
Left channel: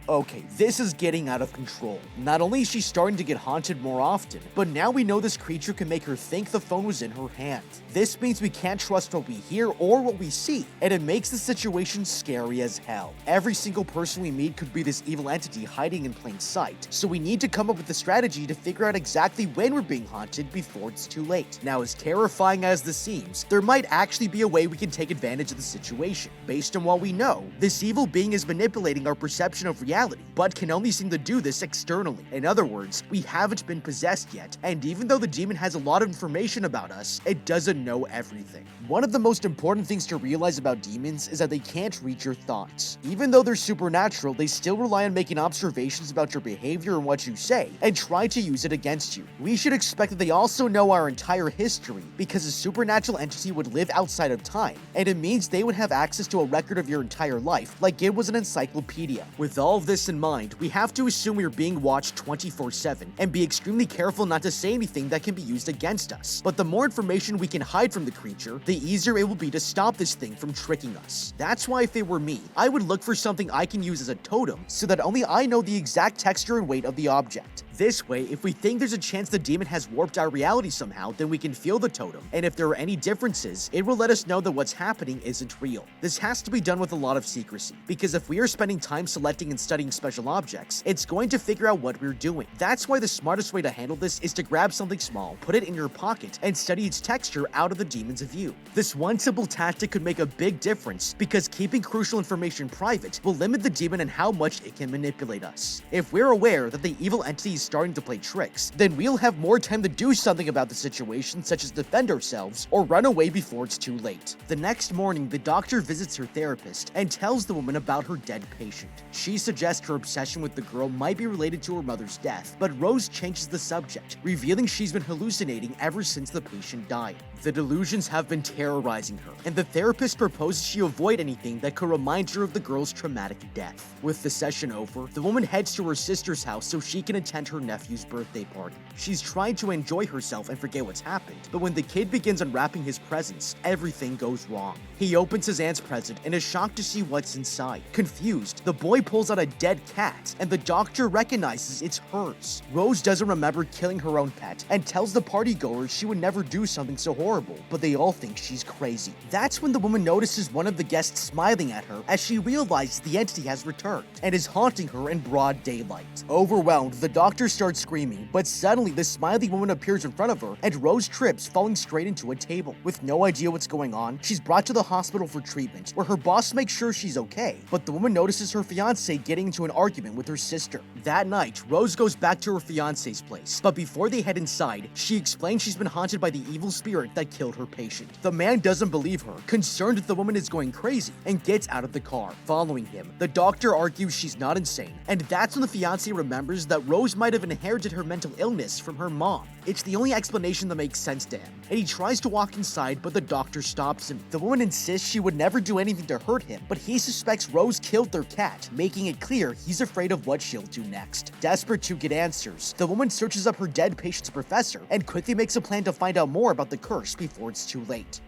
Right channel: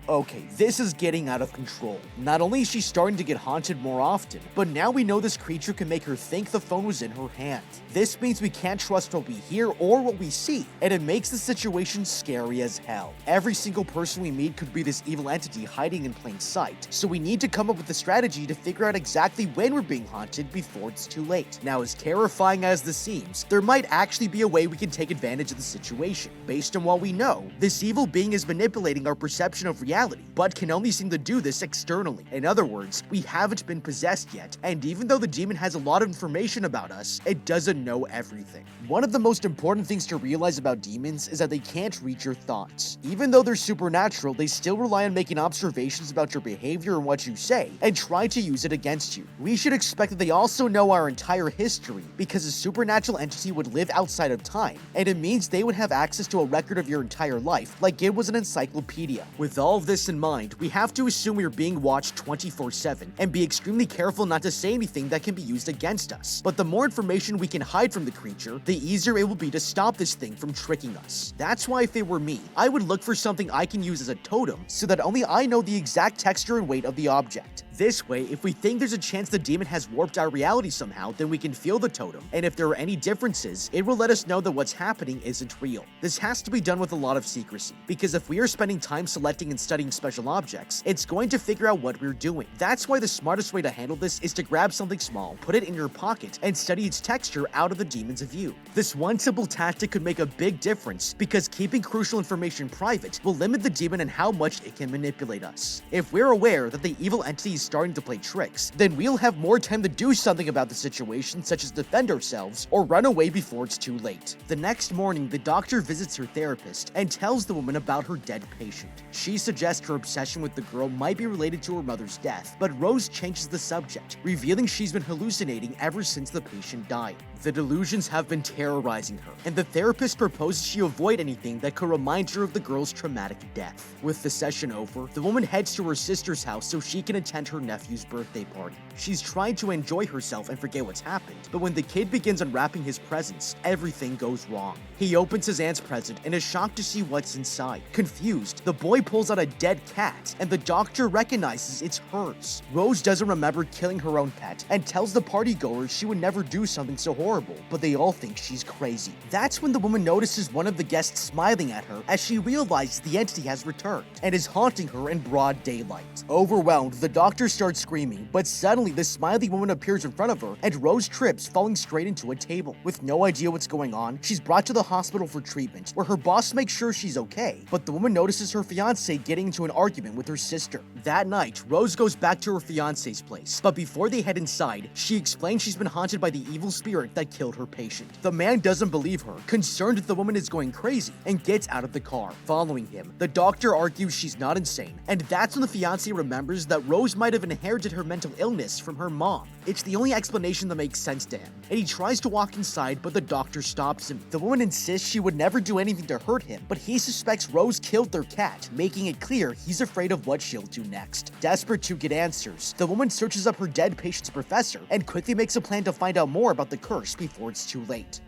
Okay, this is getting out of control. Not only is she starting to get haunted more often, but now we know this creature can make her think the phone was in her hand. This means we can't trust what we hear or what we see, and it makes the situation scary as hell. Every single person we meet could be this evil entity hiding in plain sight, so we need to come up with a strategy to figure out exactly when we're being haunted before it's too late. Now, as terrifying as this seems, there might actually be a way we can take advantage of the situation. Based on what we know, this evil being is manipulating our perception of reality, but can only seem to do this externally. In other words, we haven't been possessed yet, and even though the demon has a lot of information about us, it doesn't know everything. One of the most important things to realize about demons is that they can't read your thoughts. Even though they're supernatural, they still rely on making observations about your behavior and what you say, and try to use it against you. We should expect that they also know our entire history, because a supernatural entity would live outside of time, and it means they would have access to a record of your entire life, like it was an encyclopedia. With all of this in mind, we have to assume we are being watched 24/7, and be extremely careful not to say anything that can be used against us. But the more information we can hide from the creature, the easier it will be to stop this thing from tricking us. That's why if it were me, I would look for something I can use as a totem, so that only I know the exact texture and weight of the object. This way, if we think there's a chance the demon has warped our reality somehow, then we can feel the totem, and if there are any differences, it will let us know that what's happening isn't real. This has to be done with a lot of secrecy, because if we are spending time selecting and studying special objects, it's going to figure out what we're doing. That's why the smartest way to handle this is to grab something small, put it in your pocket, and study its texture out of the demon's view. This one simple tactic could make a big difference, because keeping crucial information private will limit the demon and how much it can manipulate us. If we're aware that the evil entity is starting to play tricks, then we'll have more time to do something about the situation, such as defend ourselves or run away before it's too late. The next morning, the doctor visits her therapist and tells the woman about her dead patient. She suggests her obsession with the girl might be related to her mother's death, but Rose changes the subject, revealing she's been hallucinating ever since the patient died. The delusions have been terrorizing her, and the therapist proposes she avoid anything that could remind her of the girl's traumatic death. With the session over, the woman heads to her sister's house so she can attend her nephew's birthday party. She's trying to enjoy herself and forget what's happened, but when the kid begins unwrapping his presents, everything goes wrong. He opens his aunt's present and is shocked to see what's inside. Confused, the boy pulls out a dead cat, and the doctor recognizes it's hers. Rose doesn't remember killing her own pet and tells the partygoers she would never do something so horrible, but they all think she's crazy. That's when the woman notices one of the guests smiling at her as she realizes the entity has returned and is haunting her in broad daylight. Overwhelmed, the doctor starts screaming, but suddenly the smiley woman appears in front of her and Rose trips, falling straight into a table. With no idea what's going on, she's brought to the hospital for treatment, where her boss makes sure she's okay, but the woman notices her fiancé getting into an argument with her sister. That night, Rose goes back to her fiancé's place, but before they head inside, she explains she's been haunted by the evil spirit that killed her patient. The man doesn't believe her, concerned that the woman is going crazy, and gets out of the car. Following him, the doctor argues she's not insane, and that's when the fiancé remembers that Rose might have inherited her mental illness from her mom. It's the only explanation that makes sense to him, and he tries to walk inside, but the doctor stops him. The woman insists she would never do anything to hurt him, but he suspects Rose killed their cat, making it clear he's afraid of what she'll do next. Desperate to get answers, the woman searches up her dead patient's professor and quickly makes a plan to find out more about the curse before it's too late.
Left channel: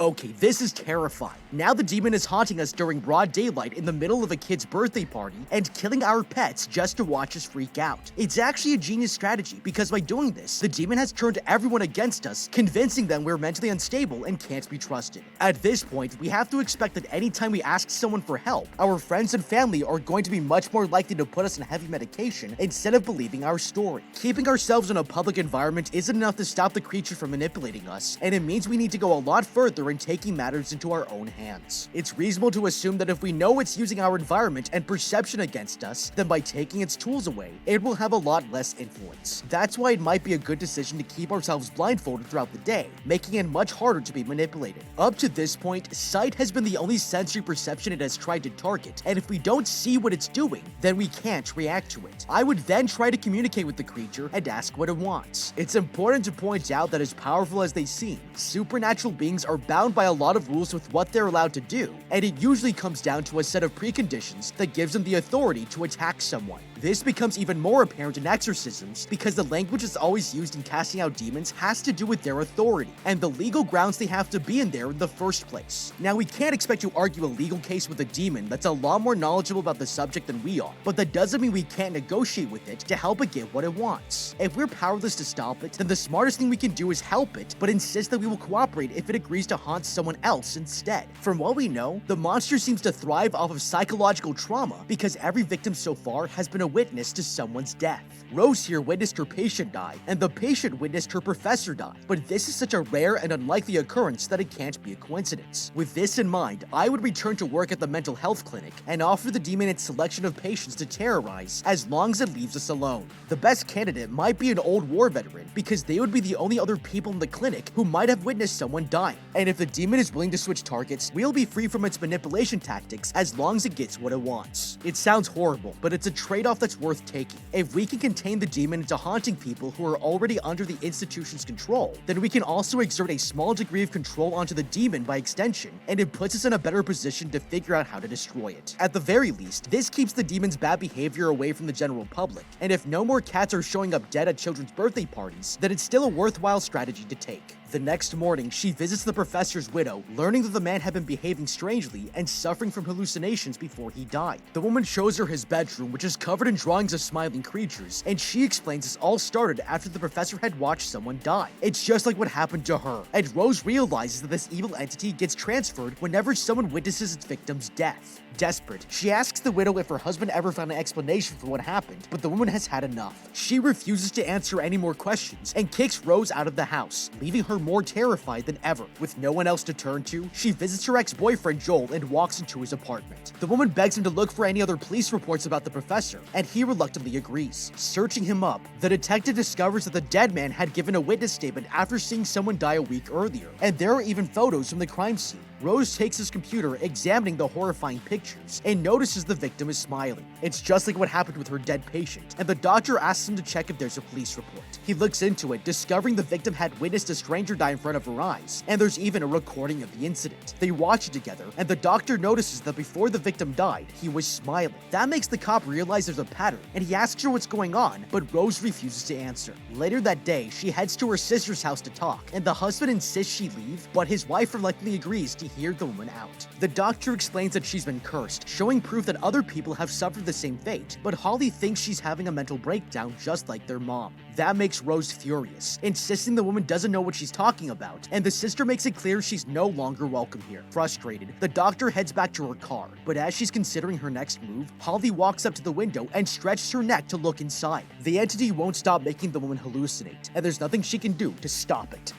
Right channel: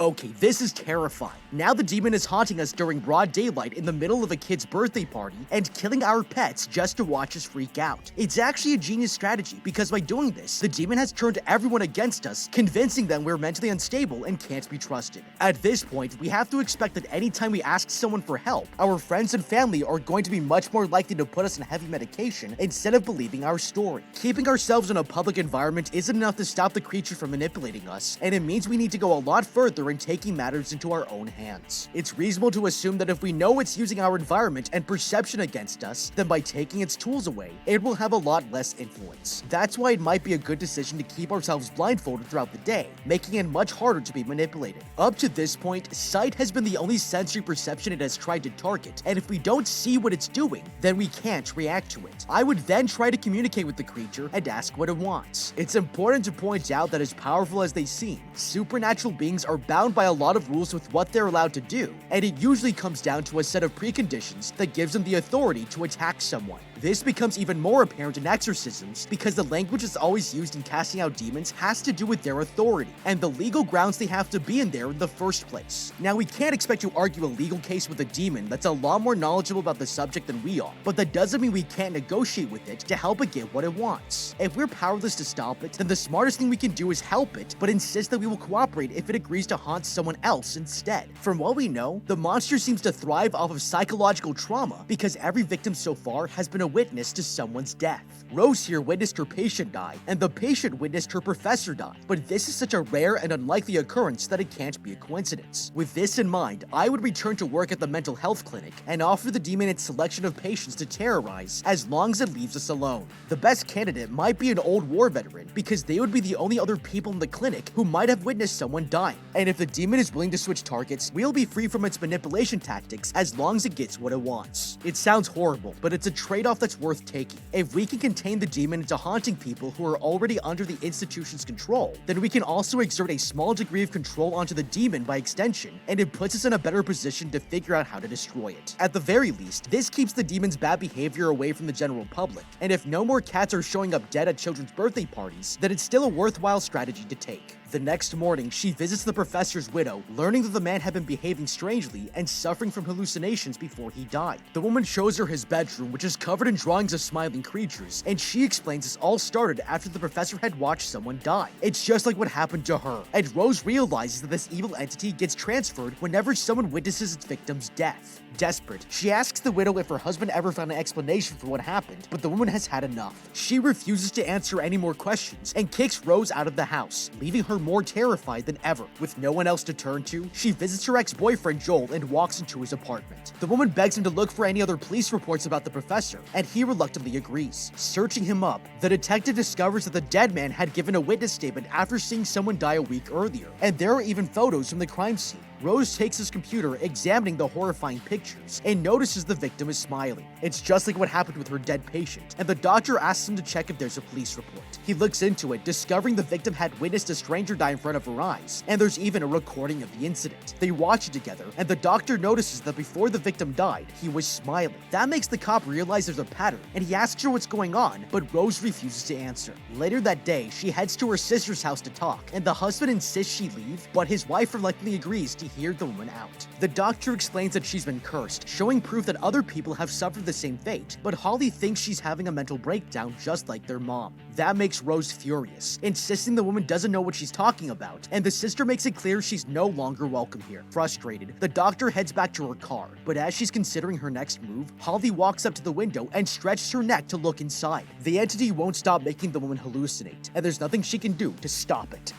Okay, this is terrifying. Now the demon is haunting us during broad daylight in the middle of a kid's birthday party and killing our pets just to watch us freak out. It's actually a genius strategy because by doing this, the demon has turned everyone against us, convincing them we're mentally unstable and can't be trusted. At this point, we have to expect that anytime we ask someone for help, our friends and family are going to be much more likely to put us on heavy medication instead of believing our story. Keeping ourselves in a public environment isn't enough to stop the creature from manipulating us, and it means we need to go a lot further in taking matters into our own hands. It's reasonable to assume that if we know it's using our environment and perception against us, then by taking its tools away, it will have a lot less influence. That's why it might be a good decision to keep ourselves blindfolded throughout the day, making it much harder to be manipulated. Up to this point, sight has been the only sensory perception it has tried to target, and if we don't see what it's doing, then we can't react to it. I would then try to communicate with the creature and ask what it wants. It's important to point out that as powerful as they seem, supernatural beings are bound by a lot of rules with what they're allowed to do, and it usually comes down to a set of preconditions that gives them the authority to attack someone. This becomes even more apparent in exorcisms because the language that's always used in casting out demons has to do with their authority and the legal grounds they have to be in there in the first place. Now, we can't expect to argue a legal case with a demon that's a lot more knowledgeable about the subject than we are, but that doesn't mean we can't negotiate with it to help it get what it wants. If we're powerless to stop it, then the smartest thing we can do is help it, but insist that we will cooperate if it agrees to haunt someone else instead. From what we know, the monster seems to thrive off of psychological trauma because every victim so far has been a witness to someone's death. Rose here witnessed her patient die, and the patient witnessed her professor die, but this is such a rare and unlikely occurrence that it can't be a coincidence. With this in mind, I would return to work at the mental health clinic and offer the demon its selection of patients to terrorize as long as it leaves us alone. The best candidate might be an old war veteran because they would be the only other people in the clinic who might have witnessed someone dying, and if the demon is willing to switch targets, we'll be free from its manipulation tactics as long as it gets what it wants. It sounds horrible, but it's a trade-off that's worth taking. If we can contain the demon into haunting people who are already under the institution's control, then we can also exert a small degree of control onto the demon by extension, and it puts us in a better position to figure out how to destroy it. At the very least, this keeps the demon's bad behavior away from the general public, and if no more cats are showing up dead at children's birthday parties, then it's still a worthwhile strategy to take. The next morning, she visits the professor's widow, learning that the man had been behaving strangely and suffering from hallucinations before he died. The woman shows her his bedroom, which is covered in drawings of smiling creatures, and she explains this all started after the professor had watched someone die. It's just like what happened to her, and Rose realizes that this evil entity gets transferred whenever someone witnesses its victim's death. Desperate, she asks the widow if her husband ever found an explanation for what happened, but the woman has had enough. She refuses to answer any more questions and kicks Rose out of the house, leaving her more terrified than ever. With no one else to turn to, she visits her ex-boyfriend Joel and walks into his apartment. The woman begs him to look for any other police reports about the professor, and he reluctantly agrees. Searching him up, the detective discovers that the dead man had given a witness statement after seeing someone die a week earlier, and there are even photos from the crime scene. Rose takes his computer, examining the horrifying pictures, and notices the victim is smiling. It's just like what happened with her dead patient, and the doctor asks him to check if there's a police report. He looks into it, discovering the victim had witnessed a stranger die in front of her eyes, and there's even a recording of the incident. They watch it together, and the doctor notices that before the victim died, he was smiling. That makes the cop realize there's a pattern, and he asks her what's going on, but Rose refuses to answer. Later that day, she heads to her sister's house to talk, and the husband insists she leave, but his wife reluctantly agrees to hear the woman out. The doctor explains that she's been cursed, showing proof that other people have suffered the same fate, but Holly thinks she's having a mental breakdown just like their mom. That makes Rose furious, insisting the woman doesn't know what she's talking about, and the sister makes it clear she's no longer welcome here. Frustrated, the doctor heads back to her car, but as she's considering her next move, Holly walks up to the window and stretches her neck to look inside. The entity won't stop making the woman hallucinate, and there's nothing she can do to stop it.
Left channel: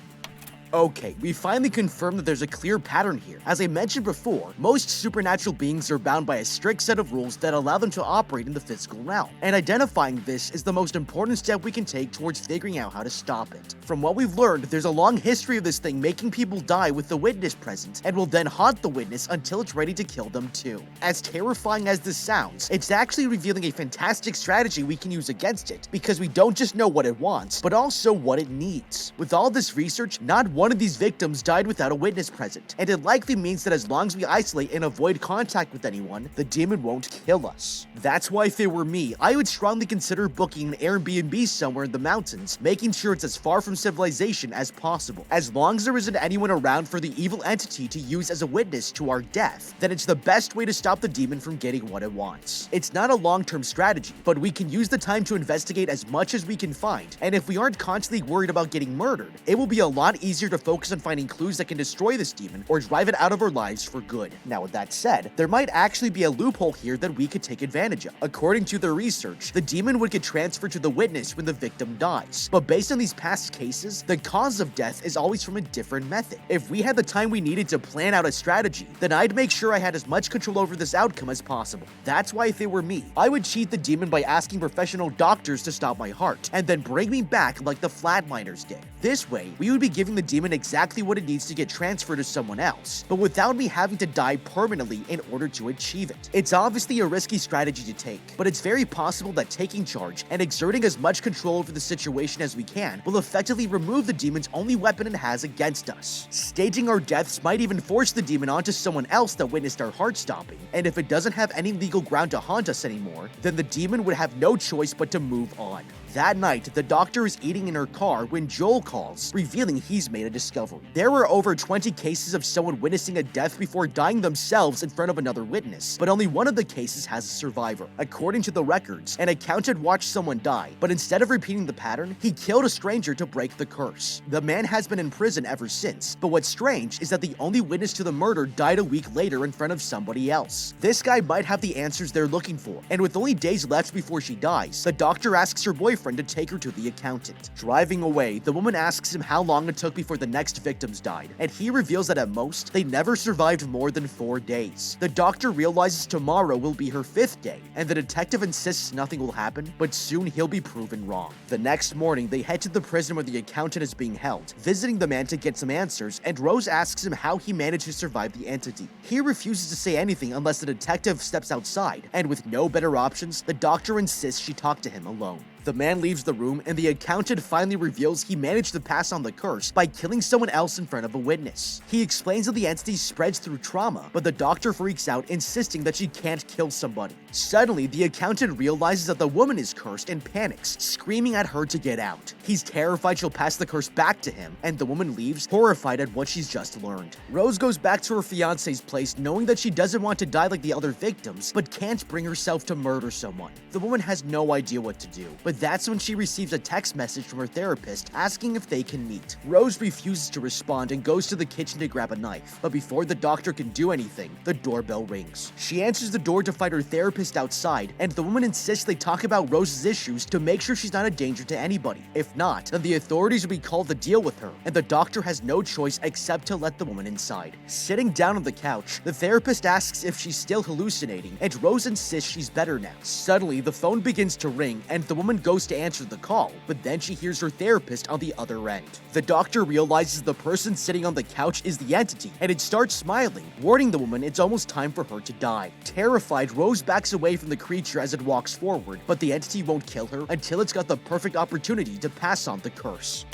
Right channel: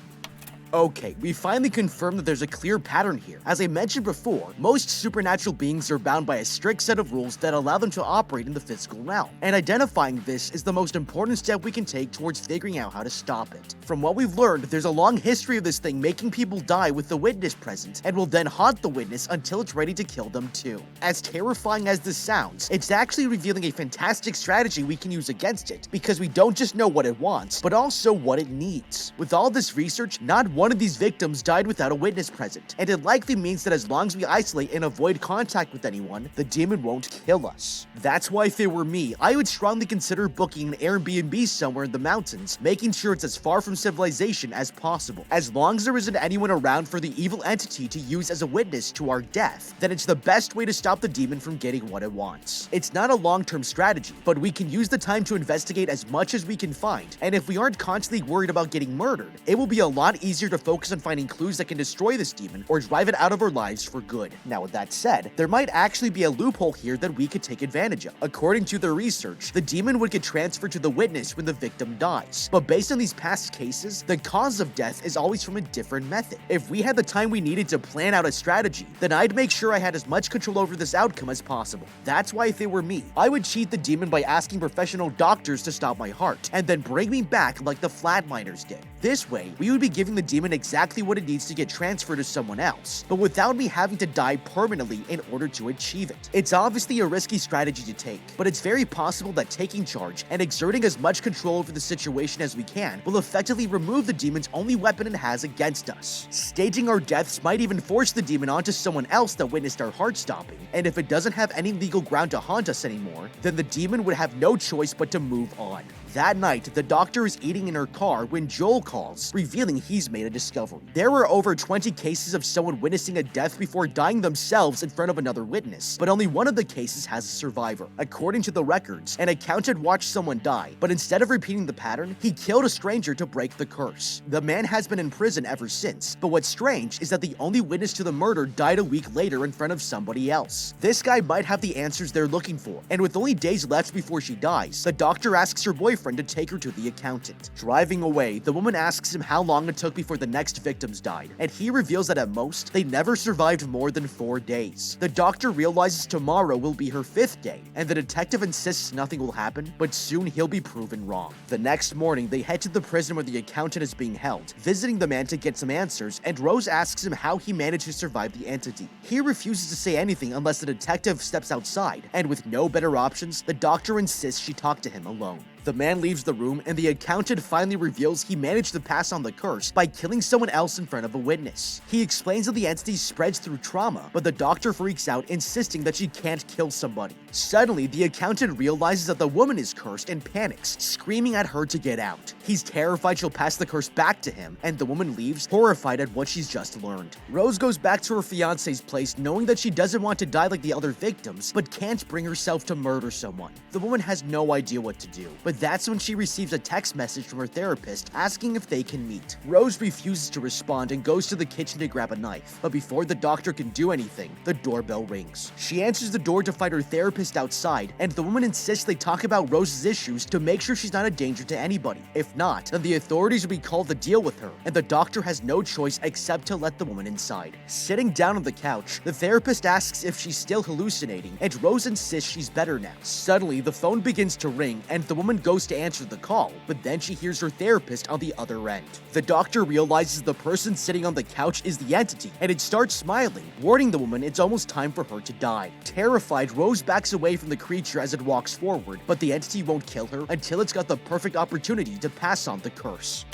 Okay, we finally confirmed that there's a clear pattern here. As I mentioned before, most supernatural beings are bound by a strict set of rules that allow them to operate in the physical realm, and identifying this is the most important step we can take towards figuring out how to stop it. From what we've learned, there's a long history of this thing making people die with the witness present, and will then haunt the witness until it's ready to kill them too. As terrifying as this sounds, it's actually revealing a fantastic strategy we can use against it, because we don't just know what it wants, but also what it needs. With all this research, not one of these victims died without a witness present, and it likely means that as long as we isolate and avoid contact with anyone, the demon won't kill us. That's why if it were me, I would strongly consider booking an Airbnb somewhere in the mountains, making sure it's as far from civilization as possible. As long as there isn't anyone around for the evil entity to use as a witness to our death, then it's the best way to stop the demon from getting what it wants. It's not a long-term strategy, but we can use the time to investigate as much as we can find, and if we aren't constantly worried about getting murdered, it will be a lot easier to focus on finding clues that can destroy this demon or drive it out of our lives for good. Now with that said, there might actually be a loophole here that we could take advantage of. According to their research, the demon would get transferred to the witness when the victim dies, but based on these past cases, the cause of death is always from a different method. If we had the time we needed to plan out a strategy, then I'd make sure I had as much control over this outcome as possible. That's why if it were me, I would cheat the demon by asking professional doctors to stop my heart, and then bring me back like the Flatliners did. This way, we would be giving the demon exactly what it needs to get transferred to someone else, but without me having to die permanently in order to achieve it. It's obviously a risky strategy to take, but it's very possible that taking charge and exerting as much control over the situation as we can will effectively remove the demon's only weapon it has against us. Staging our deaths might even force the demon onto someone else that witnessed our heart stopping, and if it doesn't have any legal ground to haunt us anymore, then the demon would have no choice but to move on. That night, the doctor is eating in her car when Joel calls, revealing he's made a discovery. There were over 20 cases of someone witnessing a death before dying themselves in front of another witness, but only one of the cases has a survivor. According to the records, an accountant watched someone die, but instead of repeating the pattern, he killed a stranger to break the curse. The man has been in prison ever since, but what's strange is that the only witness to the murder died a week later in front of somebody else. This guy might have the answers they're looking for, and with only days left before she dies, the doctor asks her boyfriend to take her to the accountant. Driving away, the woman asks him how long it took before the next victims died, and he reveals that at most, they never survived more than 4 days. The doctor realizes tomorrow will be her 5th day, and the detective insists nothing will happen, but soon he'll be proven wrong. The next morning, they head to the prison where the accountant is being held, visiting the man to get some answers, and Rose asks him how he managed to survive the entity. He refuses to say anything unless the detective steps outside, and with no better options, the doctor insists she talk to him alone. The man leaves the room, and the accountant finally reveals he managed to pass on the curse by killing someone else in front of a witness. He explains that the entity spreads through trauma, but the doctor freaks out, insisting that she can't kill somebody. Suddenly, the accountant realizes that the woman is cursed and panics, screaming at her to get out. He's terrified she'll pass the curse back to him, and the woman leaves, horrified at what she's just learned. Rose goes back to her fiance's place, knowing that she doesn't want to die like the other victims, but can't bring herself to murder someone. The woman has no idea what to do, but that's when she receives a text message from her therapist asking if they can meet. Rose refuses to respond and goes to the kitchen to grab a knife, but before the doctor can do anything, the doorbell rings. She answers the door to find her therapist therapist outside, and the woman insists they talk about Rose's issues to make sure she's not a danger to anybody. If not, then the authorities will be called to deal with her, and the doctor has no choice except to let the woman inside. Sitting down on the couch, the therapist asks if she's still hallucinating, and Rose insists she's better now. Suddenly, the phone begins to ring, and the woman goes to answer the call, but then she hears her therapist on the other end. The doctor realizes the person sitting on the couch is the entity, and it starts smiling, warning the woman it's almost time for her to die. Terrified, Rose backs away from the creature as it walks forward, but the entity won't kill her until it's got the perfect opportunity to pass on the curse.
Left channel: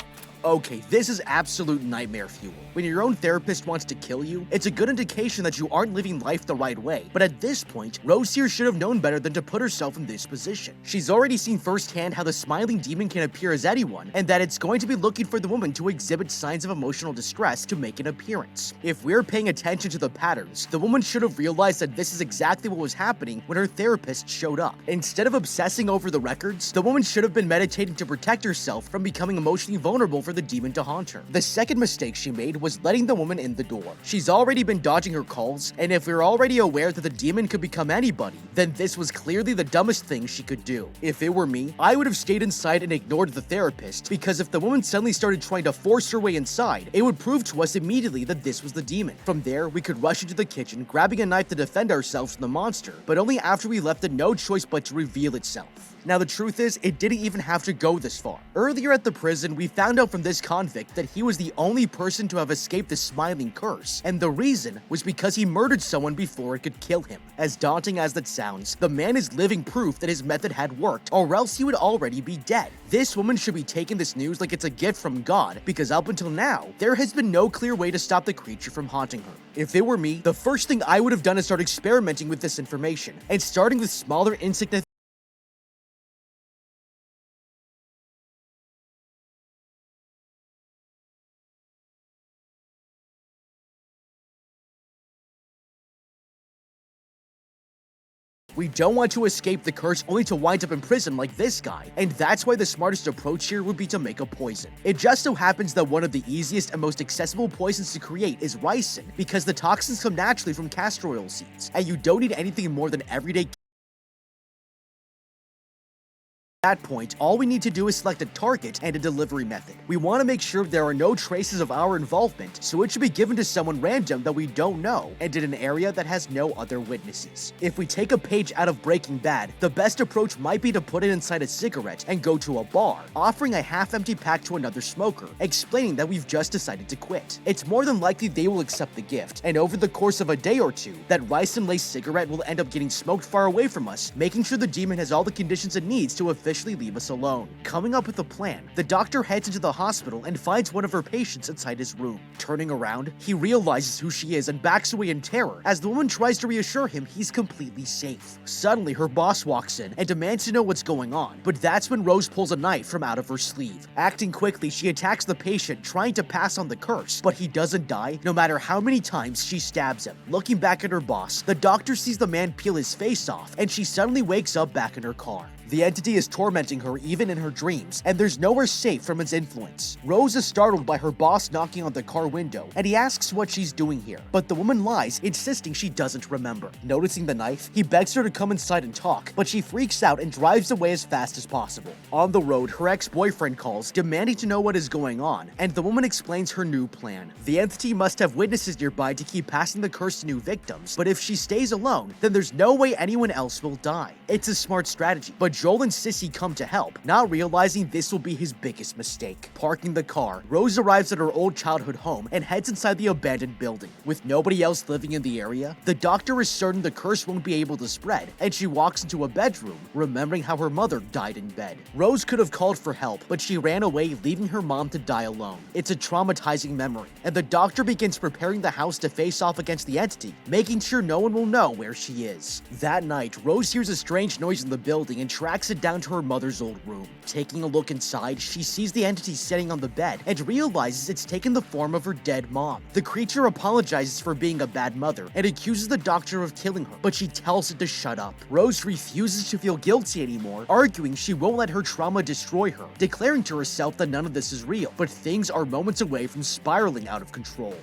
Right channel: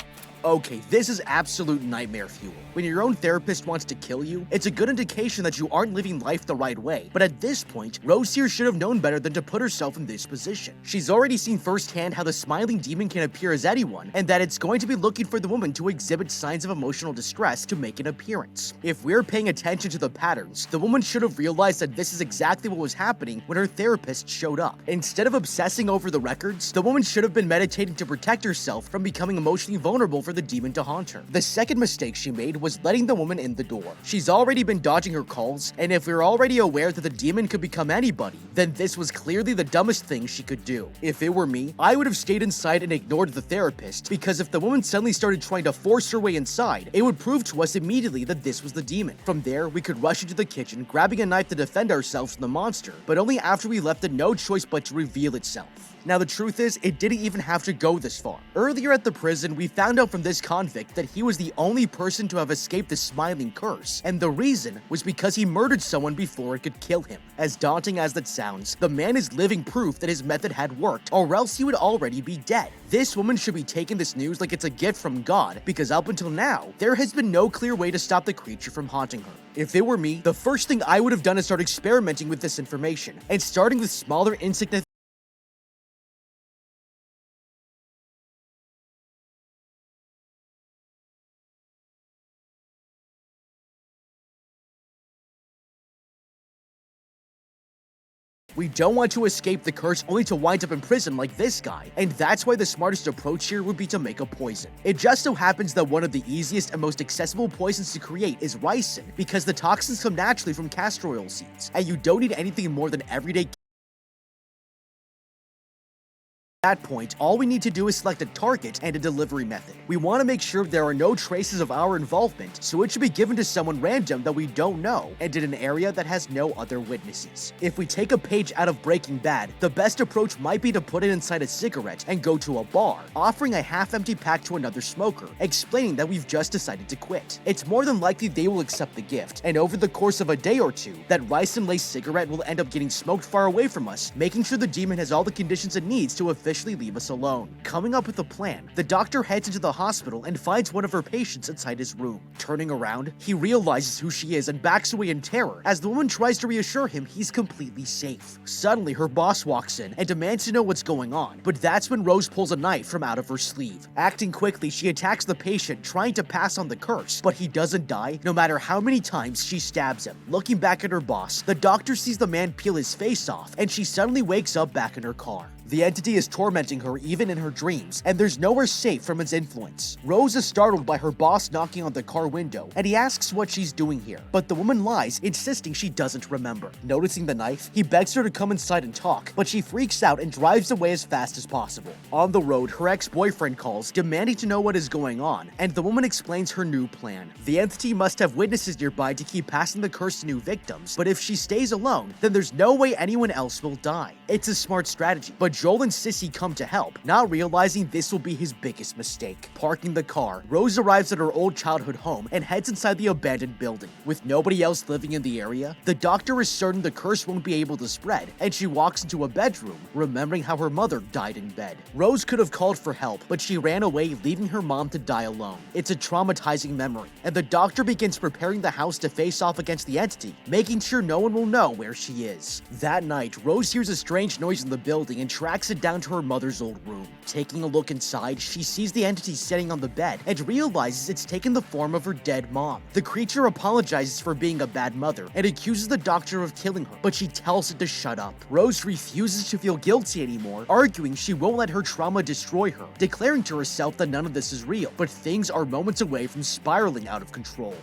Okay, this is absolute nightmare fuel. When your own therapist wants to kill you, it's a good indication that you aren't living life the right way. But at this point, Rose here should have known better than to put herself in this position. She's already seen firsthand how the smiling demon can appear as anyone, and that it's going to be looking for the woman to exhibit signs of emotional distress to make an appearance. If we're paying attention to the patterns, the woman should have realized that this is exactly what was happening when her therapist showed up. Instead of obsessing over the records, the woman should have been meditating to protect herself from becoming emotionally vulnerable for the demon to haunt her. The second mistake she made was letting the woman in the door. She's already been dodging her calls, and if we're already aware that the demon could become anybody, then this was clearly the dumbest thing she could do. If it were me, I would have stayed inside and ignored the therapist, because if the woman suddenly started trying to force her way inside, it would prove to us immediately that this was the demon. From there, we could rush into the kitchen, grabbing a knife to defend ourselves from the monster, but only after we left it no choice but to reveal itself. Now the truth is, it didn't even have to go this far. Earlier at the prison, we found out from this convict that he was the only person to have escaped the smiling curse, and the reason was because he murdered someone before it could kill him. As daunting as that sounds, the man is living proof that his method had worked, or else he would already be dead. This woman should be taking this news like it's a gift from God, because up until now, there has been no clear way to stop the creature from haunting her. If it were me, the first thing I would have done is start experimenting with this information, and starting with smaller insignificant We don't want to escape the curse only to wind up in prison like this guy, and that's why the smartest approach here would be to make a poison. It just so happens that one of the easiest and most accessible poisons to create is ricin, because the toxins come naturally from castor oil seeds, and you don't need anything more than everyday. At that point, all we need to do is select a target and a delivery method. We want to make sure there are no traces of our involvement, so it should be given to someone random that we don't know, and in an area that has no other witnesses. If we take a page out of Breaking Bad, the best approach might be to put it inside a cigarette and go to a bar, offering a half-empty pack to another smoker, explaining that we've just decided to quit. It's more than likely they will accept the gift, and over the course of a day or two, that ricin-laced cigarette will end up getting smoked far away from us, making sure the demon has all the conditions it needs to officially leave us alone. Coming up with a plan, the doctor heads into the hospital and finds one of her patients inside his room. Turning around, he realizes who she is and backs away in terror as the woman tries to reassure him he's completely safe. Suddenly, her boss walks in and demands to know what's going on, but that's when Rose pulls a knife from out of her sleeve. Acting quickly, she attacks the patient, trying to pass on the curse, but he doesn't die no matter how many times she stabs him. Looking back at her boss, the doctor sees the man peel his face off, and she suddenly wakes up back in her car. The entity is tormenting her even in her dreams, and there's nowhere safe from its influence. Rose is startled by her boss knocking on the car window, and he asks what she's doing here, but the woman lies, insisting she doesn't remember. Noticing the knife, he begs her to come inside and talk, but she freaks out and drives away as fast as possible. On the road, her ex-boyfriend calls, demanding to know what is going on, and the woman explains her new plan. The entity must have witnesses nearby to keep passing the curse to new victims, but if she stays alone, then there's no way anyone else will die. It's a smart strategy, but Joel and Sissy come to help, not realizing this will be his biggest mistake. Parking the car, Rose arrives at her old childhood home and heads inside the abandoned building. With nobody else living in the area, the doctor is certain the curse won't be able to spread, and she walks into a bedroom, remembering how her mother died in bed. Rose could have called for help, but she ran away, leaving her mom to die alone. It's a traumatizing memory, and the doctor begins preparing the house to face off against the entity, making sure no one will know where she is. That night, Rose hears a strange noise in the building and tracks it down to her mother's old room. Taking a look inside, she sees the entity sitting on the bed and realizes it's taken the form of her dead mom. The creature apologizes for being a bad mother and accuses the doctor of killing her, but she tells it to shut up. Rose refuses to feel guilty anymore, arguing she won't let her trauma destroy her, declaring to herself that none of this is real, but things are moments away from spiraling out of control.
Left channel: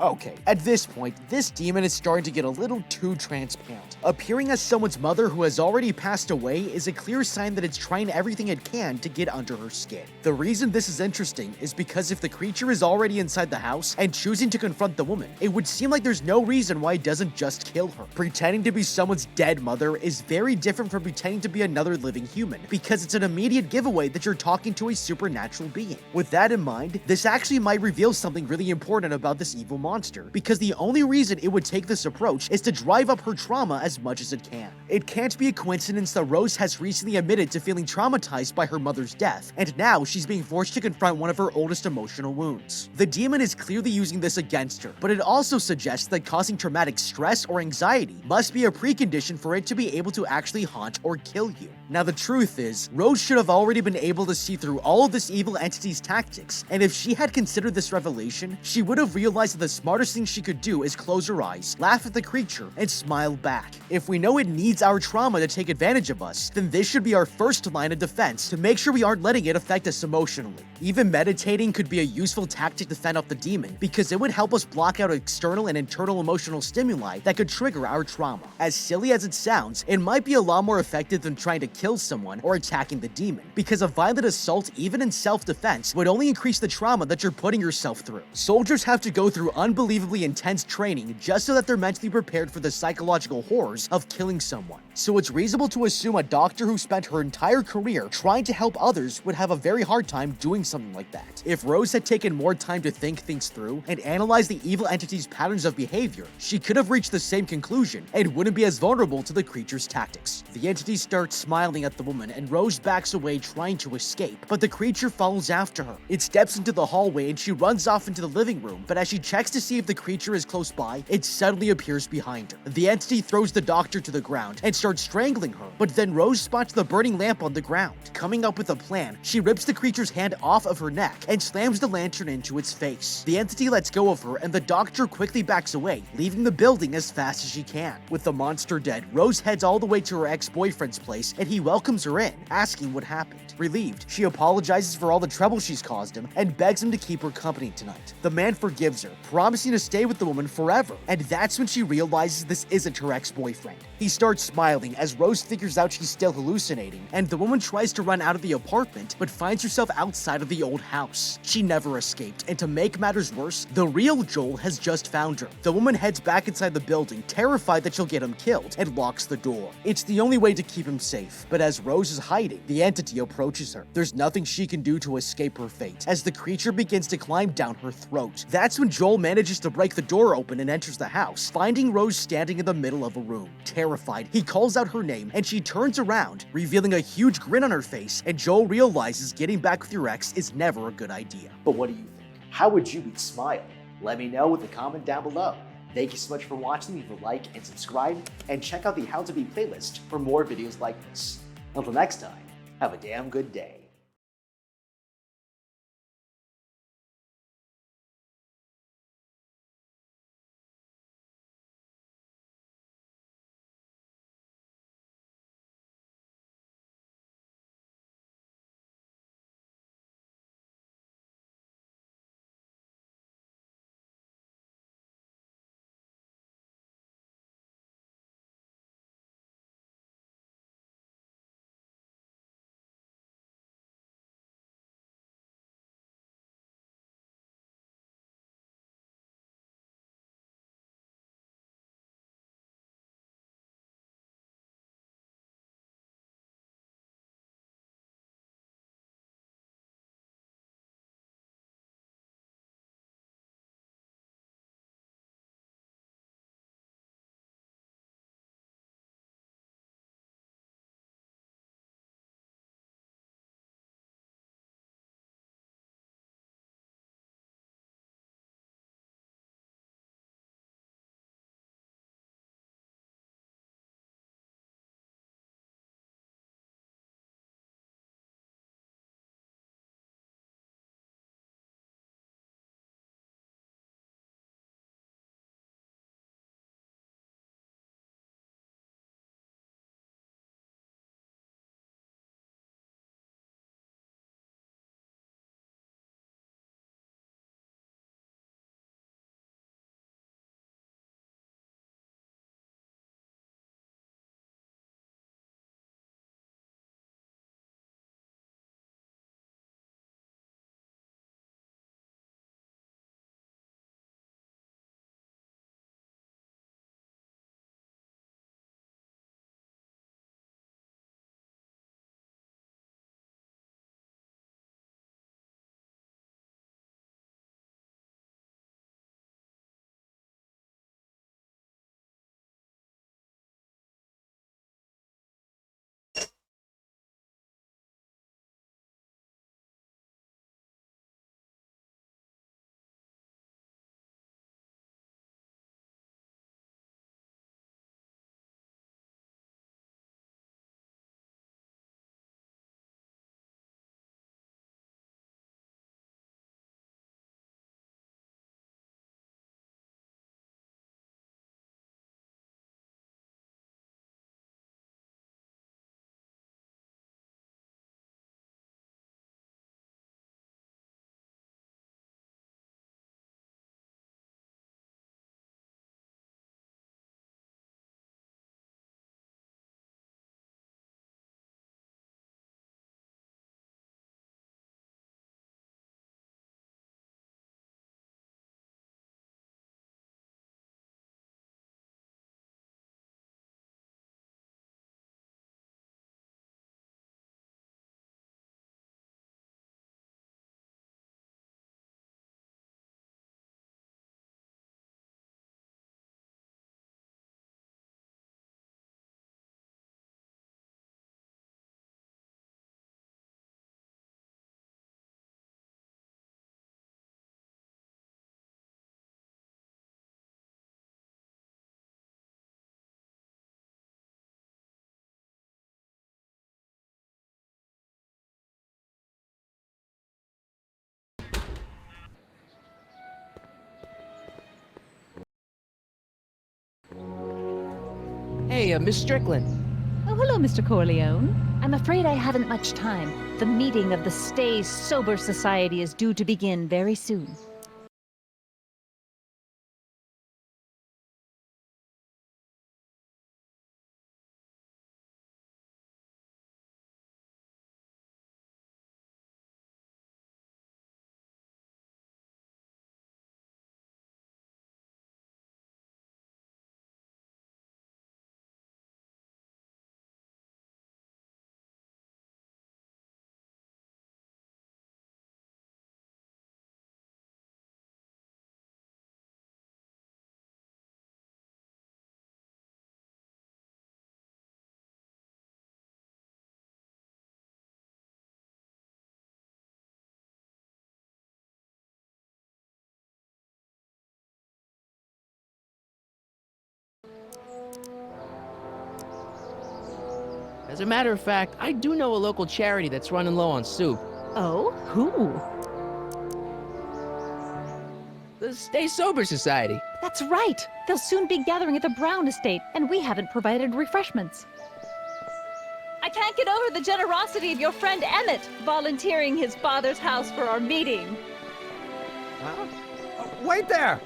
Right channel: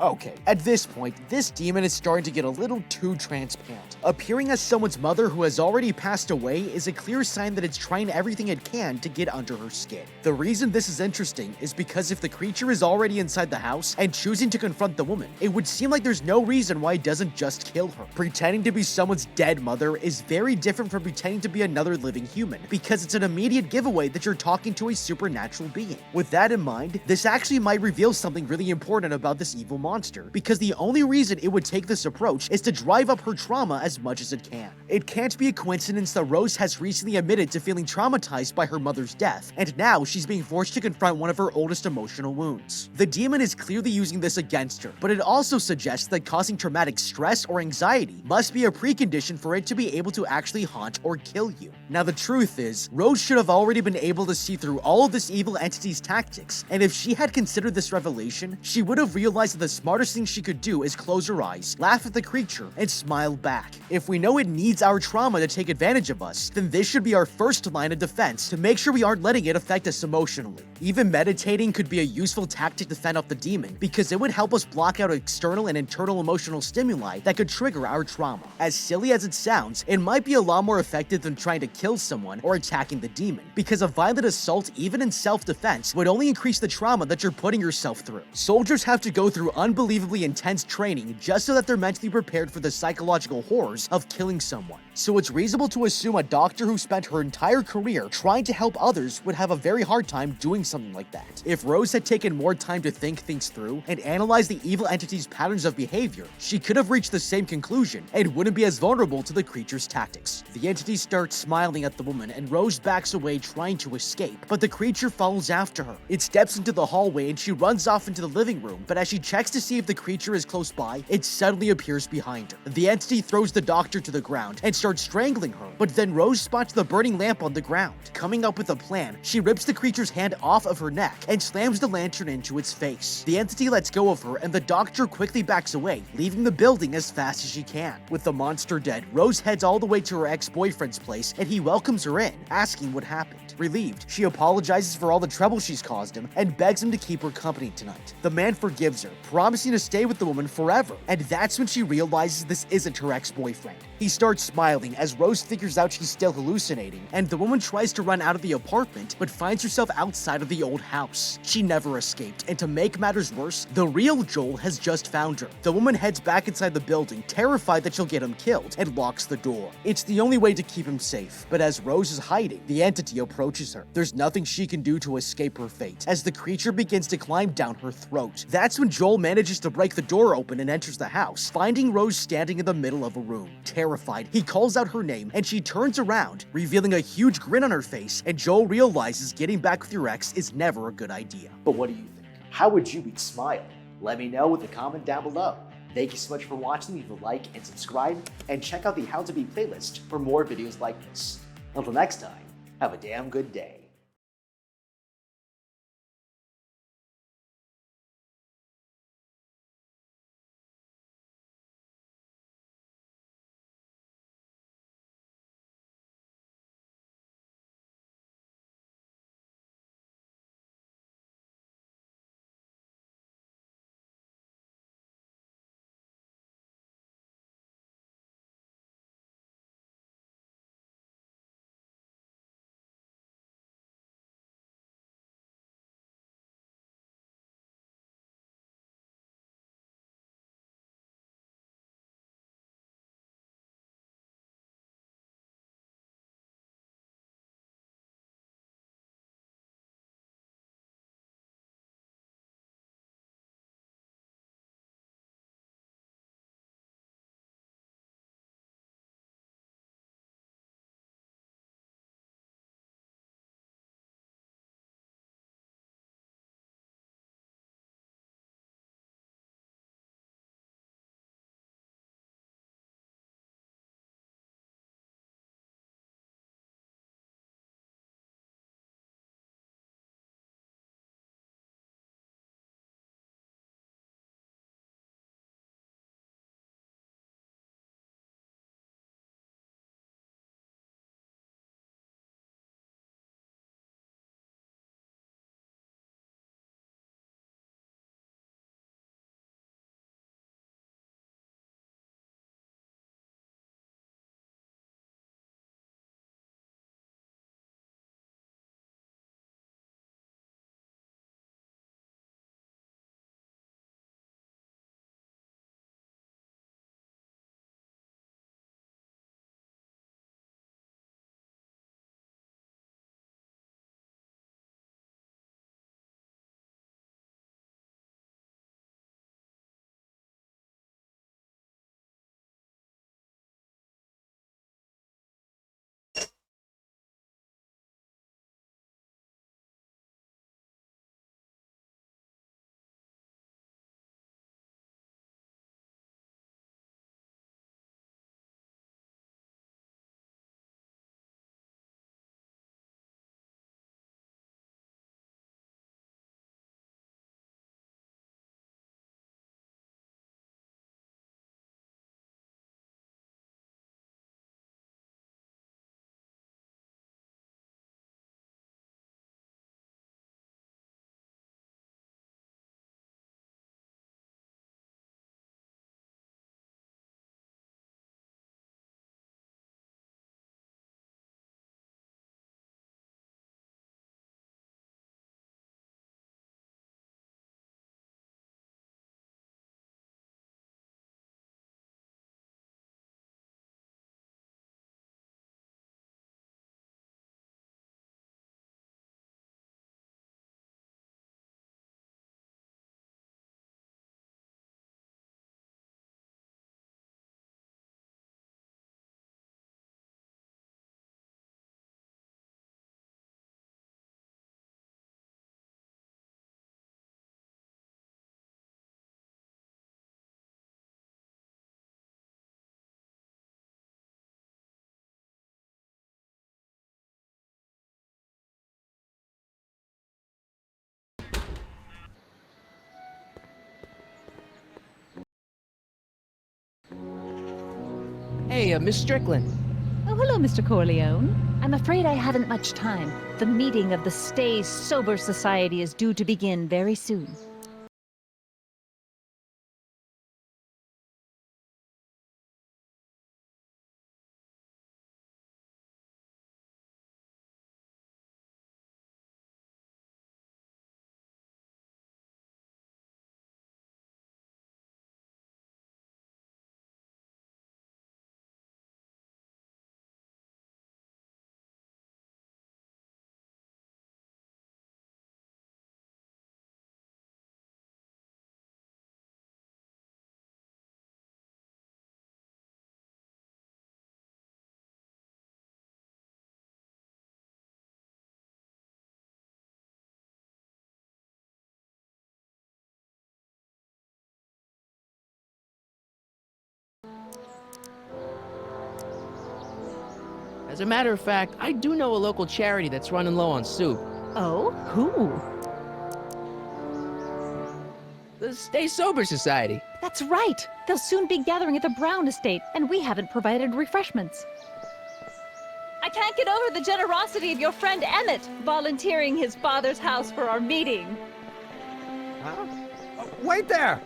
Okay, at this point, this demon is starting to get a little too transparent. Appearing as someone's mother who has already passed away is a clear sign that it's trying everything it can to get under her skin. The reason this is interesting is because if the creature is already inside the house and choosing to confront the woman, it would seem like there's no reason why it doesn't just kill her. Pretending to be someone's dead mother is very different from pretending to be another living human, because it's an immediate giveaway that you're talking to a supernatural being. With that in mind, this actually might reveal something really important about this evil monster, because the only reason it would take this approach is to drive up her trauma as much as it can. It can't be a coincidence that Rose has recently admitted to feeling traumatized by her mother's death, and now she's being forced to confront one of her oldest emotional wounds. The demon is clearly using this against her, but it also suggests that causing traumatic stress or anxiety must be a precondition for it to be able to actually haunt or kill you. Now the truth is, Rose should have already been able to see through all of this evil entity's tactics, and if she had considered this revelation, she would have realized that the smartest thing she could do is close her eyes, laugh at the creature, and smile back. If we know it needs our trauma to take advantage of us, then this should be our first line of defense to make sure we aren't letting it affect us emotionally. Even meditating could be a useful tactic to fend off the demon, because it would help us block out external and internal emotional stimuli that could trigger our trauma. As silly as it sounds, it might be a lot more effective than trying to kill someone or attacking the demon, because a violent assault, even in self-defense, would only increase the trauma that you're putting yourself through. Soldiers have to go through unbelievably intense training just so that they're mentally prepared for the psychological horrors of killing someone. So it's reasonable to assume a doctor who spent her entire career trying to help others would have a very hard time doing something like that. If Rose had taken more time to think things through and analyze the evil entity's patterns of behavior, she could have reached the same conclusion and wouldn't be as vulnerable to the creature's tactics. The entity starts smiling at the woman and Rose backs away trying to escape, but the creature follows after her. It steps into the hallway and she runs off into the living room, but as she checks to see if the creature is close by, it suddenly appears behind her. The entity throws the doctor to the ground and starts strangling her, but then Rose spots the burning lamp on the ground. Coming up with a plan, she rips the creature's hand off of her neck and slams the lantern into its face. The entity lets go of her and the doctor quickly backs away, leaving the building as fast as she can. With the monster dead, Rose heads all the way to her ex-boyfriend's place and he welcomes her in, asking what happened. Relieved, she apologizes for all the trouble she's caused him and begs him to keep her company tonight. The man forgives her, promising to stay with the woman forever, and that's when she realizes this isn't her ex-boyfriend. He starts smiling as Rose figures out she's still hallucinating, and the woman tries to run out of the apartment but finds herself outside of the old house. She never escaped, and to make matters worse, the real Joel has just found her. The woman heads back inside the building, terrified that she'll get him killed, and locks the door. It's the only way to keep him safe, but as Rose is hiding, the entity approaches her. There's nothing she can do to escape her fate, as the creature begins to climb down her throat. That's when Joel manages to break the door open and enters the house, finding Rose standing in the middle of a room. Terrified, he calls out her name, and she turns around, revealing a huge grin on her face, and Joel realizes getting back with your ex is never a good idea. But what do you think? How would you beat Smile? Let me know with a comment down below. Thank you so much for watching. Leave a like and subscribe, and check out the How to Beat playlist for more videos like this. Until next time, have a damn good day. Hey, Miss Strickland. Oh, hello, Mr. Corleone. I'm afraid I haven't much time. The meeting of the Stay Sober Society is due to begin very soon. As a matter of fact, I do know a local charity that's running low on soup. Oh? Who? The Stay Sober Society. That's right! They'll soon be gathering at the Brown Estate, and we haven't provided refreshments. I can't get over the generosity of your friend Emmett, volunteering his father's house for our meeting. Huh? Wait there!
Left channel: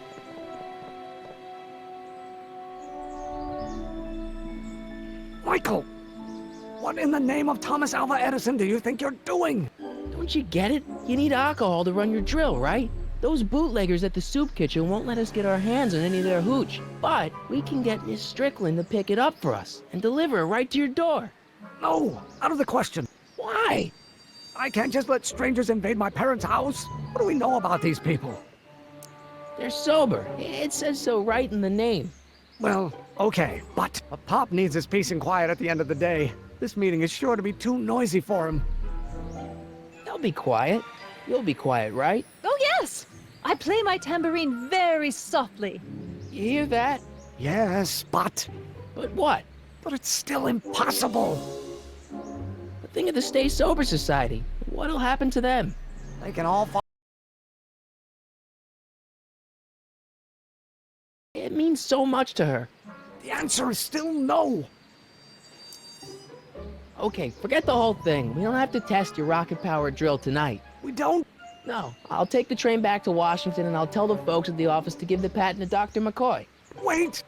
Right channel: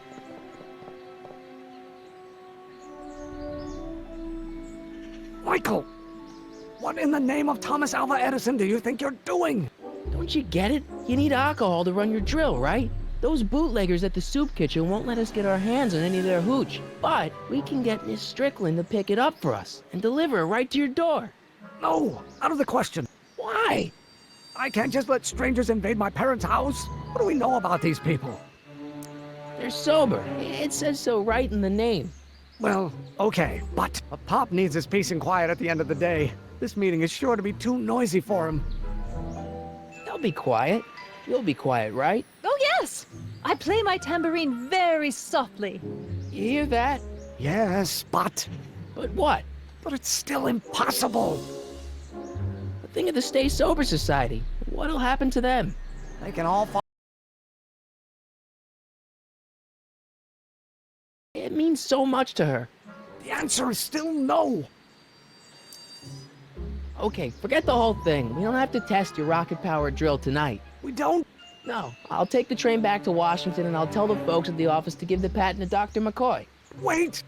Michael! What in the name of Thomas Alva Edison do you think you're doing? Don't you get it? You need alcohol to run your drill, right? Those bootleggers at the soup kitchen won't let us get our hands on any of their hooch. But we can get Miss Strickland to pick it up for us and deliver it right to your door. No, out of the question. Why? I can't just let strangers invade my parents' house. What do we know about these people? They're sober. It says so right in the name. Well, okay, but a Pop needs his peace and quiet at the end of the day. This meeting is sure to be too noisy for him. They'll be quiet. You'll be quiet, right? Oh, yes! I play my tambourine very softly. You hear that? Yes, but... But what? But it's still impossible. But think of the Stay Sober Society. What'll happen to them? They can all fall... It means so much to her. The answer is still no. Okay, forget the whole thing. We don't have to test your rocket-powered drill tonight. We don't? No. I'll take the train back to Washington and I'll tell the folks at the office to give the patent to Dr. McCoy. Wait!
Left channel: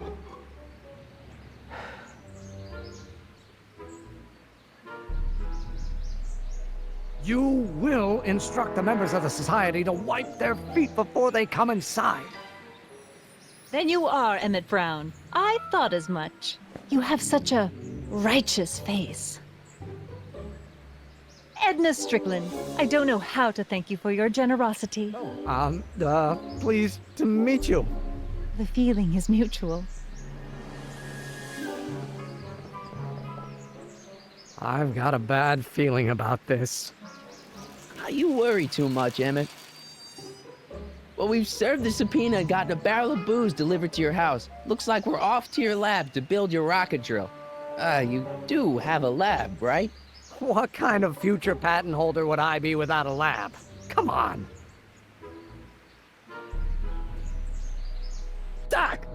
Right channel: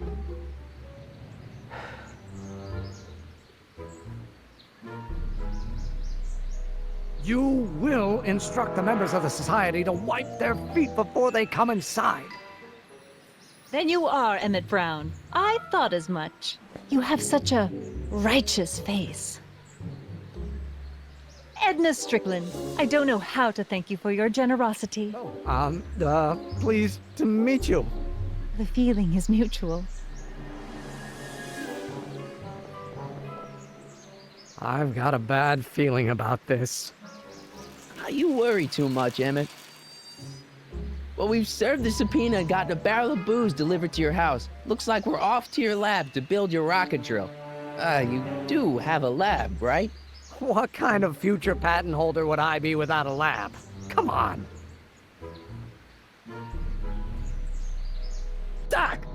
You will instruct the members of the society to wipe their feet before they come inside. Then you are Emmett Brown. I thought as much. You have such a righteous face. Edna Strickland, I don't know how to thank you for your generosity. Pleased to meet you. The feeling is mutual. I've got a bad feeling about this. You worry too much, Emmett. Well, we've served the subpoena and gotten a barrel of booze delivered to your house. Looks like we're off to your lab to build your rocket drill. You do have a lab, right? What kind of future patent holder would I be without a lab? Come on. Doc!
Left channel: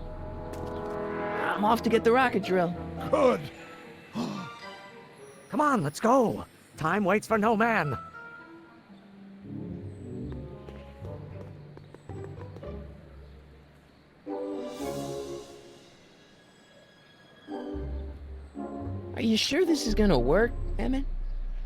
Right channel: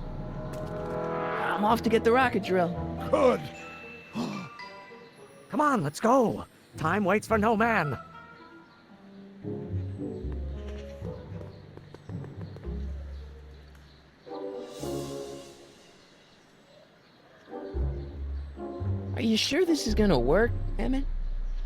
I'm off to get the rocket drill. Good. Come on, let's go. Time waits for no man. Are you sure this is gonna work, Emmett?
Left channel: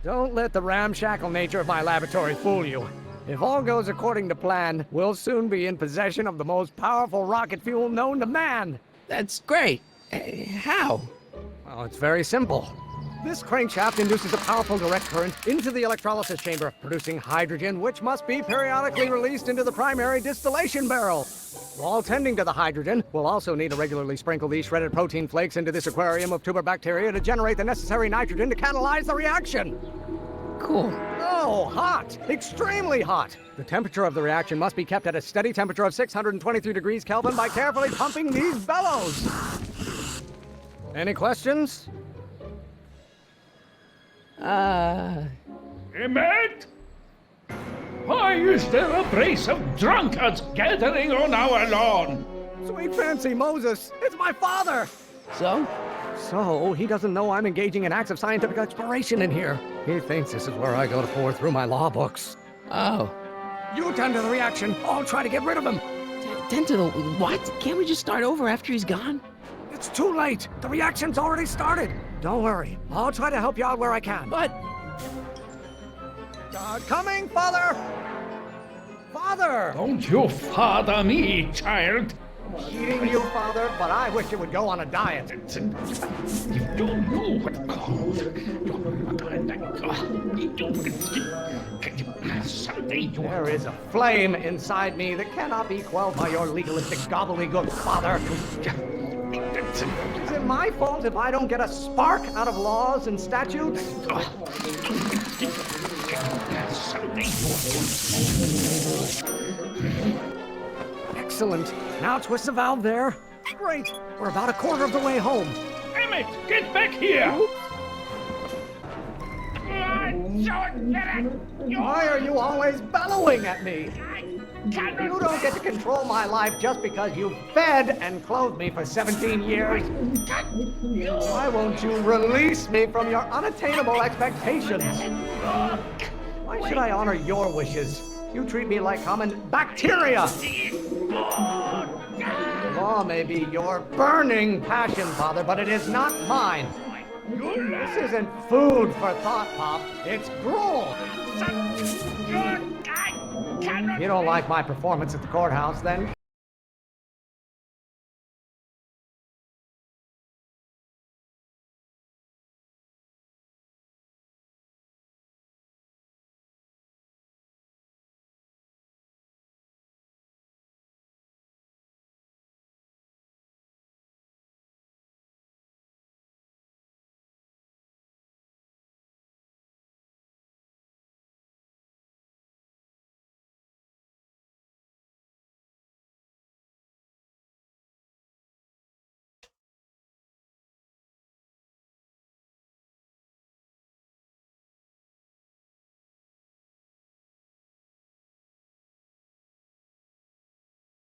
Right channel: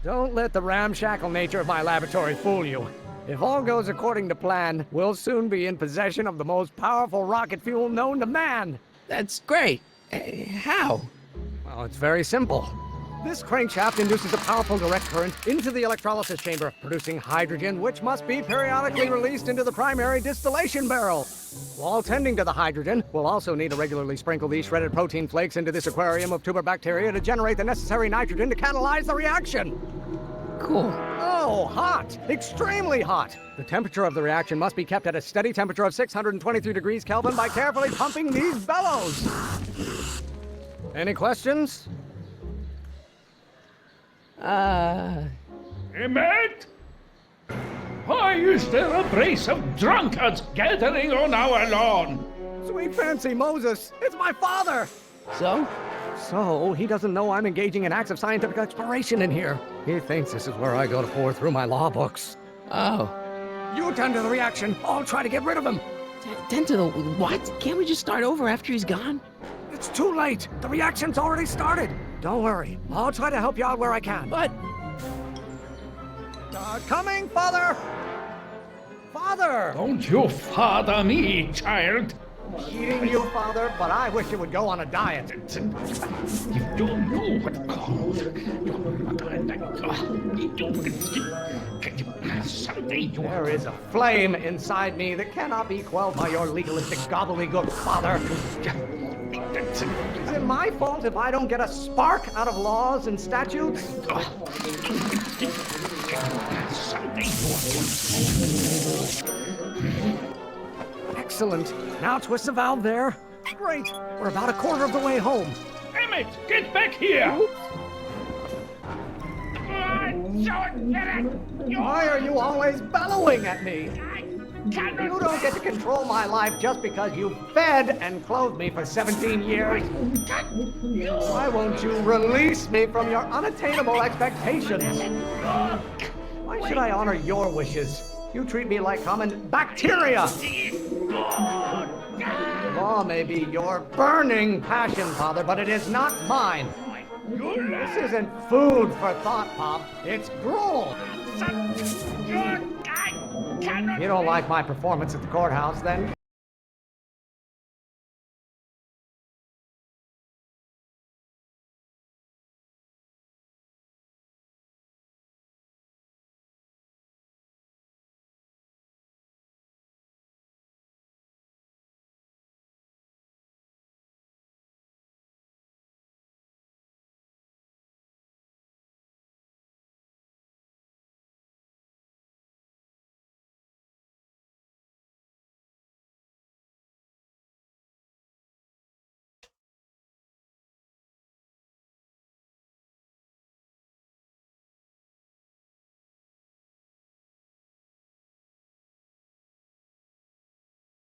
Don't let the ramshackle nature of my laboratory fool you. If all goes according to plan, we'll soon be in possession of the most powerful rocket fuel known to man. That's great. How? Well, it's very simple. This crankshaft induces a powerful direct current into the electrolysis chamber, producing hydrogen, which must be periodically released into the primary distillation barrel. While tending to the hydrogen, we'll also need to regularly sprinkle these shredded protein flakes into this aquarium of tuber bacteria to generate the necessary nitrogen to catalyze the reaction. Cool. Oh, hot! Extremely hot! The temperature of the reaction must be kept at a steady temperature of 623 degrees Kelvin by carefully pumping these bellows. Any questions? Emmett? Why is there a brace of drunkards gathering on our lawn? Sweet fancy Moses, it's my father! So? So, he doesn't know I'm engaging in acts of scientific exploration in here. He thinks this is where I go to pour through my law books. Oh. You tend to the reaction. I'll try to get rid of him. Tend to the what? Can't we just start over after he's gone? It's too late. The reaction's already started. Don't worry. I'll try to help you out where I can. But... coming, Father! Father! Don't you father me, child. Eating you, Father, but I wish you would go on a diet. You don't know what called. Someday you... There is a flame inside me that cannot be quelled by your legalistic gobbledygook, Father. Is it my fault if I don't get a spark out of laws and statutes? Someday Excellent. Now twist the valve there. Great. We're about a quarter of the way home. Emmett, get back here! Why are you always bellowing at me? You don't get to control my life just because you fed and clothed me for 17 years. Why won't you release me from your unattainable expectations? Why should I honor your wishes? You treat me like common bacteria. Law may be your burning passion, Father, but it is not mine. This isn't food for thought, Pop. It's gruel. You don't like my performance at the courthouse, then